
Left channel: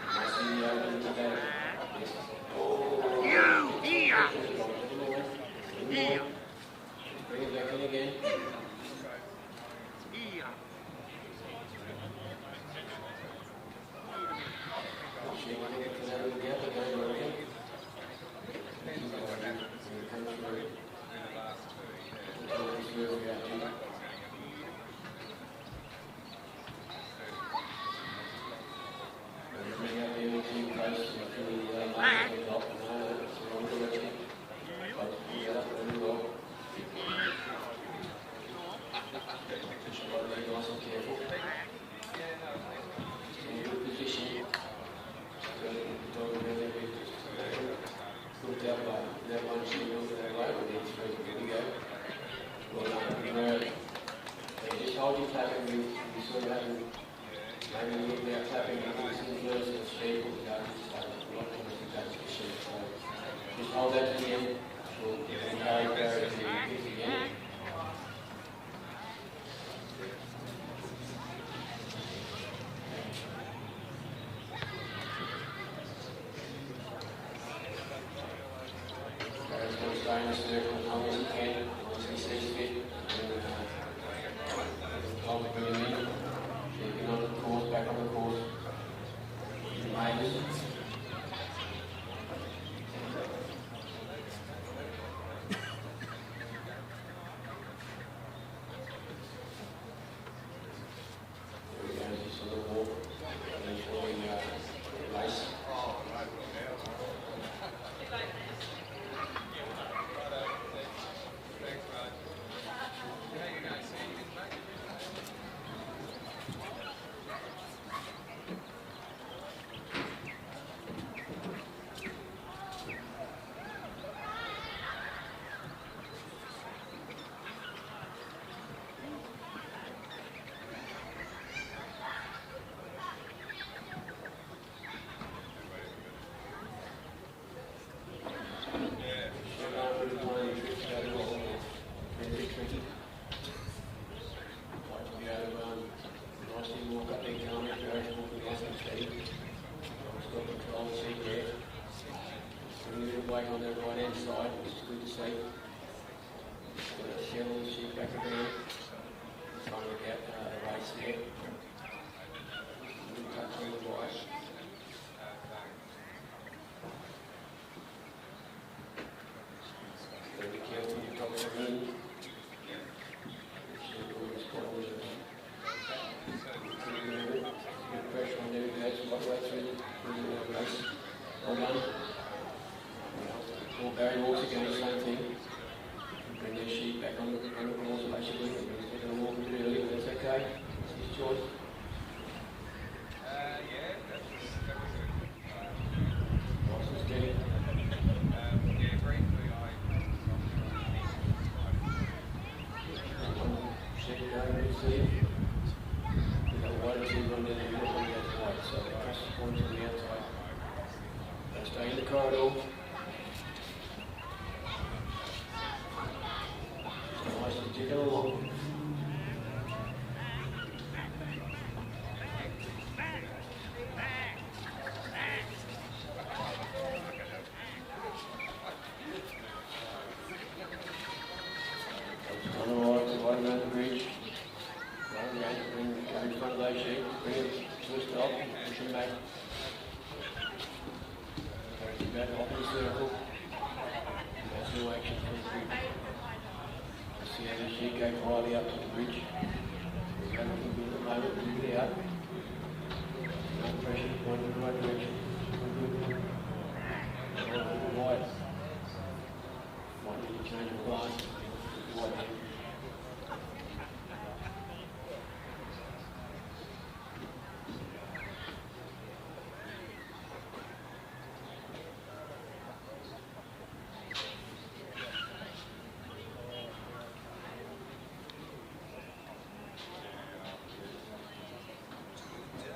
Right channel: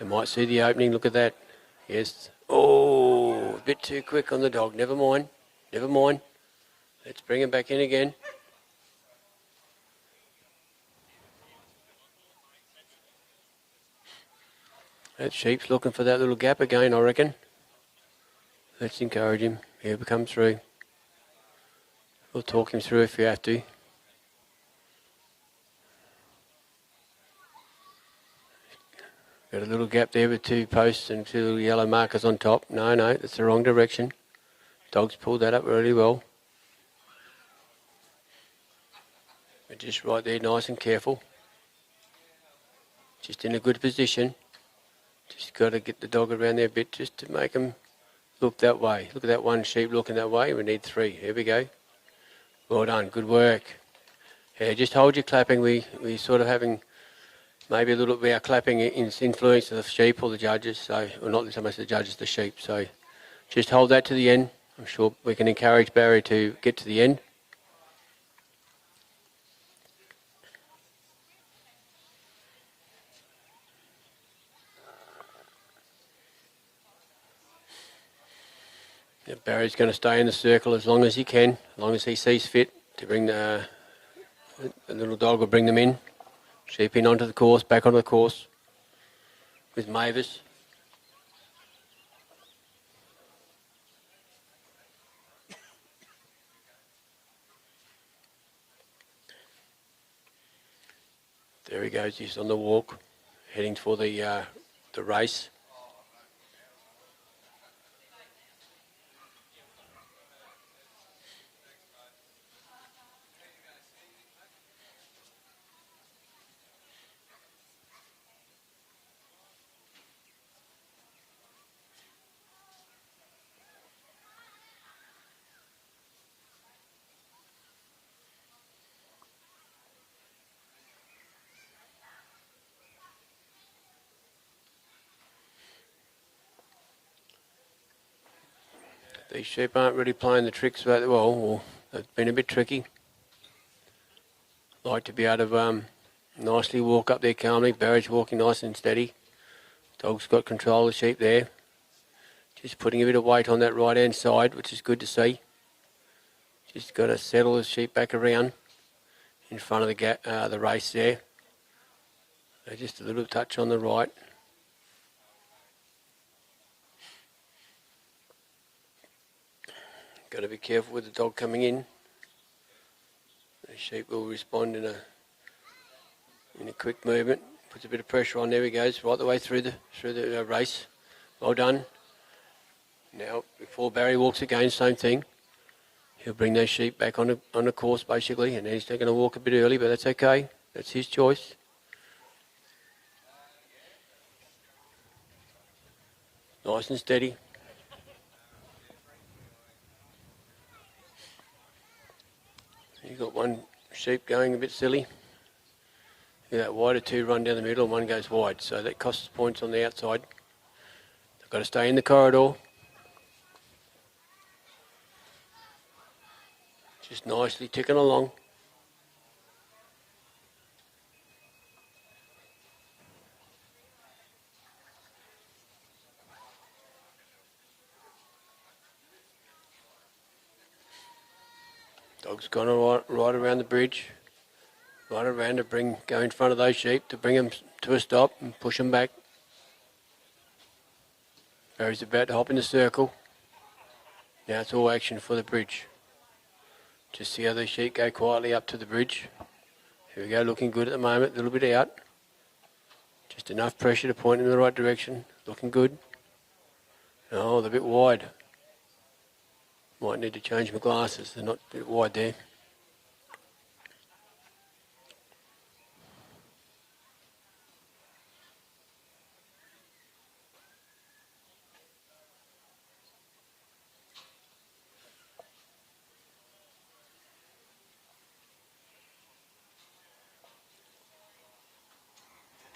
You might see the opening, look at that. Yes. Oh, a bit too quick on the dog. Never mind. Never mind. Let's bring him back in again. That sheep's looking for that little gap again, I reckon. Let's encourage him. He'll come through. We'll talk him through if you have to. Got a little gap there with 2 posts and 2 little yellow markers on top. No, that's the wrong direction. Dog's pulled that up really well. Just right there, nice and careful. Just in a good position. Just got to get the dog around there a bit just to make him look that way. Look at that one sheep looking that way. We need 3. Here we go. Well done. Good work. Yeah, just hold your clapping. We sort of having maybe a little bit of clapping influence of the sheep or the judges. So, well, not so much the judges, the sheep. So just hold that to the end. I'm sure we can encourage Barry to get to the end. Barry's going to stay in the circle as long as he can, as long as he sees fit to bring the little dog will bring them in. Sheep in onto the course, back onto the course with Mavis. There he goes, he's on the walk, heading for the race. These sheep aren't really playing the tricks very well, or they've been a bit tricky. Like to be able to nicely walk up there calmly. Barry's walking nice and steady. Dog's got control of the sheep there. Just putting a bit of weight on that right hand side, which is good to see. Just got to settle the sheep back around in front of the race there. So just a little touch on the right. Got to be careful with the dog coming in. The sheep will respond in a quick movement. Puts a bit of pressure on. There he goes, right the way through the race. Well done. Now, before Barry walks again, same thing. He'll bring those sheep back on the course basically, and he's going to walk a bit early, but that's okay. That's his choice. Nice and steady. Got one sheep going a bit silly. With that wider 2 run down the middle and one goes wide, so that costs points on the outside. Got to stay in the corridor. Just nicely ticking along. Dog's gone right around the bridge, right around to go in front of those sheep to bring them to a stop and push them back. Barry's about to hop in the circle. Now it's all action for the bridge. Just see how the sheep go quietly up to the bridge. Here we go, looking good at the moment, a little bit out. Just enough pressure to point in the right direction. Looking good. Oh, they're a bit wide. Might need to change my glasses, they're not a bit wide there.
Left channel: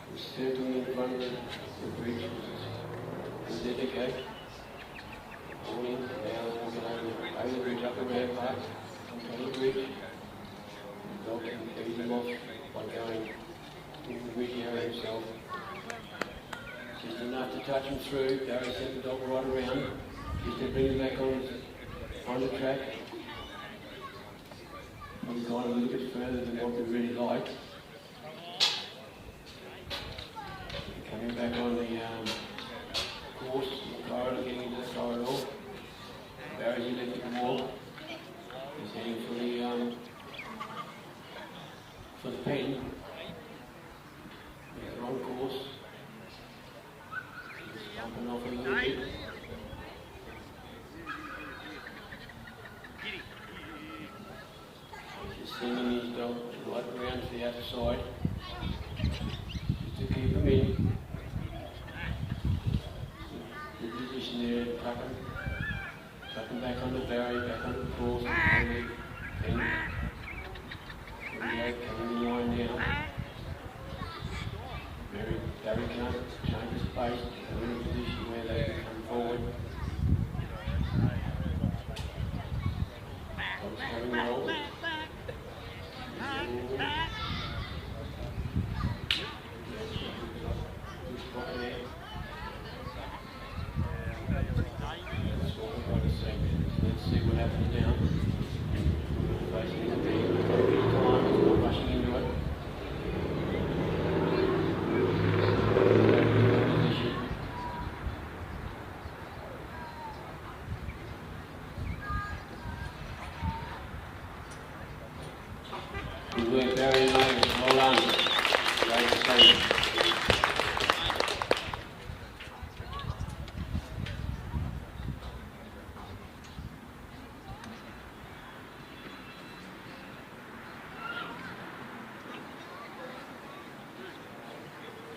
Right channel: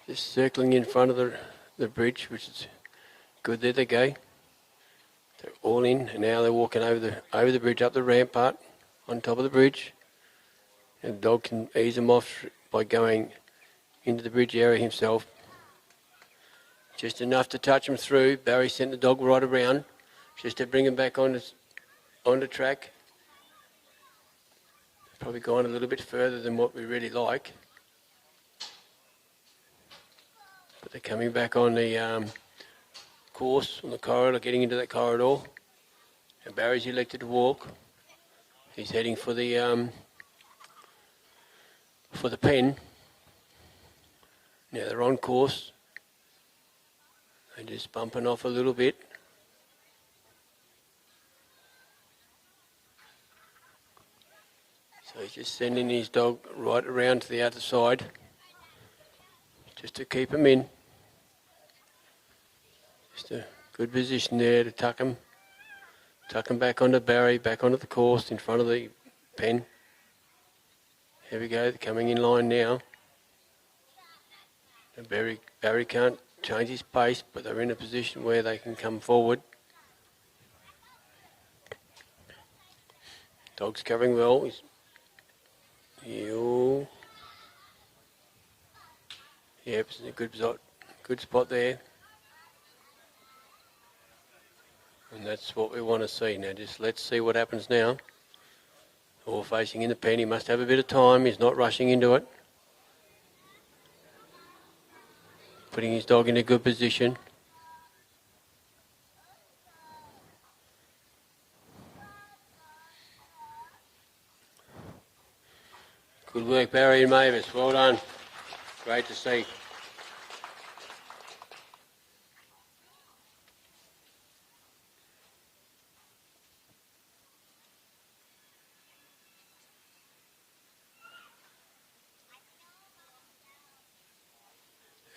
Just circling in front of the bridge, which is good. There they go. All in, and now they're walking over the bridge, up the rampart, on top of the bridge. And the dog can ease them off by going into the bridge area himself. Just enough to touch them through. Barry sent the dog right around, just to bring him back on the track. Probably gone a little bit further than what we really like. But they're coming back on the course, on the corridor, getting into that corridor. And Barry's elected to walk. He's heading for the pen. Now they're on course. And just bumping off a little bit. So he's just sending his dog right around to the outer side, just to keep him in. Just a good position there to tuck him back onto Barry, back onto the course in front of the pen. Here we go, coming in line now. Barry can't change his pace, but they're in a position where they can come forward. Dog's covering well. Yep, good spot there. And that's what we want to see now. Just let's see what happens now. Ball facing in the pen. He must have a bit of time. He's not rushing into it. Putting his dog in a good position. Good work, Barry and Mavis. Well done. Great to see.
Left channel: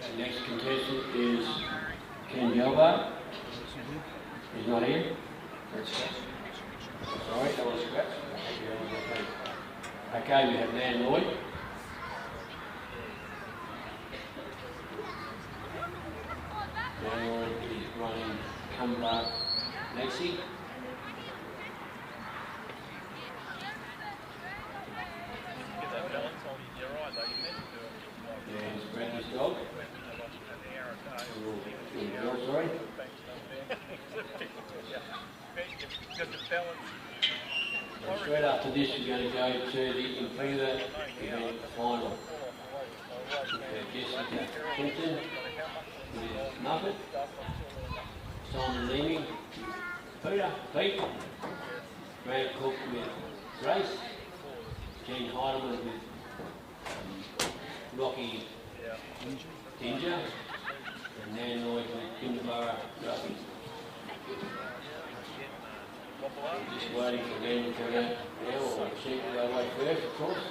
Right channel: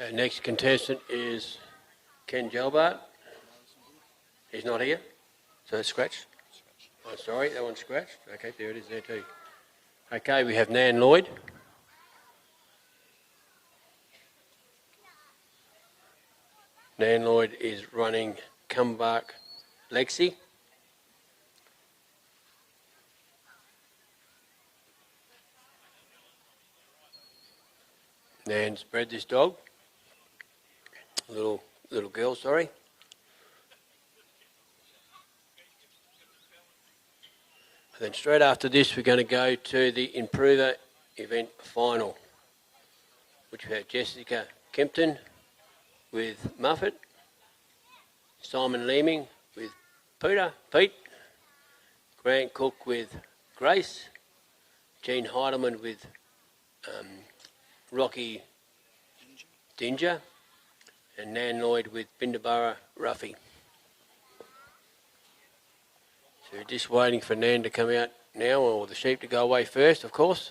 Our next contestant is Ken Gelbart. He's not here. So that's scratch. Oh, sorry, that one's scratch. Okay, do it there too. Okay, we have Nan Lloyd. Nan Lloyd is running Comeback Lexi. Nan's bred this dog. Little girl, sorry. Then straight after this, we're going to go to the Improver event final, which we have Jessica Kempton with Muffet, Simon Leeming with Pete, Grant Cook with Grace, Jean Heidemann with Rocky Dinger, and Nan Lloyd with Bindabara Ruffy. We're just waiting for Nan to come out now, or the sheep to go away first, of course.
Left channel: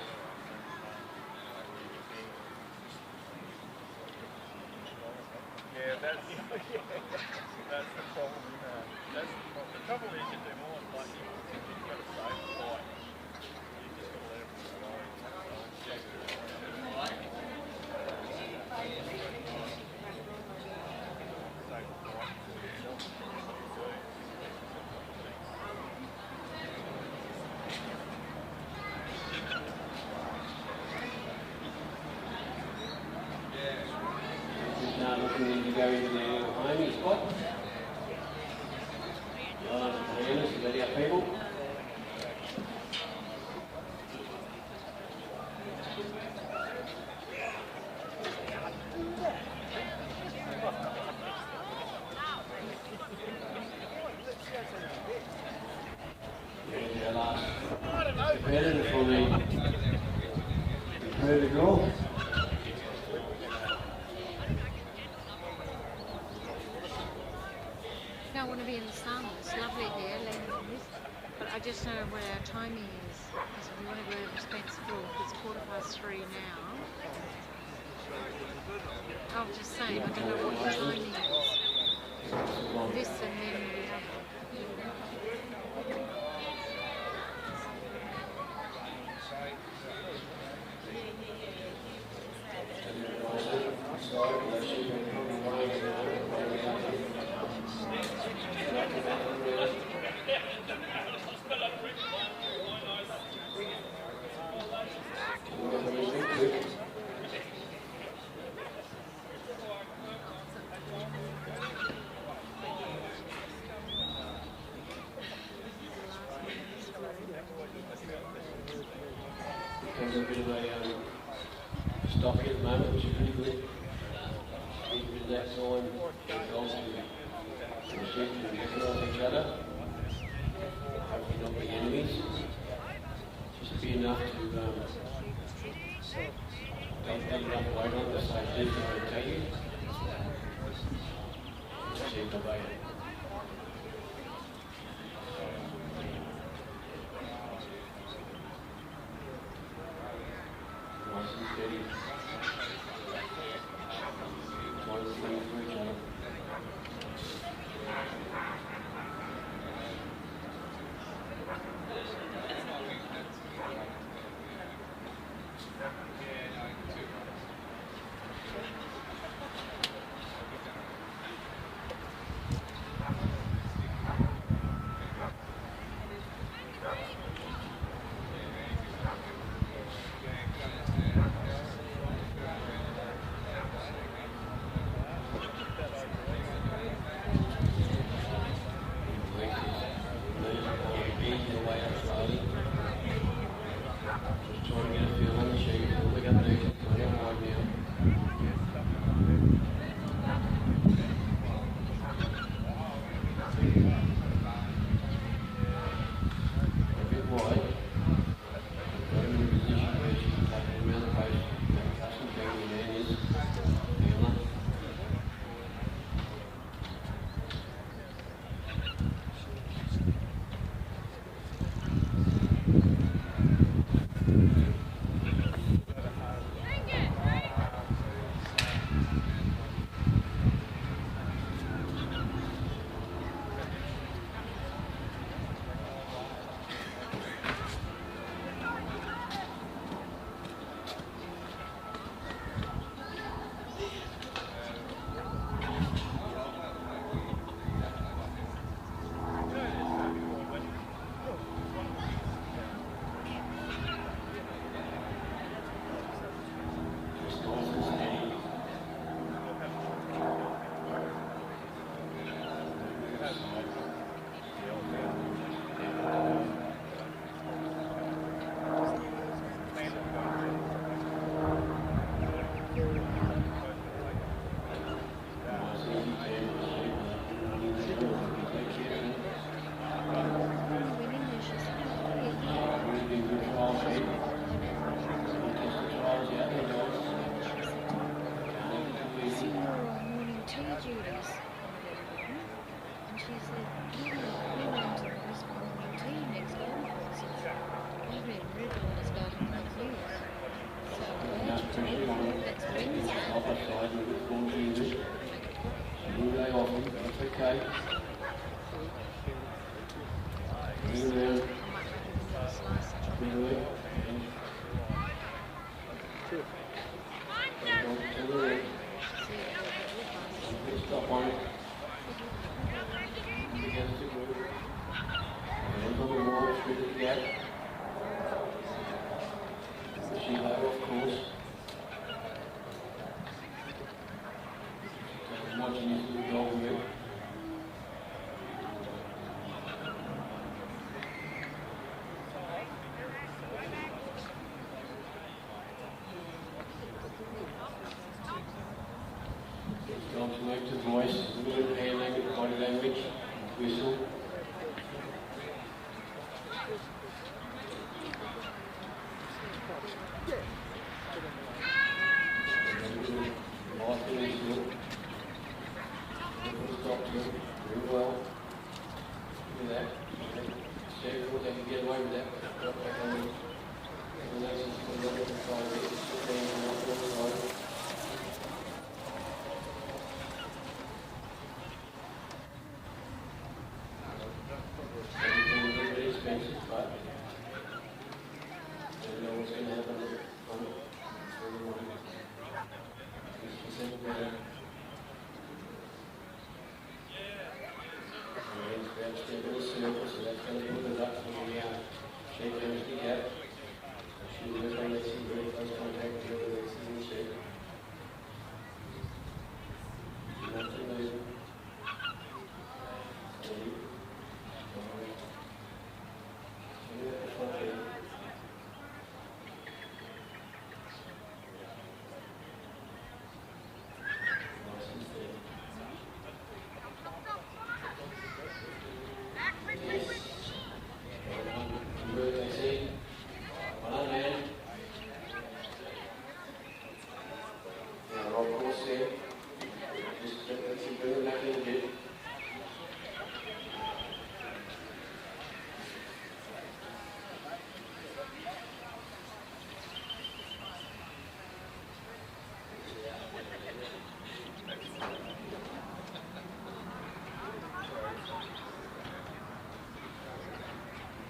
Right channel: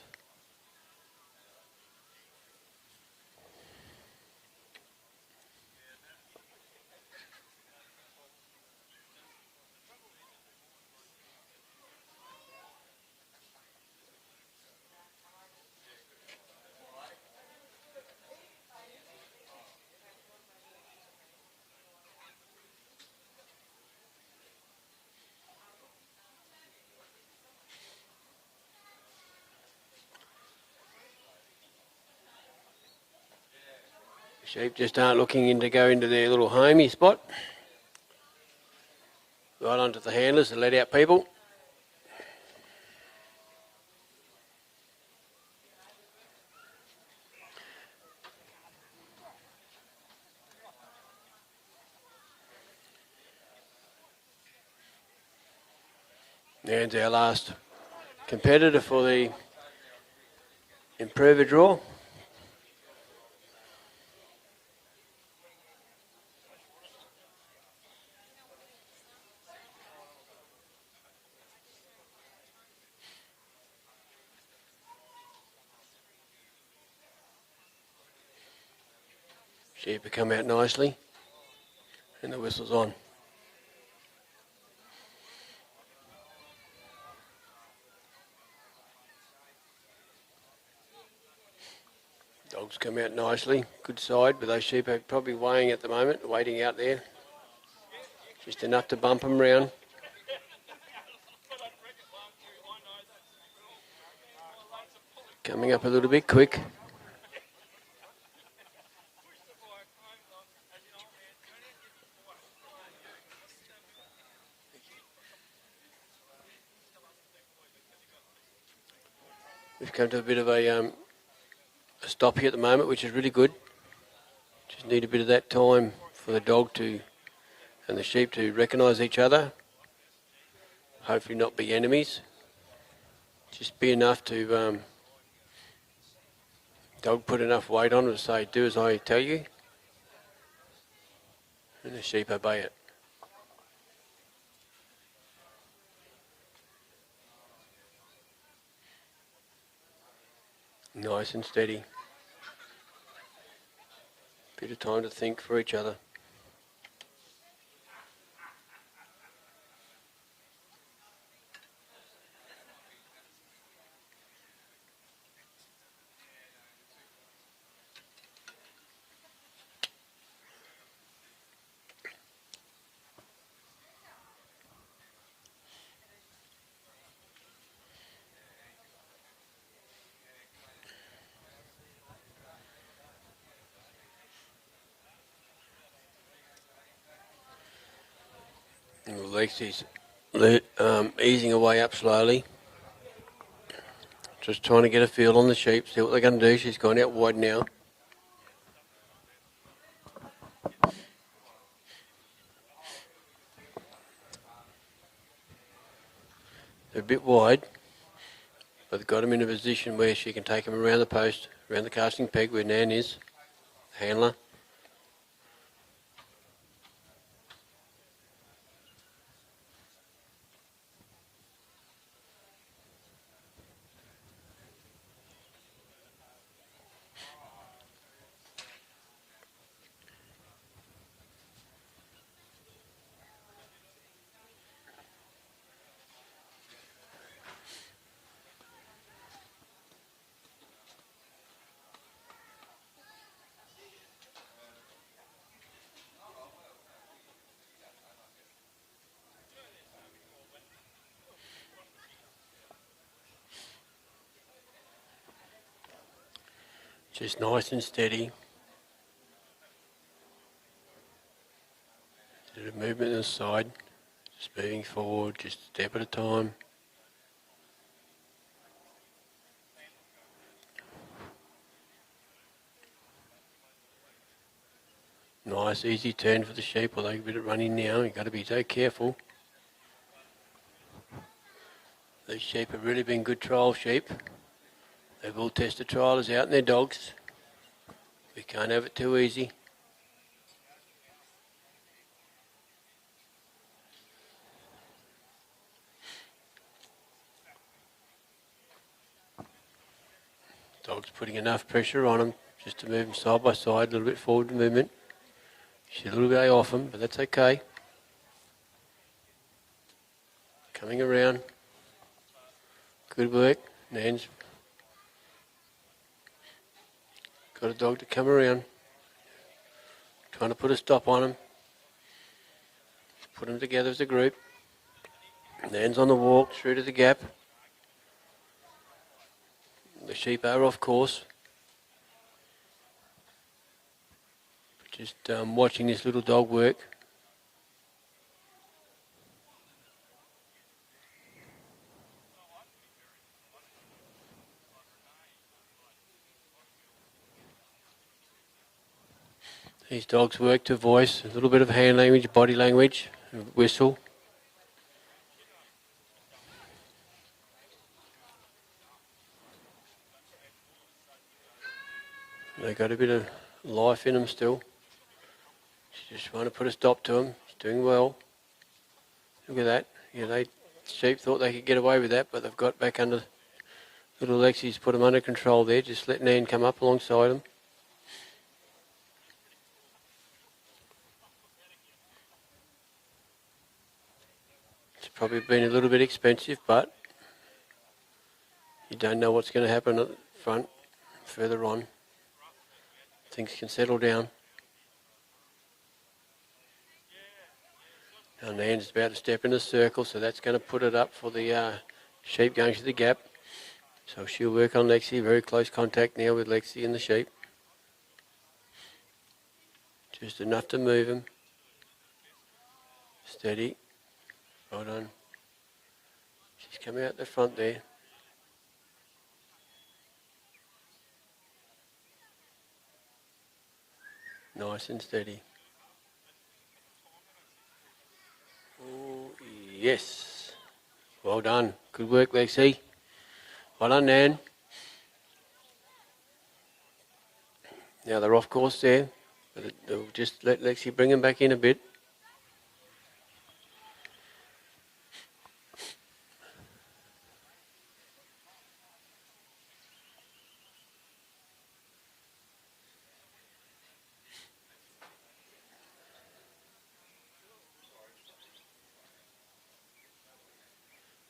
Sheep just aren't looking in to go into their little homey spot. Right onto the handlers to let out people. Nan's our last competitor for the improver draw. Don't want to be in the sun. It's lovely here, laying on this. But I just don't know what our timing is. Because we want to go to Spencer. It's 3:15 now. I'll just say. Sheep come out nicely. And the whistle's on. This and then Dogs come out nicely. Good side, but those sheep are probably weighing at the moment, waiting out there. Just enough to bump them round. Coming up a little bit quick. We've come to a bit of a stop here at the moment, which is really good. Just need a bit of that time for the dog to and the sheep to recognise each other. Hopefully not be enemies. Just be enough to dog put enough weight on it to say, do as I tell you. And the sheep obey it. Nice and steady. Bit of time to think for each other. Lexi's easing away up slowly. Just trying to get a feel on the sheep, see what they're going to do. She's gone out wide now. A bit wide, but they've got them in a position where she can take them around the post, around the casting peg where Nan is, handler. Just nice and steady. And a movement to the side. Just moving forward, just a step at a time. Nice, easy turn for the sheep, although you've got it running now. You've got to be so careful. The sheep have really been good trial sheep. They've all tested trialers out in their dogs. We can't have it too easy. Dog's putting enough pressure on them just to move side by side, a little bit forward movement. She's a little bit off them, but that's okay. Coming around. Good work. Nan's got a dog to come around. Trying to put a stop on them. Put them together as a group. Nan's on the walk through to the gap. The sheep are off course. Just watching this little dog work. These dogs work to voice, a little bit of hand language, body language, and whistle. They've got a bit of life in them still. Just want to put a stop to them. Doing well. Look at that. You know, the sheep thought they could get away with that, but they've got back under. Little Lexi's put them under control there. Just let Nan come up alongside them. It's probably been a little bit expensive, but you don't know what's going to happen at the front further on. Things can settle down. And Nan's about to step in the circle, so that's going to put it up for the sheep going to the gap. So she'll work on Lexi, very close contact now with Lexi and the sheep. Just enough to move him. Steady. Hold on. She's coming out the front there. Nice and steady. Yes. Well done. Good work, Lexi. Well done, Nan. Now they're off course there. Just let Lexi bring them back in a bit.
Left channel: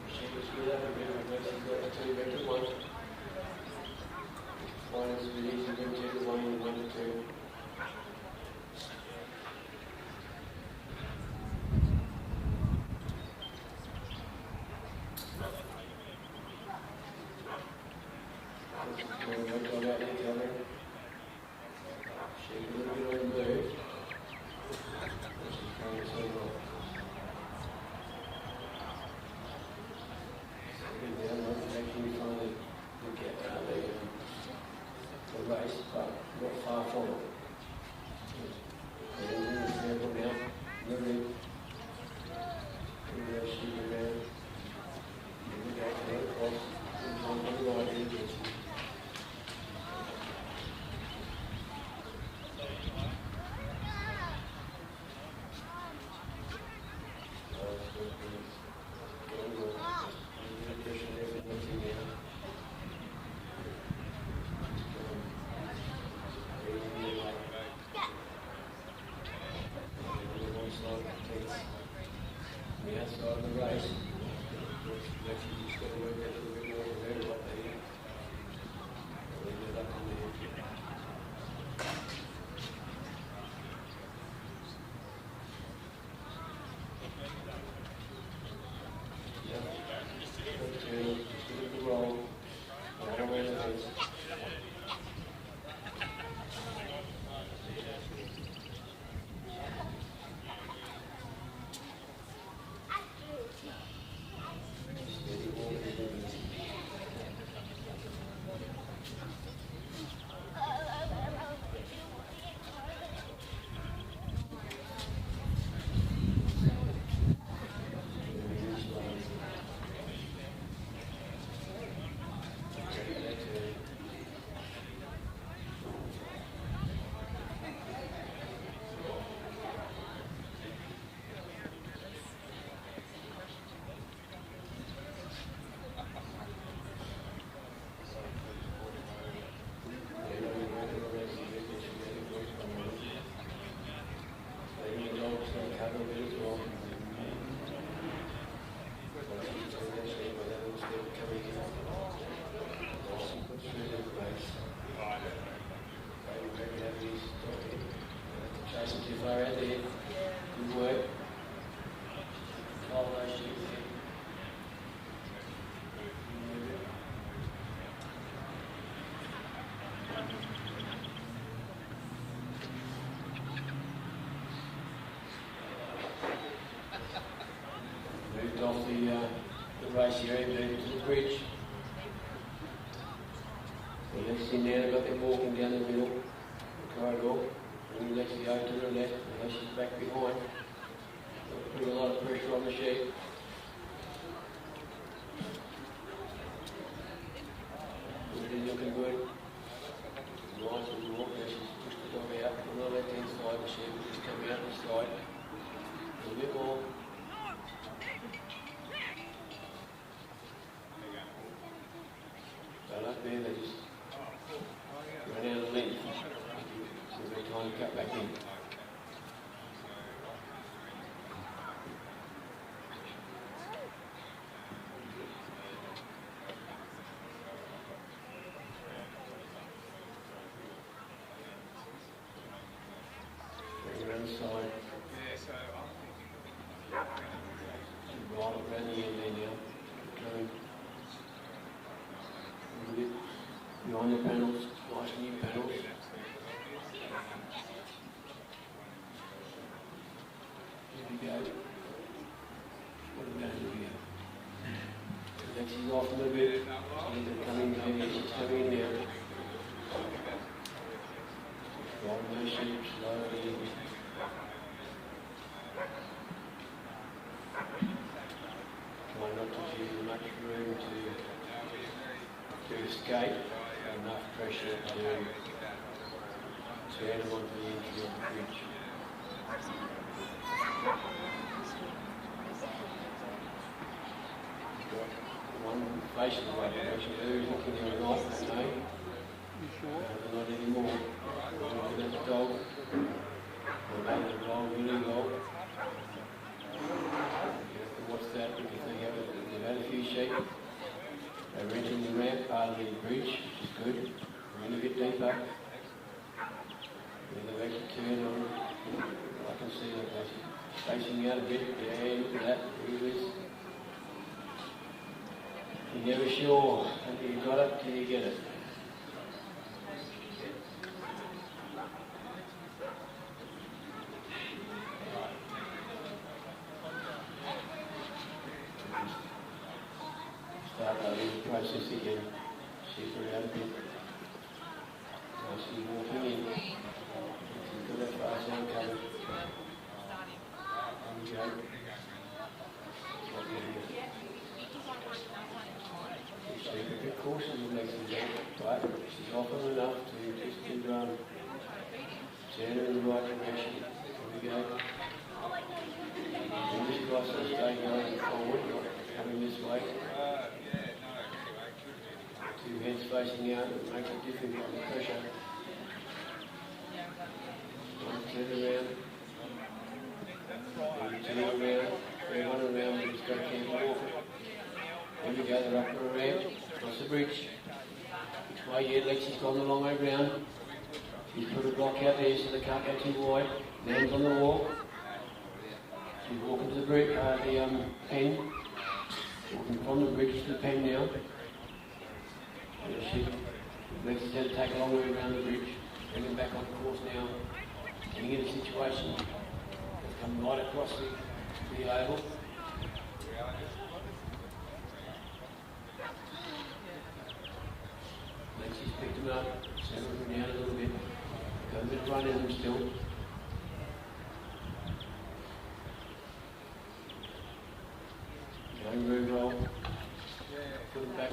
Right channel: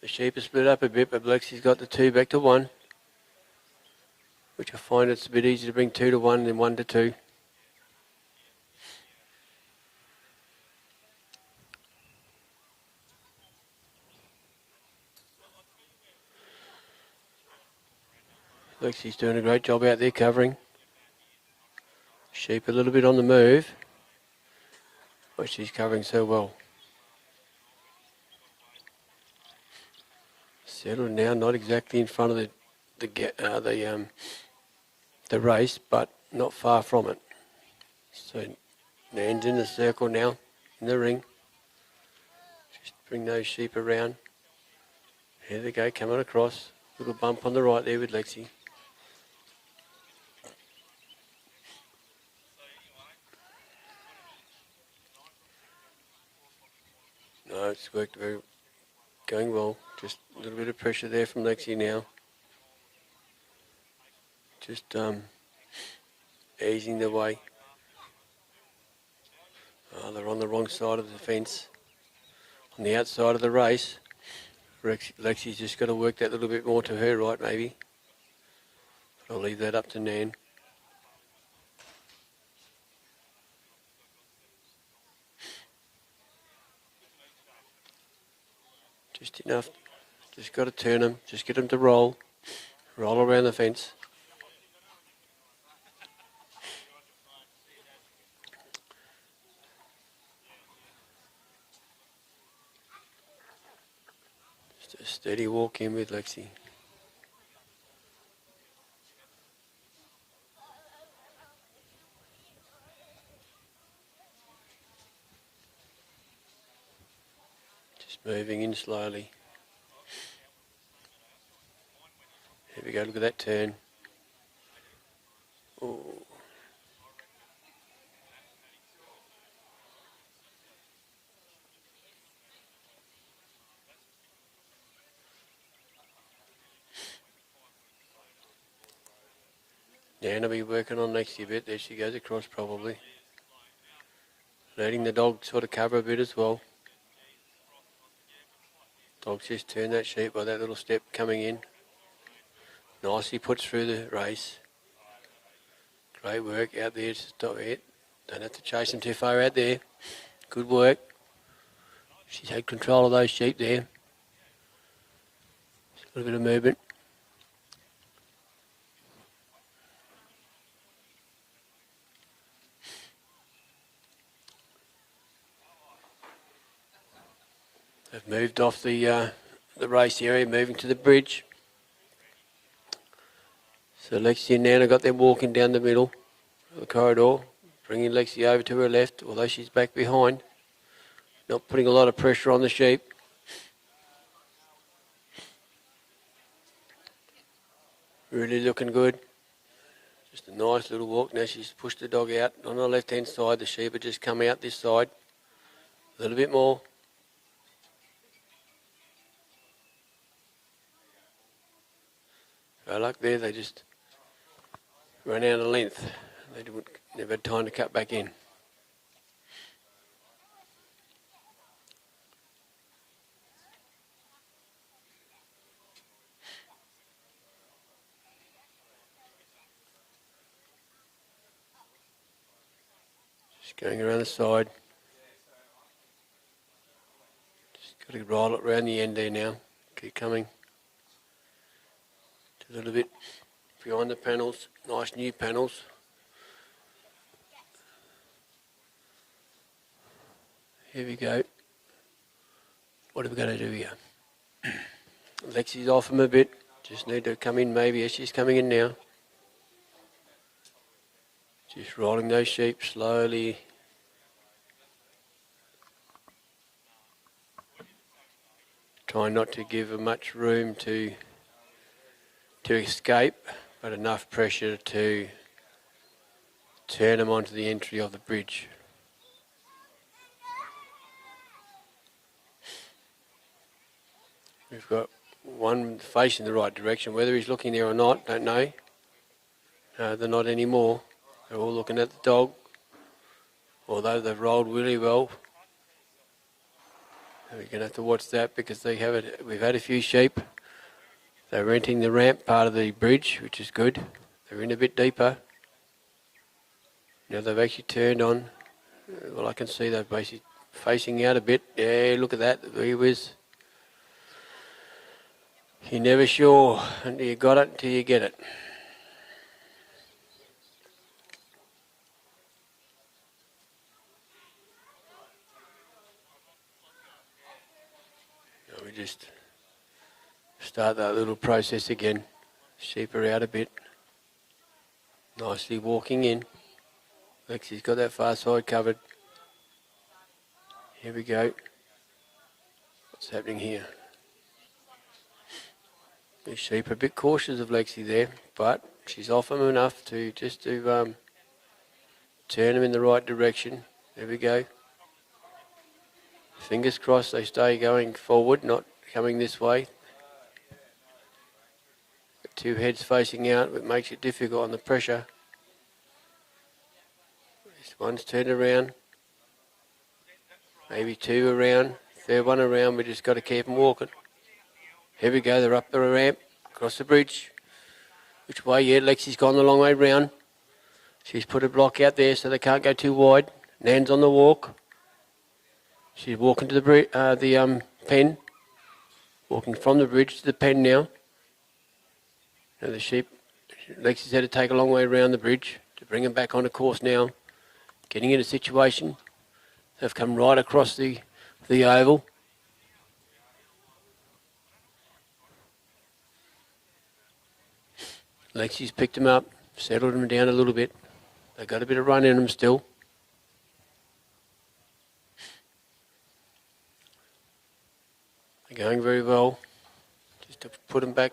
Sheep are split up a bit, but Lexi's got the 2 back to 1, which I find it's a bit easier to bring 2 to 1 than 1 to 2. Lexi's doing a great job out there covering. Sheep a little bit on the move, but she's covering so well. Settled now, not exactly in front of the race, but not far from it. So Nan's in the circle now, in the ring. Just bring those sheep around. Here they go, coming across. Little bump on the right there with Lexi. No, it's worked very, going well. Just a little bit of pressure there from Lexi now. Just easing the way. Oh, they're on the wrong side of the fence. On the outside of the race, Lexi's just got to work that little bit more to her right, maybe. I'll leave that up to Nan. Just enough. Just got to turn them. Just get them to roll. Roll around the fence. Just steady walk in with Lexi. Just moving in slowly. Here we go to that turn. Ooh. Dan will be working on Lexi a bit. There she goes across probably. Letting the dog sort of cover a bit as well. Dog's just turned that sheep by that little step coming in. Nicely puts through the race. Great work out there. Just don't have to chase them too far out there. Good work. She's had control of those sheep there. A little bit of movement. They've moved off the race area, moving to the bridge. So Lexi and Nan have got them walking down the middle of the corridor, bringing Lexi over to her left, although she's back behind. Not putting a lot of pressure on the sheep. Really looking good. Just Nice little walk. Now she's pushed the dog out on the left-hand side. The sheep have just come out this side. A little bit more. No luck there. They just ran out of length. They never had time to cut back in. Going around the side. Just got to roll it around the end there now. Keep coming. A little bit behind the panels. Nice new panels. Here we go. What are we going to do here? Lexi's off him a bit. Just need to come in maybe as she's coming in now. Just rolling those sheep slowly. Try not to give her much room to escape, but enough pressure to turn them onto the entry of the bridge. We've got one facing the right direction. Whether he's looking there or not, don't know. They're not anymore. They're all looking at the dog, although they've rolled really well. We're going to have to watch that because we've had a few sheep. They're entering the ramp part of the bridge, which is good. They're in a bit deeper. Now they've actually turned on. Well, I can see they're basically facing out a bit. Yeah, look at that. He was. You're never sure until you got it till you get it. Start that little process again. Sheep her out a bit. Nicely walking in. Lexi's got that far side covered. Here we go. What's happening here? The sheep are a bit cautious of Lexi there, but she's off them enough to turn them in the right direction. Here we go. Fingers crossed they stay going forward, not coming this way. Two heads facing out, it makes it difficult on the pressure. This one's turned around. Maybe two around. Third one around, we just got to keep them walking. Here we go, they're up the ramp, across the bridge. Which way? Yeah, Lexi's gone the long way round. She's put a block out there so they can't go too wide. Nan's on the walk. She's walking to the pen. Walking from the bridge to the pen now. And the sheep, Lexi's had to take a long way around the bridge to bring them back on the course now. Getting in a situation. They've come right across the oval. Lexi's picked them up, settled them down a little bit. They've got a bit of run in them still. Going very well. Just to put them back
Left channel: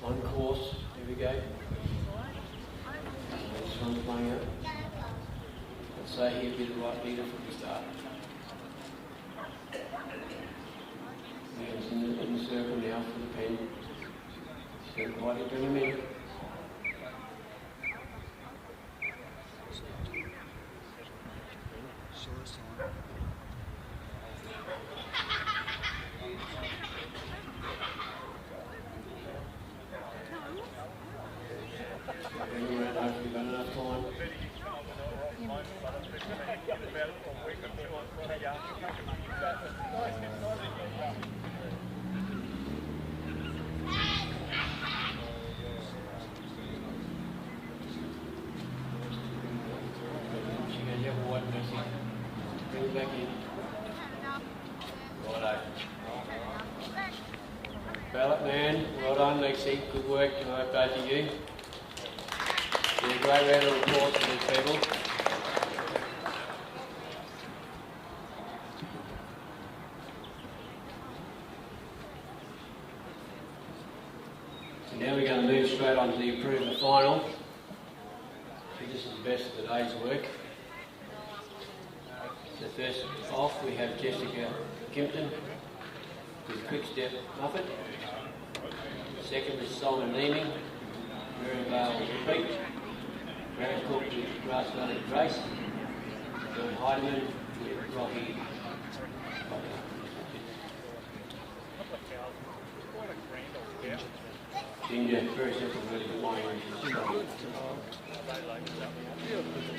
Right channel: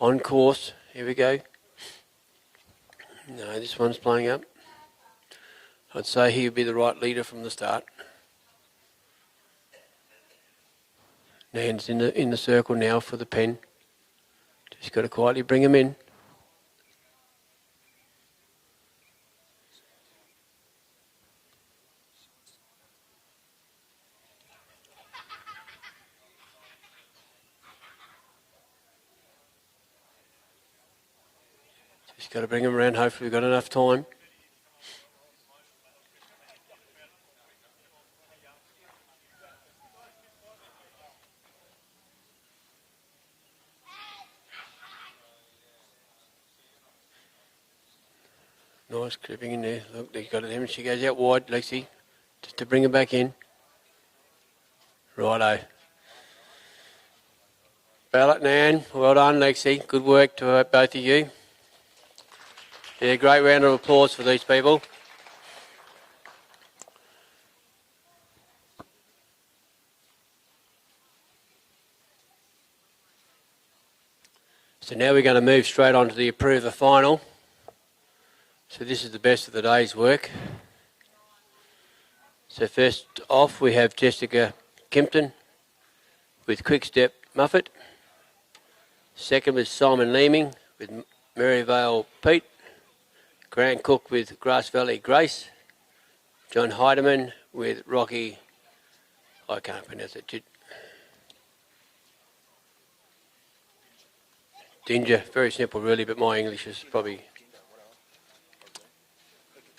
on course. Here we go. No, this one's playing up. I'd say he would be the right leader from the start. Nan's in the circle now for the pen. Just got to quietly bring him in. Just got to bring him around. Hopefully we've got enough time. Nice clipping in there. Look, they've got it there. She goes out wide, Lexi, just to bring her back in. Righto. Ballot, Nan. Well done, Lexi. Good work to both of you. Yeah, great round of applause for these people. So now we're going to move straight on to the approver final. So this is the best of the day's work. So first off we have Jessica Kimpton with Quick Step Muffet. Second was Simon Leeming with Marionvale Pete. Grant Cook with Grass Valley Grace. John Heidemann with Rocky, I can't pronounce it. Ginger, very simple really, but my English is probably...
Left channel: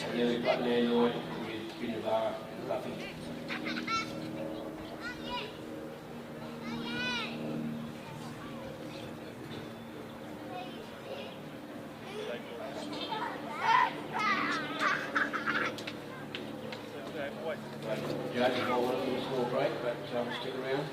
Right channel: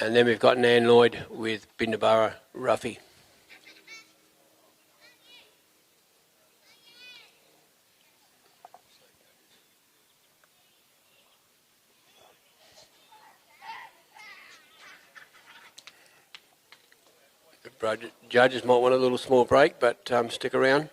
And then we've got Nan Lloyd with Bindabara Ruffy. Judges might want a little small break, but stick around.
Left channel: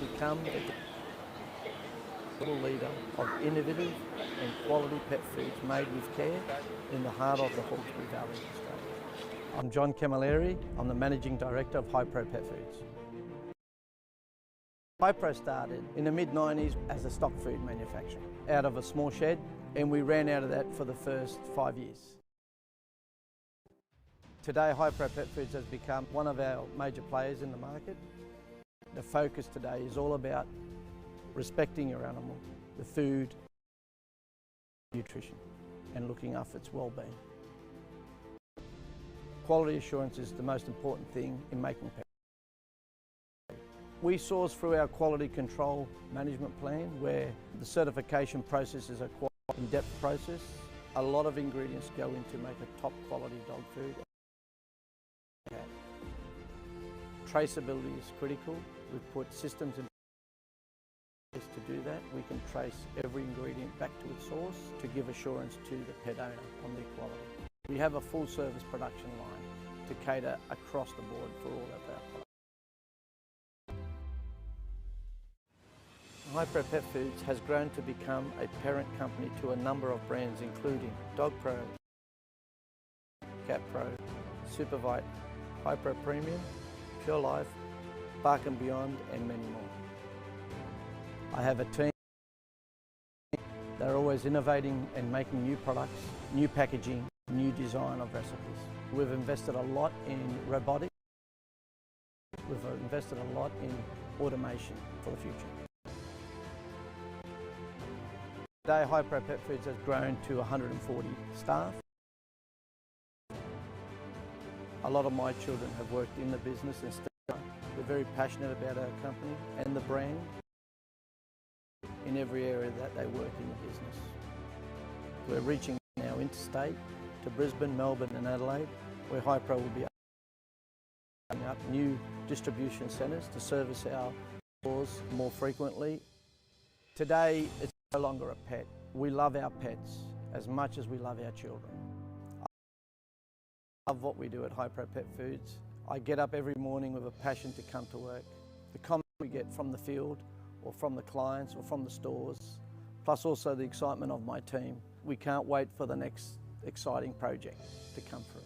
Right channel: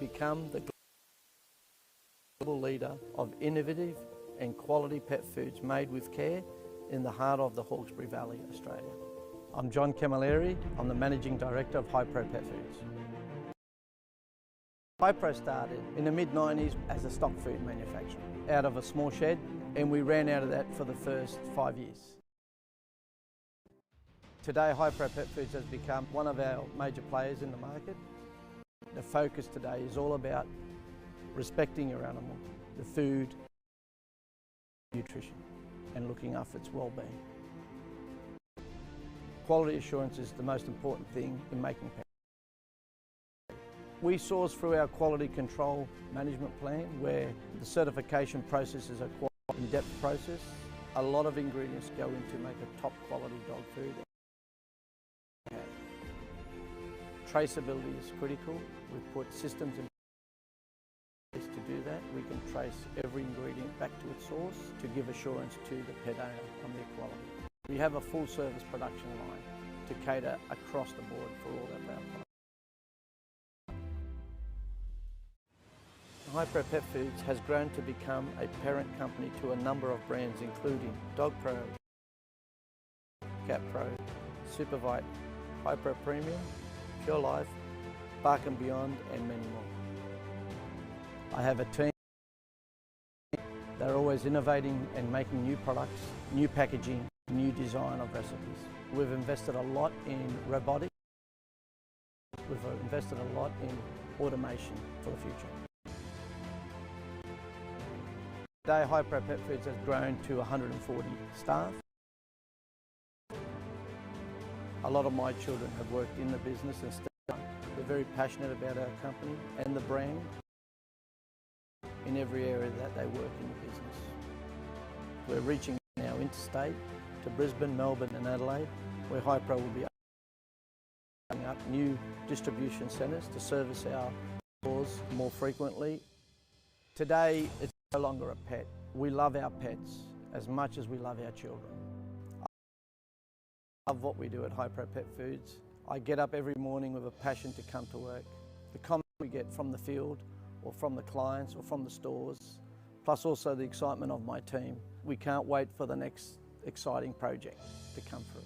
Become the global leader of innovative and quality pet foods made with care in the heart of the Hawkesbury Valley, Australia. I'm John Camilleri. I'm the Managing Director of Hypro Pet Foods. Hypro started in the mid-90s as a stock food manufacturer out of a small shed, and we ran out of that for the first 5 years. Today, Hypro Pet Foods has become one of our major players in the market. The focus today is all about respecting your animal, the food, nutrition, and looking after its well-being. Quality assurance is the most important thing in making pet. We source through our quality control management plan, where the certification process is a quite in-depth process. A lot of ingredients go into make a top quality dog food. Traceability is critical. We've put systems in place to do that. We can trace every ingredient back to its source to give assurance to the pet owner on their quality. We have a full service production line to cater across the board for all of our products. Hypro Pet Foods has grown to become a parent company to a number of brands including Dogpro, CatPro, Supervite, Hypro Premium, Pure Life, Bark and Beyond, and many more. I have a team. They're always innovating and making new products, new packaging, new design of recipes. We've invested a lot in robotics. We've invested a lot in automation for the future. Today, Hypro Pet Foods has grown to 140 staff. A lot of my children have worked in the business and still are. We're very passionate about our company and the brand in every area that they work in the business. We're reaching now interstate to Brisbane, Melbourne and Adelaide, where Hypro will be opening up new distribution centres to service our stores more frequently. Today, it's no longer a pet. We love our pets as much as we love our children. I love what we do at Hypro Pet Foods. I get up every morning with a passion to come to work. The comments we get from the field or from the clients or from the stores, plus also the excitement of my team. We can't wait for the next exciting project to come through.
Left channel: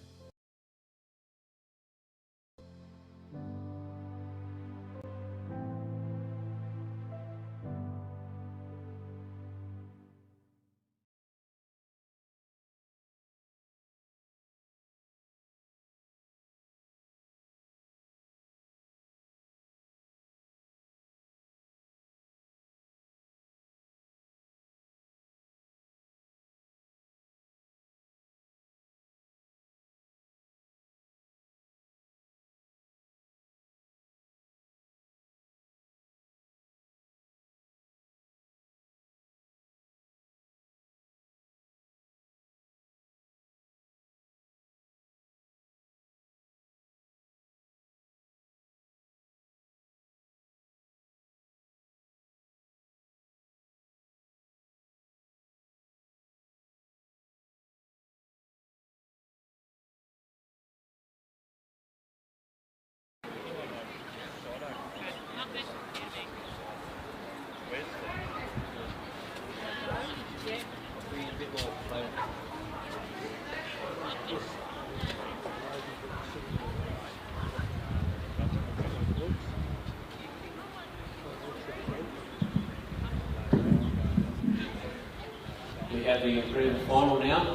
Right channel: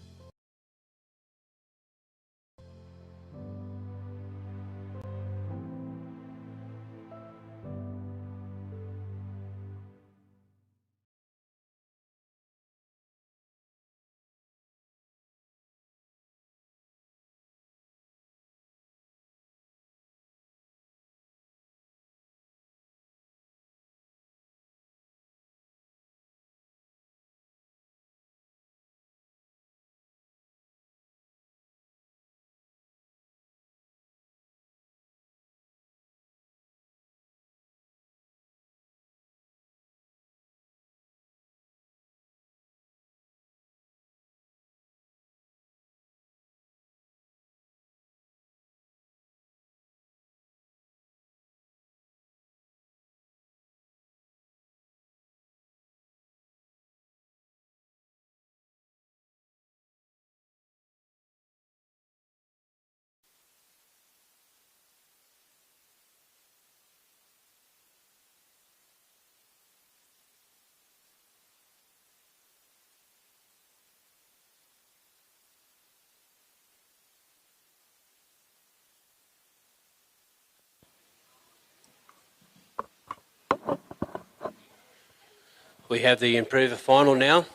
We have the improver final now.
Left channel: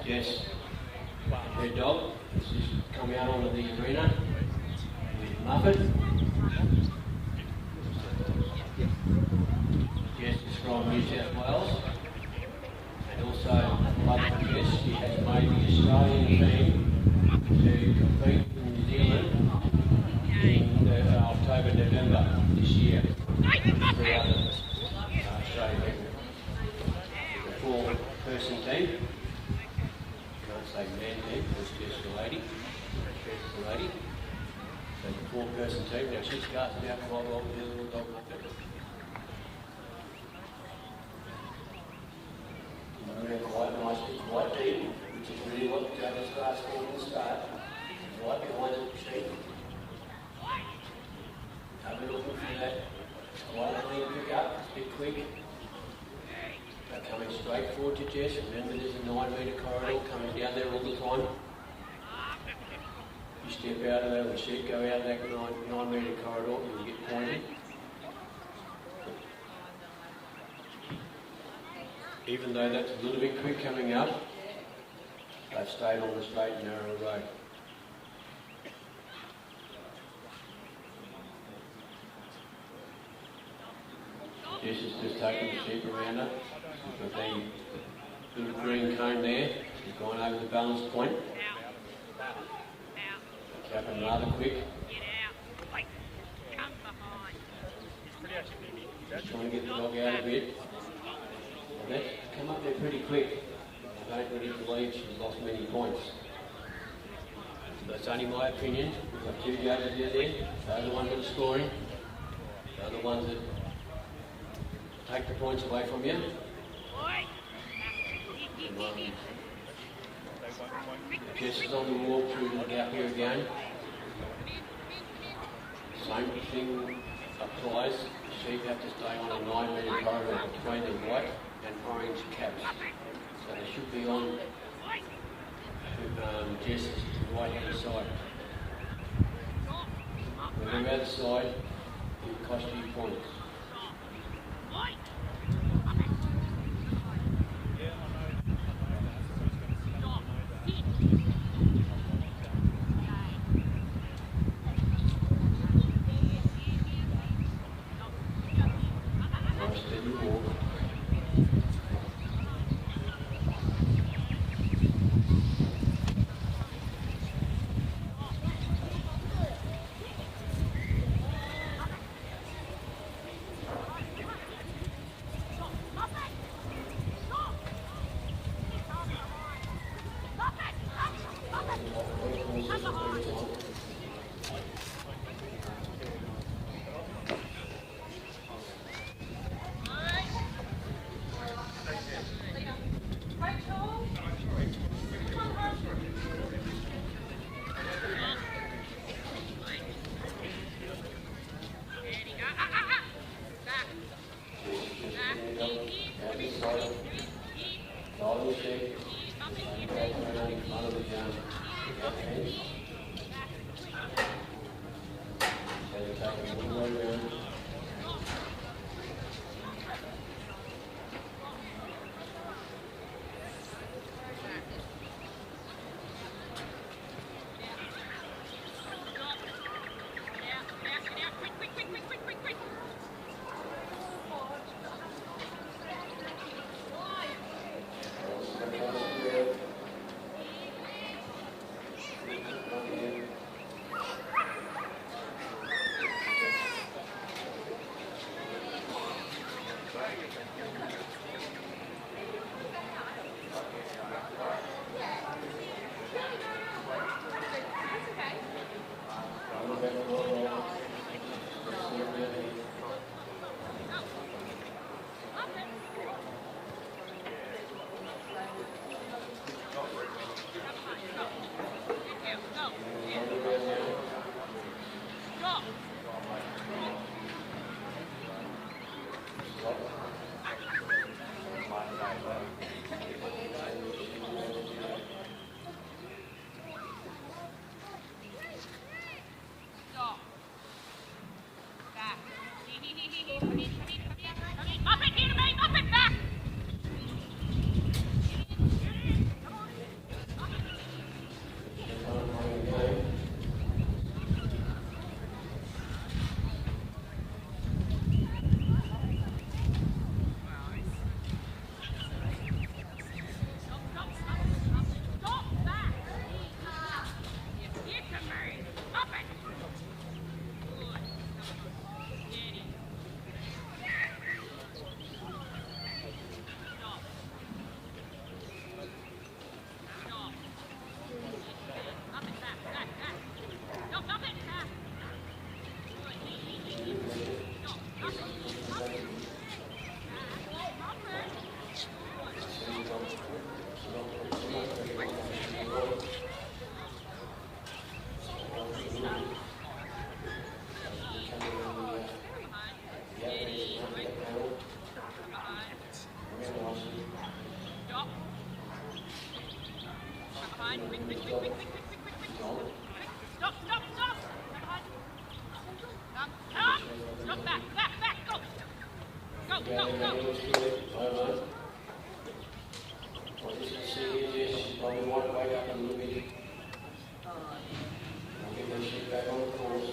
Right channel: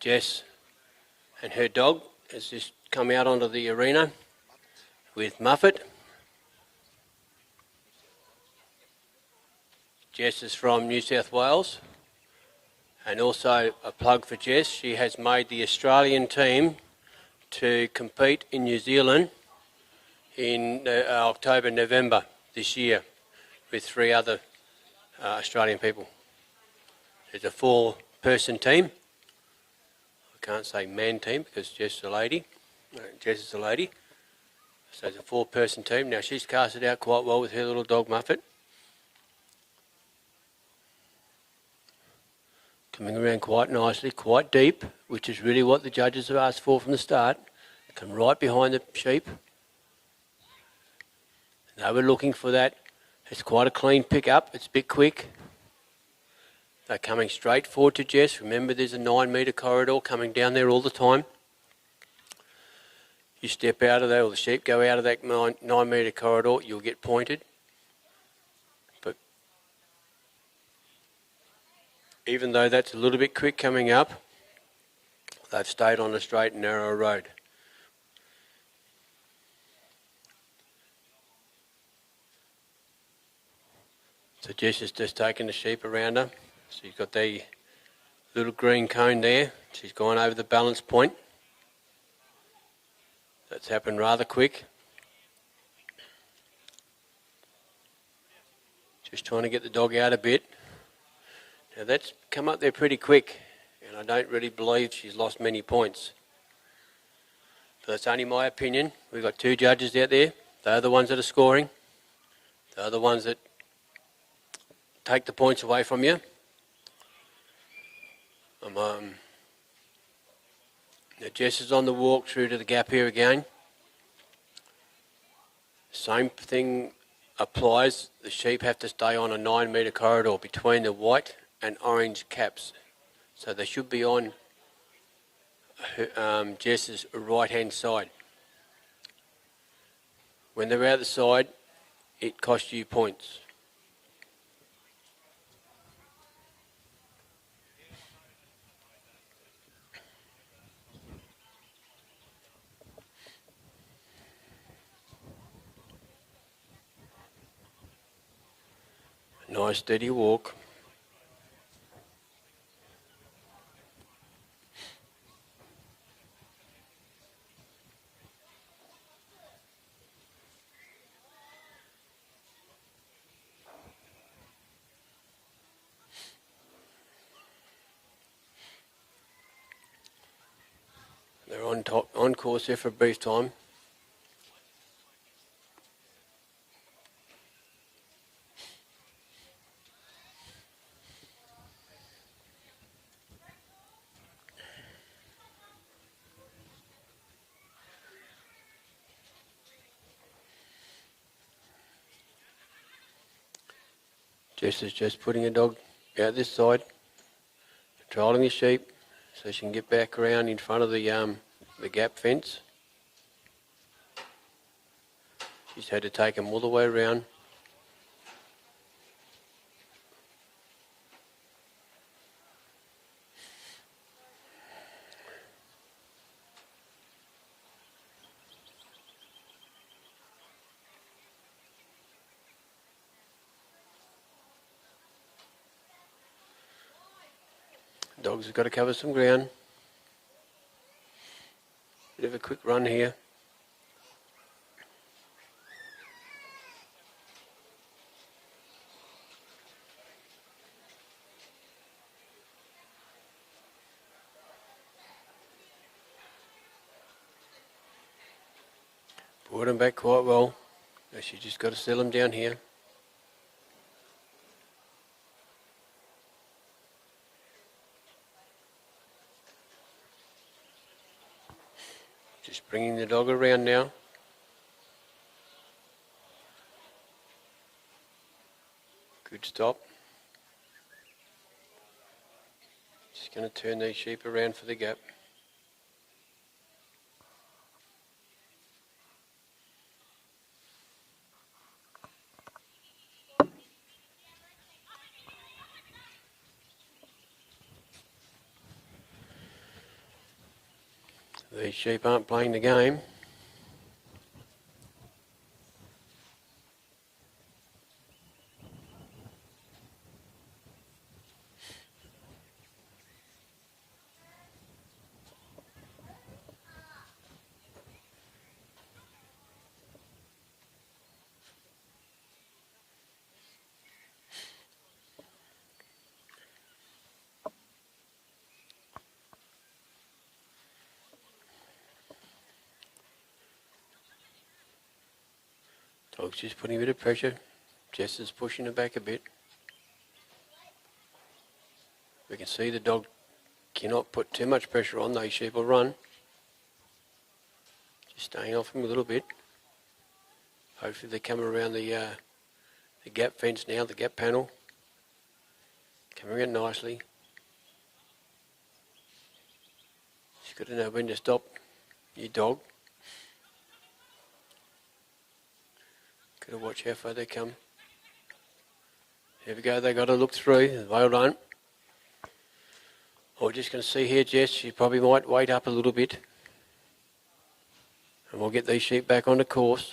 Jess and her dog has just come out onto the arena with Muffet. Jess is from New South Wales, and also a plug for Jess. She has made the Australian team to compete in New Zealand in October, November this year with 3 other Australian people. It's a 4-person team. Can't say man team because Jess is a lady. Jess is a lady. So it's a 4-person team. Now she's cast it out quite well with her little dog Muffet. Coming around quite nicely, quite deep, which is really what the judges have asked for from the start. Come right behind the sheep. They were looking for that. It's quite a clean pick up. It's a bit quick. They're coming straight forward to Jess. Remember, there's a 9-metre corridor coming down there all the time. You step out of there, or the sheep go out of that 9-metre corridor, you'll get pointed. But even though that's a little bit quick coming up, they've stayed on a straight and narrow road. So Jess has just taken the sheep around her. So you've got the little green cone there. She's gone over the balance point. That's happened rather quick. Just trying to get the dog out a bit. Now that's come up there pretty quick, and I don't really believe she's lost many points. That's only my opinion. We've got 2 judges out there. They're the ones that are scoring. They're the ones that take the points away from you. Jess is on the walk through to the gap here again. Same thing applies. The sheep have to stay on a 9-metre corridor between the white and orange caps. So they should be on Jess's right-hand side. When they're out of the side, it costs you points. Nice steady walk. On course here for a brief time. Jess is just putting the dog out this side, trialling the sheep so she can get back around in front of the gap fence. Just had to take him all the way around. Dogs have got to cover some ground. Give a quick run here. Brought him back quite well. She just got to settle him down here. Bringing the dog around now. Good stop. Just going to turn these sheep around for the gap. sheep aren't playing the game. She's putting a bit of pressure. Jess is pushing her back a bit. We can see the dog cannot put too much pressure on. They sheep will run. Staying off him a little bit. Hopefully they're coming around the gap fence now, the gap panel. Coming around nicely. She's got to know when to stop your dog. Watch how far they come. Here we go, they got to look through. Well done. We're just going to see here, Jess, she probably might wait up a little bit. And we'll get these sheep back on the course.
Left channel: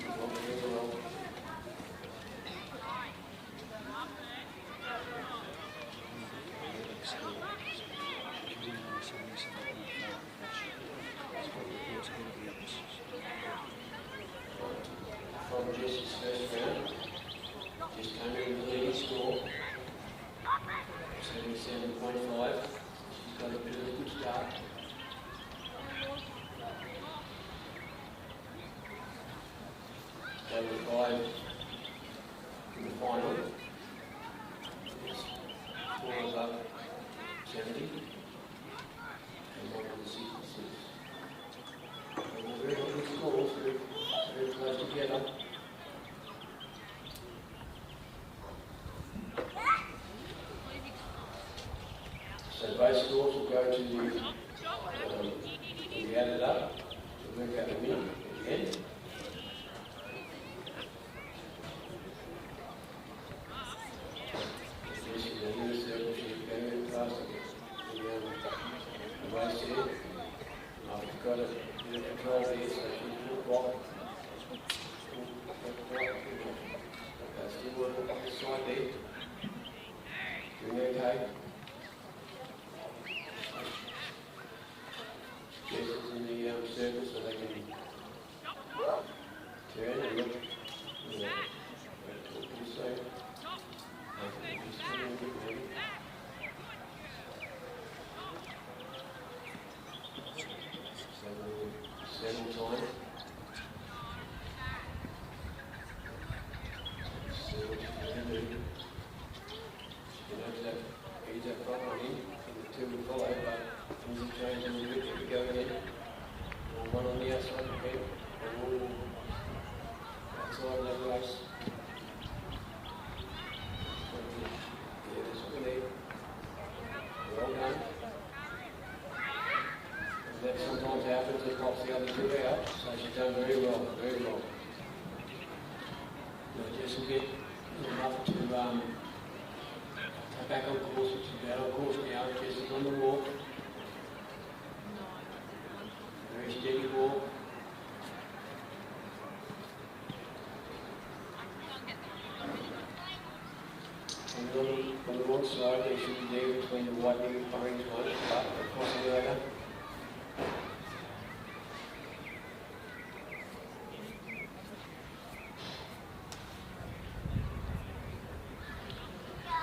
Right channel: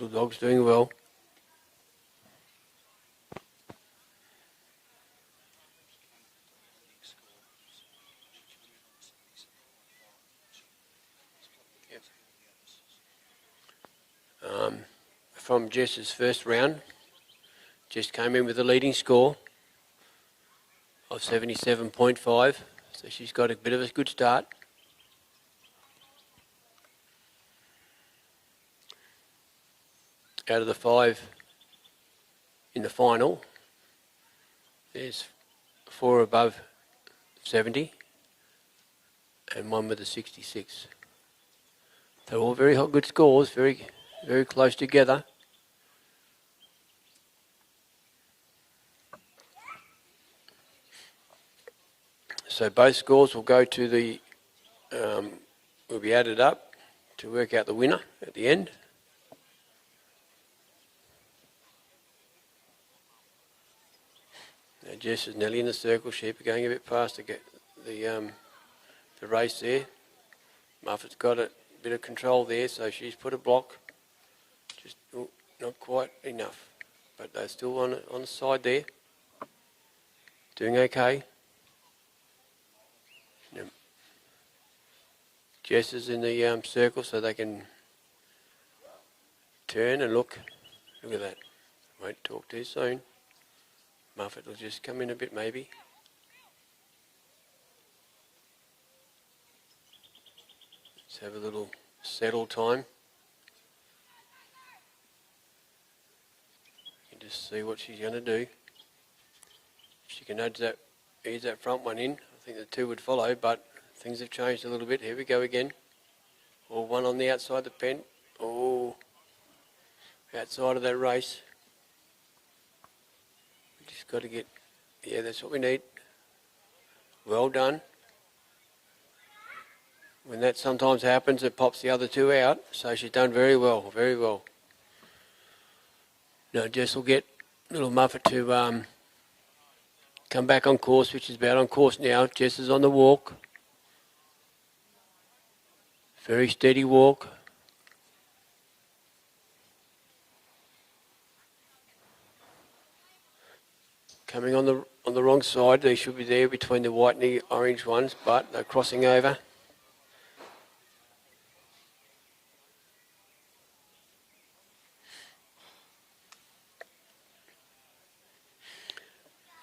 The dog's doing well. From Jess's first round, Jess came in with a leading score of 77.5, so she's got a bit of a good start. Out of the 5 in the final, there's 4 above 70 and 1 with a 66. They're all very good scores, very close together. So both scores will go to the, will be added up to work out the winner at the end. Jess is nearly in the circle. Sheep going a bit past the race there. Muffin's got a bit of control there, so she's put a block. Not quite enough, but they're still on the side there. Doing okay. Jess is in the circle so they can turn and look. Look at that. Won't talk too soon. Muffin will just come in a bit maybe. Just have a little settle time. Just see what she's going to do. She can ease that front one in. I think the 2 would follow, but things have changed a little bit. Here we go again. Or one on the outside the pen. Oh, outside of that race. She's got to get, yeah, that's what we need. Well done. When that sometimes happens, it pops the other 2 out. So she's done very well, very well. Now Jess will get little Muffet to come back on course, which is about on course now. Jess is on the walk. Very steady walk. Coming on the wrong side, they should be there between the white and the orange ones, but they're crossing over.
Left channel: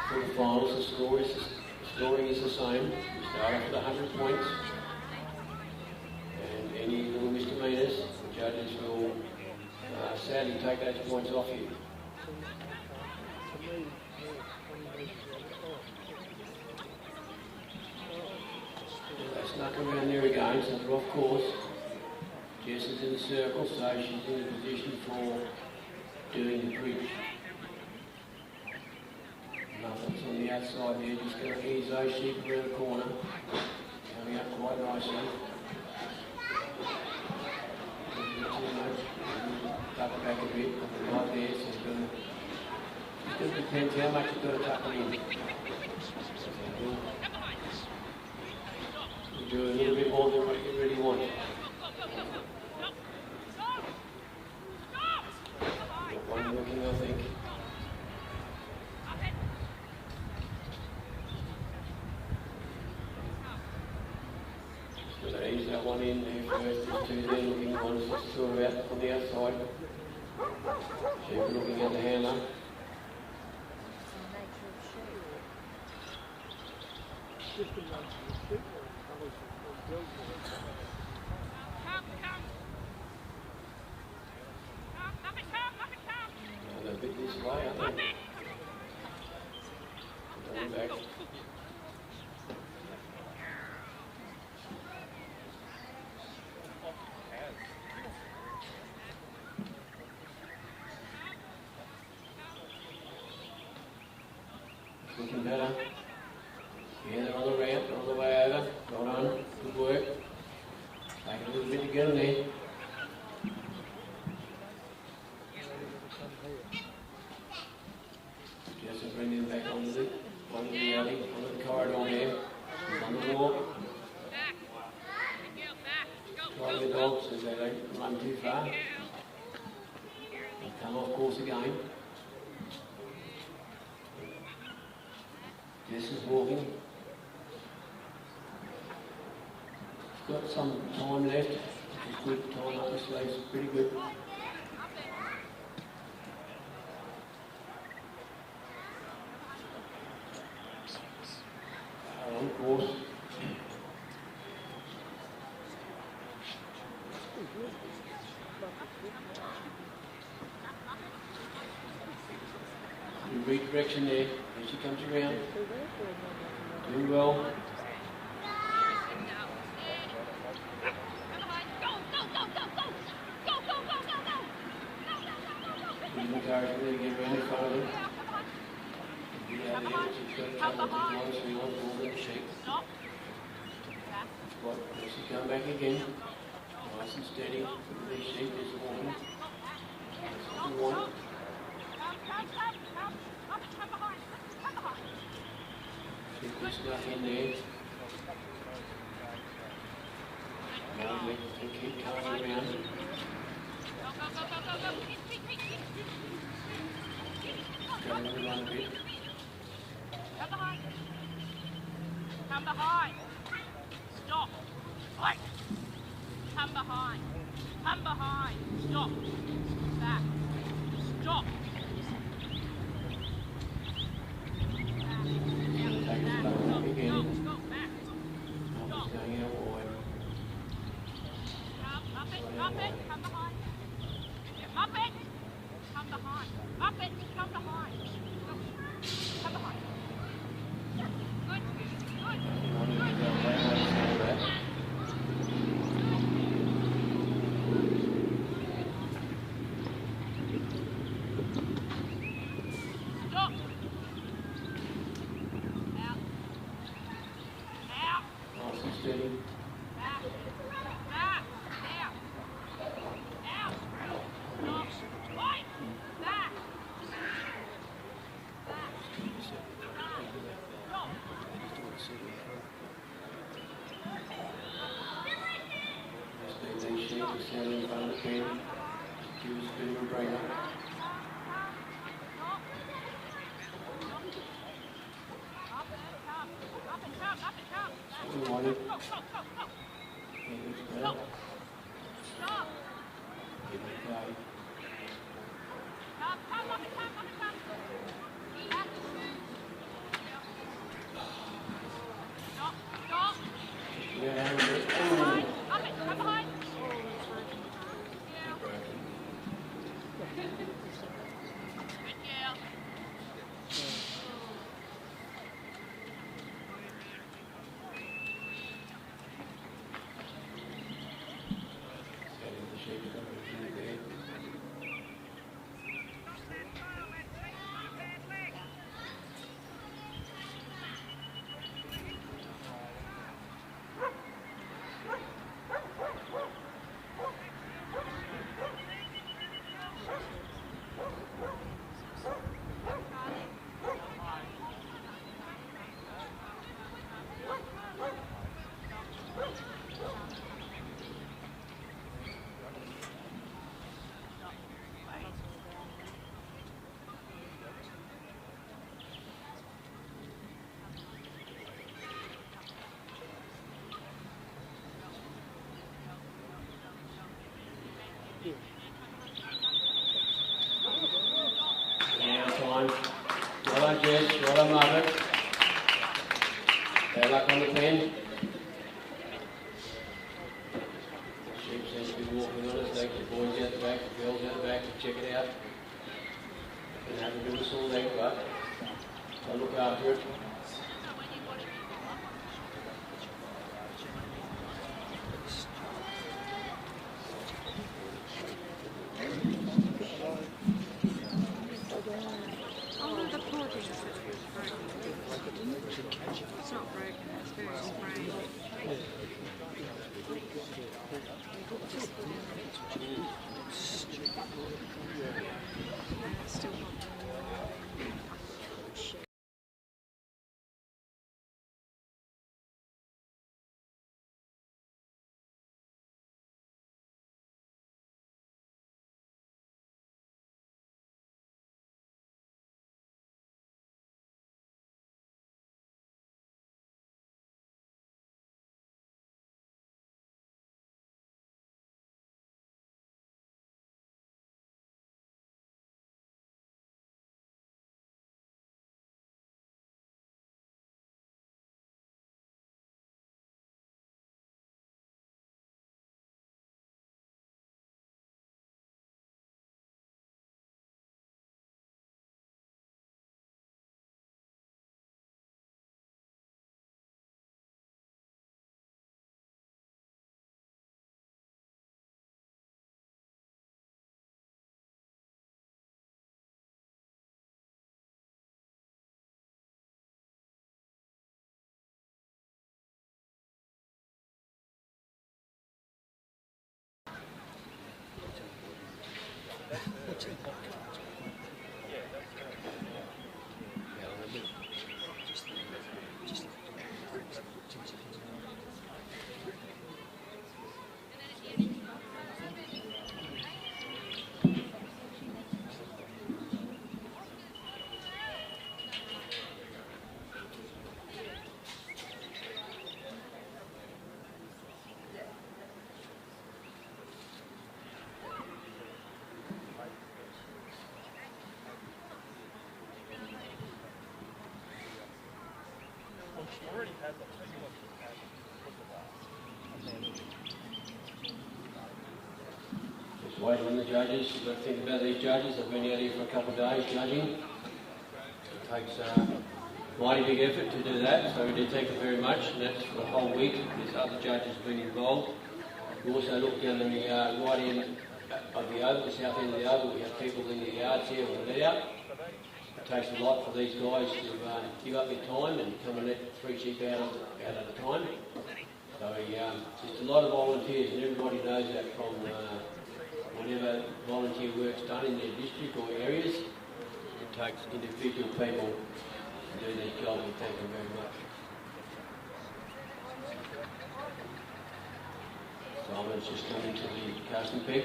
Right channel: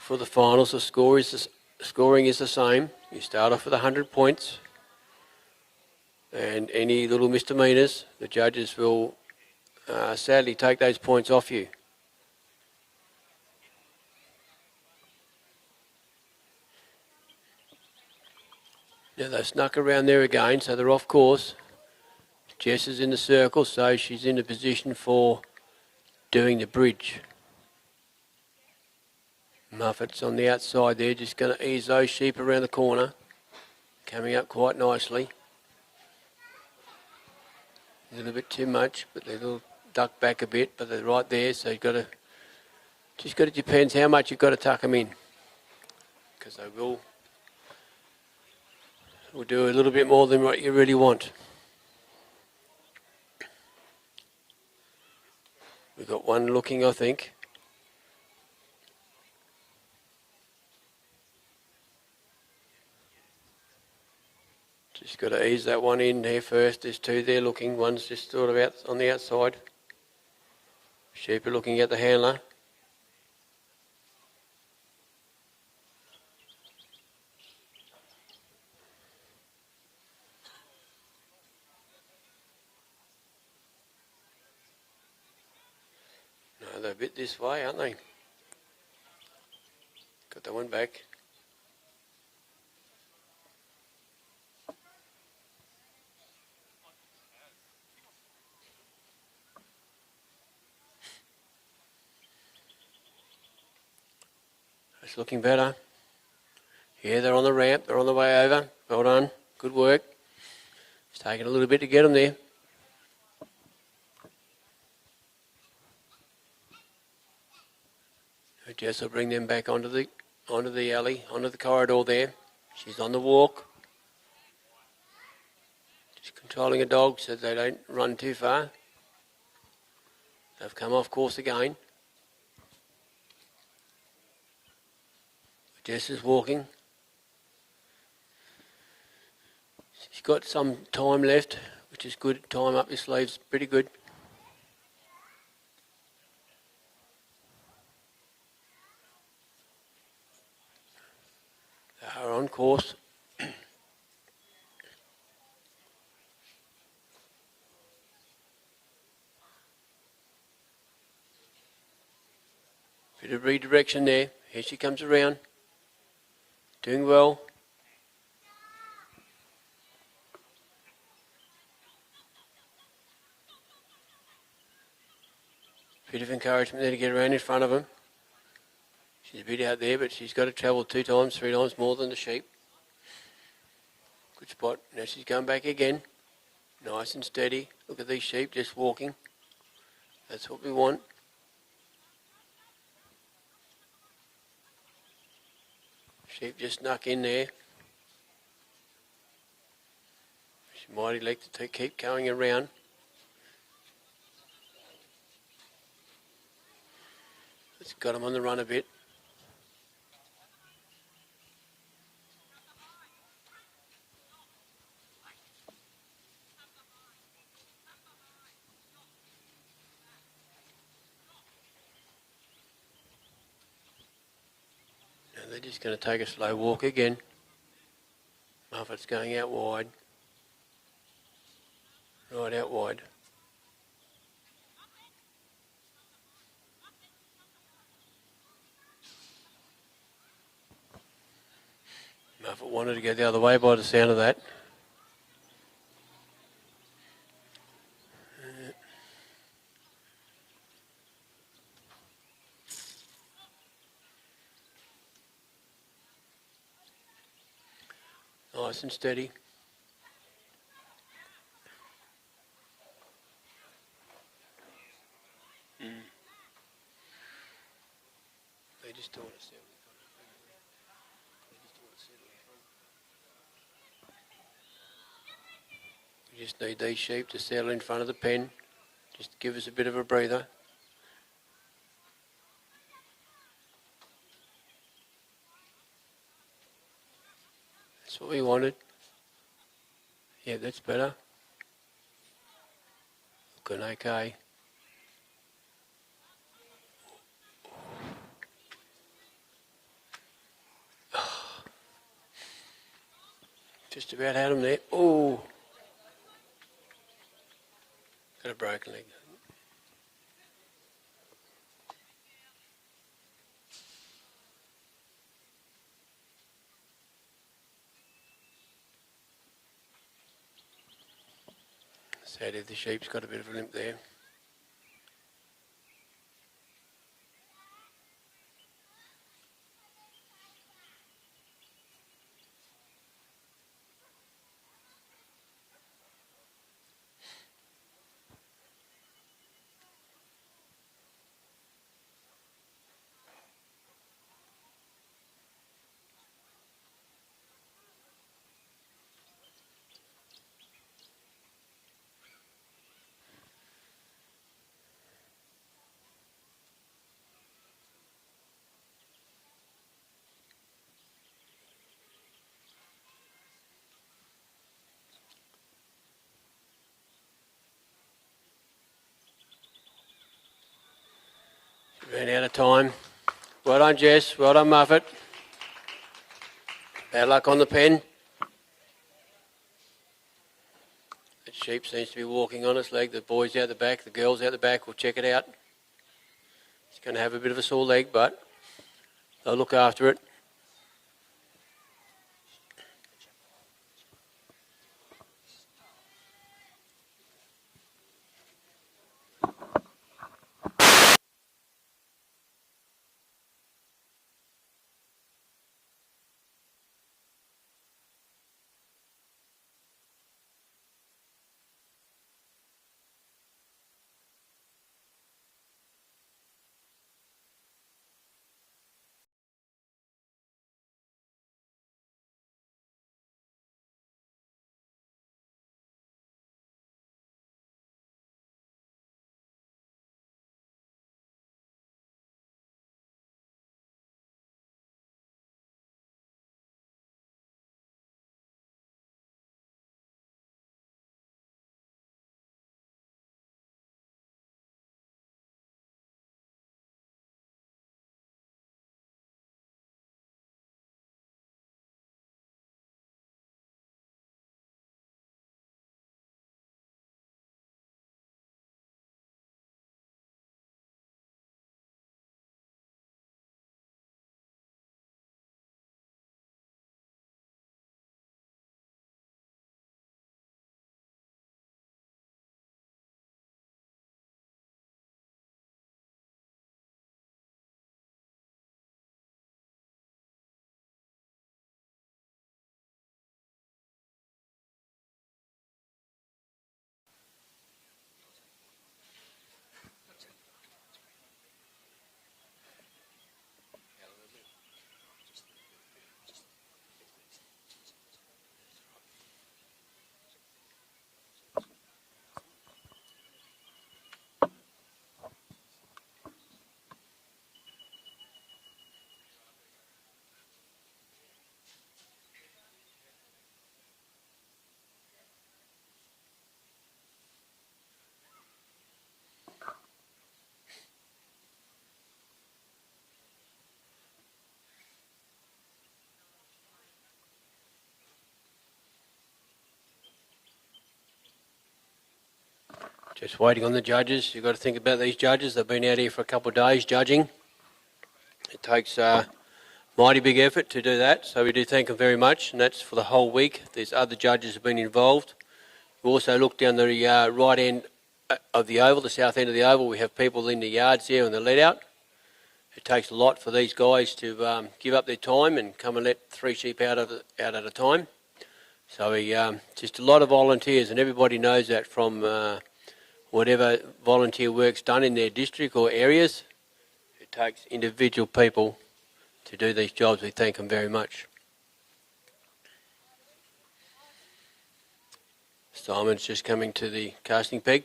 For the finals, the scoring is the same. You start off with 100 points. And any little misdemeanours, the judges will sadly take those points off you. Now they snuck around there again, so they're off course. Jess is in the circle, so she's in a position for doing the bridge. Muffet's on the outside there, just going to ease those sheep around the corner. Coming up quite nicely. A little bit too much, but they will duck back a bit, but they're right there, so you've got to, just got to, depends how much you've got to tuck them in. Because they will do a little bit more than what you really want. We've got one looking, I think. Just got to ease that one in there first. There's two there looking. One's just sort of out on the outside. Sheep are looking at the handler. They're a bit this way, aren't they? Got that one back. It's looking better. Yeah, they're on the ramp. They're on the way over. Well done. Good work. It's taking a little bit to get them there. Jess will bring them back onto the alley, onto the corridor there. She's on the walk. She's controlling a dog so they don't run too far. They've come off course again. Jess is walking. She's got some time left, which is good. Time up your sleeves, pretty good. On course. Bit of redirection there. Here she comes around. Doing well. Bit of encouragement there to get around in front of him. She's a bit out there, but she's got to travel 2 times, 3 times more than the sheep. Good spot. Now she's going back again. Nice and steady. Look at these sheep just walking. That's what we want. Sheep just snuck in there. Mighty legs to keep going around. It's got them on the run a bit. Come behind. Stop. Wait. Come behind. Come behind. Stop. Back. Stop. And they're just going to take a slow walk again. Muffet's going out wide. Right out wide. Up it. Come behind. Up it. Come behind. Come behind. Muffet wanted to go the other way by the sound of that. Stop. Out. Nice and steady. Just need these sheep to settle in front of the pen. Just give us a bit of a breather. That's what we wanted. Yeah, that's better. Good, okay. Just about had him there. Oh! Got a broken leg. Sadly, the sheep's got a bit of limp there. time. Well done, Jess. Well done, Muffet. Bad luck on the pen. The sheep seems to be walking on its leg. The boys out the back, the girls out the back. We'll check it out. It's going to have a bit of a sore leg, but they'll look after it. Just waiting on the judges. You've got to think about these judges. They've been out here for a couple of days judging. It takes mighty big effort to do that, so we do thank them very much, and that's for the whole week. There's other judges have been involved. We also look down the right end of the oval, the south end of the oval. We have people in the yards here and the let out. It takes a lot for these guys to give up their time and come and let 3 sheep out at a time. So just a lot of volunteers, and everybody knows that from whatever volunteer work's done in their district or areas. It takes individual people to do these jobs. We thank them very much. Simon's just coming to the casting peg.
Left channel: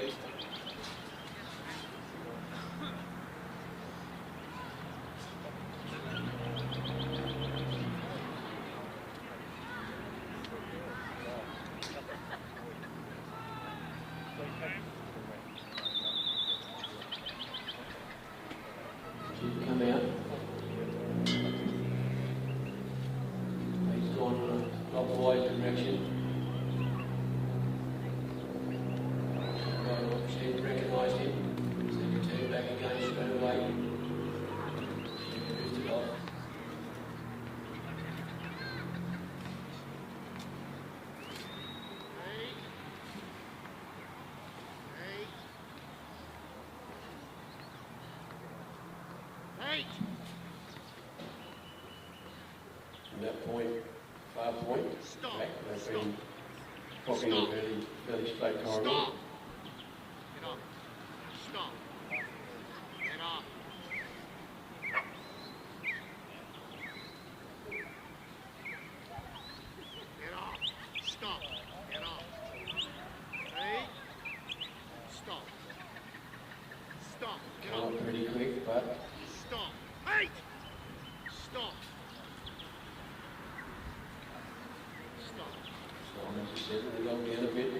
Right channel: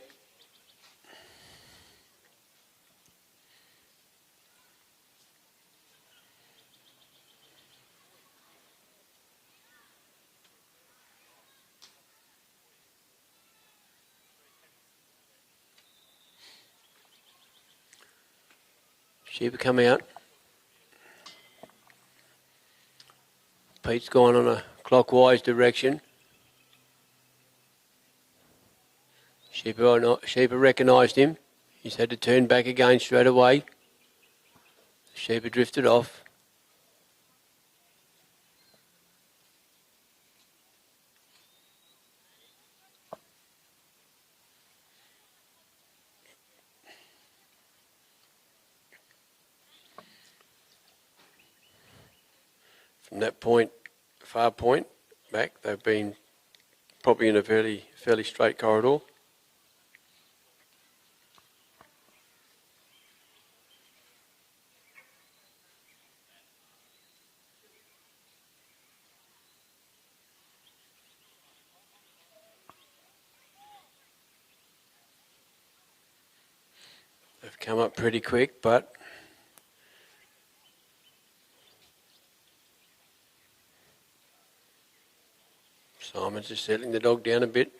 Sheep come out. Pete's gone on a clockwise direction. Sheep have recognised him. He's had to turn back again straight away. Sheep have drifted off. From that point, far point, back, they've been probably in a fairly straight corridor. They've come up pretty quick, but Simon's just settling the dog down a bit,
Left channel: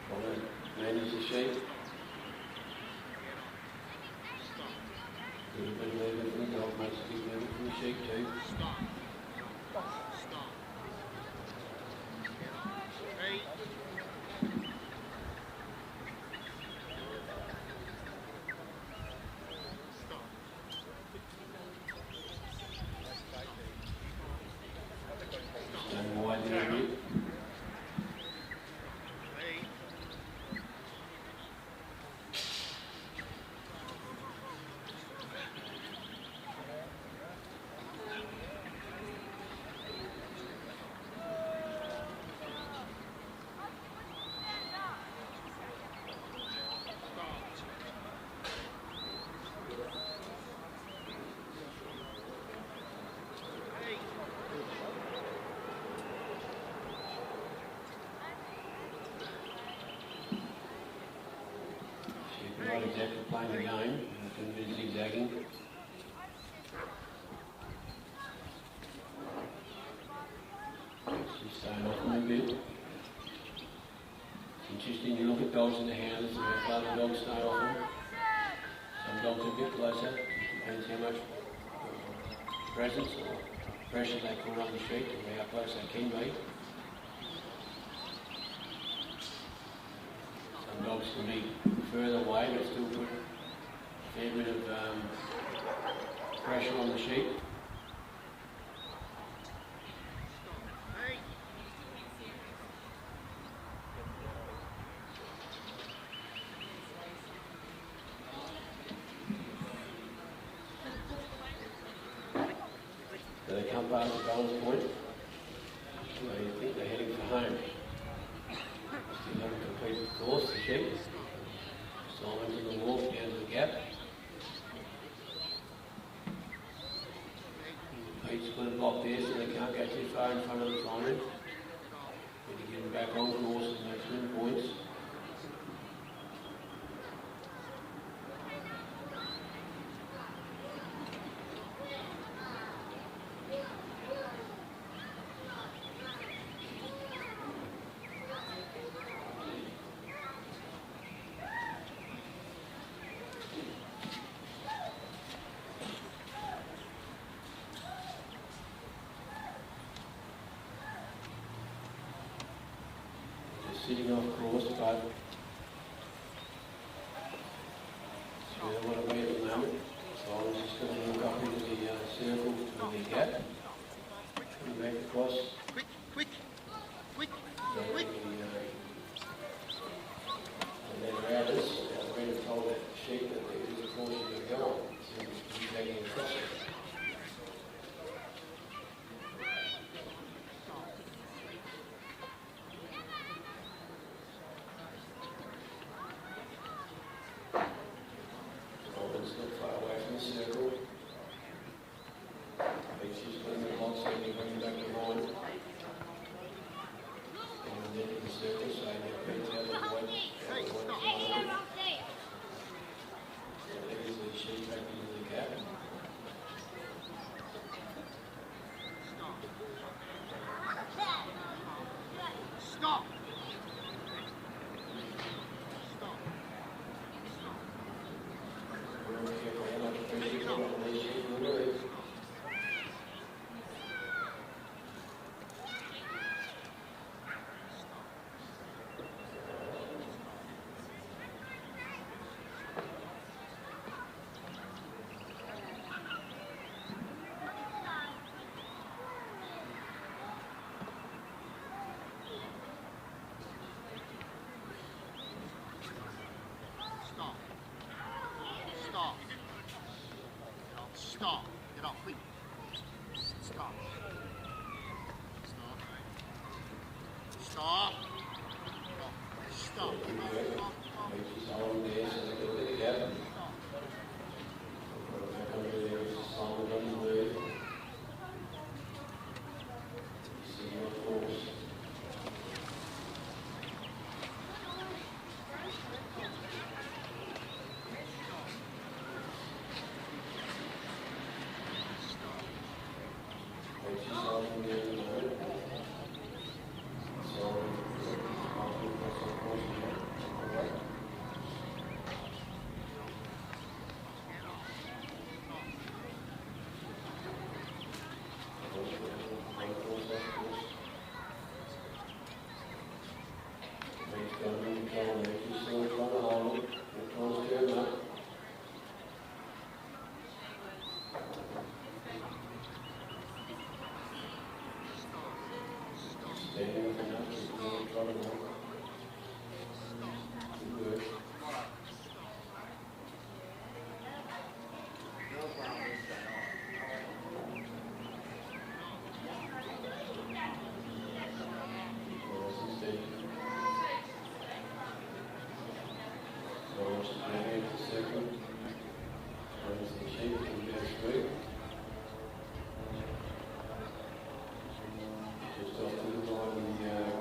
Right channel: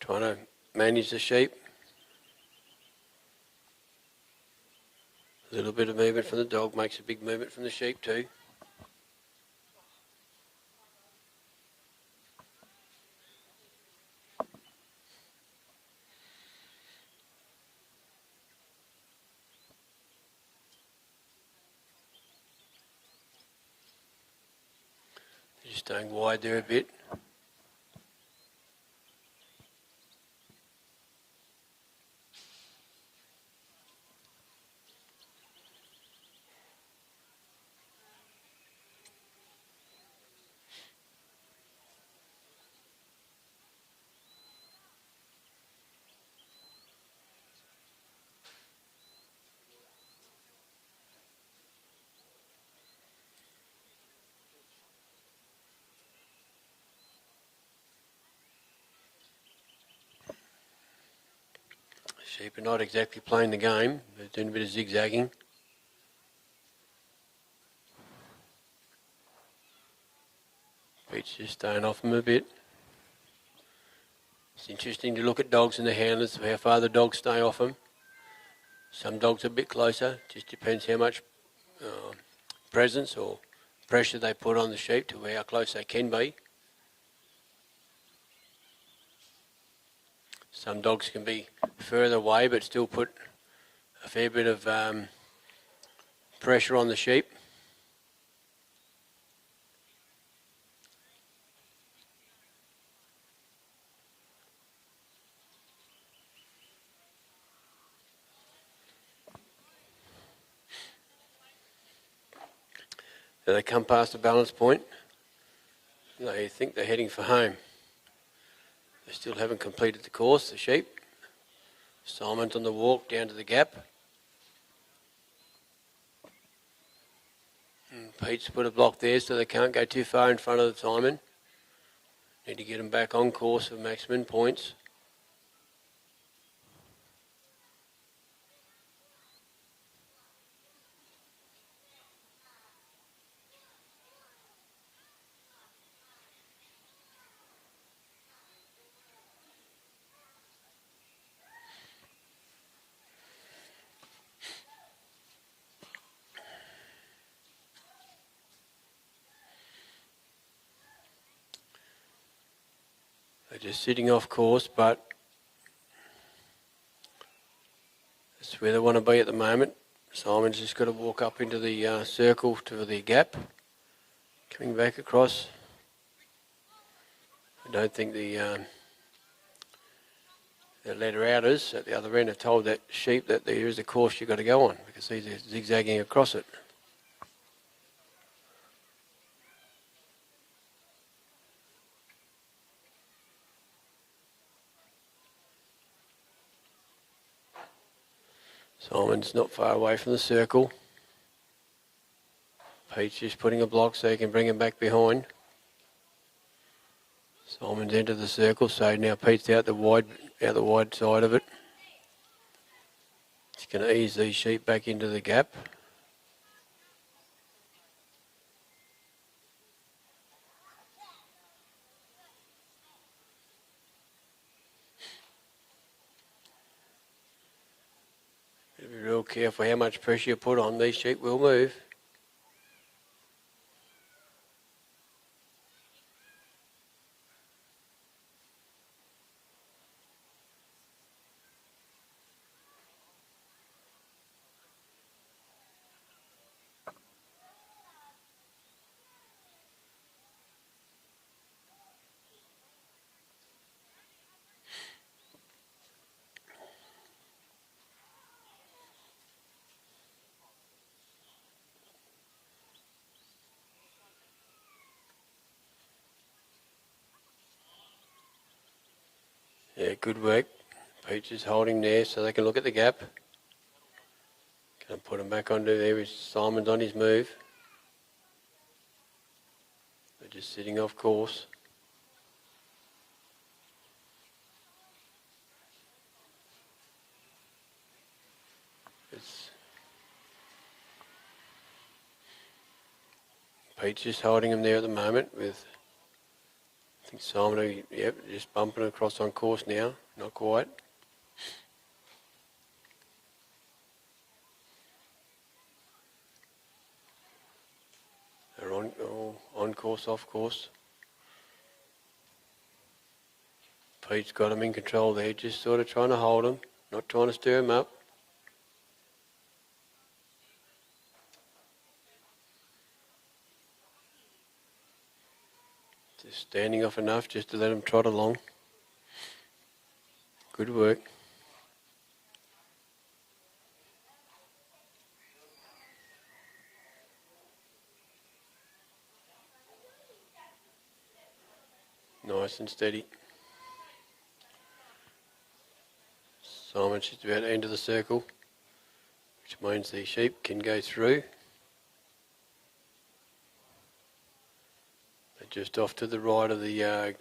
trying to manage the sheep. little bit of movement from the dog makes a big movement from the sheep too. Just staying wide there a bit. Sheep are not exactly playing the game, they're doing a bit of zigzagging. Pete's just staying off them a bit. It's interesting to look at dogs and the handlers, how far the dogs stay off them. Some dogs are a bit closer, just depends how much presence or pressure they put on the sheep to how close they can be. Some dogs can be further away but still put a fair bit of pressure on the sheep. So they come past the balance point. They think they're heading for home. They still haven't completed the course, the sheep. Simon's on the walk down to the gap. And Pete's put a block there so they can't go too far in front of Simon. Need to get them back on course with maximum points. Just sitting off course, but it's where they want to be at the moment. Simon's just got to walk up into the circle to the gap, coming back across. I don't think the letter outers at the other end have told that sheep that there is a course you've got to go on. You can see they're zigzagging across it. Simon's not far away from the circle. Pete's just putting a block so he can bring him back behind. Simon's entered the circle, so now Pete's out the wide side of it. He's going to ease these sheep back into the gap. Be real careful how much pressure you put on, these sheep will move. Yeah, good work. Pete's just holding there so they can look at the gap. Gonna put him back onto there. Simon's on his move. Just sitting off course. Pete's just holding him there at the moment with Simon, yep, just bumping across on course now, not quite. off course. Pete's got him in control there, just sort of trying to hold him, not trying to stir him up. Standing off enough just to let him trot along. Good work. Nice and steady. Simon's just about to enter the circle, which means the sheep can go through. Just off to the right of the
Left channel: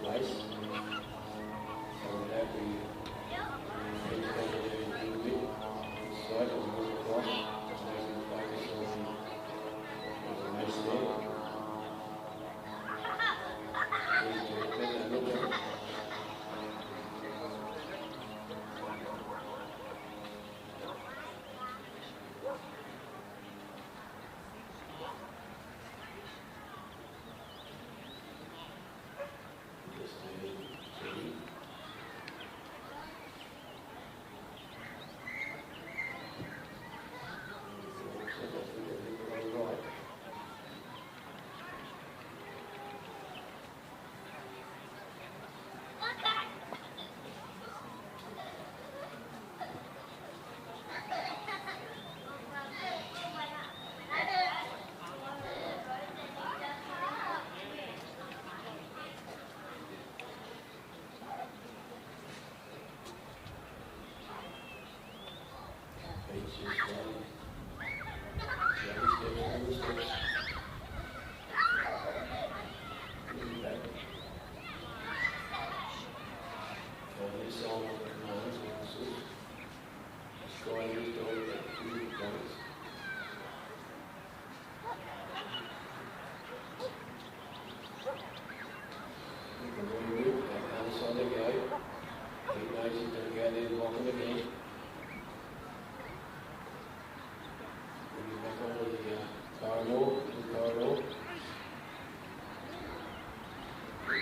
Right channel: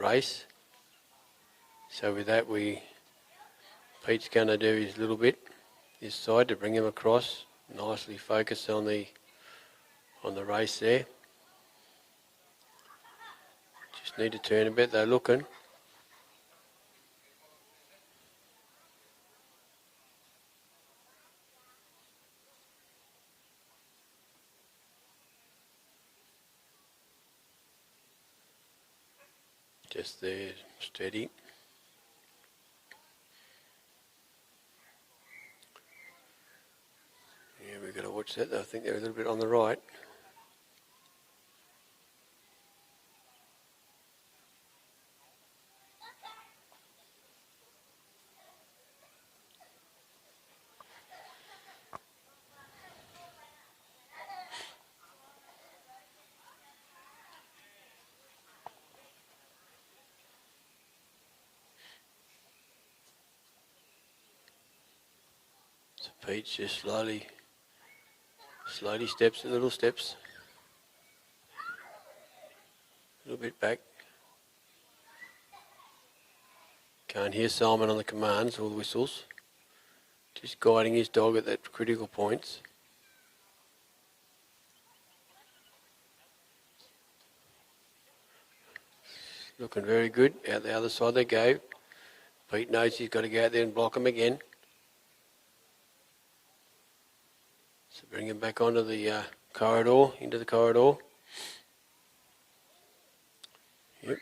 race. So with that, Pete's going to do his little bit this side to bring him across. Nicely focused on the race there. Just need to turn a bit. They're looking. Just there, steady. Yeah, we've got to watch that. I think they're a little bit on the right. Pete's just slowly steps and little steps. A little bit back. Can't hear Simon on the commands or whistles. Just guiding his dog at that critical points. Looking very good. Out the other side they go. Pete knows he's got to go out there and block him again. Bring him back onto the corridor, into the corridor. Yep.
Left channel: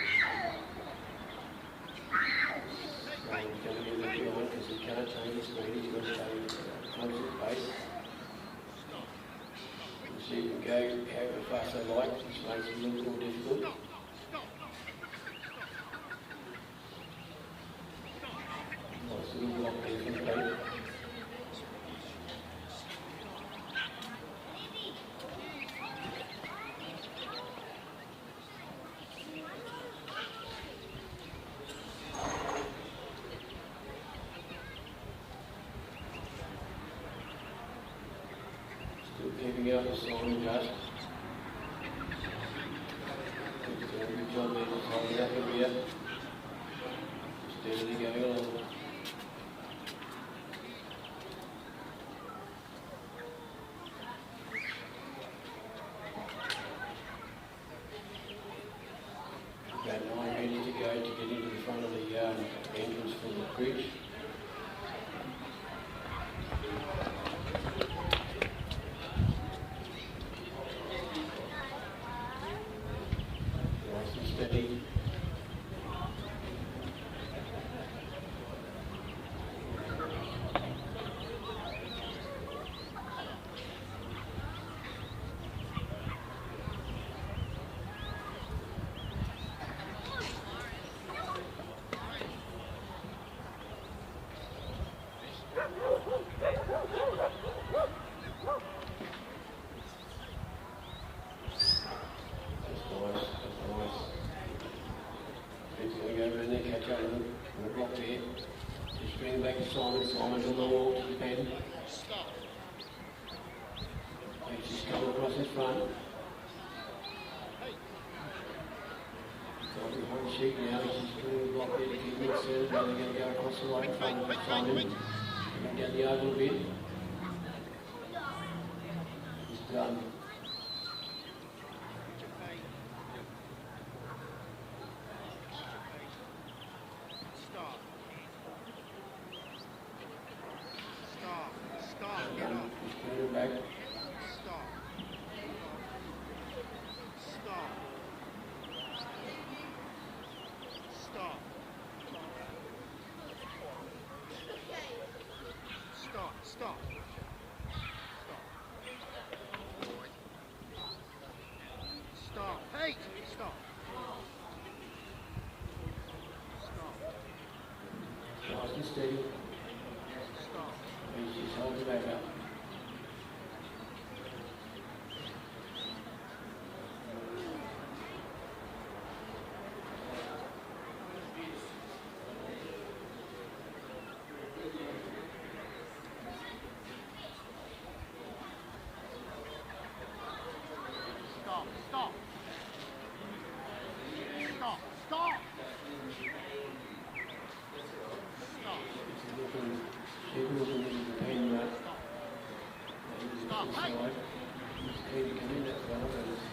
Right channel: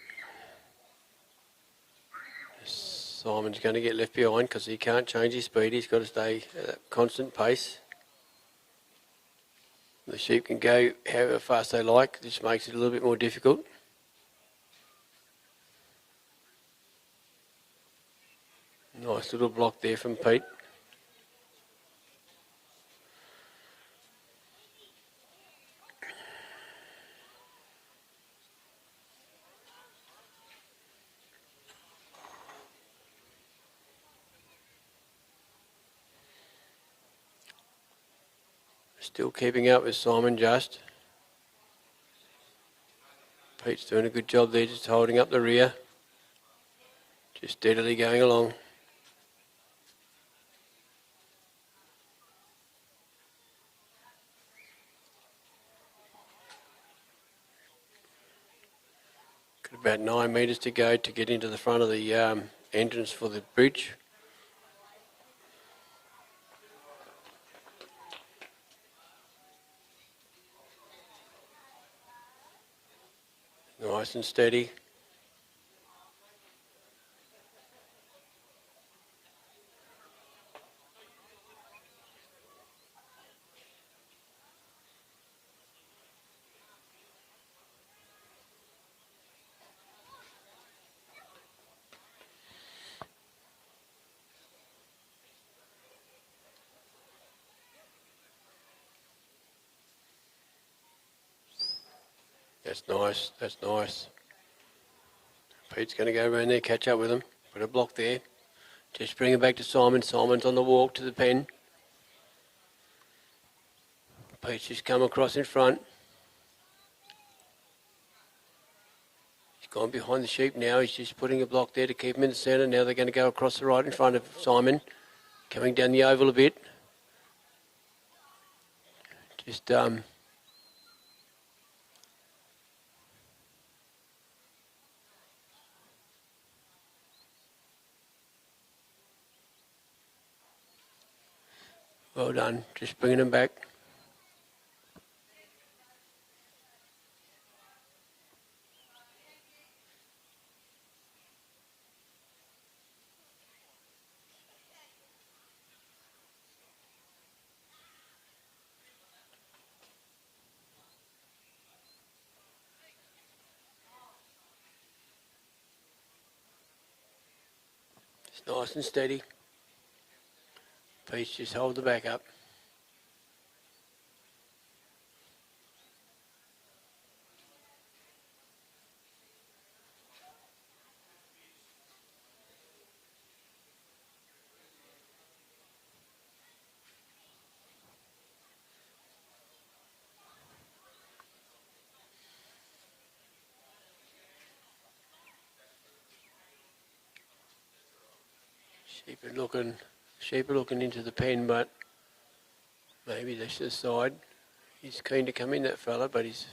Simon's going to get left behind because he can't change his speed. He's got to stay at that constant pace. The sheep can go however fast they like, which makes it a little bit more difficult. Nice little block there from Pete. Still keeping up with Simon just. Pete's doing a good job there, just holding up the rear. Just steadily going along. About 9 metres to go to get into the front of the entrance for the bridge. Nice and steady. That's nice. Pete's going to go around there, catch up with him. Got a block there. Just bring it back to Simon. Simon's on the walk to the pen. Pete's just come across in front. He's gone behind the sheep now. He's just putting a block there to keep him in the centre. Now they're going to go across the right in front of Simon. Coming down the oval a bit. Just well done, just bringing them back. Nice and steady. Please just hold the back up. Sheep looking into the pen, but maybe this is side. He's keen to come in, that fella, but he's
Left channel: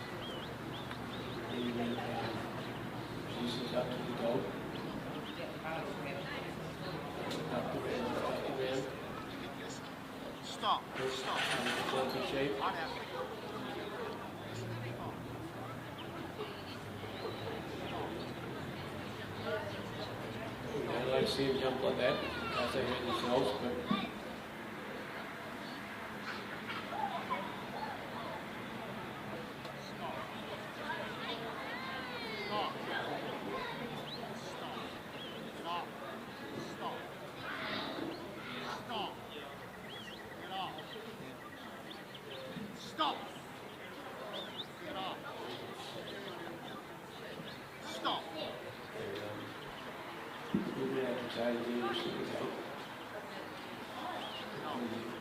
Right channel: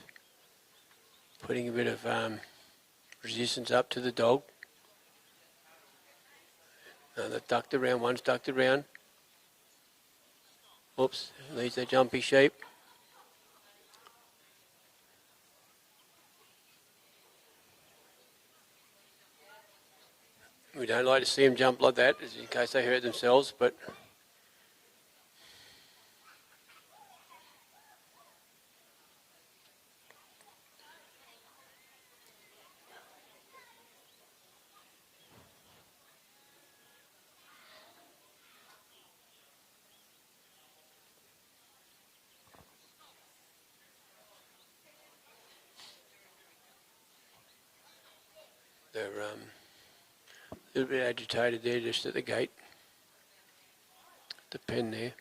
putting a bit of resistance up to the dog. Another ducked around, one's ducked around. Oops, there's a jumpy sheep. We don't like to see them jump like that in case they hurt themselves, but a little bit agitated there just at the gate. The pen there.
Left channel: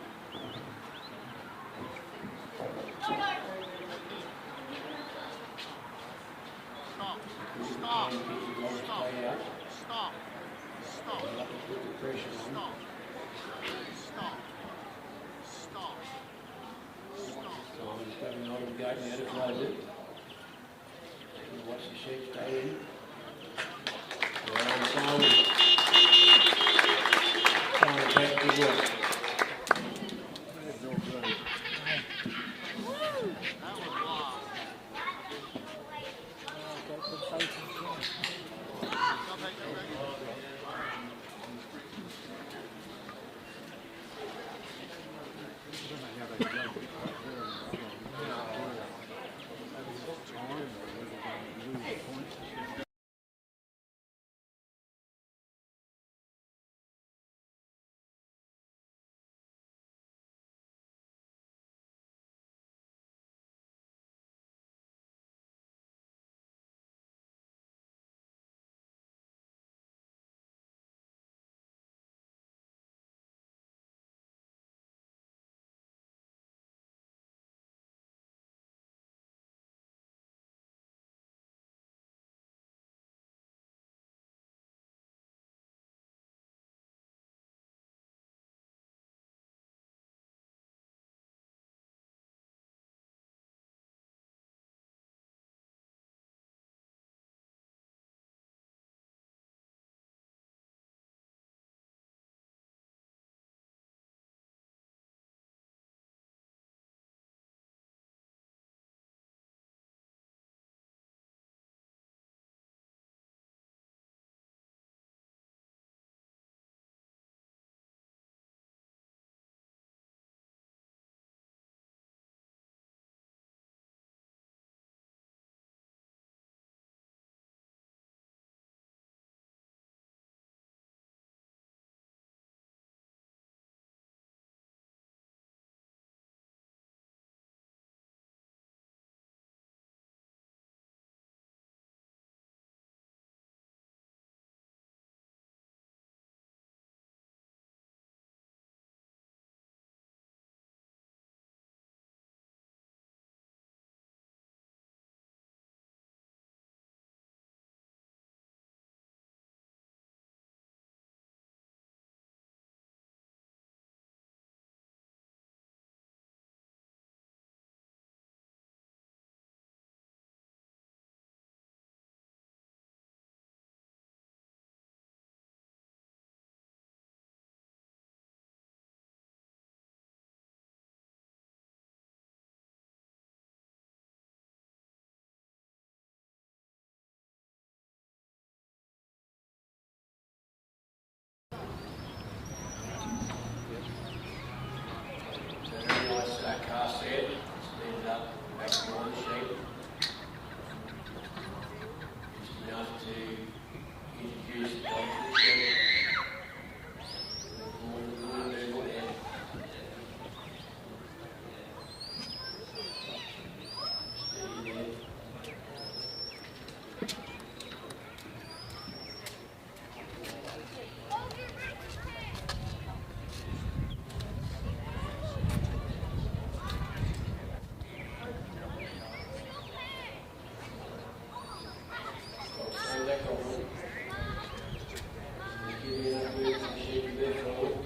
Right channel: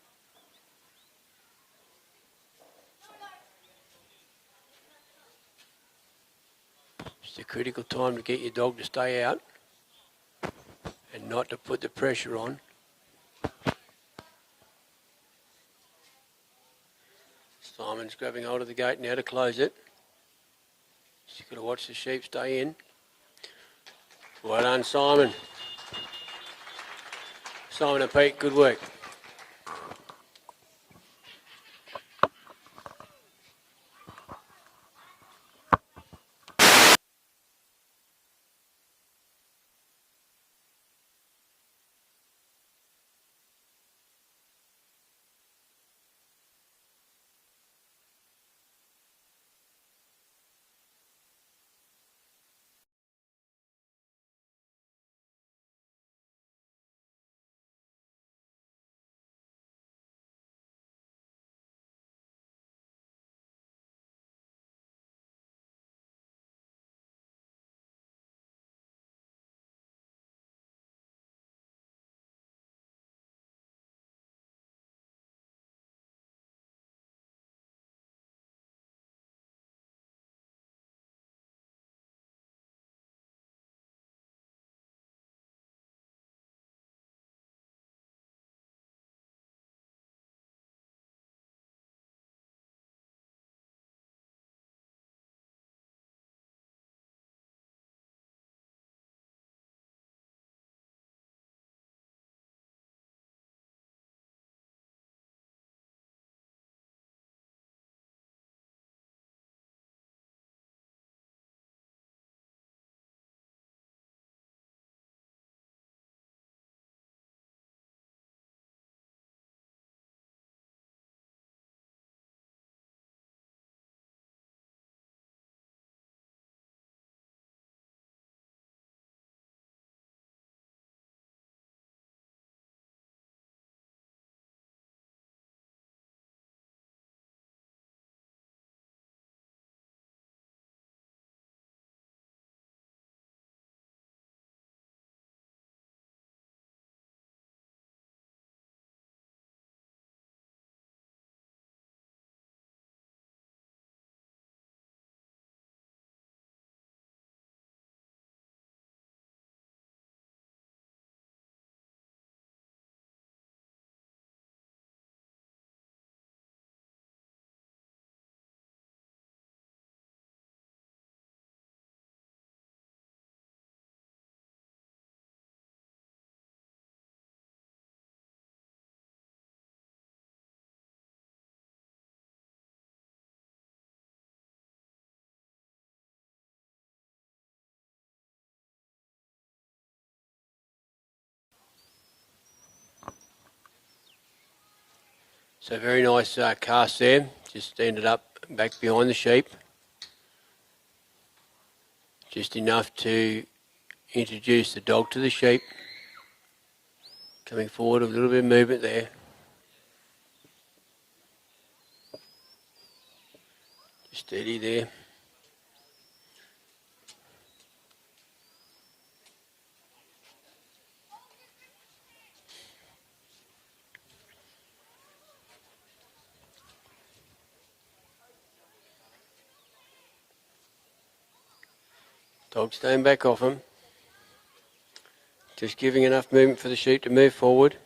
It's a critical time to get your dog to stay out and not to put the pressure on. Simon's grabbing hold of the gate now to close it. Just got to watch the sheep stay in. Well done, Simon. Simon and Pete, good work. So very nice cast there, just ended up back behind the sheep. Just enough to introduce the dog to the sheep. Coming forward, a little bit of movement there. Steady there. Dog staying back off him. Just giving enough movement for the sheep to move forward.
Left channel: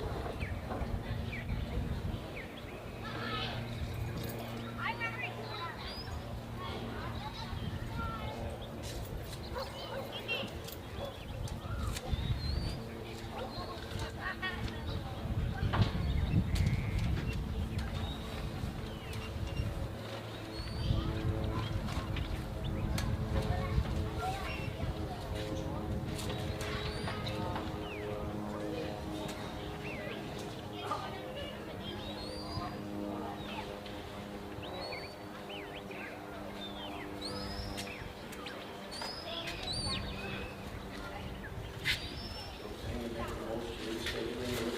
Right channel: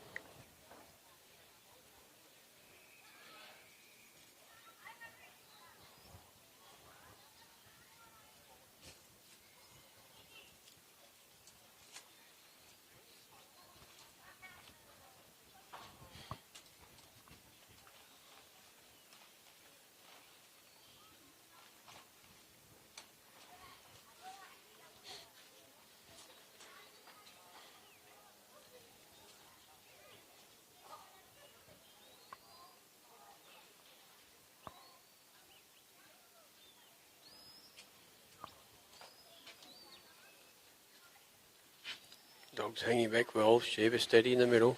Hanging back well, sheep is steady in the middle.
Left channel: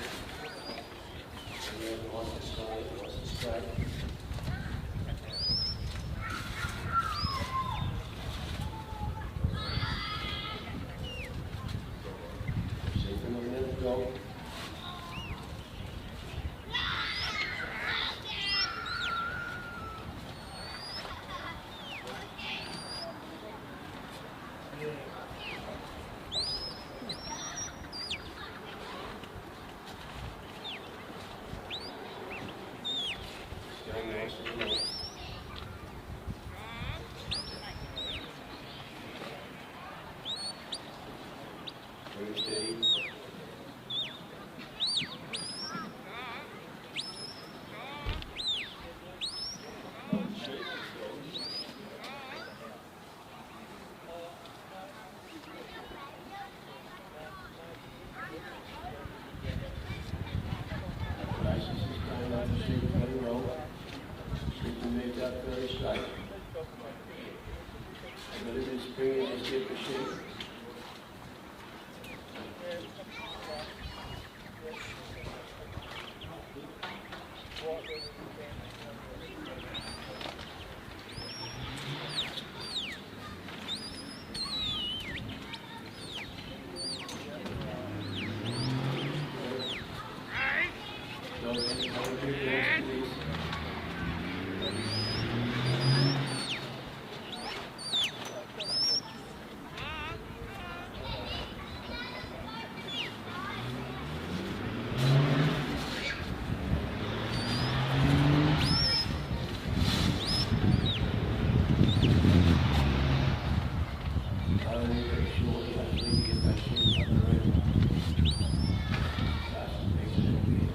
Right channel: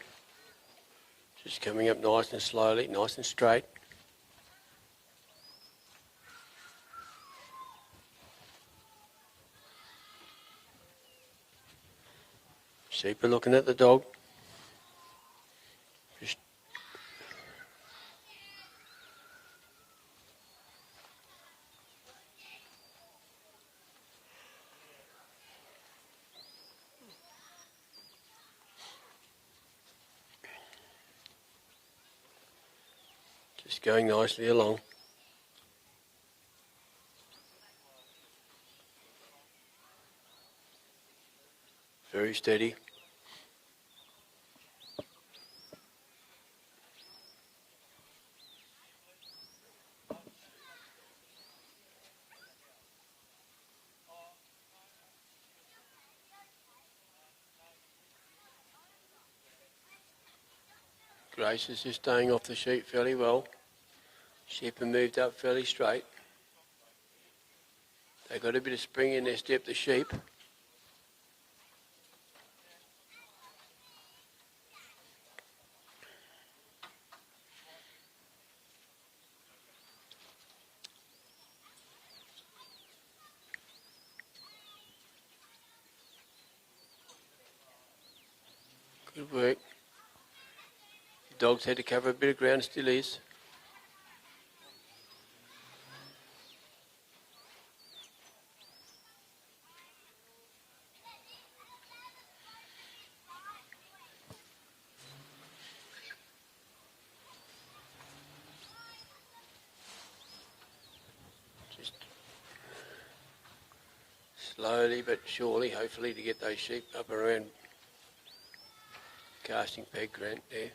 Just coming up nice and slowly, nice and straight. Sheep are looking at the dog. Going nicely along. Very steady. Grace is just staying off the sheep fairly well. Sheep are moved up fairly straight. They've got a bit of spring in their step, the sheep. Work. Dogs had to cover a bit of ground, still is. Slowly but surely, hopefully, to get those sheep up around. Casting back around there.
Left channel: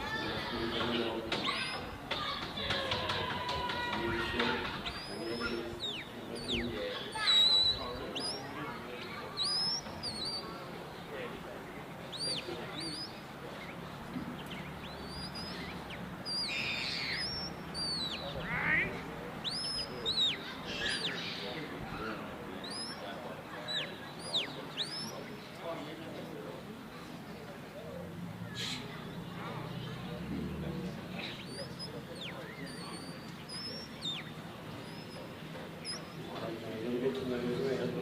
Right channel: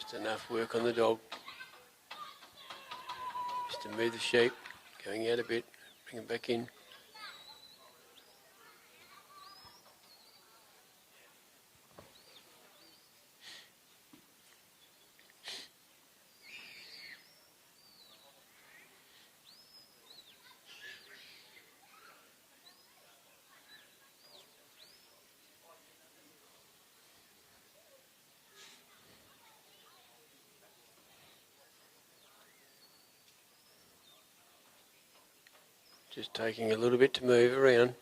Just enough work on the dog. Just to move the sheep, going out a bit, bring it back in. Taking a little bit to move around.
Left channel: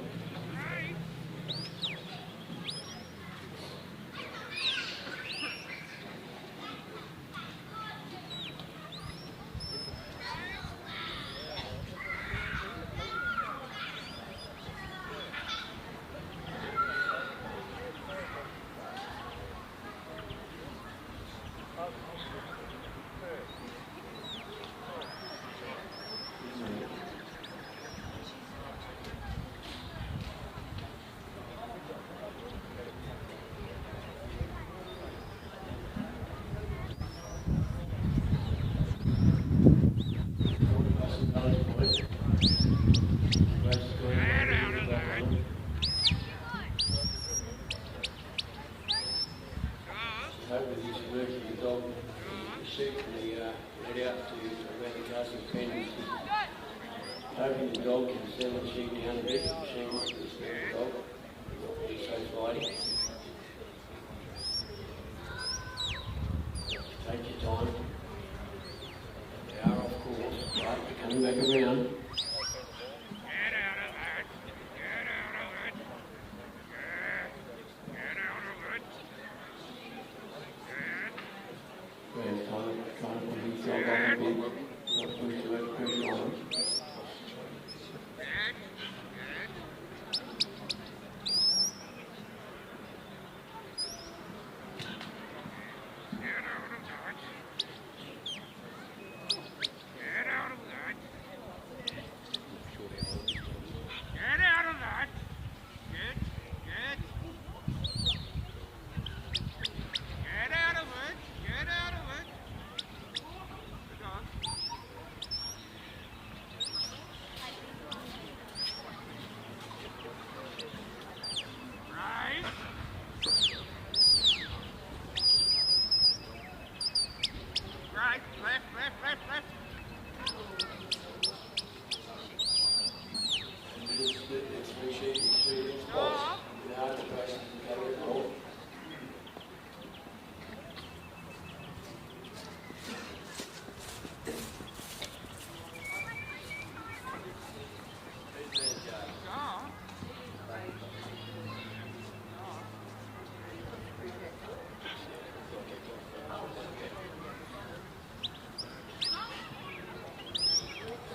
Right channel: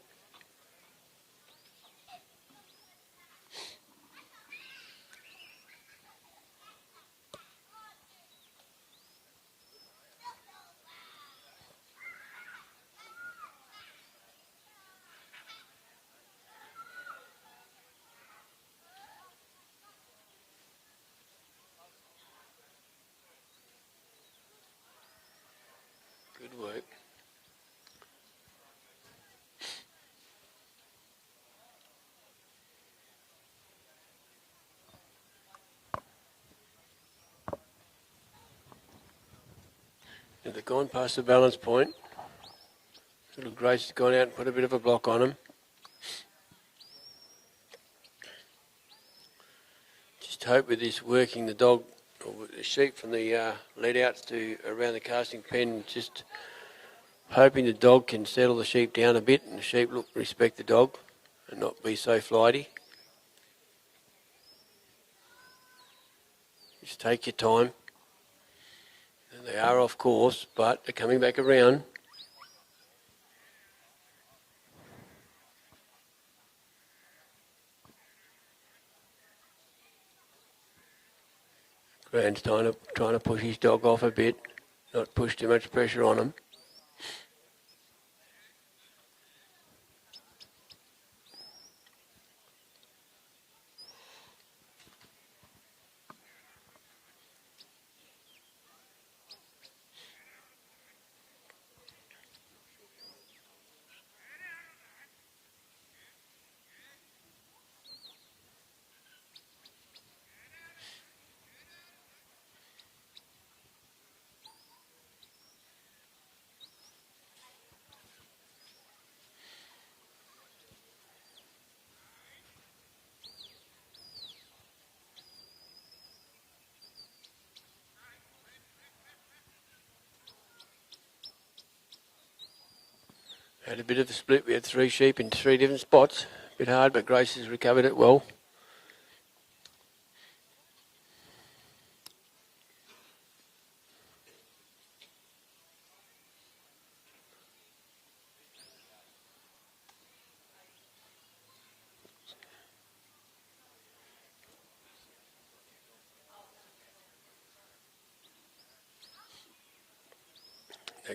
Gone past the balance point. Grace has gone out and put a bit of a block on him. Just hope with this working the dog the sheep from the lead outs to around the casting pen, just hoping the dog can settle the sheep down a bit. The sheep respect the dog and not be so flighty. Just take your time. They are off course, but they're coming back around. Rand's trying to push his dog off a bit, not push too much pressure on him. Had a bit of a split. We had 3 sheep in 3 different spots. A bit hard, but Grace has recovered it well.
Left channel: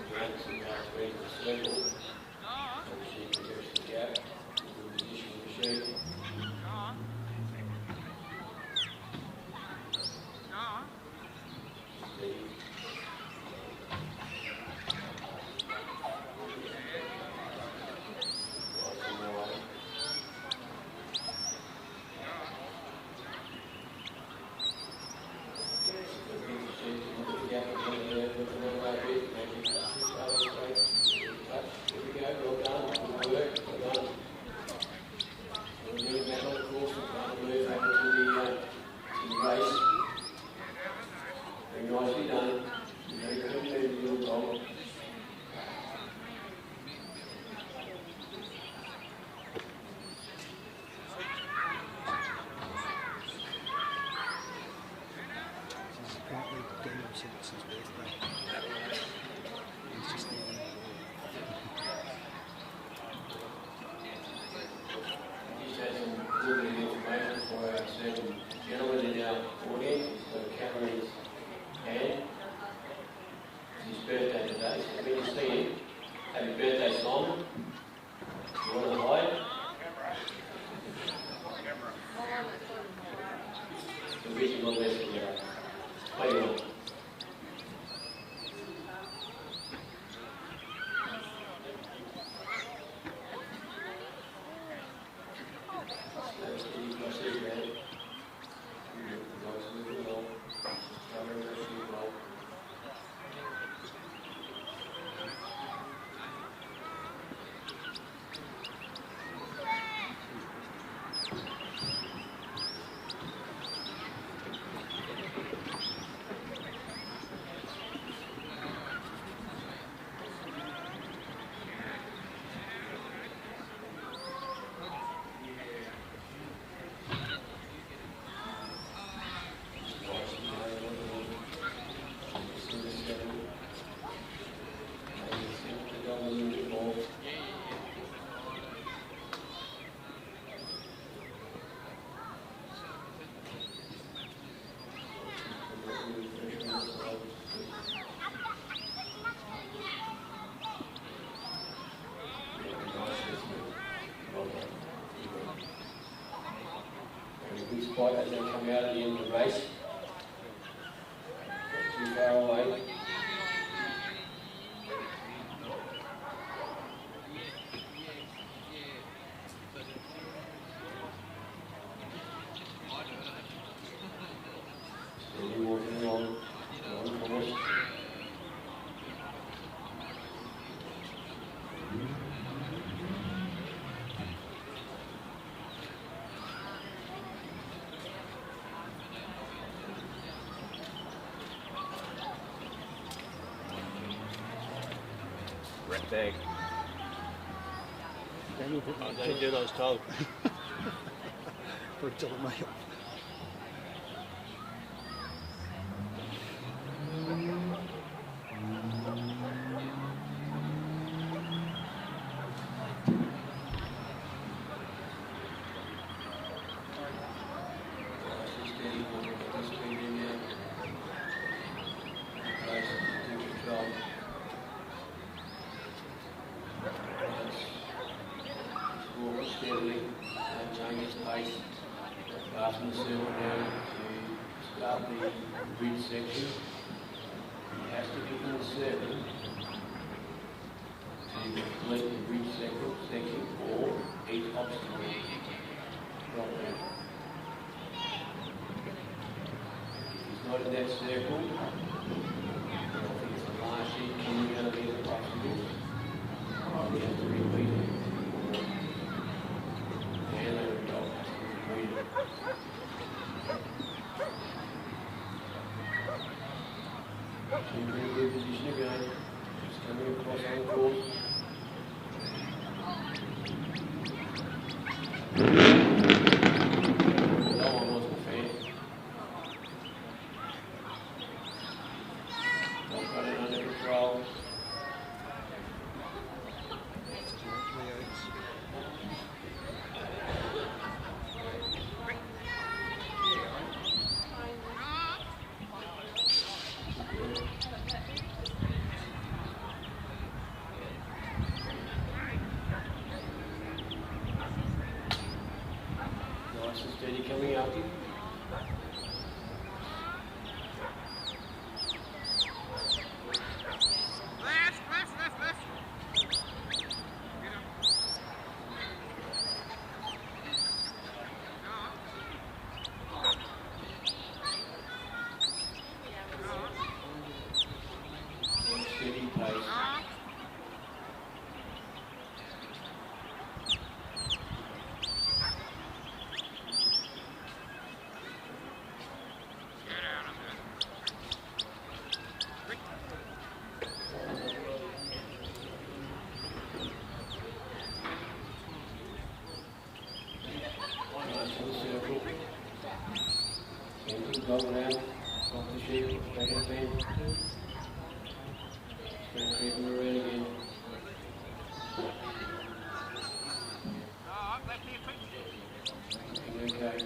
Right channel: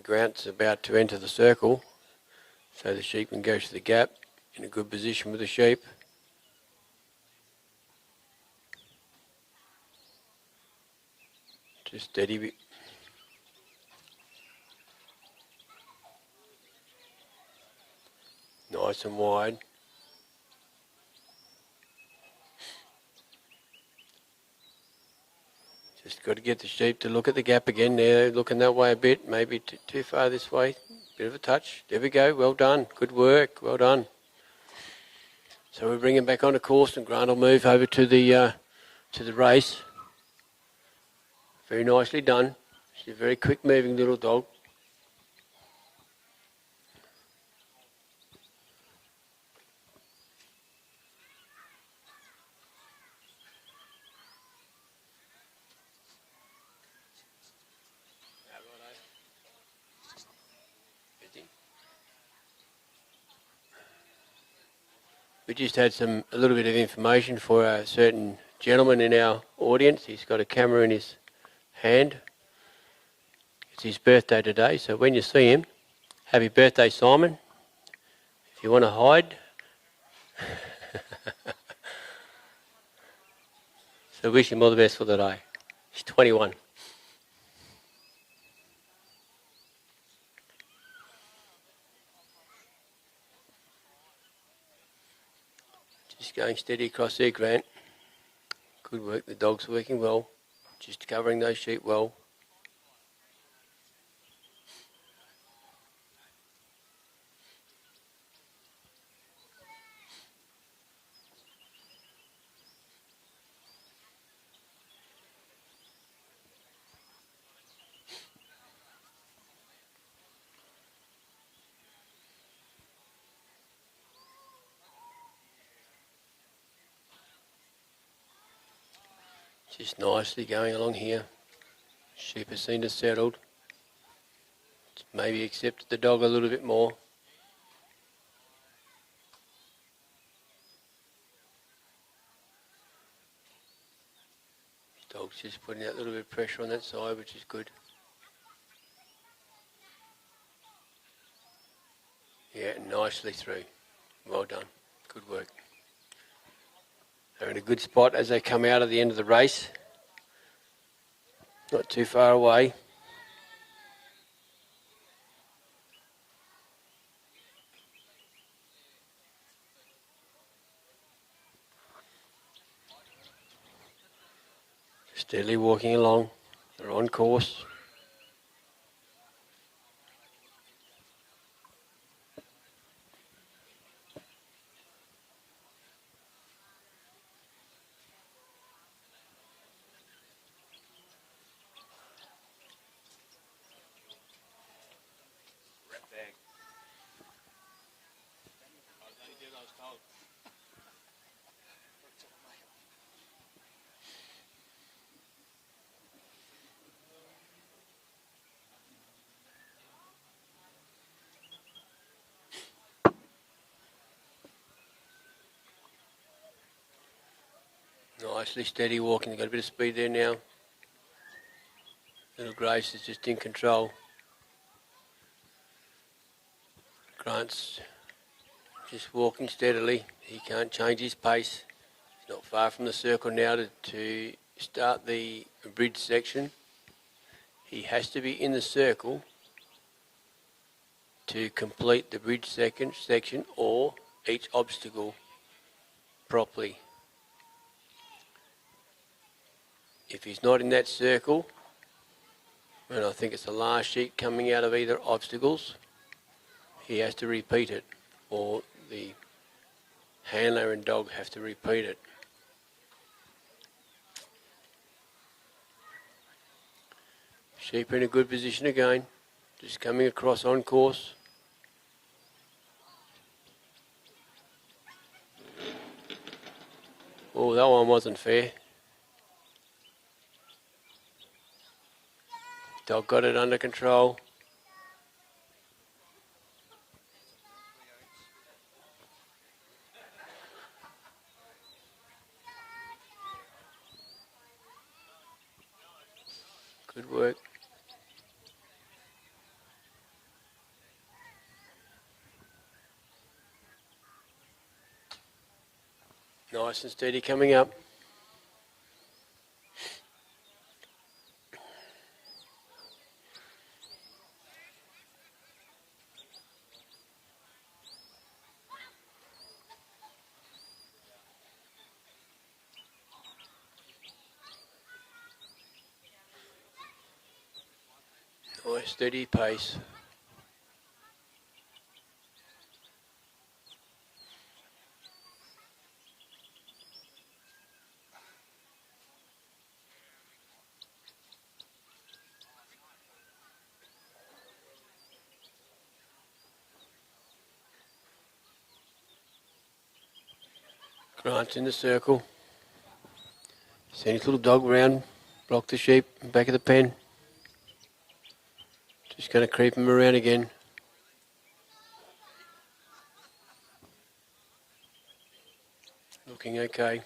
Grant's about to enter the circle, so the sheep can go to the gap in a good position with the sheep. Just steady. Nice and wide. Got to get the sheep to look at the gap again. They're looking that way a bit, maybe too far this way. Bit of a touch. There we go. Well done. Good work. Well done. So we're bringing back on a course, and Grant will move over to the race. Very nicely done. She's a very quick moving little dog. We just had a little bit of information for a certain gentleman in our audience. He's got a camera in his hand. It's his birthday today, so when you see him, happy birthday, Simon. If you want to hide. So wish him all the best for the day. He's 21. Going steady across there, Grant. Good work, the dog's working well. Just covering those sheep well. Nicely going along here. Sheep has seen us settled. Maybe accepted the dog a little bit more. Dog's just putting out a little bit of pressure on that side, which is good. Yeah, nicely through. Well done. Good work. They're in a good spot as they come out at the end of the race. Not too far away. Steadily walking along. They're on course. Tag. Daniel put I don't do what I was told. for a dollar meal. Nicely steady walking, got a bit of speed there now. And Grace is just in control. Grant's just walking steadily. He can't change his pace. Not far from the circle now to start the bridge section. He has to be in the circle to complete the bridge section or each obstacle properly. If he's not in that circle, and I think it's the last sheet coming out of either obstacles, he has to repeat it, or the handler and dog have to repeat it. Sheep in a good position again, just coming across on course. Oh, that one wasn't fair. Dog got it under control. Good work. Nice and steady coming up. Steady pace. Grant's in the circle. Send his little dog round, block the sheep, back of the pen. He's going to creep him around again. Looking okay.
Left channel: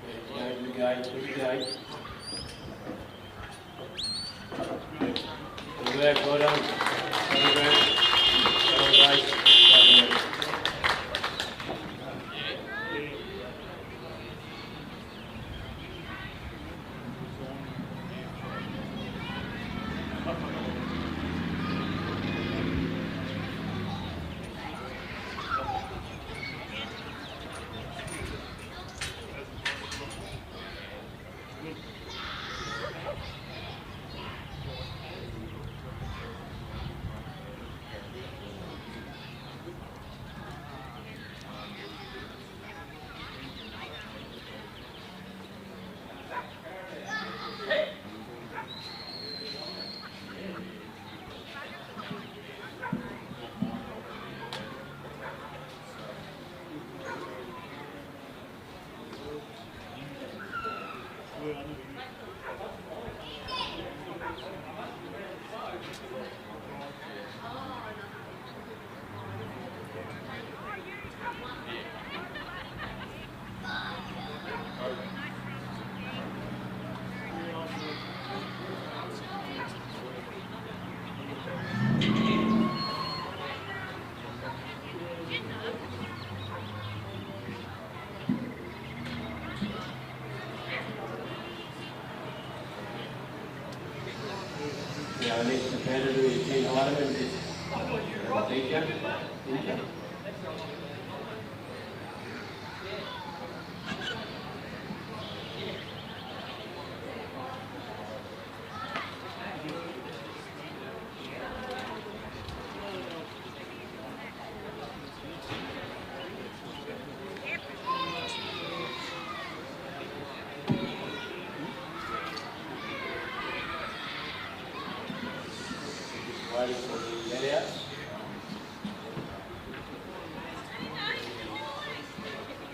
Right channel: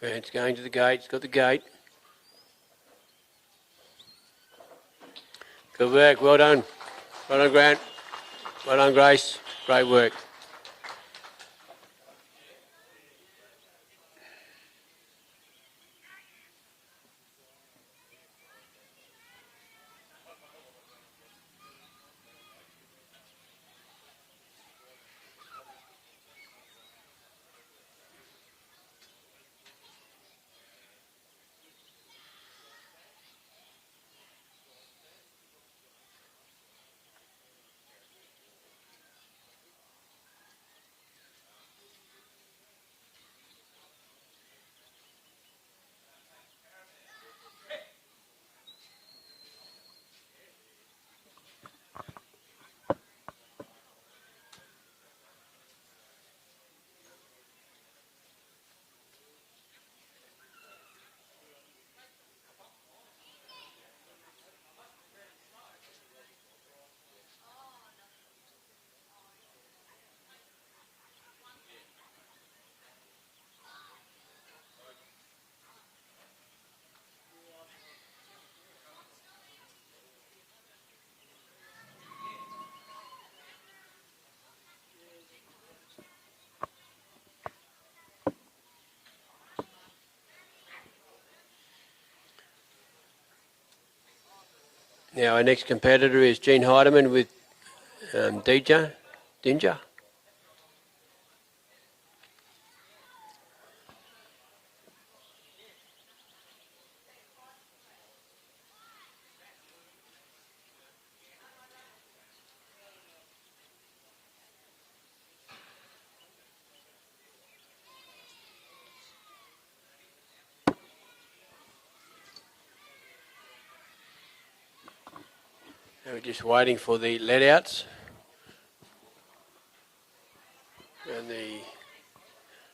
Grant's going to the gate, he's got the gate. Good work, well done. Well done, Grant. Well done, Grace. Great work. Now our next competitor is Gene Heidemann with Dinja. waiting for the let-outs. And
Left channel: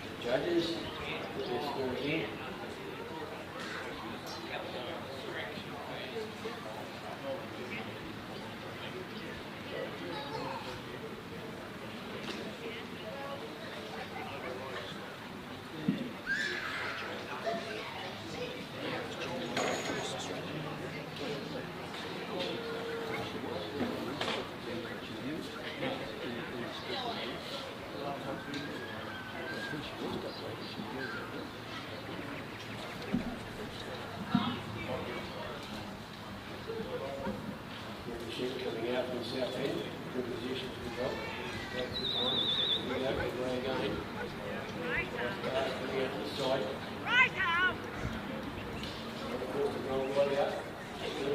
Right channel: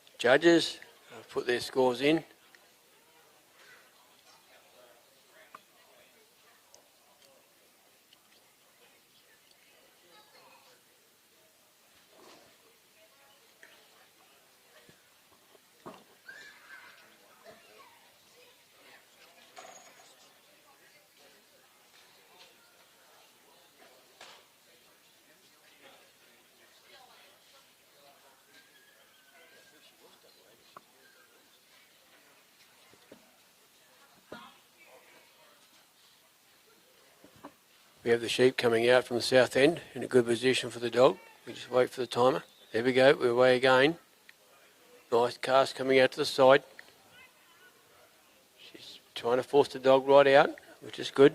the judges put their scores in. We have the sheep coming out from the south end in a good position for the dog. Just wait for the timer. There we go, we're away again. Nice cast coming out to the side. Trying to force the dog right out, which is good.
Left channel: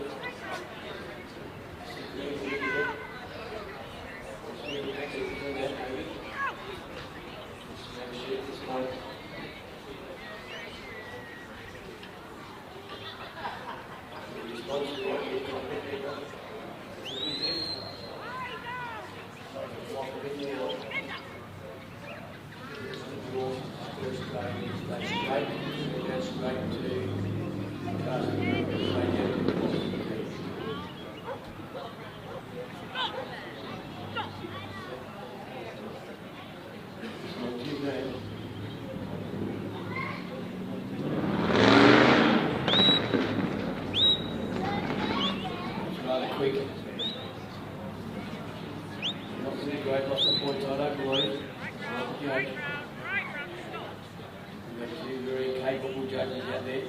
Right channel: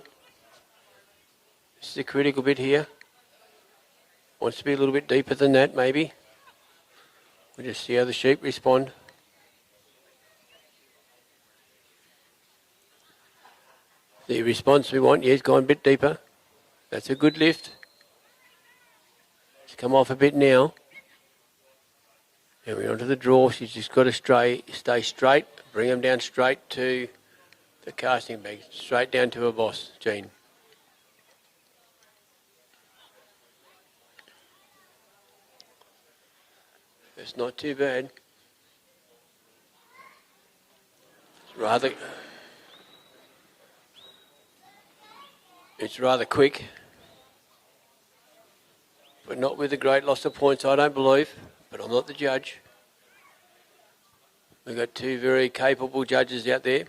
This is the critical bit here. Wants to be a little bit deeper than that, maybe. We'll just see how the sheep respond. The response we want, yeah, he's gone a bit deeper. That's a good lift. He's come off a bit now. And we're onto the draw. She's just got to stay straight, bring him down straight to the casting pen, straight down to her boss, Jean. It's not too bad. It's rather quick. But not with a great loss of points, I don't believe. But I'm not the judge. We've got two very capable judges out there.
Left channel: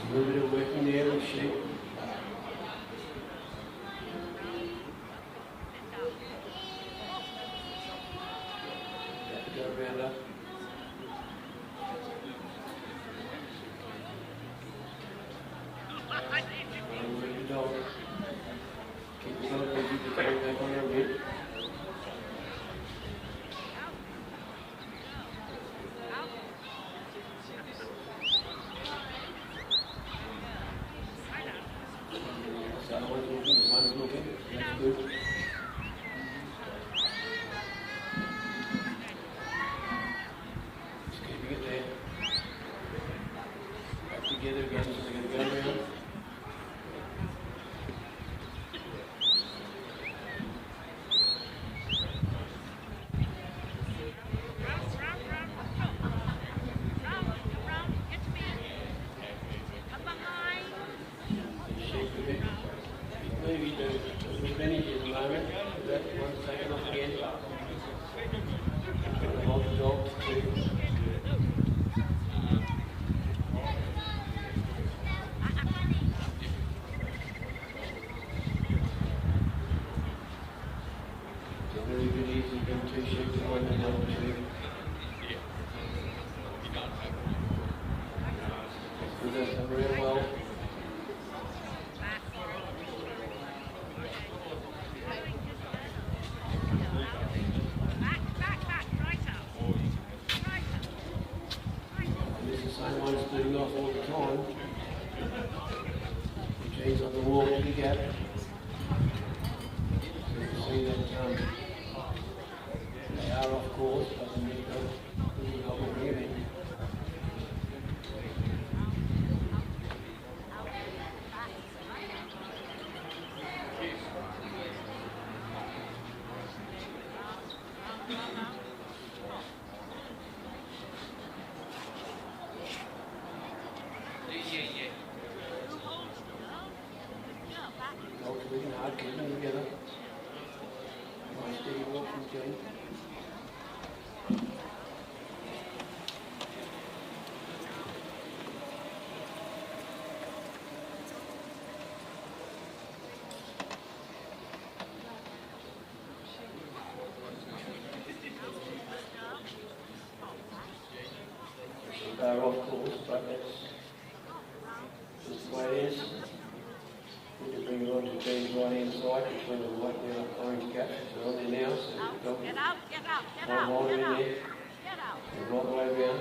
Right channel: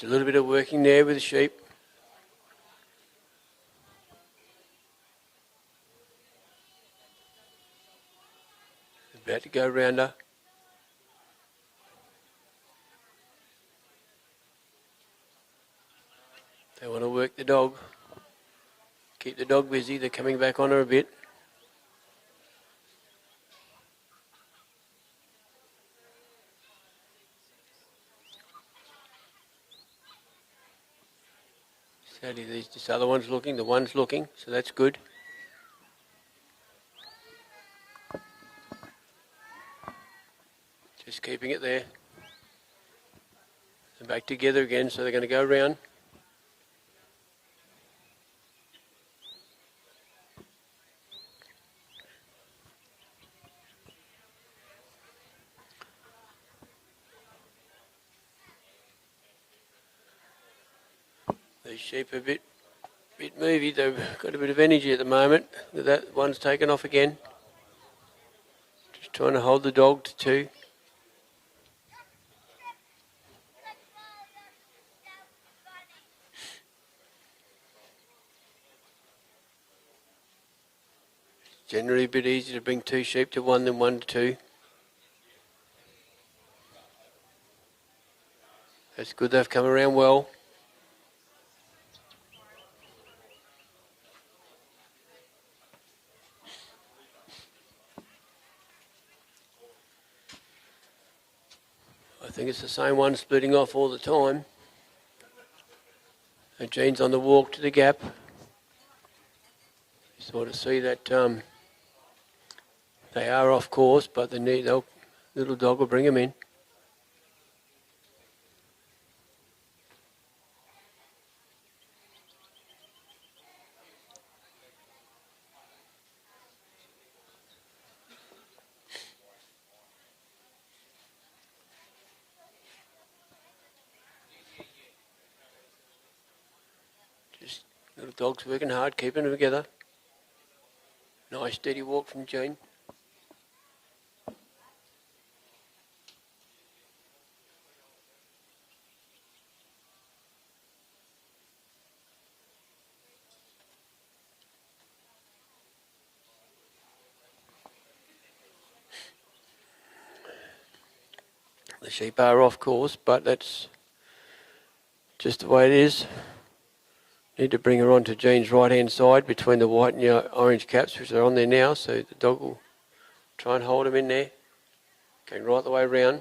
A little bit of working there with the sheep. About to go round her. They want to work the dog. Keep the dog busy. They're coming back on her a bit. The other one's looking, the one's looking, so that's good. Just keeping it there. Back together again, so they're going to go round. The sheep a bit movie, they've got a bit of energy at the moment. That one's taken off again. Just trying to hold the dog to two. Generally a bit easier to bring two sheep to one than one to two. That's good, they've come around well. It's the same one splitting off all the time. And Jean's on the walk to the gap. Sort of see that they are off course, but the little dog will bring them in. Dogs working hard, keeping them together. Nice steady walk from Jean. Sheep are off course, but that's just the way it is. Need to bring her onto Jean's right-hand side between the white and the orange caps, which are on there now, so the dog will try and hold him in there. Going right the way round.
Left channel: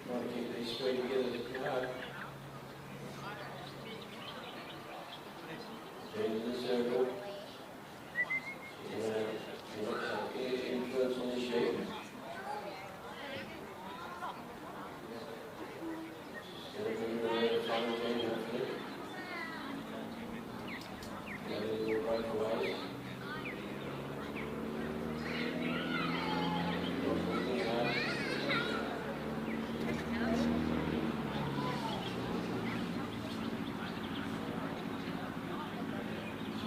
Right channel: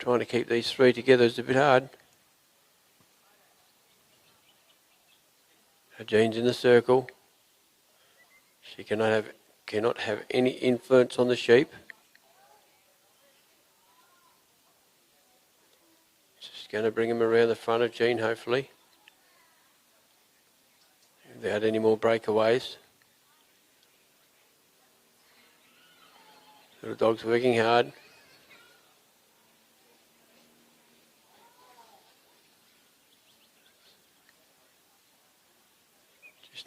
Trying to keep these three together is a bit hard. Jean's in the circle. She cannot have any influence on the sheep. She's going to bring him around the front of Jean, hopefully, without any more breakaways. The dog's working hard.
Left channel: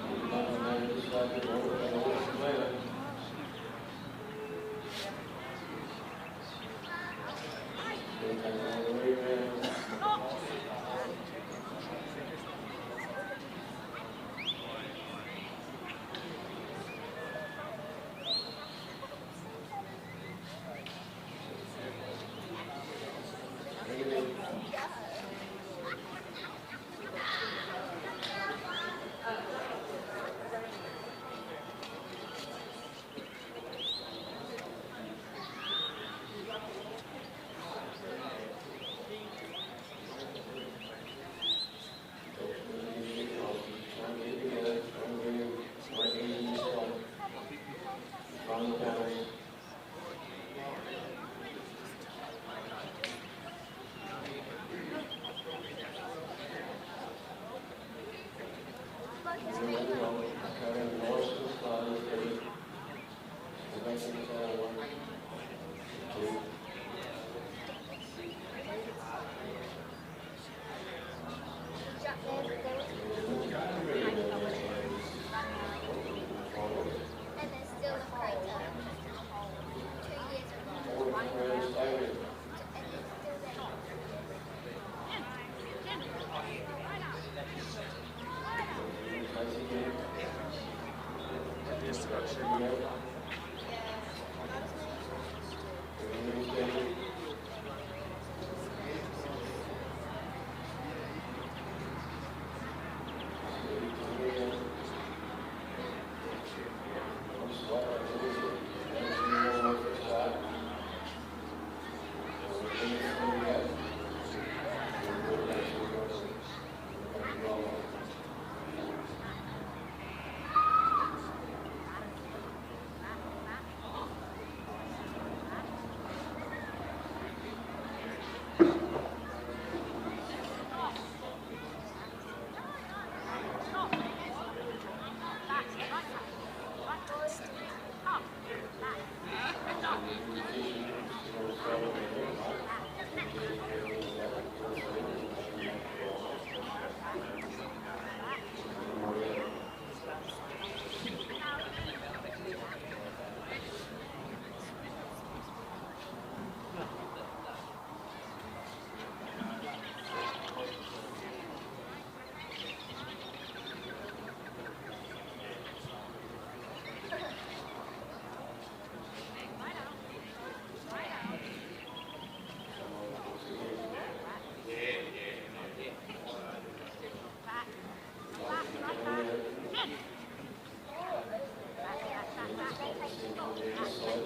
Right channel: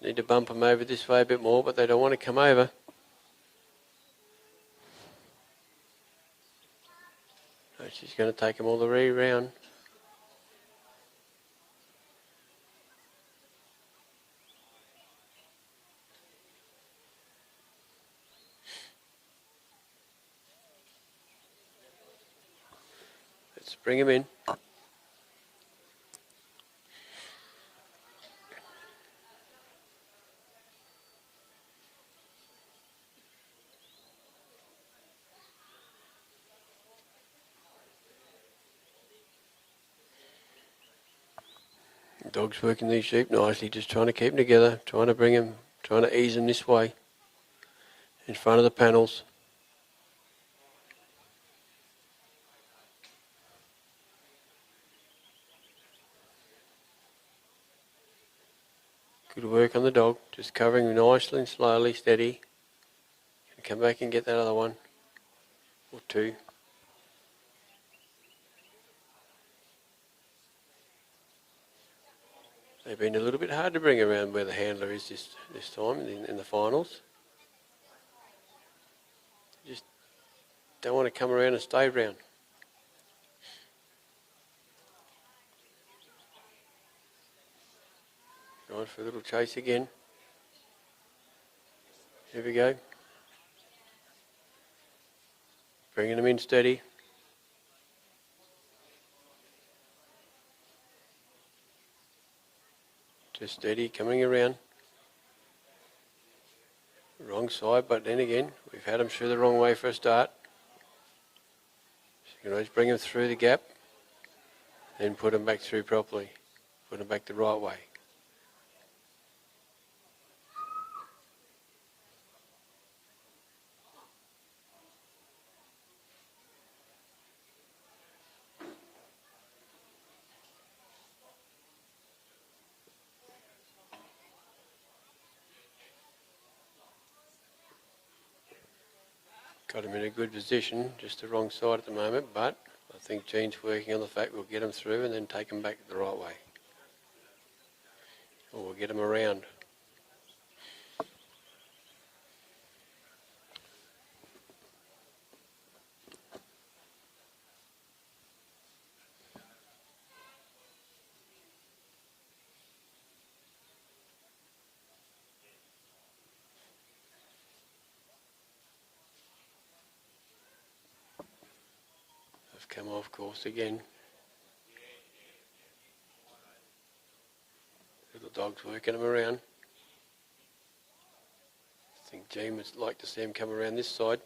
Need to bump them over this way a bit more, but they don't want to come over. She's going to take them all the way round. Let's bring him in. Dog's working these sheep nicely, just trying to keep them together, trying to bring them, trying to ease them this way, in front of the panels. Good work on the dog, just covering nicely and slowly, steady. Come back and get that other one. Two. They've been a little bit hard to bring around where the handler is this time in the finals. Just don't want to come around and stay around. Right for a little chase again. Here we go. Bringing them in steady. Steady, coming around. Wrong side, but then again, you've had them through the wrong way for a start. Anyways, bring them through the gap, then put them back through properly. Put them back the right way. Position, just the wrong side at the moment, but I think Jean's working on the fact we'll get them through and then take them back the right way. We'll get them around. Again. The dog's working them around. Jean would like to see him come around this side.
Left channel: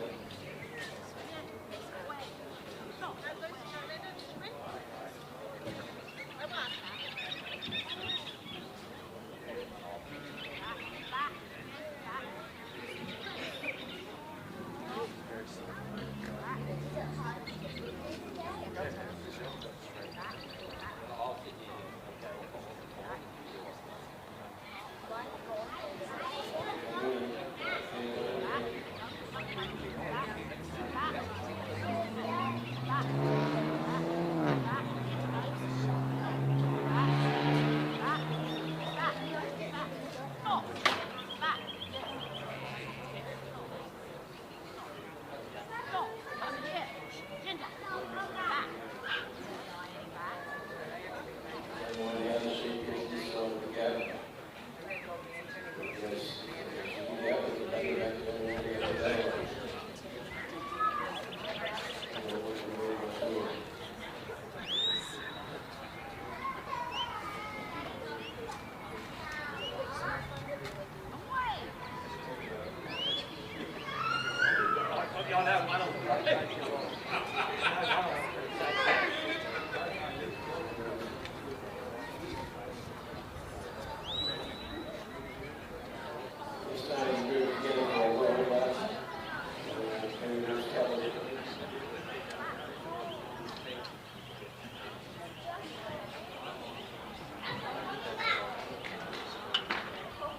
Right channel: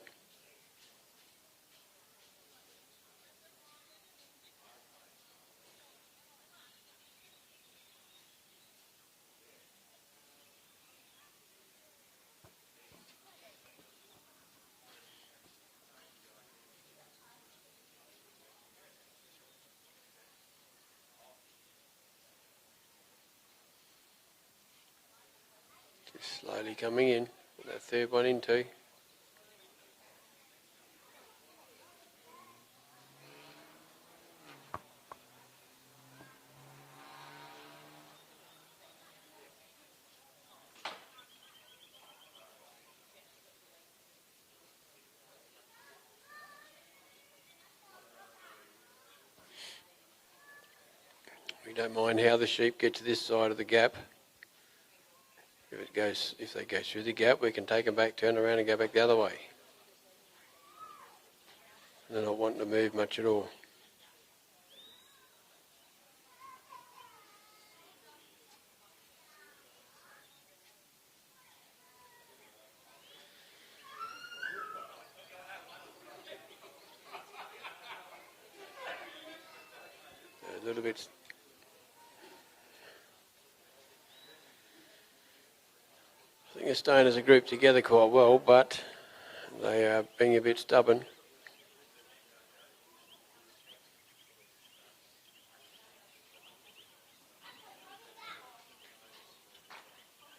Coming in, third one into. You don't mind how the sheep get to this side of the gap. if they go through the gap, we can take them back, turn around and go back the other way. They're not wanting to move much at all. They're staying as a group together quite well, but they are being a bit stubborn.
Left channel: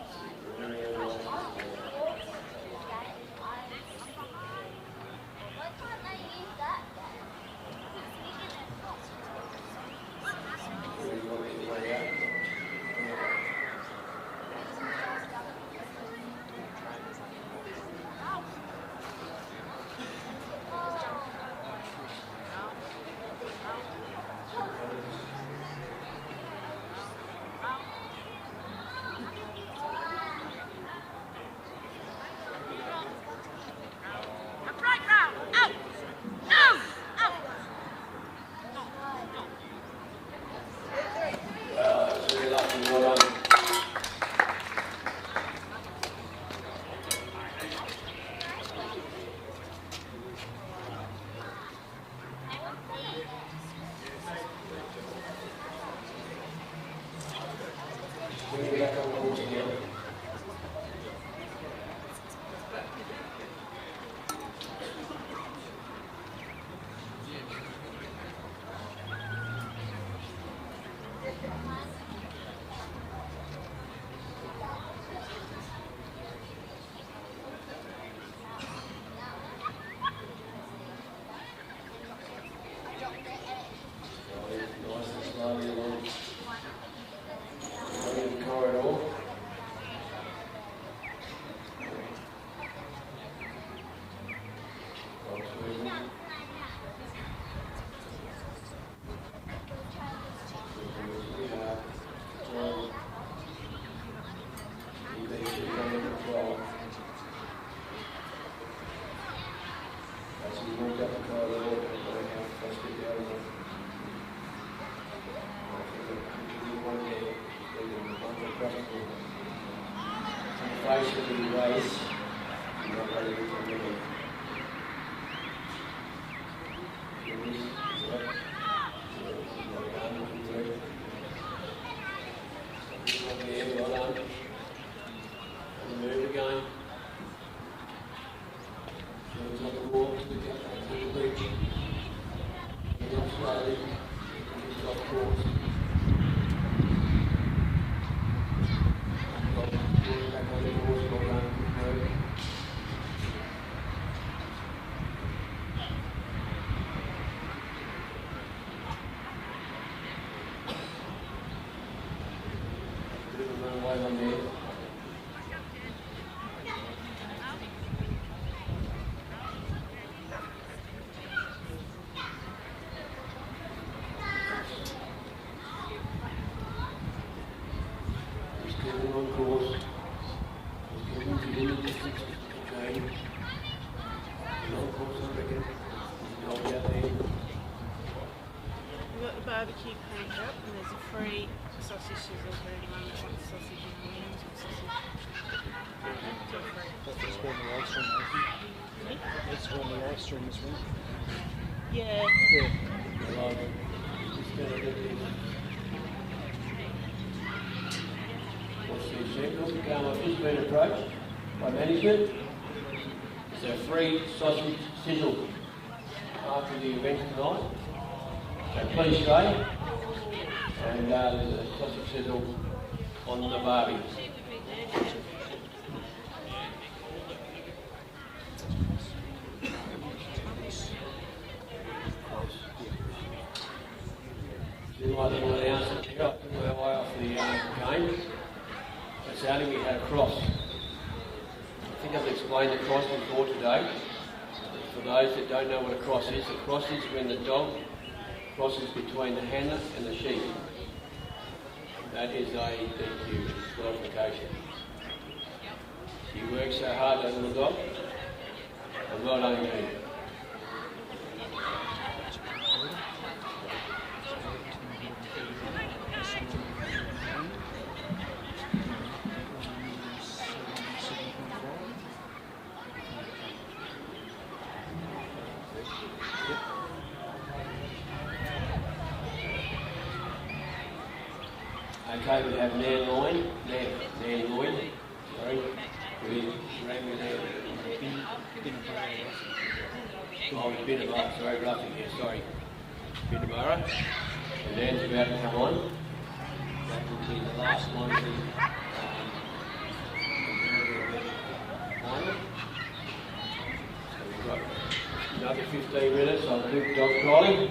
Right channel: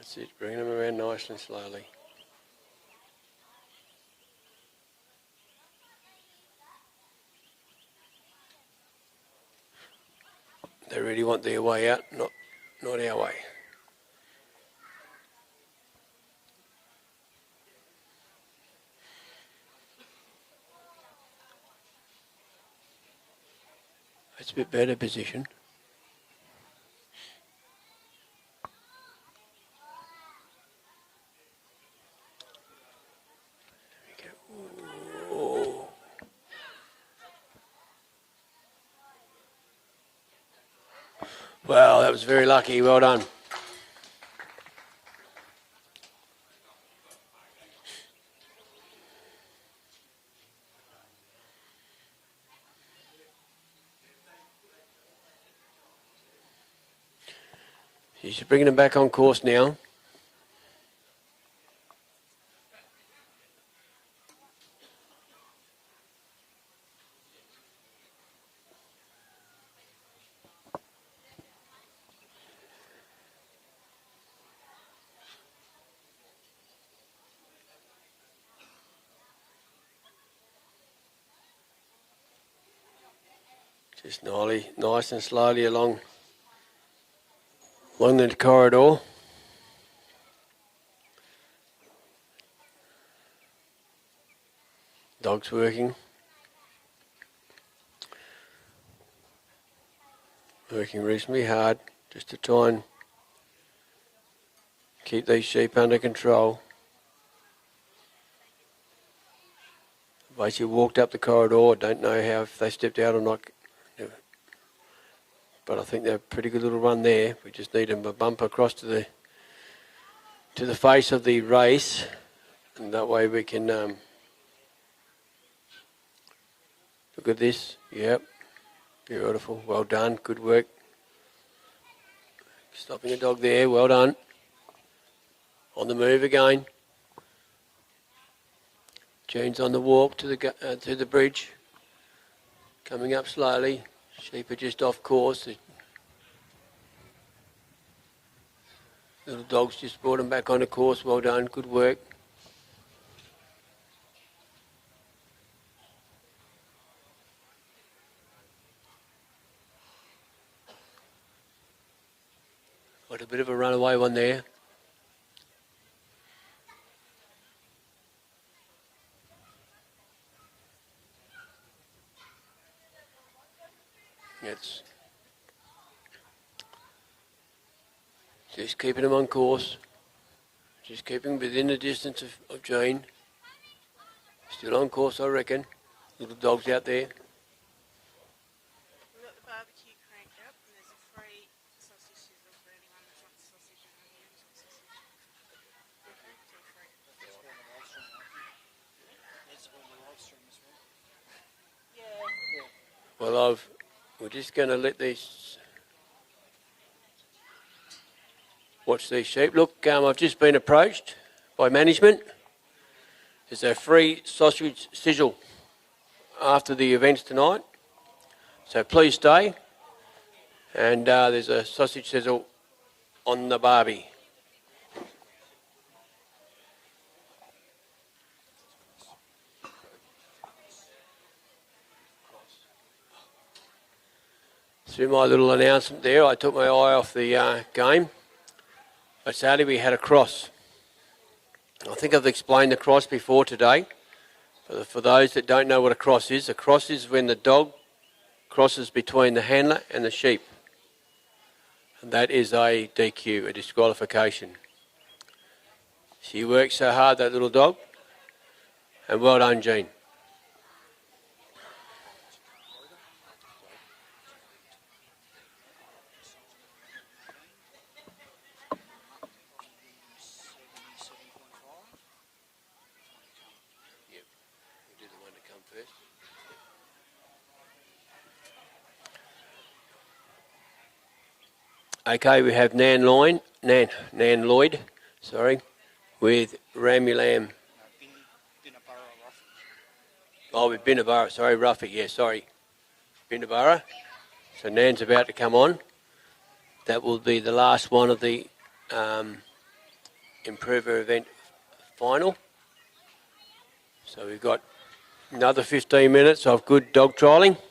See, bringing them around nice and slowly. They really want their way out, not our way. It's a bit better position. Well, that was very lucky. Well done. He's bringing them back on course now. Nice and slowly along the corridor. Dog's working. Working reasonably hard just to try and keep these sheep under control. Basically walked up the corridor, don't know how if they stepped out or not. But I think they're a pretty good little run there. We just need them to bump across to the face of the race, and that way we can look at this. Yep, beautiful. Well done. Good work. Stopping the dog there. Well done. On the move again. Jane's on the walk to the bridge. Coming up slowly. Sheep are just off course. The dogs just brought them back onto course. Well done, good work. Got a bit of a runaway one there. Just keeping them on course. Just keeping them within the distance of Jane. Still on course, I reckon. With the dogs out there. We've got the barbecue cranked up and there's a free sausage sizzle for anyone that wants sausage and wings or sausage. That's one of the ice cream, That's one of the ice cream this one. Yeah. Well, we're just going to let these... Watch these sheep. Look, I've just been approached by management. There's a free sausage sizzle after the events tonight. So please stay. And there's a sausage sizzle on the barbie. Through my little announcement there, I took my eye off the game. But sadly we had a cross. I think I've explained the cross before today. For those that don't know what a cross is when the dog crosses between the handler and the sheep. That is a DQ, a disqualification. She works so hard, that little dog. And well done, Jean. Okay, we have Nan Lloyd, sorry, with Rammy Lamb. Oh, with Binabara, sorry, Ruffy, yeah, sorry. Binabara. So Nan's about to come on. That will be the last one of the Improver event final. So we've got another 15 minutes of good dog trialling.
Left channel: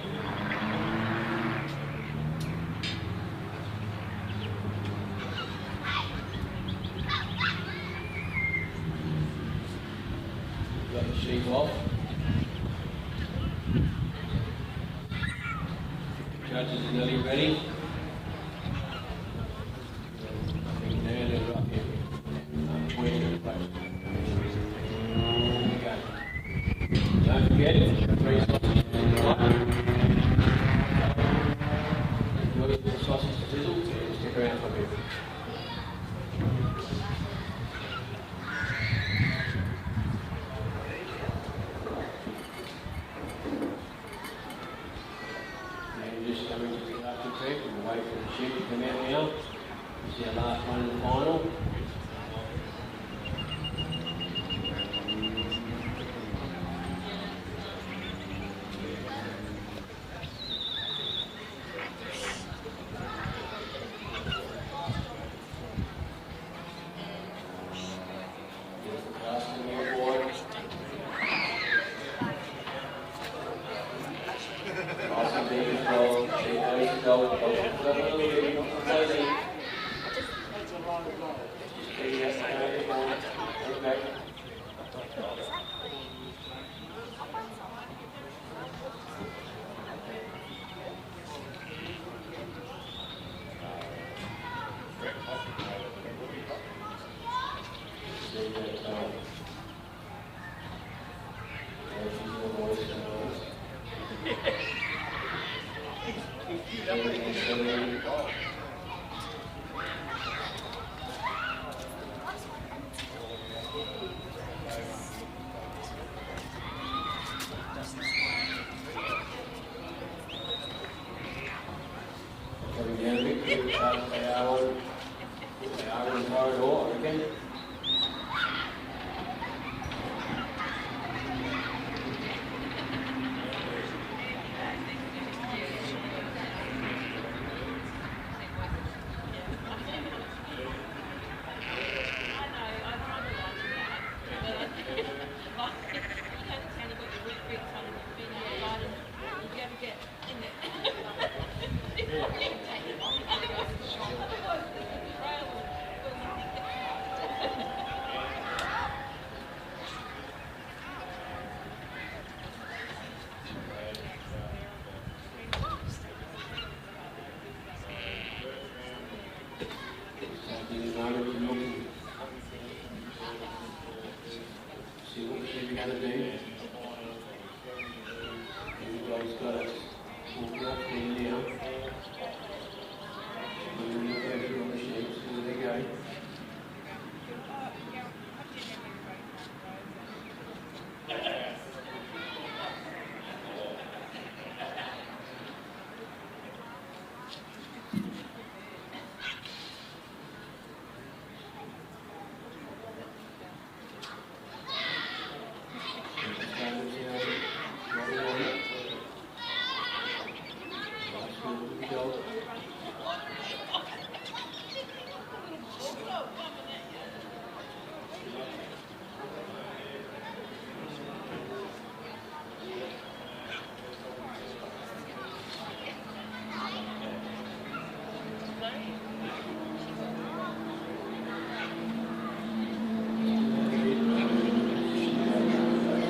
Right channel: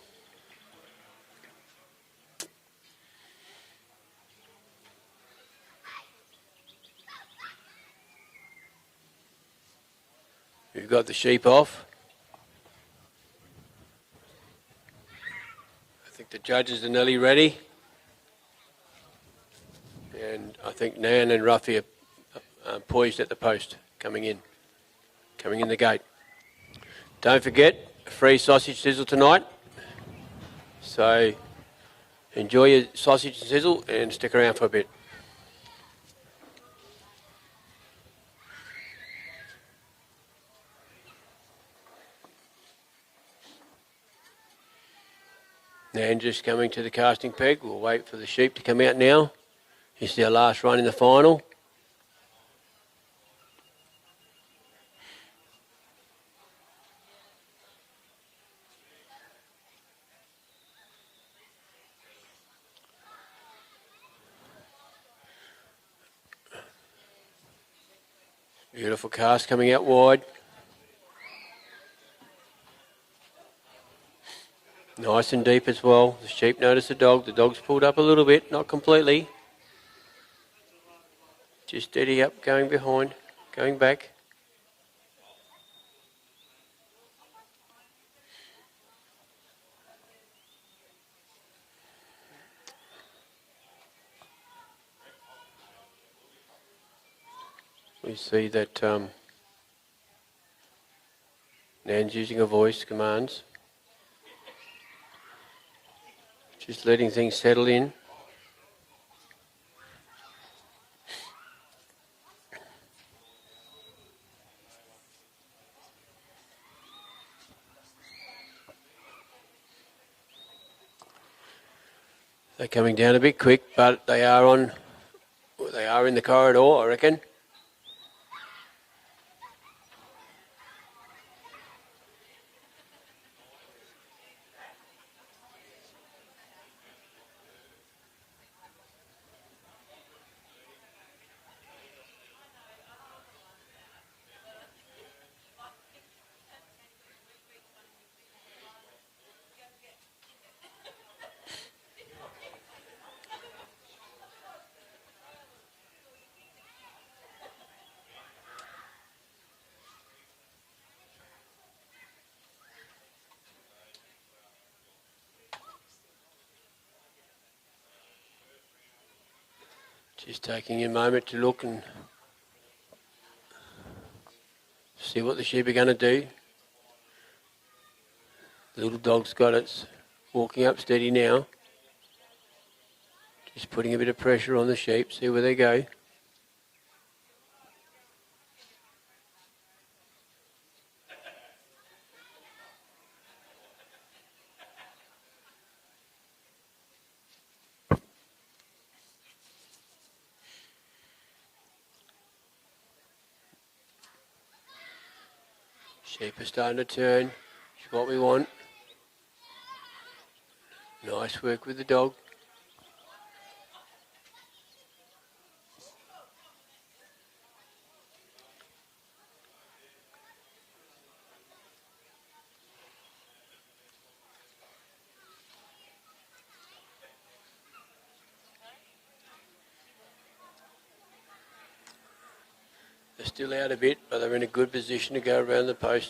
We've got the sheep off. I think the judges are nearly ready. And I think Nan and Ruffy are poised at the post, coming in the gate. Don't forget, free sausage sizzle tonight. So enjoy your sausage sizzle and stick around for a bit. Nan just coming to the casting peg. We'll wait for the sheep to come out now. This is our last run in the final. Beautiful cast coming out wide. Nice and deep as well. The sheep notice the dog. The dog's pulled up a little bit, not completely. Just steady up, going behind, going back. You see that Nan's using her voice commands. Just letting things settle in. They're coming down a bit quick, but they are in the corridor, I reckon. Taking a moment to look and see what the sheep are going to do. The little dog's got it, walking up steady now. Just putting a bit of pressure on the sheep, see where they go. Starting to turn, what we want. Nice work with the dog. They're still out a bit, but they're in a good position to go around the post.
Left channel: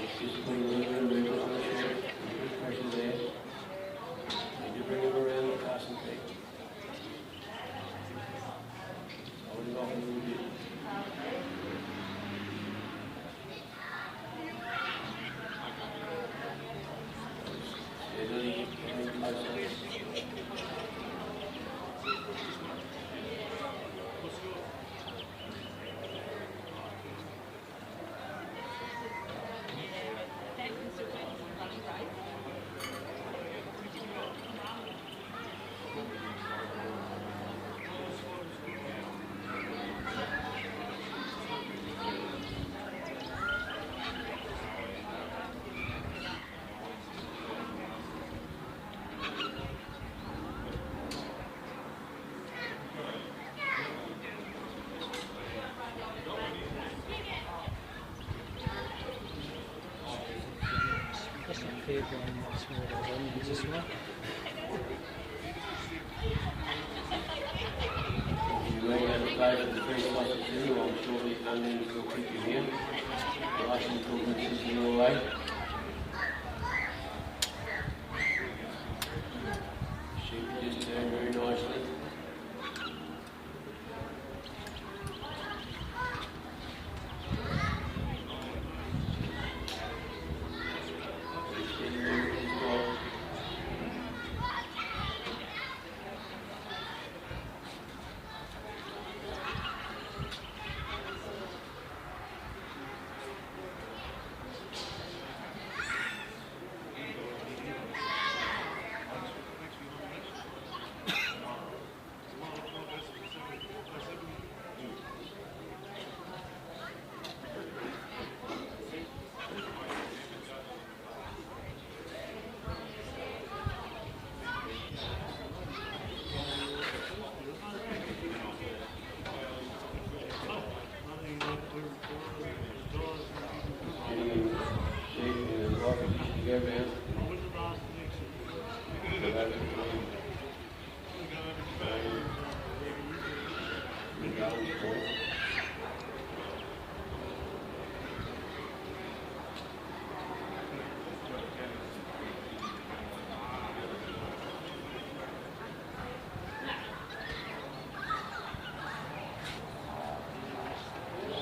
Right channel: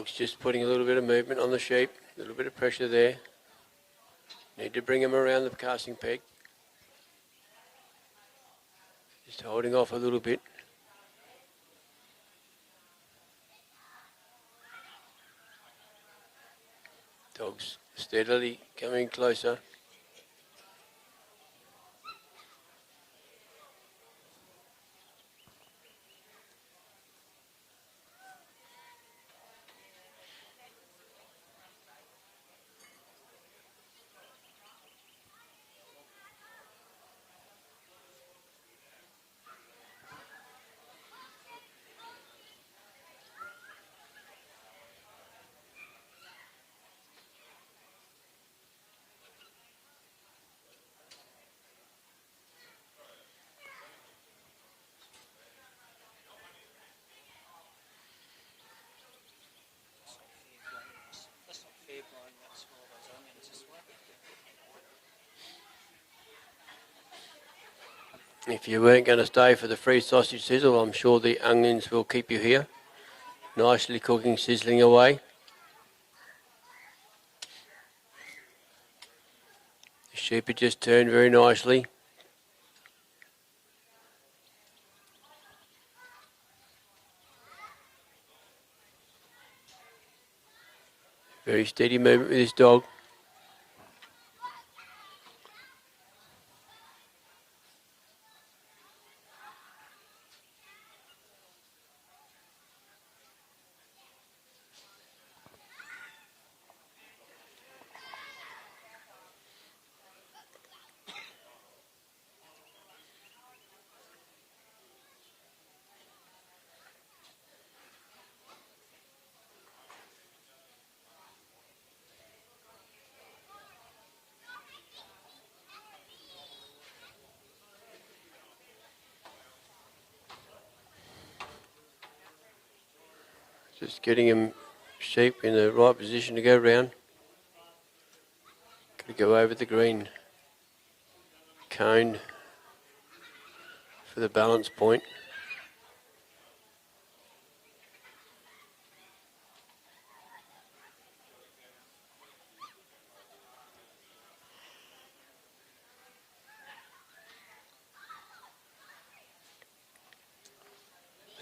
Dog's just putting a little bit of movement on the sheep, a little bit of pressure there. Need to bring him around the casting peg. Just holding off a little bit. Dog's steadily coming closer. If you weren't going to stay for the free sausage sizzle, I'm sure the onions will keep you here. Nicely cooking, sizzling away. Sheep had just turned very nicely. Very steady movement with this dog. Getting him sheep in the right position to go round. Go over the green cone for the balance point.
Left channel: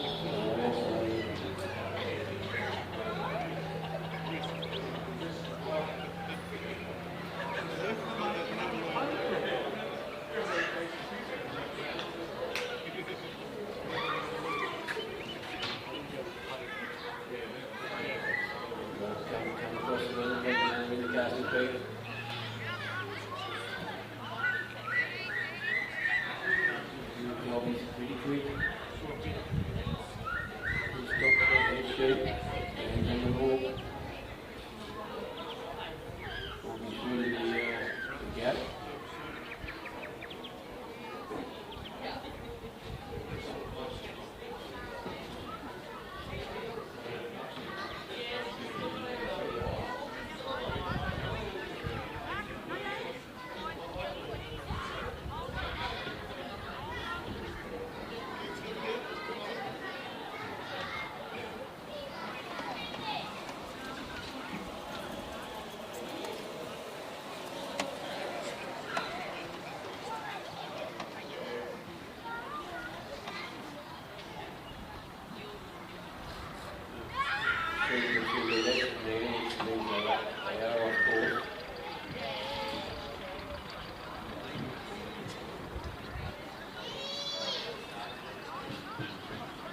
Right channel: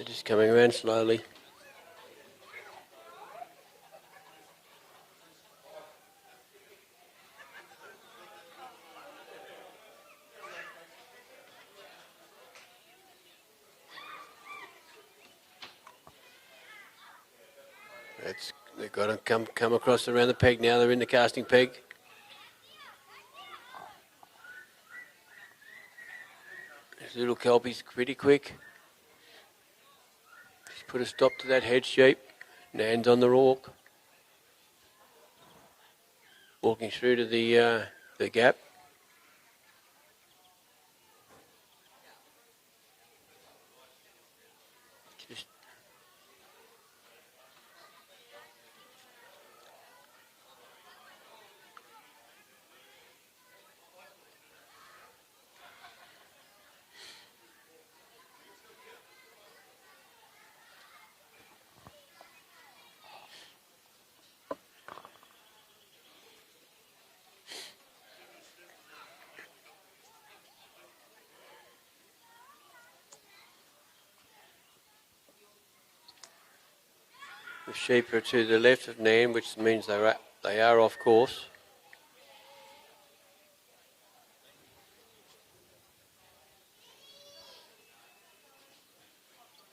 Just coming around slowly. Come across around the peg now, they're in the casting peg. Little kelpie's pretty quick. Put a stop to that head sheep. Lands on the raw. Walking through to the gap. Sheep are to the left of Nan, which means they are off course.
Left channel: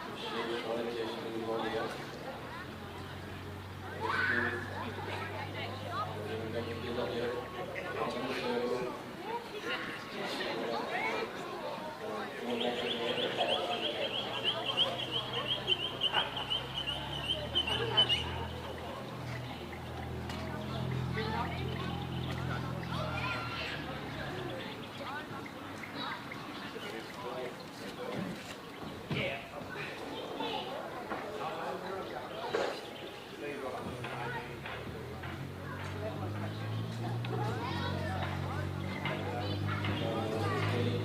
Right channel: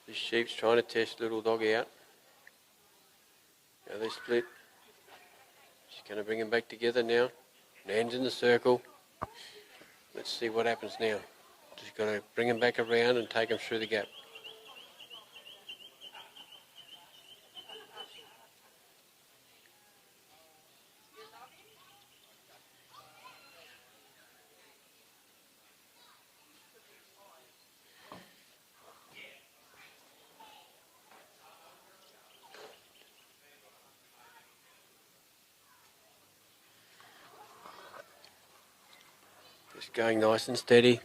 The sheep's trying to test little dog out. And this flip is going to bring them back together now. Nan's in the circle. Let's see what happens now. She's going to bring them back around and take them through the gap. Going nice and steady.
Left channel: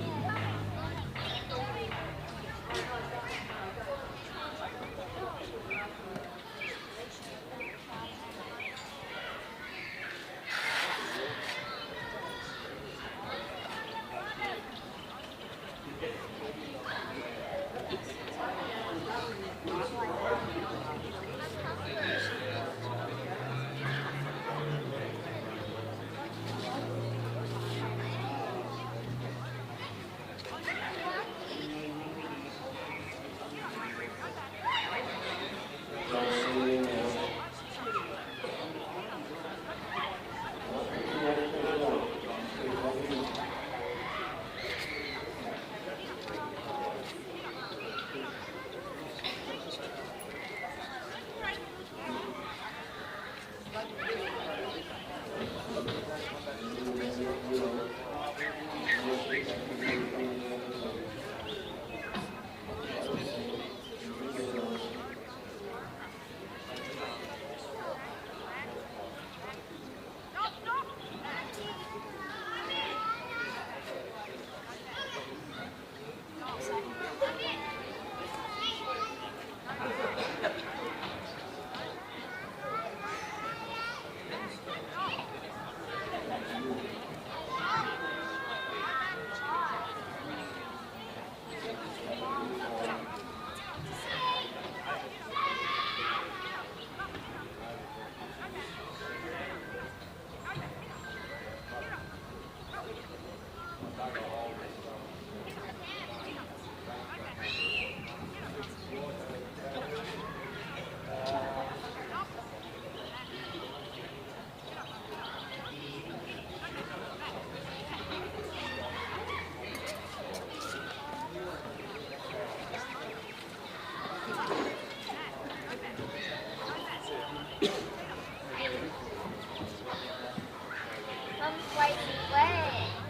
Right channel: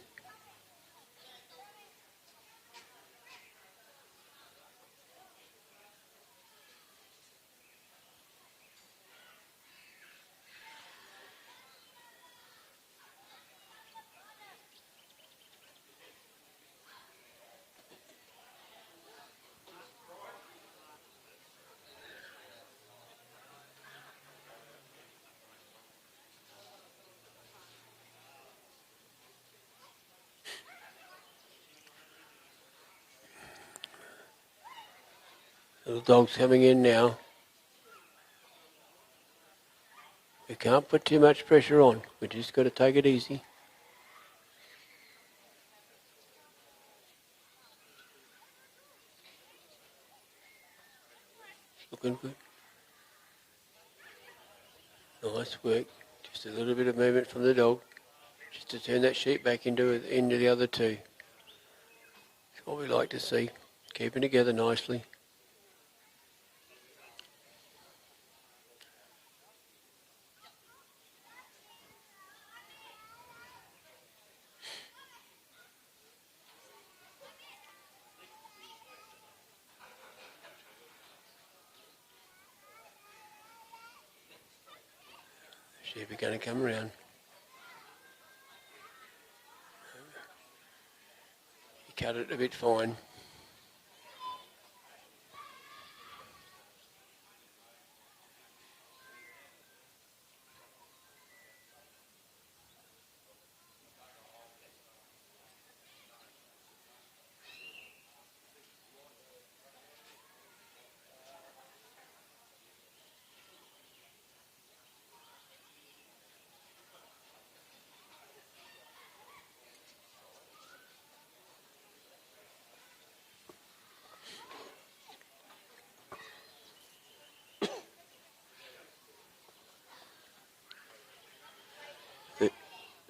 The dog's coming in now. You can't put too much pressure on. We're just got to take it easy. Nice work. Just a little bit of movement from the dog. Just to turn that sheep back into the other two. What we'd like to see. Keeping together nicely.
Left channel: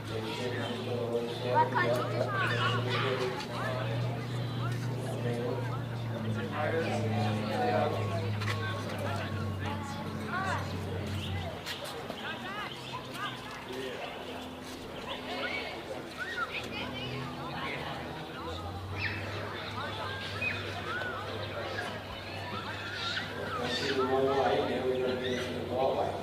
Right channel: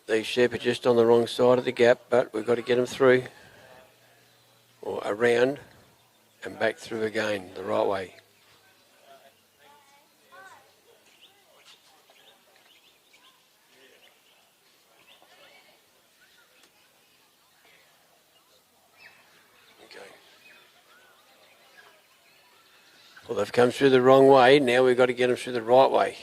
These sheep are just on the wrong side of the gap, but we've got to get them through, or around, and back through again, the right way. Well, they've come through the wrong way, now we've got to get them through the right way.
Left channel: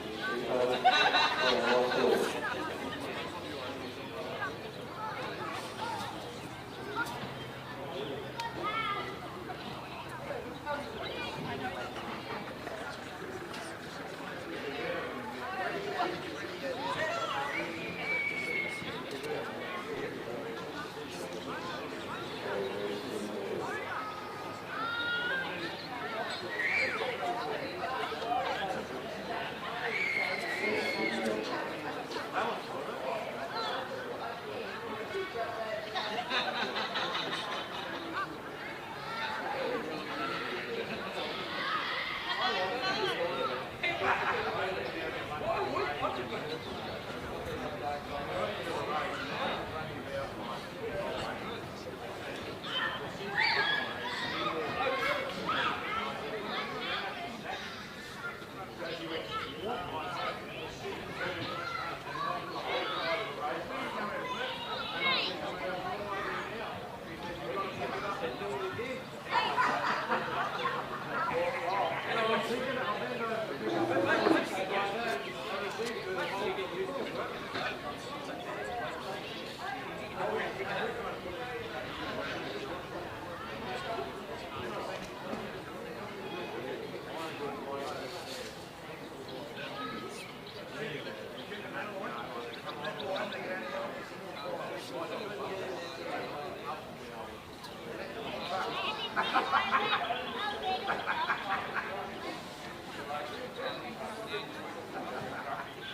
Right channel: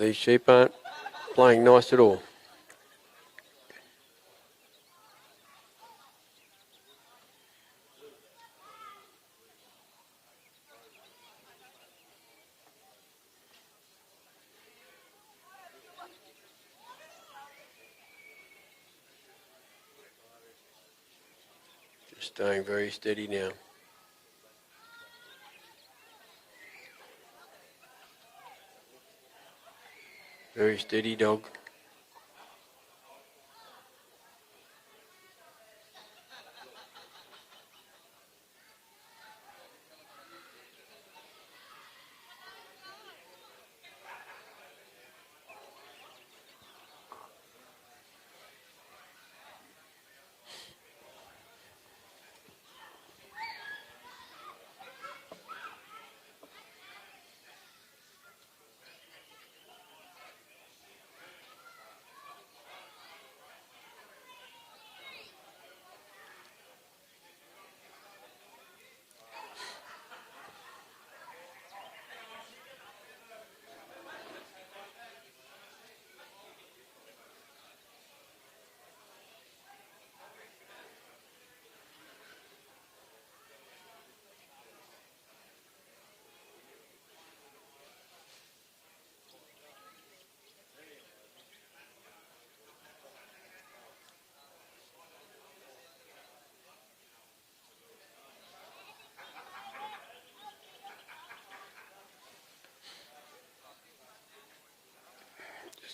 These sheep aren't playing nice at all. Staying very steady now. Very steady dog.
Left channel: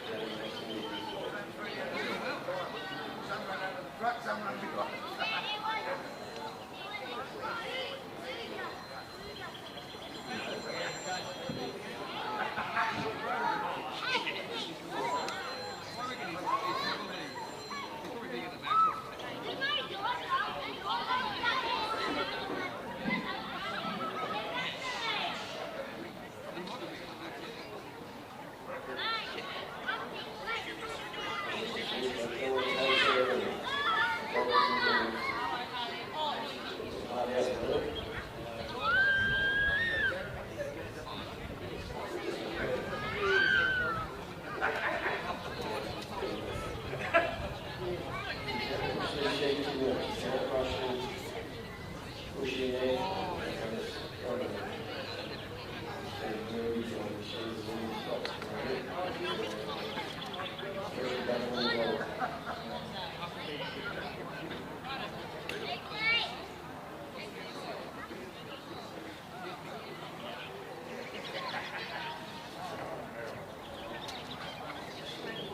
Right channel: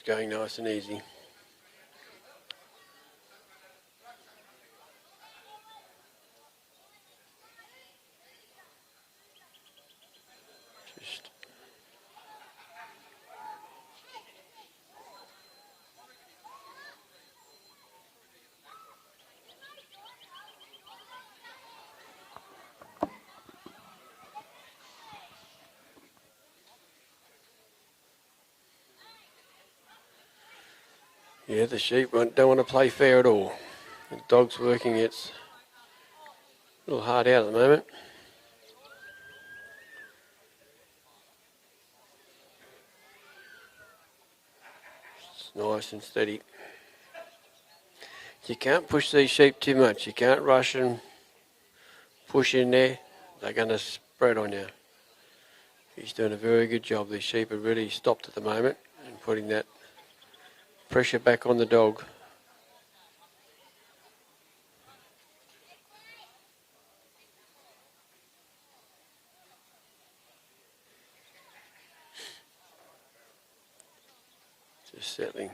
Going nice and easy. Yeah, the sheep don't want to play fair at all. The dog's working, it's a little hard out at the moment. nice and steady. You can't push these sheep too much. You can't rush and push in there. They're going to spread on you. He's doing a very good job. These sheep are really stopped at the moment and putting that pressure back on the dog. Settling.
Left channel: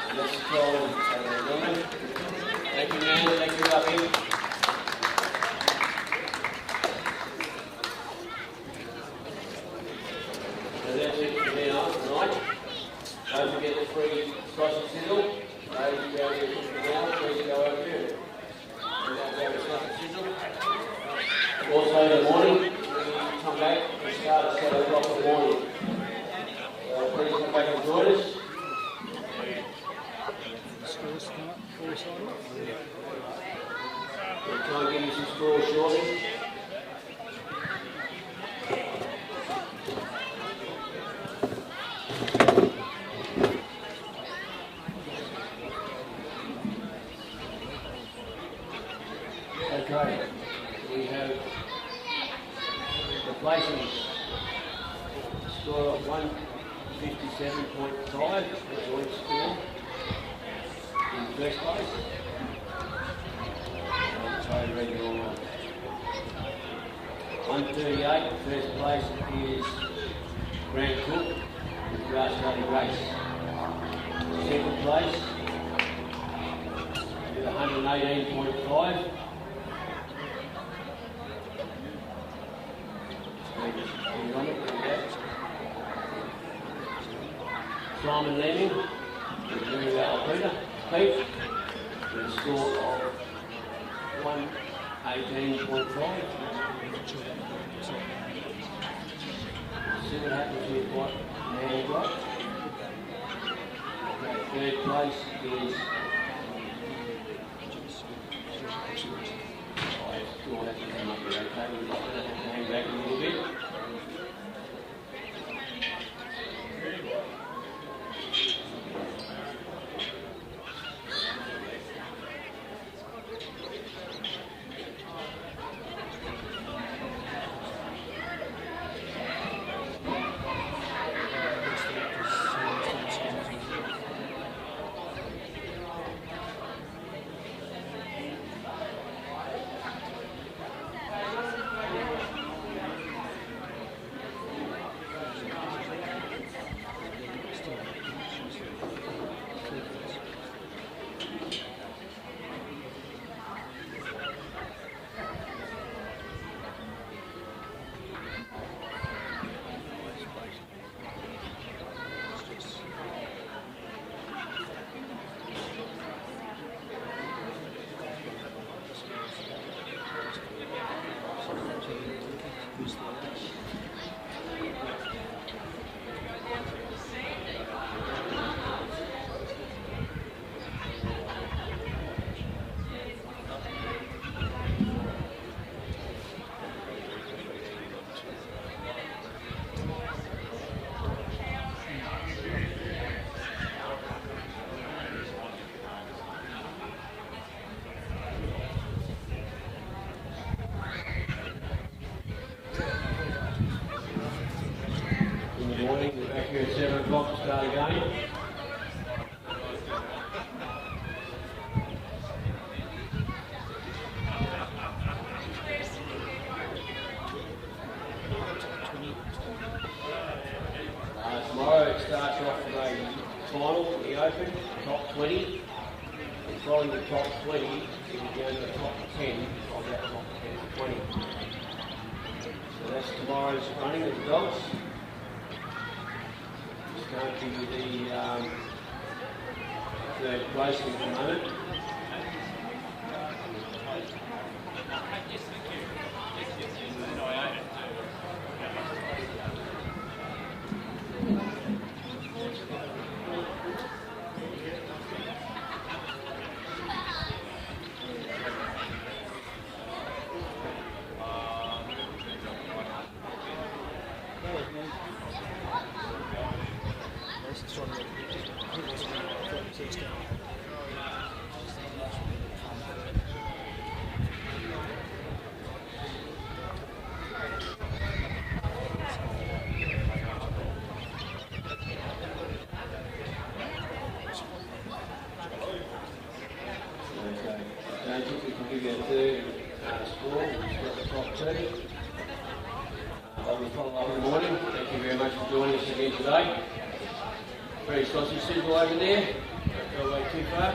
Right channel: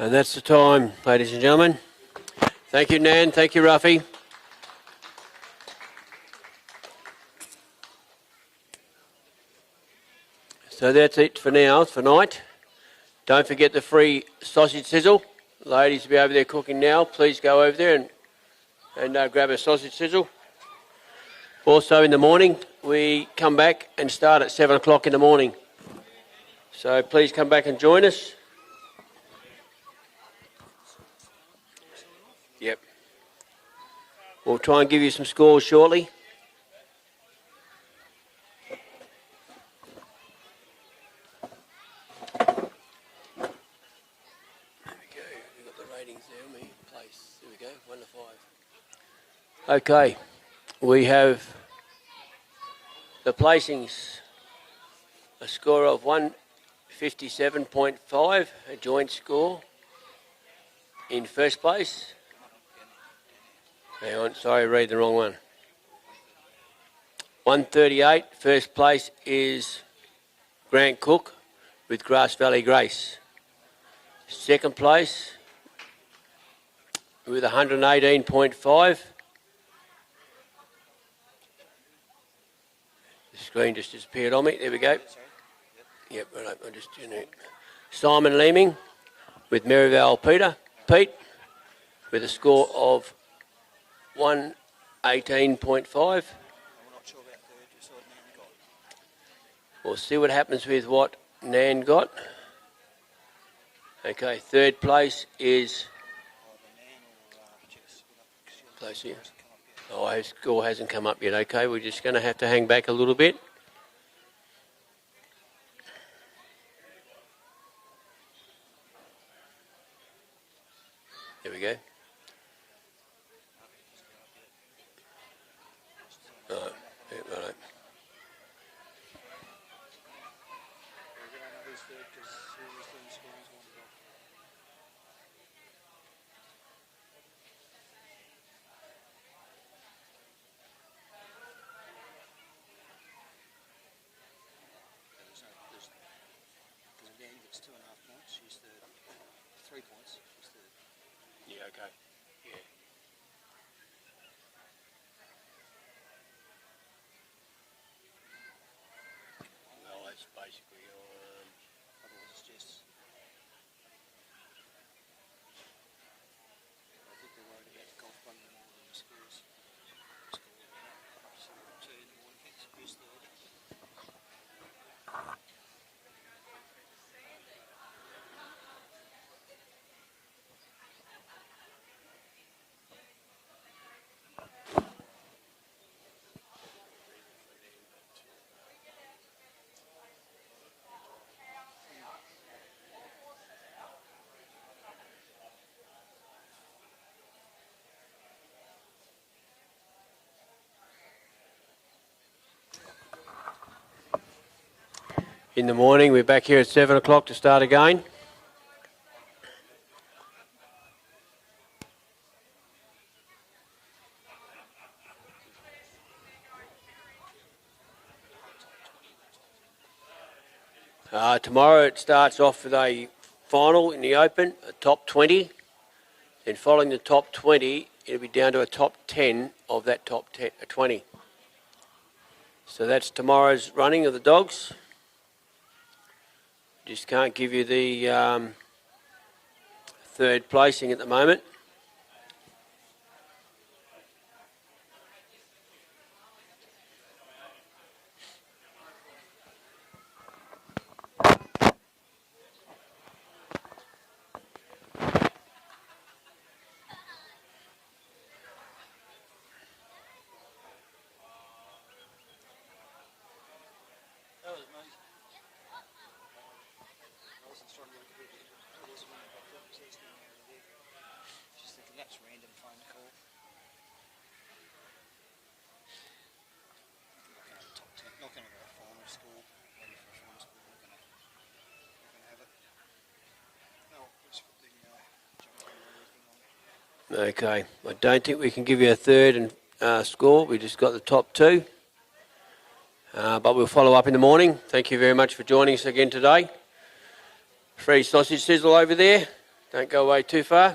And that's the time, ladies and gentlemen. Thank you, Nan. Thank you, Ruffy. So that's it for now, tonight. Don't forget the free sausage sizzle. Ladies will be over there cooking now. Please go over there and grab a sausage sizzle. Also in the morning, we come back and start at 7 o'clock in the morning. So please come back and join us. Yep. We'll try and give you some scores shortly. Okay, we have the placings, a score of 157.5, a joint score in first place. Hang on, sorry, read the wrong one. 138, first place is Grant Cook with Grass Valley Grace. Second place with 118.5. Screen just disappeared on me. There we go. Yep, right, Simon Leeming with Marionvale Pete with a score of 118.5. We'll see what happens with what Nan got. Okay, third place is... Oh, his score hasn't come up yet. Okay, we're just going to have to hang back a little bit. There we go. In the morning, we're back here at 7 o'clock to start again. Tomorrow it starts off with a final in the Open, the top 20. Then following the top 20, it'll be down to a top 10 of that top 10 for 20. So that's tomorrow's running of the dogs. Just can't give you the third placing at the moment. Okay, I don't think we can give you a third and score. We just got the top two. But we'll follow up in the morning. Thank you very much for joining us again today. Free sausage sizzle over there. Don't go away too far.